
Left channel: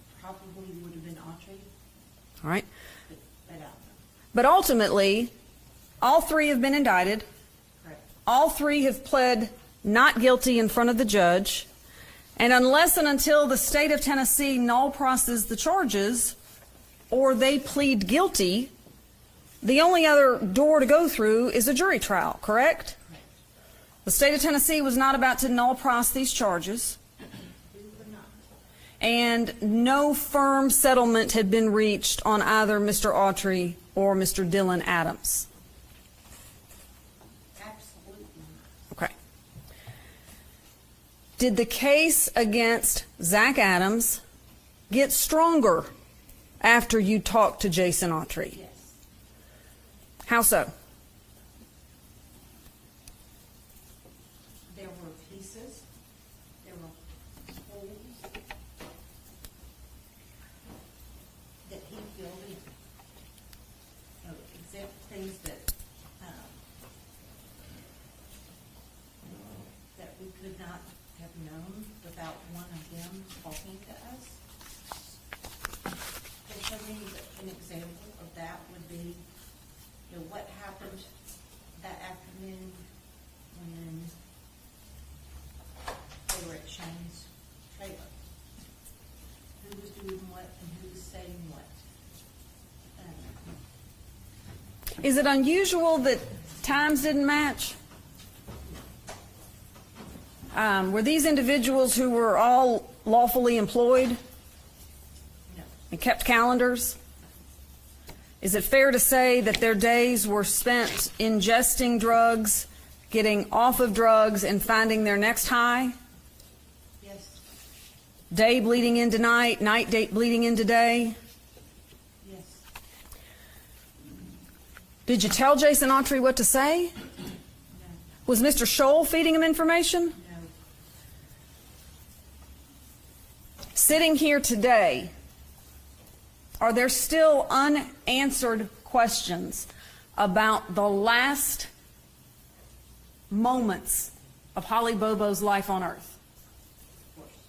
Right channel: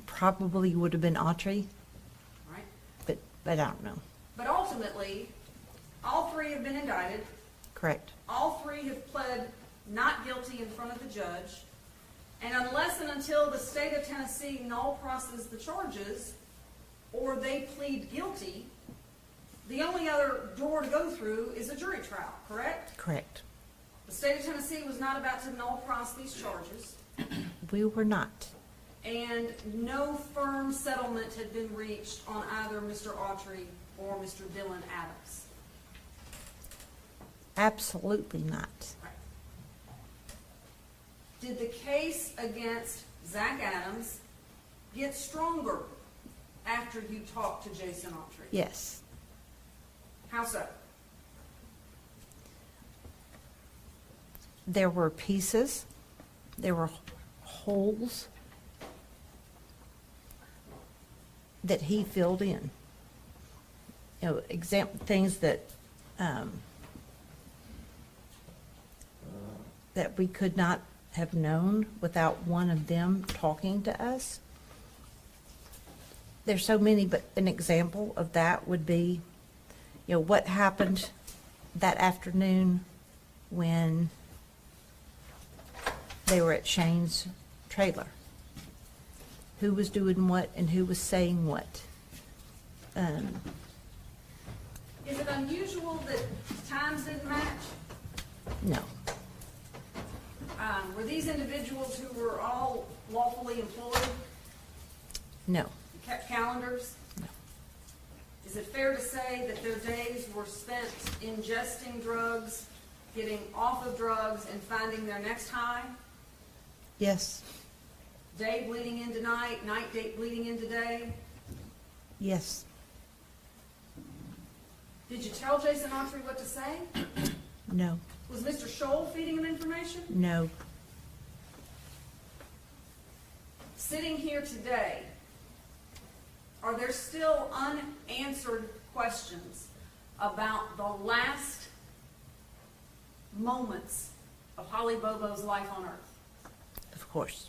Probably would have been Autry. All right. But I don't know. But ultimately, all three have been indicted. Correct. All three have pled not guilty in front of the judge. And unless and until the state of Tennessee null processes the charges or they plead guilty, the only other door to go through is a jury trial, correct? Correct. The state of Tennessee was not about to null process these charges. We were not. And no firm settlement had been reached on either Mr. Autry or Mr. Dylan Adams. Absolutely not. Okay. Did the case against Zach Adams get stronger after you talked to Jason Autry? Yes. How so? There were pieces. There were holes that he filled in. You know, things that that we could not have known without one of them talking to us. There's so many, but an example of that would be, you know, what happened that afternoon when they were at Shane's trailer. Who was doing what and who was saying what. Is it unusual that times didn't match? No. Were these individuals who were all lawfully employed No. and kept calendars? Is it fair to say that their days were spent ingesting drugs, getting off of drugs, and finding their next high? Yes, Day bleeding into night, night bleeding into day? yes, Did you tell Jason Autry what to say? no, Was Mr. Scholl feeding him information? no. Sitting here today, are there still unanswered questions about the last moments of Holly Bobo's life on earth? Of course.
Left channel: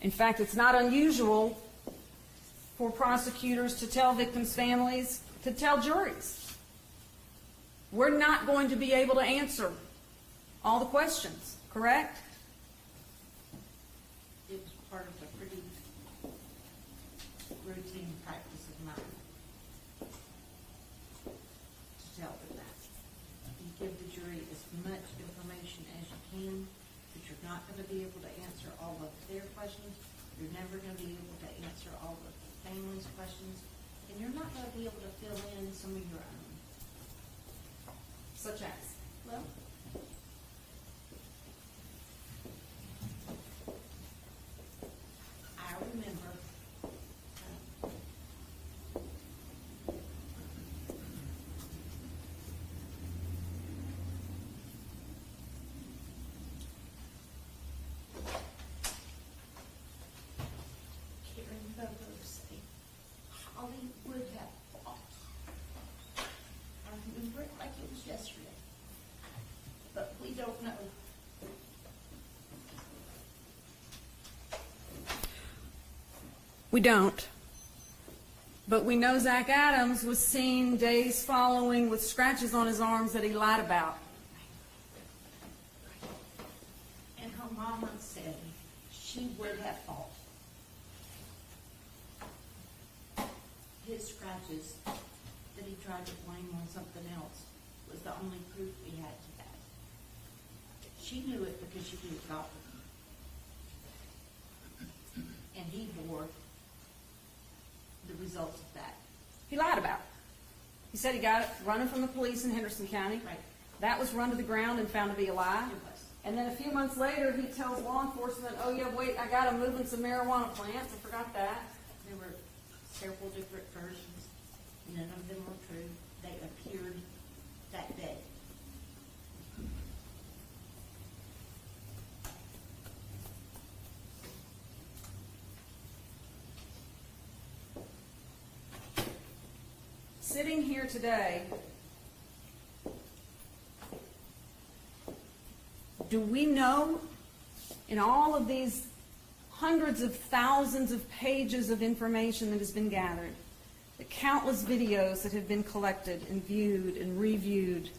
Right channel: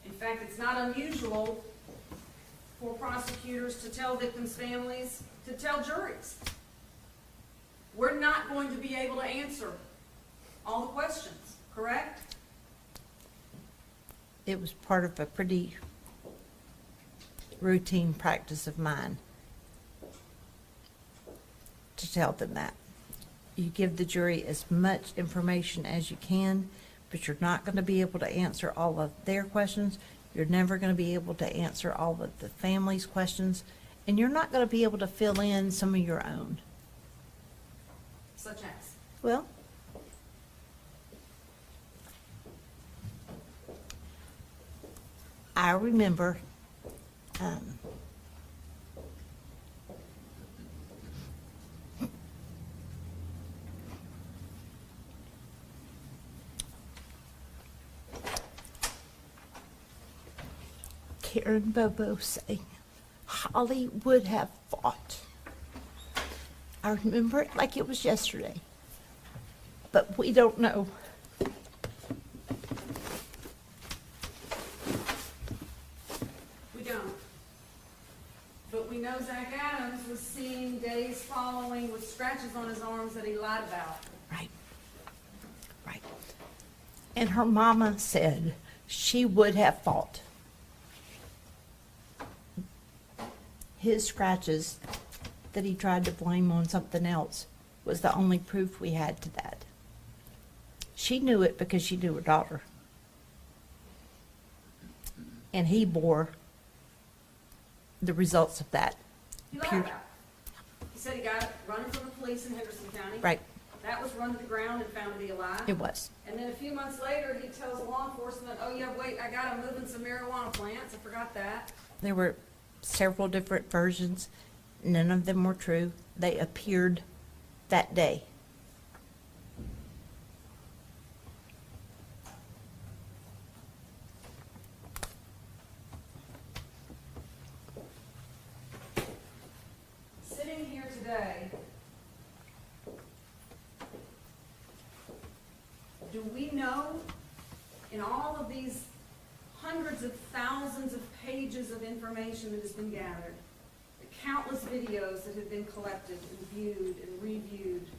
In fact, it's not unusual for prosecutors to tell victims' families, to tell juries, we're not going to be able to answer all the questions, correct? It was part of a pretty routine practice of mine to tell them that. You give the jury as much information as you can, but you're not going to be able to answer all of their questions. You're never going to be able to answer all of the family's questions, and you're not going to be able to fill in some of your own. Such as? Well, I remember Karen Bobo saying Holly would have fought. I remember it like it was yesterday, but we don't know. We don't. But we know Zach Adams was seen days following with scratches on his arms that he lied about. Right. Right. And her mama said she would have fought. His scratches that he tried to blame on something else was the only proof we had to that. She knew it because she knew her daughter. And he bore the results of that. He lied about it. He said he got it running from the police in Henderson County. Right. That was run to the ground and found to be a lie. It was. And then a few months later, he tells law enforcement, oh yeah, wait, I got him moving some marijuana plants. I forgot that. There were several different versions. None of them were true. They appeared that day. Sitting here today, do we know in all of these hundreds of thousands of pages of information that has been gathered, the countless videos that have been collected and viewed and reviewed,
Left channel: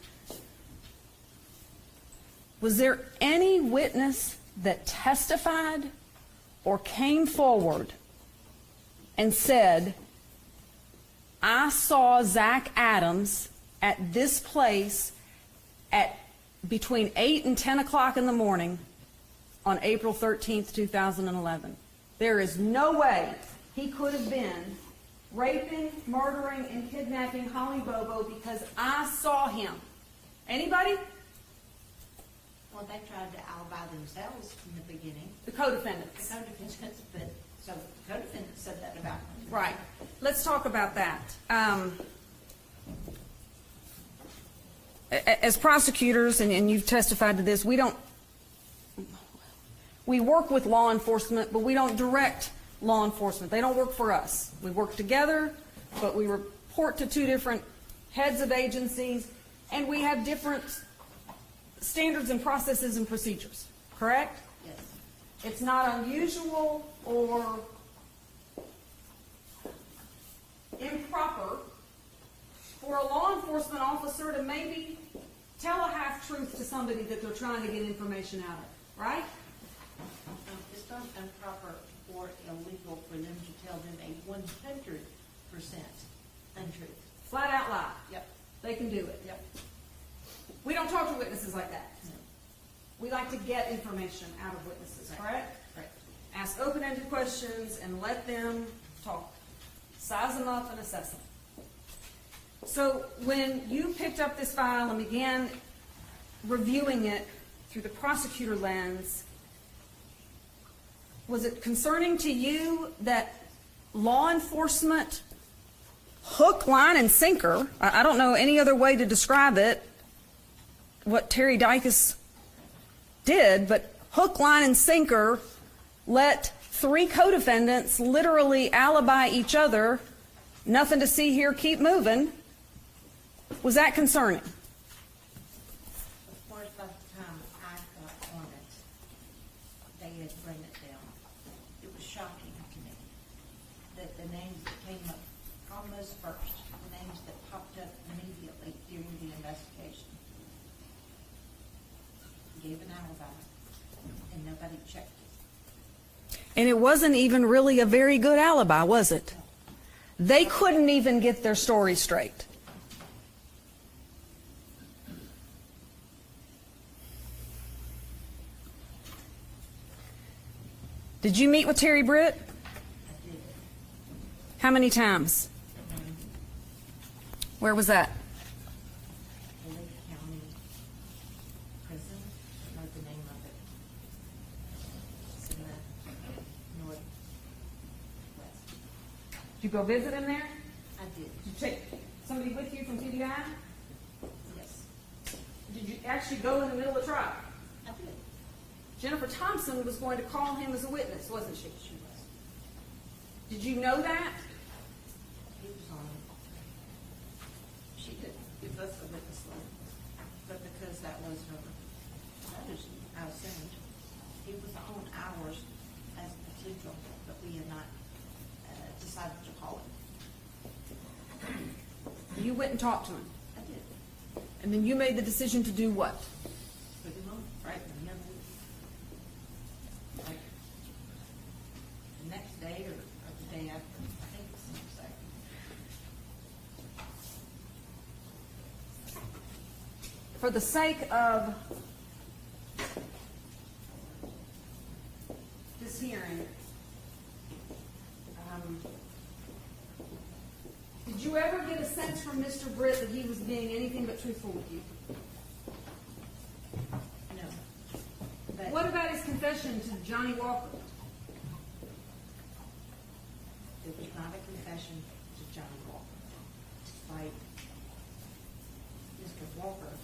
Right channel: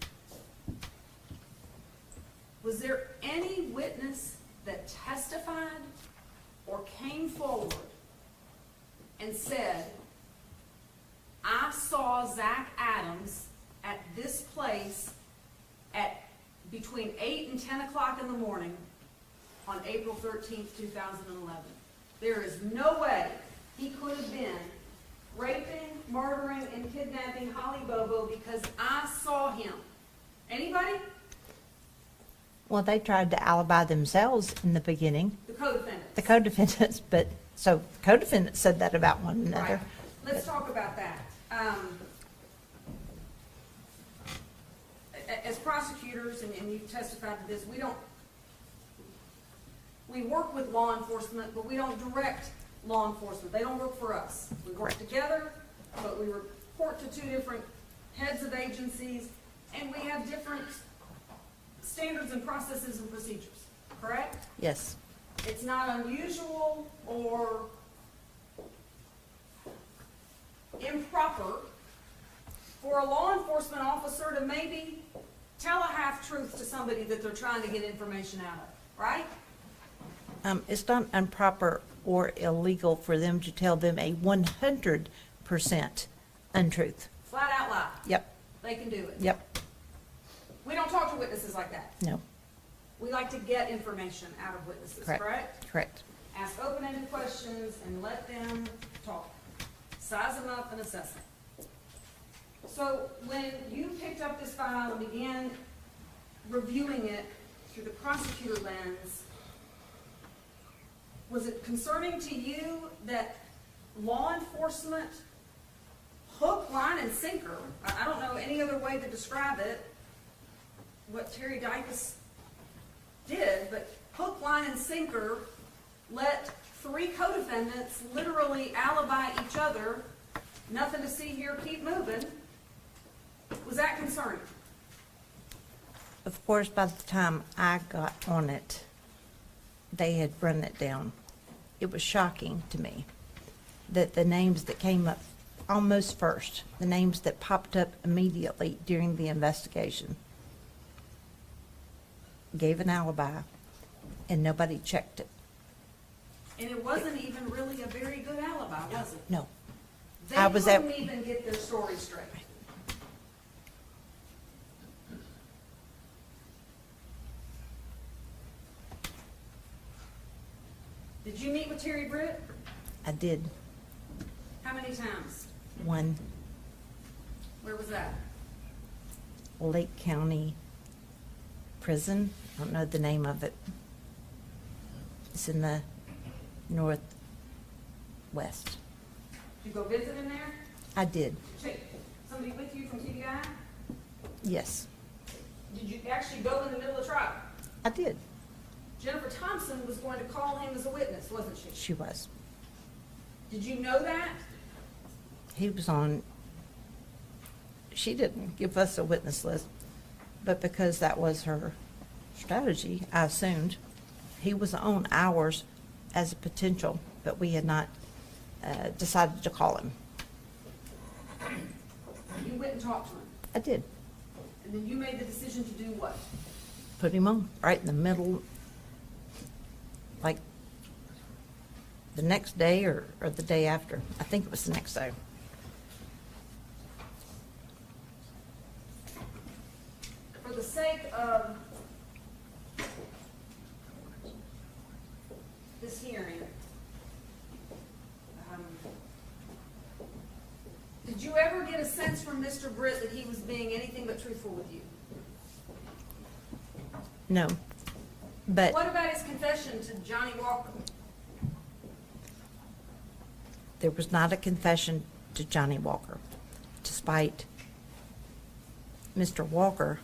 was there any witness that testified or came forward and said, I saw Zach Adams at this place at between 8 and 10 o'clock in the morning on April 13th, 2011. There is no way he could have been raping, murdering, and kidnapping Holly Bobo because I saw him. Anybody? Well, they tried to alibi themselves in the beginning, The co-defendants. the co-defendants, but, so co-defendants said that about one another. Right. Let's talk about that. As prosecutors, and you've testified to this, we work with law enforcement, but we don't direct law enforcement. They don't work for us. We work together, but we report to two different heads of agencies, and we have different standards and processes and procedures, correct? Yes. It's not unusual or improper for a law enforcement officer to maybe tell a half-truth to somebody that they're trying to get information out of, right? It's not improper or illegal for them to tell them a 100% untruth. Flat out lie. Yep, They can do it. yep, We don't talk to witnesses like that. no, We like to get information out of witnesses, correct, correct? correct. Ask open-ended questions and let them talk. size them up and assess them. So when you picked up this file and began reviewing it through the prosecutor lens, was it concerning to you that law enforcement, hook, line, and sinker, I don't know any other way to describe it, what Terry Dykes did, but hook, line, and sinker let 3 co-defendants literally alibi each other, nothing to see here, keep moving? Was that concerning? Of course, by the time I got on it, they had run it down. It was shocking to me that the names that came up almost first, the names that popped up immediately during the investigation, gave an alibi, and nobody checked it. And it wasn't even really a very good alibi, was it? No. They I was couldn't at- even get their story straight. Did you meet with Terry Britt? I did. How many times? One Where was that? Lake County Prison. I don't know the name of it. It's in the northwest. Did you go visit him there? I did, Did you take somebody with you from TBI? yes, Did you actually go in the middle of the trial? I did. Jennifer Thompson was going to call him as a witness, wasn't she? She was. Did you know that? He was on, she didn't give us a witness list, but because that was her strategy, I assumed, he was on ours as a potential, but we had not decided to call him. You went and talked to him, I did. and then you made the decision to do what? Put him on, right in the middle, like the next day or the day after. I think it was the next day. For the sake of this hearing, did you ever get a sense from Mr. Britt that he was being anything but truthful with you? No, but What about his confession to Johnny Walker? there was not a confession to Johnny Walker, despite Mr. Walker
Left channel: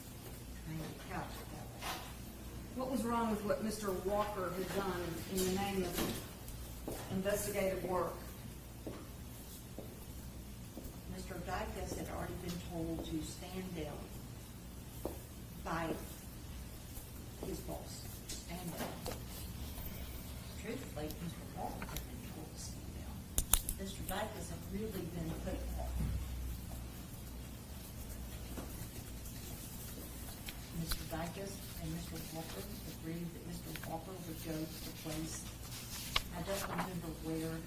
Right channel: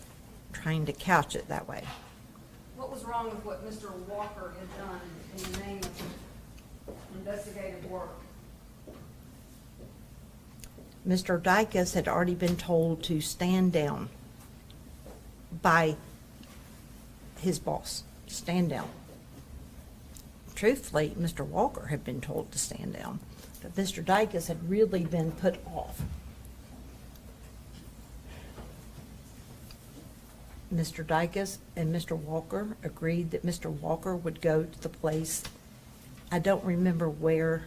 trying to couch it that way. What was wrong with what Mr. Walker had done in the name of investigative work? Mr. Dykes had already been told to stand down by his boss, stand down. Truthfully, Mr. Walker had been told to stand down, but Mr. Dykes had really been put off. Mr. Dykes and Mr. Walker agreed that Mr. Walker would go to the place, I don't remember where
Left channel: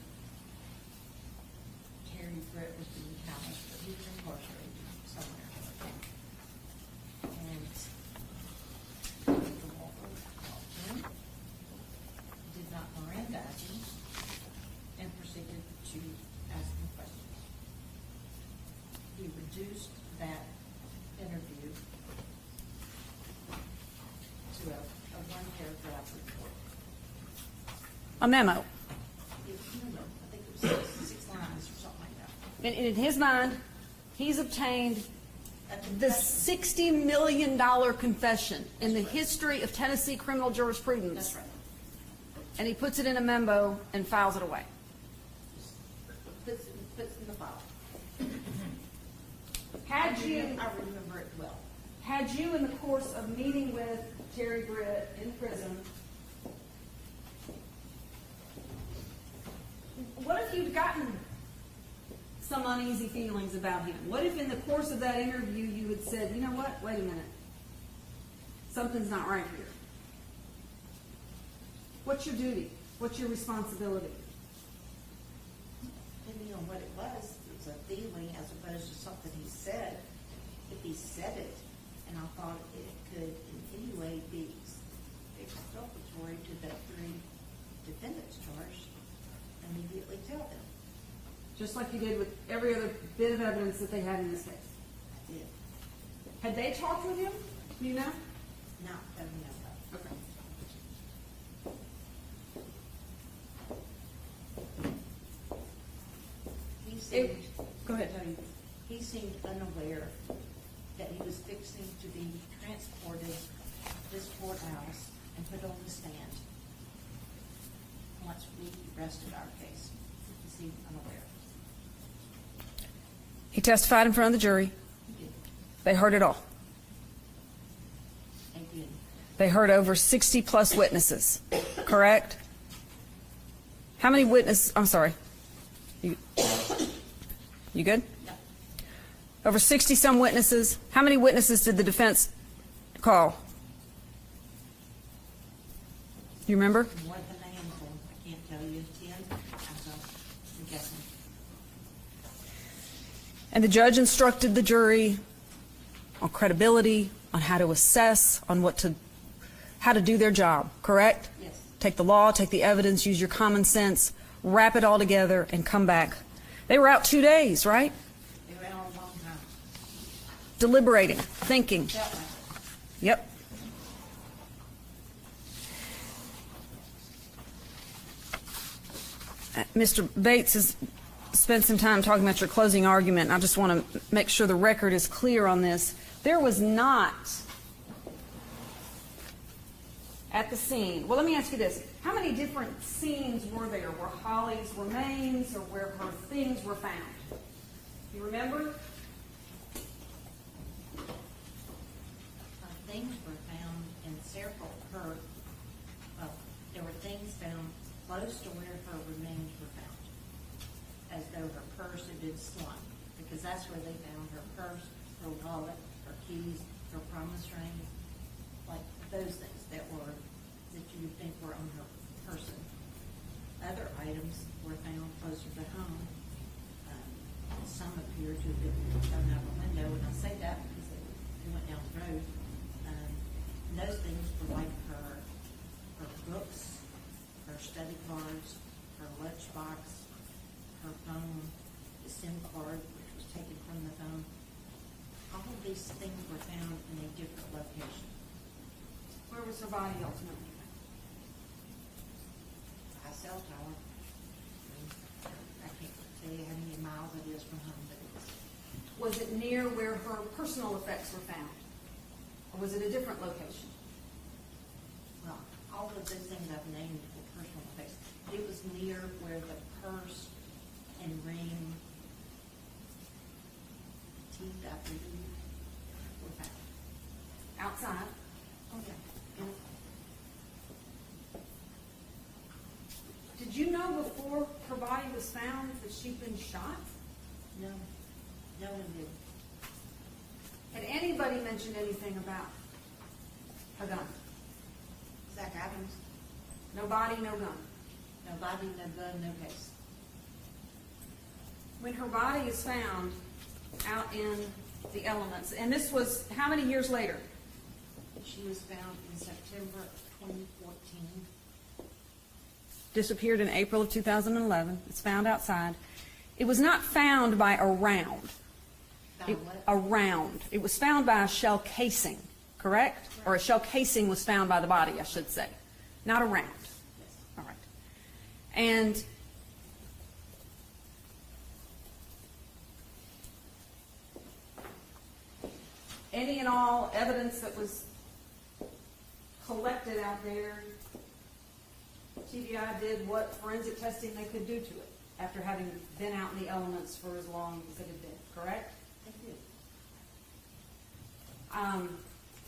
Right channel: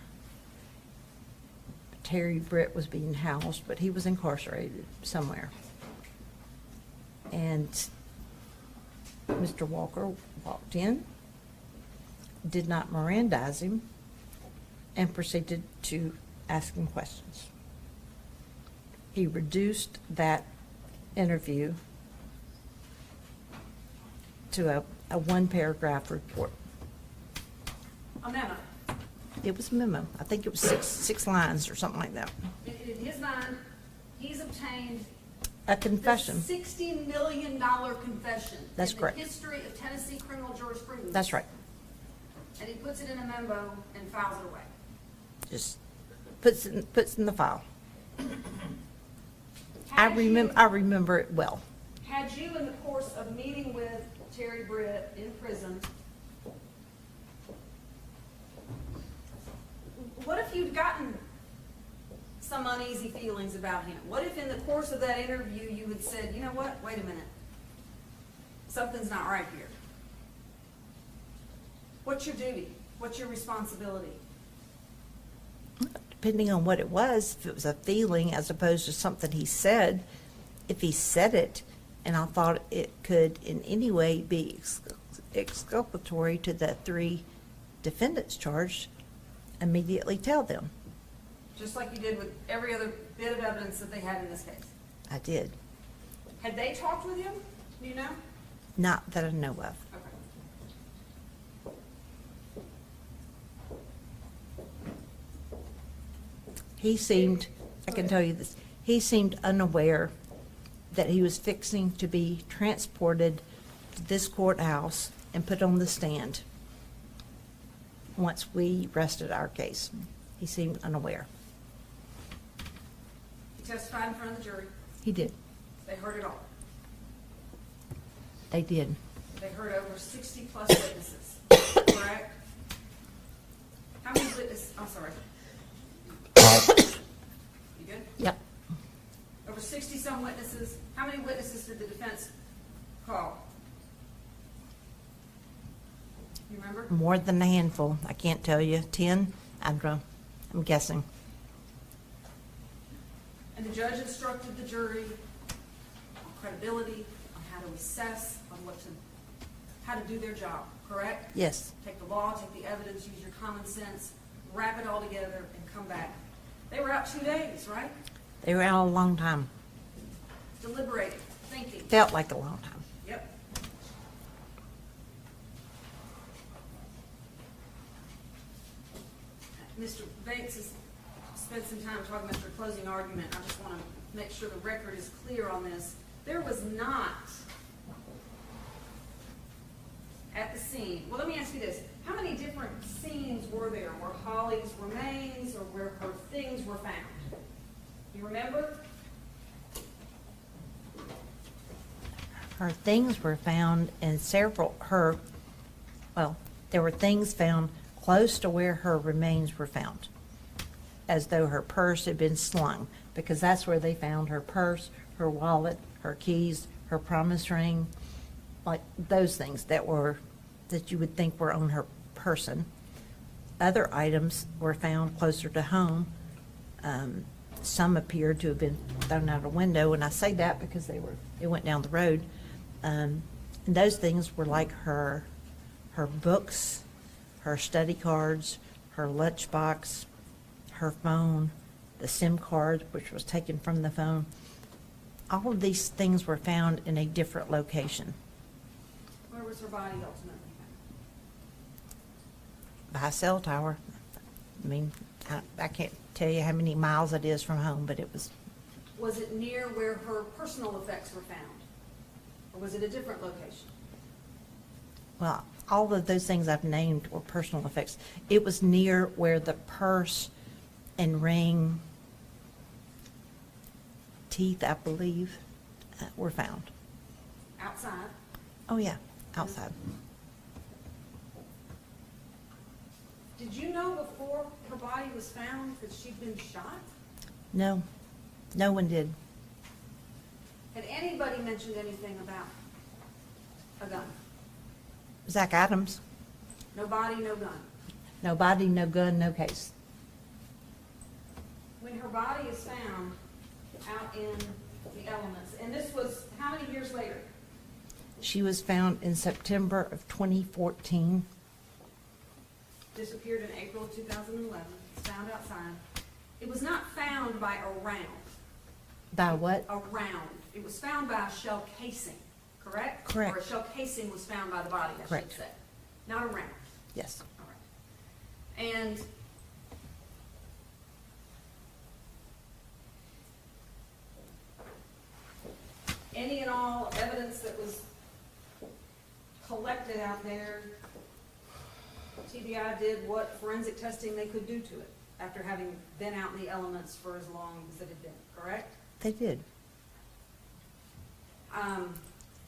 Terry Britt was being housed, but he was incarcerated somewhere. And Mr. Walker walked in, did not Mirandize him, and proceeded to ask him questions. He reduced that interview to a one-paragraph report. A memo. It was a memo. I think it was six lines or something like that. And in his mind, he's obtained A the confession. $60 million confession That's in the correct. history of Tennessee criminal jurisprudence. That's right. And he puts it in a memo and files it away. Just puts in the file. Had you- I remember it well. Had you, in the course of meeting with Terry Britt in prison, what if you'd gotten some uneasy feelings about him? What if in the course of that interview you had said, you know what, wait a minute, something's not right here? What's your duty? What's your responsibility? Depending on what it was, if it was a feeling as opposed to something he said, if he said it, and I thought it could in any way be exculpatory to the 3 defendants charged, immediately tell them. just like you did with every other bit of evidence that they had in this case. I did. Had they talked with him, do you know? Not that I know of. Okay. He seemed, I Go can ahead. tell you this, he seemed unaware that he was fixing to be transported to this courthouse and put on the stand once we rested our case. He seemed unaware. He testified in front of the jury. He did. They heard it all. They did. They heard over 60-plus witnesses, correct? How many I'm sorry. You good? Yep. Over 60-some witnesses. How many witnesses did the defense call? You remember? More than a handful. I can't tell you. 10? I'm guessing. And the judge instructed the jury on credibility, on how to assess, on how to do their job, correct? Yes. Take the law, take the evidence, use your common sense, wrap it all together, and come back. They were out 2 days, right? They were out a long time. Deliberating, thinking. Felt like a long time. Yep. Mr. Bates has spent some time talking about your closing argument. I just want to make sure the record is clear on this. There was not at the scene. Well, let me ask you this. How many different scenes were there where Holly's remains or where her things were found? You remember? Her things were found in there were things found close to where her remains were found, as though her purse had been slung, because that's where they found her purse, her wallet, her keys, her promise ring, like those things that you would think were on her person. Other items were found closer to home. Some appeared to have been thrown out a window, and I say that because they went down the road. And those things were like her books, her study cards, her lunchbox, her phone, the SIM card, which was taken from the phone. All of these things were found in a different location. Where was her body ultimately found? By a cell tower. I mean, I can't tell you how many miles it is from home, but it was. Was it near where her personal effects were found? Or was it a different location? Well, all of those things I've named were personal effects. It was near where the purse and ring, teeth, I believe, were found. Outside? Oh, yeah, outside. Did you know before her body was found that she'd been shot? No, no one did. Had anybody mentioned anything about a gun? Zach Adams, No body, no gun. no body, no gun, no case. When her body is found out in the elements, and this was how many years later? She was found in September of 2014. Disappeared in April of 2011. It's found outside. It was not found by a round. By what? A round. It was found by a shell casing, correct? Correct. Or a shell casing was found by the body, I should Correct. say. Not a round. Yes. All right. And any and all evidence that was collected out there, TBI did what forensic testing they could do to it after having been out in the elements for as long as it had been, correct? They did.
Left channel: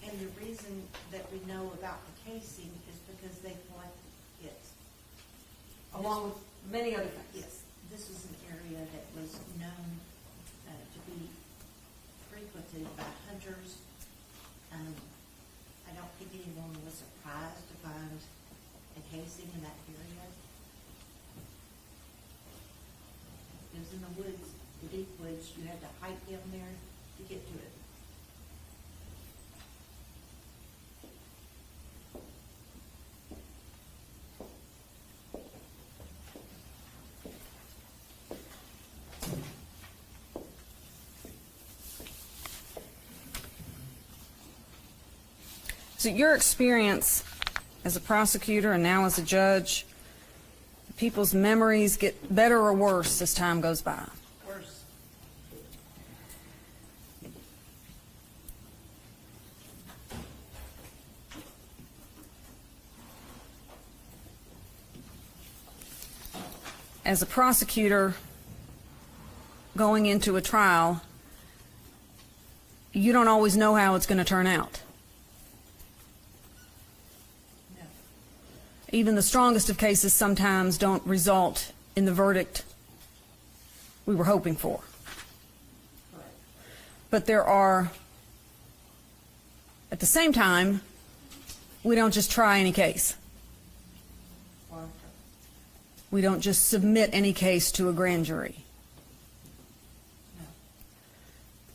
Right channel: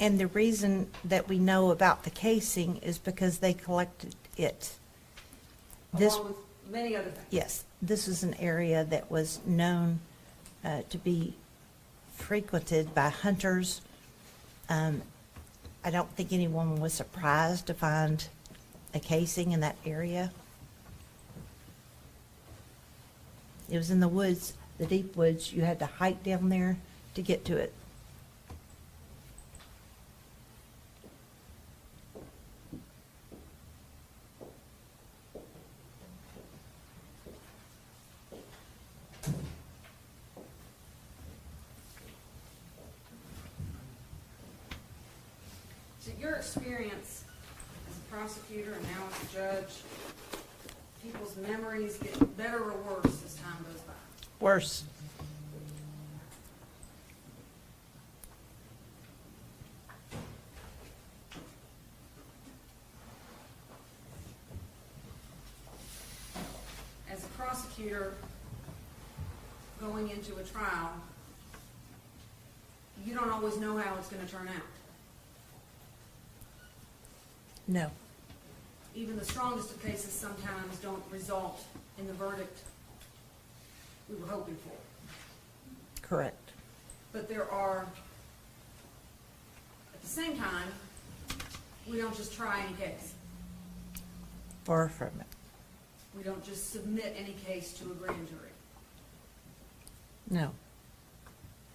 And the reason that we know about the casing is because they collected it. This, Along with many other things. yes, this is an area that was known to be frequented by hunters. I don't think anyone was surprised to find a casing in that area. It was in the woods, the deep woods. You had to hike down there to get to it. So your experience as a prosecutor and now as a judge, people's memories get better or worse as time goes by? Worse. As a prosecutor going into a trial, you don't always know how it's going to turn out. No. Even the strongest of cases sometimes don't result in the verdict we were hoping for. Correct. But there are, at the same time, we don't just try any case. Far from it. We don't just submit any case to a grand jury. No.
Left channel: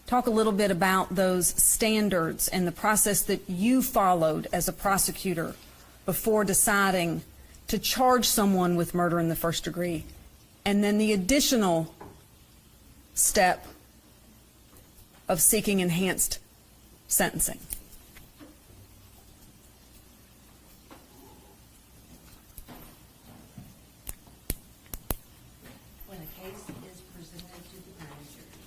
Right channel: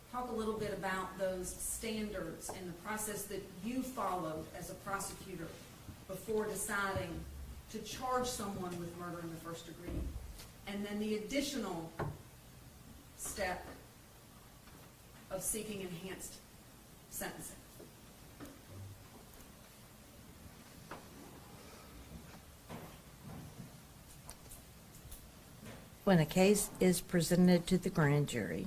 Talk a little bit about those standards and the process that you followed as a prosecutor before deciding to charge someone with murder in the first degree, and then the additional step of seeking enhanced sentencing. When a case is presented to the grand jury,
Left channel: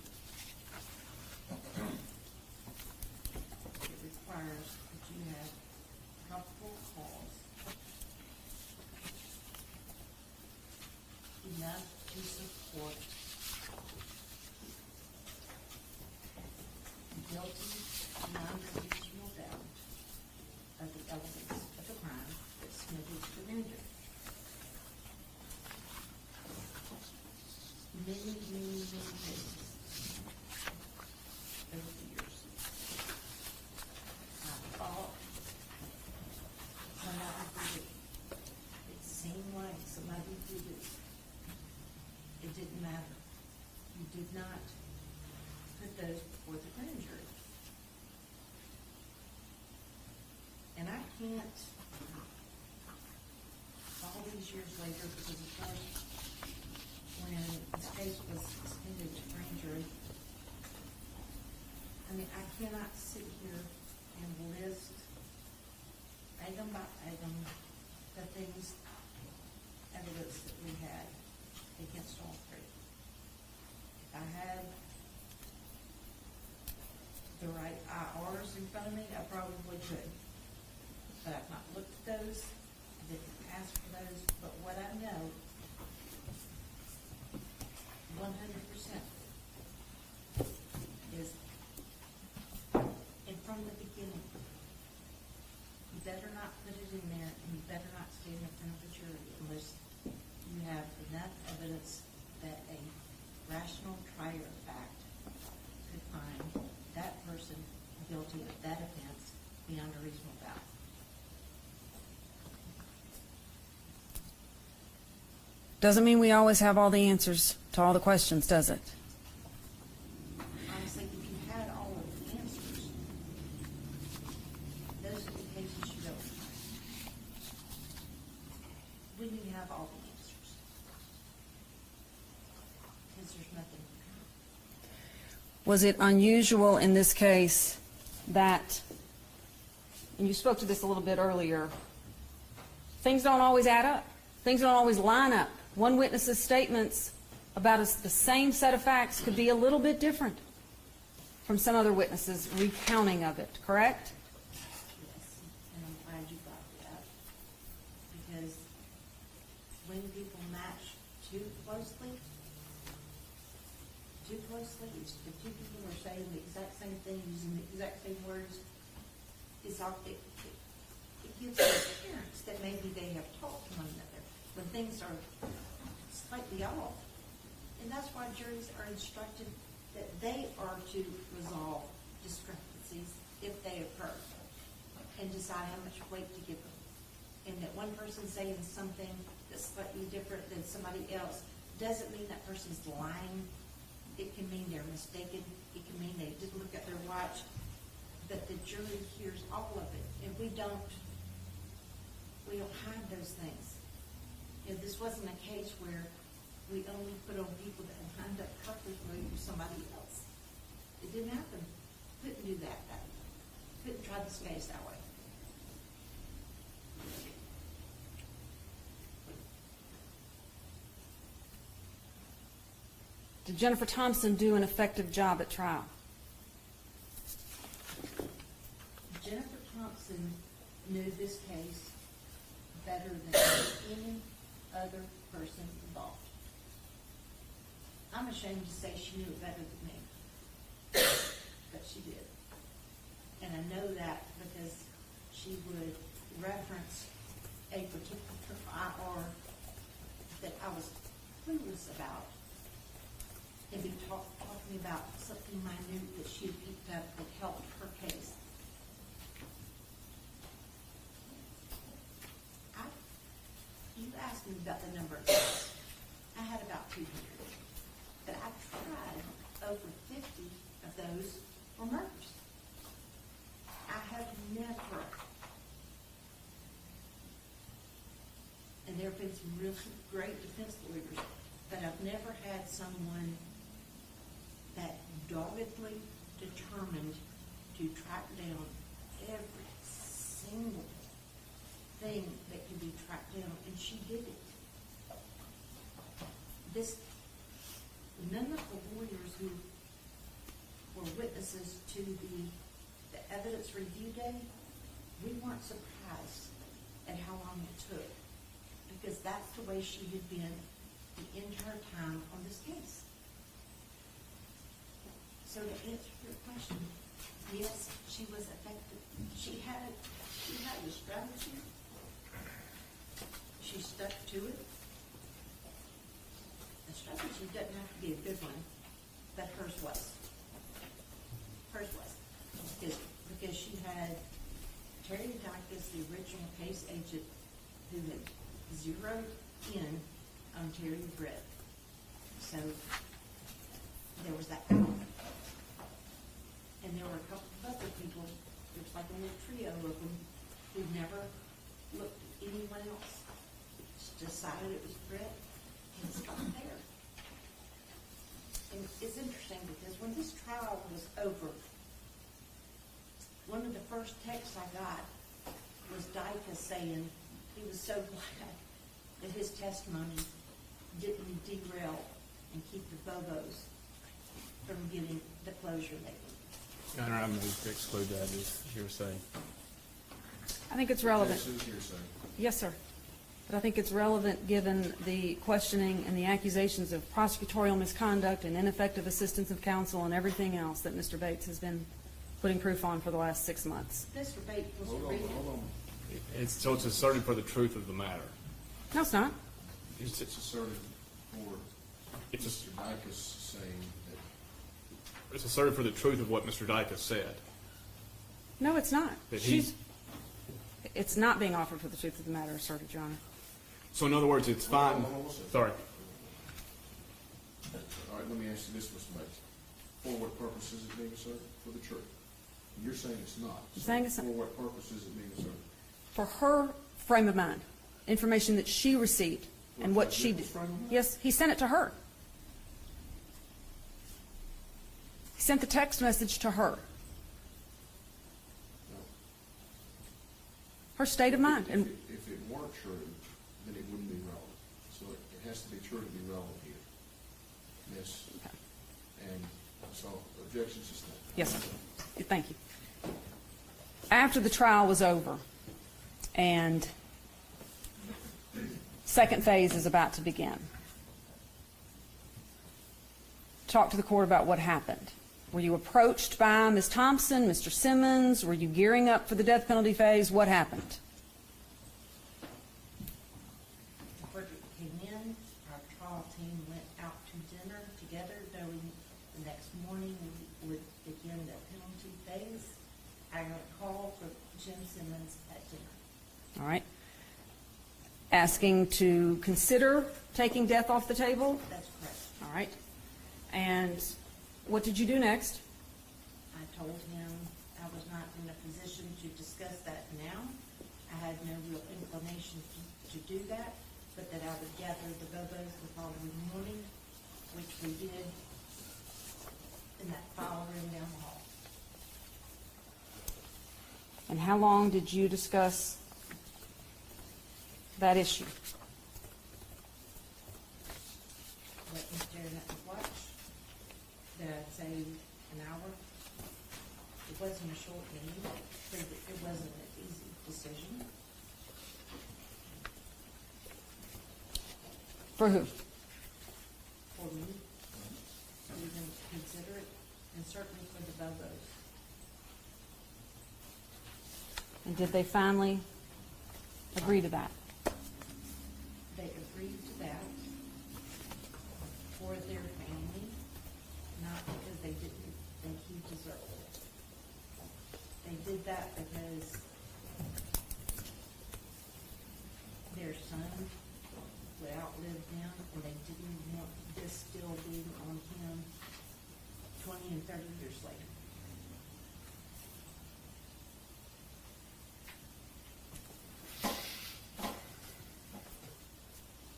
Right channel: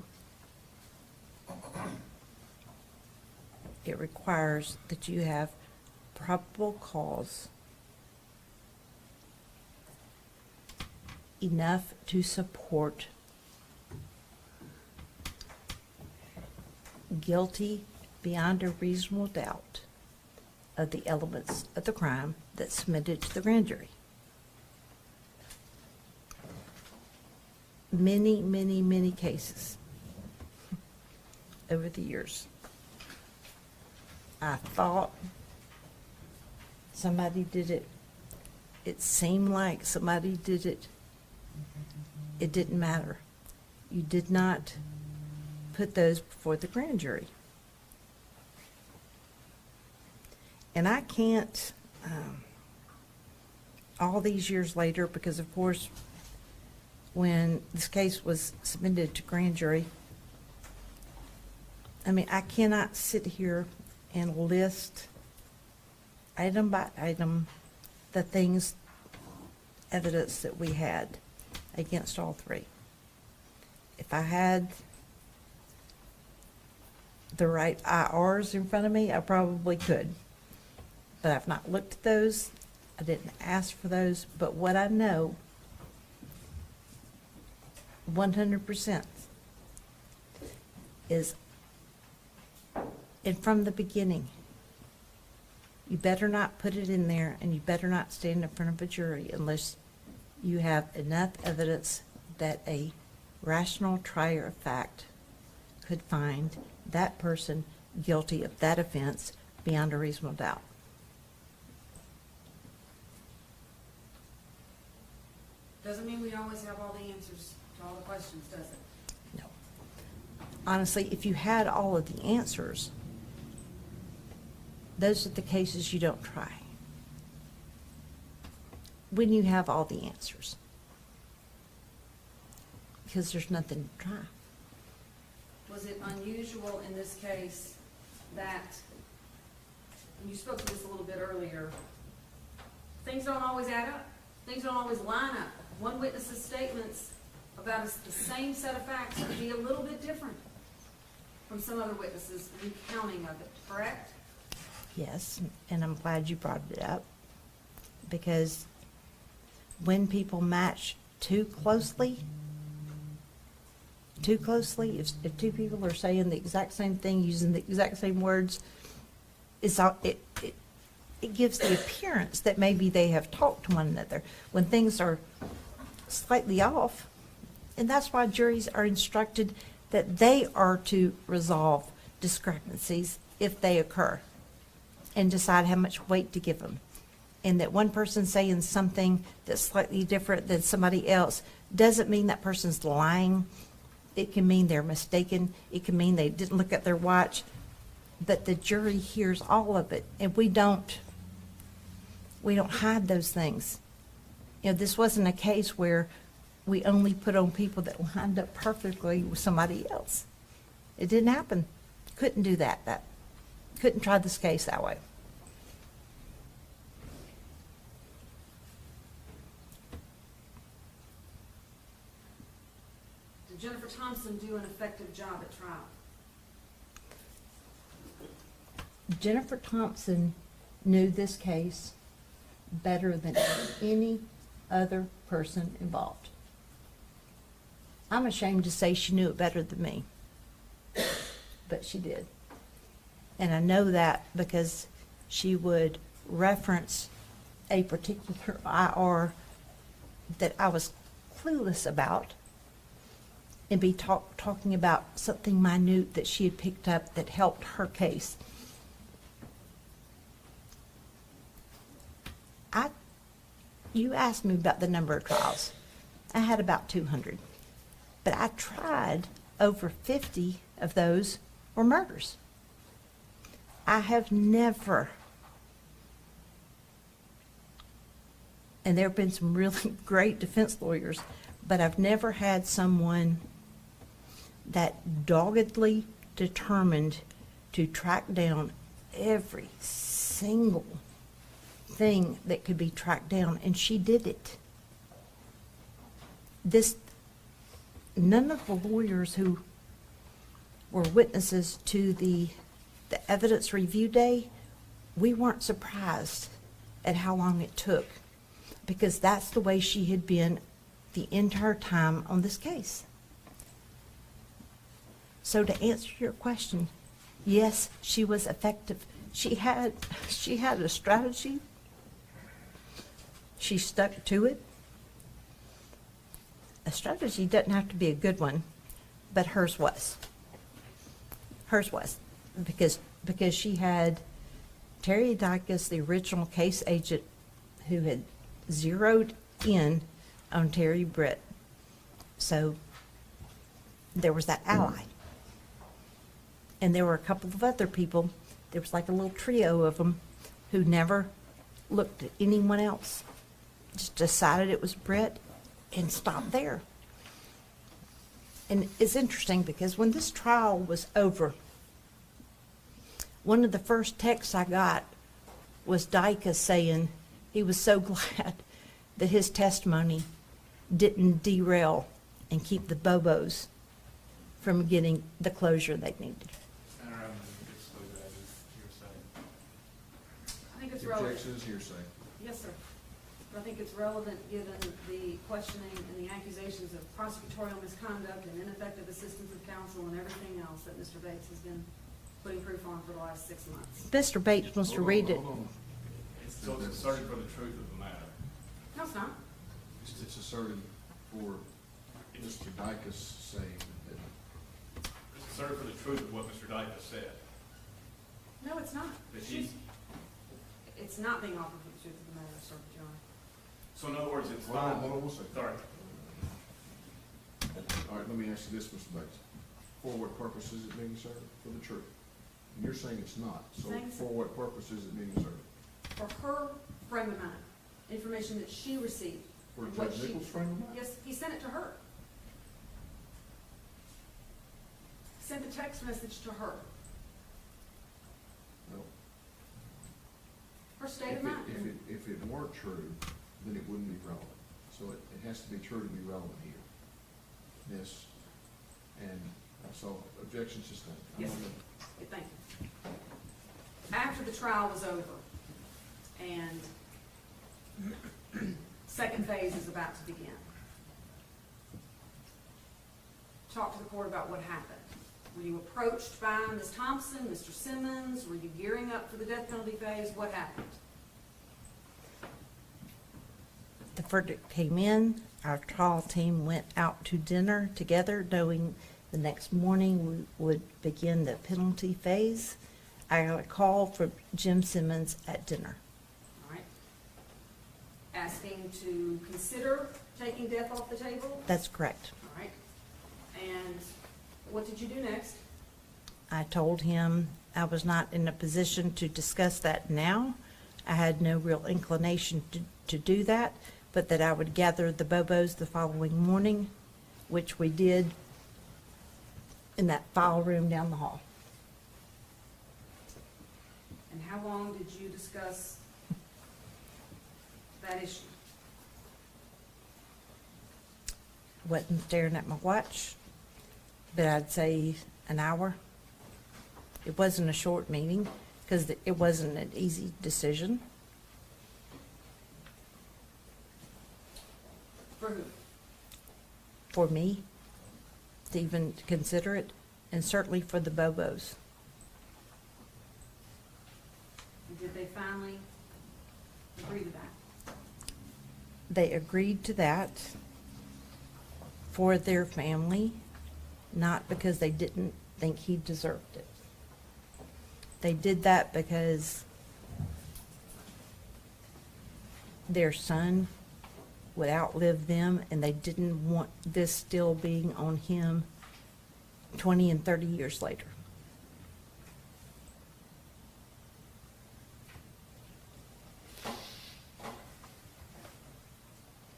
it requires that you have probable cause enough to support guilty beyond a reasonable doubt of the elements of the crime that's submitted to the grand jury. Many, many, many cases over the years. I thought somebody did it. It seemed like somebody did it. It didn't matter. You did not put those before the grand jury. And I can't, all these years later, because of course, when this case was submitted to grand jury, I mean, I cannot sit here and list item by item the things, evidence that we had against all three. If I had the right IRs in front of me, I probably could. But I've not looked at those. I didn't ask for those. But what I know 100% is, and from the beginning, you better not put it in there, and you better not stand in front of a jury unless you have enough evidence that a rational trier of fact could find that person guilty of that offense beyond a reasonable doubt. Doesn't mean we always have all the answers to all the questions, does it? No. Honestly, if you had all of the answers, those are the cases you don't try. When you have all the answers. Because there's nothing to try. Was it unusual in this case that, and you spoke to this a little bit earlier, things don't always add up. Things don't always line up. One witness's statements about the same set of facts could be a little bit different from some other witnesses' recounting of it, correct? Yes, and I'm glad you brought it up, because when people match too closely, if two people are saying the exact same thing, using the exact same words, it gives the appearance that maybe they have talked to one another when things are slightly off. And that's why juries are instructed that they are to resolve discrepancies if they occur and decide how much weight to give them. And that one person saying something that's slightly different than somebody else doesn't mean that person's lying. It can mean they're mistaken. It can mean they didn't look at their watch. But the jury hears all of it, and we don't hide those things. You know, this wasn't a case where we only put on people that lined up perfectly with somebody else. It didn't happen. Couldn't do that. Couldn't try this case that way. Did Jennifer Thompson do an effective job at trial? Jennifer Thompson knew this case better than any other person involved. I'm ashamed to say she knew it better than me, but she did. And I know that because she would reference a particular IR that I was clueless about and be talking about something minute that she had picked up that helped her case. You asked me about the number of trials. I had about 200. But I tried over 50 of those were murders. I have never, and there have been some really great defense lawyers, but I've never had someone that doggedly determined to track down every single thing that could be tracked down, and she did it. None of the lawyers who were witnesses to the evidence review day, we weren't surprised at how long it took, because that's the way she had been the entire time on this case. So to answer your question, yes, she was effective. She had a strategy. She stuck to it. A strategy doesn't have to be a good one, but hers was. Hers was, because she had Terry Dicus, the original case agent, who had zeroed in on Terry Britt. So there was that ally. And there were a couple of other people, there was like a little trio of them, who never looked at anyone else. Just decided it was Britt and stopped there. And it's interesting because when this trial was over, one of the first texts I got was Dicus saying he was so glad that his testimony didn't derail and keep the Bobos from getting the closure they needed. Your Honor, I move to exclude that as hearsay. I think it's relevant. This is hearsay. Yes, sir. But I think it's relevant given the questioning and the accusations of prosecutorial misconduct and ineffective assistance of counsel and everything else that Mr. Bates has been putting proof on for the last 6 months. Mr. Bates wants to read it. So it's asserted for the truth of the matter. No, it's not. It's asserted for Mr. Dicus saying that. It's asserted for the truth of what Mr. Dicus said. No, it's not. That he's- It's not being offered for the truth of the matter, asserted, Your Honor. So in other words, it's fine. Hold on one second. Sorry. All right, let me ask you this, Mr. Bates. For what purpose is it being asserted? For the truth. And you're saying it's not. I'm So saying it's not. for what purpose is it being asserted? For her frame of mind, information that she received and what she did. Nichols' frame of mind? Yes, he sent it to her. He sent the text message to her. No. Her state of mind. And If it were true, then it wouldn't be relevant. So it has to be true to be relevant here. Yes. And so objection sustained. Yes, sir. Thank you. After the trial was over and second phase is about to begin, talk to the court about what happened. Were you approached by Ms. Thompson, Mr. Simmons? Were you gearing up for the death penalty phase? What happened? The verdict came in. Our trial team went out to dinner together, knowing the next morning we would begin the penalty phase. I got a call from Jim Simmons at dinner. All right. Asking to consider taking death off the table? That's correct. All right. And what did you do next? I told him I was not in a position to discuss that now. I had no real inclination to do that, but that I would gather the Bobos the following morning, which we did in that file room down the hall. And how long did you discuss that issue? Wasn't staring at my watch. but I'd say an hour. It wasn't a short meeting, because it wasn't an easy decision. For who? For me to even consider it, and certainly for the Bobos. And did they finally agree to that? They agreed to that for their family, not because they didn't think he deserved it. They did that because their son would outlive them, and they didn't want this still being on him 20 and 30 years later.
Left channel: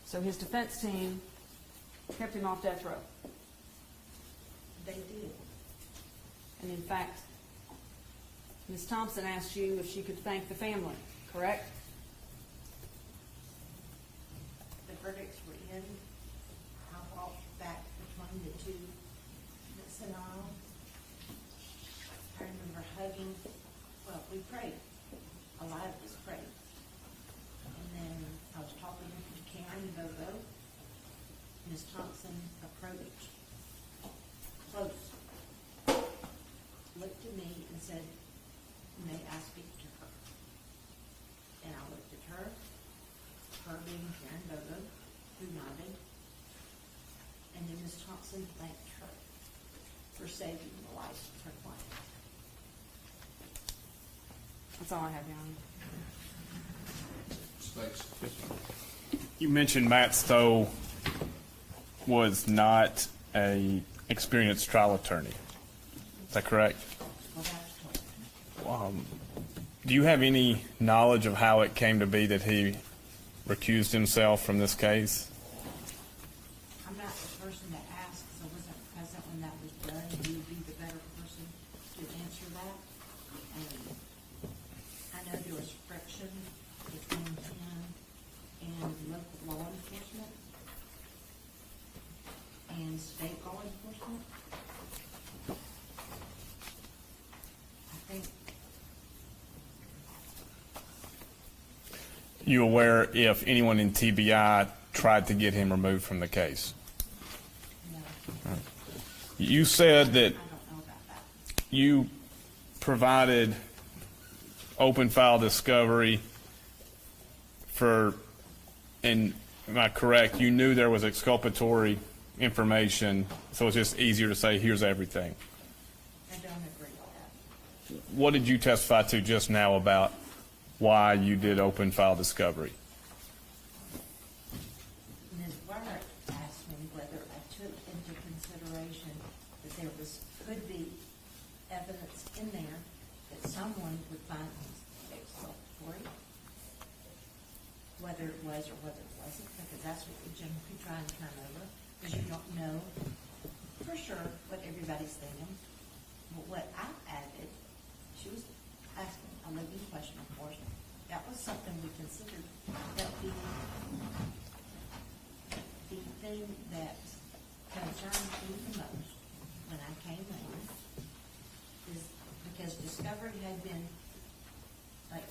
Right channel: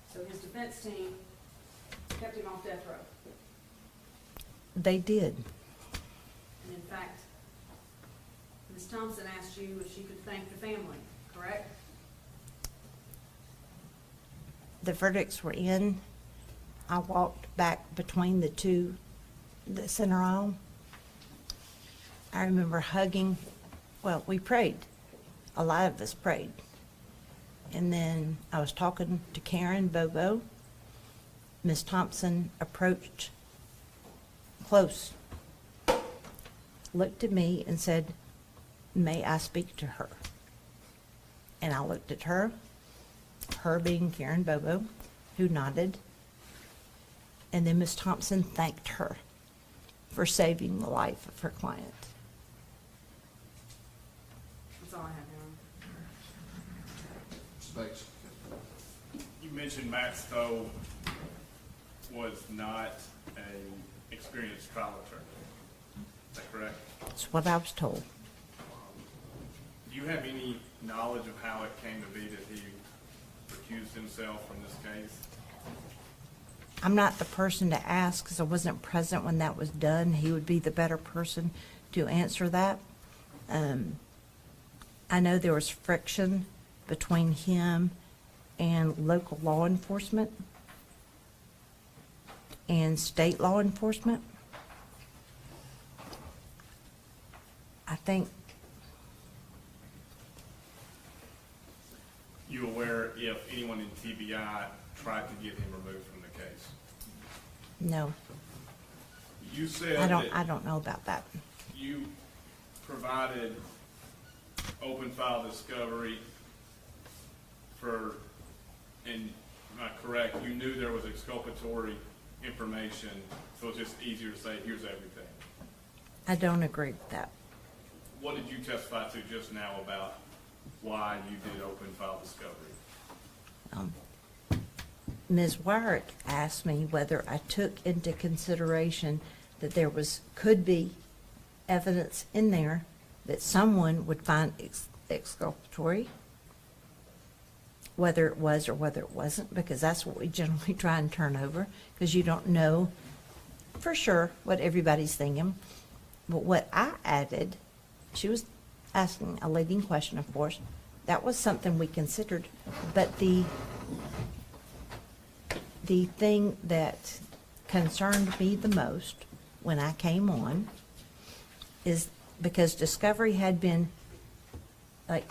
So his defense team kept him off death row. They did. And in fact, Ms. Thompson asked you if she could thank the family, correct? The verdicts were in. I walked back between the two, the center aisle. I remember hugging, well, we prayed. A lot of us prayed. And then I was talking to Karen Bobo. Ms. Thompson approached close, looked at me and said, "May I speak to her?" And I looked at her being Karen Bobo, who nodded. And then Ms. Thompson thanked her for saving the life of her client. That's all I have, Your Honor. Space. You mentioned Matt Stowe was not a experienced trial attorney. Is that correct? That's what I was told. Do you have any knowledge of how it came to be that he recused himself from this case? I'm not the person to ask because I wasn't present when that was done. He would be the better person to answer that. I know there was friction between him and local law enforcement and state law enforcement. I think. You aware if anyone in TBI tried to get him removed from the case? No, You said I that don't know about that. you provided open file discovery for, and am I correct, you knew there was exculpatory information, so it's just easier to say, here's everything. I don't agree with that. What did you testify to just now about why you did open file discovery? Ms. Wyrick asked me whether I took into consideration that there could be evidence in there that someone would find exculpatory, whether it was or whether it wasn't, because that's what we generally try and turn over, because you don't know for sure what everybody's thinking. But what I added, she was asking a leading question, of course, that was something we considered, but the thing that concerned me the most when I came on is because discovery had been like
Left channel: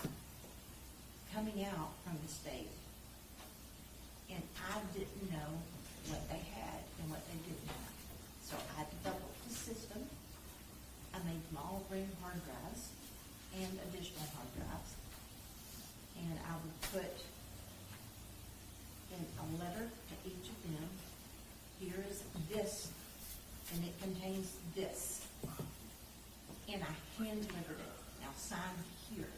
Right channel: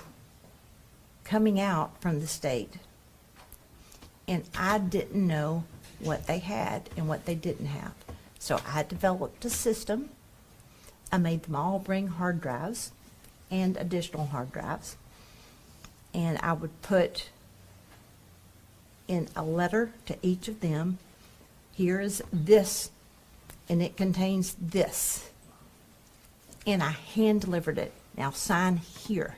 coming out from the state, and I didn't know what they had and what they didn't have. So I developed a system. I made them all bring hard drives and additional hard drives, and I would put in a letter to each of them, here is this, and it contains this. And I hand delivered it. Now sign here.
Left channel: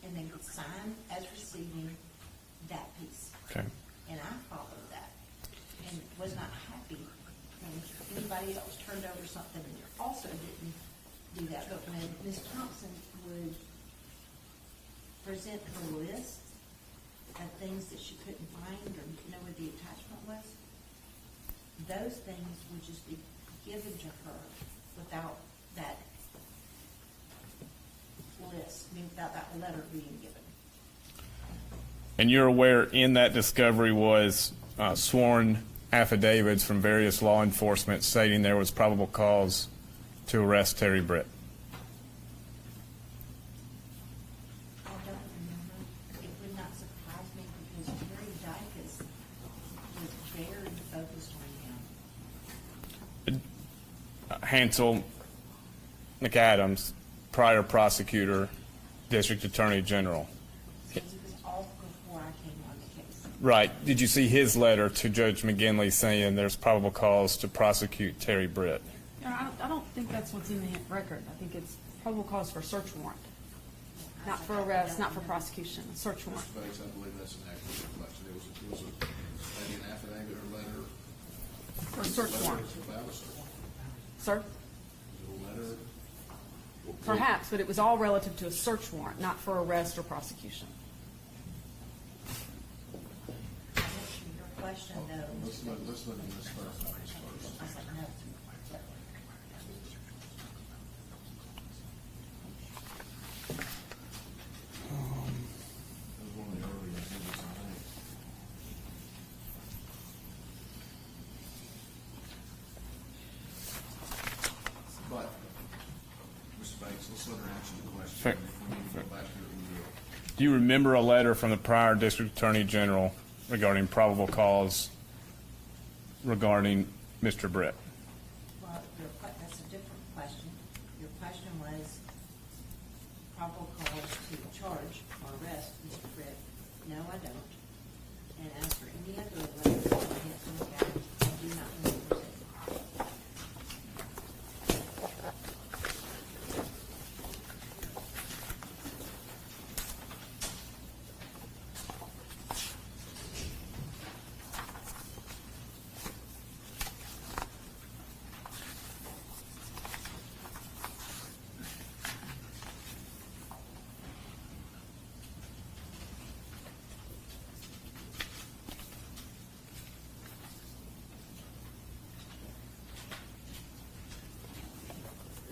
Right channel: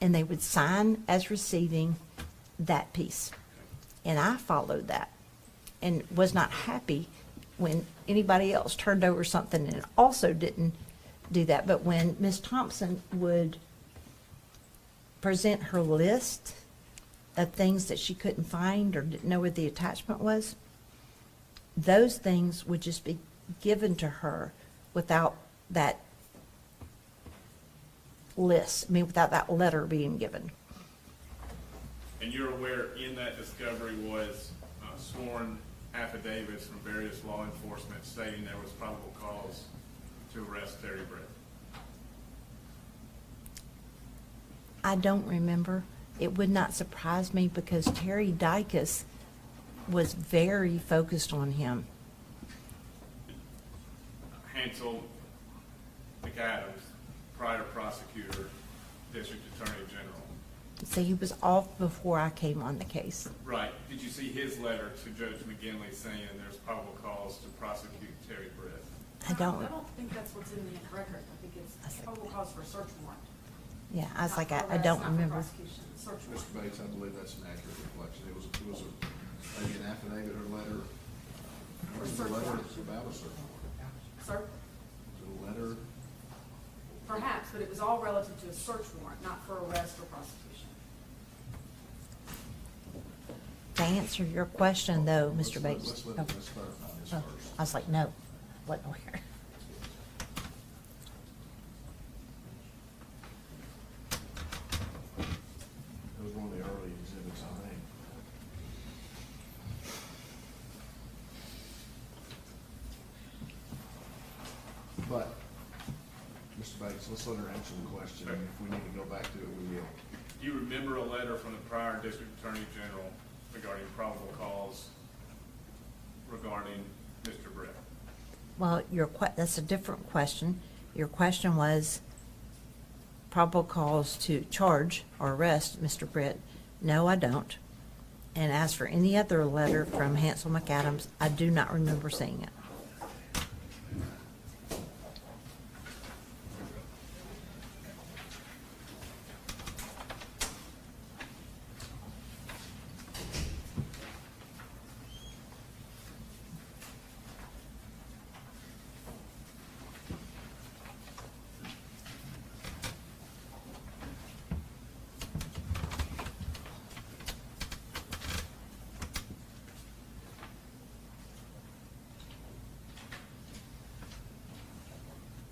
And they would sign as receiving that piece. Okay. And I followed that and was not happy when anybody else turned over something and also didn't do that. But when Ms. Thompson would present her list of things that she couldn't find or didn't know where the attachment was, those things would just be given to her without that list, without that letter being given. And you're aware in that discovery was sworn affidavits from various law enforcement stating there was probable cause to arrest Terry Britt? I don't remember. It would not surprise me because Terry Dykes was very focused on him. Hansel McAdams, prior prosecutor, district attorney general. So he was off before I came on the case. Right. Did you see his letter to Judge McGinley saying there's probable cause to prosecute Terry Britt? I don't. I don't think that's what's in the record. I think it's probable cause for a search warrant. Yeah, I was Not like, for I arrest, don't not for remember. prosecution, search warrant. Mr. Bates, I believe that's an accurate reflection. It was maybe an affidavit or letter. Or a search Letter warrant. about a search warrant. Sir? Was it a letter? Perhaps, but it was all relative to a search warrant, not for arrest or prosecution. To answer your question though, Mr. Bates. Let's let Ms. clarify this Oh, first. I was like, no, what, where? It was one of the early exhibits, I think. But, Mr. Bates, let's let her answer the question. Sure. If we need to go back to it, we will. Do you remember a letter from the prior district attorney general regarding probable cause regarding Mr. Britt? Well, that's a different question. Your question was probable cause to charge or arrest Mr. Britt. No, I don't. And as for any other letter from Hansel McAdams, I do not remember seeing it.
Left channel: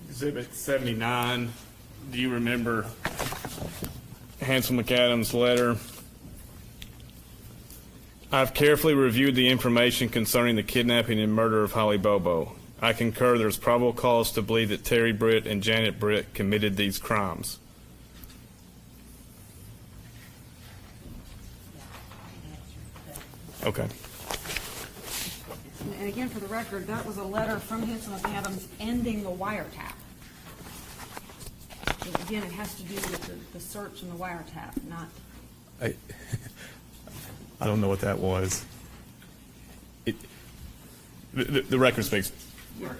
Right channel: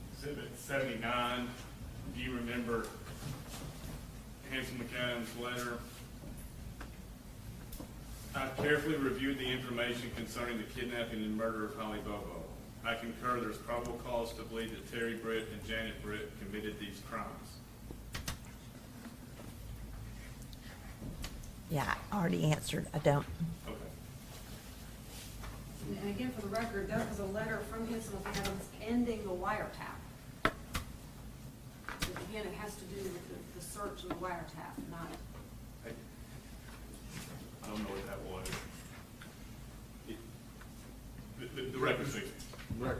Exhibit 79, do you remember Hansel McAdams' letter? I've carefully reviewed the information concerning the kidnapping and murder of Holly Bobo. I concur there's probable cause to believe that Terry Britt and Janet Britt committed these crimes. Yeah, I already answered. I don't. Okay. And again, for the record, that was a letter from Hansel McAdams ending the wiretap. So again, it has to do with the search and the wiretap, not. I don't know what that was. The record speaks. Yes,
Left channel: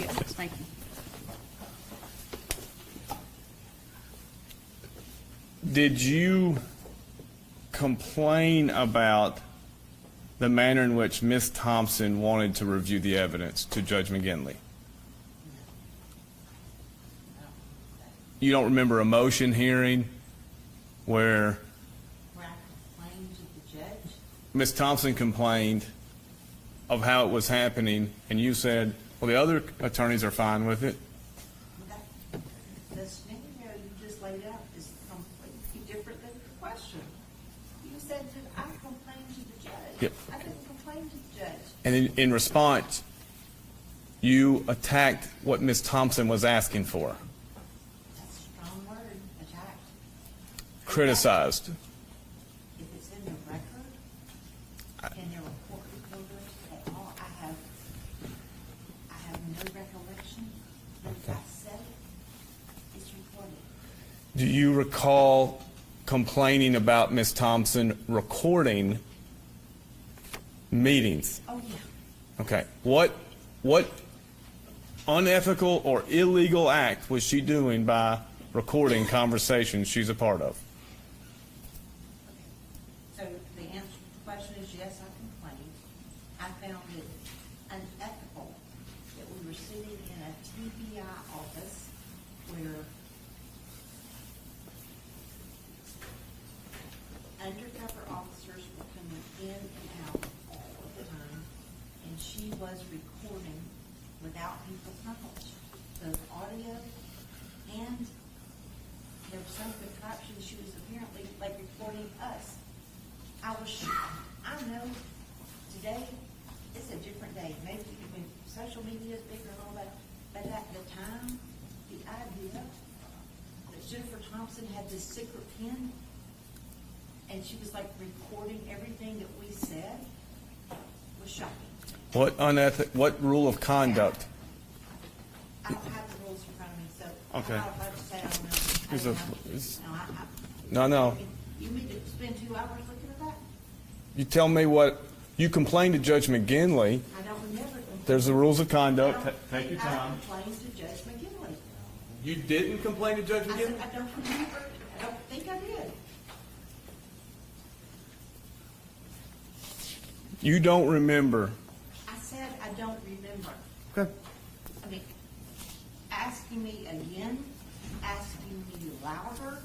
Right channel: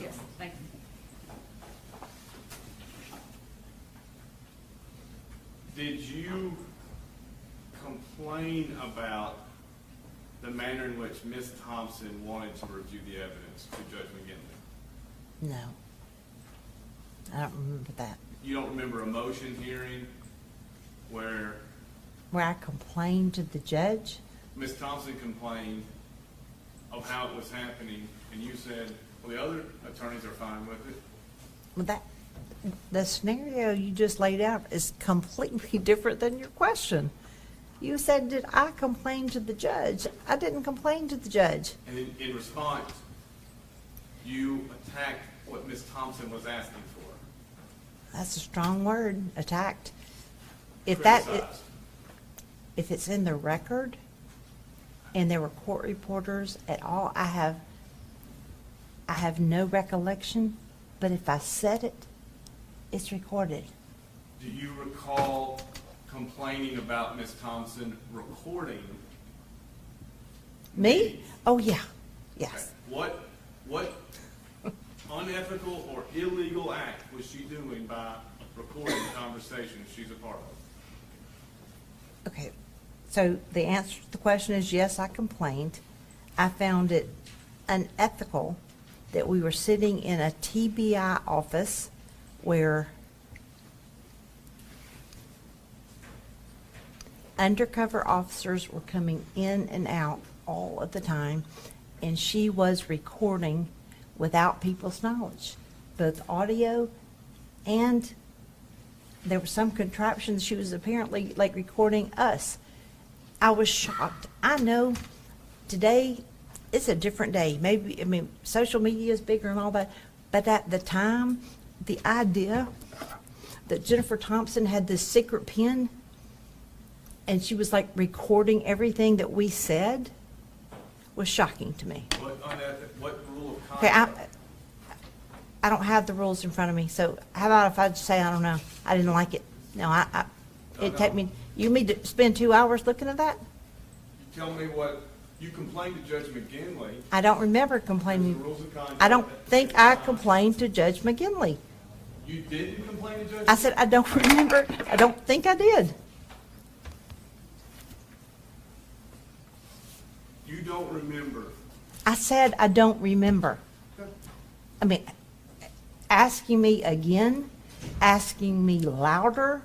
yes, thank you. Did you complain about the manner in which Ms. Thompson wanted to review the evidence to Judge McGinley? No. I don't remember that. You don't remember a motion hearing where Where I complained to the judge? Ms. Thompson complained of how it was happening, and you said, well, the other attorneys are fine with it? Well, the scenario you just laid out is completely different than your question. You said, did I complain to the judge? Yeah. I didn't complain to the judge. And in response, you attacked what Ms. Thompson was asking for. That's a strong word, attacked. If that- Criticized. If it's in the record and there were court reporters at all, I have no recollection, but if I said it, it's recorded. Do you recall complaining about Ms. Thompson recording Me? meetings? Oh, yeah. Okay. Yes. What unethical or illegal act was she doing by recording conversations she's a part of? Okay, so the answer to the question is yes, I complained. I found it unethical that we were sitting in a TBI office where undercover officers were coming in and out all of the time, and she was recording without people's knowledge, both audio and there was some contraption. She was apparently like recording us. I was shocked. I know today it's a different day. Maybe, I mean, social media is bigger and all that, but at the time, the idea that Jennifer Thompson had this secret pen and she was like recording everything that we said was shocking to me. What rule of Okay, conduct? I don't have the rules in front of me, so how about if I just say I don't know? I didn't like it. No, No, it'd no. take me- You mean to spend 2 hours looking at that? You tell me what, you complained to Judge McGinley. I don't remember complaining. There's the rules of conduct. I don't think I complained to Judge McGinley. You didn't complain to Judge McGinley? I said, I don't remember, I don't think I did. You don't remember. I said, I don't remember. I mean, asking me again, asking me louder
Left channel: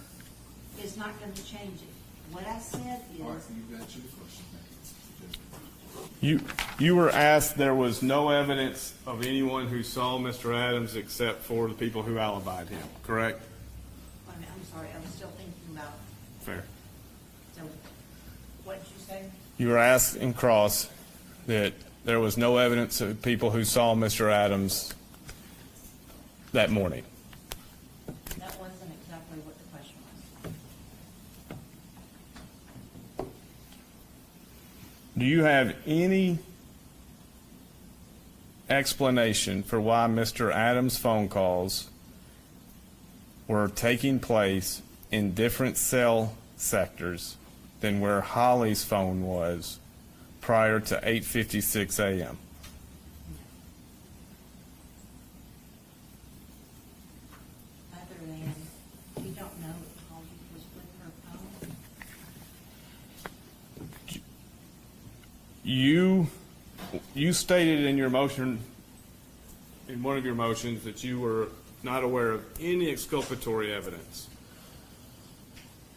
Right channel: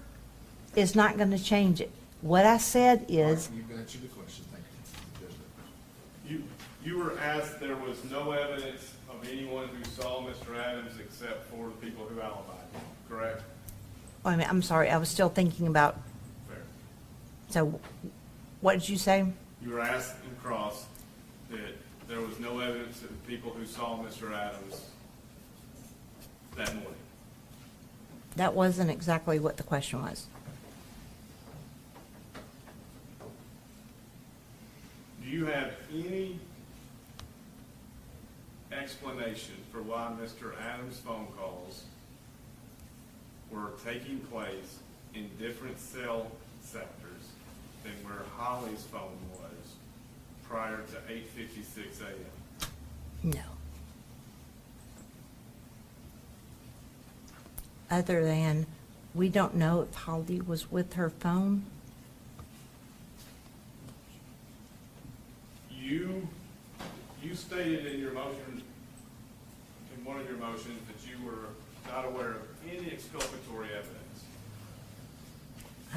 is not gonna change it. What I said is, You've answered the question, thank you. You were asked there was no evidence of anyone who saw Mr. Adams except for the people who alibied him, correct? wait a minute, I'm sorry, I was still thinking about, Fair. so, what did you say? You were asked in cross that there was no evidence of people who saw Mr. Adams that morning. That wasn't exactly what the question was. Do you have any explanation for why Mr. Adams' phone calls were taking place in different cell sectors than where Holly's phone was prior to 8:56 a.m.? No. Other than, we don't know if Holly was with her phone. You stated in your motion, in one of your motions, that you were not aware of any exculpatory evidence.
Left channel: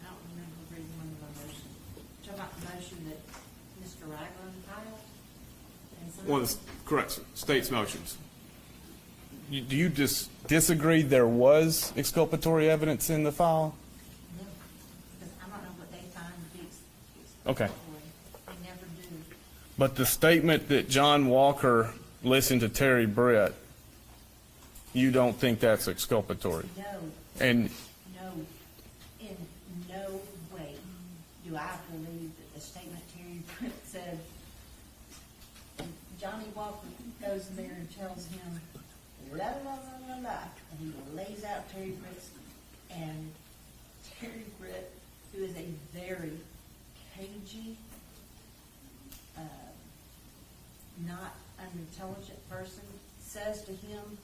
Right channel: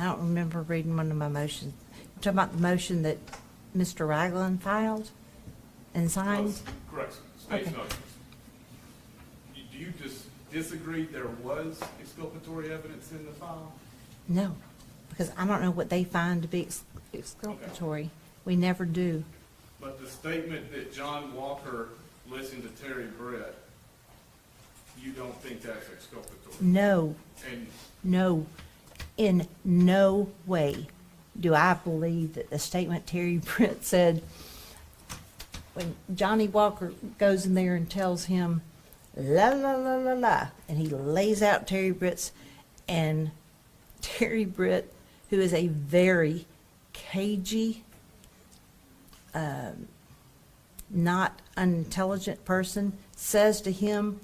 I don't remember reading one of my motions. You talking about the motion that Mr. Ragland filed and signed? Was, correct, state's Okay. motions. Do you disagree there was exculpatory evidence in the file? No, because I don't know what they find to be exculpatory. We never do. But the statement that John Walker listened to Terry Brett, you don't think that's exculpatory? No, And no, in no way do I believe that the statement Terry Britt said, when Johnny Walker goes in there and tells him, la, la, la, la, la, and he lays out Terry Britt's, and Terry Britt, who is a very cagey, not unintelligent person, says to him,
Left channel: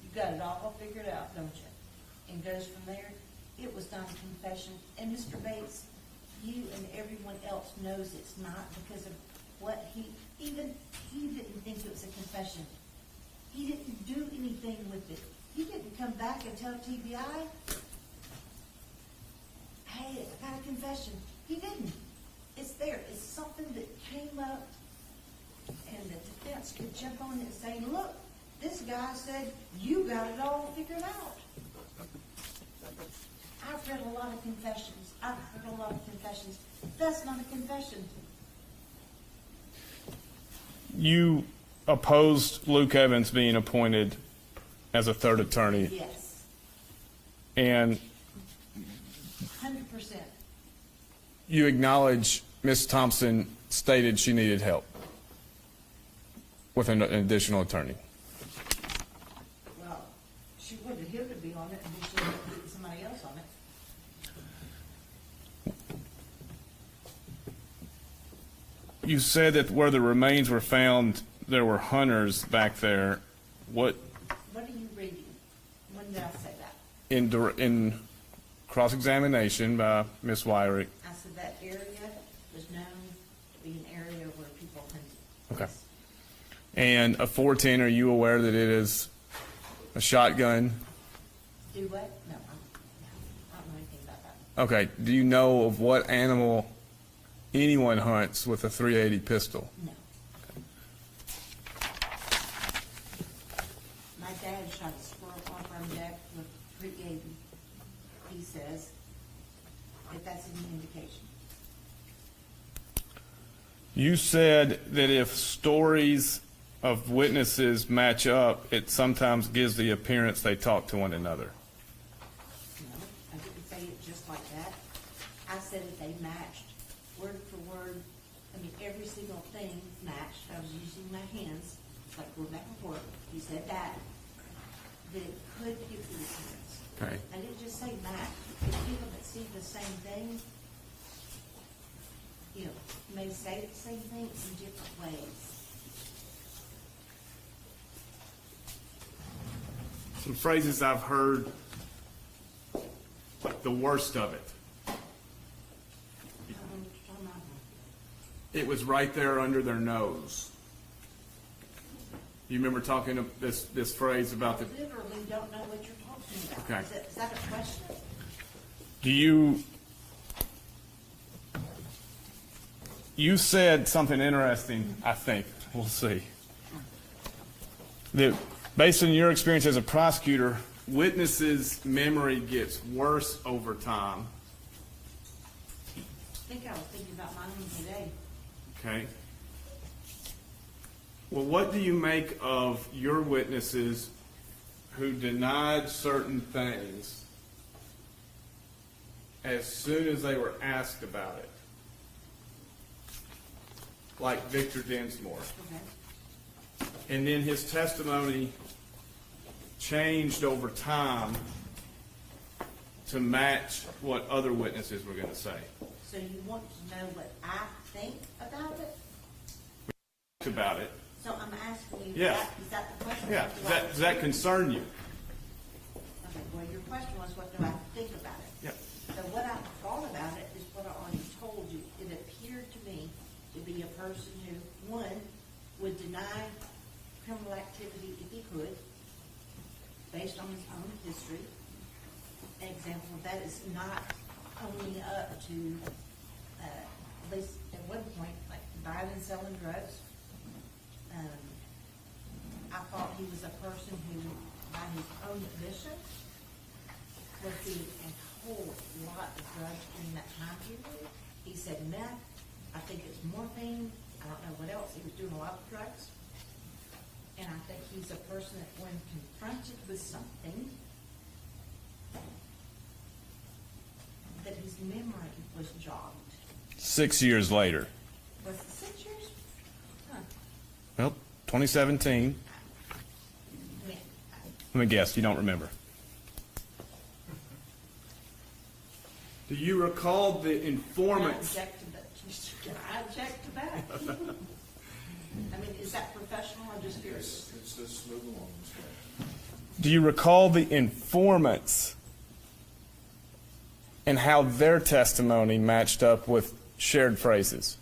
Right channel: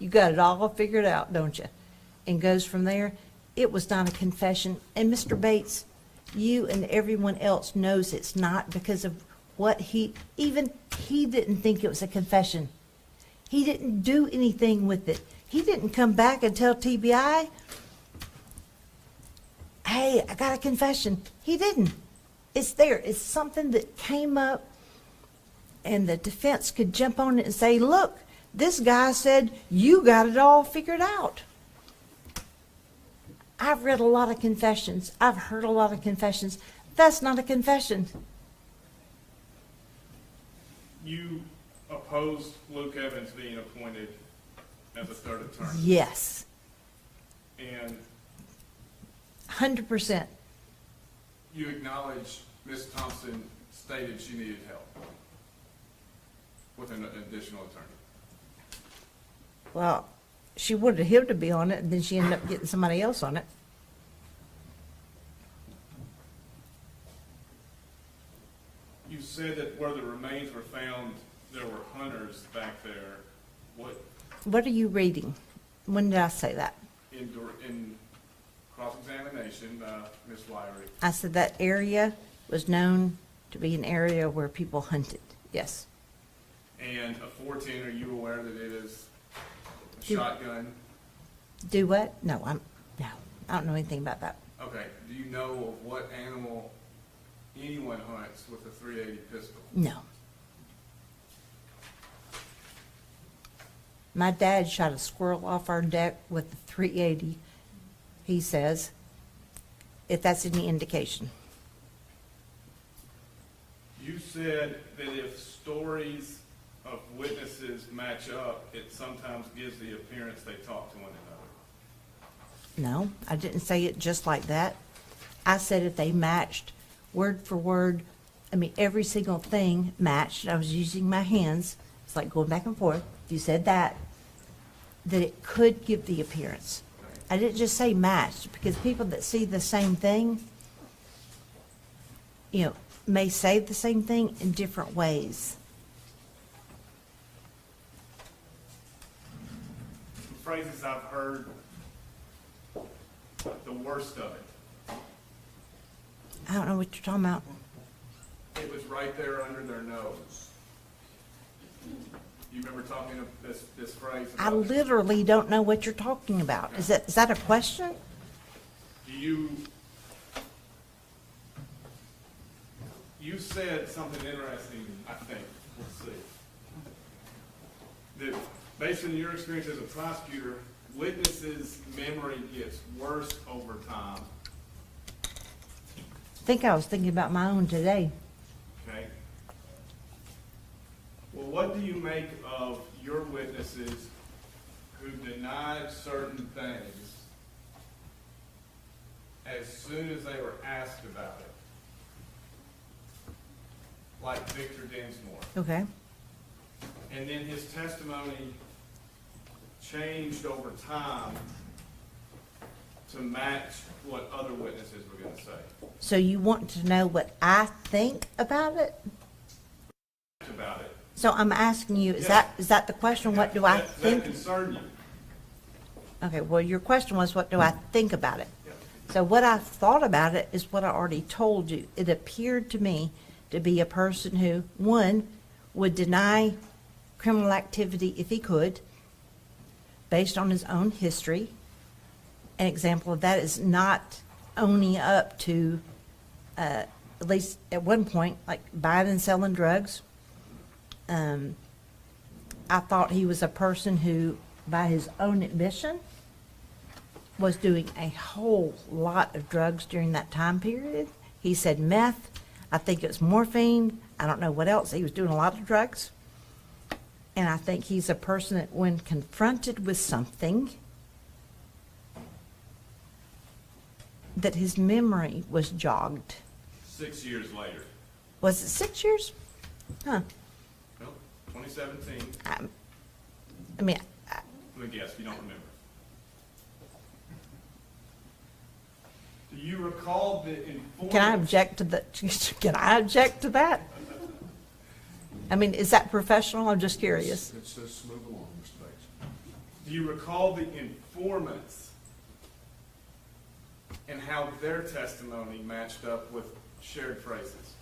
you got it all figured out, don't you? And goes from there. It was not a confession. And Mr. Bates, you and everyone else knows it's not, because of what he didn't think it was a confession. He didn't do anything with it. He didn't come back and tell TBI, hey, I got a confession. He didn't. It's there. It's something that came up, and the defense could jump on it and say, look, this guy said you got it all figured out. I've read a lot of confessions. I've heard a lot of confessions. That's not a confession. you opposed Luke Evans being appointed as a third attorney. Yes, And 100%. you acknowledge Ms. Thompson stated she needed help with an additional attorney. Well, she wanted him to be on it, and then she ended up getting somebody else on it. You said that where the remains were found, there were hunters back there. What, What are you reading? When did I say that? in cross-examination by Ms. Wyrick, I said that area was known to be an area where people hunted. Yes. and a 410, are you aware that it is a shotgun? Do what? No, I don't know anything about that. Okay, do you know of what animal anyone hunts with a .380 pistol? No. My dad shot a squirrel off our deck with a .380, he says, if that's any indication. You said that if stories of witnesses match up, it sometimes gives the appearance they talk to one another. No, I didn't say it just like that. I said if they matched word for word, I mean, every single thing matched. I was using my hands. It's like going back and forth. You said that it could give the appearance. Okay. I didn't just say matched, because people that see the same thing, you know, may say the same thing in different ways. Some phrases I've heard, the worst of it. I don't know what you're talking about. It was right there under their nose. You remember talking of this phrase I about the, literally don't know what you're talking about. Okay. Is that a question? You said something interesting, I think, we'll see. That based on your experience as a prosecutor, witnesses' memory gets worse over time, I think I was thinking about my own today. okay? Well, what do you make of your witnesses who denied certain things as soon as they were asked about it? Like Victor Densmore. Okay. And then his testimony changed over time to match what other witnesses were going to say. So you want to know what I think about it? About it. So I'm asking you, Yeah. is that the question? Yeah, What do I does that think? concern you? Okay, well, your question was, what do I think about it? Yeah. So what I thought about it is what I already told you. It appeared to me to be a person who, one, would deny criminal activity if he could, based on his own history. An example of that is not owning up to, at least at one point, like buying and selling drugs. I thought he was a person who, by his own admission, was doing a whole lot of drugs during that time period. He said meth, I think it's morphine, I don't know what else. He was doing a lot of drugs. And I think he's a person that when confronted with something, that his memory was jogged. 6 years later. Was it 6 years? Huh. Well, 2017. I mean, Let me guess, you don't remember. Do you recall the informant? can I object to can I object to that? I mean, is that professional? I'm just curious. It's smooth along, Ms. Bates. Do you recall the informants and how their testimony matched up with shared phrases?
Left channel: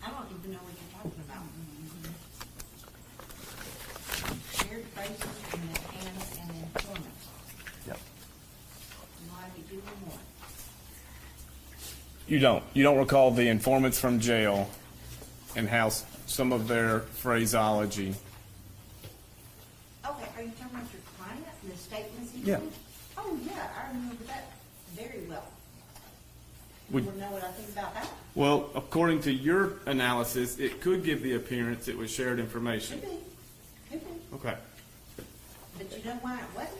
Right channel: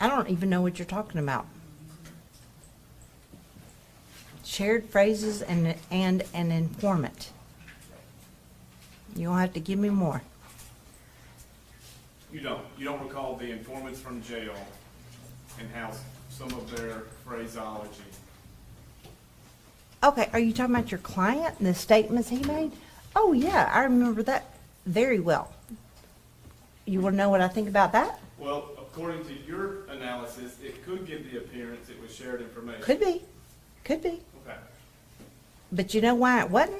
I don't even know what you're talking about. Shared phrases and an informant. You'll have to give me more. You don't. You don't recall the informants from jail and how some of their phraseology. Okay, are you talking about your client and the statements he made? Oh, yeah, I remember that very well. You want to know what I think about that? Well, according to your analysis, it could give the appearance it was shared information. Could be, could be. Okay. But you know why it wasn't?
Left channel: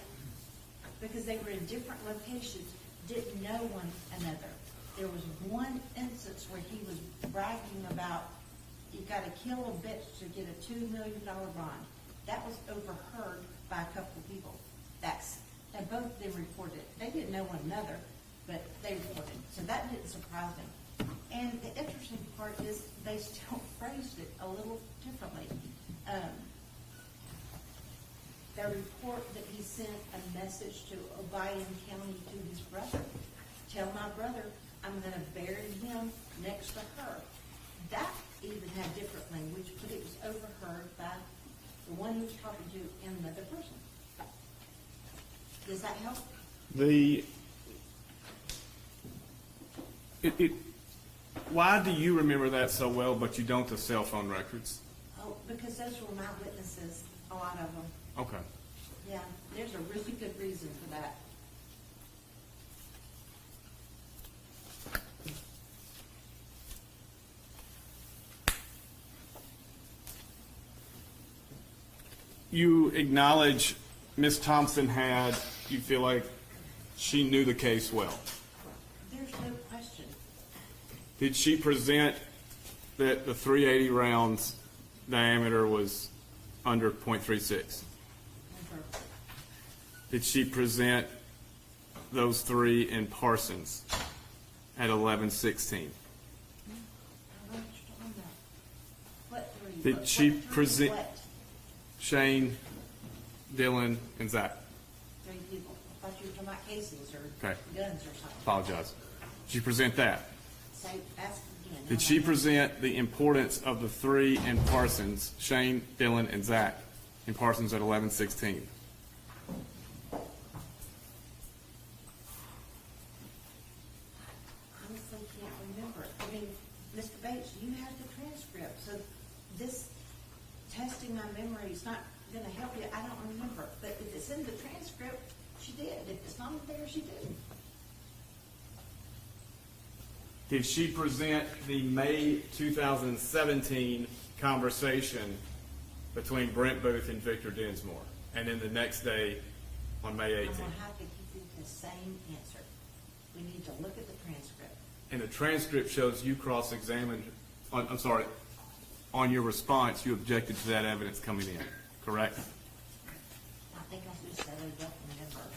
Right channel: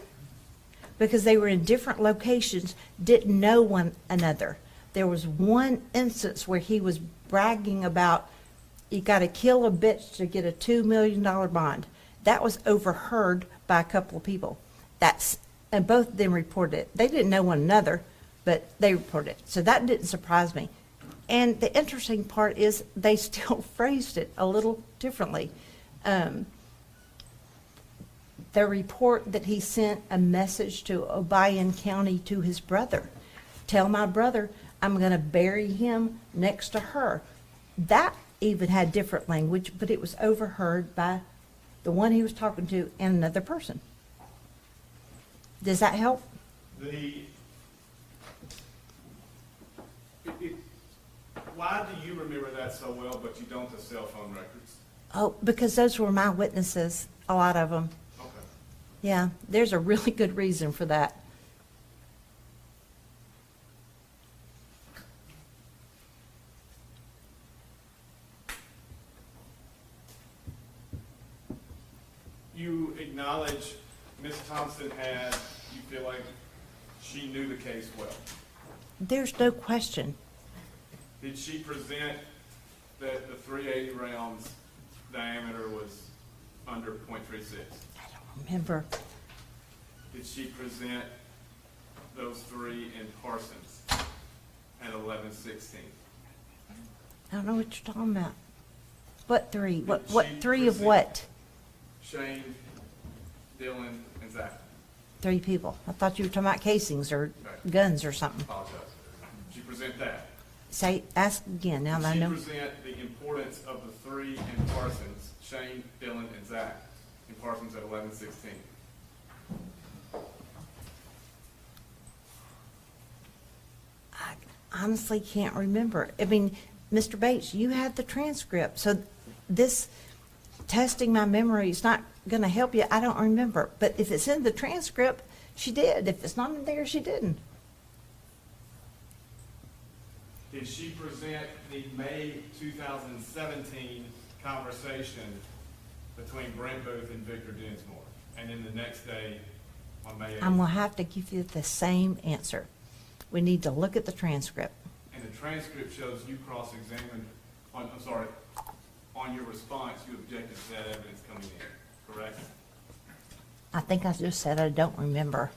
Because they were in different locations, didn't know one another. There was one instance where he was bragging about, you gotta kill a bitch to get a $2 million bond. That was overheard by a couple of people. And both of them reported it. They didn't know one another, but they reported it. So that didn't surprise me. And the interesting part is they still phrased it a little differently. The report that he sent a message to Obion County to his brother. Tell my brother I'm gonna bury him next to her. That even had different language, but it was overheard by the one he was talking to and another person. Does that help? Why do you remember that so well, but you don't the cell phone records? Oh, because those were my witnesses, a lot of them. Okay. Yeah, there's a really good reason for that. acknowledge Ms. Thompson had, you feel like she knew the case well? There's no question. Did she present that the 380 rounds diameter was under .36? Remember, Did she present those three in Parsons at 11/16? I don't know what you're talking about. What three? Did What she three of present- what? Shane, Dylan, and Zach. 3 people. I thought you were talking about casings or Okay. guns or something. Apologize. Did she present that? Ask again. Now Did that I she know. present the importance of the three in Parsons, Shane, Dylan, and Zach, in Parsons at 11/16? I honestly can't remember. I mean, Mr. Bates, you had the transcript, so this testing my memory is not gonna help you. I don't remember. But if it's in the transcript, she did. If it's not in there, she didn't. Did she present the May 2017 conversation between Brent Booth and Victor Dinsmore? And then the next day, on May 18th? I'm gonna have to give you the same answer. We need to look at the transcript. And the transcript shows you cross-examined, I'm sorry, on your response, you objected to that evidence coming in, correct? I think I just said I don't remember.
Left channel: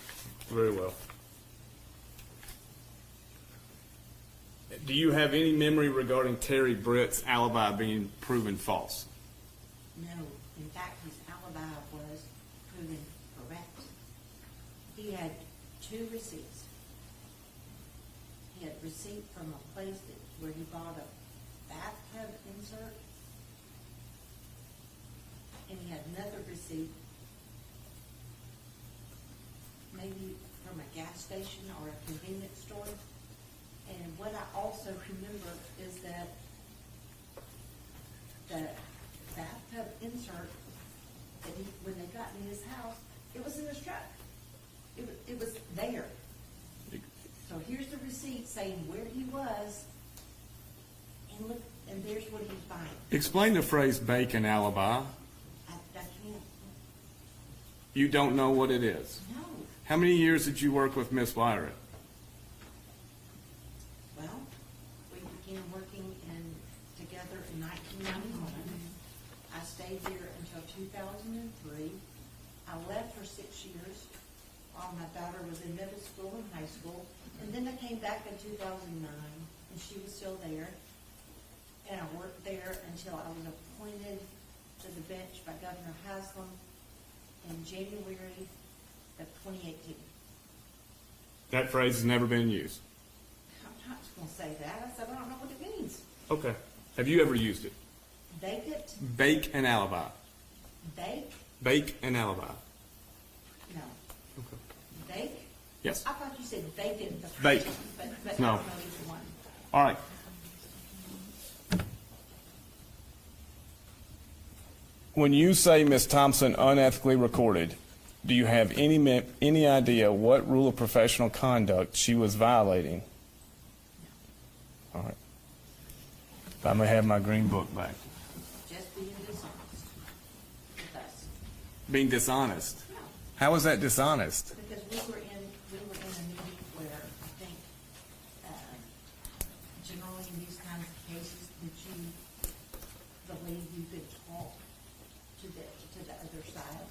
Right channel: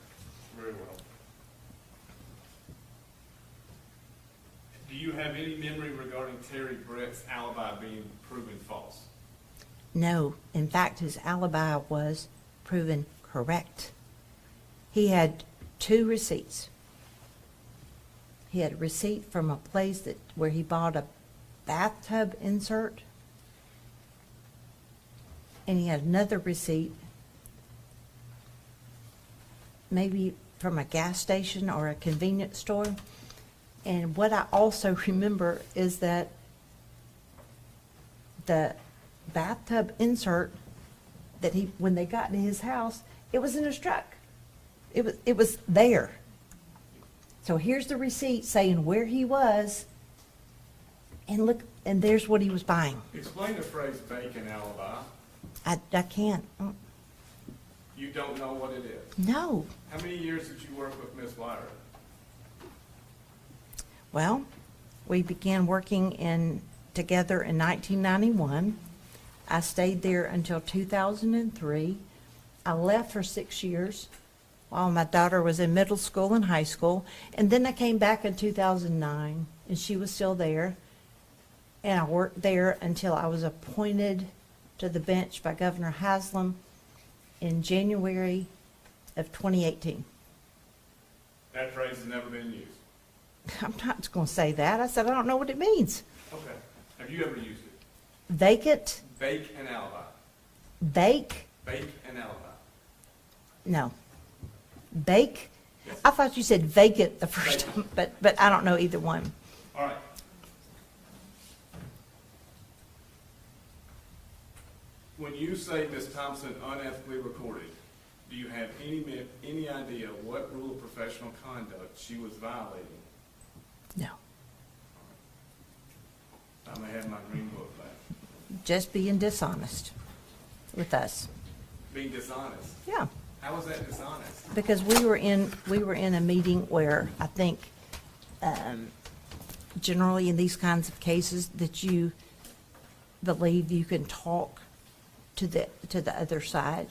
Very well. Do you have any memory regarding Terry Britt's alibi being proven false? No, in fact, his alibi was proven correct. He had 2 receipts. He had a receipt from a place where he bought a bathtub insert. And he had another receipt, maybe from a gas station or a convenience store. And what I also remember is that the bathtub insert that when they got to his house, it was in his truck. It was there. So here's the receipt saying where he was, and look, and there's what he was buying. Explain the phrase bacon alibi. I can't. You don't know what it is. No. How many years did you work with Miss Lyra? Well, we began working together in 1991. I stayed there until 2003. I left for 6 years while my daughter was in middle school and high school. And then I came back in 2009, and she was still there. And I worked there until I was appointed to the bench by Governor Haslam in January of 2018. That phrase has never been used. I'm not going to say that. I said I don't know what it means. Okay. Have you ever used it? Vacant? Bake an alibi. Bake? Bake an alibi. No. Bake? Yes. I thought you said vacant the first Bake. time, but I No. don't know either one. All right. When you say Ms. Thompson unethically recorded, do you have any idea what rule of professional conduct she was violating? No. All right. I may have my green book back. Just being dishonest with us. Being dishonest. Yeah. How is that dishonest? Because we were in a meeting where I think, generally in these kinds of cases, that you believe you can talk to the other side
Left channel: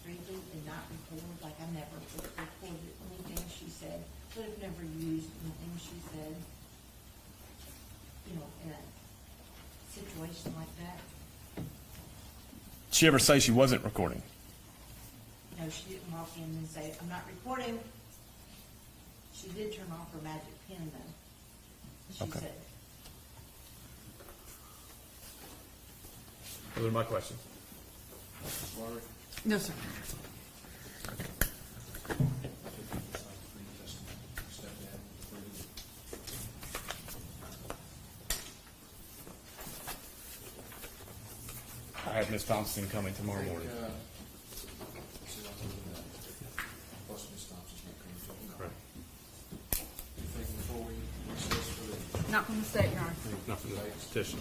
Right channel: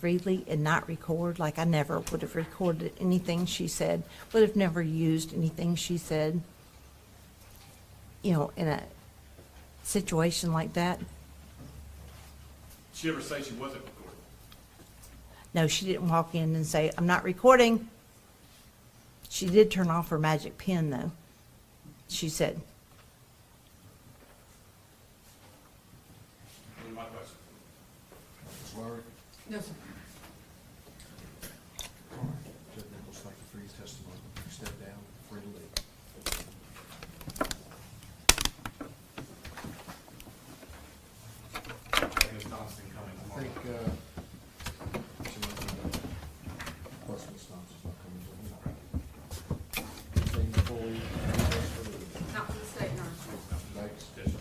freely and not record. Like I never would have recorded anything she said, would have never used anything she said, in a situation like that. Did she ever say she wasn't recording? No, she didn't walk in and say, "I'm not recording." She did turn off her magic pen, though. She said. Those are my questions. Ms. Lowry? No, sir. Step down, freely. I have Ms. Thompson coming tomorrow morning. Plus Ms. Thompson's not coming. Anything before we recess for the Not from the state, Your Honor. Not for the petition.